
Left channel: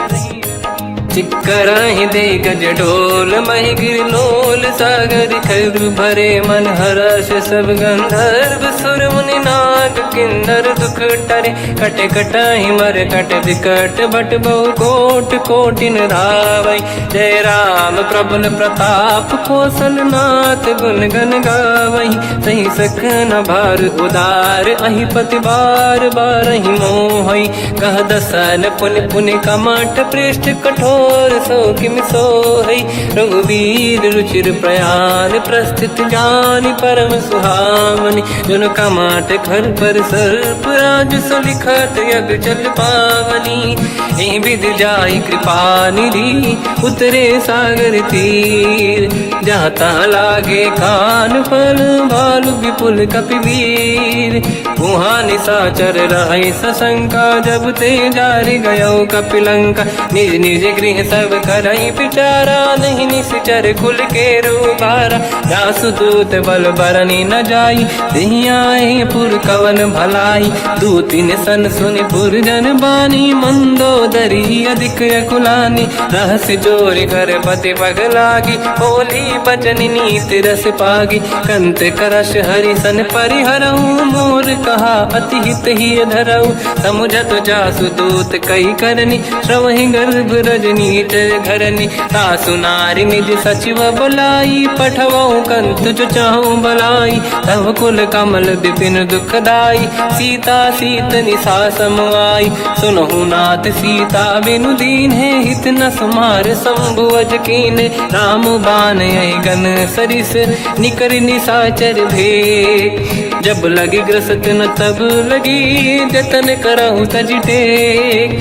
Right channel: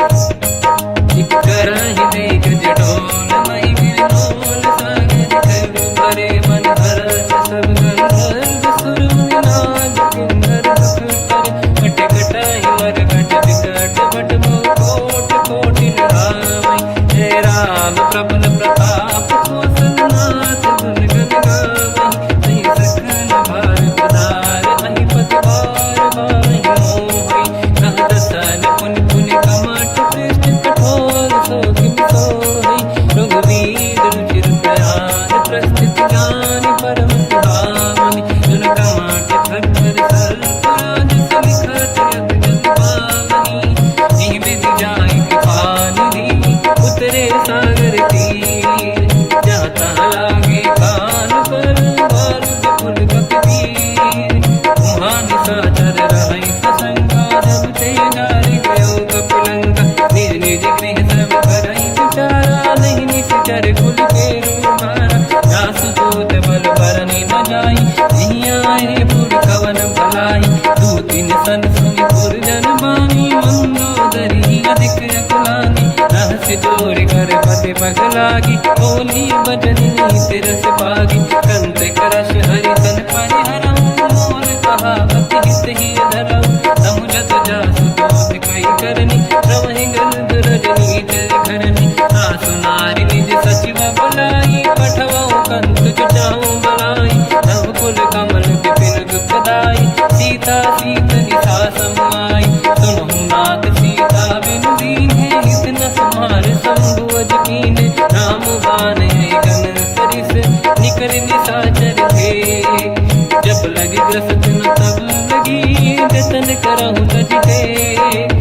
चिक्करहि दिग्गज ढोल, महि गिरलोल सागर खर भरे मन हर्ष सब गंधर्व सुर मुनि नाग किन्नर दुख टरे। कट कटाहि मर कट विकट भट बहु कोट कोटिन रावै। जय राम प्रबल प्रताप कोसन नाथ गुण गन गावै। सही सखन भार उदार, अहि पति बार बारहि मोहै। कह दसन पुन पुन कमठ पृष्ठ कठोर सो किम सोहै। रघुवीर रुचिर प्रयाण प्रस्थित ज्ञान परम सुहावनी। जुन कमाट फर पर सर्प राज सविखत यग जल पावनी। एहि विधि जाहि कृपा निधि, उतरे सागर तीर। जहाँ तहाँ लागे कान फल, भालु विपुल कपिवीर। वहाँ निशाचर रहै सशंका, जब ते जारि गयो कपिलंका। निज निज गृह सब करई विचारा, नहीं निश्चर कुल के रूबारा। जासु दूत बल बरनी न जाई, देहि आए पुर कवन भलाई। दूतिन सन सुनि पुर जन बानी, मंदोदरी अधिक अकुलानी। रहस्य जोरि कर पति पगलागी, होली बचन नीति रस पागी। कंत करश हरि सन परिहरहु, मोर कहा अति हित ही धरऊ। समुझत जासु दूत कई करनी, श्रवहि गर्भ रजनी धरनी। सासु नारी निज सचिव बुलाई, पठवऊ कंत जो चाहूं बलाई। तव कुल कमल विपिन दुखदाई, सीता सीत निशा समाई। सुनहु नाथ सीता बिनु दीन है, हित न समार शंभु अज कीन। राम बान गन सरिस, निकर निशाचर भेद। जब लगी ग्रस्त न तब लगी, जतन करहु तज टेक।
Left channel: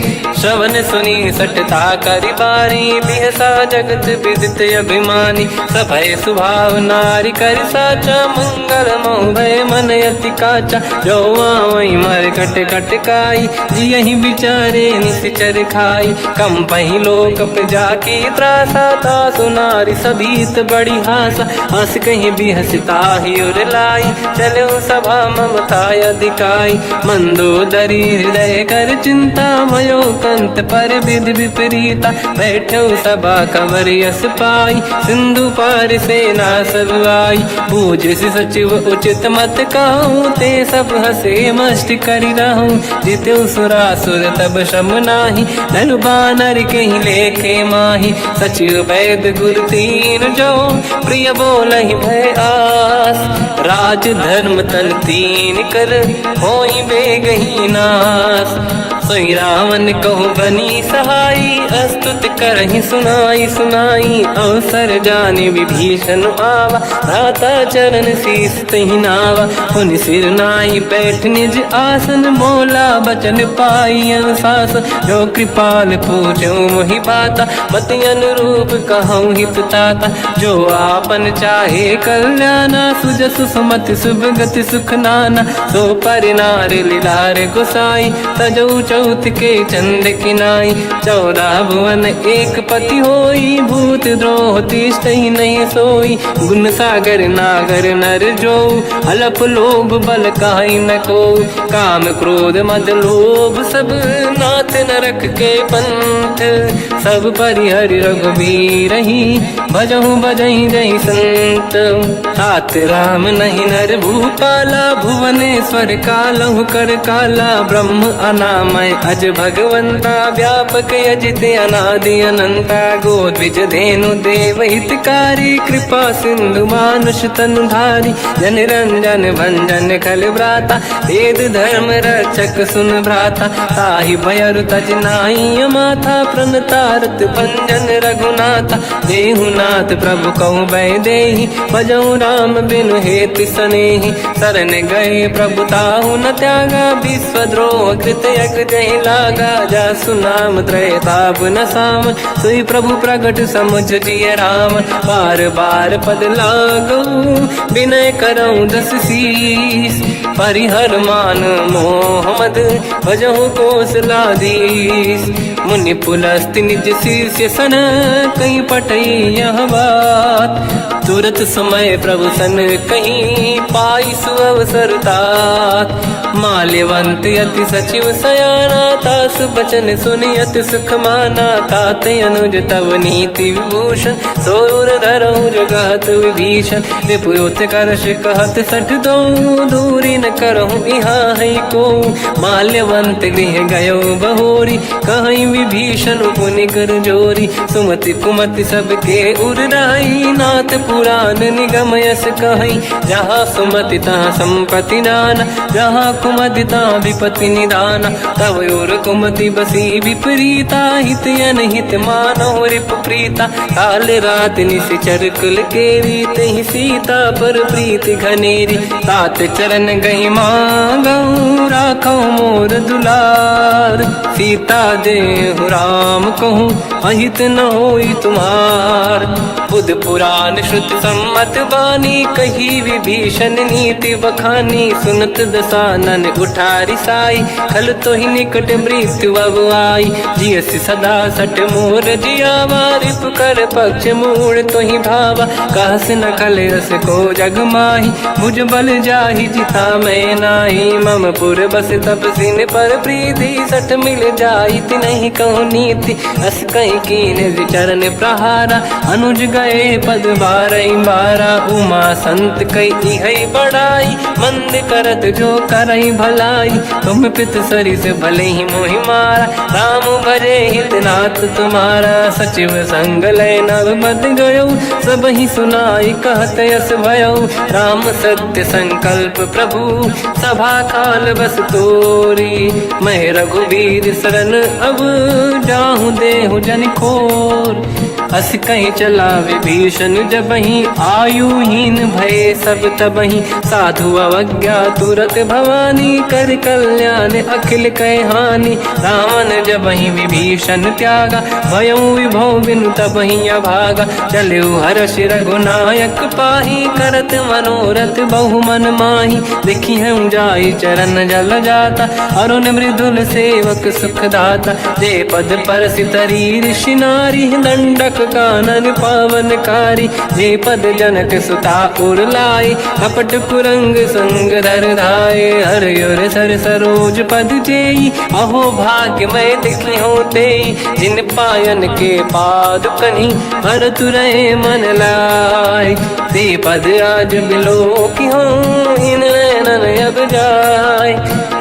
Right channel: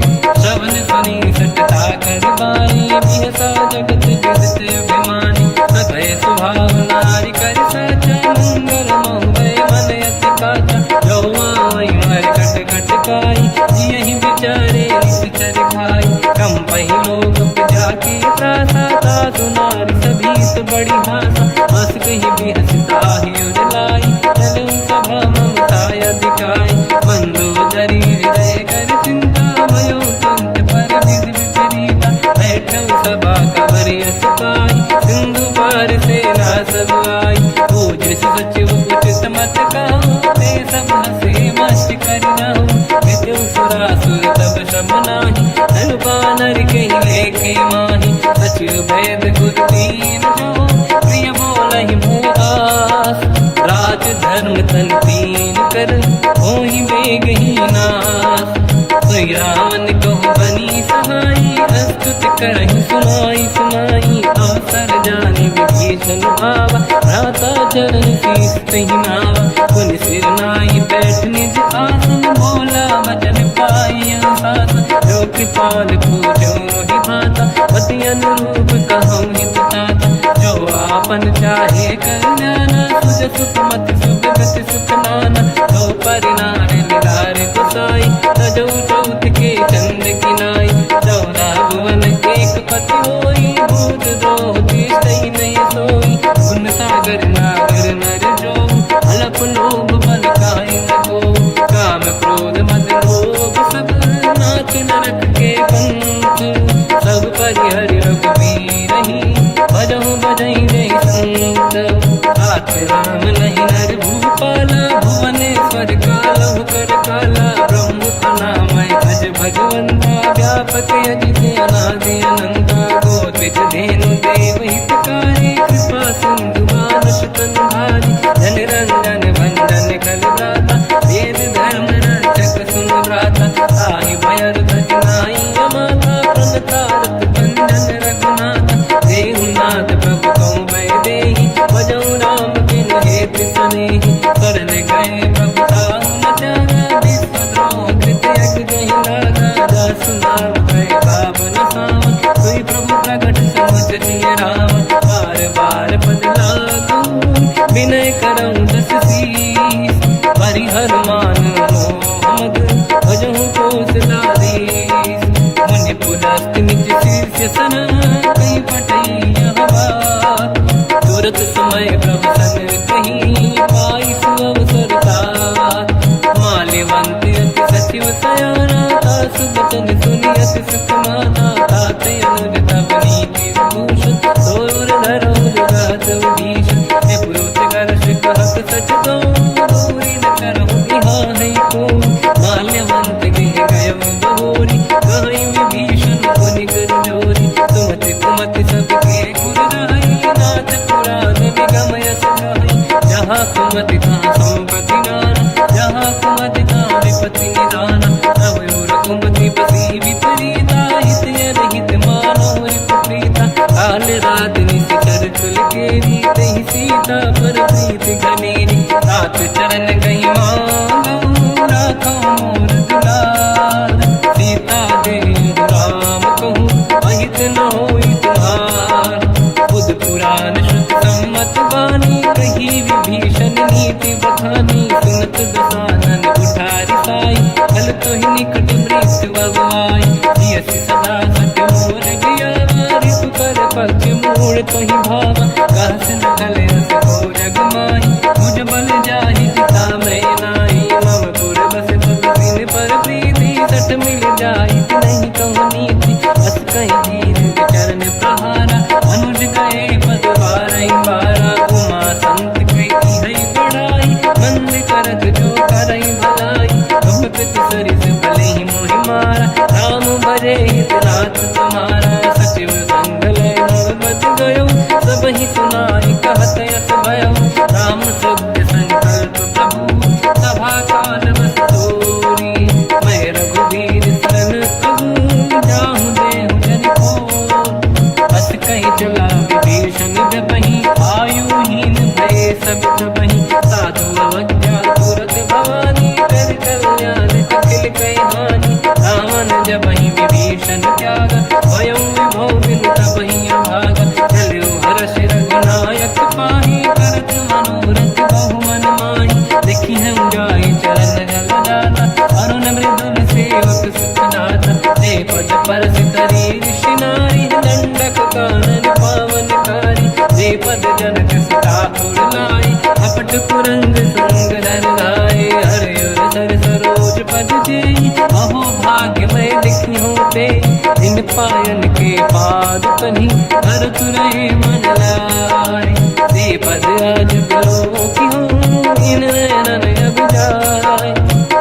श्रवण सुनी सटता करि बाणी, बिहसा जगत विदित अभिमानी। सभय स्वभाव नारी कर साचा, मंगल महु भय मन अति काचा। जो आवै मर कट कट काई, जियहि विचारे निश्चर खाई। कम पहि लोक जाके त्रासा, तासु नारी सभीत बड़ी हासा। हंस कहीं बिहसता ही उर लाई, चलो सभा ममता अधिकाई। मंदोदरी हृदय कर चिंता, भयो पंत पर विधि विपरीता। बैठो सभा कंवर यस पाई, सिंधु पार सेना सब आई। पूज्य सचिव उचित मत कहूँ, ते सब हसे मस्त करि रहूं। जितु सुरासुर तब शम नाही, धनु बानर कहीं लेखे माही। सचिव वैद गुरु तीन जो, प्रिय बोलहि भय आस। राज धर्म तन तीन कर, होई बेगहि नास। सोई रावण कहु बनी सहाई, अस्तुत करहि सुनाई सुनाई। अवसर जानि विभीषण आवा, भ्राता चरण शीस तहि नावा। पुनि सिर नाई बैठ निज आसन, बोला बचन पाई अनुशासन। जो कृपाल पूछो मोहि बाता, मति अनुरूप कहूँ हित ताता। जो आपन चाहे कल्याणा, सुजसु सुमति सुभगति सुख नाना। सो पर नारी लीलार गोसाई, तजौ चौथ के चंद किनाई। 14 भुवन एक पति होई, भूत द्रोह तिष्ठहि नहीं सोई। गुण सागर नागर नर जो, अलप लोभ बल काहि न को। काम क्रोध मद लोभ सब, नाथ नरक के पंथ। सब परिहरि रघुबीरहि, भजहु बजहि जहि संत। हाथ राम नहीं नर भूपाला, भुवनेश्वर कालहु कर काला। ब्रह्म अनामय अज भगवंता, व्यापक अजित अनादि अनंता। गोद्विज धेनु देव हितकारी, कृपा सिंधु मानुष तनु धारी। जन रंजन भंजन कल व्राता, वेद धर्म रक्षक सुन भ्राता। ताहि भयर तज नाहि अमाथा, प्रणतारत भंजन रघुनाथा। जेहु नाथ प्रभु कहु भय देहि, भजहु राम बिनु हेतु सनेहि। शरण गए प्रभु ताहु न त्यागा, विश्वद्रोह कृत यक नहीं लागा, जा सुनाम त्रैताप न सावन, सोई प्रभु प्रगट समुझ जिय राम। बार बार पद लागू विनय करऊं दस शीस, परिहर मान मोहम्मद भजहु कोसलाधीश। मुनि पुलस्त निज शीर्ष सन, कहीं पटई यह बात, तुरत समय प्रभु सन कहीं पाई सुअवसर तात। माल्यवंत अति सचिव सयाना, तास बचन सुनि अति सुख माना। तात अनुज तव नीति विभूषण, सोर धरऊं जगत विभीषण। निपुरुत करश कहत सठ दऊं, दूरी न करहूं यहाँ है को। माल्यवंत गृह गयो बहोरी, कहीं विभीषण पुनि कर जोरी। सुमति कुमति सबके उरनाई, नाथ पुराण निगम यस कहीं। जहाँ सुमति तहाँ संपत्ति नाना, जहाँ कुमति तहाँ विपत्ति निदाना। तव और कुमति बसी विपरीता, हित अनहित मानो रिपु प्रीता। काल रात निशिचर कुल केरी, तहि सीता पर प्रीत घनेरी। तात चरण गही मांगऊं, राखो मोर दुलार। सीता देहु राम कहूँ, अहित न होई तुम्हार। बुध पुराण श्रुत सम्मत बानी, कही विभीषण नीति बखानी। सुनत दसानन उठारी साई, खल तो ही निकट मृत्यु अब आई। जियस सदा सट मोर दियावा, कर पक्ष मूड़ तो ही भावा। कहस न कल रस को जग माही, मुझ बल जाहि जिता मैं नाही। मम पुर बस तप सिन पर प्रीति, सत मिल जाई नहीं कहूँ नीति। अस कहीं कीन विचरण प्रहारा, अनुज गए पद बारई बारा। उमा संत कई है बड़ाई, मंद करत जो करई भलाई। तुम पित सरिस भले ही मोहि मारा, राम भजे हित नाथ तुम्हारा। सचिव संग लय नव मत गयो, सब ही सुनाई कहत यस भयो। राम सत्य संकल्प प्रभु, सभा काल बस तोरी। मैं रघुवीर शरण अब, जाहूँ देहु जन खोर। अस कहीं चला विभीषण जबहि, आयुहीन भये सब तबहि। साधु अवज्ञा तुरत भवानी, कर कल्याण अखिल कह हानि। रावण जबहि विभीषण त्यागा, भयउ विभौ बिनु तबहि अभागा। चलऊ हर्ष रघुनायक पाहि, करत मनोरथ बहु मन माहि। देखी हूँ जाई चरण जल जाता, अरुण मृदुल सेवक सुख दाता। जे पद परस तरी ऋषि नारी, दंडक कानन पावनकारी। जे पद जनक सुता उर लाई, कपट कुरंग संग धर धाय। हर युर सर सरोज पद जेई, अहो भाग्य मैं दिखी होते। जिन पायन के पाद कन्ही, हर तुरहे मन लाय। ते पद आज बिलो की हो, इन नैनन अब जाय।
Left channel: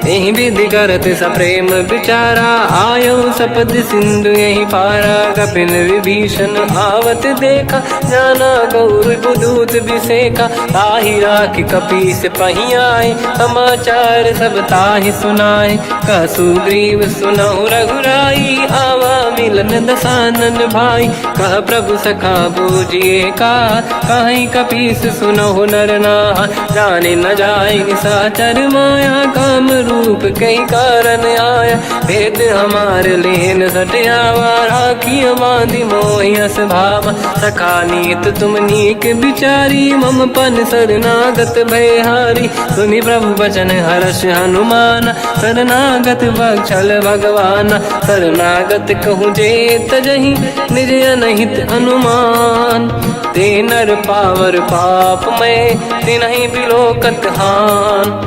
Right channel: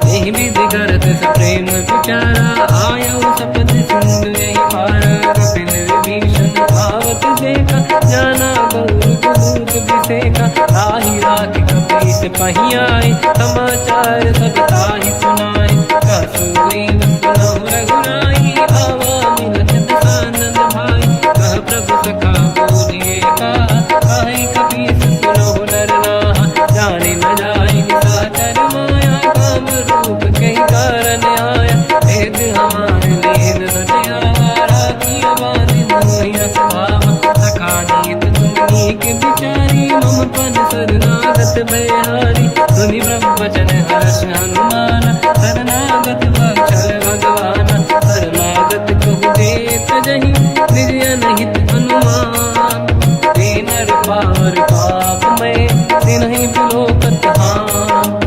यही विधि करत सप्रेम विचारा, आयो सपद सिंधु यही पारा। कपिन विभीषण आवत देखा, जाना गौर गुदूत विसेका। ताहि राखि कपीस पही आए, समाचार सब ताहि सुनाए। कह सुग्रीव सुनहु रघुराई, आवा मिलन दसानन भाई। कह प्रभु सखा पूजिए का, कहीं कपीस सुनहु नर नाहा। जाने न जाएगी साचर माया, काम रूप कई कारण आया। भेद हमार लेन सटियावा, राखी बांधि मोहि अस भावा। सखा नीत तुम नीक विचारी, मम पन शरणागत भयहारी। सुनि प्रभु वचन हर्ष हनुमान, शरणागत बक्षल भगवान। शरणागत कहूँ जे तजहि, निज अनहित अनुमान। ते नर पावर पाप में, तिन्हि बिलोकत हान।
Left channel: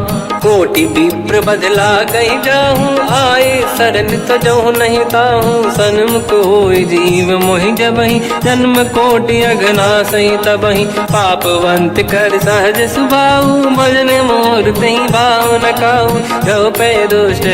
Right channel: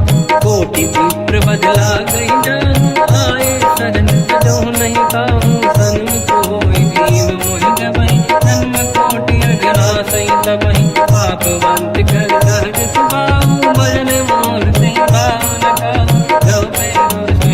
कोटि विप्र बदला गई जाऊँ, आए शरण तजो नहीं ताऊँ। सन्मुख होय जीव मोहि जबहि, जन्म कोटि अगना सही तबहि। पापवंत कर सहज सुभाऊ, भजन मोर तहि भाव न काऊ। जो पे दुष्ट